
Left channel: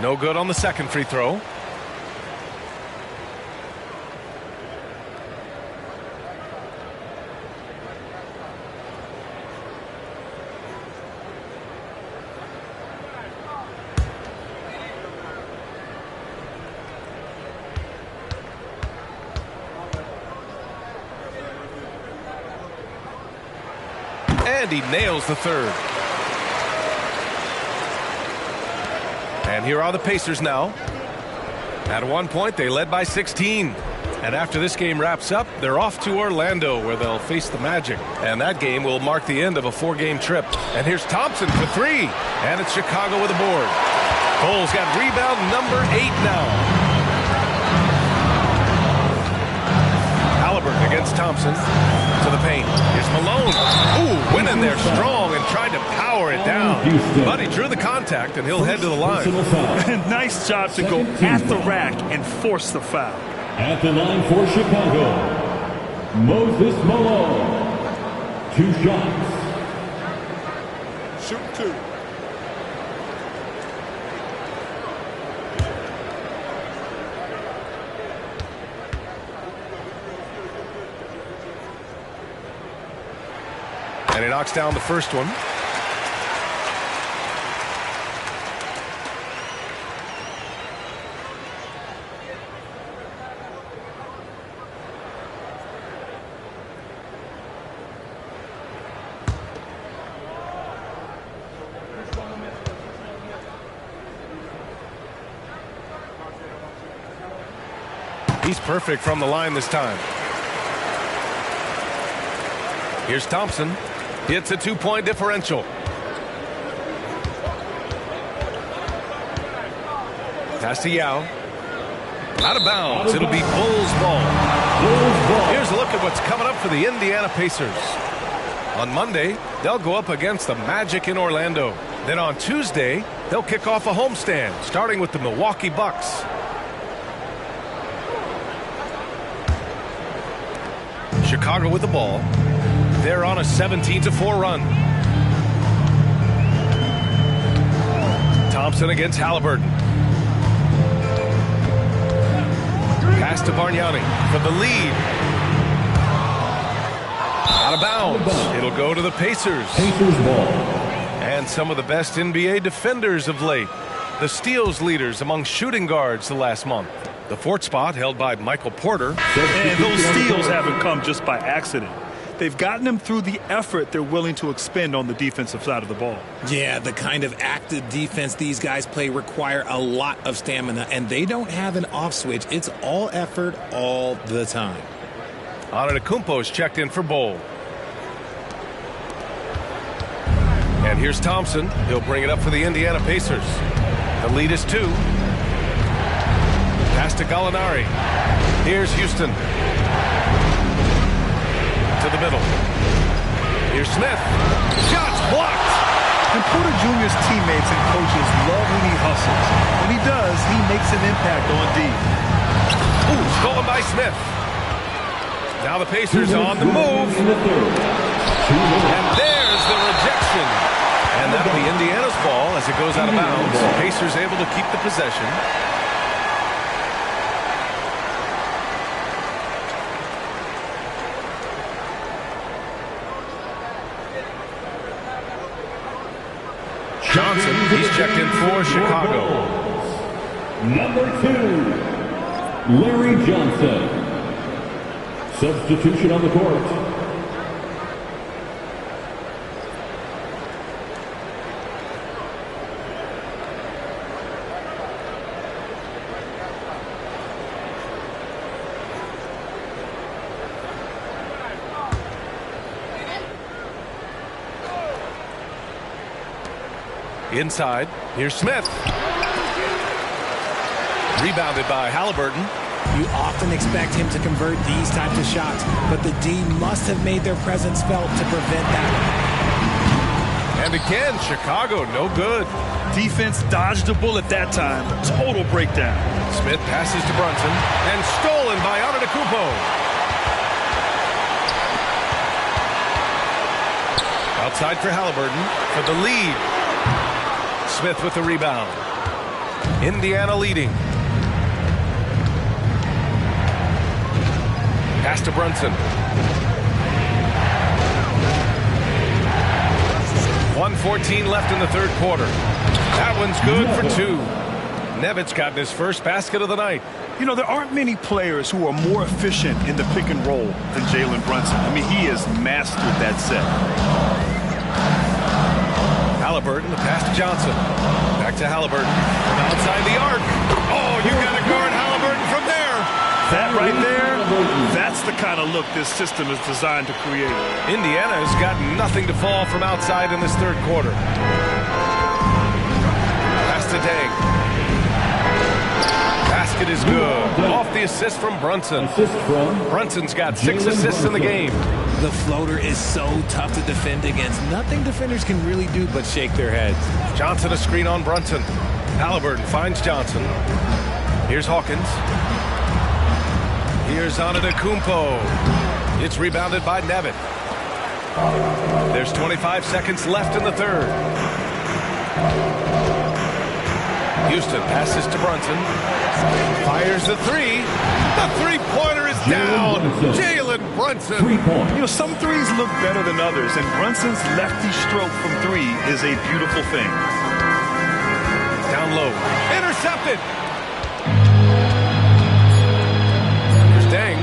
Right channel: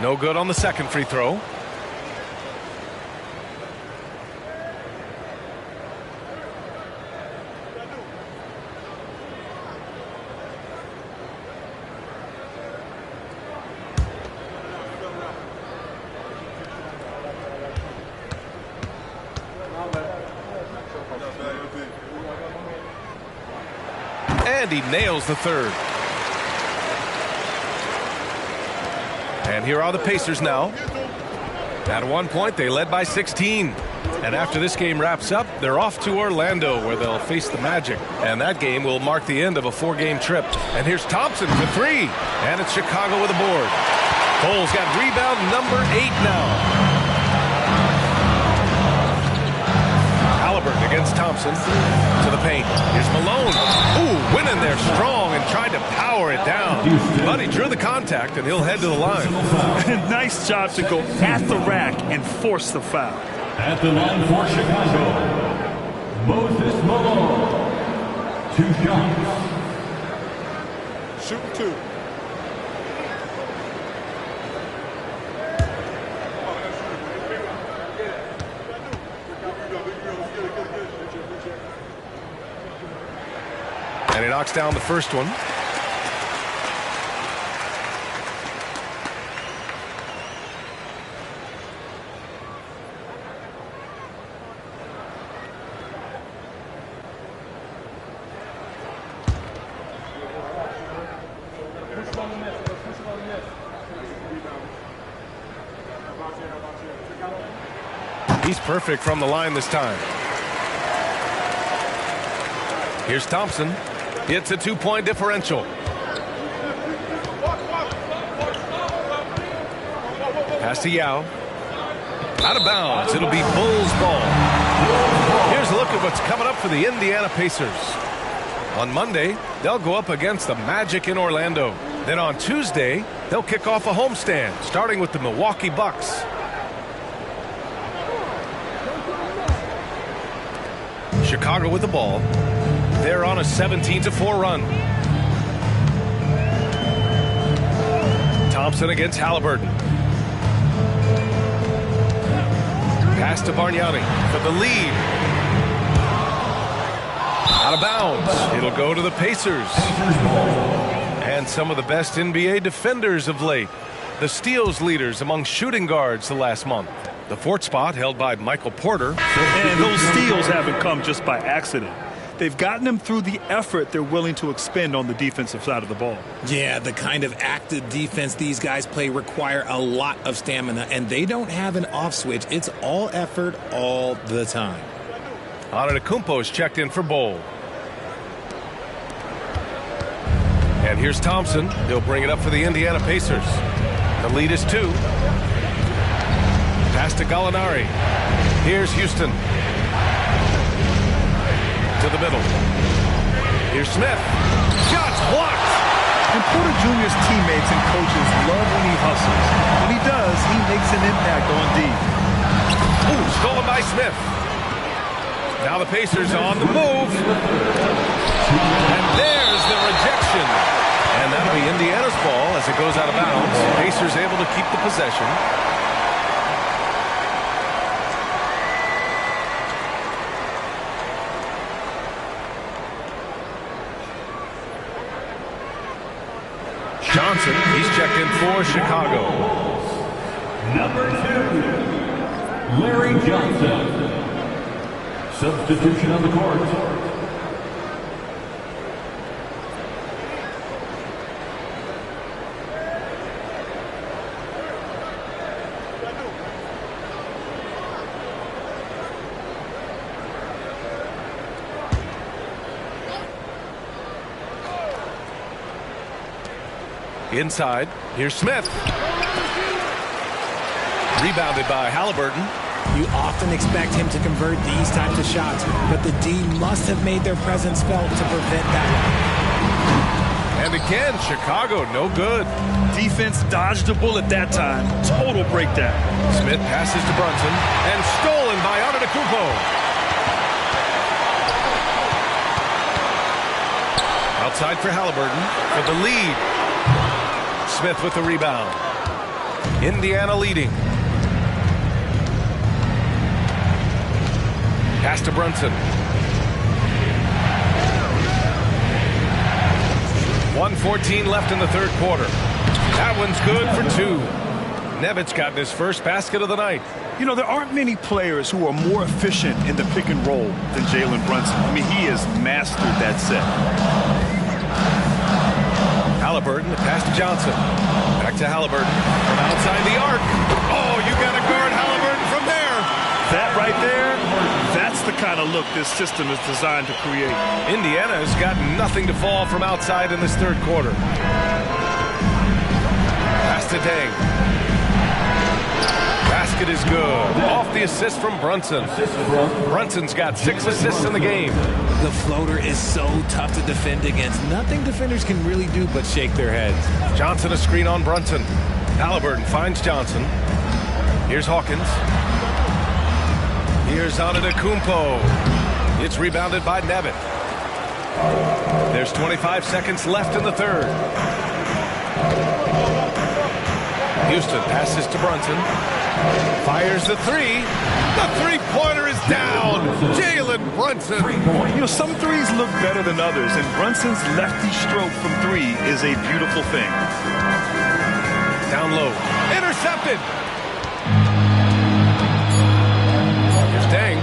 No good on the second free throw. And he nails the third. And here are the Pacers now. At one point, they led by 16. And after this game wraps up, they're off to Orlando, where they'll face the Magic. And that game will mark the end of a 4-game trip. And here's Thompson for 3. And it's Chicago with a board. Bulls got rebound number 8 now. Halliburton against Thompson. To the paint. Here's Malone. Ooh, went in there strong and tried to power it down. But he drew the contact, and he'll head to the line. Nice job to go at the rack and force the foul. At the line for Chicago, Moses Malone. 2 shots. Shooting 2. And he knocks down the first one. He's perfect from the line this time. Here's Thompson. It's a 2-point differential. Pass to Yao. Out of bounds. It'll be Bulls ball. Here's a look at what's coming up for the Indiana Pacers. On Monday, they'll go up against the Magic in Orlando. Then on Tuesday, they'll kick off a homestand, starting with the Milwaukee Bucks. Chicago with the ball. They're on a 17-4 run. Thompson against Halliburton. Pass to Bargnani for the lead. Out of bounds. It'll go to the Pacers. And some of the best NBA defenders of late. The steals leaders among shooting guards the last month. The fourth spot held by Michael Porter. And those steals haven't come just by accident. They've gotten them through the effort they're willing to expend on the defensive side of the ball. Yeah, the kind of active defense these guys play require a lot of stamina, and they don't have an off switch. It's all effort all the time. Antetokounmpo's checked in for Bol. And here's Thompson. He'll bring it up for the Indiana Pacers. The lead is 2. Pass to Gallinari. Here's Houston. To the middle. Here's Smith. Shots blocked. And Porter Jr.'s teammates and coaches love when he hustles. When he does, he makes an impact on D. Ooh, stolen by Smith. Now the Pacers on the move. And there's the rejection. And that'll be Indiana's ball as it goes out of bounds. Pacers able to keep the possession. Johnson, he's checked in for Chicago. Number 2, Larry Johnson. Substitution on the court. Inside, here's Smith. Rebounded by Halliburton. You often expect him to convert these types of shots, but the D must have made their presence felt to prevent that one. And again, Chicago, no good. Defense dodged a bullet that time. Total breakdown. Smith passes to Brunson, and stolen by Antetokounmpo. Outside for Halliburton for the lead. Smith with the rebound. Indiana leading. Pass to Brunson. 1:14 left in the third quarter. That one's good for 2. Nevitz got his first basket of the night. You know, there aren't many players who are more efficient in the pick and roll than Jalen Brunson. I mean, he has mastered that set. Halliburton, the pass to Johnson. Back to Halliburton from outside the arc. Oh, you got to guard Halliburton from there. That right there, that's the kind of look this system is designed to create. Indiana has got nothing to fall from outside in this third quarter. Pass to Deng. Basket is good. Off the assist from Brunson. Brunson's got 6 assists in the game. The floater is so tough to defend against. Nothing defenders can really do but shake their heads. Johnson a screen on Brunson. Halliburton finds Johnson. Here's Hawkins. Here's Antetokounmpo. It's rebounded by Nevitt. There's 25 seconds left in the third. Houston passes to Brunson. Fires the 3. The three-pointer is down. Jalen Brunson. You know, some threes look better than others, and Brunson's lefty stroke from 3 is a beautiful thing. Down low. Intercepted. Here's Deng.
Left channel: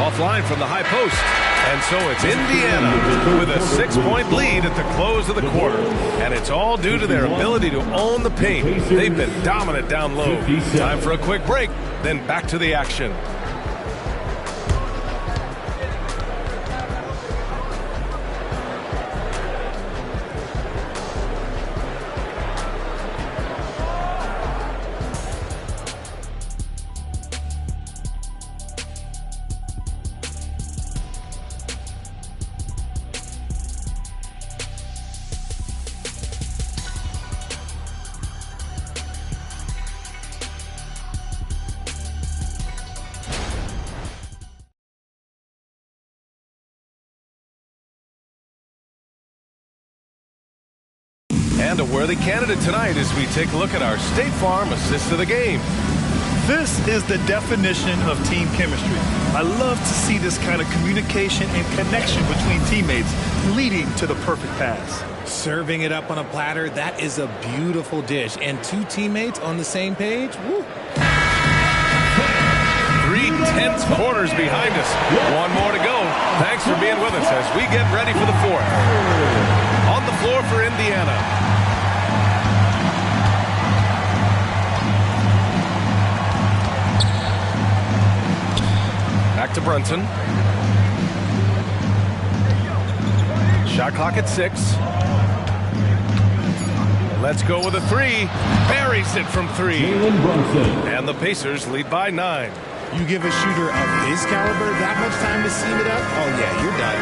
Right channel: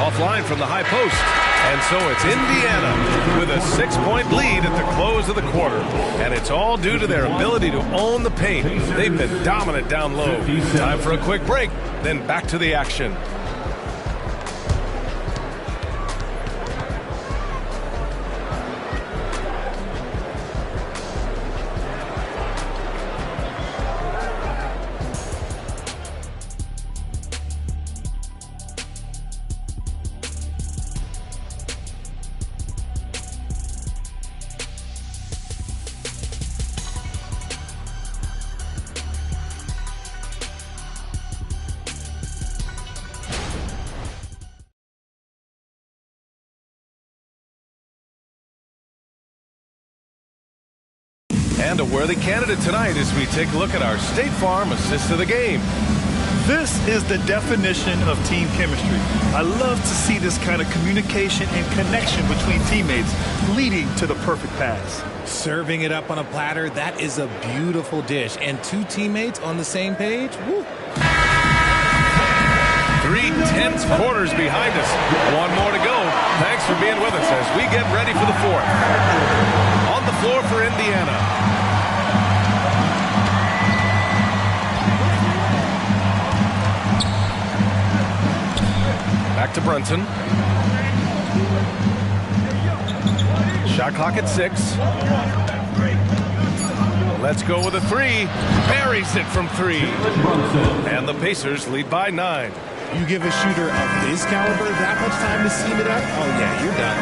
Off line from the high post. And so it's Indiana with a 6-point lead at the close of the quarter. And it's all due to their ability to own the paint. They've been dominant down low. Time for a quick break, then back to the action. And a worthy candidate tonight as we take a look at our State Farm assist of the game. This is the definition of team chemistry. I love to see this kind of communication and connection between teammates leading to the perfect pass. Serving it up on a platter, that is a beautiful dish. And two teammates on the same page, woo. 3 tense quarters behind us. One more to go. Thanks for being with us as we get ready for the fourth. On the floor for Indiana. Back to Brunson. Shot clock at 6. Let's go with a 3. Buries it from 3. And the Pacers lead by 9. You give a shooter of his caliber that much time to seam it up? Oh, yeah, you're done.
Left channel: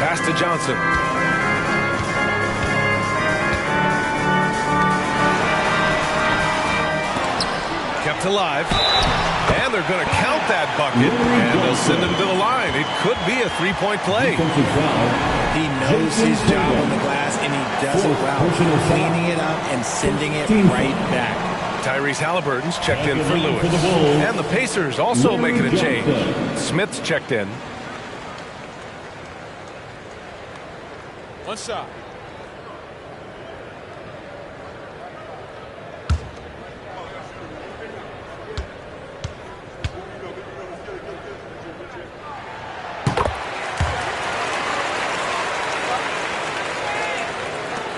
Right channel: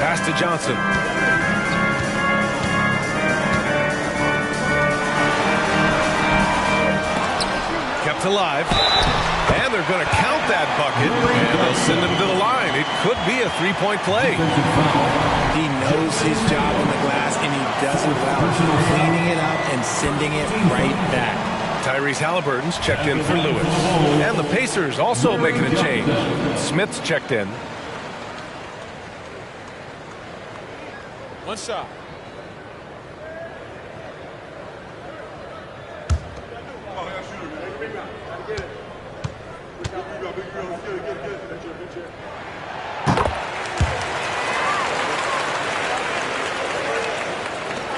Pass to Johnson. Kept alive. And they're going to count that bucket, and they'll send him to the line. It could be a 3-point play. He knows his job on the glass, and he does it well, cleaning it up and sending it right back. Tyrese Halliburton's checked in for Lewis. And the Pacers also making a change. Smith's checked in. One shot.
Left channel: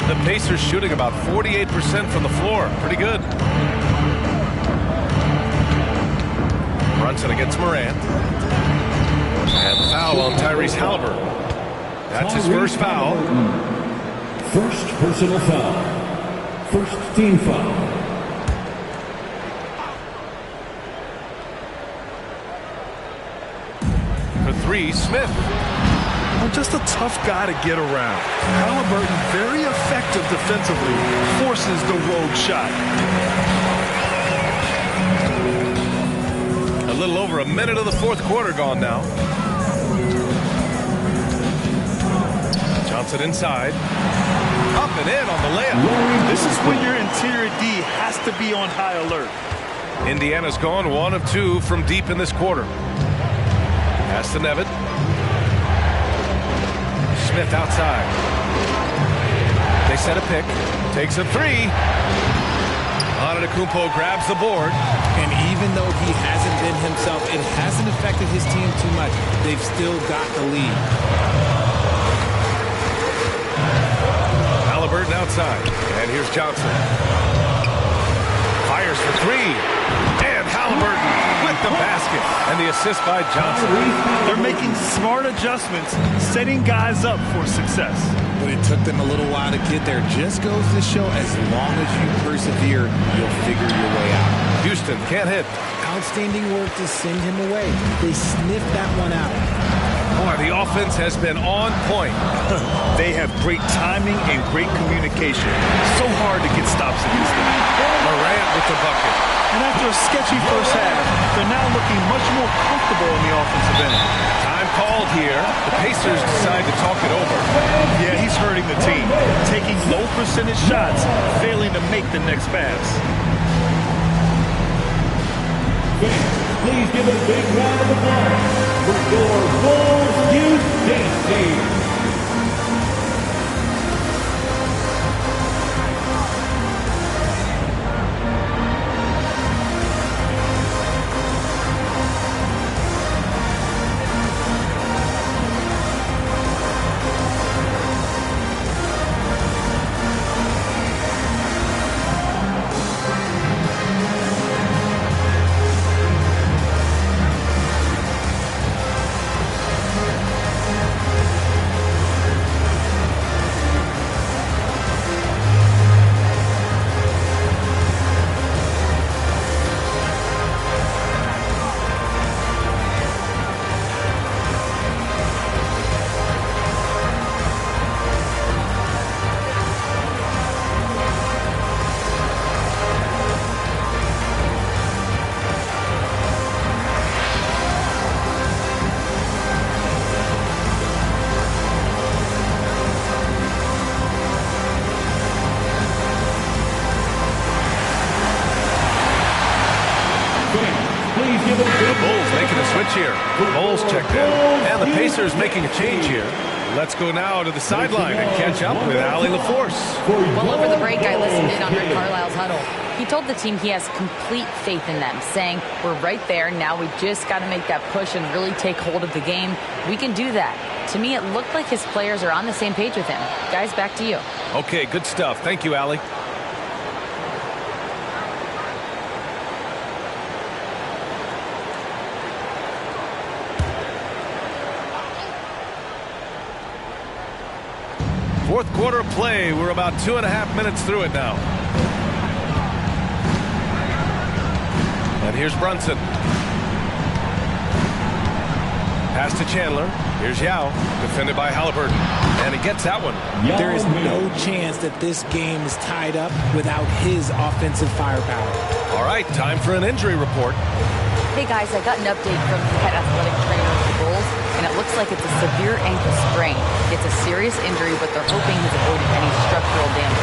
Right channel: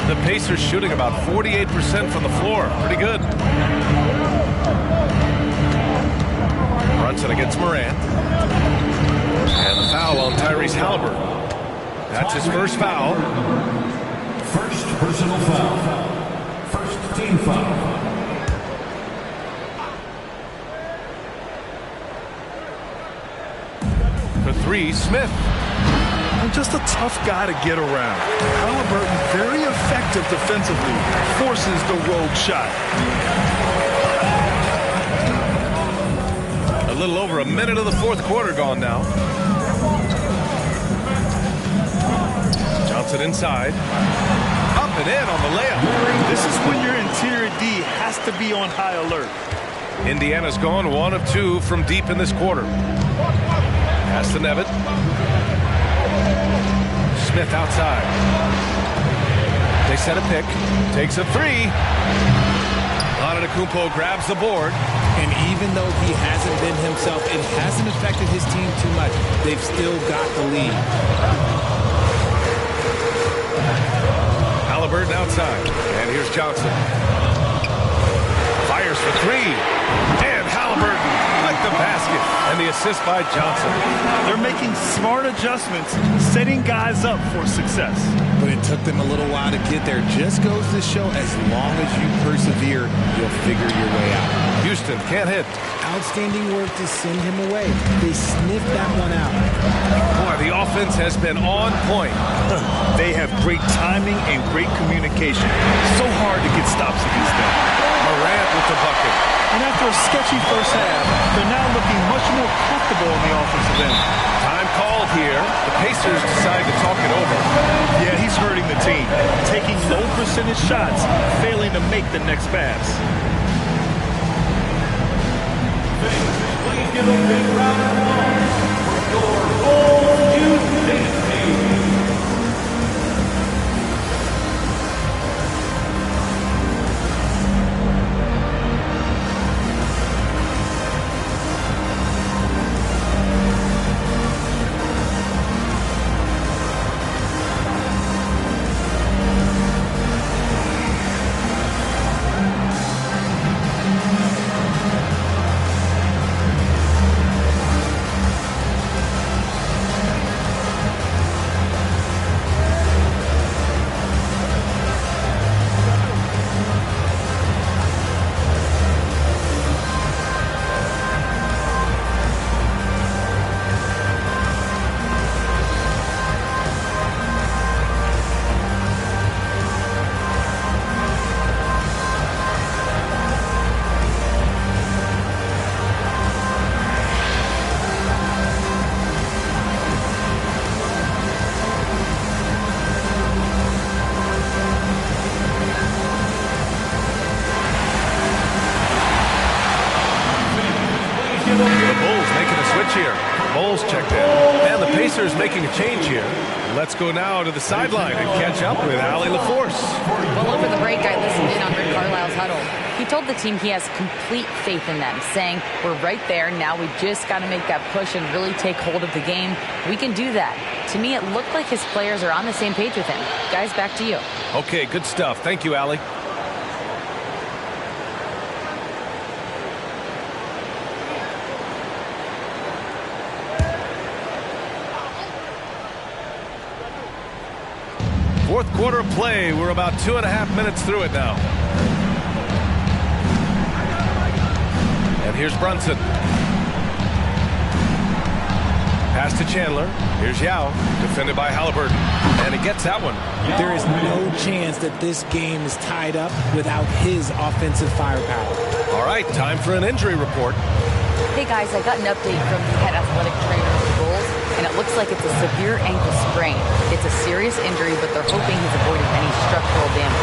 The Pacers shooting about 48% from the floor. Pretty good. Brunson against Morant. And the foul on Tyrese Halliburton. That's his first foul. First personal foul. First team foul. For 3, Smith. I'm just a tough guy to get around. Halliburton, very effective defensively, forces the rogue shot. A little over a minute of the fourth quarter gone now. Johnson inside. Up and in on the layup. This is when your interior D has to be on high alert. Indiana's gone 1 of 2 from deep in this quarter. Pass to Nevitt. Smith outside. They set a pick. Takes a 3. Antetokounmpo grabs the board. And even though he hasn't been himself, it hasn't affected his team too much. They've still got the lead. Halliburton outside. And here's Johnson. Fires for 3. And Halliburton with the basket. And the assist by Johnson. They're making smart adjustments, setting guys up for success. But it took them a little while to get there. Just goes to show as long as you persevere, you'll figure your way out. Houston can't hit. Outstanding work to send him away. They sniffed that one out. Boy, the offense has been on point. They have great timing and great communication. So hard to get stops against them. Morant with the bucket. And after a sketchy first half, they're now looking much more comfortable on the offensive end. Time called here. The Pacers decide to talk it over. Yeah, he's hurting the team. Taking low percentage shots, failing to make the next pass. Please give a big round of applause for your Bulls Youth Dance Team. Bowles checked in. And the Pacers making a change here. Let's go now to the sideline and catch up with Allie LaForce. Well, over the break, I listened in on Rick Carlisle's huddle. He told the team he has complete faith in them, saying, we're right there. Now we just got to make that push and really take hold of the game. We can do that. To me, it looked like his players are on the same page with him. Guys, back to you. Okay, good stuff. Thank you, Allie. Fourth quarter of play. We're about 2.5 minutes through it now. And here's Brunson. Pass to Chandler. Here's Yao, defended by Halliburton. And he gets that one. There is no chance that this game is tied up without his offensive firepower. All right, time for an injury report. Hey, guys, I got an update from the head athletic trainer of the Bulls, and it looks like it's a severe ankle sprain. It's a serious injury, but they're hoping he's avoided any structural damage.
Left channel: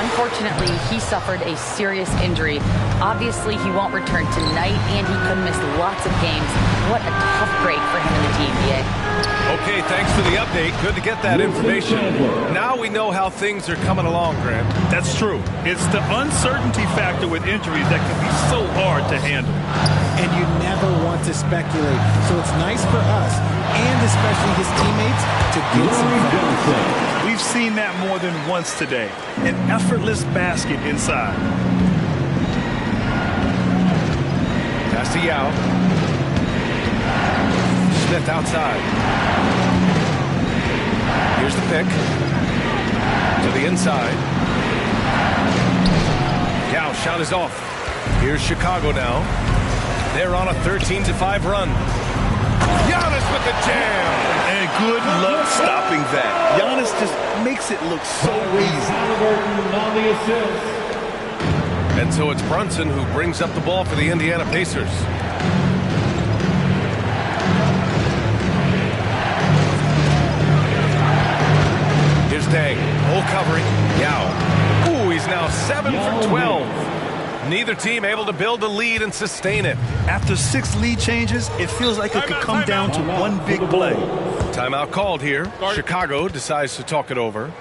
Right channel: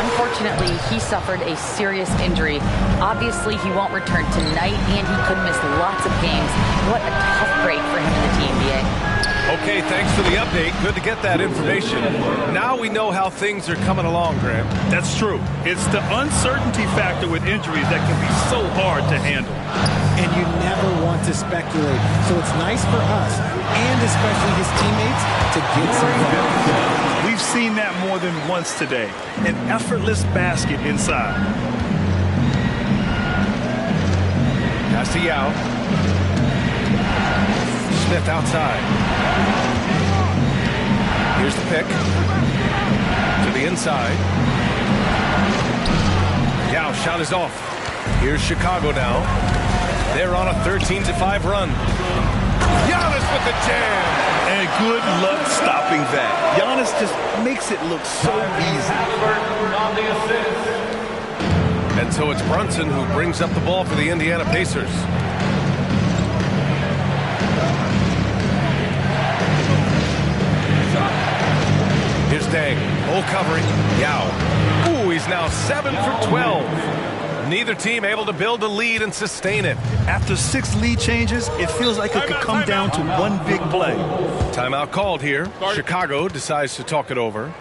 Unfortunately, he suffered a serious injury. Obviously, he won't return tonight, and he could miss lots of games. What a tough break for him in the team, BA. Okay, thanks for the update. Good to get that information. Now we know how things are coming along, Grant. That's true. It's the uncertainty factor with injuries that can be so hard to handle. And you never want to speculate. So it's nice for us, and especially his teammates, to get some facts. We've seen that more than once today. An effortless basket inside. Pass to Yao. Smith outside. Here's the pick. To the inside. Yao shot is off. Here's Chicago now. They're on a 13-5 run. Giannis with the jam. And good luck stopping that. Giannis just makes it look so easy. On the assist. And so it's Brunson who brings up the ball for the Indiana Pacers. Here's Dang. Hole covering. Yao. Ooh, he's now 7 for 12. Neither team able to build a lead and sustain it. After 6 lead changes, it feels like it could come down to one big play. Timeout called here. Chicago decides to talk it over.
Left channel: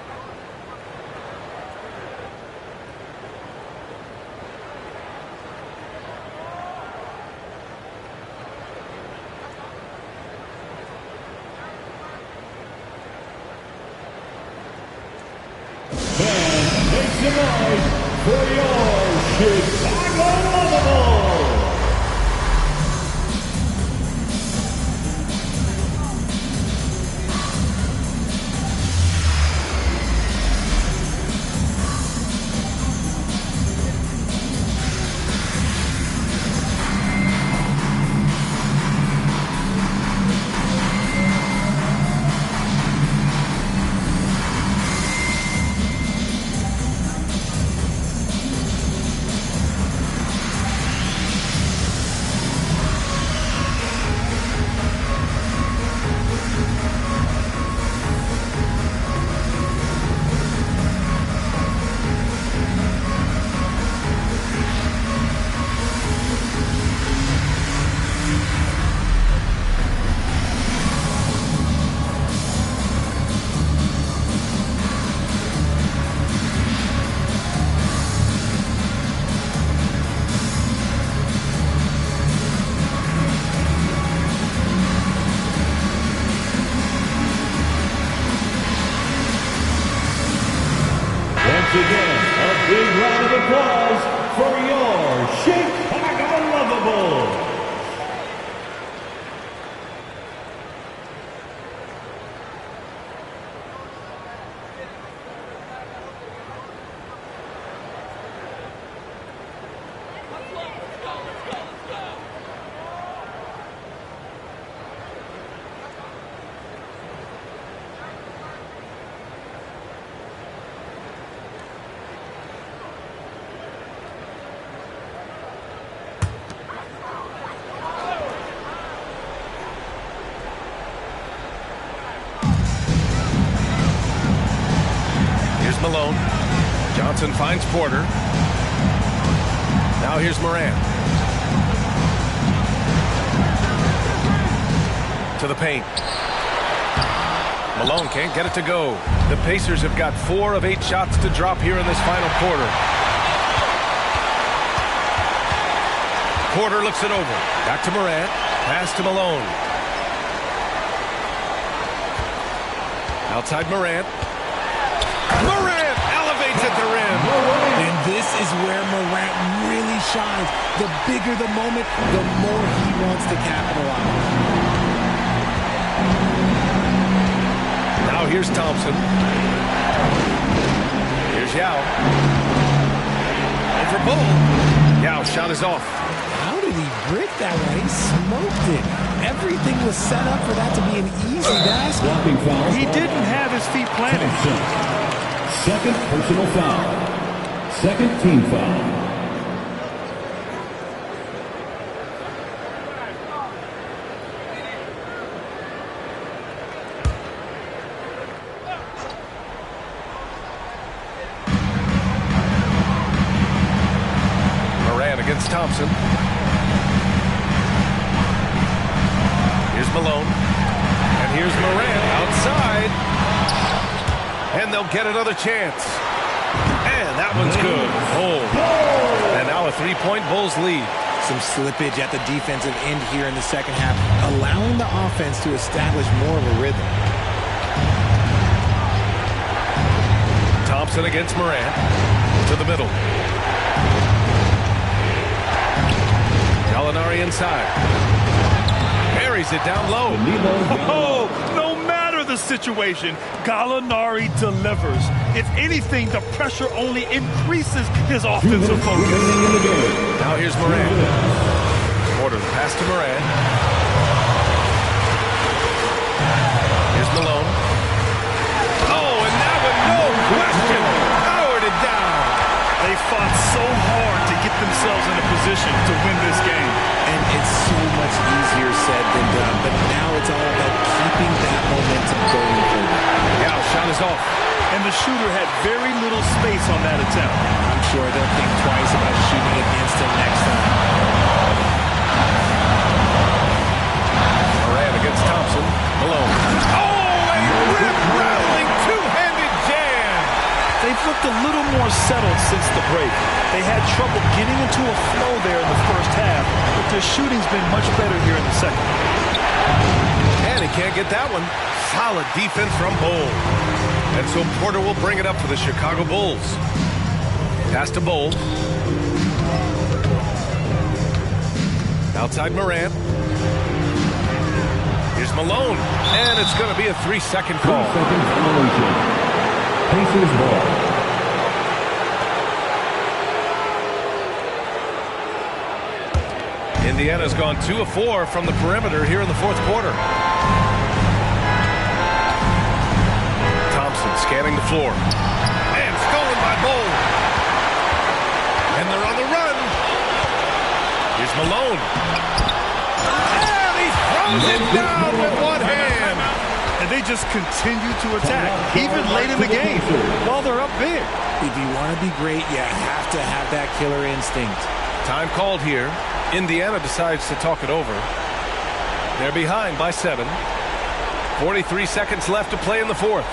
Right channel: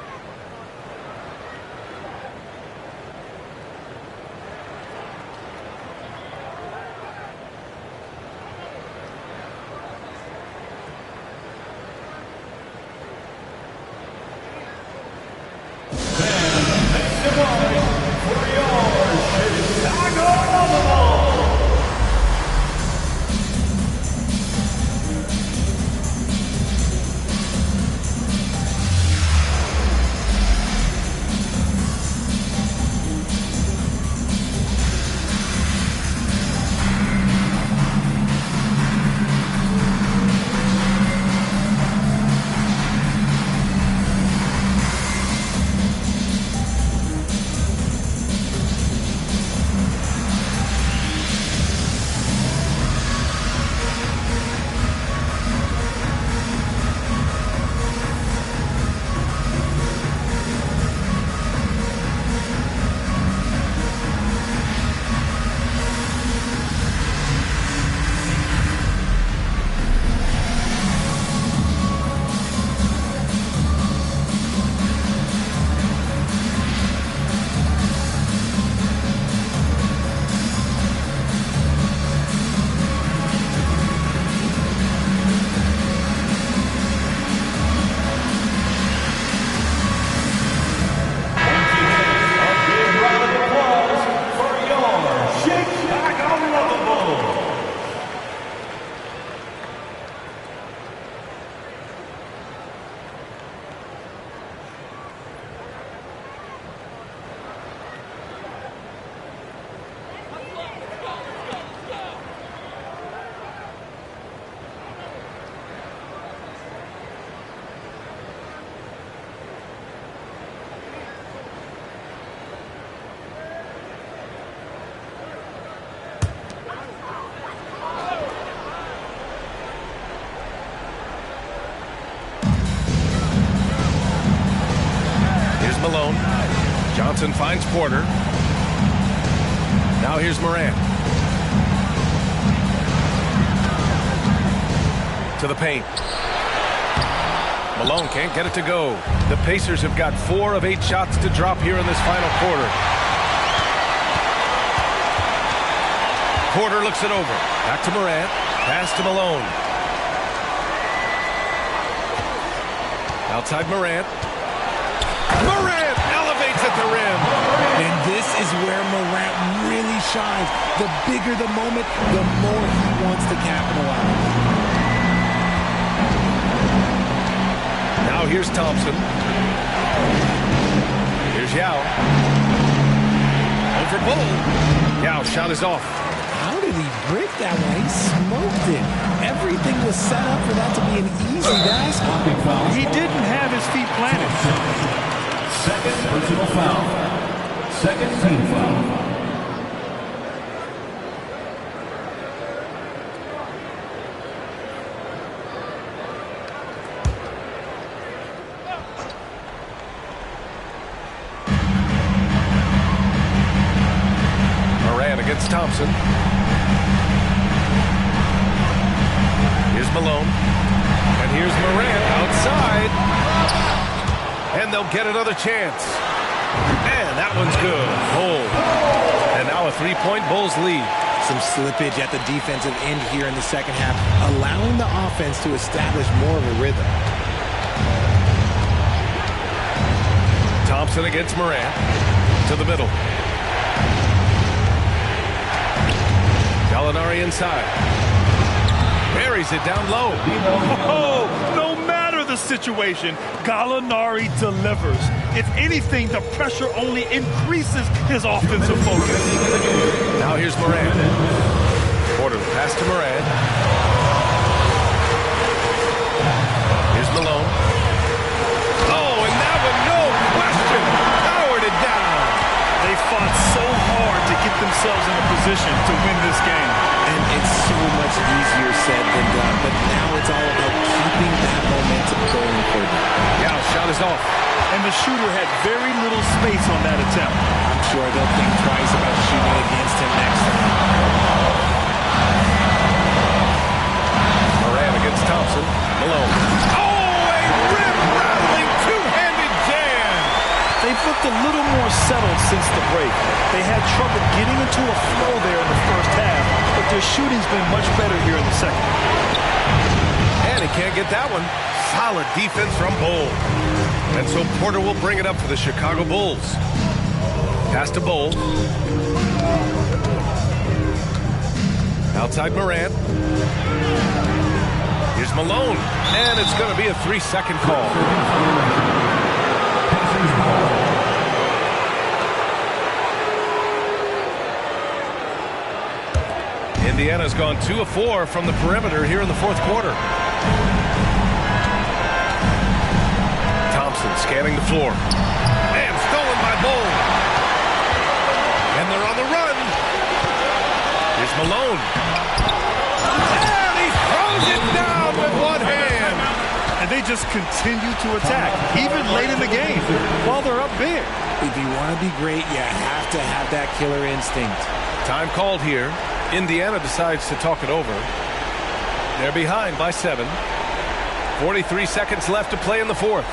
Malone. Johnson finds Porter. Now here's Morant. to the paint. Malone can't get it to go. The Pacers have got 4 of 8 shots to drop here in this final quarter. Porter looks it over. Back to Morant. Pass to Malone. Outside Morant. Morant elevates at the rim. And this is where Morant really shines. The bigger the moment, the more he wants to capitalize. Now here's Thompson. Here's Yao. Over Bull. Yao shot is off. How did he brick that one? He smoked it. Everything was set up for that to be an easy basket. He didn't have his feet planted. Second personal foul. Second team foul. Morant against Thompson. Here's Malone. And here's Morant outside. And they'll get another chance. And that one's good. Bull. And now a 3-point Bulls lead. Some slippage at the defensive end here in the second half, allowing the offense to establish more of a rhythm. Thompson against Morant. To the middle. Gallinari inside. Buries it down low. Oh, no matter the situation, Gallinari delivers. If anything, the pressure only increases his offensive focus. Now here's Morant. Porter, the pass to Morant. Here's Malone. Oh, and that one, no question, powered it down. They fought so hard to get themselves in a position to win this game. And it's so much easier said than done, but now it's all about keeping that momentum going for them. Yao shot is off. And the shooter had very little space on that attempt. I'm sure they'll think twice about shooting against him next time. Morant against Thompson. Malone. Oh, a rip-rattling two-handed jam. They've looked a little more settled since the break. They had trouble getting into a flow there in the first half, but their shooting's been much better here in the second. And he can't get that one. Solid defense from Bull. And so Porter will bring it up for the Chicago Bulls. Pass to Bull. Outside Morant. Here's Malone. And it's going to be a 3-second call. Pacers ball. Indiana's gone 2 of 4 from the perimeter here in the fourth quarter. Thompson scanning the floor. And stolen by Bull. And they're on the run. Here's Malone. And he throws it down with one hand. And they just continue to attack, even late in the game, while they're up big. If you want to be great, you have to have that killer instinct. Time called here. Indiana decides to talk it over. They're behind by 7. 43 seconds left to play in the fourth.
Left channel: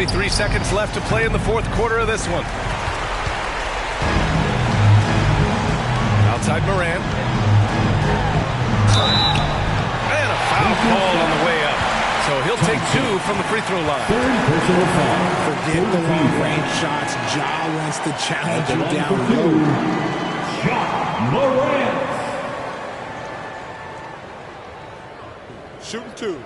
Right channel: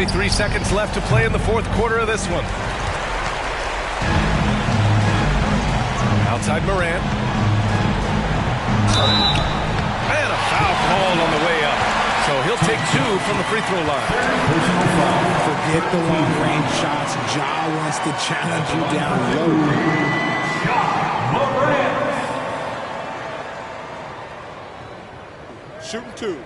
23 seconds left to play in the fourth quarter of this one. Outside Morant. And a foul called on the way up. So he'll take 2 from the free throw line. Personal foul. Forget the long-range shots. Ja wants to challenge you down low. Ja Morant. Shooting 2.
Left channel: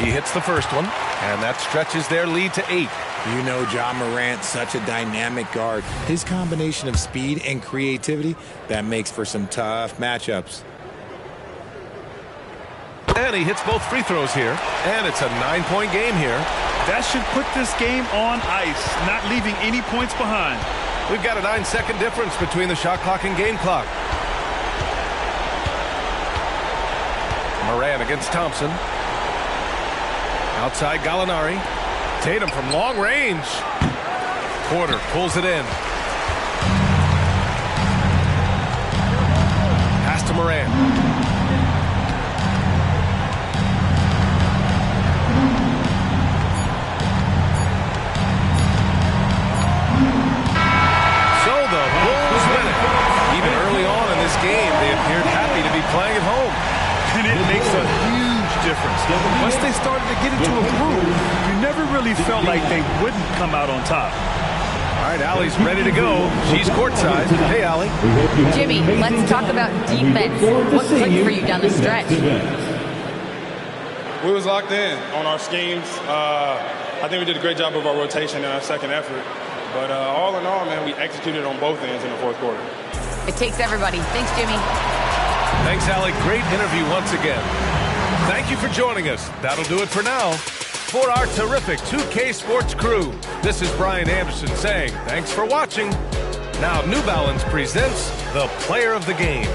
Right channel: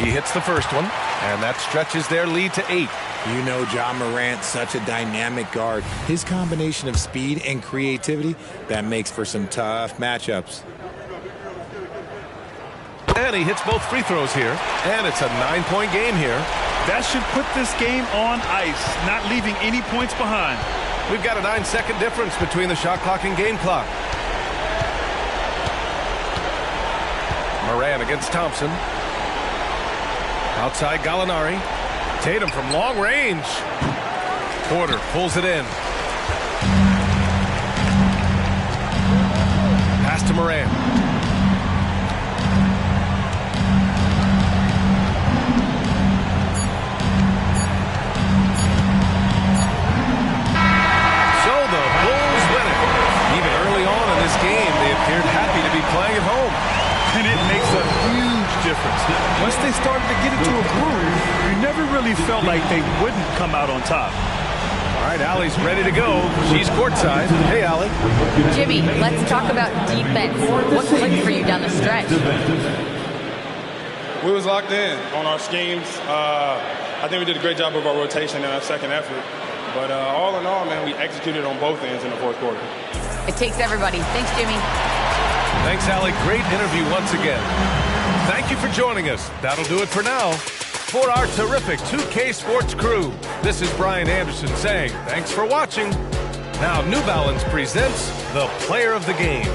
He hits the first one, and that stretches their lead to 8. You know Ja Morant, such a dynamic guard. His combination of speed and creativity, that makes for some tough matchups. And he hits both free throws here, and it's a 9-point game here. That should put this game on ice, not leaving any points behind. We've got a 9-second difference between the shot clock and game clock. Morant against Thompson. Outside Gallinari. Tatum from long range. Porter pulls it in. Pass to Morant. So the Bulls win it. Even early on in this game, they appeared happy to be playing at home. And it makes a huge difference. Once they started to get into a groove, you never really felt like they wouldn't come out on top. All right, Allie's ready to go. She's courtside. Hey, Allie. Jimmy, let's talk about defense. What clicked for you down the stretch? We was locked in on our schemes. I think we did a great job of our rotation and our second effort. But all in all, man, we executed on both ends in the fourth quarter. It takes everybody. Thanks, Jimmy. Thanks, Allie. Great interview once again. Thank you for joining us. That'll do it for now. For our terrific 2K Sports crew, this is Brian Anderson saying thanks for watching. Now New Balance presents the Player of the Game.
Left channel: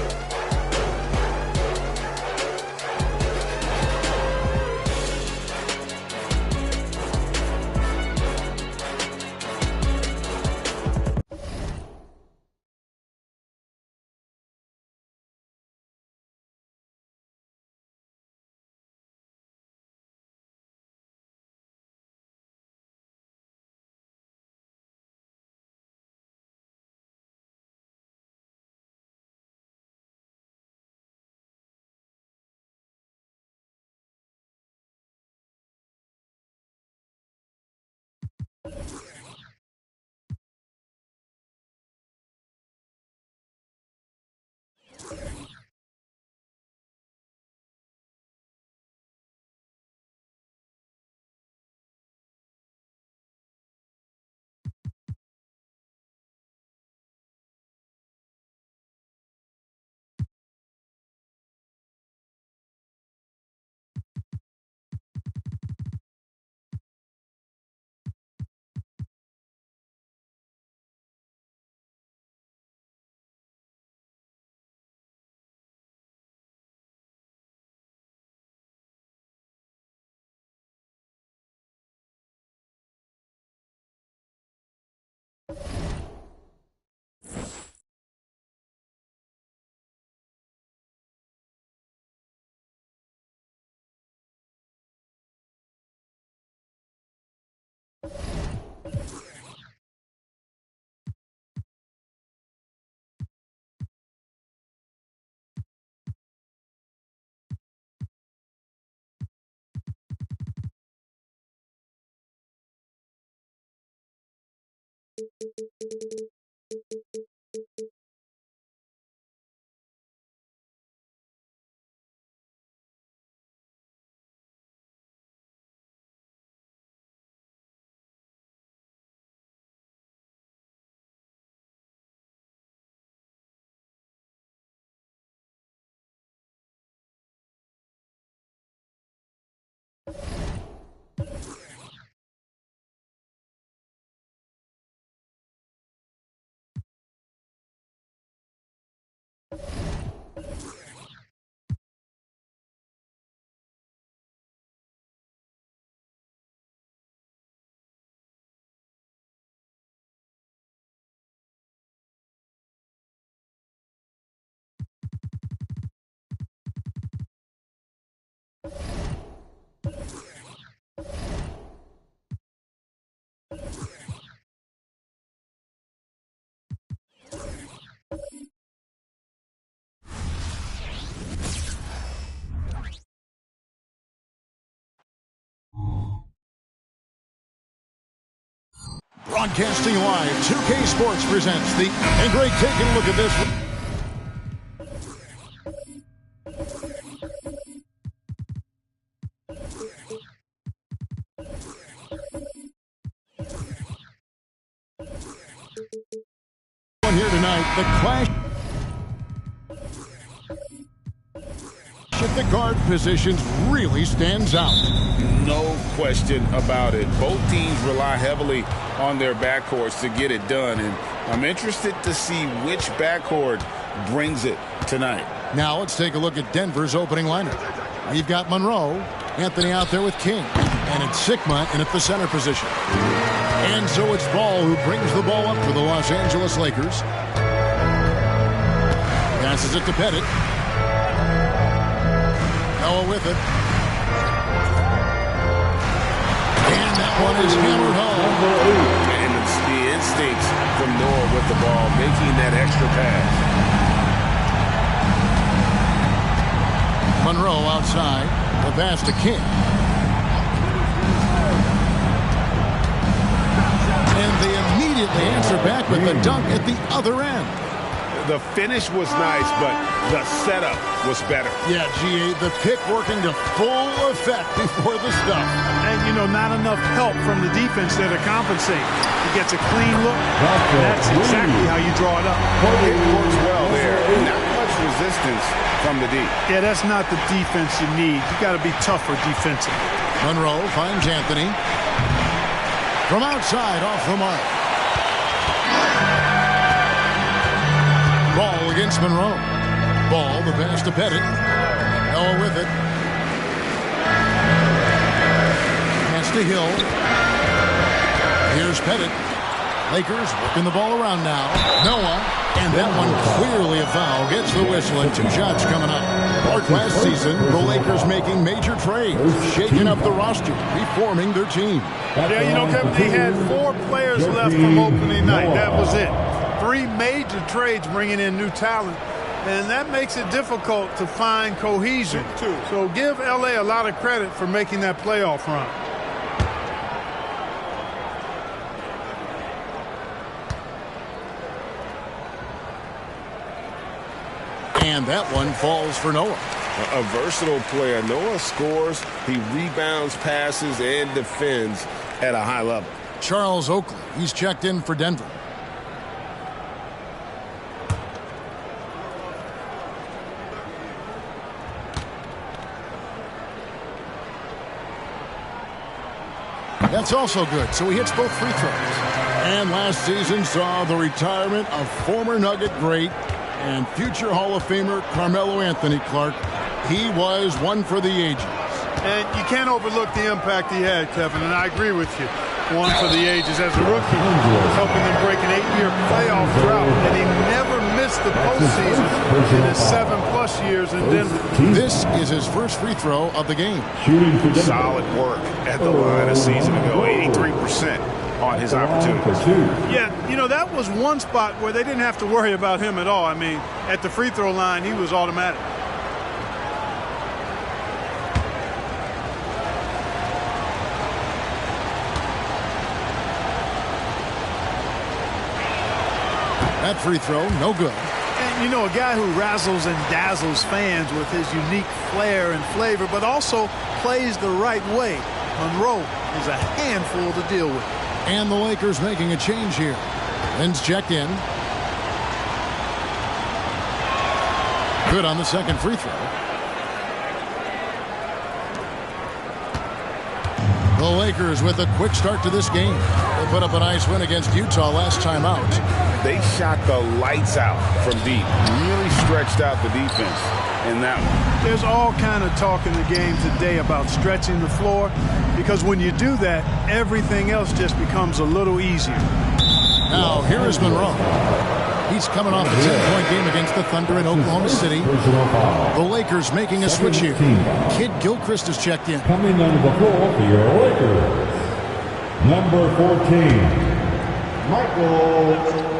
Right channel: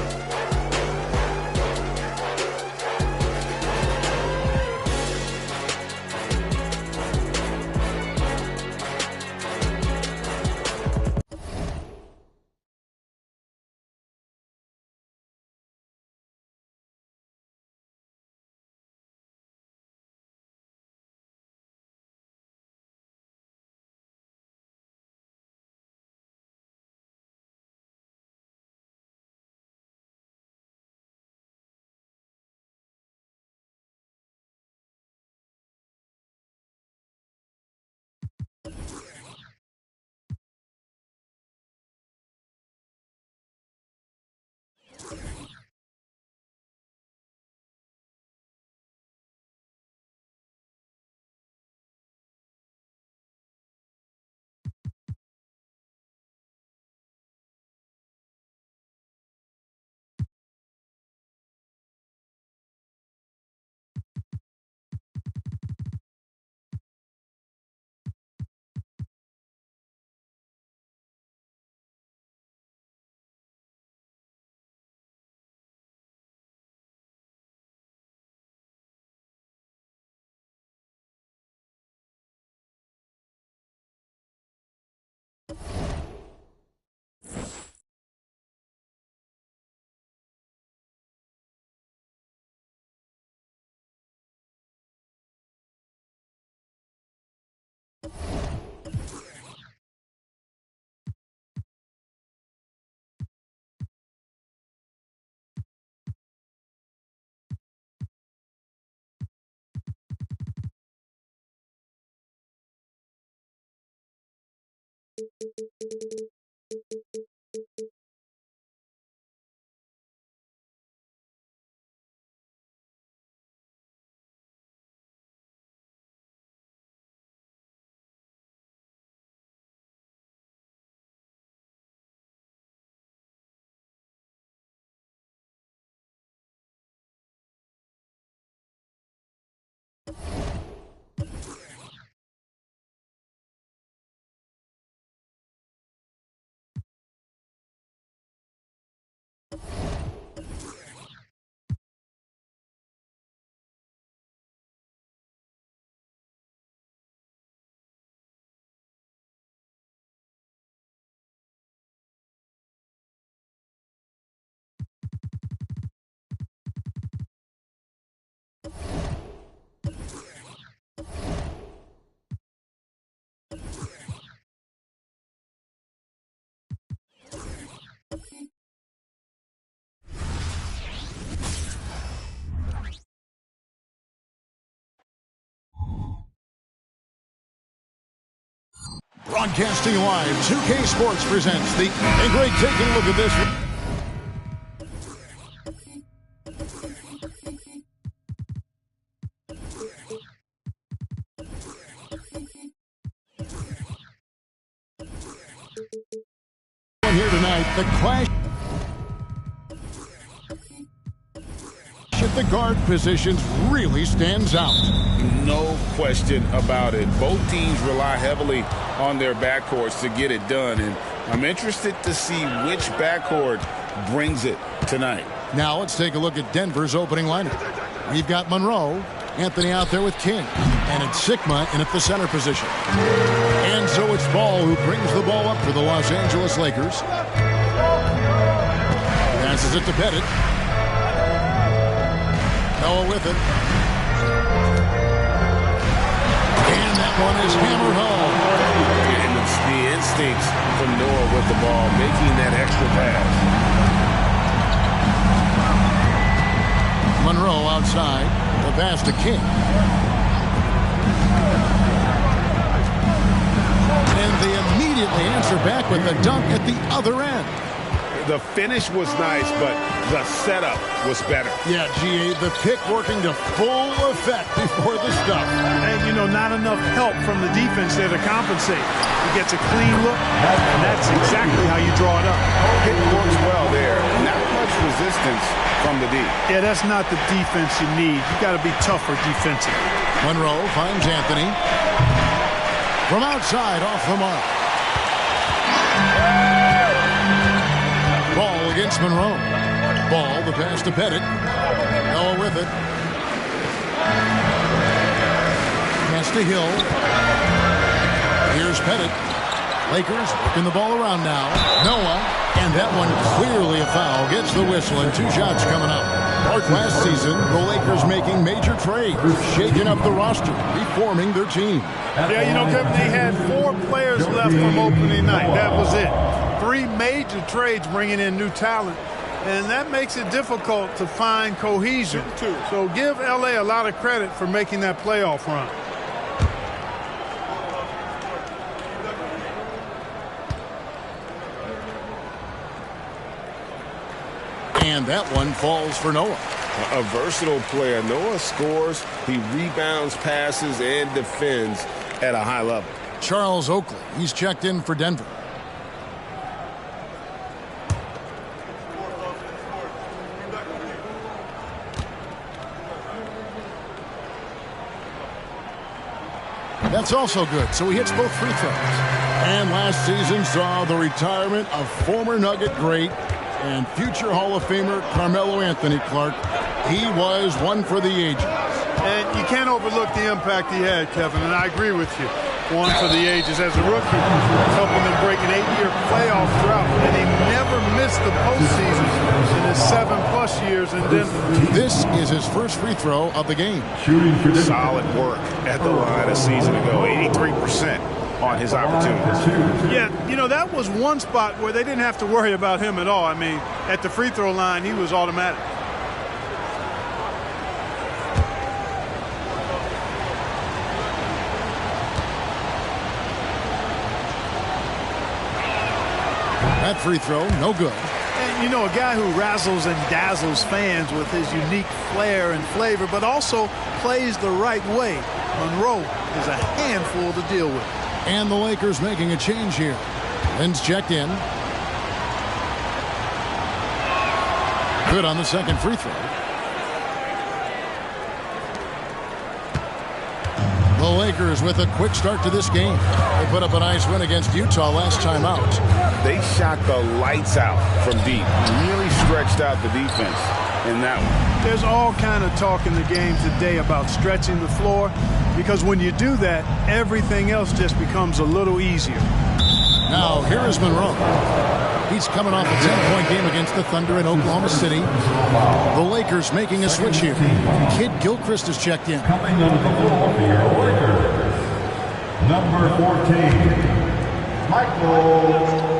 Broadcasting live, 2K Sports presents the... And Greg, taking a look at this. Here tonight, the clash at the guard positions really stands out. No question about it. Both teams rely heavily on their backcourts to get it done, and I'm interested to see which backcourt brings it tonight. Now let's take a look at Denver's opening lineup. We've got Monroe, Anthony out there with King, and it's Sigma in at the center position. And so it's Ball who brings the ball up for the Los Angeles Lakers. Passes it to Pettit. Noah with it. And that one is hammered home. And it's the instincts from Noah with the ball, making that extra pass. Monroe outside. The pass to King. And they immediately answer back with the dunk at the other end. The finish was nice, but the setup was better. Yeah, GA, the pick working to full effect before the stuff. And, you know, not enough help from the defense there to compensate. He gets a clean look, and that's exactly how you draw it up. It works well there. Not much resistance from the D. Yeah, that's not the defense you need. You got to be tougher defensively. Monroe finds Anthony. From outside, off the mark. Ball against Monroe. Ball, the pass to Pettit. Noah with it. Pass to Hill. Here's Pettit. Lakers working the ball around now. Noah, and that one clearly a foul. Gets the whistle and 2 shots coming up. Like last season, the Lakers making major trades, shaking up the roster, reforming their team. Yeah, you know, Kevin, they had 4 players left from opening night. That was it. 3 major trades bringing in new talent, and that makes it difficult to find cohesion. So give L.A. a lot of credit for making that playoff run. And that one falls for Noah. A versatile player. Noah scores, he rebounds, passes, and defends at a high level. Charles Oakley, he's checked in for Denver. That's also good, so he hits both free throws. And last season saw the retirement of former Nugget great and future Hall of Famer Carmelo Anthony Clark. He was one for the ages. And you can't overlook the impact he had, Kevin, and I agree with you. One for the ages as a rookie, helping them break an 8-year playoff drought, and he never missed the postseason in his 7+ years in Denver. This is his first free throw of the game. Shooting for solid work at the line a season ago, 83% on his opportunities. Yeah, you know, that was one spot where they didn't have to worry about him at all. I mean, at the free throw line, he was automatic. That free throw, no good. And, you know, a guy who razzles and dazzles fans with his unique flair and flavor, but also plays the right way. Monroe is a handful to deal with. And the Lakers making a change here. Lynn's checked in. Good on the second free throw. The Lakers with a quick start to this game. They put up a nice win against Utah last time out. They shot the lights out from deep. Really stretched out the defense in that one. There's all kind of talk in the game today about stretching the floor, because when you do that, everything else just becomes a little easier. Now, here is Monroe. He's coming off a 10-point game against the Thunder in Oklahoma City. The Lakers making a switch here. Kid Gilchrist is checked in. Coming onto the floor for your Lakers, number 14, Michael.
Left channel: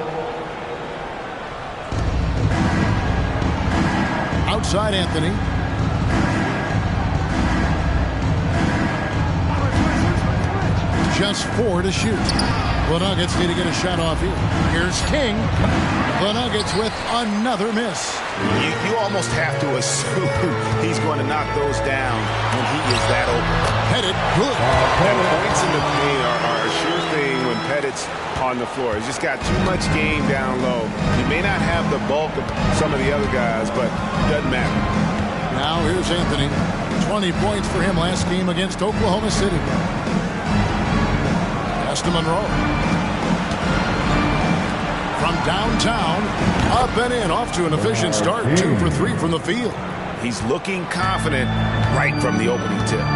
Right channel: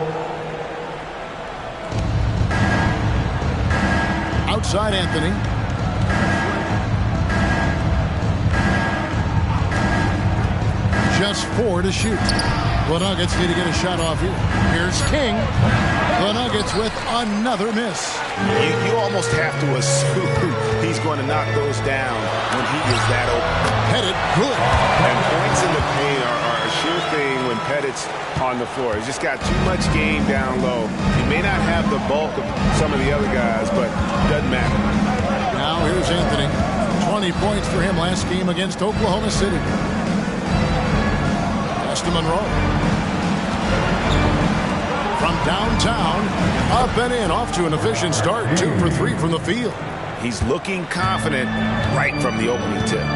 Outside Anthony. Just 4 to shoot. The Nuggets need to get a shot off here. Here's King. The Nuggets with another miss. You almost have to assume he's going to knock those down when he is that open. Pettit, good. And points in the paint are a sure thing when Pettit's on the floor. He's just got too much game down low. He may not have the bulk of some of the other guys, but it doesn't matter. Now here's Anthony. 20 points for him last game against Oklahoma City. Pass to Monroe. From downtown, up and in, off to an efficient start. 2 for 3 from the field. He's looking confident right from the opening tip.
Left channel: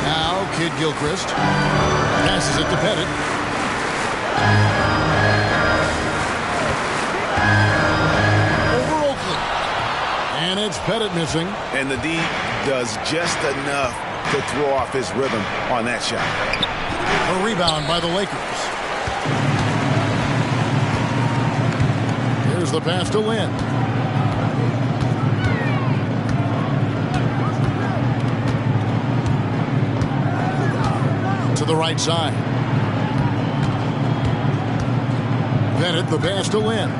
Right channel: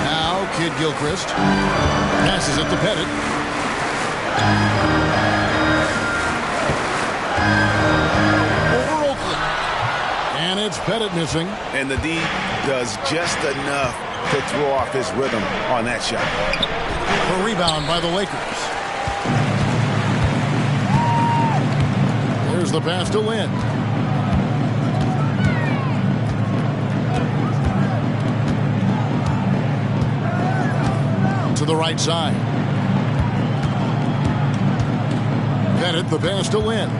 Now Kid Gilchrist passes it to Pettit. Over Oakland. And it's Pettit missing. And the D does just enough to throw off his rhythm on that shot. A rebound by the Lakers. Here's the pass to Lynn. To the right side. Pettit, the pass to Lynn.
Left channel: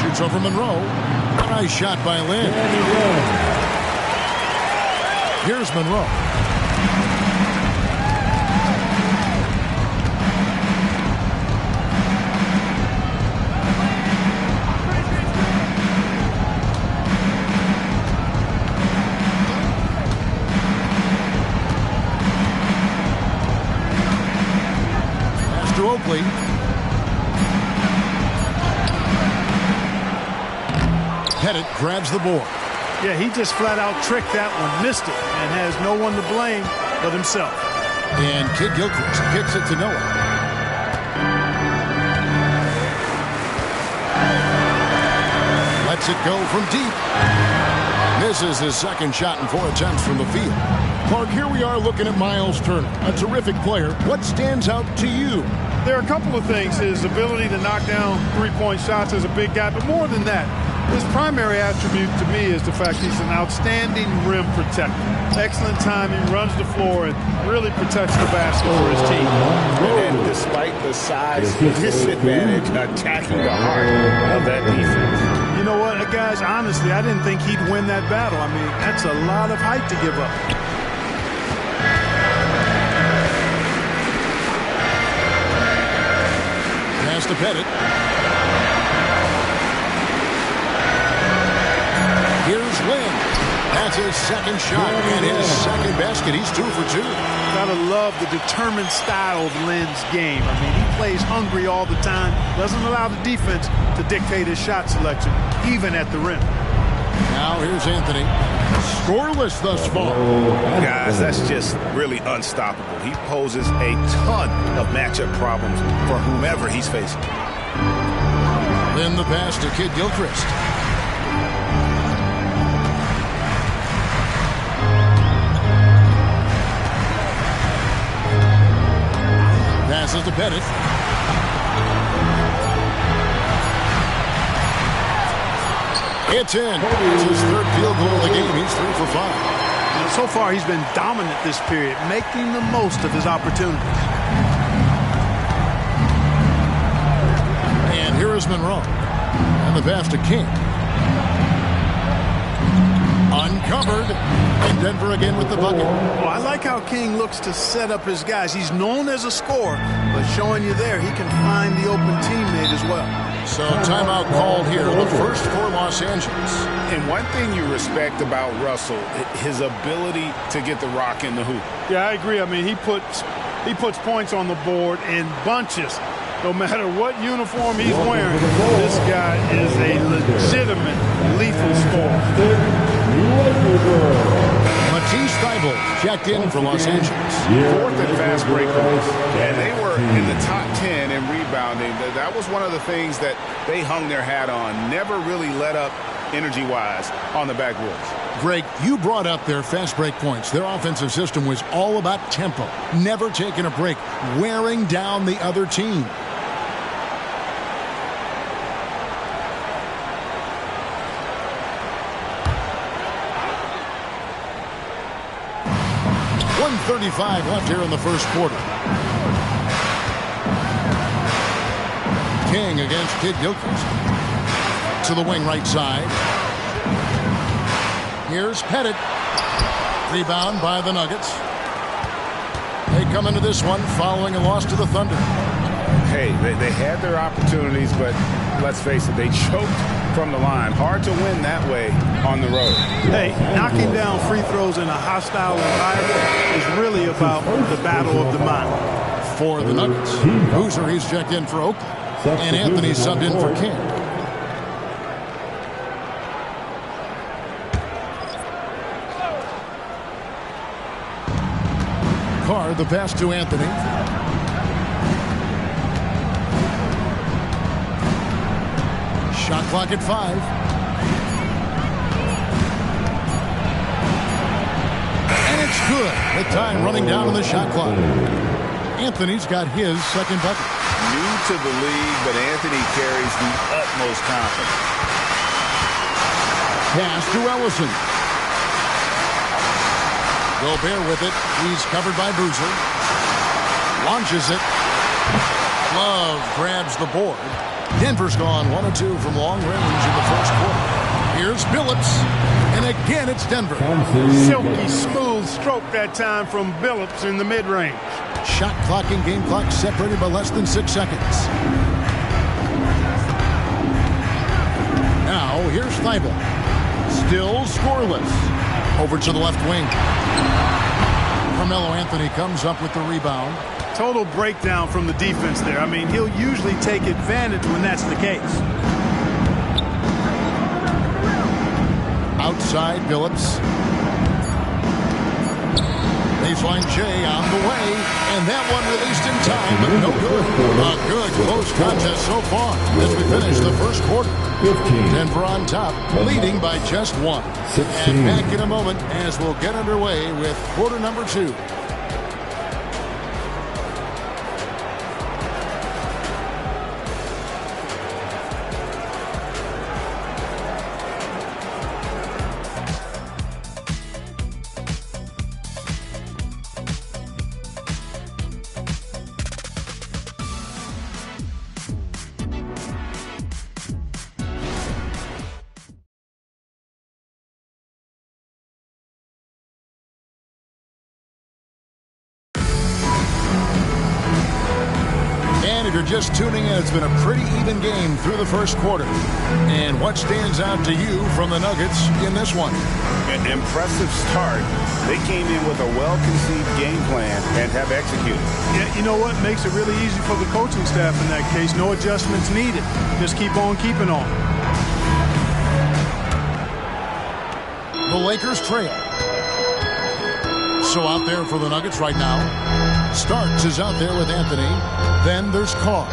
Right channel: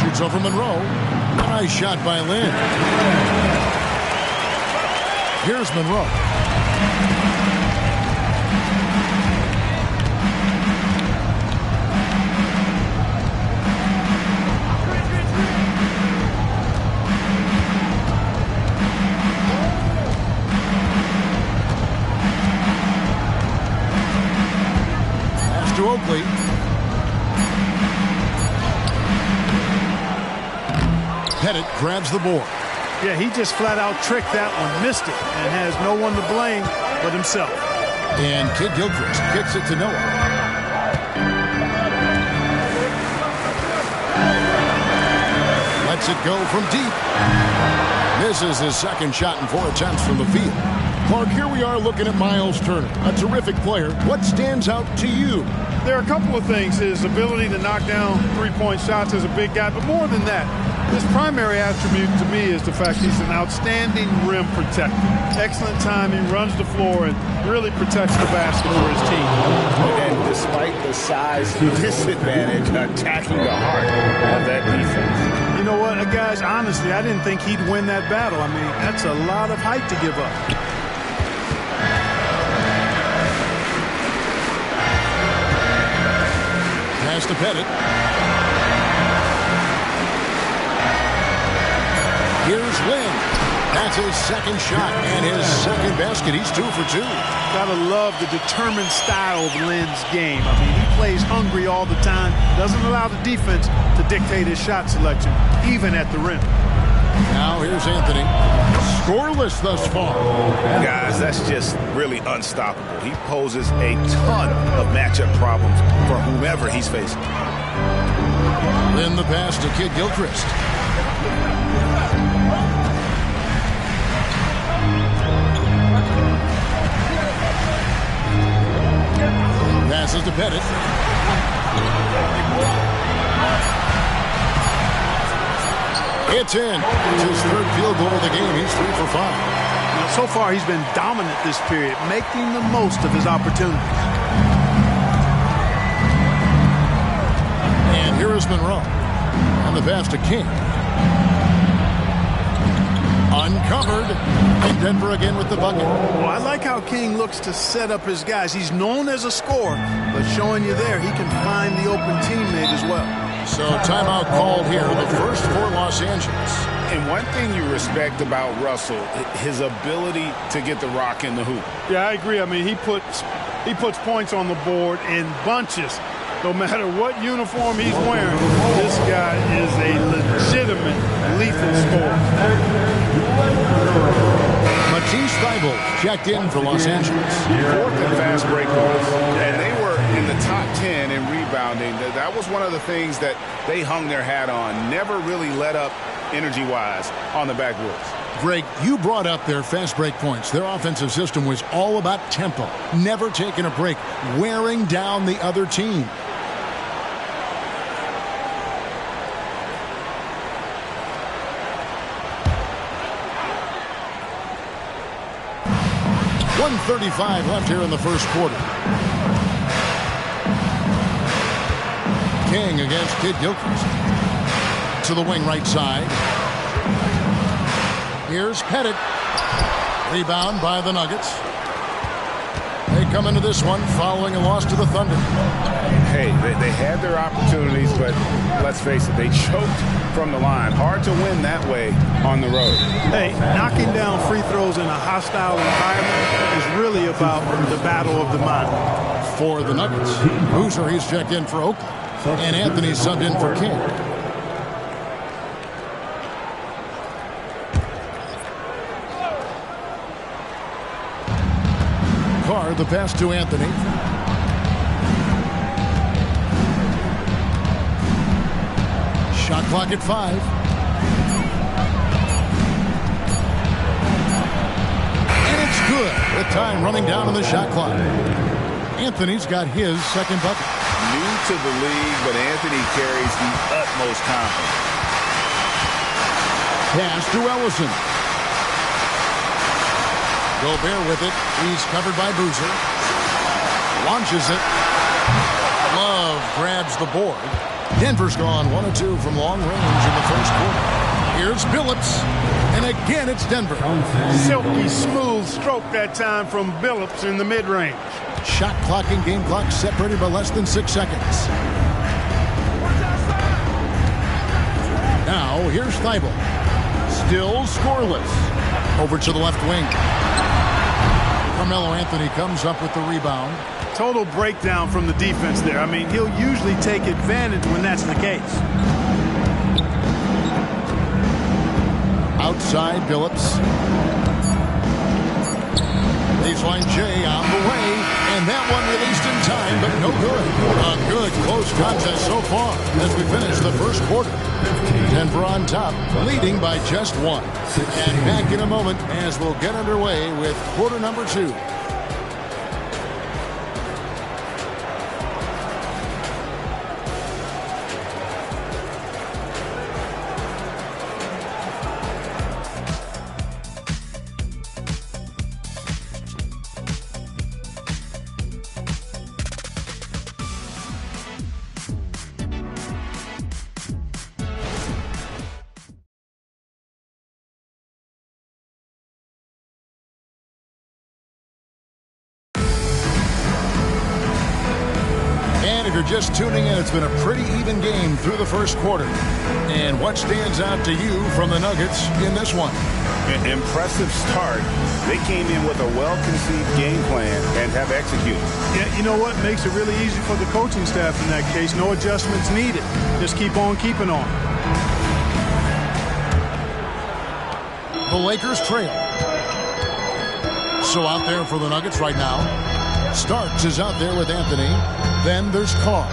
Shoots over Monroe. A nice shot by Lynn. Here's Monroe. To Oakley. Pettit grabs the board. Yeah, he just flat out tricked that one, missed it, and has no one to blame but himself. And Kid Gilchrist kicks it to Noah. Lets it go from deep. Misses his second shot in 4 attempts from the field. Clark, here we are looking at Miles Turner, a terrific player. What stands out to you? There are a couple of things. His ability to knock down three-point shots as a big guy, but more than that, his primary attribute to me is the fact he's an outstanding rim protector. Excellent timing, runs the floor, and really protects the basket for his team. And despite the size disadvantage, attacking the heart of that defense. You know what, guys, honestly, I didn't think he'd win that battle. I mean, that's a lot of height to give up. Pass to Pettit. Here's Lynn. That's his second shot and his second basket. He's 2 for 2. Gotta love the determined style of Lynn's game. I mean, he plays hungry all the time, doesn't allow the defense to dictate his shot selection, even at the rim. Now here's Anthony. Scoreless thus far. Guys, that's just really unstoppable. He poses a ton of matchup problems for whomever he's facing. Then the pass to Kid Gilchrist. Passes to Pettit. It's in. It's his third field goal of the game. He's 3 for 5. You know, so far he's been dominant this period, making the most of his opportunities. And here is Monroe. And the pass to King. Uncovered. And Denver again with the bucket. Well, I like how King looks to set up his guys. He's known as a scorer, but showing you there he can find the open teammate as well. So timeout called here, the first for Los Angeles. And one thing you respect about Russell, his ability to get the rock in the hoop. Yeah, I agree. I mean, he puts points on the board in bunches. No matter what uniform he's wearing, this guy is a legitimate lethal scorer. Matisse Thybulle checked in for Los Angeles. 4th in fast break points. And they were in the top 10 in rebounding. That was one of the things that they hung their hat on. Never really let up energy-wise on the backboards. Greg, you brought up their fast break points. Their offensive system was all about tempo. Never taking a break. Wearing down the other team. 1:35 left here in the first quarter. King against Kid Gilchrist. To the wing right side. Here's Pettit. Rebound by the Nuggets. They come into this one following a loss to the Thunder. Hey, they had their opportunities, but let's face it, they choked from the line. Hard to win that way on the road. Hey, knocking down free throws in a hostile environment is really about the battle of the mind. For the Nuggets, Boozer, he's checked in for Oakland. And Anthony subbed in for King. Carr, the pass to Anthony. Shot clock at 5. And it's good with time running down on the shot clock. Anthony's got his second bucket. New to the league, but Anthony carries the utmost confidence. Pass to Ellison. Gobert with it. He's covered by Boozer. Launches it. Love grabs the board. Denver's gone 1 of 2 from long range in the first quarter. Here's Billups. And again, it's Denver. Silky smooth stroke that time from Billups in the mid-range. Shot clock and game clock separated by less than 6 seconds. Now, here's Thibault. Still scoreless. Over to the left wing. Carmelo Anthony comes up with the rebound. Total breakdown from the defense there. I mean, he'll usually take advantage when that's the case. Outside, Billups. Baseline J on the way, and that one released in time, but no good. A good close contest so far as we finish the first quarter. Denver on top, leading by just 1. And back in a moment as we'll get underway with quarter number 2. And if you're just tuning in, it's been a pretty even game through the first quarter. And what stands out to you from the Nuggets in this one? An impressive start. They came in with a well-conceived game plan and have executed. Yeah, you know what? Makes it really easy for the coaching staff in that case. No adjustments needed. Just keep on keeping on. The Lakers trail. So out there for the Nuggets right now. Starks is out there with Anthony. Then there's Carr.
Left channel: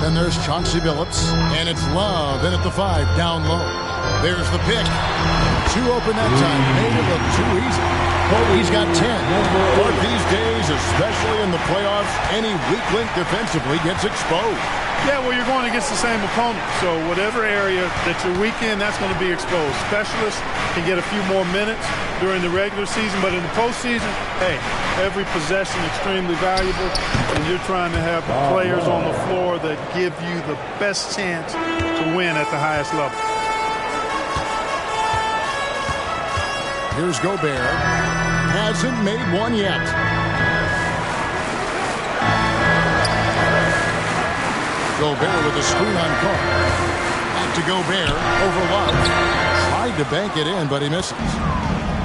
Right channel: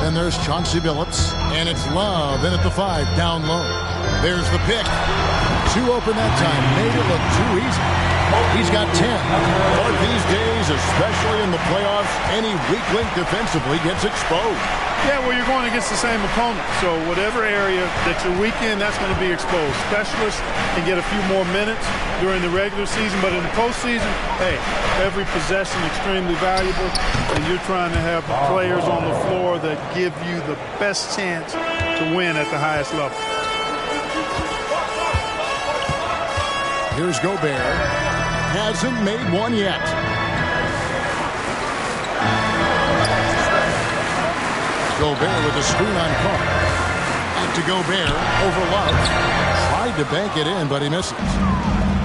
Then there's Chauncey Billups. And it's Love in at the 5, down low. There's the pick. 2 open that time. Made it look too easy. He's got 10. But these days, especially in the playoffs, any weak link defensively gets exposed. Yeah, well, you're going against the same opponent. So whatever area that you're weak in, that's going to be exposed. Specialists can get a few more minutes during the regular season, but in the postseason, hey, every possession extremely valuable, and you're trying to have the players on the floor that give you the best chance to win at the highest level. Here's Gobert. Hasn't made one yet. Gobert with a screen on Carr. Back to Gobert over Love. Tried to bank it in, but he misses.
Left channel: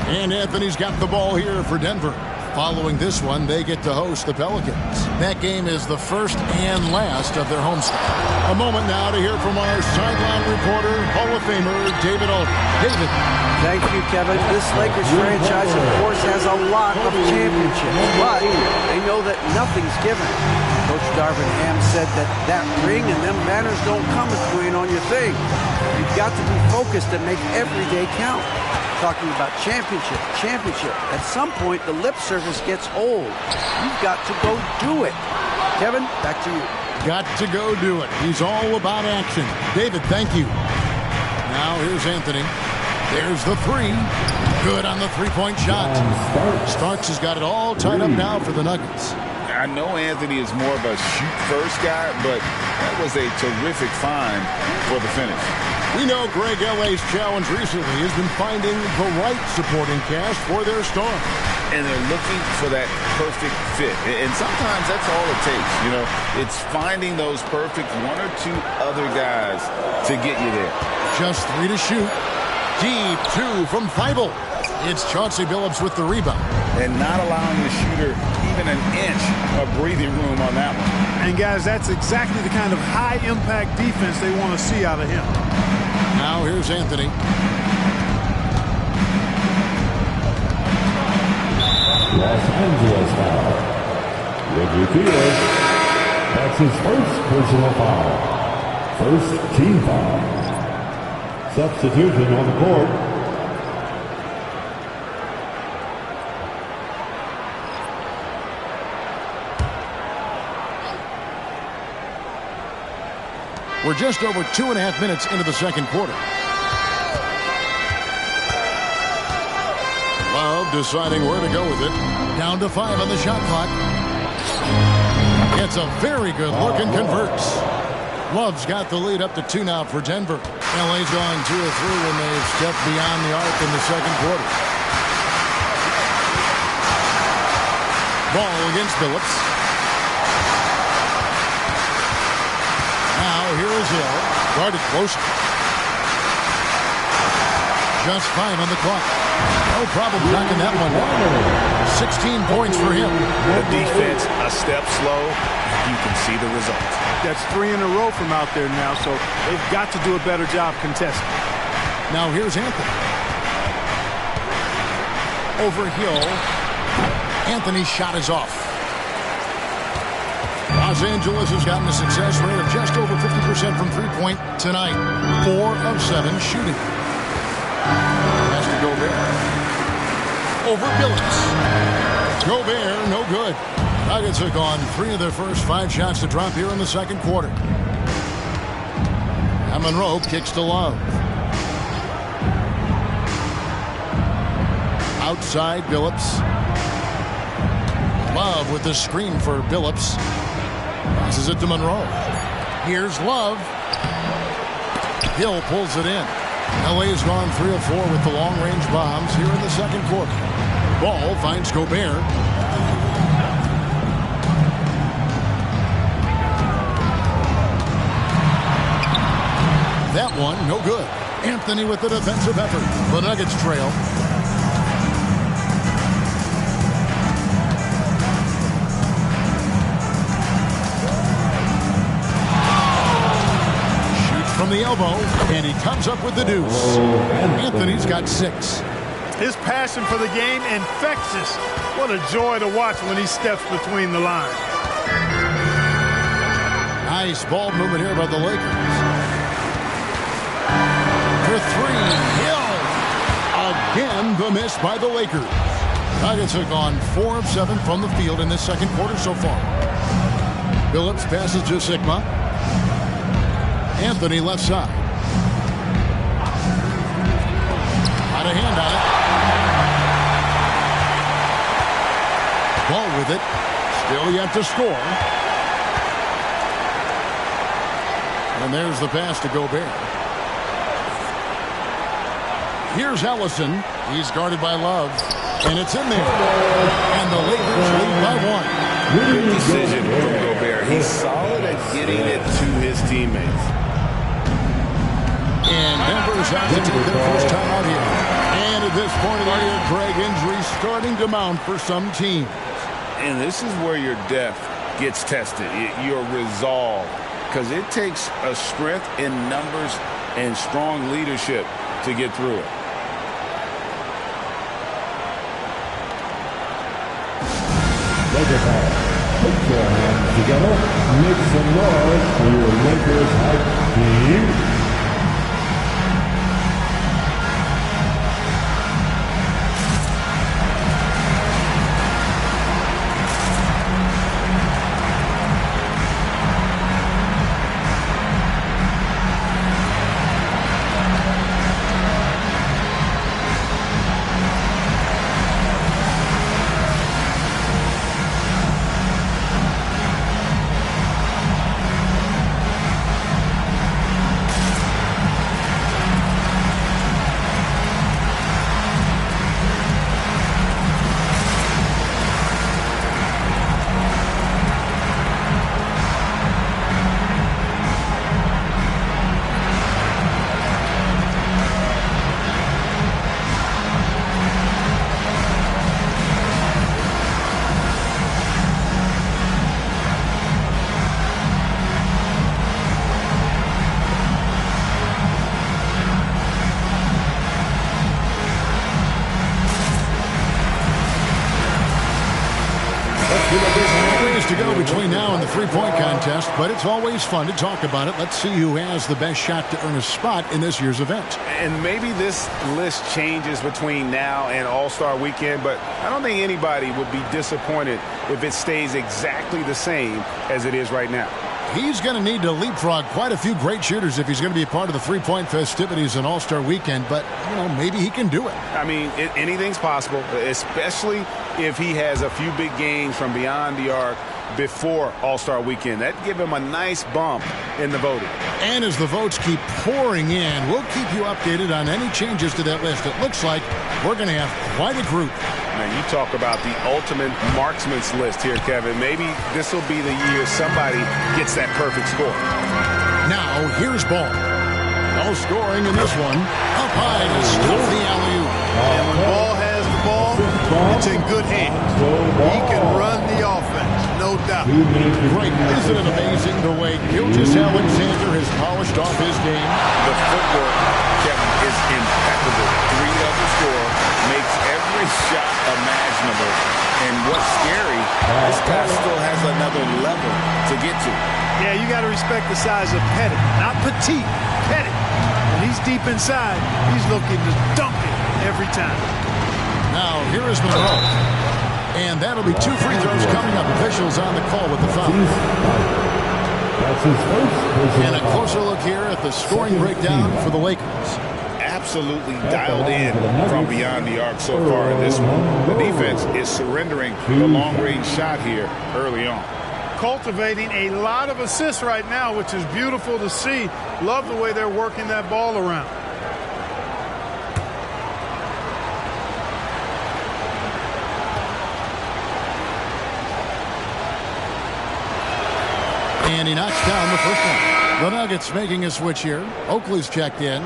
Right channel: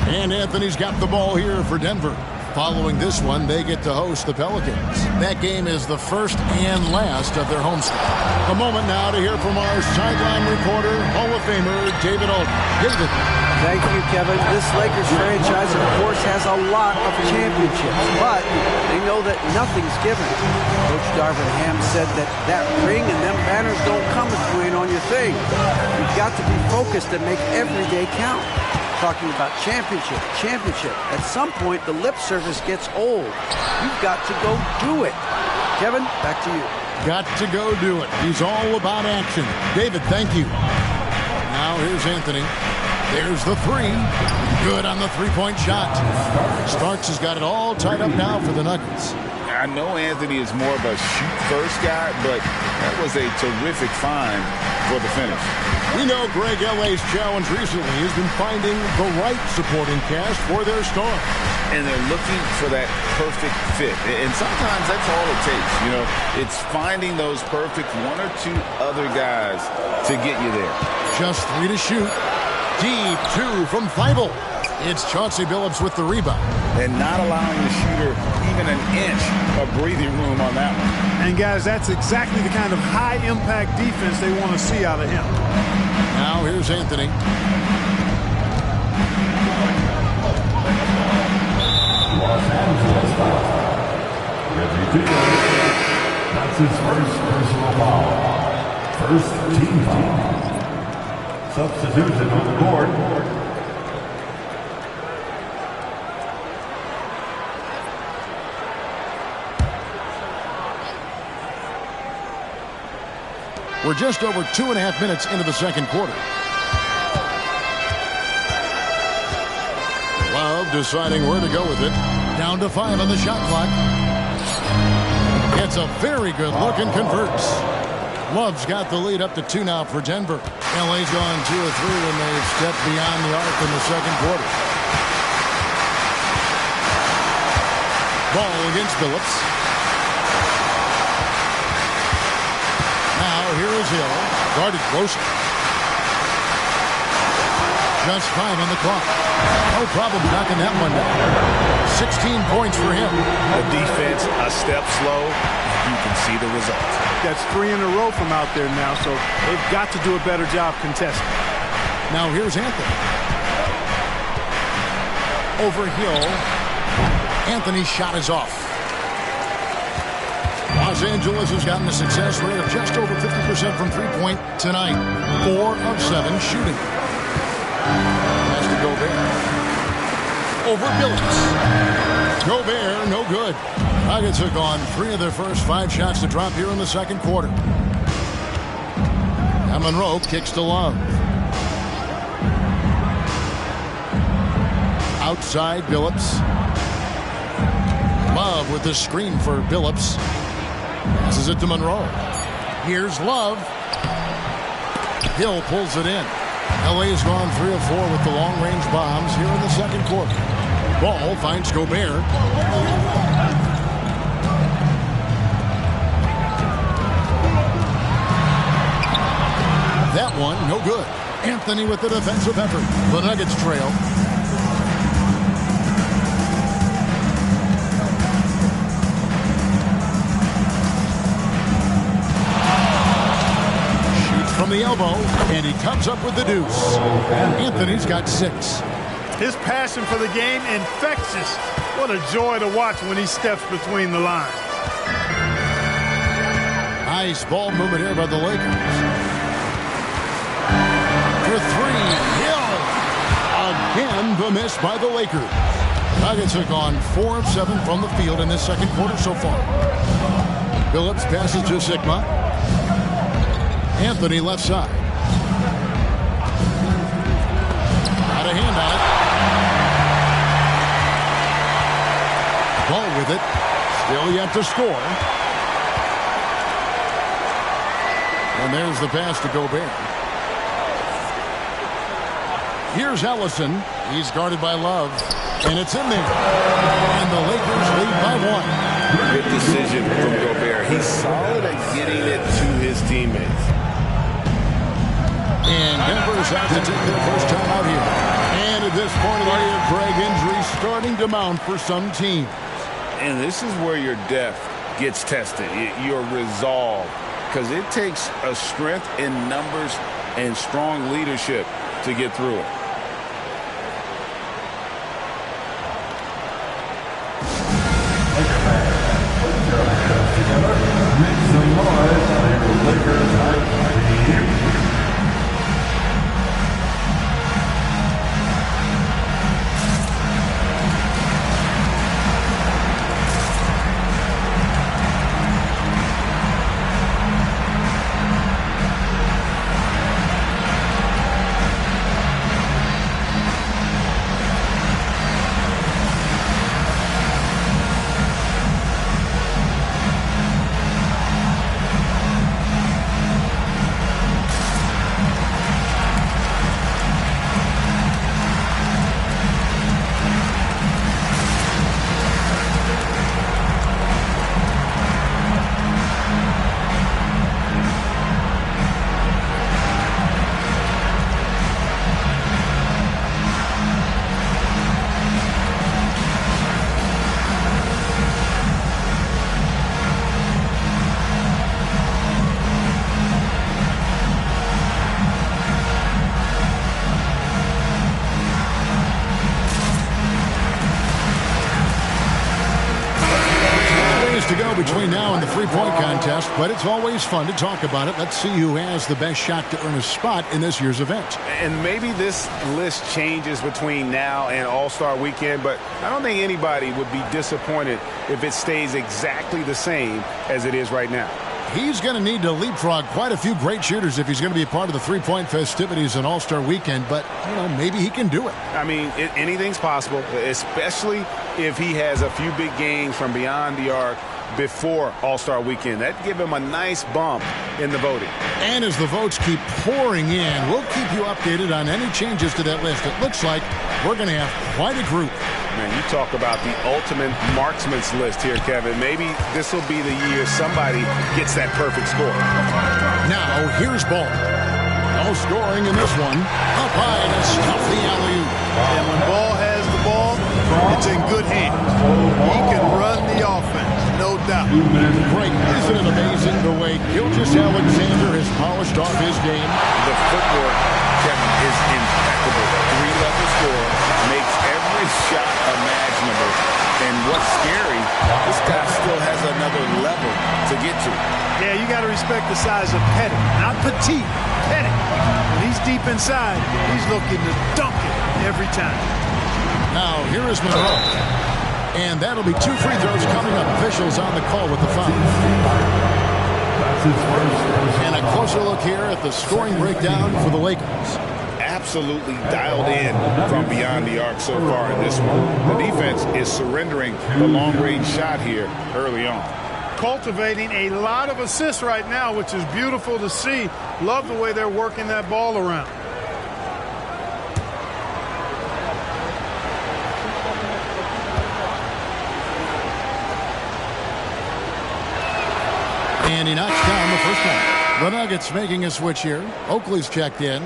And Anthony's got the ball here for Denver. Following this one, they get to host the Pelicans. That game is the first and last of their homestand. A moment now to hear from our sideline reporter, Hall of Famer David Aldridge. David. Thank you, Kevin. This Lakers franchise, of course, has a lot of championships, but they know that nothing's given. Coach Darvin Ham said that ring and them banners don't come if you ain't on your thing. You've got to be focused and make every day count. Talking about championship. At some point, the lip service gets old. You've got to go do it. Kevin, back to you. Got to go do it. He's all about action. David, thank you. Now here's Anthony. There's the three. Good on the three-point shot. Starks has got it all tied up now for the Nuggets. I know Anthony is more of a shoot-first guy, but that was a terrific find for the finish. We know Greg L.A.'s challenge recently has been finding the right supporting cast for their star. And they're looking for that perfect fit. And sometimes that's all it takes. You know, it's finding those perfect one or two other guys to get you there. Just 3 to shoot. Deep 2 from Thibault. It's Chauncey Billups with the rebound. And not allowing the shooter even an inch of breathing room on that one. And, guys, that's exactly the kind of high-impact defense they want to see out of him. Now here's Anthony. Los Angeles foul. Reggie Taylor. That's his first personal foul. First team foul. Substitution on the court. We're just over 2.5 minutes into the second quarter. Love deciding where to go with it. Down to 5 on the shot clock. Gets a very good look and converts. Love's got the lead up to 2 now for Denver. LA's gone 2 of 3 when they've stepped beyond the arc in the second quarter. Ball against Billups. Now here is Hill. Guarded closely. Just 5 on the clock. No problem knocking that one down. 16 points for him. The defense a step slow. You can see the results. That's 3 in a row from out there now, so they've got to do a better job contesting. Now here's Anthony. Over Hill. Anthony's shot is off. Los Angeles has gotten a success rate of just over 50% from three-point tonight. 4 of 7 shooting. Has to Gobert. Over Billups. Gobert, no good. Nuggets have gone 3 of their first 5 shots to drop here in the second quarter. Now Monroe kicks to Love. Outside Billups. Love with the screen for Billups. Passes it to Monroe. Here's Love. Hill pulls it in. LA's gone 3 of 4 with the long-range bombs here in the second quarter. Ball finds Gobert. That one, no good. Anthony with the defensive effort. The Nuggets trail. From the elbow, and he comes up with the deuce. Anthony's got 6. His passion for the game, infectious. What a joy to watch when he steps between the lines. Nice ball movement here by the Lakers. For 3, Hill. Again, the miss by the Lakers. Nuggets have gone 4 of 7 from the field in this second quarter so far. Billups passes to Sigma. Anthony left side. Got a hand on it. The ball with it. Still yet to score. And there's the pass to Gobert. Here's Ellison. He's guarded by Love. And it's in there. And the Lakers lead by 1. Good decision from Gobert. He's solid at getting it to his teammates. And Denver's out to take their first time out here. And at this point of the year, Greg, injuries starting to mount for some teams. And this is where your depth gets tested, your resolve. Because it takes a strength in numbers and strong leadership to get through it. Lakers fans, put your hands together. Make some noise for your Lakers hype team. to go between now and the three-point contest, but it's always fun to talk about it. Let's see who has the best shot to earn a spot in this year's event. And maybe this list changes between now and All-Star Weekend, but I don't think anybody would be disappointed if it stays exactly the same as it is right now. He's going to need to leapfrog quite a few great shooters if he's going to be a part of the three-point festivities in All-Star Weekend, but, maybe he can do it. I mean, anything's possible, especially if he has a few big games from beyond the arc before All-Star Weekend. That'd give him a nice bump in the voting. And as the votes keep pouring in, we'll keep you updated on any changes to that list. It looks like we're going to have quite a group. Man, you talk about the ultimate marksman's list here, Kevin. Maybe this will be the year somebody gets that perfect score. Now, here's Ball. No scoring in this one. Up high to stuff the alley-oop. And when Ball has the ball, it's in good hands. He can run the offense, no doubt. Great. Isn't it amazing the way Gilgeous-Alexander has polished off his game? The footwork, Kevin, is impeccable. Three-level score, makes every shot imaginable. And what's scary, this guy still has another level to get to. Yeah, you got to respect the size of Pettit, not Petite. Pettit. When he's deep inside, he's looking to dunk it every time. Now, here is Monroe. And that'll be 2 free throws coming up. Officials on the call with the foul. And a closer look here at the scoring breakdown for the Lakers. Absolutely dialed in from beyond the arc so far in this one. The defense is surrendering the long-range shot here early on. Cultivating a lot of assists right now, which is beautiful to see. Love the way they're working that ball around. And he knocks down the first one. The Nuggets making a switch here. Oakley's checked in.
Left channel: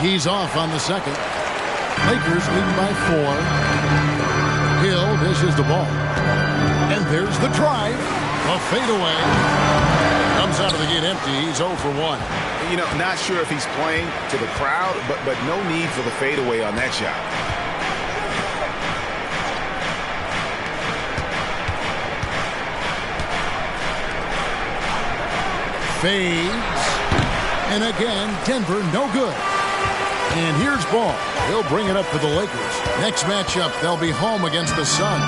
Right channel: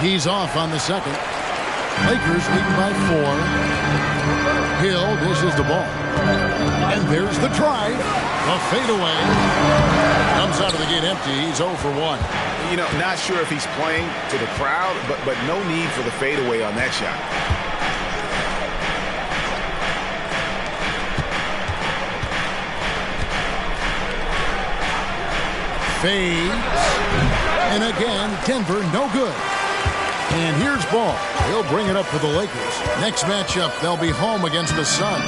He's off on the second. Lakers leading by 4. Hill dishes the ball. And there's the drive. A fadeaway. Comes out of the gate empty. He's 0 for 1. Not sure if he's playing to the crowd, but no need for the fadeaway on that shot. Fades. And again, Denver no good. And here's Ball. He'll bring it up for the Lakers. Next matchup, they'll be home against the Suns.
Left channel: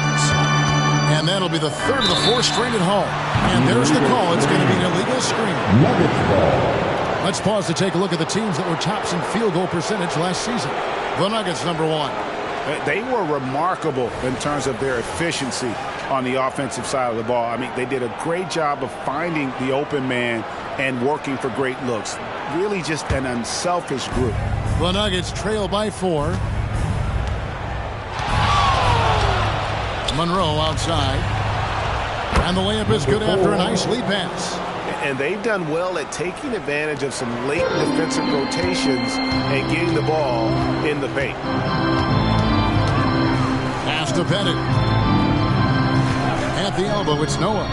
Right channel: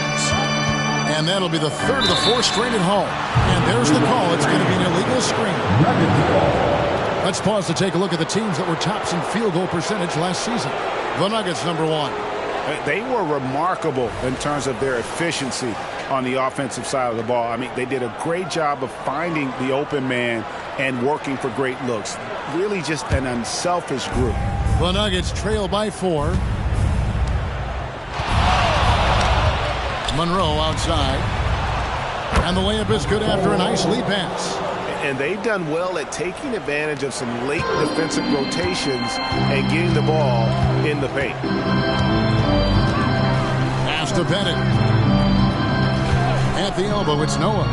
And that'll be the third of the 4 straight at home. And there's the call. It's going to be an illegal screen. Let's pause to take a look at the teams that were tops in field goal percentage last season. The Nuggets, number 1. They were remarkable in terms of their efficiency on the offensive side of the ball. I mean, they did a great job of finding the open man and working for great looks. Really just an unselfish group. The Nuggets trail by 4. Monroe outside. And the layup is good after a nice lead pass. And they've done well at taking advantage of some late defensive rotations and getting the ball in the paint. Pass to Pettit. At the elbow, it's Noah.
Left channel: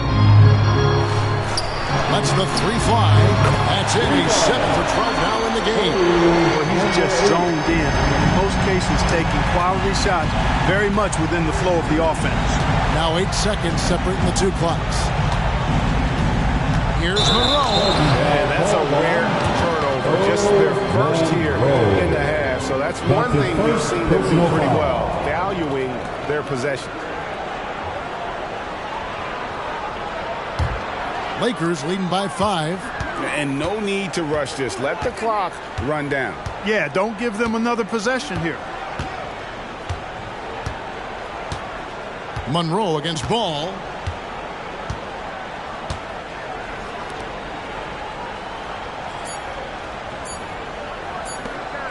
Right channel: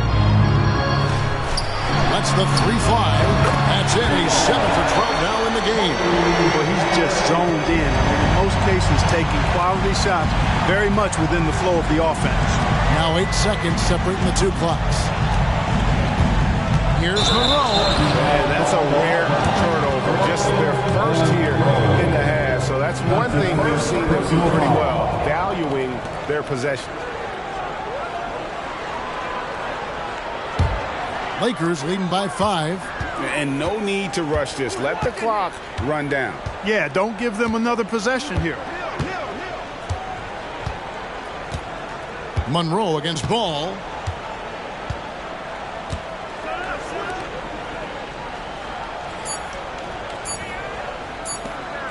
Lets the 3 fly. That's it. He's 7 for 12 now in the game. Well, he's just zoned in. I mean, in most cases, taking quality shots very much within the flow of the offense. Now 8 seconds separating the 2 clocks. Here's Monroe. And that's a rare turnover. Just their first here in the half. So that's one thing we've seen them do pretty well, valuing their possession. Lakers leading by 5. And no need to rush this. Let the clock run down. Yeah, don't give them another possession here. Monroe against Ball.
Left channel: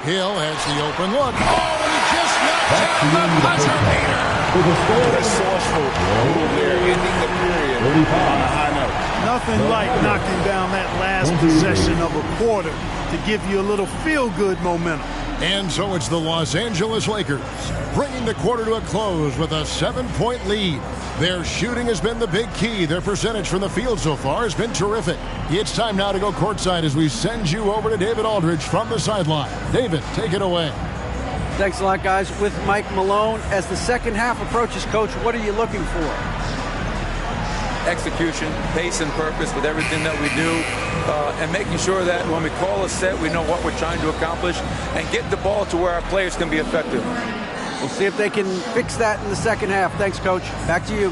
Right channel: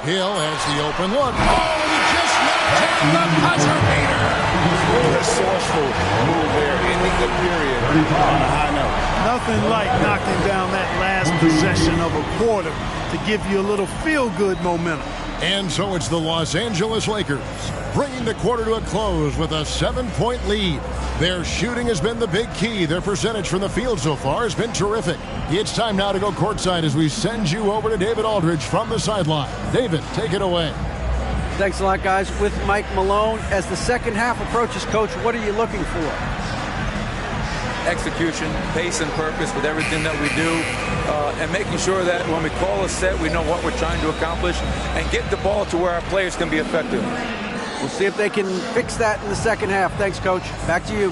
Hill has the open look. Oh, and he just knocked down the buzzer beater. Resourceful move there, ending the period on a high note. Nothing like knocking down that last possession of a quarter to give you a little feel-good momentum. And so it's the Los Angeles Lakers, bringing the quarter to a close with a 7-point lead. Their shooting has been the big key. Their percentage from the field so far has been terrific. It's time now to go courtside as we send you over to David Aldridge from the sideline. David, take it away. Thanks a lot, guys. With Mike Malone, as the second half approaches, Coach, what are you looking for? Execution, pace and purpose with everything that we do, and making sure that when we call a set, we know what we're trying to accomplish and get the ball to where our players can be effective. We'll see if they can fix that in the second half. Thanks, Coach. Back to you.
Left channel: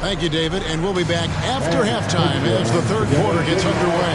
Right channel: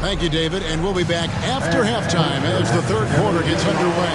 Thank you, David, and we'll be back after halftime as the third quarter gets underway.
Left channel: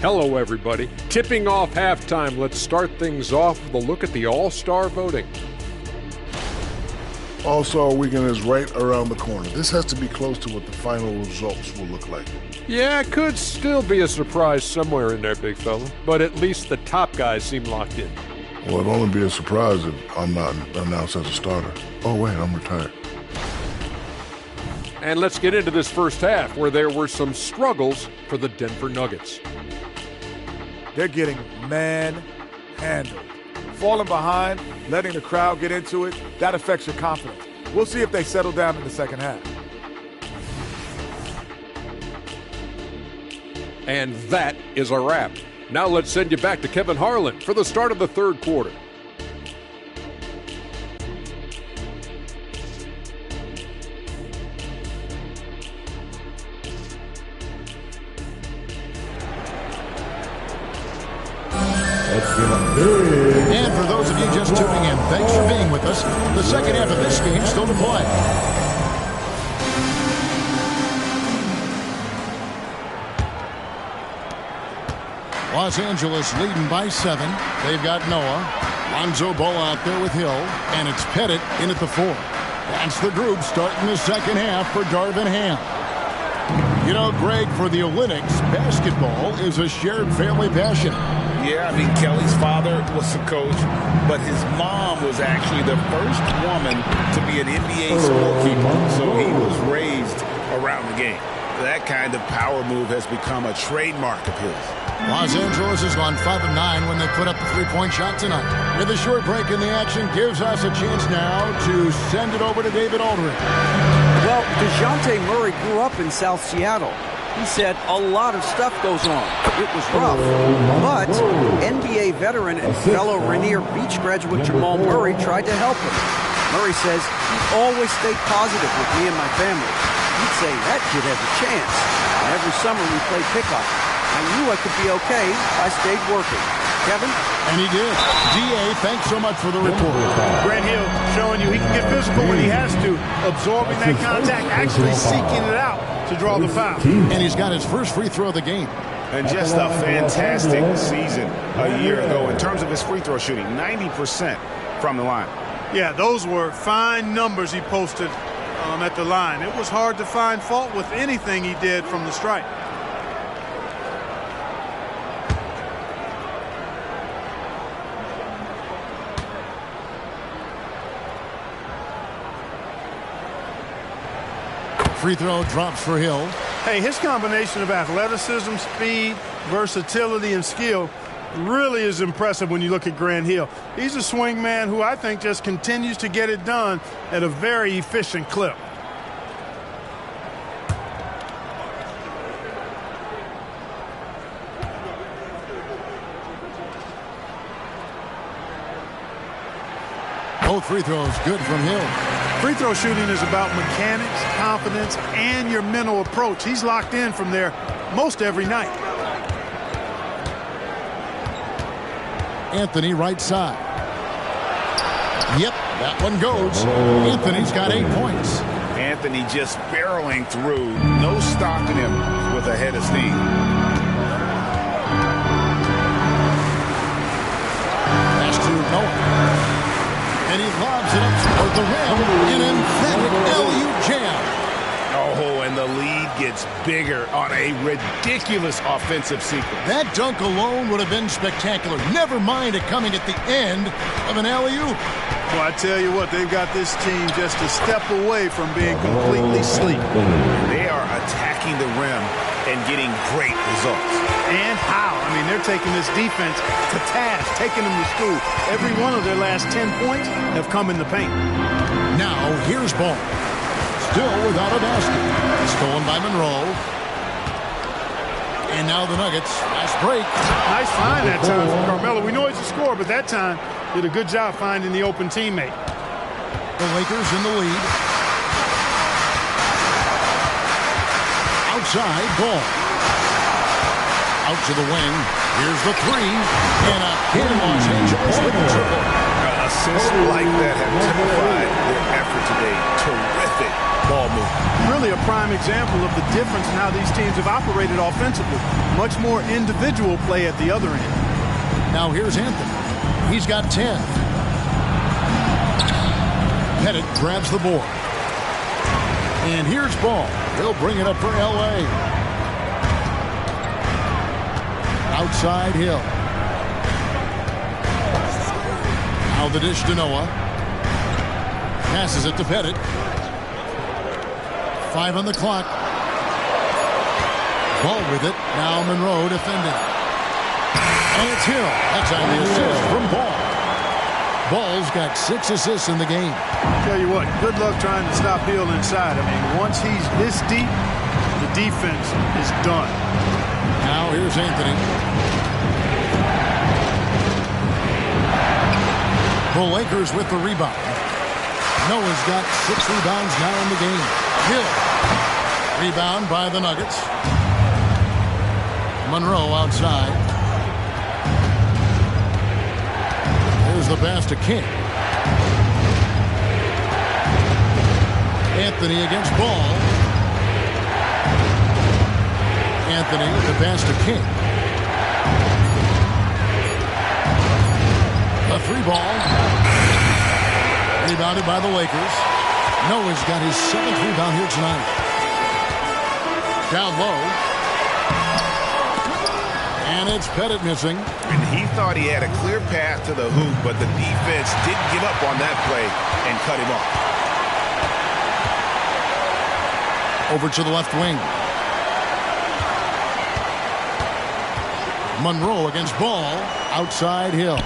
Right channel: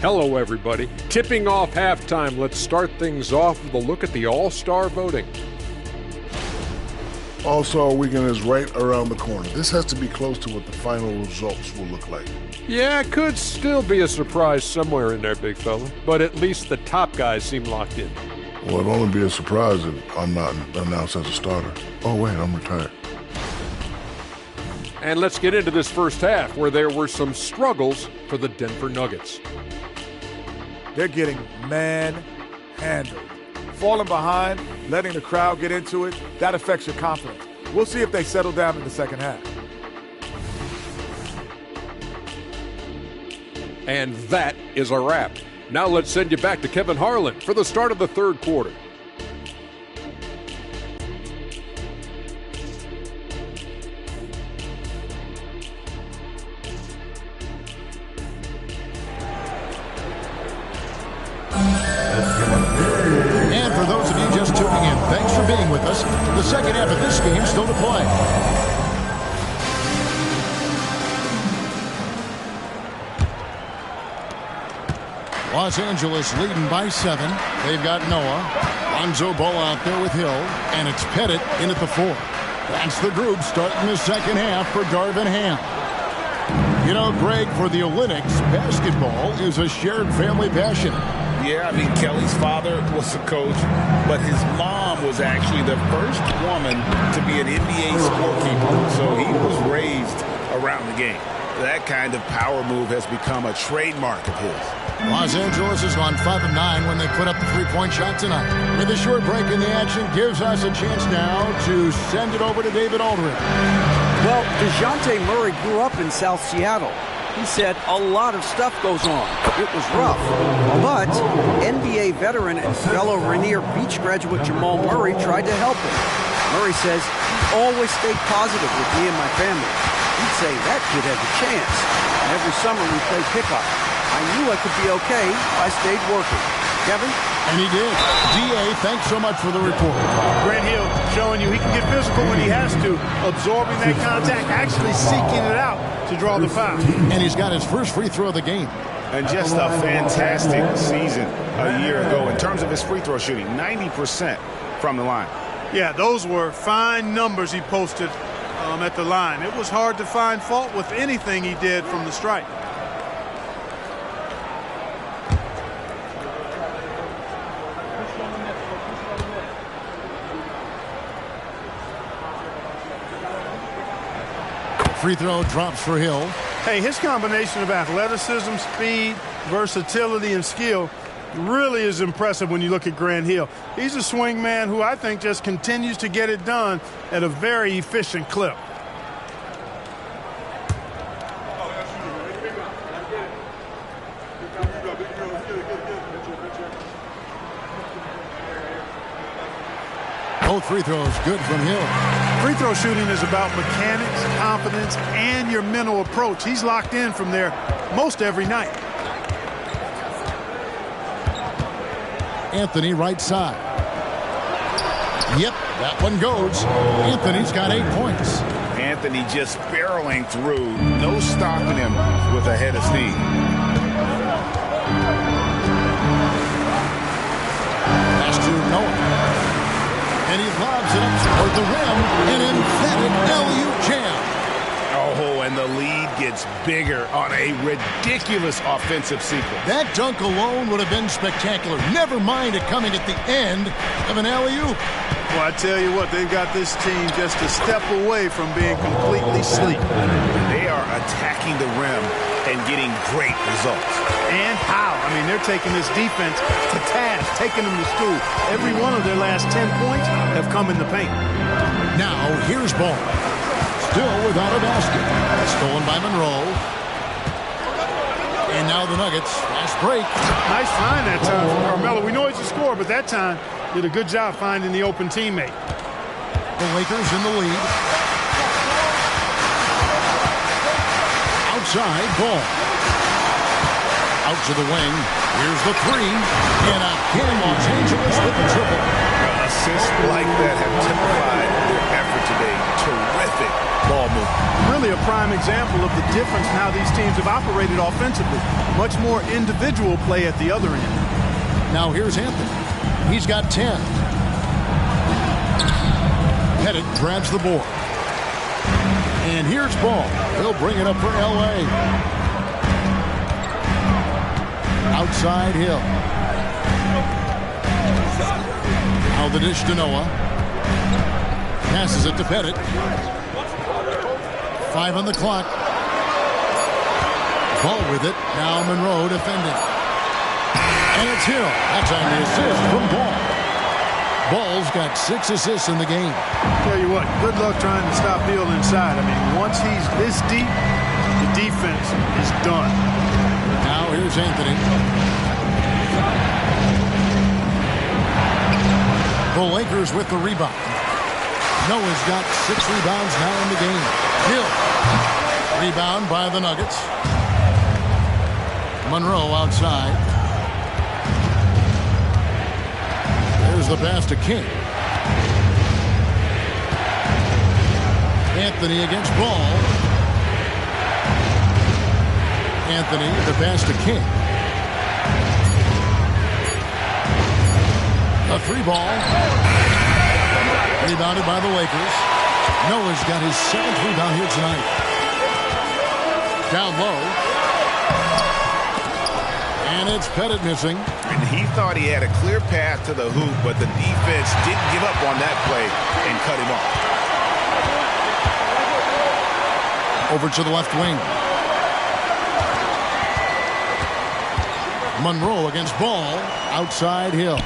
Hello, everybody. Tipping off halftime. Let's start things off with a look at the All-Star voting. All-Star weekend is right around the corner. This has to be close to what the final results will look like. Yeah, it could still be a surprise somewhere in there, big fella. But at least the top guys seem locked in. Well, it'd only be a surprise if I'm not announced as a starter. Oh, wait, I'm retired. And let's get into this first half, where there were some struggles for the Denver Nuggets. They're getting manhandled. Falling behind, letting the crowd get into it, that affects your confidence. We'll see if they settle down in the second half. And that is a wrap. Now let's send you back to Kevin Harlan for the start of the third quarter. And for those of you just tuning in, thanks for being with us. The second half of this game still to play. Los Angeles leading by 7. They've got Noah. Lonzo Ball out there with Hill. And it's Pettit in at the 4. That's the group starting the second half for Darvin Ham. You know, Greg, for the Olympics, basketball is a shared family passion. Yeah, I mean, Kelly's father was a coach, but his mom was actually the first woman to be an NBA scorekeeper. So he was raised around the game. That kind of power move has become a trademark of his. Los Angeles has gone 5 of 9 when they put up the three-point shot tonight. With a short break in the action, gives us a chance now to send it over to David Aldridge. Well, DeJounte Murray grew up in South Seattle. He said a lot of stuff goes on. It was rough. But NBA veteran and fellow Rainier Beach graduate Jamal Murray tried to help him. Murray says he always stayed positive with me and my family. He'd say, that kid has a chance. And every summer we played pickup. I knew I could be okay if I stayed working. Kevin? And he did. D.A., thanks so much for the report. Grant Hill showing you he can get physical when he has to, absorbing that contact, actually seeking it out to draw the foul. And he's got his first free throw of the game. And just a fantastic season a year ago in terms of his free throw shooting, 90% from the line. Yeah, those were fine numbers he posted at the line. It was hard to find fault with anything he did from the stripe. Free throw drops for Hill. Hey, his combination of athleticism, speed, versatility, and skill really is impressive when you look at Grant Hill. He's a swing man who I think just continues to get it done at a very efficient clip. Both free throws good from Hill. Free throw shooting is about mechanics, confidence, and your mental approach. He's locked in from there most every night. Anthony right side. Yep, that one goes. Anthony's got 8 points. Anthony just barreling through, no stopping him with a head of steam. Pass to Noah. And he lobs it up toward the rim. An emphatic LU jam. Oh, and the lead gets bigger on a ridiculous offensive sequence. That dunk alone would have been spectacular. Never mind it coming at the end of an alley-oop. Well, I tell you what, they've got this team just a step away from being completely asleep. They are attacking the rim and getting great results. And how? I mean, they're taking this defense to task, taking them to school. Every one of their last 10 points have come in the paint. Now, here's Ball. Still without a basket. Stolen by Monroe. And now the Nuggets. Fast break. Nice find that time from Carmelo. We know he's a scorer, but that time did a good job finding the open teammate. The Lakers in the lead. Outside, Ball. Out to the wing. Here's the three. And again, Los Angeles with the triple. Assists like that have typified their effort today. Terrific ball movement. Really a prime example of the difference in how these teams have operated offensively. Much more individual play at the other end. Now here's Anthony. He's got 10. Pettit grabs the board. And here's Ball. He'll bring it up for L.A. Outside Hill. Now the dish to Noah. Passes it to Pettit. 5 on the clock. Ball with it. Now Monroe defending. And it's Hill. That's on the assist from Ball. Ball's got 6 assists in the game. Tell you what, good luck trying to stop Hill inside. I mean, once he's this deep, the defense is done. Now here's Anthony. The Lakers with the rebound. Noah's got 6 rebounds now in the game. Hill. Rebound by the Nuggets. Monroe outside. There's the pass to King. Anthony against Ball. Anthony, the pass to King. A 3-ball. Rebounded by the Lakers. Noah's got his 7th rebound here tonight. Down low. And it's Pettit missing. And he thought he had a clear path to the hoop, but the defense didn't give up on that play and cut him off. Over to the left wing. Monroe against Ball. Outside Hill.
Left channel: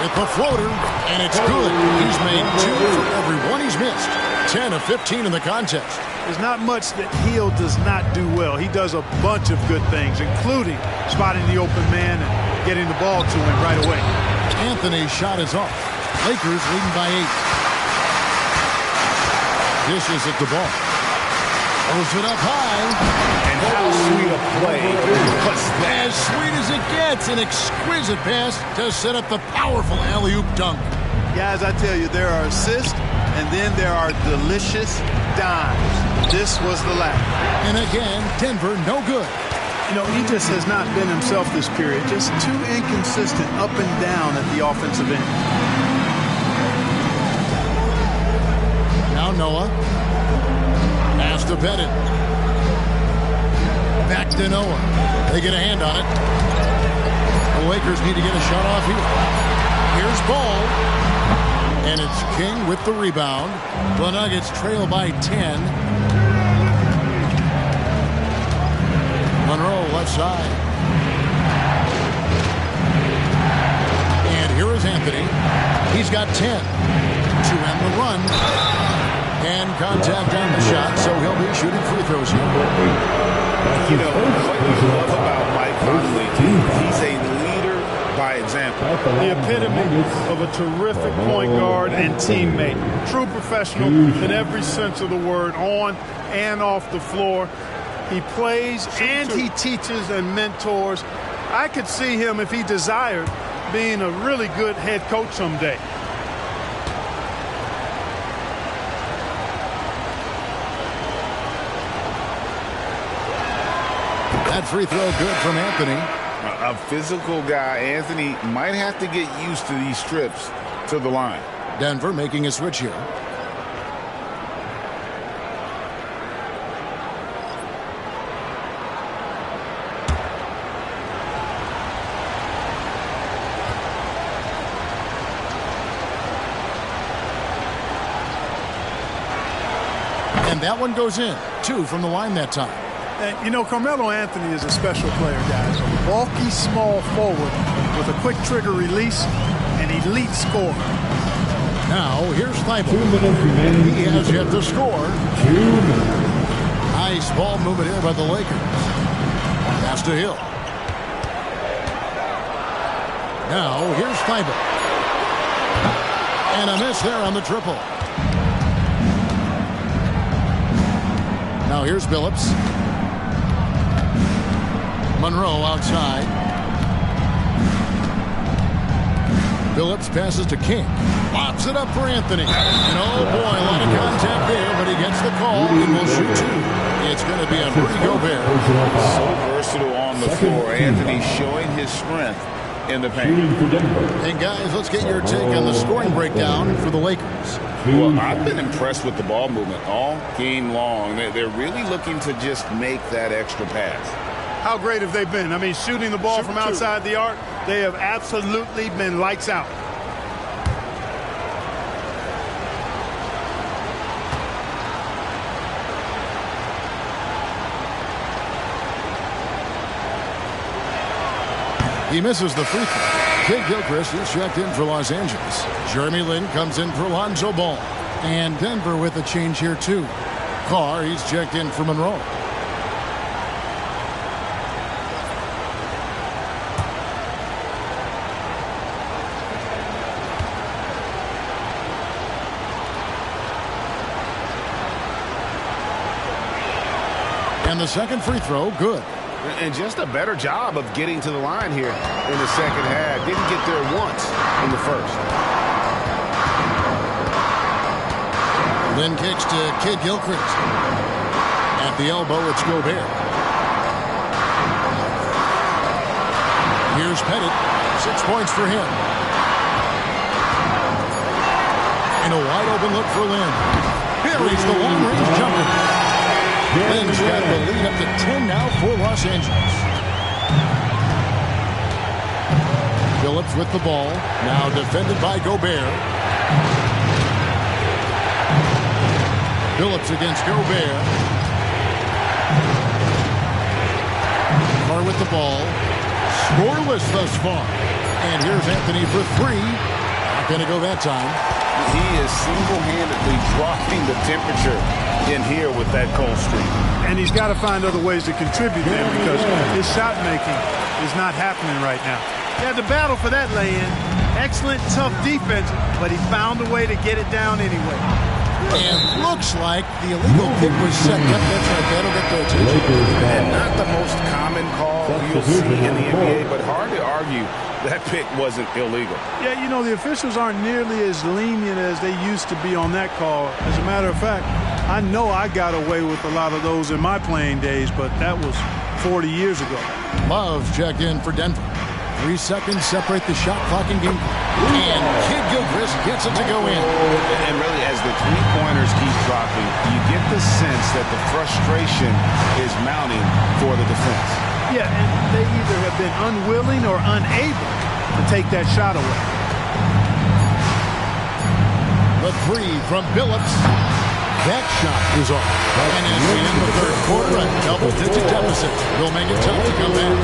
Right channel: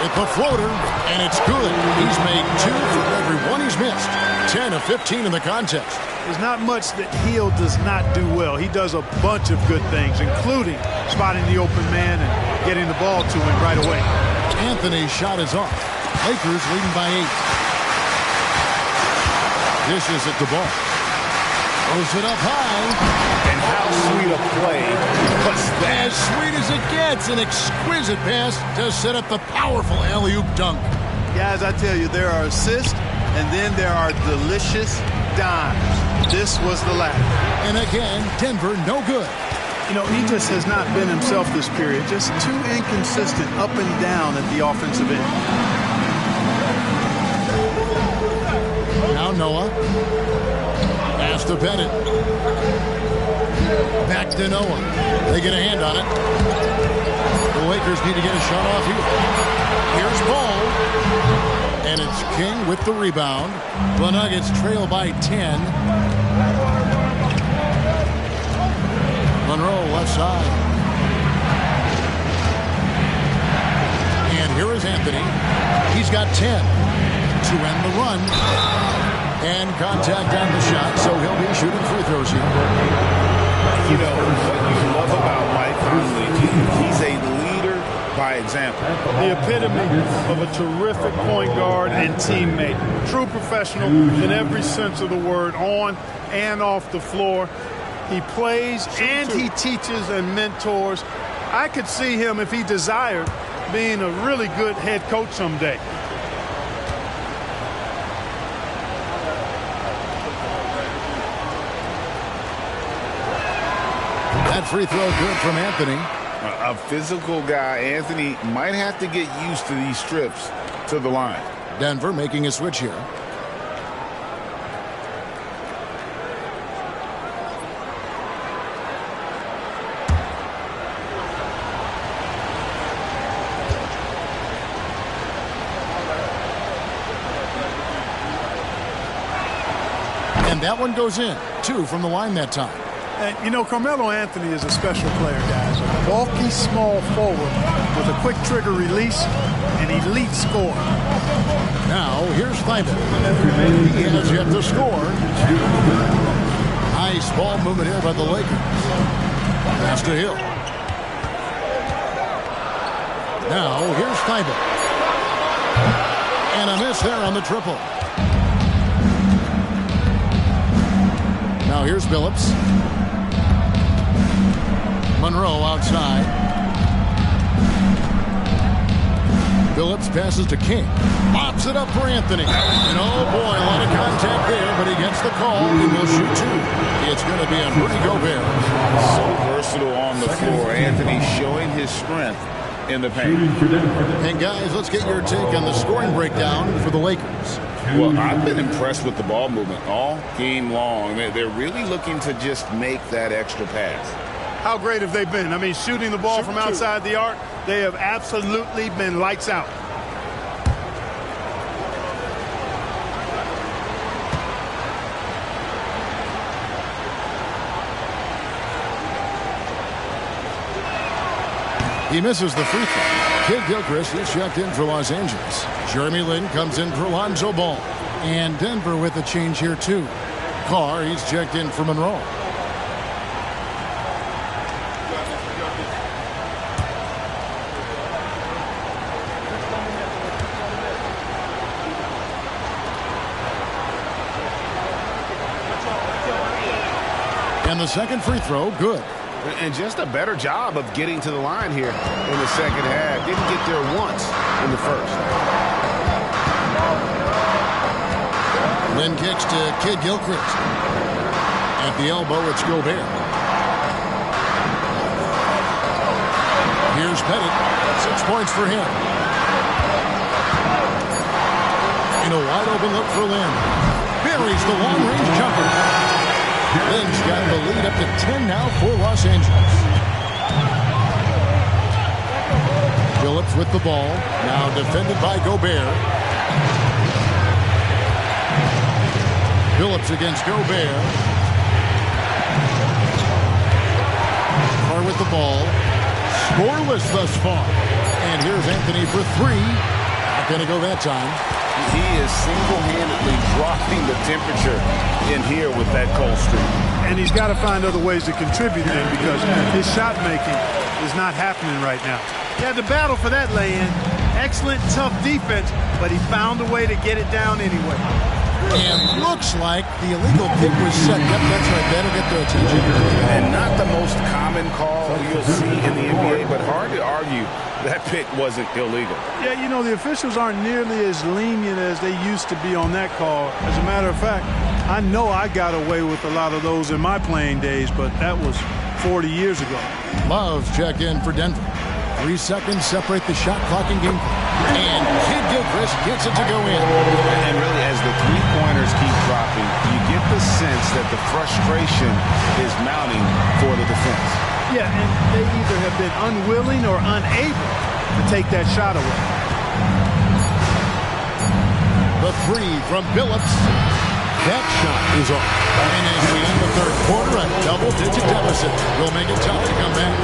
With the floater, and it's good. He's made 2 for every one he's missed. 10 of 15 in the contest. There's not much that Hill does not do well. He does a bunch of good things, including spotting the open man and getting the ball to him right away. Anthony's shot is off. Lakers leading by 8. Dishes at the ball. Throws it up high. And how sweet a play was that? As sweet as it gets. An exquisite pass to set up the powerful alley-oop dunk. Guys, I tell you, there are assists, and then there are delicious dimes. This was the latter. And again, Denver no good. You know, he just has not been himself this period. Just too inconsistent up and down at the offensive end. Now Noah. Pass to Pettit. Back to Noah. They get a hand on it. The Lakers need to get a shot off here. Here's Ball. And it's King with the rebound. The Nuggets trail by 10. Monroe left side. And here is Anthony. He's got 10 to end the run. And contact on the shot, so he'll be shooting free throws here. You know, what you love about Mike Conley, he's a leader by example. The epitome of a terrific point guard and teammate. True professional in every sense of the word, on and off the floor. He plays and he teaches and mentors. I could see him, if he desired, being a really good head coach someday. That free throw good from Anthony. A physical guy, Anthony, might have to get used to these trips to the line. Denver making a switch here. And that one goes in. 2 from the line that time. And, you know, Carmelo Anthony is a special player, guys. A bulky, small forward with a quick trigger release, an elite scorer. Now, here's Thibault. He has yet to score. Nice ball movement here by the Lakers. Pass to Hill. Now, here's Thibault. And a miss there on the triple. Now, here's Billups. Monroe outside. Billups passes to King. Lobs it up for Anthony. And oh boy, a lot of contact there, but he gets the call and will shoot 2. It's going to be on Rudy Gobert. So versatile on the floor. Anthony showing his strength in the paint. And guys, let's get your take on the scoring breakdown for the Lakers. Well, I've been impressed with the ball movement all game long. They're really looking to just make that extra pass. How great have they been? I mean, shooting the ball from outside the arc, they have absolutely been lights out. He misses the free throw. Kid Gilchrist is checked in for Los Angeles. Jeremy Lin comes in for Lonzo Ball. And Denver with a change here, too. Carr, he's checked in for Monroe. And the second free throw, good. And just a better job of getting to the line here in the second half. Didn't get there once in the first. Lynn kicks to Kid Gilchrist. At the elbow, it's Gobert. Here's Pettit. 6 points for him. And a wide open look for Lynn. Buries the long-range jumper. Lynn's got the lead up to 10 now for Los Angeles. Billups with the ball. Now defended by Gobert. Billups against Gobert. Carr with the ball. Scoreless thus far. And here's Anthony for 3. Not going to go that time. He is single-handedly dropping the temperature in here with that cold streak. And he's got to find other ways to contribute then, because his shot making is not happening right now. He had to battle for that lay-in. Excellent, tough defense, but he found a way to get it down anyway. And looks like the illegal pick was set. Yep, that's right. That'll get their attention. And not the most common call you'll see in the NBA, but hard to argue that pick wasn't illegal. Yeah, you know, the officials aren't nearly as lenient as they used to be on that call. As a matter of fact, I know I got away with a lot of those in my playing days, but that was 40 years ago. Love checked in for Denver. 3 seconds separate the shot clock and game clock. And Kid Gilchrist gets it to go in. And really, as the three-pointers keep dropping, you get the sense that the frustration is mounting for the defense. Yeah, and they either have been unwilling or unable to take that shot away. The 3 from Billups. That shot is off. And as we end the third quarter, a double-digit deficit will make it tough to come back.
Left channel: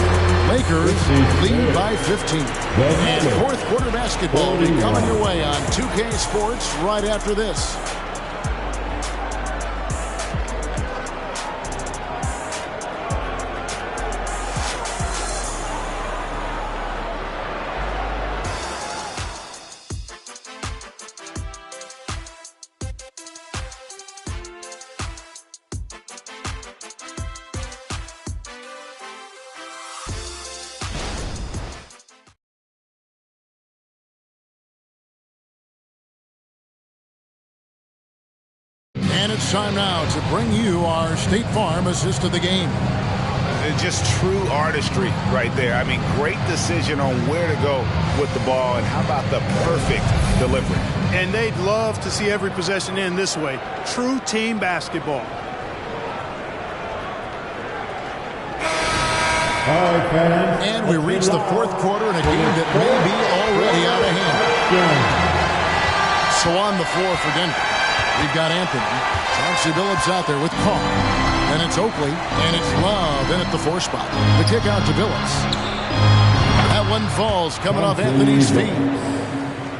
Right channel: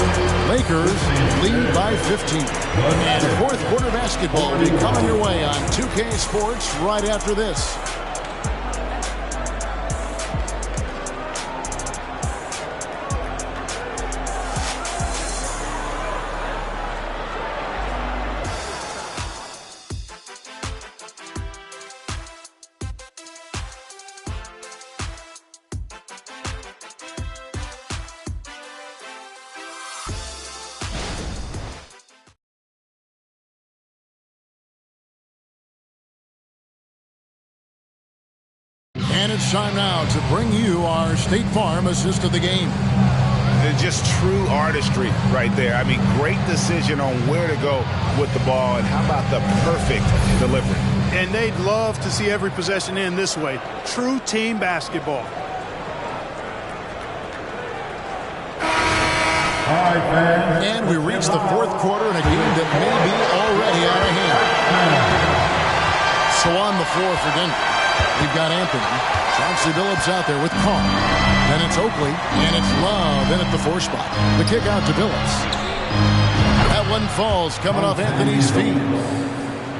Lakers lead by 15. And fourth quarter basketball will be coming your way on 2K Sports right after this. And it's time now to bring you our State Farm assist of the game. Just true artistry right there. I mean, great decision on where to go with the ball, and how about the perfect delivery? And they'd love to see every possession end this way. True team basketball. And we reach the fourth quarter in a game that may be already out of hand. So on the floor for Denver, we've got Anthony. Chauncey Billups out there with Carr. Then it's Oakley, and it's Love in at the 4 spot. The kick out to Billups. That one falls coming off Anthony's feet.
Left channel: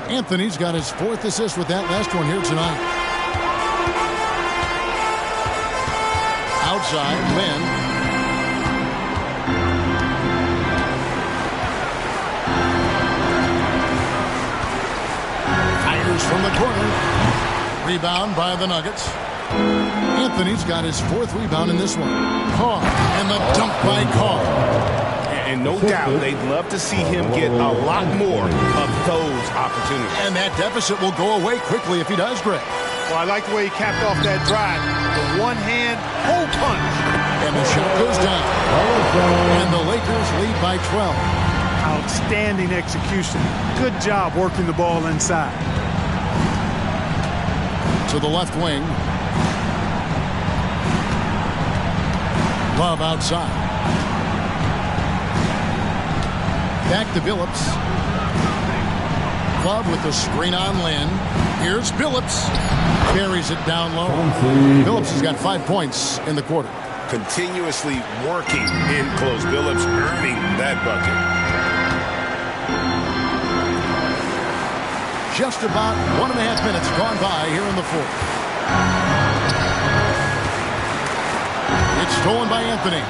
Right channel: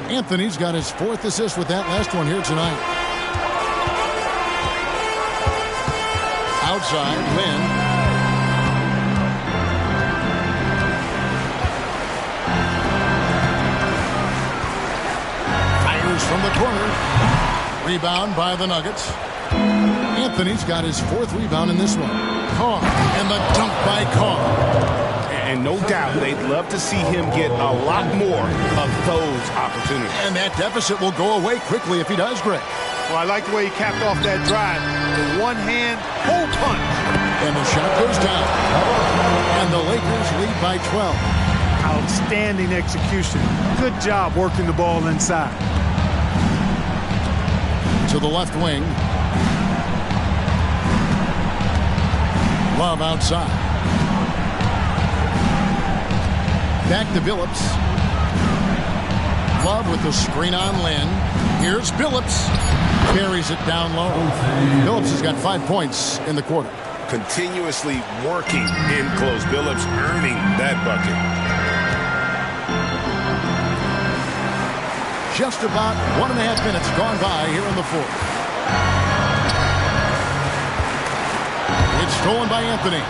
Anthony's got his 4th assist with that last one here tonight. Outside, Lynn. Fires from the corner. Rebound by the Nuggets. Anthony's got his 4th rebound in this one. Carr, and the dunk by Carr. And no doubt they'd love to see him get a lot more of those opportunities. And that deficit will go away quickly if he does, Greg. Well, I like the way he capped off that drive. The one-hand hole punch. And the shot goes down. And the Lakers lead by 12. Outstanding execution. Good job working the ball inside. To the left wing. Love outside. Back to Billups. Love with the screen on Lynn. Here's Billups. Carries it down low. Billups has got 5 points in the quarter. Continuously working in close. Billups earning that bucket. Just about 1.5 minutes gone by here in the fourth. It's stolen by Anthony.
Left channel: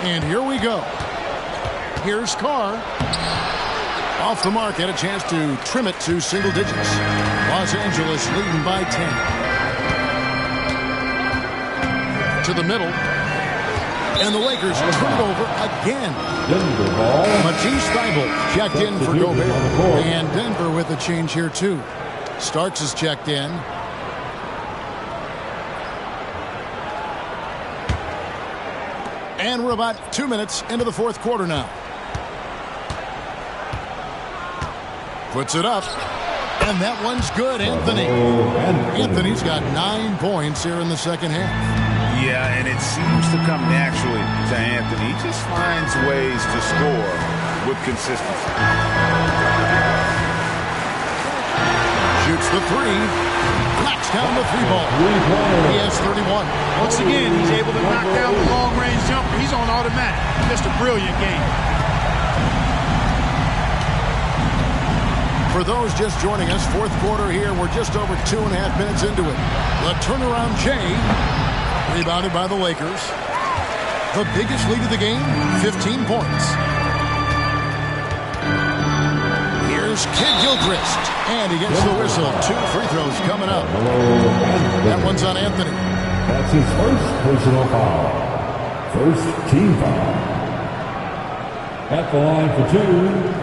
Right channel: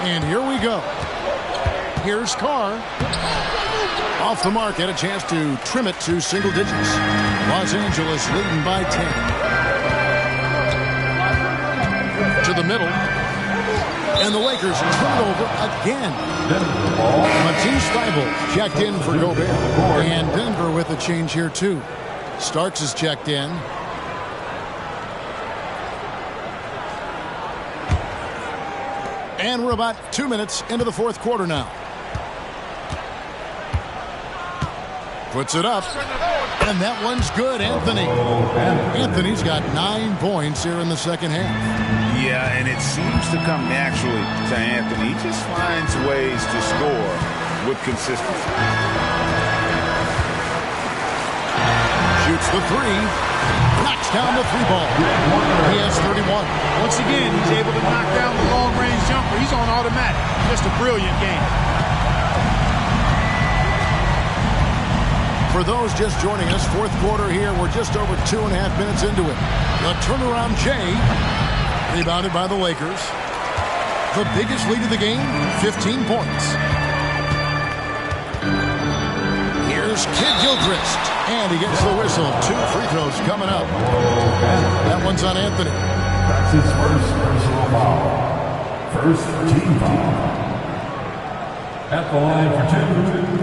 And here we go. Here's Carr. Off the mark, had a chance to trim it to single digits. Los Angeles leading by 10. To the middle. And the Lakers turn it over again. Matisse Thybulle checked in for Gobert. And Denver with a change here, too. Starks is checked in. And we're about 2 minutes into the fourth quarter now. Puts it up. And that one's good, Anthony. Anthony's got 9 points here in the second half. Yeah, and it seems to come naturally to Anthony. He just finds ways to score with consistency. Shoots the 3. Knocks down the 3 ball. He has 31. Once again, he's able to knock down the long-range jumper. He's on automatic. Just a brilliant game. For those just joining us, fourth quarter here. We're just over 2.5 minutes into it. The turnaround Jay. Rebounded by the Lakers. The biggest lead of the game, 15 points. Here's Kid Gilchrist, and he gets the whistle. 2 free throws coming up. That one's on Anthony. That's his first personal foul. First team foul. At the line for 2.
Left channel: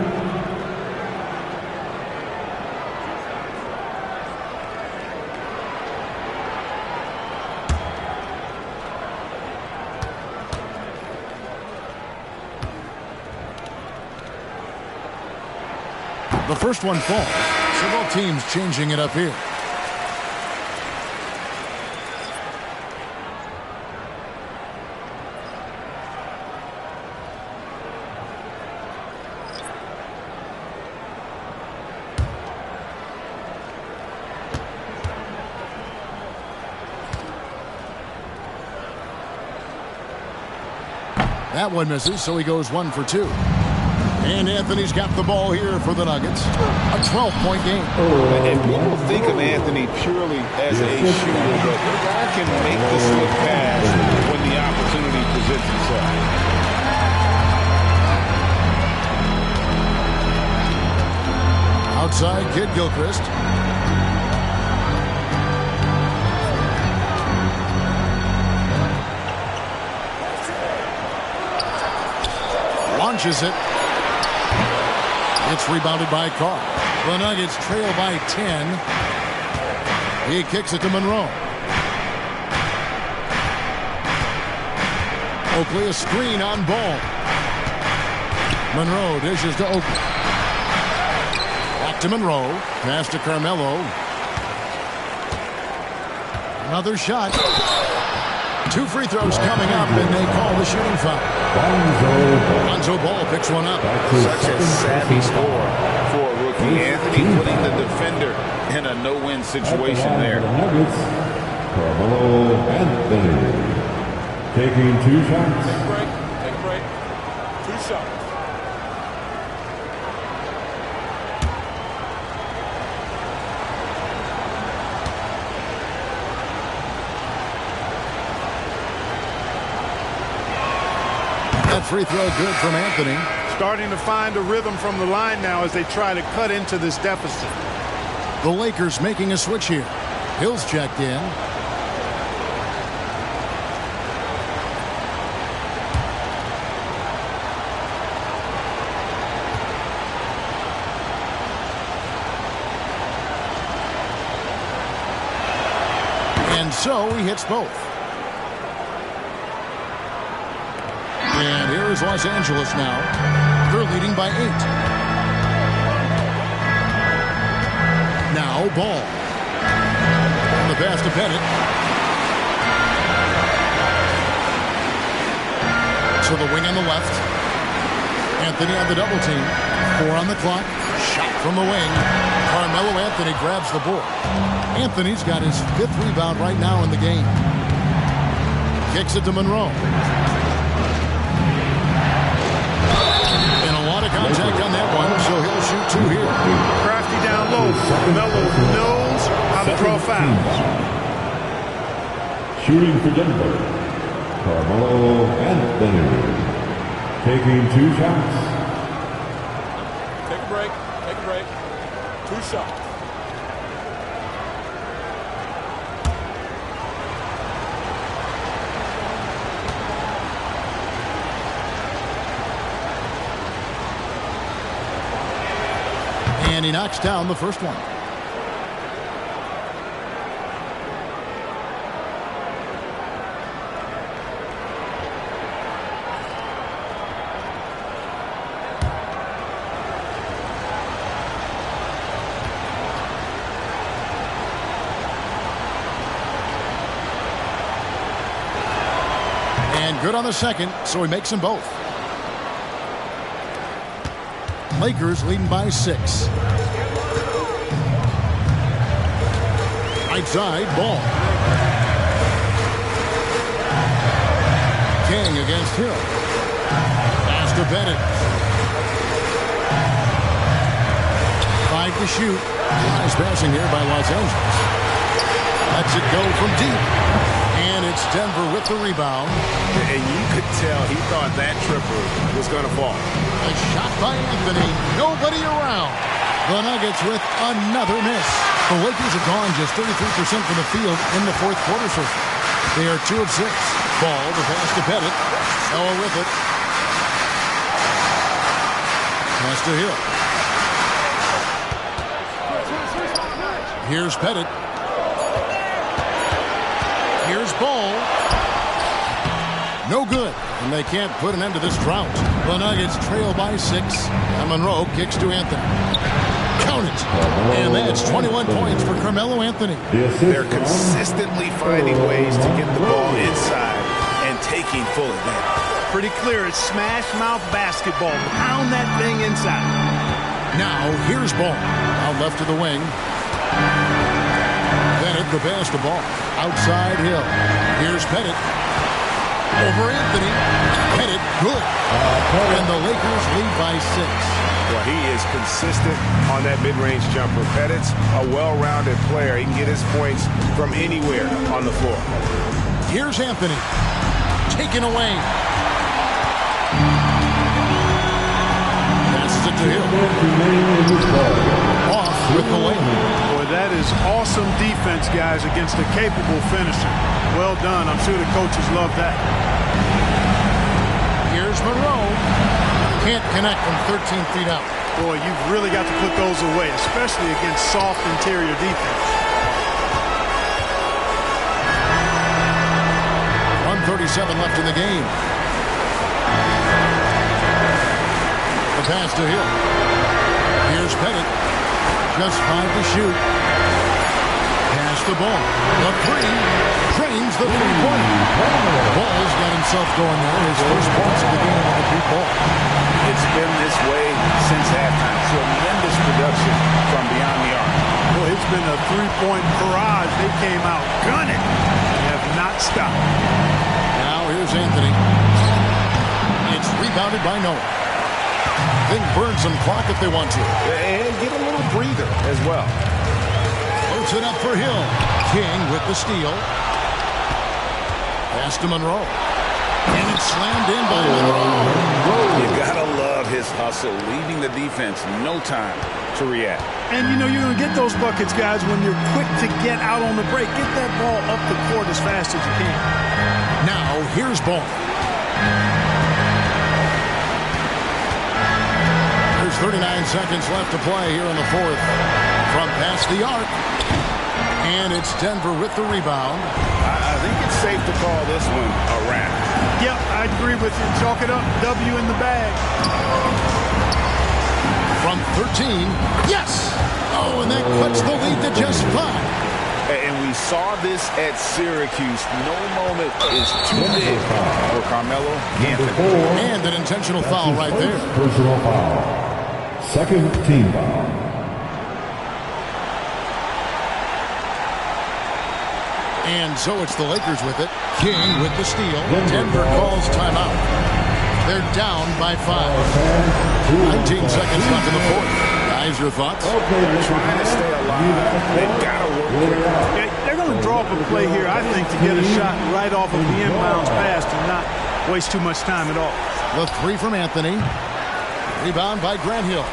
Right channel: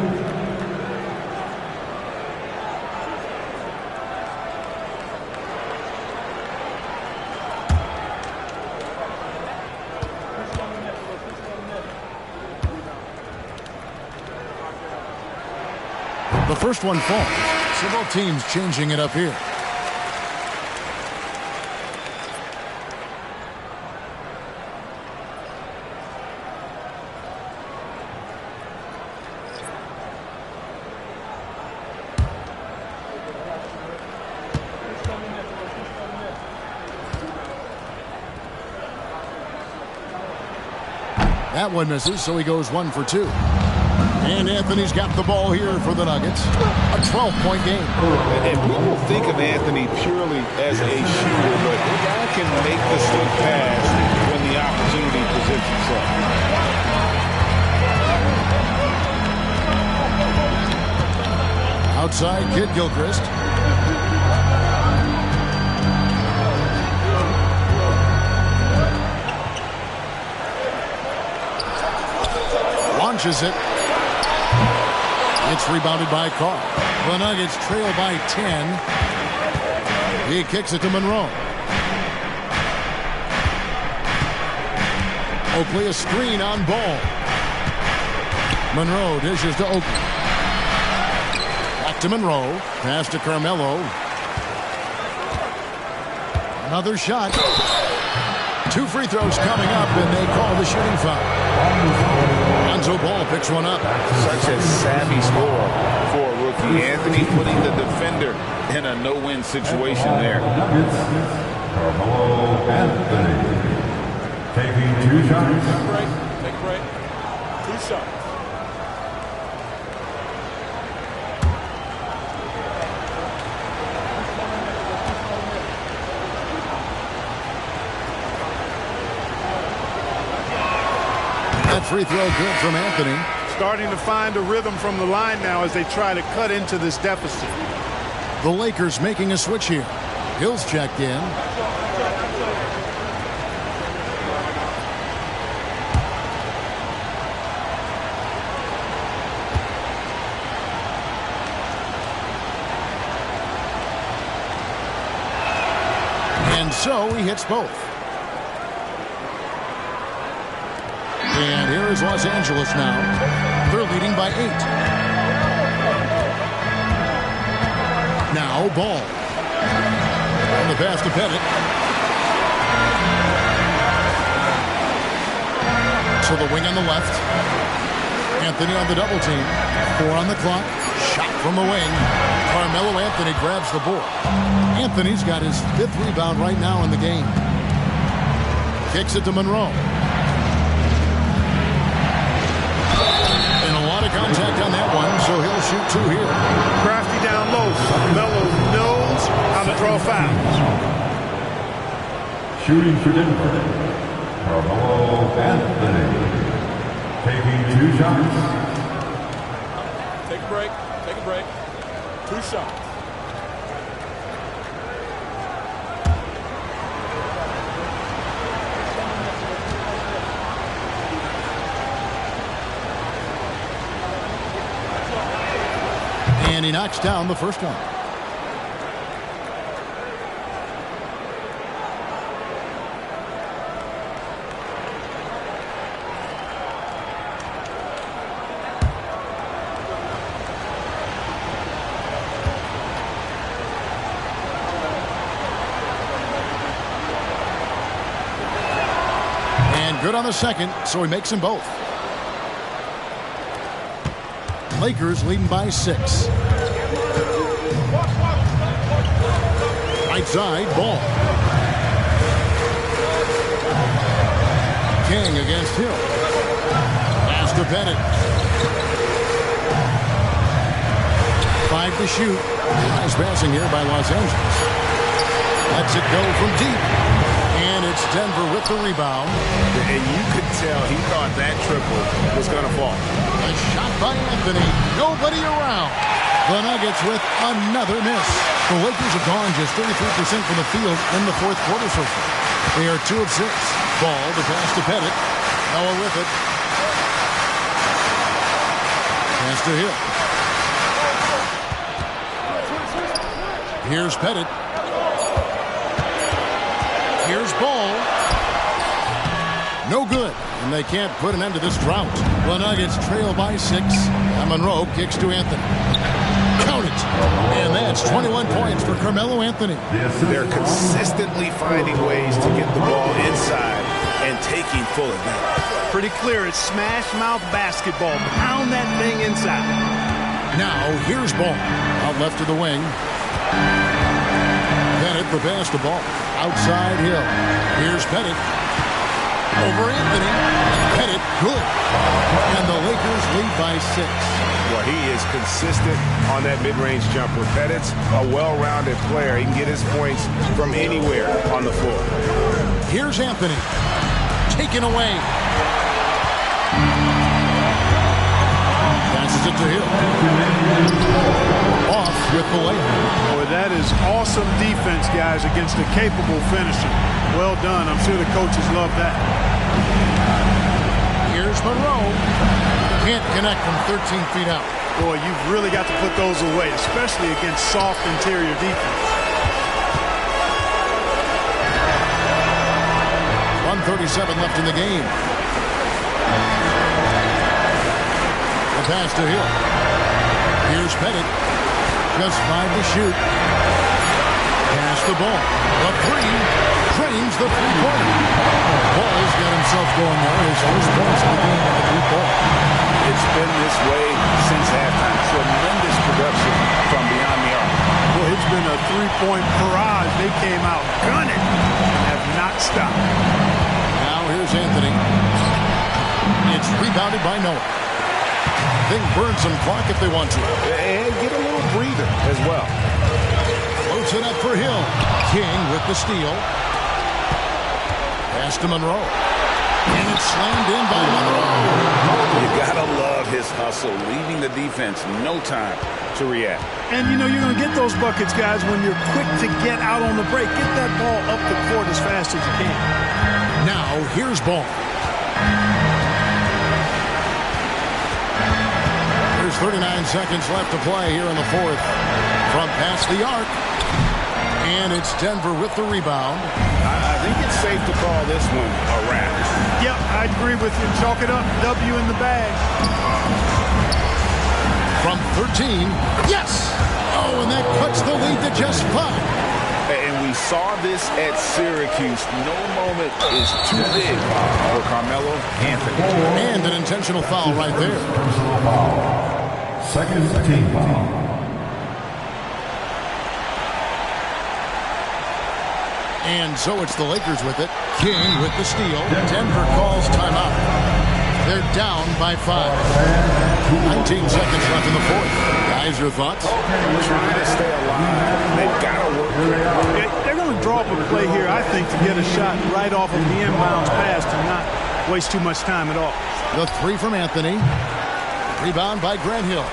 The first one falls, so both teams changing it up here. That one misses, so he goes 1 for 2. And Anthony's got the ball here for the Nuggets. A 12-point game. And people think of Anthony purely as a shooter, but the guy can make the slick pass when the opportunity presents itself. Outside, Kid Gilchrist. Launches it. It's rebounded by Carr. The Nuggets trail by 10. He kicks it to Monroe. Oakley a screen on Ball. Monroe dishes to Oakley. Back to Monroe. Pass to Carmelo. Another shot. 2 free throws coming up, and they call the shooting foul. Lonzo Ball picks one up. Such a savvy score for a rookie. Anthony putting the defender in a no-win situation there. Carmelo Anthony taking 2 shots. Take a break. Take a break. 2 shots. That free throw good from Anthony. Starting to find a rhythm from the line now as they try to cut into this deficit. The Lakers making a switch here. Hill's checked in. And so he hits both. And here is Los Angeles now. They're leading by 8. Now Ball. On the pass to Pettit. To the wing on the left. Anthony on the double team. 4 on the clock. Shot from the wing. Carmelo Anthony grabs the board. Anthony's got his 5th rebound right now in the game. Kicks it to Monroe. And a lot of contact on that one, so he'll shoot 2 here. Crafty down low. Melo knows how to draw fouls. Shooting for Denver, Carmelo Anthony taking 2 shots. Take a break. Take a break. 2 shots. And he knocks down the first one. And good on the second, so he makes them both. Lakers leading by 6. Right side, Ball. King against Hill. Pass to Bennett. 5 to shoot. Nice passing here by Los Angeles. Lets it go from deep. And it's Denver with the rebound. And you could tell he thought that triple was going to fall. A shot by Anthony. Nobody around. The Nuggets with another miss. The Lakers have gone just 33% from the field in the fourth quarter so far. They are 2 of 6. Ball to pass to Pettit. Noah with it. Pass to Hill. Here's Pettit. Here's Ball. No good. And they can't put an end to this drought. The Nuggets trail by 6. And Monroe kicks to Anthony. Count it. And that's 21 points for Carmelo Anthony. They're consistently finding ways to get the ball inside and taking full advantage. Pretty clear. It's smash mouth basketball. Pound that thing inside. Now here's Ball. Out left to the wing. Pettit the pass to Ball. Outside Hill. Here's Pettit. Over Anthony. Pettit good. And the Lakers lead by 6. Well, he is consistent on that mid-range jumper. Pettit's a well-rounded player. He can get his points from anywhere on the floor. Here's Anthony. Taken away. Passes it to Hill. Off with the layup. Boy, that is awesome defense, guys, against a capable finisher. Well done. I'm sure the coaches love that. Here's Monroe. Can't connect from 13 feet out. Boy, you've really got to put those away, especially against soft interior defense. 1:37 left in the game. The pass to Hill. Here's Pettit. Just 5 to shoot. Pass the ball. The 3. Drains the three-pointer. Ball's got himself going there. His first points of the game on the deep ball. It's been this way since halftime. Tremendous production from beyond the arc. Boy, it's been a three-point barrage. They came out gunning and have not stopped. Now here's Anthony. It's rebounded by Noah. They can burn some clock if they want to. And get a little breather as well. Floats it up for Hill. King with the steal. Pass to Monroe. And it's slammed in by Monroe. You gotta love his hustle, leaving the defense no time to react. And you know you're going to get those buckets, guys, when you're quick to get out on the break. Get that ball up the court as fast as you can. Now here's Ball. There's 39 seconds left to play here in the fourth. From past the arc. And it's Denver with the rebound. I think it's safe to call this one a wrap. Yep, I agree with you. Chalk it up. W in the bag. From 13. Yes! Oh, and that cuts the lead to just 5. And we saw this at Syracuse. No moment is too big for Carmelo Anthony. And an intentional foul right there. Personal foul. Second team foul. And so it's the Lakers with it. King with the steal. Denver calls timeout. They're down by 5. 19 seconds left in the fourth. Guys, your thoughts? They're trying to stay alive. They've got to work quickly. They're going to draw up a play here, I think, to get a shot right off of the inbounds pass and not waste too much time at all. The 3 from Anthony. Rebound by Grant Hill.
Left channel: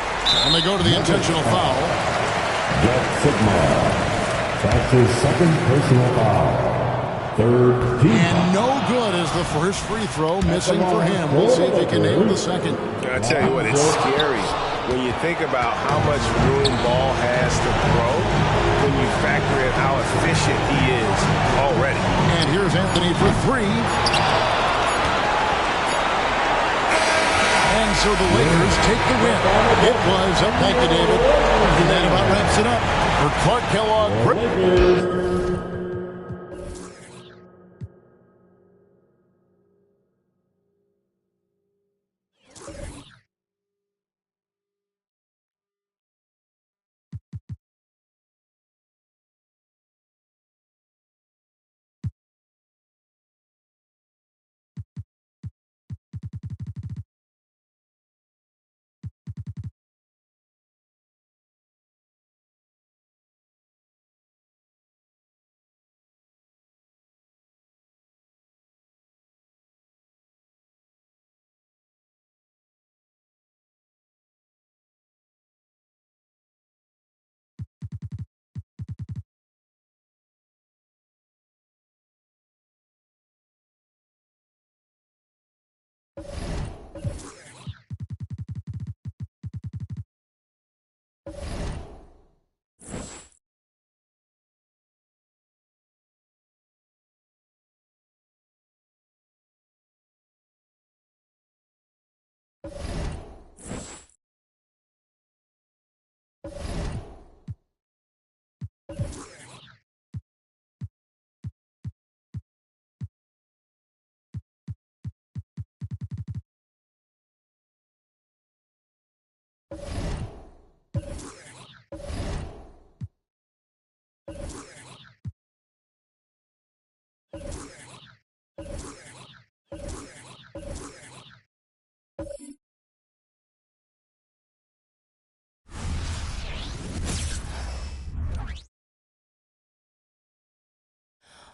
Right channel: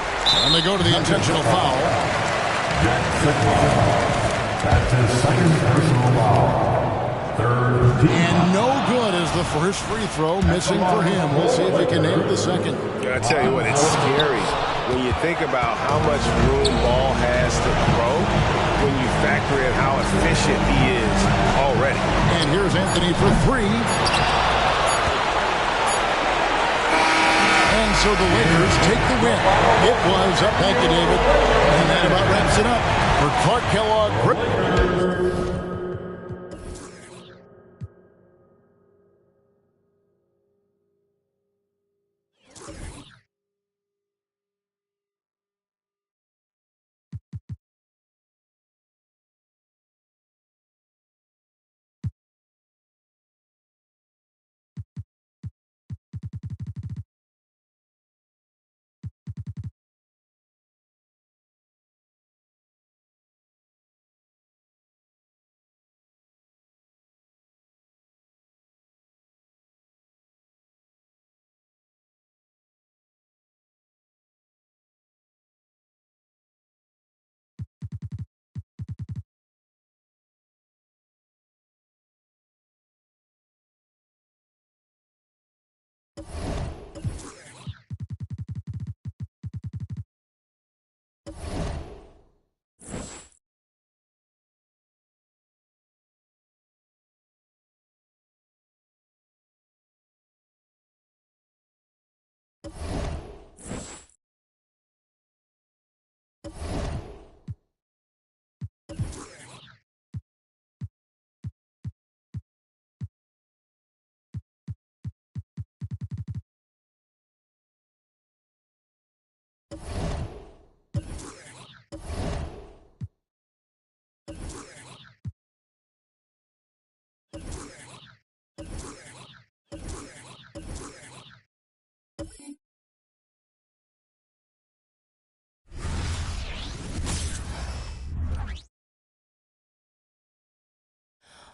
And they go to the intentional foul. Jack Sigma. That's his second personal foul. Third team. And no good as the first free throw missing for him. We'll see if he can nail the second. I tell you what, it's scary when you think about how much room Ball has to throw when you factor in how efficient he is already. And here's Anthony for 3. And so the Lakers take the win. It was up. Thank you, David. And that about wraps it up for Clark Kellogg.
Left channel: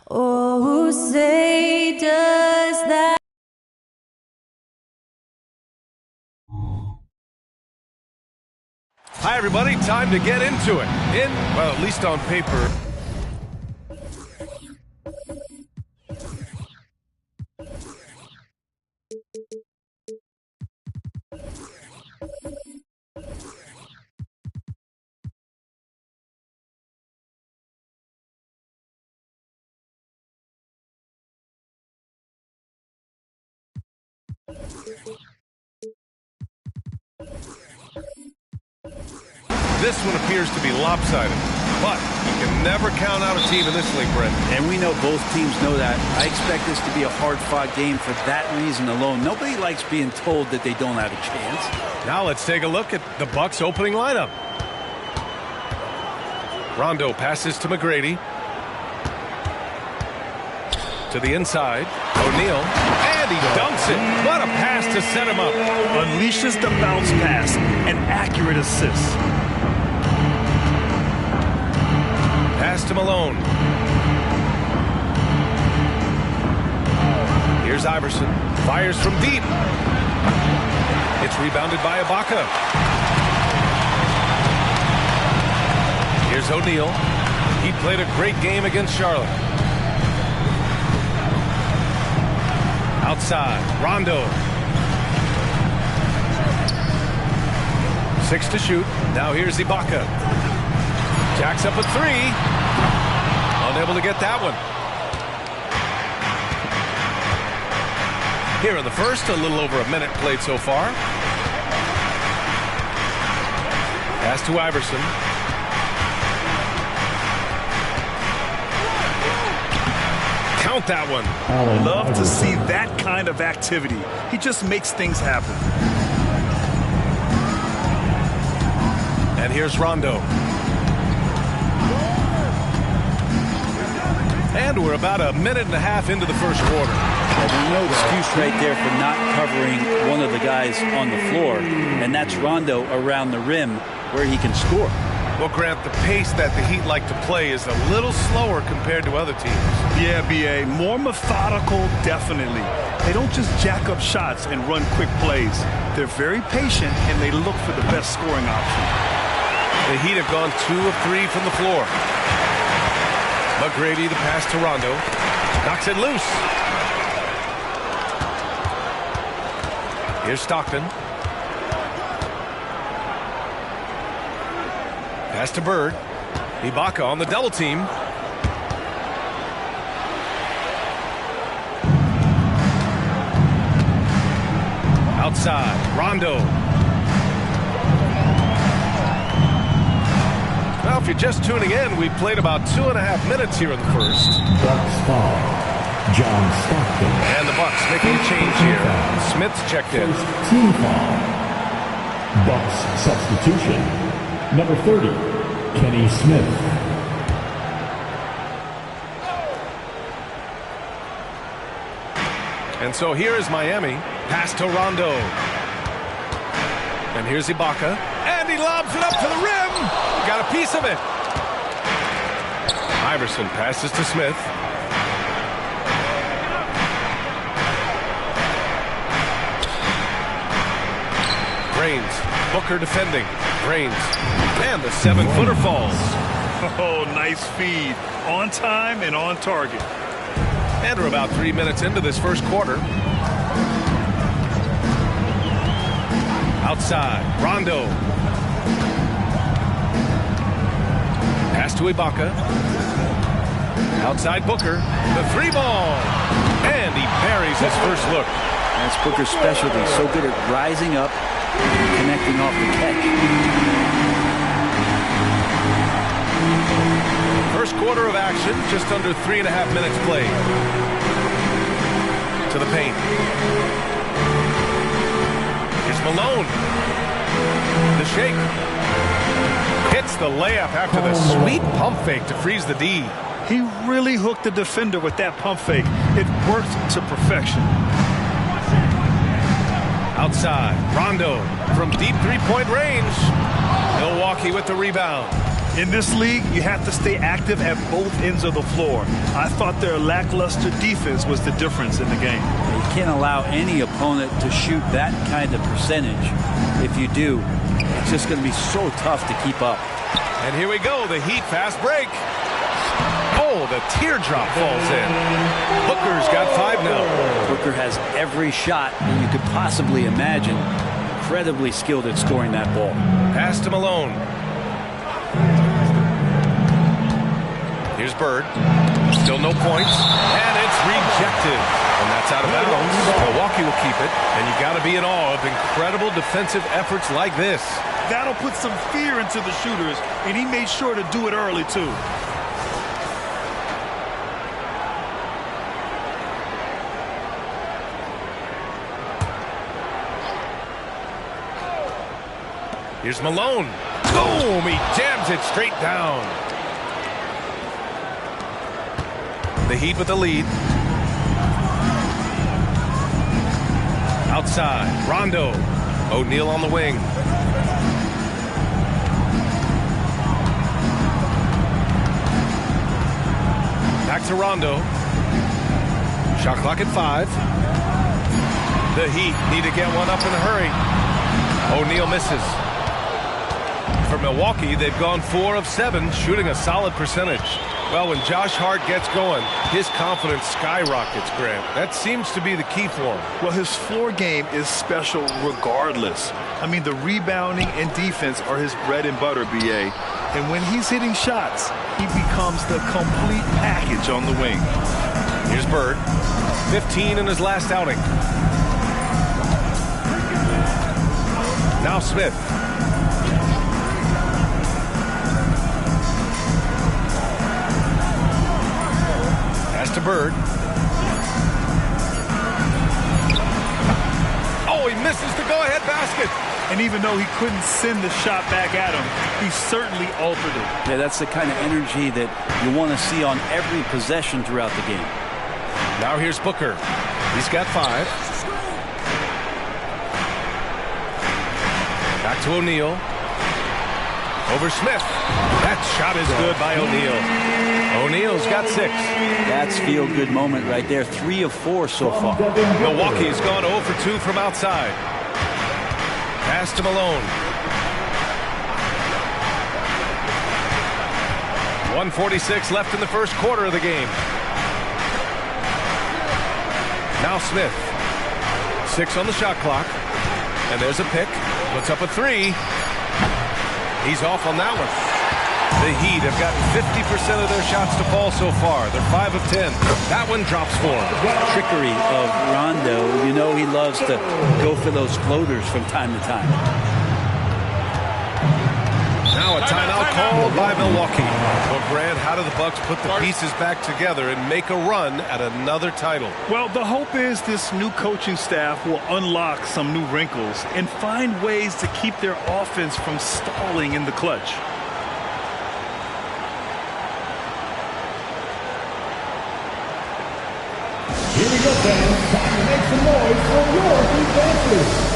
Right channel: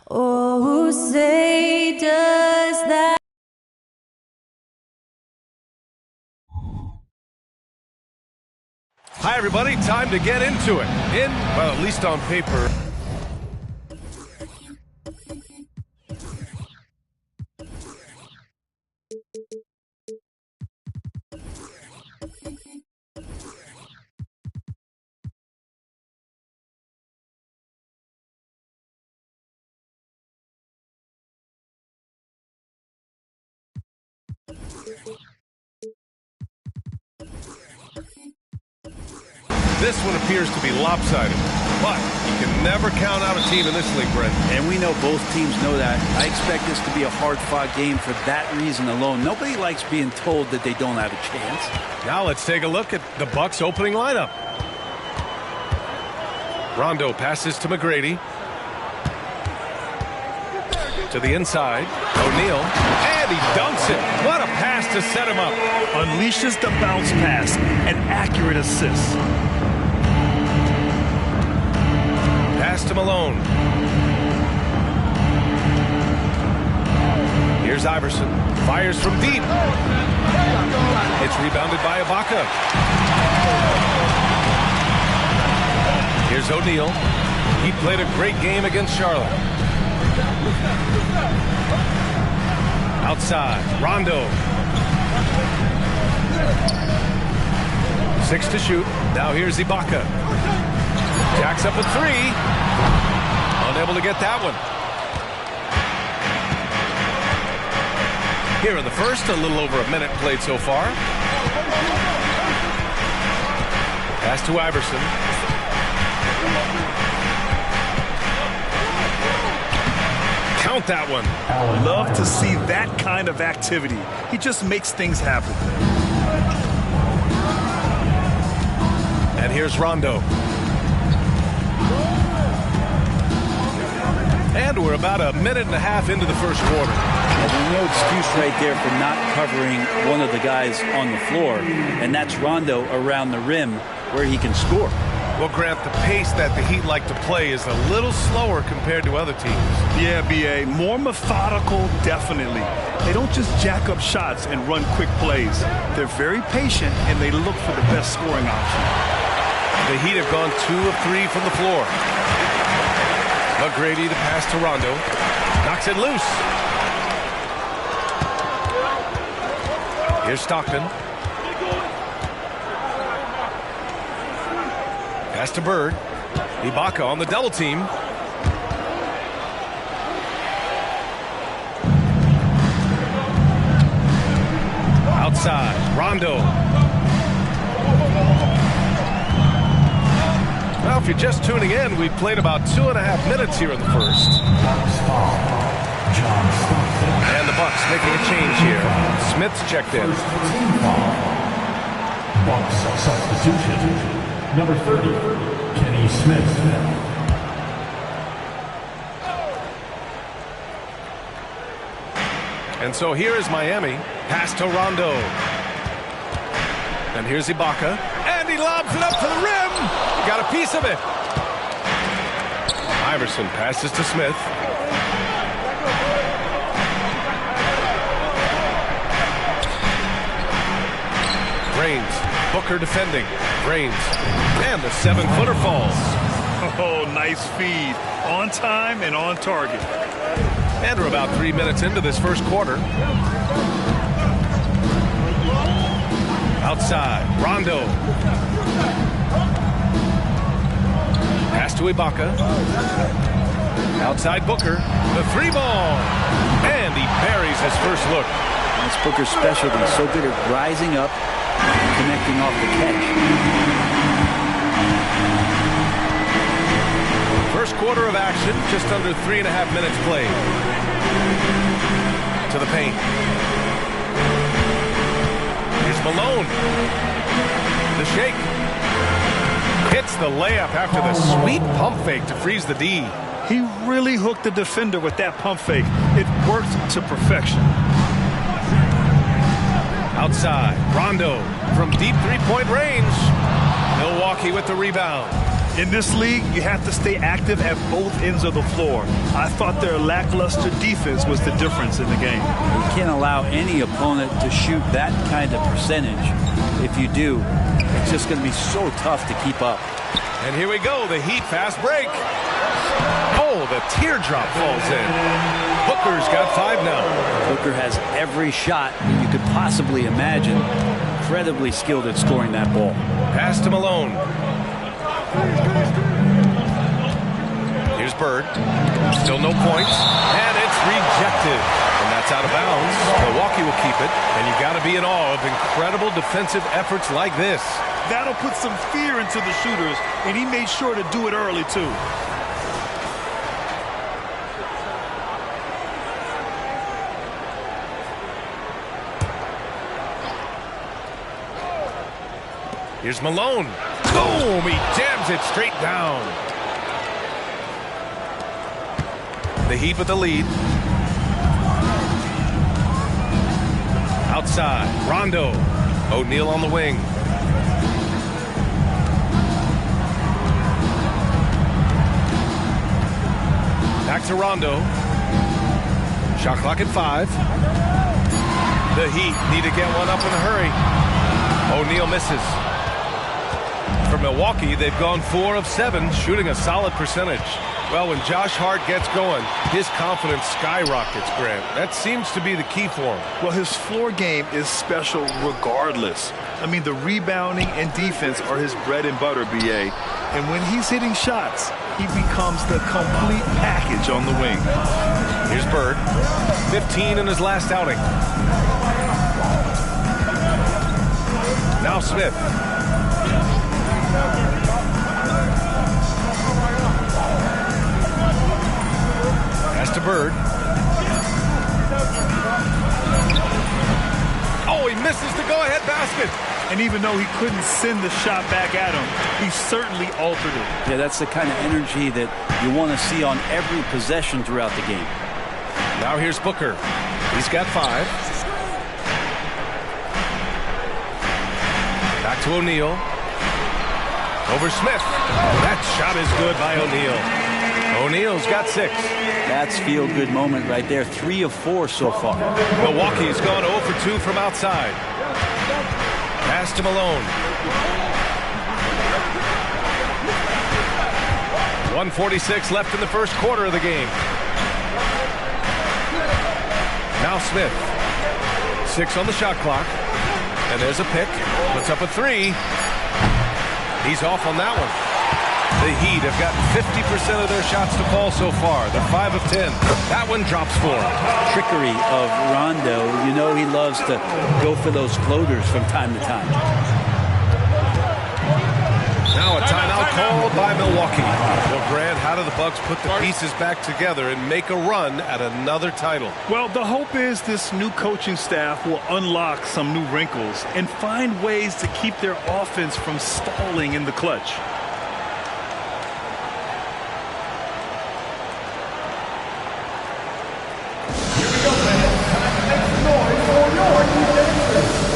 Oh, say does that. Hi, everybody. Time to get into it. Well, at least on paper. This one appears to be lopsided, but you can never count out a team in this league, Brent. And we know both teams know that. I expect this to be a hard-fought game for that reason alone. Nobody likes being told that they don't have a chance. Now let's take a look at the Bucs opening lineup. Rondo passes to McGrady. To the inside, O'Neal, and he dunks it. What a pass to set him up. Unleashes the bounce pass, an accurate assist. Pass to Malone. Here's Iverson. Fires from deep. It's rebounded by Ibaka. Here's O'Neal. He played a great game against Charlotte. Outside, Rondo. 6 to shoot. Now here's Ibaka. Jacks up a 3. Unable to get that one. Here in the first, a little over a minute played so far. Pass to Iverson. Count that one. Love to see that kind of activity. He just makes things happen. And here's Rondo. And we're about a minute and a half into the first quarter. Yeah, there's no excuse right there for not covering one of the guys on the floor, and that's Rondo around the rim where he can score. Well, Grant, the pace that the Heat like to play is a little slower compared to other teams. Yeah, B.A., more methodical, definitely. They don't just jack up shots and run quick plays. They're very patient, and they look for the best scoring option. The Heat have gone 2 of 3 from the floor. McGrady, the pass to Rondo. Knocks it loose. Here's Stockton. Pass to Bird. Ibaka on the double team. Outside, Rondo. Now, if you're just tuning in, we've played about 2.5 minutes here in the first. John Stockton. And the Bucs making a change here. Smith's checked in. First team foul. Bucs substitution. Number 30, Kenny Smith. And so here is Miami. Pass to Rondo. And here's Ibaka. And he lobs it up to the rim. He got a piece of it. Iverson passes to Smith. Brains. Booker defending. Brains. And the 7-footer falls. Oh, nice feed. On time and on target. And we're about 3 minutes into this first quarter. Outside, Rondo. Pass to Ibaka. Outside Booker. The 3-ball. And he buries his first look. That's Booker's specialty. So good at rising up and connecting off the catch. First quarter of action, just under 3.5 minutes played. To the paint. Here's Malone. The shake. Hits the layup after the sweet pump fake to freeze the D. He really hooked the defender with that pump fake. It worked to perfection. Outside, Rondo from deep three-point range. Milwaukee with the rebound. In this league, you have to stay active at both ends of the floor. I thought their lackluster defense was the difference in the game. You can't allow any opponent to shoot that kind of percentage. If you do, it's just going to be so tough to keep up. And here we go, the Heat fast break. Oh, the teardrop falls in. Booker's got 5 now. Booker has every shot that you could possibly imagine. Incredibly skilled at scoring that ball. Pass to Malone. Here's Bird. Still no points. And it's rejected. And that's out of bounds. Milwaukee will keep it. And you got to be in awe of incredible defensive efforts like this. That'll put some fear into the shooters, and he made sure to do it early, too. Here's Malone. Boom! He jams it straight down. The Heat with the lead. Outside, Rondo. O'Neal on the wing. Back to Rondo. Shot clock at 5. The Heat need to get one up in a hurry. O'Neal misses. For Milwaukee, they've gone 4 of 7, shooting a solid percentage. Well, when Josh Hart gets going, his confidence skyrockets, Grant. That seems to be the key for him. Well, his floor game is special regardless. I mean, the rebounding and defense are his bread and butter, B.A. And when he's hitting shots, he becomes the complete package on the wing. Here's Bird. 15 in his last outing. Now Smith. Pass to Bird. Oh, he misses the go-ahead basket. And even though he couldn't send the shot back at him, he certainly altered it. Yeah, that's the kind of energy that you want to see on every possession throughout the game. Now here's Booker. He's got 5. Back to O'Neal. Over Smith. That shot is good by O'Neal. O'Neal's got 6. That's feel-good moment right there. 3 of 4 so far. Milwaukee's gone 0 for 2 from outside. Pass to Malone. 1:46 left in the first quarter of the game. Now Smith. 6 on the shot clock. And there's a pick. Puts up a 3. He's off on that one. The Heat have gotten 50% of their shots to fall so far. They're 5 of 10. That one drops for him. Trickery of Rondo. You know he loves to go for those floaters from time to time. Now a timeout called by Milwaukee. Well, Grant, how do the Bucks put the pieces back together and make a run at another title? Well, the hope is this new coaching staff will unlock some new wrinkles and find ways to keep their offense from stalling in the clutch. Here we go, fans. Time to make some noise for your defenders.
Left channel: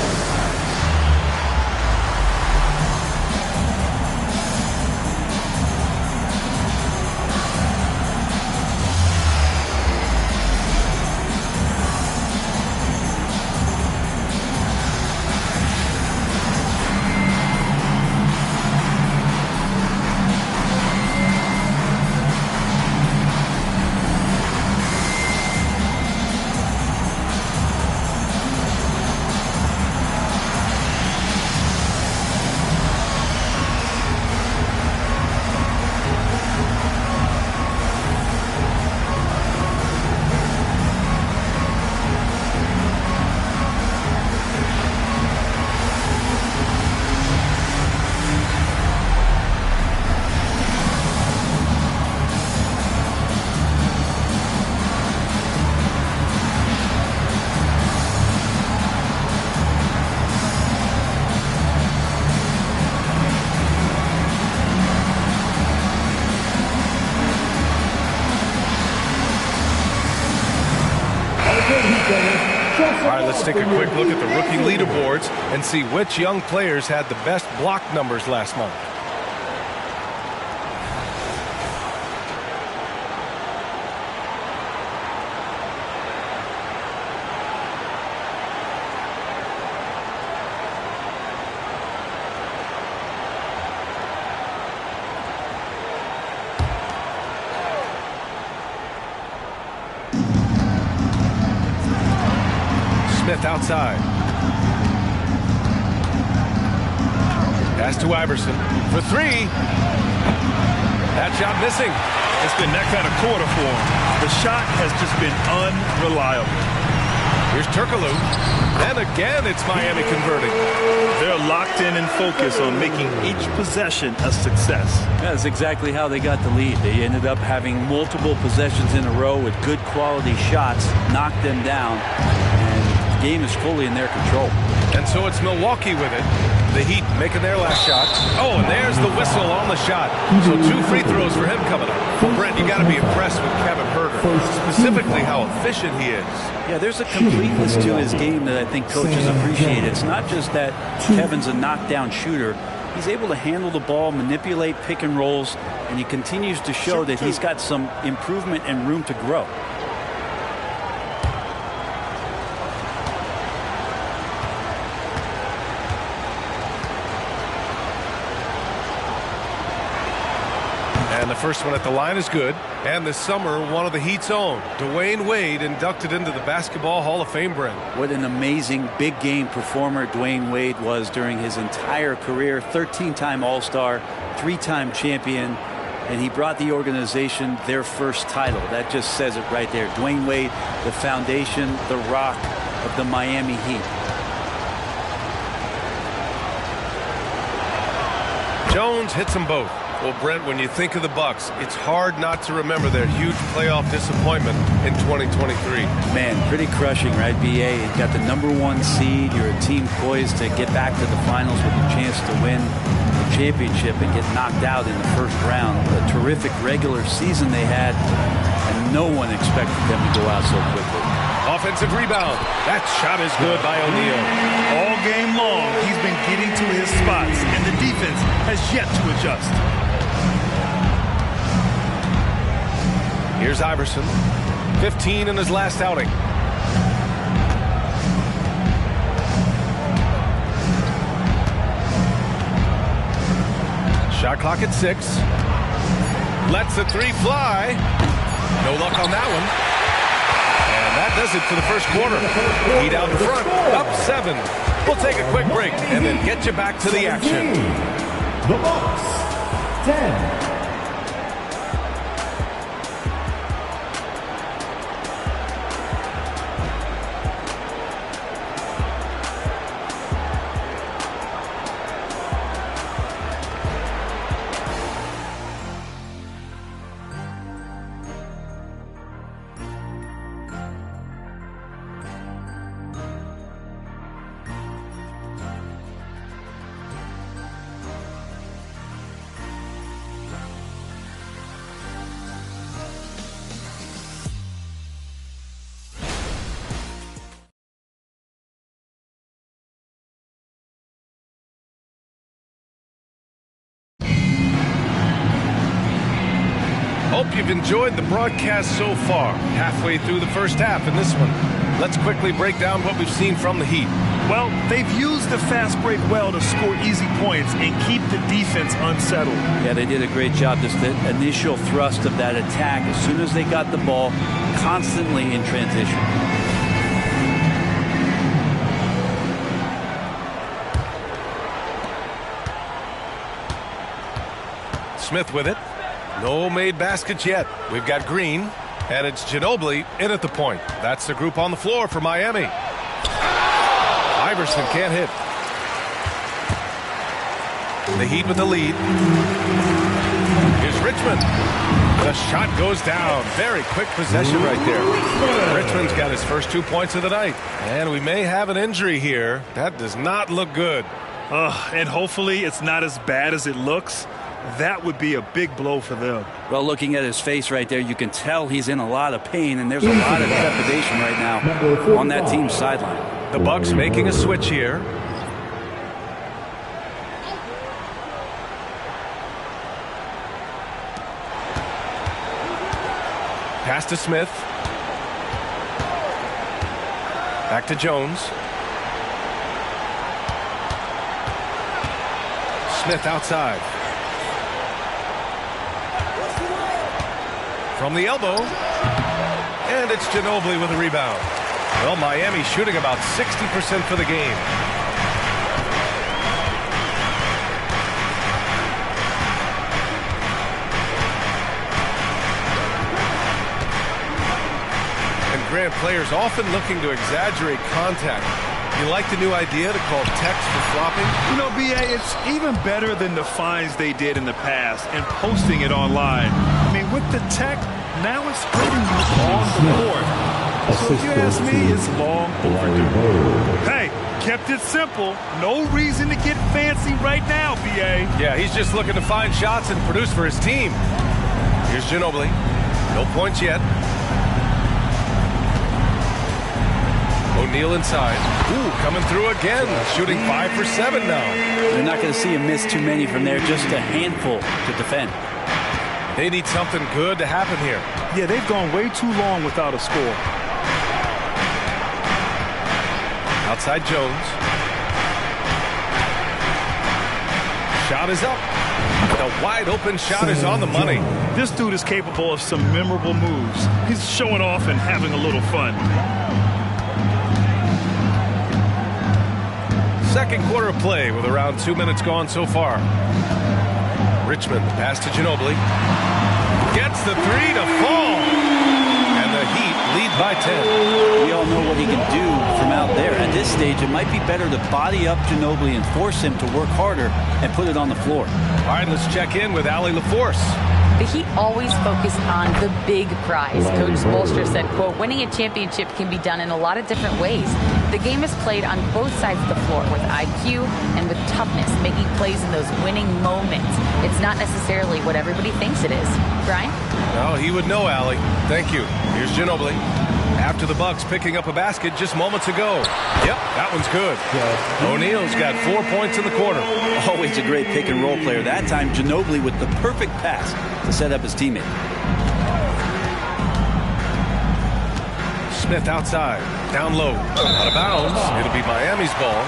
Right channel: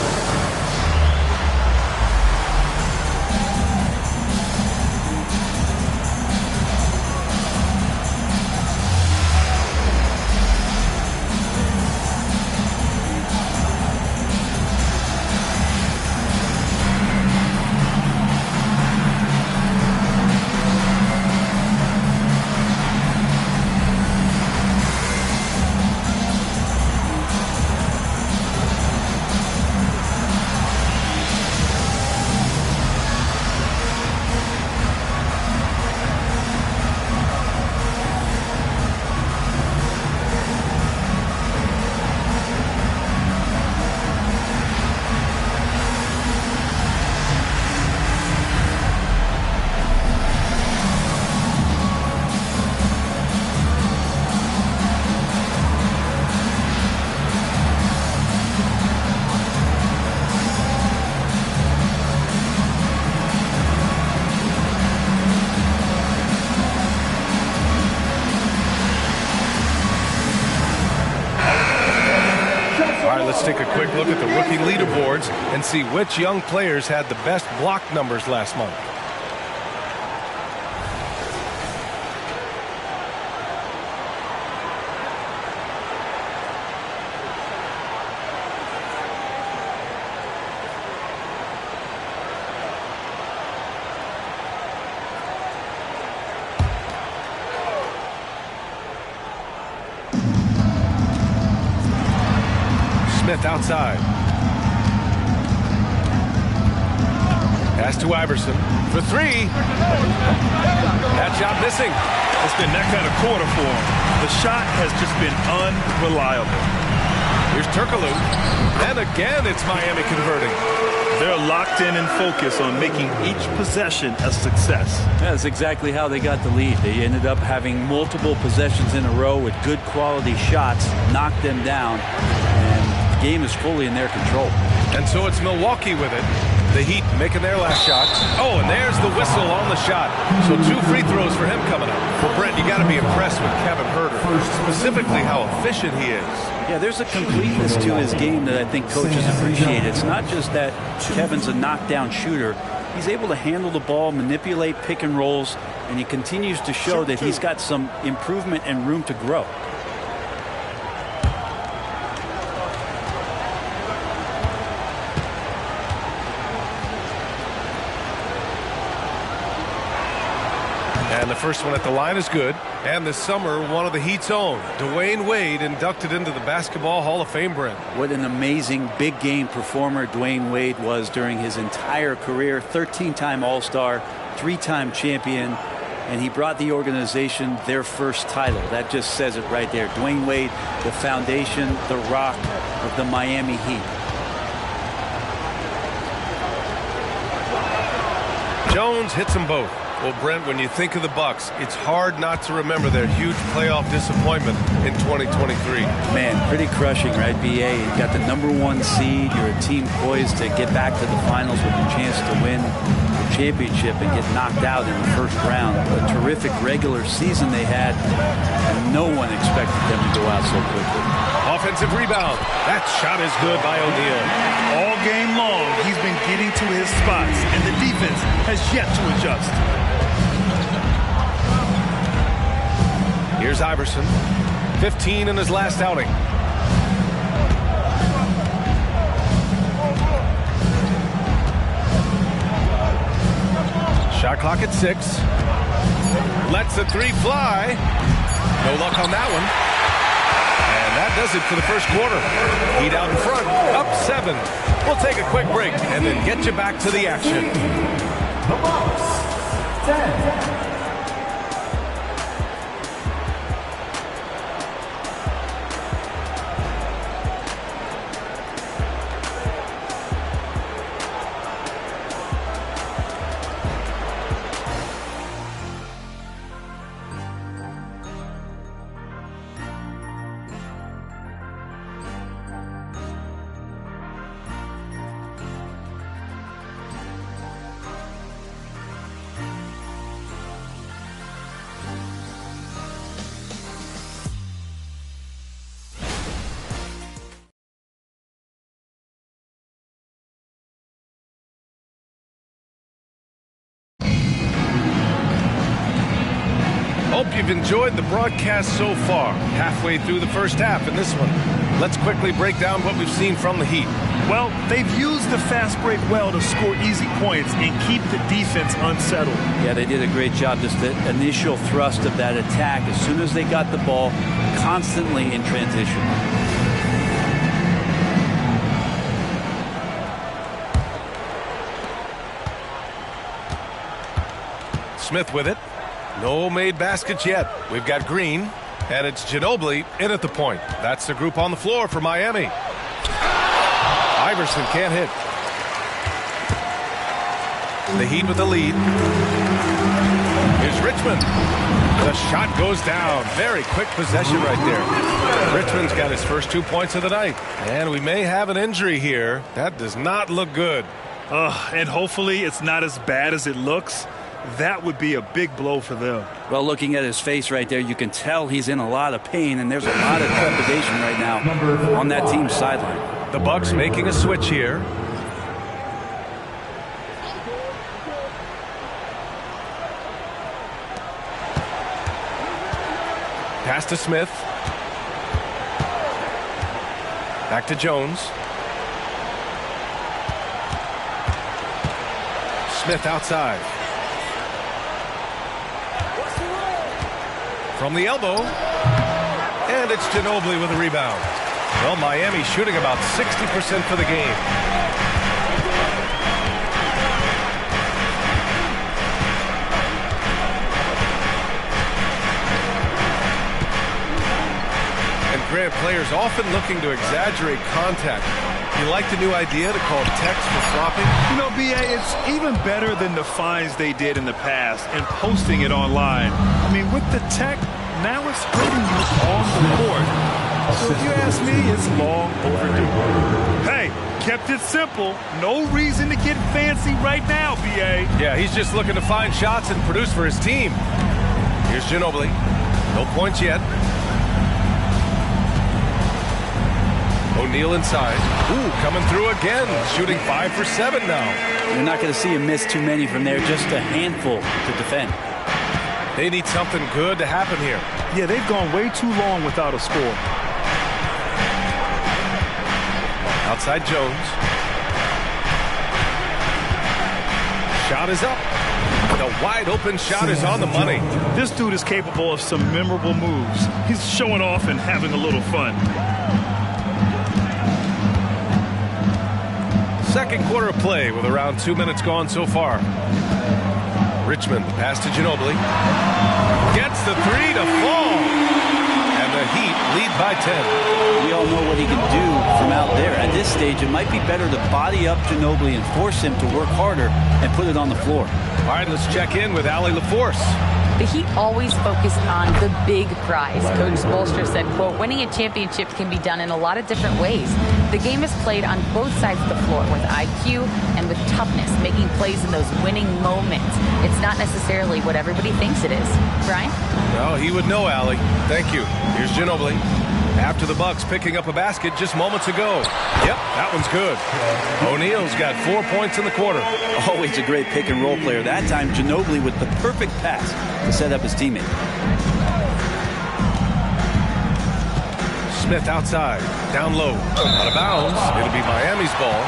All right, let's take a quick look at the rookie leaderboards and see which young players had the best block numbers last month. Smith outside. Pass to Iverson for three. That shot missing. It's been that kind of quarter for him. The shot has just been unreliable. Here's Turkoglu. And again, it's Miami converting. They're locked in and focused on making each possession a success. That's exactly how they got the lead. They ended up having multiple possessions in a row with good quality shots, knocked them down, and the game is fully in their control. And so it's Milwaukee with it. The Heat making their last shot. Oh, and there's the whistle on the shot. So 2 free throws for him coming up. Well, Brent, you got to be impressed with Kevin Huerter, specifically how efficient he is. Yeah, there's a completeness to his game that I think coaches appreciate. It's not just that Kevin's a knockdown shooter. He's able to handle the ball, manipulate pick and rolls, and he continues to show that he's got some improvement and room to grow. And the first one at the line is good. And this summer, one of the Heat's own, Dwayne Wade, inducted into the Basketball Hall of Fame, Brent. What an amazing big game performer Dwayne Wade was during his entire career. 13-time All-Star, 3-time champion, and he brought the organization their first title. That just says it right there. Dwayne Wade, the foundation, the rock of the Miami Heat. Jones hits them both. Well, Brent, when you think of the Bucks, it's hard not to remember their huge playoff disappointment in 2023. Man, pretty crushing, right, B.A.? You got the #1 seed. You're a team poised to get back to the finals with a chance to win the championship and get knocked out in the first round. What a terrific regular season they had, and no one expected them to go out so quickly. Offensive rebound. That shot is good by O'Neal. All game long, he's been getting to his spots, and the defense has yet to adjust. Here's Iverson, 15 in his last outing. Shot clock at 6. Lets the 3 fly. No luck on that one. And that does it for the first quarter. Heat out in front, up 7. We'll take a quick break and then get you back to the action. The Bucks, 10. Hope you've enjoyed the broadcast so far. Halfway through the first half in this one. Let's quickly break down what we've seen from the Heat. Well, they've used the fast break well to score easy points and keep the defense unsettled. Yeah, they did a great job. Just the initial thrust of that attack, as soon as they got the ball, constantly in transition. Smith with it. No made baskets yet. We've got Green, and it's Ginobili in at the point. That's the group on the floor for Miami. Iverson can't hit. The Heat with the lead. Here's Richmond. The shot goes down. Very quick possession right there. Richmond's got his first 2 points of the night. And we may have an injury here. That does not look good. And hopefully it's not as bad as it looks. That would be a big blow for them. Well, looking at his face right there, you can tell he's in a lot of pain, and there's a lot of trepidation right now on that team's sideline. The Bucks making a switch here. Pass to Smith. Back to Jones. Smith outside. From the elbow. And it's Ginobili with a rebound. Well, Miami shooting about 60% for the game. And Grant, players often looking to exaggerate contact. You like the new idea to call text for flopping? You know, B.A., it's even better than the fines they did in the past and posting it online. I mean, with the tech, now it's hurting you on the court. So if you ask me, it's long overdue. Hey, kept it simple. No reason to get fancy right now, B.A. Yeah, he's just looking to find shots and produce for his team. Here's Ginobili. No points yet. O'Neal inside. Ooh, coming through again. Shooting 5 for 7 now. You're not going to see him miss too many from there. Just a handful to defend. They need something good to happen here. Yeah, they've gone way too long without a score. Outside Jones. Shot is up. The wide open shot is on the money. This dude is capable of some memorable moves. He's showing off and having a little fun. Second quarter of play with around 2 minutes gone so far. Richmond, the pass to Ginobili. Gets the three to fall. And the Heat lead by 10. We all know what he can do from out there. At this stage, it might be better to body up Ginobili and force him to work harder and put it on the floor. All right, let's check in with Allie LaForce. The Heat always focused on the big prize. Coach Spoelstra said, quote, winning a championship can be done in a lot of different ways. The game is played on both sides of the floor with IQ and with toughness, making plays in those winning moments. It's not necessarily what everybody thinks it is. Brian? Well, he would know, Allie. Thank you. Here's Ginobili. After the Bucks picking up a basket just moments ago. Yep, that one's good. O'Neal's got 4 points in the quarter. Always a great pick and roll player. That time, Ginobili with the perfect pass to set up his teammate. Smith outside, down low, out of bounds. It'll be Miami's ball.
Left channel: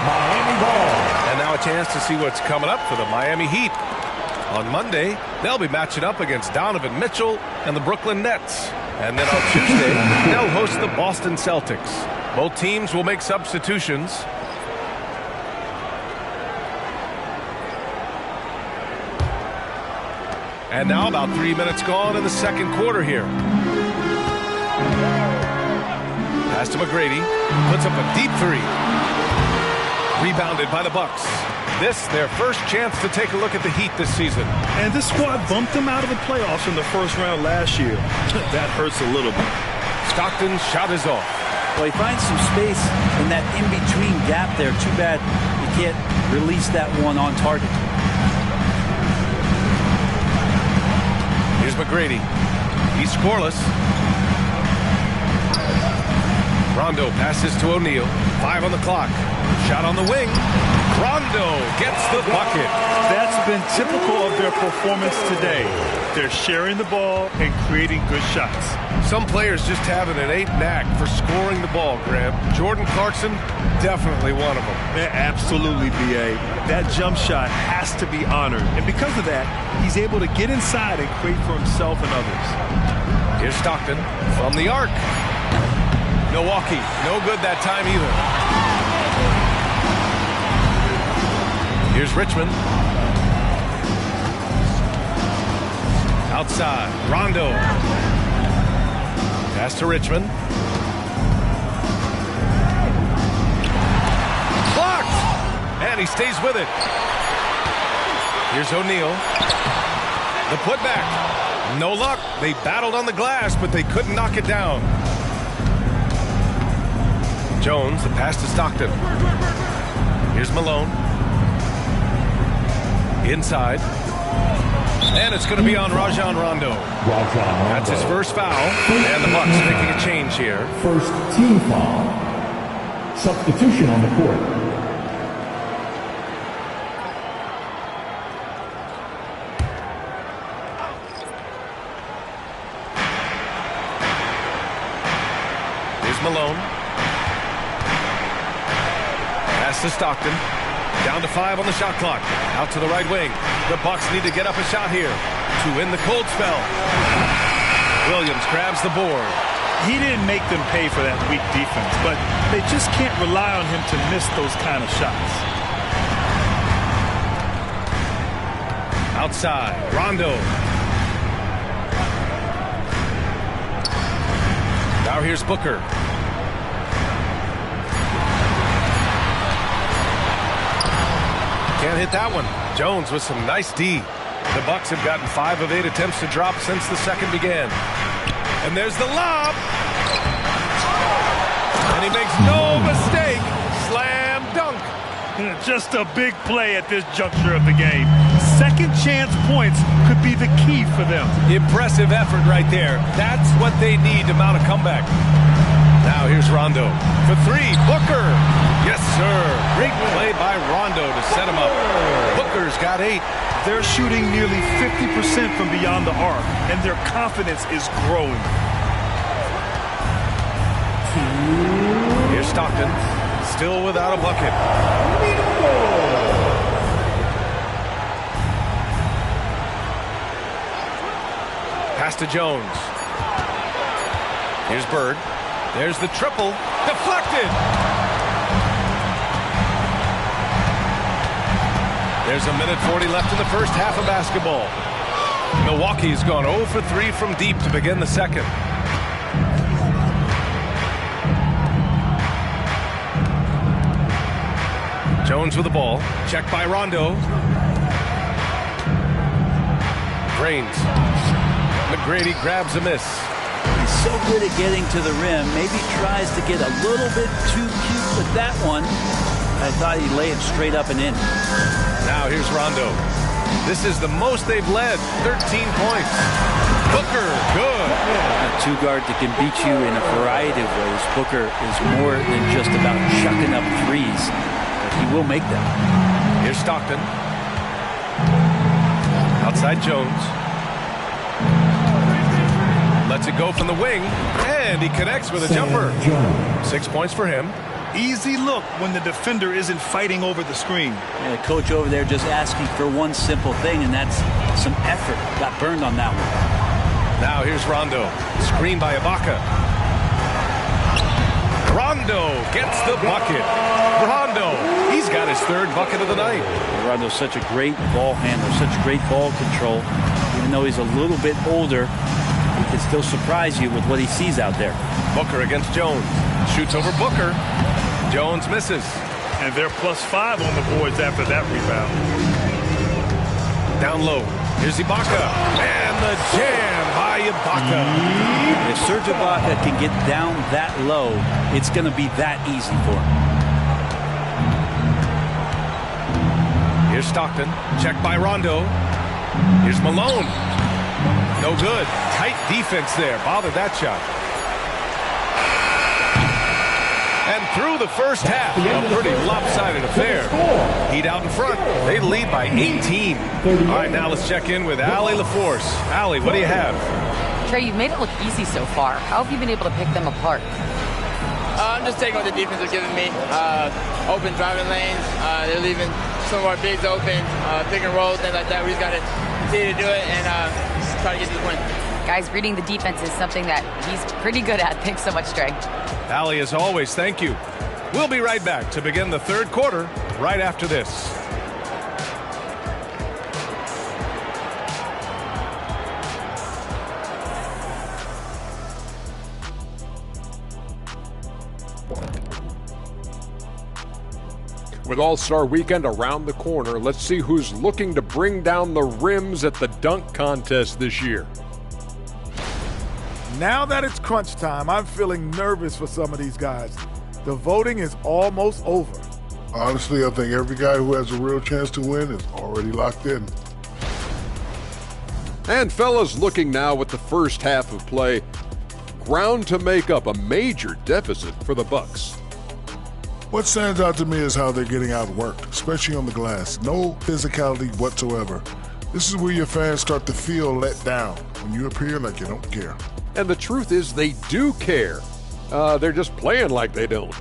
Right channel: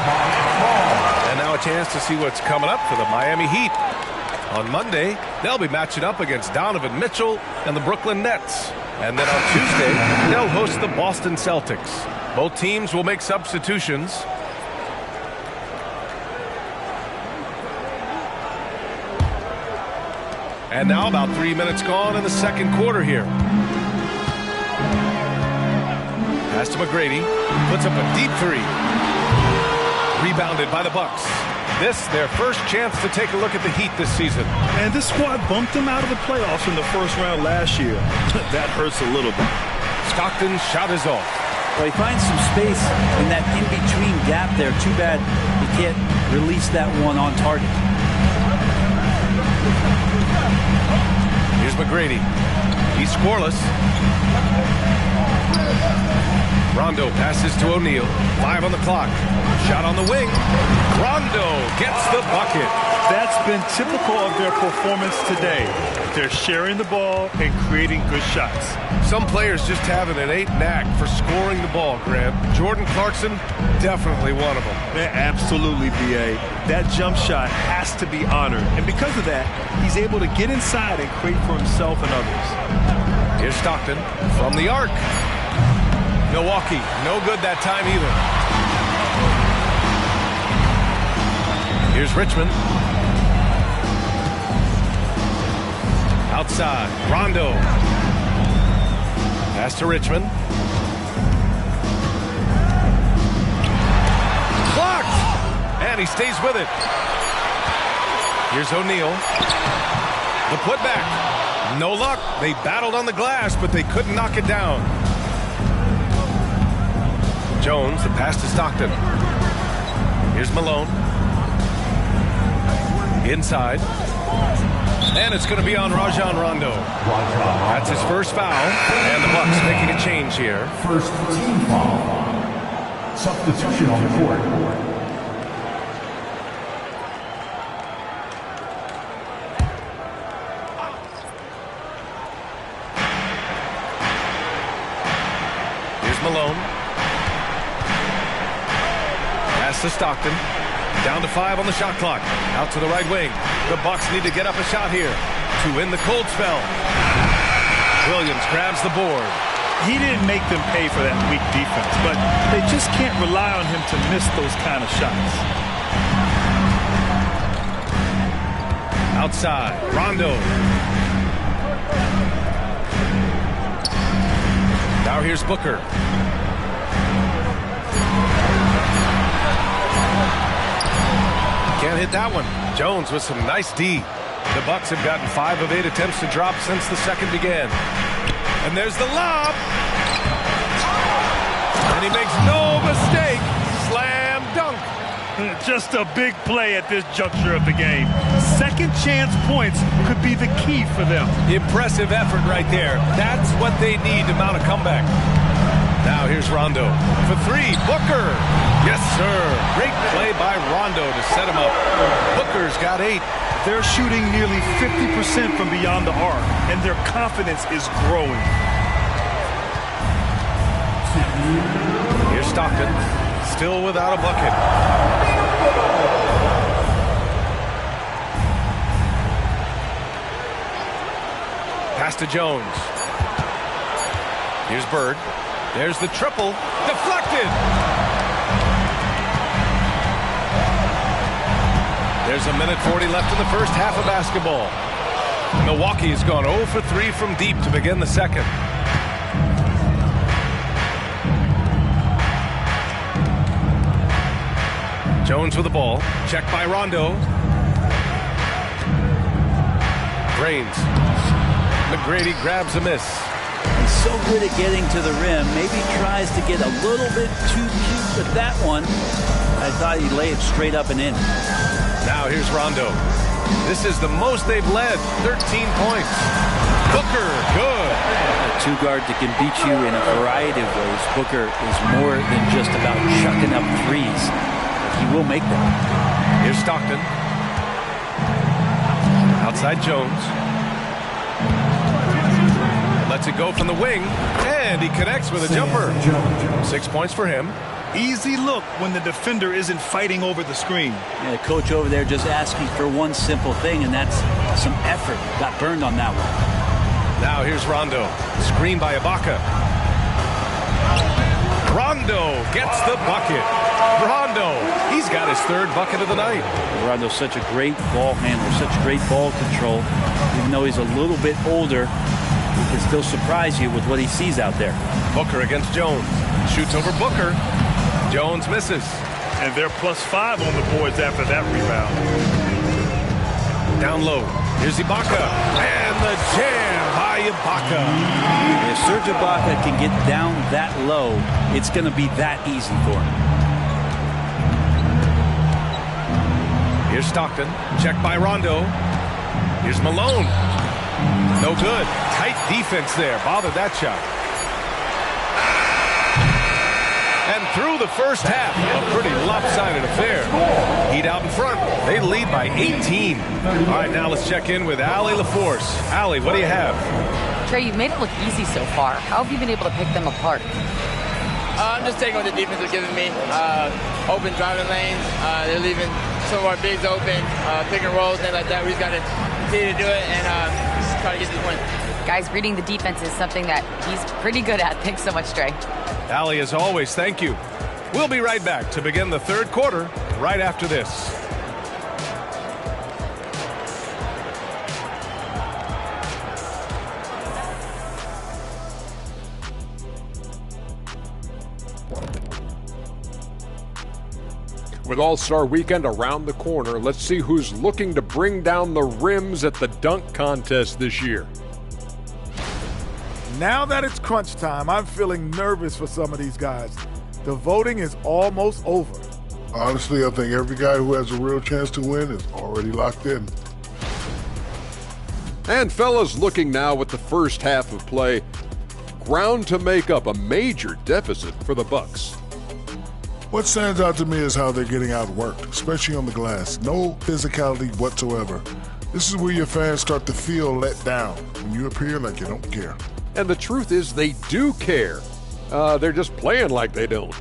And now a chance to see what's coming up for the Miami Heat. On Monday, they'll be matching up against Donovan Mitchell and the Brooklyn Nets. And then on Tuesday, they'll host the Boston Celtics. Both teams will make substitutions. And now about 3 minutes gone in the second quarter here. Pass to McGrady. Puts up a deep three. Rebounded by the Bucks. This, their first chance to take a look at the Heat this season. And this squad bumped them out of the playoffs in the first round last year. That hurts a little bit. Stockton's shot is off. Well, he finds some space in that in-between gap there. Too bad he can't release that one on target. Here's McGrady. He's scoreless. Rondo passes to O'Neal. 5 on the clock. Shot on the wing. Rondo gets the bucket. That's been typical of their performance today. They're sharing the ball and creating good shots. Some players just have an innate knack for scoring the ball, Graham. Jordan Clarkson, definitely one of them. Man, absolutely, B.A. That jump shot has to be honored. And because of that, he's able to get inside and create for himself and others. Here's Stockton from the arc. Milwaukee, no good that time either. Here's Richmond. Outside, Rondo. Pass to Richmond. Blocked! And he stays with it. Here's O'Neal. The putback. No luck. They battled on the glass, but they couldn't knock it down. Jones, the pass to Stockton. Here's Malone. Inside. And it's going to be on Rajon Rondo. That's his first foul. And the Bucks making a change here. First team foul. Substitution on the court. Here's Malone. Pass to Stockton. Down to 5 on the shot clock. Out to the right wing. The Bucks need to get up a shot here to win the cold spell. Williams grabs the board. He didn't make them pay for that weak defense, but they just can't rely on him to miss those kind of shots. Outside, Rondo. Now here's Booker. Can't hit that one. Jones with some nice D. The Bucks have gotten 5 of 8 attempts to drop since the second began. And there's the lob. And he makes no mistake. Slam dunk. Just a big play at this juncture of the game. Second chance points could be the key for them. Impressive effort right there. That's what they need to mount a comeback. Now here's Rondo. For 3, Booker. Yes, sir. Great play by Rondo to set him up. Booker's got 8. They're shooting nearly 50% from beyond the arc, and their confidence is growing. Here's Stockton. Still without a bucket. Pass to Jones. Here's Bird. There's the triple. Deflected. There's a minute 40 left in the first half of basketball. Milwaukee's gone 0 for 3 from deep to begin the second. Jones with the ball. Checked by Rondo. Drains. McGrady grabs a miss. He's so good at getting to the rim. Maybe tries to get a little bit too cute with that one. I thought he'd lay it straight up and in. Now here's Rondo. This is the most they've led. 13 points. Booker, good. A two-guard that can beat you in a variety of ways. Booker is more than just about chucking up threes, but he will make them. Here's Stockton. Outside Jones. Lets it go from the wing, and he connects with a jumper. 6 points for him. Easy look when the defender isn't fighting over the screen. Yeah, the coach over there just asking for one simple thing, and that's some effort. Got burned on that one. Now here's Rondo. Screen by Ibaka. Rondo gets the bucket. Rondo, he's got his 3rd bucket of the night. Rondo's such a great ball handler, such great ball control. Even though he's a little bit older, he can still surprise you with what he sees out there. Booker against Jones. Shoots over Booker. Jones misses. And they're +5 on the boards after that rebound. Down low. Here's Ibaka. And the jam by Ibaka. If Serge Ibaka can get down that low, it's going to be that easy for him. Here's Stockton. Checked by Rondo. Here's Malone. No good. Tight defense there. Bothered that shot. And through the first half, a pretty lopsided affair. Heat out in front. They lead by 18. All right, now let's check in with Allie LaForce. Allie, what do you have? Trey, you've made it look easy so far. How have you been able to pick them apart? I'm just taking what the defense is giving me. Open driving lanes. They're leaving some of our bigs open. Pick and roll, things like that. We just got to continue to do it and try to get to the win. Guys, reading the defense is something that he's pretty good at. Thanks so much, Trey. Allie, as always, thank you. We'll be right back to begin the 3rd quarter right after this. With All-Star Weekend around the corner, let's see who's looking to bring down the rims at the dunk contest this year. Now that it's crunch time, I'm feeling nervous for some of these guys. The voting is almost over. Honestly, I think every guy who has a real chance to win is already locked in. And fellas, looking now at the first half of play, ground to make up a major deficit for the Bucks. What stands out to me is how they're getting outworked, especially on the glass. No physicality whatsoever. This is where your fans start to feel let down when you appear like you don't care. And the truth is they do care. They're just playing like they don't.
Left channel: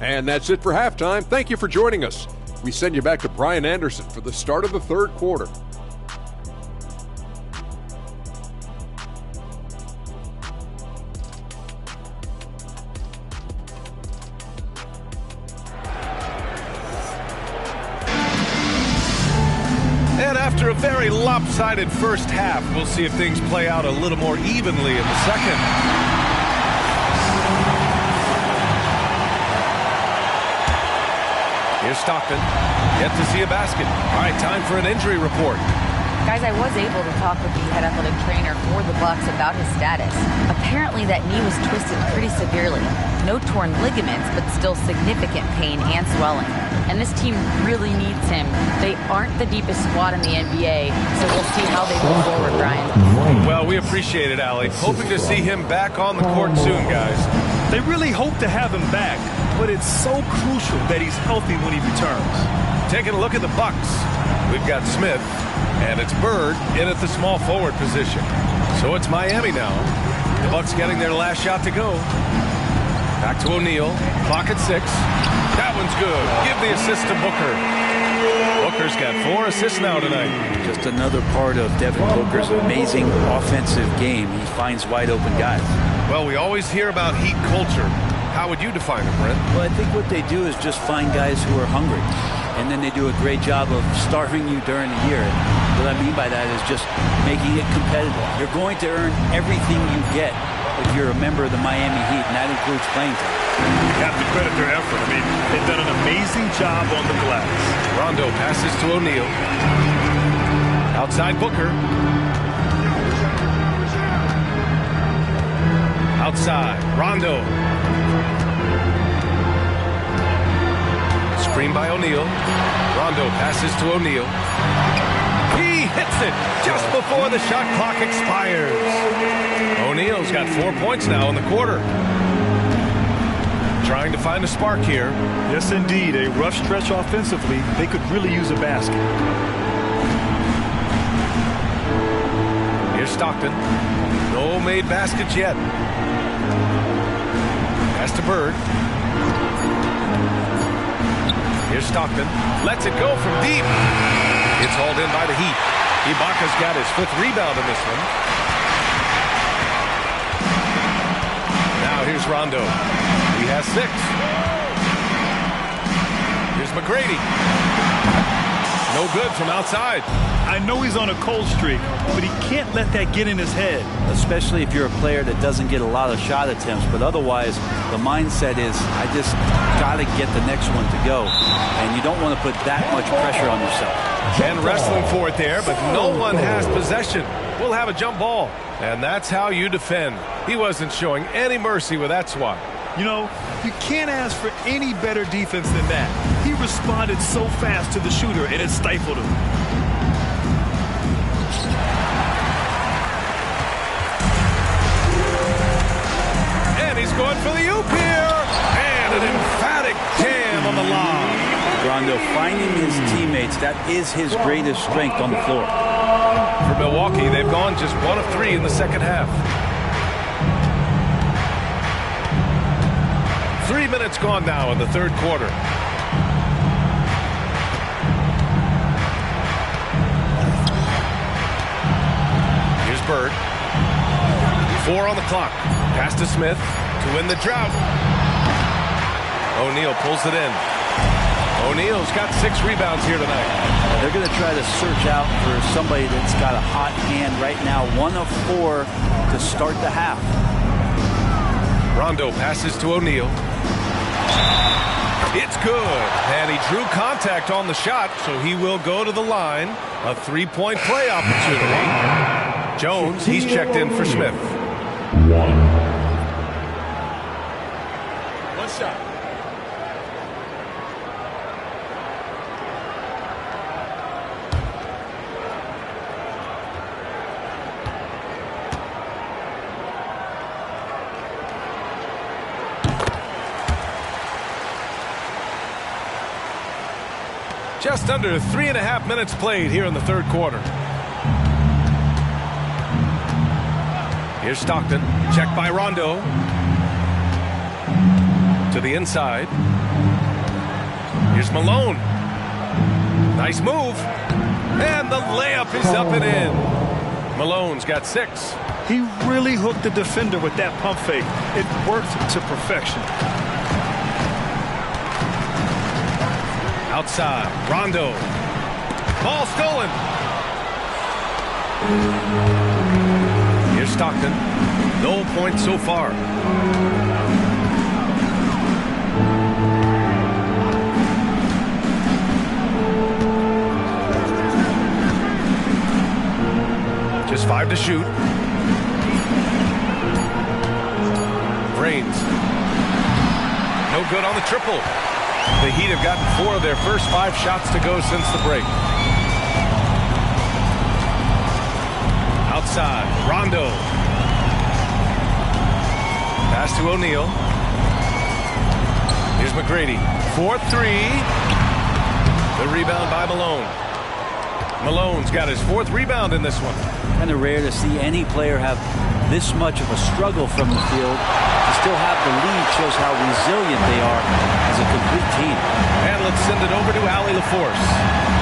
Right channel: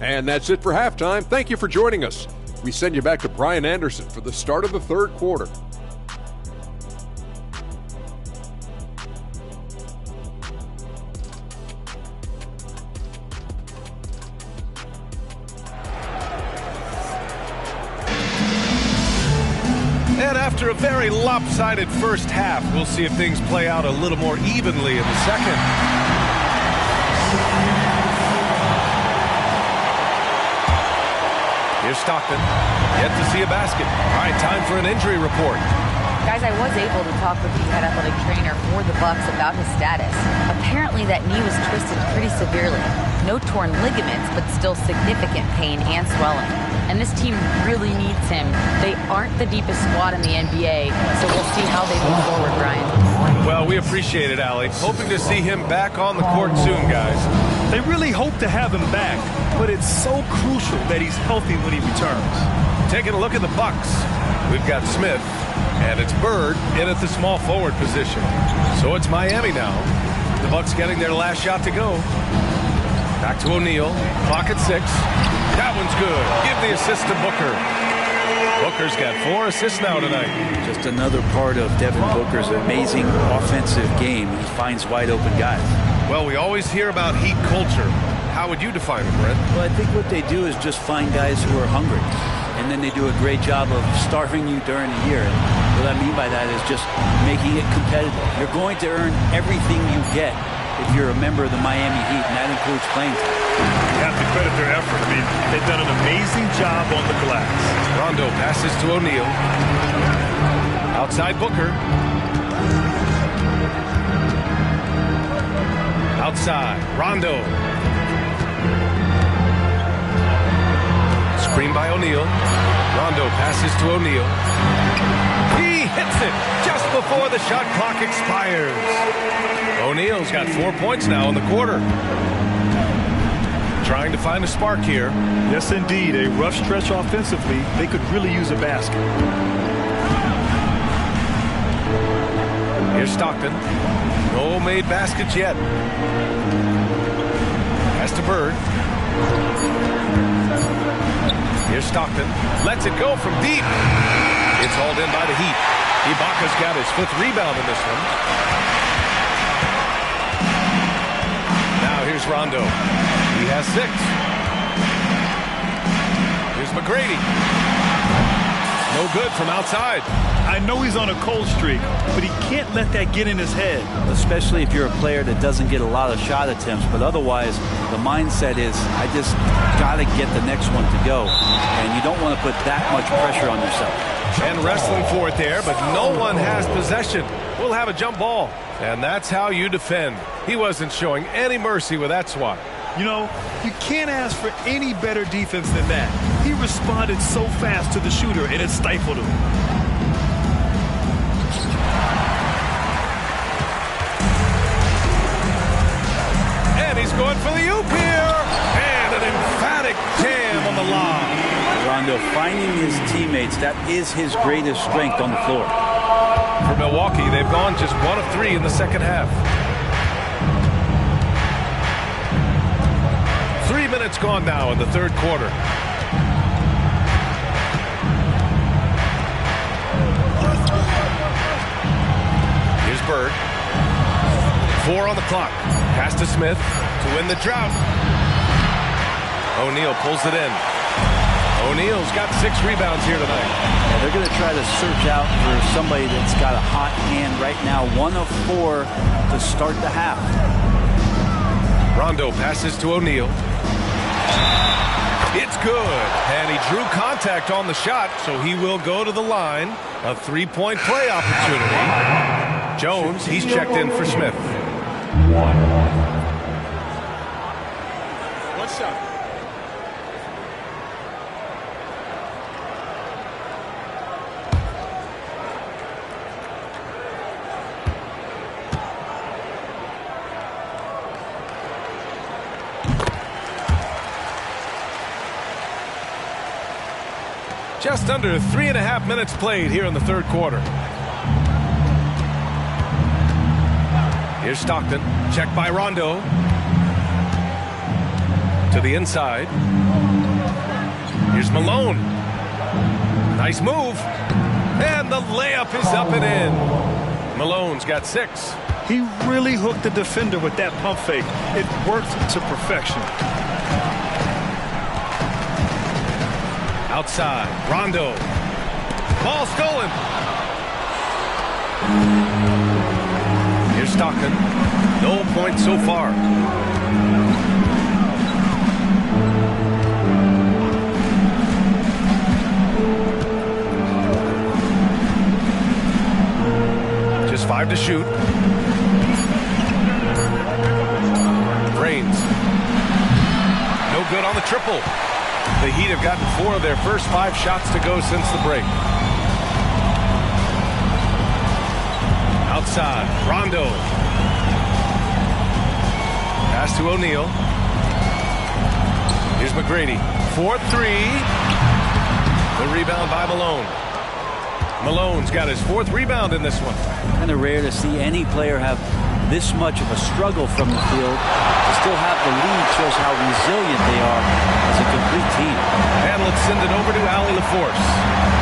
And that's it for halftime. Thank you for joining us. We send you back to Brian Anderson for the start of the third quarter. And after a very lopsided first half, we'll see if things play out a little more evenly in the second. Here's Stockton, yet to see a basket. All right, time for an injury report. Guys, I was able to talk with the head athletic trainer for the Bucks about his status. Apparently that knee was twisted pretty severely. No torn ligaments, but still significant pain and swelling. And this team really needs him. They aren't the deepest squad in the NBA, so we'll see how they move forward, Brian. Well, we appreciate it, Allie. Hoping to see him back on the court soon, guys. They really hope to have him back, but it's so crucial that he's healthy when he returns. Taking a look at the Bucks, we've got Smith, and it's Bird in at the small forward position. So it's Miami now. The Bucks getting their last shot to go. Back to O'Neal. Clock at 6. That one's good. Give the assist to Booker. Booker's got 4 assists now tonight. Just another part of Devin Booker's amazing offensive game. He finds wide open guys. Well, we always hear about Heat culture. How would you define it, Brent? Well, I think what they do is just find guys who are hungry. And then they do a great job of starving you during the year. And what I mean by that is just making it competitive. You're going to earn everything you get if you're a member of the Miami Heat, and that includes playing time. You have to credit their effort. I mean, they've done an amazing job on the glass. Rondo passes to O'Neal. Outside Booker. Outside, Rondo. Screen by O'Neal. Rondo passes to O'Neal. He hits it just before the shot clock expires. O'Neal's got 4 points now in the quarter. Trying to find a spark here. Yes, indeed. A rough stretch offensively. They could really use a basket. Here's Stockton. No made baskets yet. Pass to Bird. Here's Stockton. Lets it go from deep. It's hauled in by the Heat. Ibaka's got his 5th rebound in this one. Now here's Rondo. He has 6. Here's McGrady. No good from outside. I know he's on a cold streak, but he can't let that get in his head. Especially if you're a player that doesn't get a lot of shot attempts, but otherwise the mindset is, I just got to get the next one to go. And you don't want to put that much pressure on yourself. And wrestling for it there, but no one has possession. We'll have a jump ball. And that's how you defend. He wasn't showing any mercy with that swat. You know, you can't ask for any better defense than that. He responded so fast to the shooter, and it stifled him. And he's going for the oop here. And an emphatic jam on the lob. Rondo finding his teammates, that is his greatest strength on the floor. For Milwaukee, they've gone just 1 of 3 in the second half. 3 minutes gone now in the third quarter. Here's Bird. 4 on the clock. Pass to Smith to win the drought. O'Neal pulls it in. O'Neal's got 6 rebounds here tonight. Yeah, they're going to try to search out for somebody that's got a hot hand right now. 1 of 4 to start the half. Rondo passes to O'Neal. It's good. And he drew contact on the shot, so he will go to the line. A 3-point play opportunity. Jones, he's checked in for Smith. 1 shot. Just under 3.5 minutes played here in the third quarter. Here's Stockton. Checked by Rondo. To the inside. Here's Malone. Nice move. And the layup is up and in. Malone's got 6. He really hooked the defender with that pump fake. It worked to perfection. Outside, Rondo. Ball stolen. Here's Stockton. No points so far. Just 5 to shoot. Brains. No good on the triple. The Heat have gotten 4 of their first 5 shots to go since the break. Outside, Rondo. Pass to O'Neal. Here's McGrady. 4-3. The rebound by Malone. Malone's got his 4th rebound in this one. Kind of rare to see any player have this much of a struggle from the field. To still have the lead shows how resilient they are as a complete team. And let's send it over to Allie LaForce.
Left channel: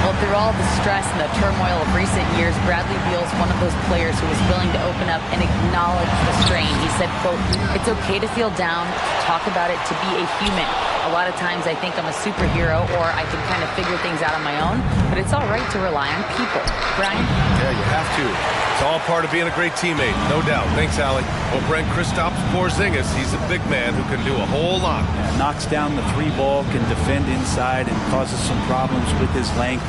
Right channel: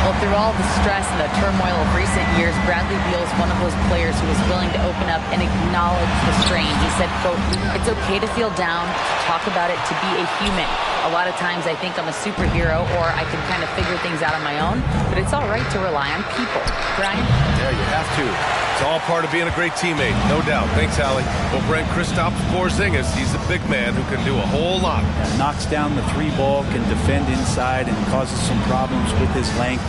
Well, through all the stress and the turmoil of recent years, Bradley Beal's one of those players who is willing to open up and acknowledge the strain. He said, quote, "It's okay to feel down, to talk about it, to be a human. A lot of times I think I'm a superhero or I can kind of figure things out on my own, but it's all right to rely on people." Brian? Yeah, you have to. It's all part of being a great teammate, no doubt. Thanks, Allie. Well, Brent Kristaps Porzingis, he's a big man who can do a whole lot. Yeah, knocks down the 3 ball, can defend inside, and causes some problems with his length.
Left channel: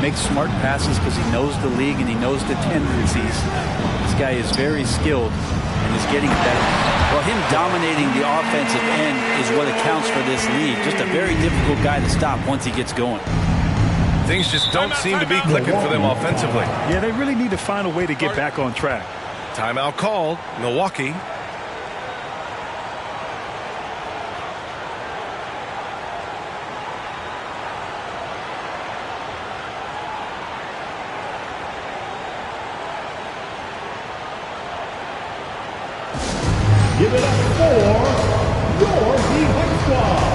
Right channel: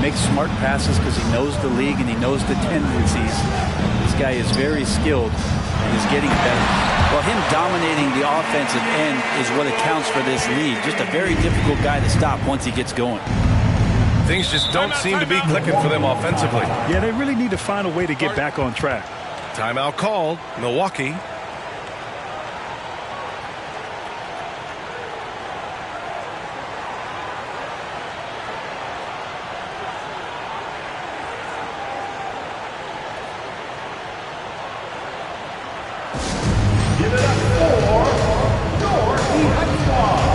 Makes smart passes because he knows the league and he knows the tendencies. This guy is very skilled and is getting better. Well, him dominating the offensive end is what accounts for this lead. Just a very difficult guy to stop once he gets going. Things just don't seem to be clicking for them offensively. Yeah, they really need to find a way to get back on track. Timeout called. Milwaukee. Give it up for your Heat Squad.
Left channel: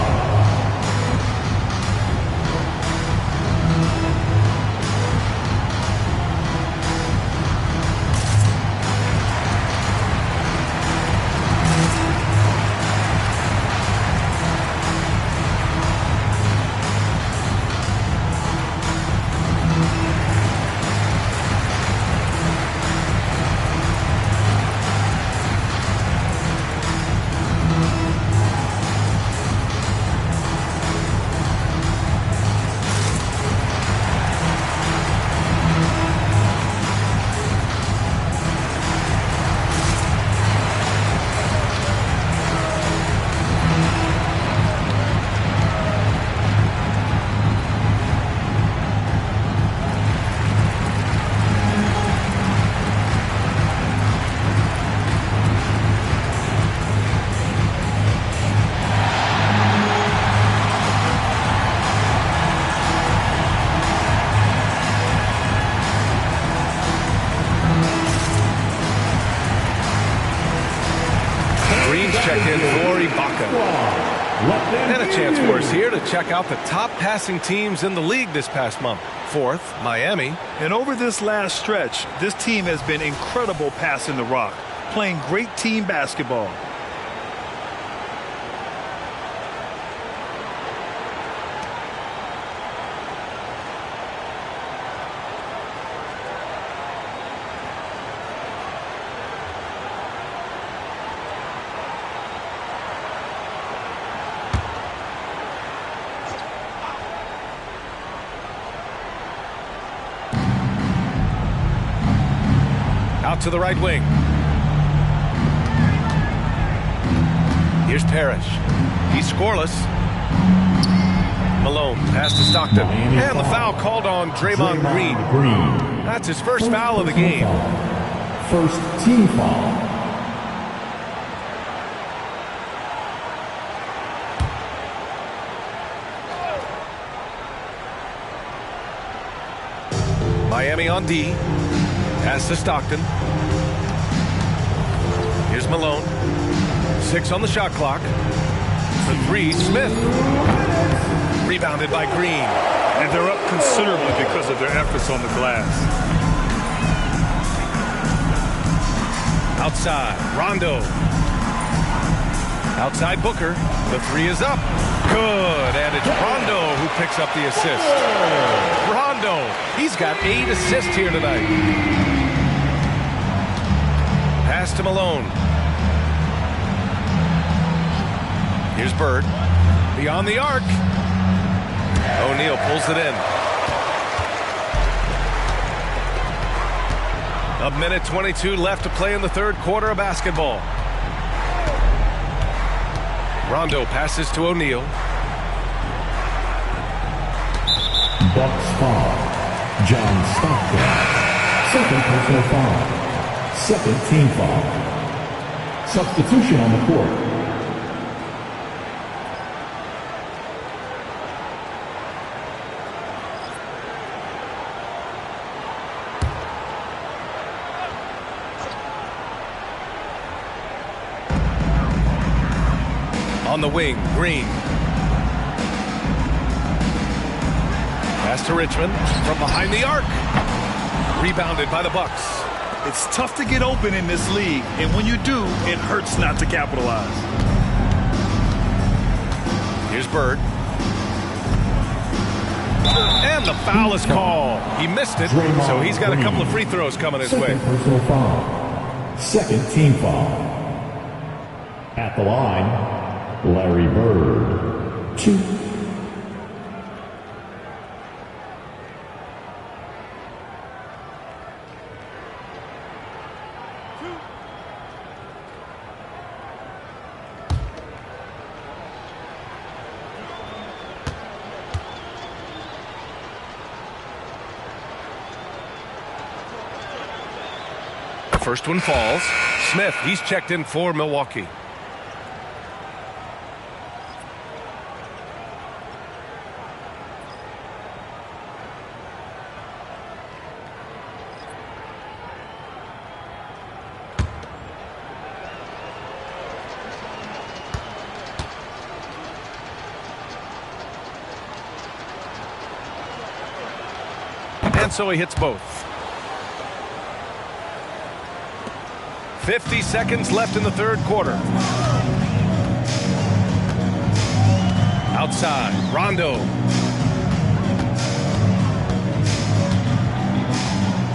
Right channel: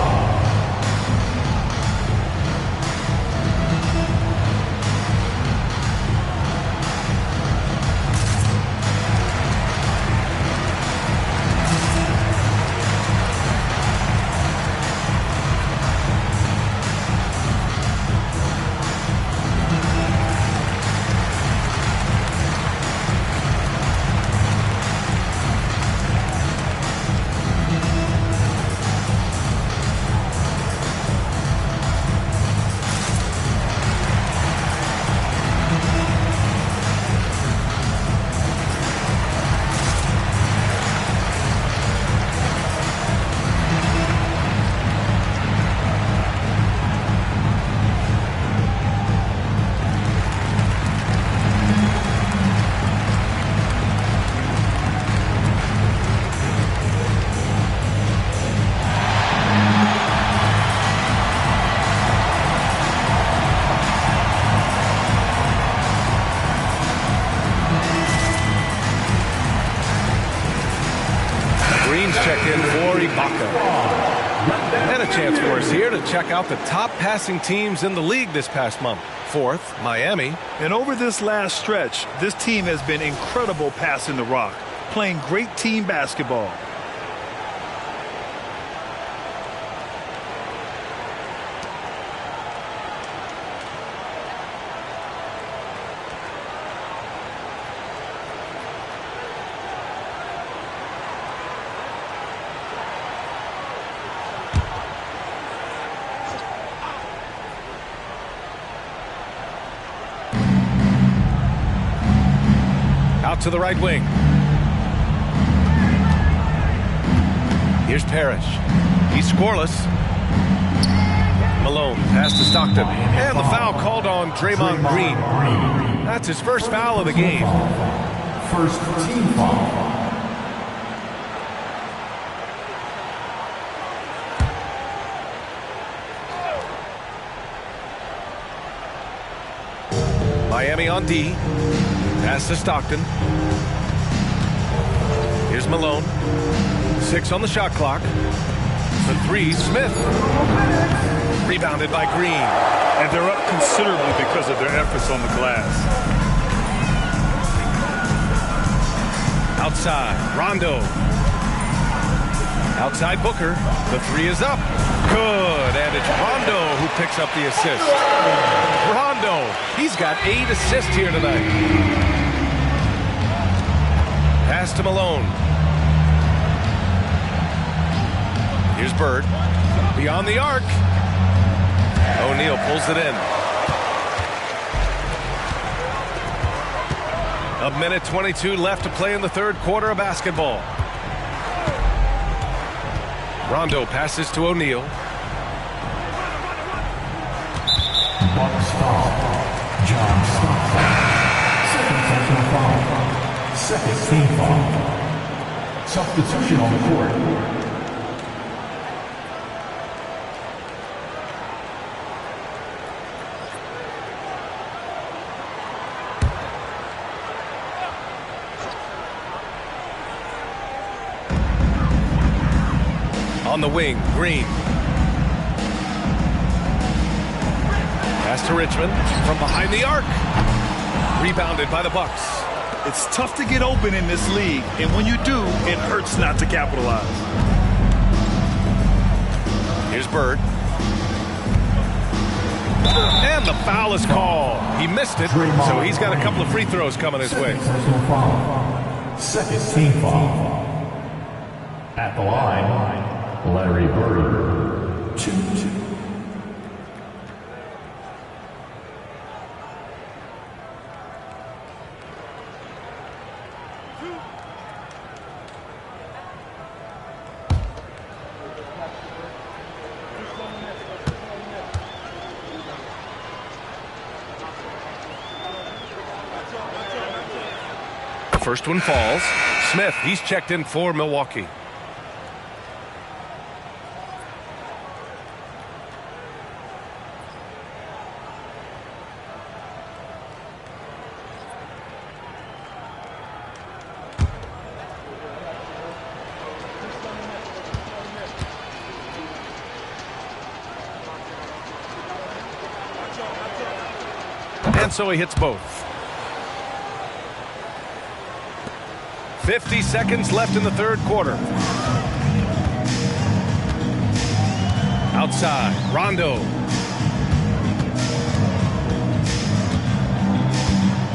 Green's checked in for Ibaka. And a chance for us here to check out the top passing teams in the league this past month. 4th, Miami. And over this last stretch, this team has been incredible passing the rock, playing great team basketball. Out to the right wing. Here's Parrish. He's scoreless. Malone pass to Stockton. And the foul called on Draymond Green. That's his first foul of the game. First team foul. Miami on D. Pass to Stockton. Here's Malone. 6 on the shot clock. For 3, Smith. Rebounded by Green. and they're up considerably because of their efforts on the glass. Outside, Rondo. Outside Booker. The three is up. Good, and it's Rondo who picks up the assist. Rondo, he's got 8 assists here tonight. Pass to Malone. Here's Bird. Beyond the arc. O'Neal pulls it in. 1:22 left to play in the third quarter of basketball. Rondo passes to O'Neal. Bucks foul. John Stockton. Second personal foul. Second team foul. Substitution on the court. On the wing, Green. Pass to Richmond from behind the arc. Rebounded by the Bucks. It's tough to get open in this league, and when you do, it hurts not to capitalize. Here's Bird. And the foul is called. He missed it, so he's got a couple of free throws coming his way. Personal foul. Second team foul. At the line, Larry Bird. 2. First one falls. Smith, he's checked in for Milwaukee. And so he hits both. 50 seconds left in the third quarter. Outside, Rondo.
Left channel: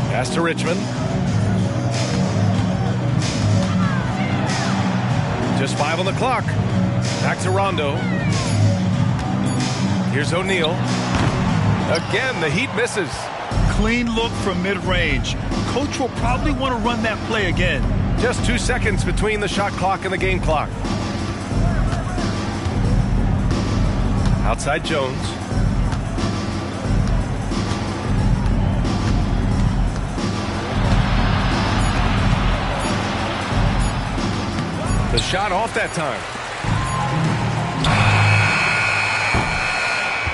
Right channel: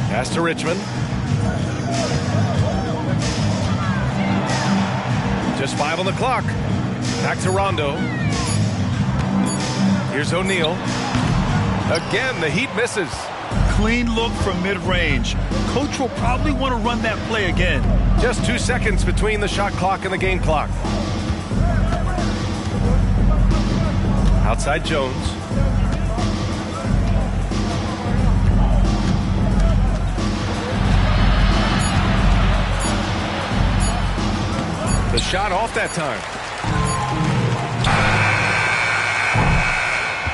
Pass to Richmond. Just 5 on the clock. Back to Rondo. Here's O'Neal. Again, the Heat misses. Clean look from mid-range. Coach will probably want to run that play again. Just 2 seconds between the shot clock and the game clock. Outside Jones. The shot off that time.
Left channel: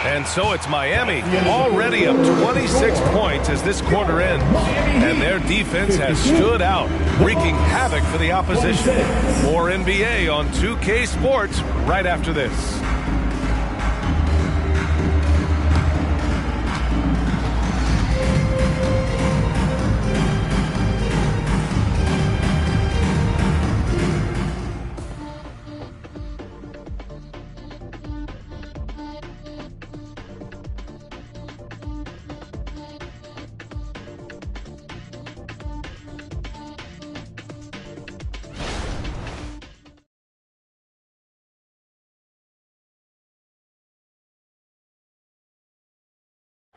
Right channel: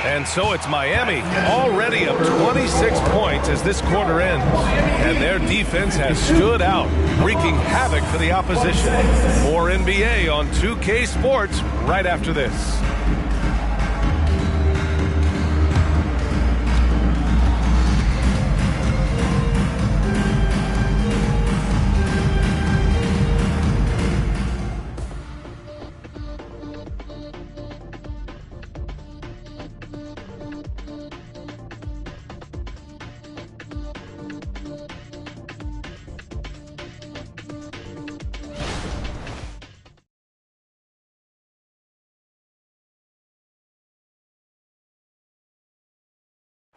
And so it's Miami, already up 26 points as this quarter ends. And their defense has stood out, wreaking havoc for the opposition. More NBA on 2K Sports right after this.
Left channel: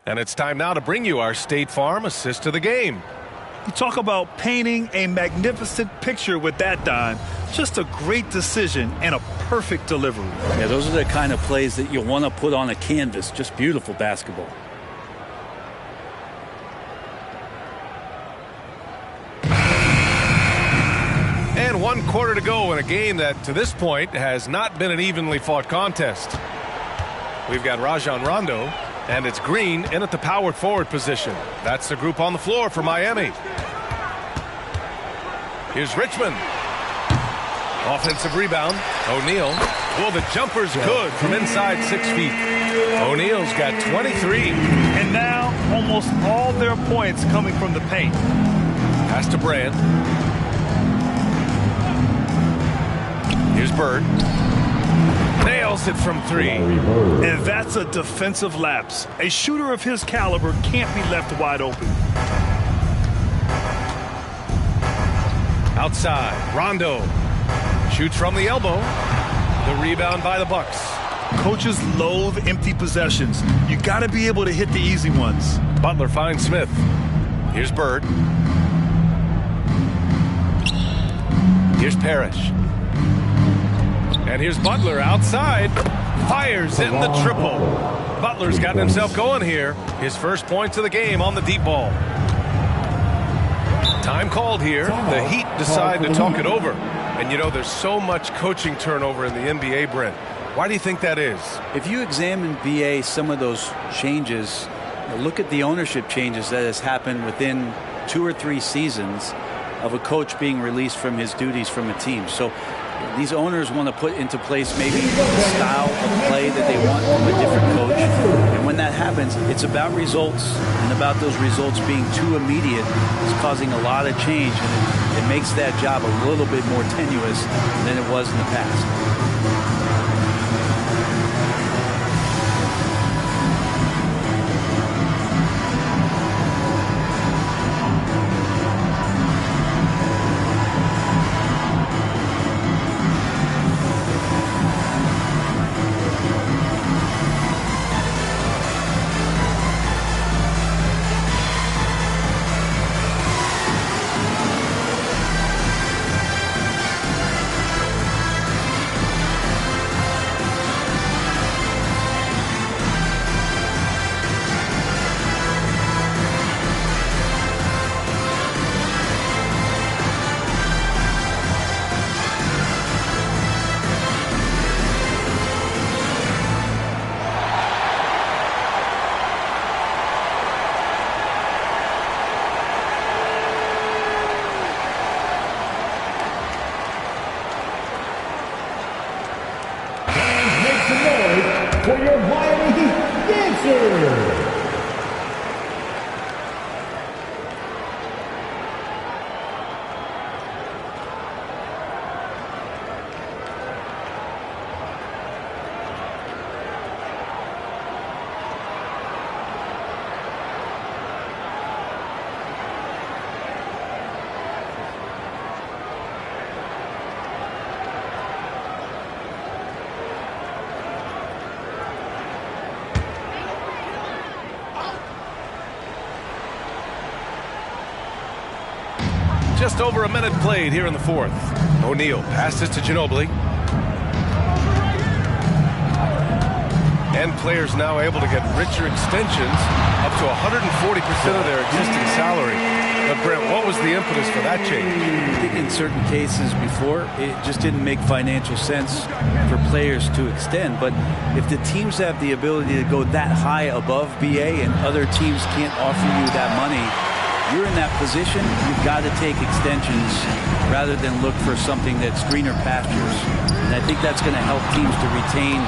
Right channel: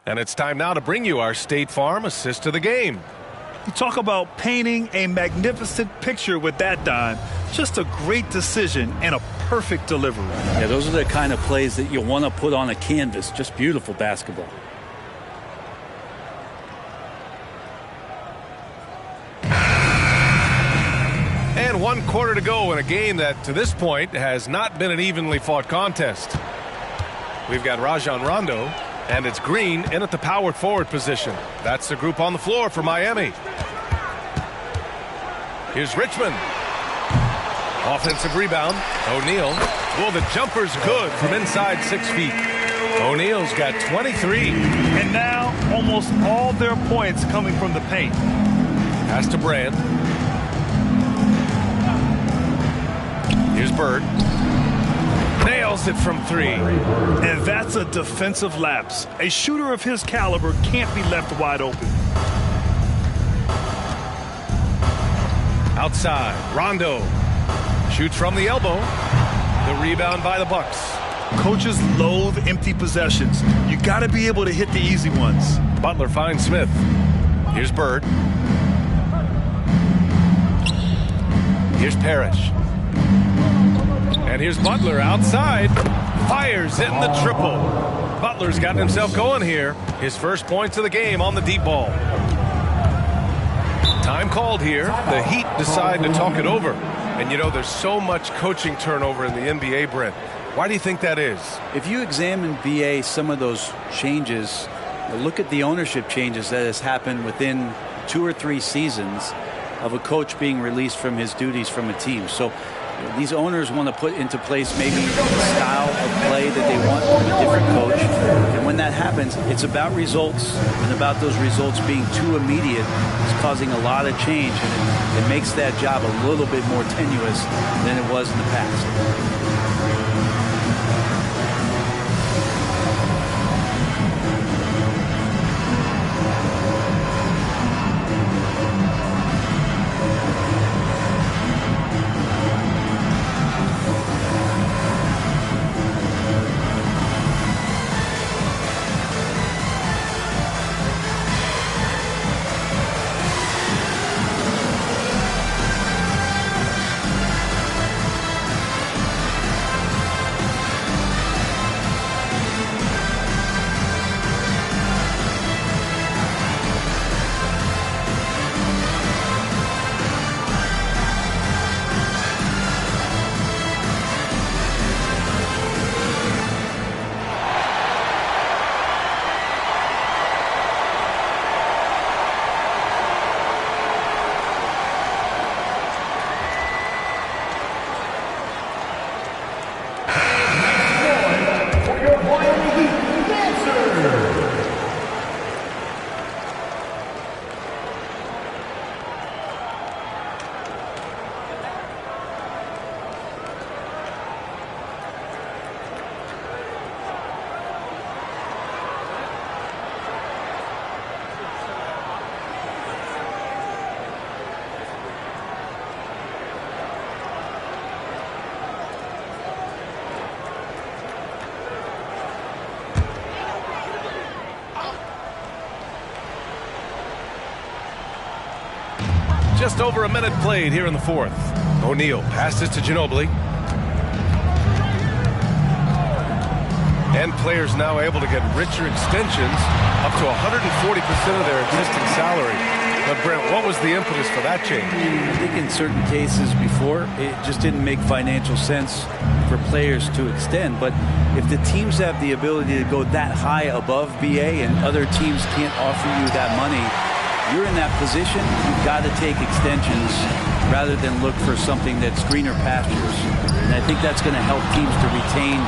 And it's time now to bring you our State Farm assist to the game. You talk about painting a magnificent picture with that dime. Just a great decision and a perfect delivery. Yeah, those are the kind of plays that you want to put on a canvas. Just beautiful basketball. And 1 quarter to go in a game that, to this point, has not been an evenly fought contest. We've got Rajon Rondo. And it's Green in at the power forward position. That's the group on the floor for Miami. Here's Richmond. Offensive rebound. O'Neal. Well, the jumper's good from inside 6 feet. O'Neal's got 23. And now almost all their points coming from the paint. Pass to Brand. Here's Bird. Nails it from 3. And that's a defensive lapse. A shooter of his caliber can't be left wide open. Outside, Rondo shoots from the elbow. The rebound by the Bucks. Coaches loathe empty possessions. You got to be able to hit the easy ones. Butler finds Smith. Here's Bird. Here's Parrish. And here's Butler outside. Fires in the triple. Butler's gotten himself going here. His first points of the game on the deep ball. Time called here. The Heat decide to talk it over. And you know, there's so much coaching turnover in the NBA, Brent. Why do you think that is? If you examine BA, some of those changes, look at the ownership changes that has happened within 2 or 3 seasons of a coach being released from his duties from a team. So these owners want to put into place maybe the style of play that they want from a different coach. And when that happens, it's about results, and about those results being too immediate is causing a lot of change, and it makes that job a little bit more tenuous than it was in the past. For your Miami Heat dancer. Just over a minute played here in the fourth. O'Neal passes to Ginobili. And players now able to get richer extensions, up to 140% of their existing salary. But Brent, what was the impetus for that change? I think in certain cases before, it just didn't make financial sense for players to extend. But if the teams have the ability to go that high above BA and other teams can't offer you that money, you're in that position, you've got to take extensions rather than look for something that's greener pastures. And I think that's going to help teams to retain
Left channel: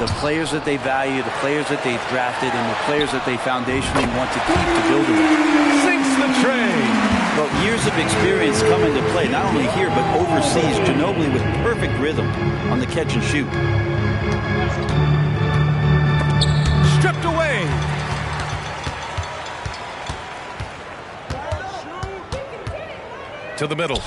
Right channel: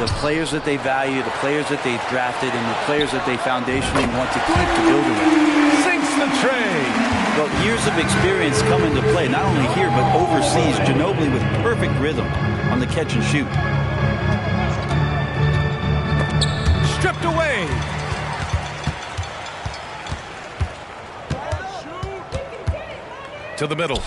the players that they value, the players that they've drafted, and the players that they foundationally want to keep to build around. Sinks the tray. Well, years of experience come into play, not only here, but overseas. Ginobili with perfect rhythm on the catch and shoot. Stripped away. To the middle.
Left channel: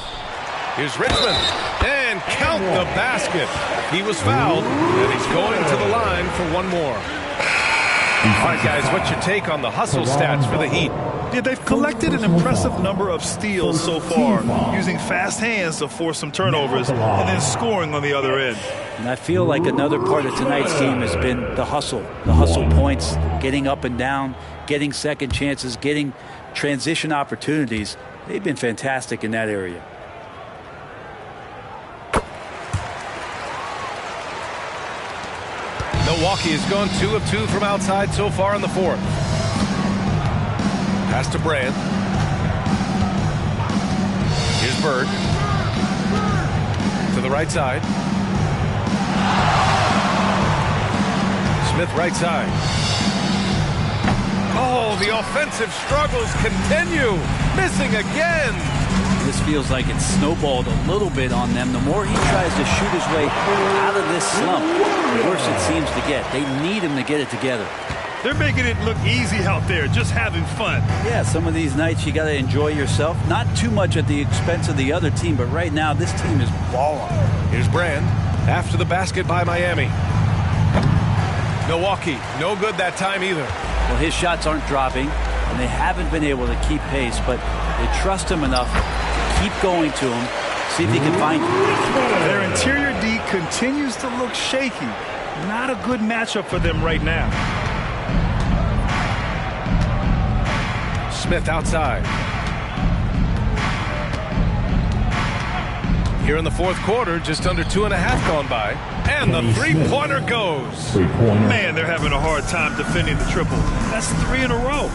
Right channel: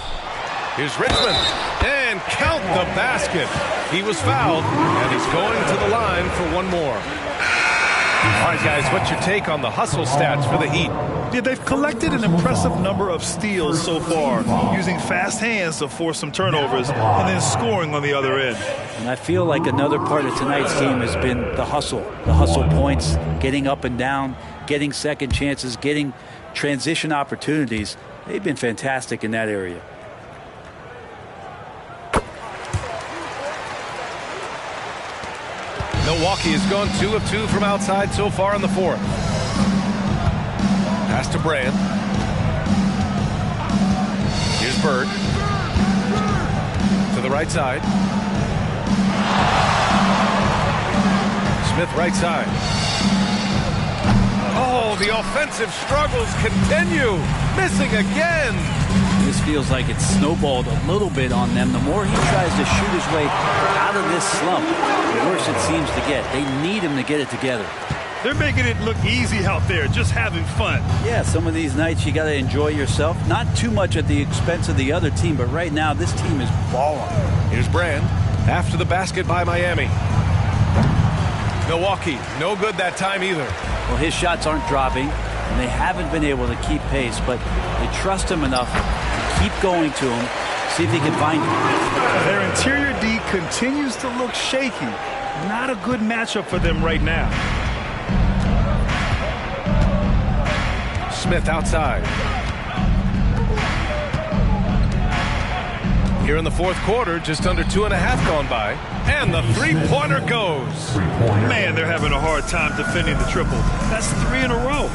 Here's Richmond. And count the basket. He was fouled, and he's going to the line for one more. All right, guys, what's your take on the hustle stats for the Heat? Yeah, they've collected an impressive number of steals so far, using fast hands to force some turnovers and then scoring on the other end. And I feel like another part of tonight's game has been the hustle points, getting up and down, getting second chances, getting transition opportunities. They've been fantastic in that area. Milwaukee has gone 2 of 2 from outside so far in the fourth. Pass to Brand. Here's Bird. To the right side. Smith right side. Oh, the offensive struggles continue. Missing again. This feels like it's snowballed a little bit on them. The more he tries to shoot his way out of this slump, the worse it seems to get. They need him to get it together. They're making it look easy out there, just having fun. Yeah, some of these nights you got to enjoy yourself. Not too much at the expense of the other team, but right now this team is balling. Here's Brand after the basket by Miami. Milwaukee, no good that time either. Well, his shots aren't dropping, and they haven't been able to keep pace, but they trust him enough to keep going to him, see if he can find him. Their interior D continues to look shaky. Not a good matchup for them right now. Smith outside. Here in the fourth quarter, just under 2.5 gone by. And the three-pointer goes. Man, they're having a hard time defending the triple. That's 3 in a row.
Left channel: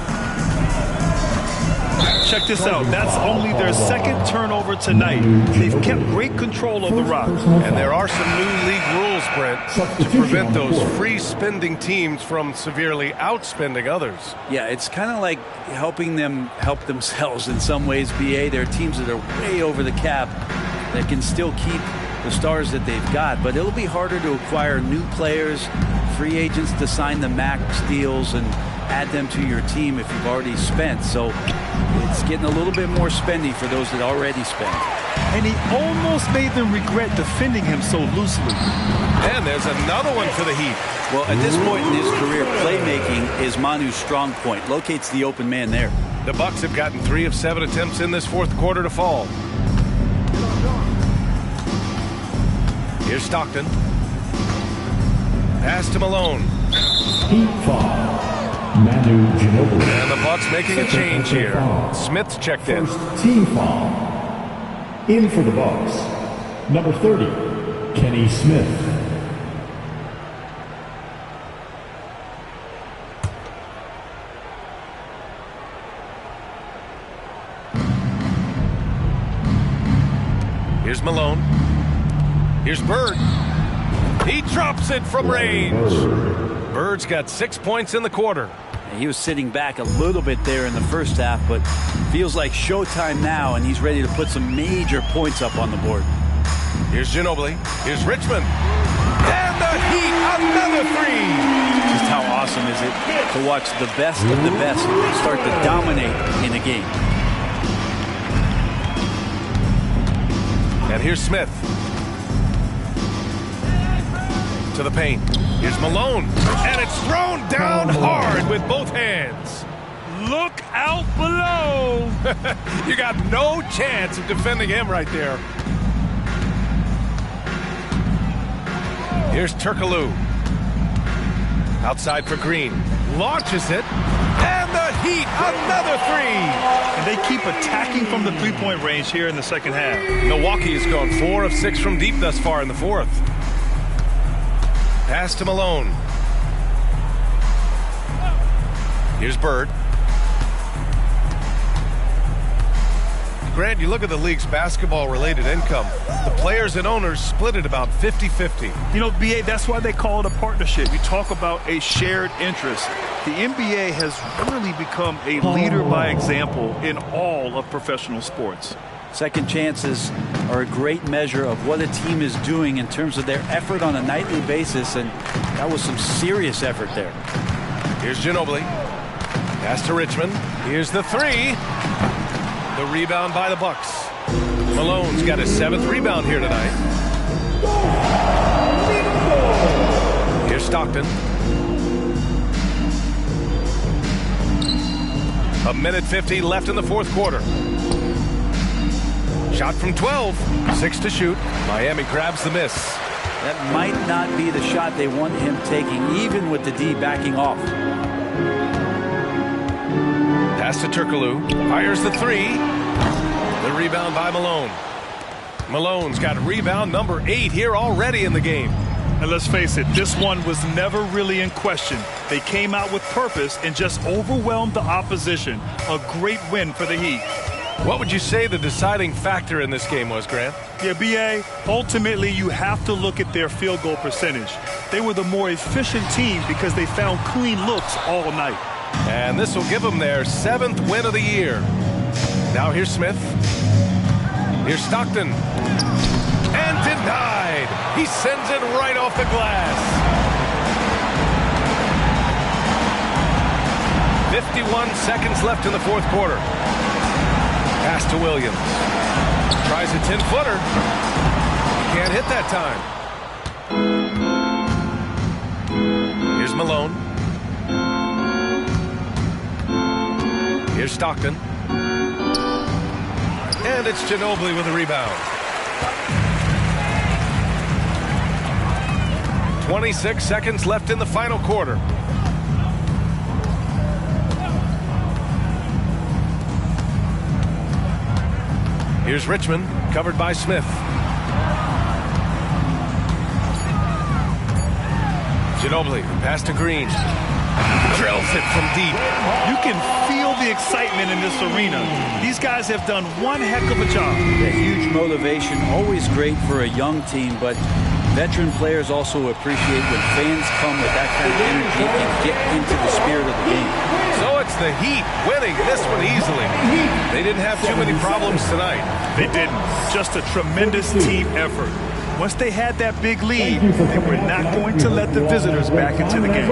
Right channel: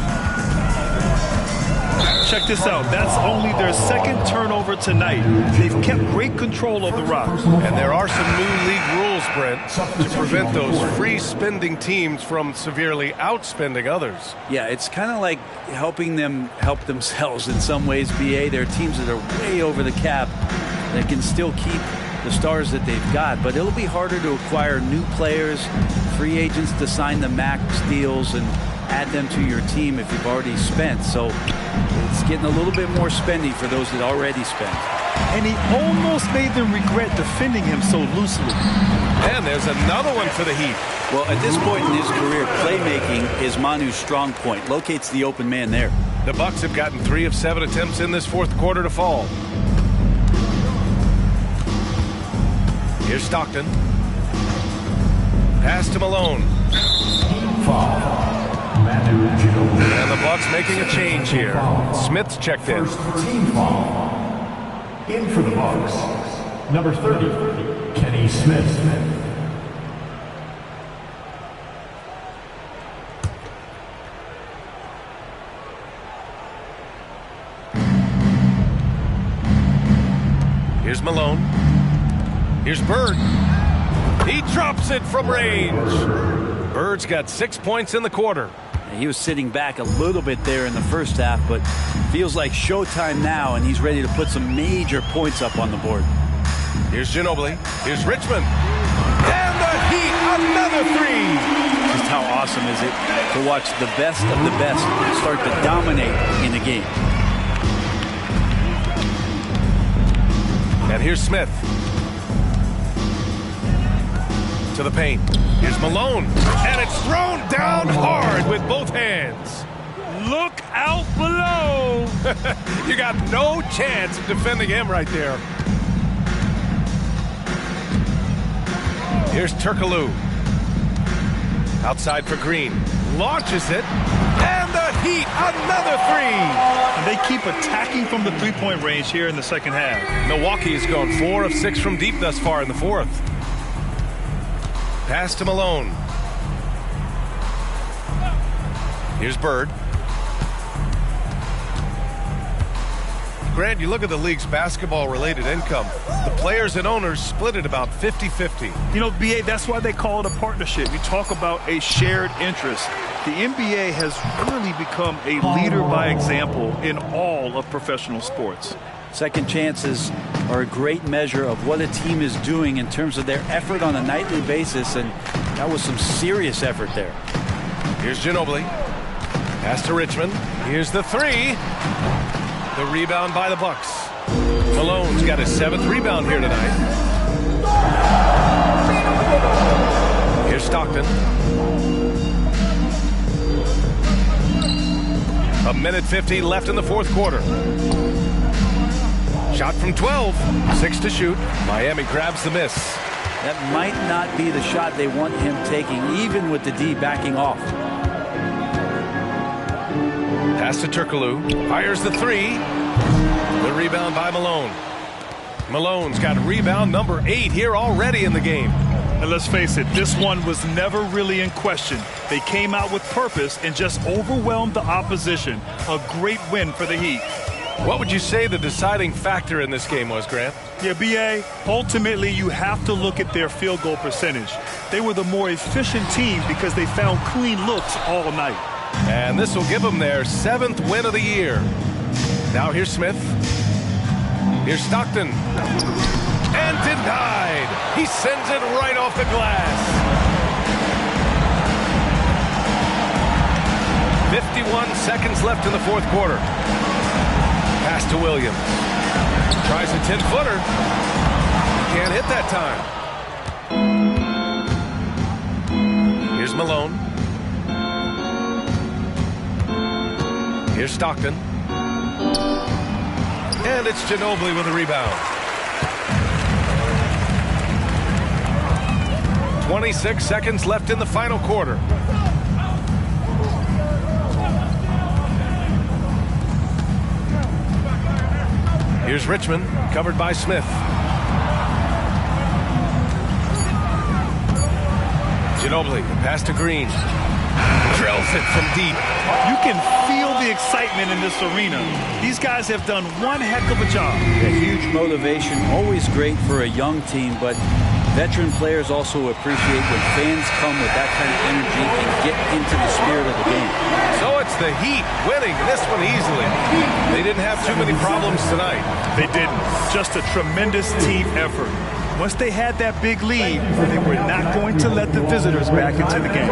Check this out. That's only their second turnover tonight. They've kept great control of the rock. And there are some new league rules, Brent, to prevent those free-spending teams from severely outspending others. Yeah, it's kind of like helping them help themselves in some ways, BA. There are teams that are way over the cap that can still keep the stars that they've got, but it'll be harder to acquire new players, free agents to sign the max deals and add them to your team if you've already spent. So it's getting a little bit more spendy for those that already spent. And he almost made them regret defending him so loosely. And there's another one for the Heat. Well, at this point in his career, playmaking is Manu's strong point. Locates the open man there. The Bucks have gotten 3 of 7 attempts in this fourth quarter to fall. Here's Stockton. Pass to Malone. Heat foul. Manu Ginobili. And the Bucks making a change here. Smith's checked in. First team foul. In for the Bucks. Number 30, Kenny Smith. Here's Malone. Here's Bird. He drops it from range. Bird's got 6 points in the quarter. He was sitting back a little bit there in the first half, but feels like showtime now, and he's ready to put some major points up on the board. Here's Ginobili. Here's Richmond. And the Heat, another 3. Just how awesome is it to watch the best of the best start to dominate in a game. And here's Smith. To the paint. Here's Malone. And it's thrown down hard with both hands. Look out below. You got no chance of defending him right there. Here's Turkoglu. Outside for Green. Launches it. And the Heat, another 3. And they keep attacking from the three-point range here in the second half. Milwaukee has gone 4 of 6 from deep thus far in the fourth. Pass to Malone. Here's Bird. Grant, you look at the league's basketball-related income. The players and owners split it about 50-50. You know, BA, that's why they call it a partnership. You talk about a shared interest. The NBA has really become a leader by example in all of professional sports. Second chances are a great measure of what a team is doing in terms of their effort on a nightly basis, and that was some serious effort there. Here's Ginobili. Pass to Richmond. Here's the 3. The rebound by the Bucks. Malone's got his 7th rebound here tonight. Here's Stockton. A minute 50 left in the fourth quarter. Shot from 12. 6 to shoot. Miami grabs the miss. That might not be the shot they want him taking, even with the D backing off. Pass to Turkoglu. Fires the 3. The rebound by Malone. Malone's got rebound number 8 here already in the game. And let's face it, this one was never really in question. They came out with purpose and just overwhelmed the opposition. A great win for the Heat. What would you say the deciding factor in this game was, Grant? Yeah, B.A., ultimately you have to look at their field goal percentage. They were the more efficient team because they found clean looks all night. And this will give them their 7th win of the year. Now here's Smith. Here's Stockton. And denied. He sends it right off the glass. 51 seconds left in the 4th quarter. Pass to Williams. Tries a 10-footer. He can't hit that time. Here's Malone. Here's Stockton. And it's Ginobili with a rebound. 26 seconds left in the final quarter. Here's Richmond, covered by Smith. Ginobili, the pass to Green. Drills it from deep. You can feel the excitement in this arena. These guys have done one heck of a job. A huge motivation, always great for a young team, but veteran players also appreciate when fans come with that kind of energy and get into the spirit of the game. So it's the Heat winning this one easily. They didn't have too many problems tonight. They didn't. Just a tremendous team effort. Once they had that big lead, they were not going to let the visitors back into the game.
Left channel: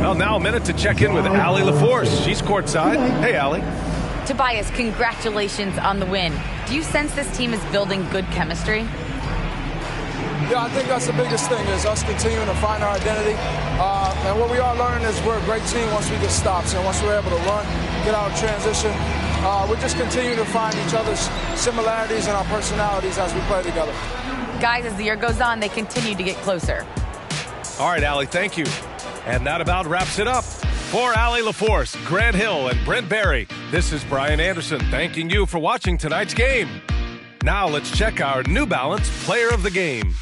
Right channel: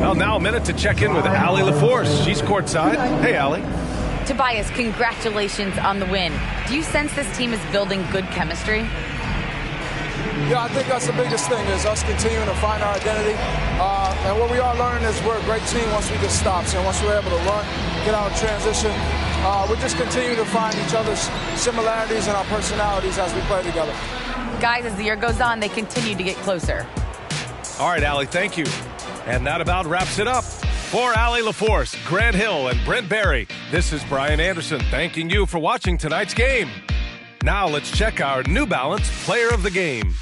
Well, now a minute to check in with Allie LaForce. She's courtside. Hey, Allie. Tobias, congratulations on the win. Do you sense this team is building good chemistry? Yeah, I think that's the biggest thing is us continuing to find our identity. And what we are learning is we're a great team once we get stops. And once we're able to run, get out of transition, we just continue to find each other's similarities and our personalities as we play together. Guys, as the year goes on, they continue to get closer. All right, Allie, thank you. And that about wraps it up. For Allie LaForce, Grant Hill, and Brent Barry, this is Brian Anderson thanking you for watching tonight's game. Now let's check our New Balance Player of the Game.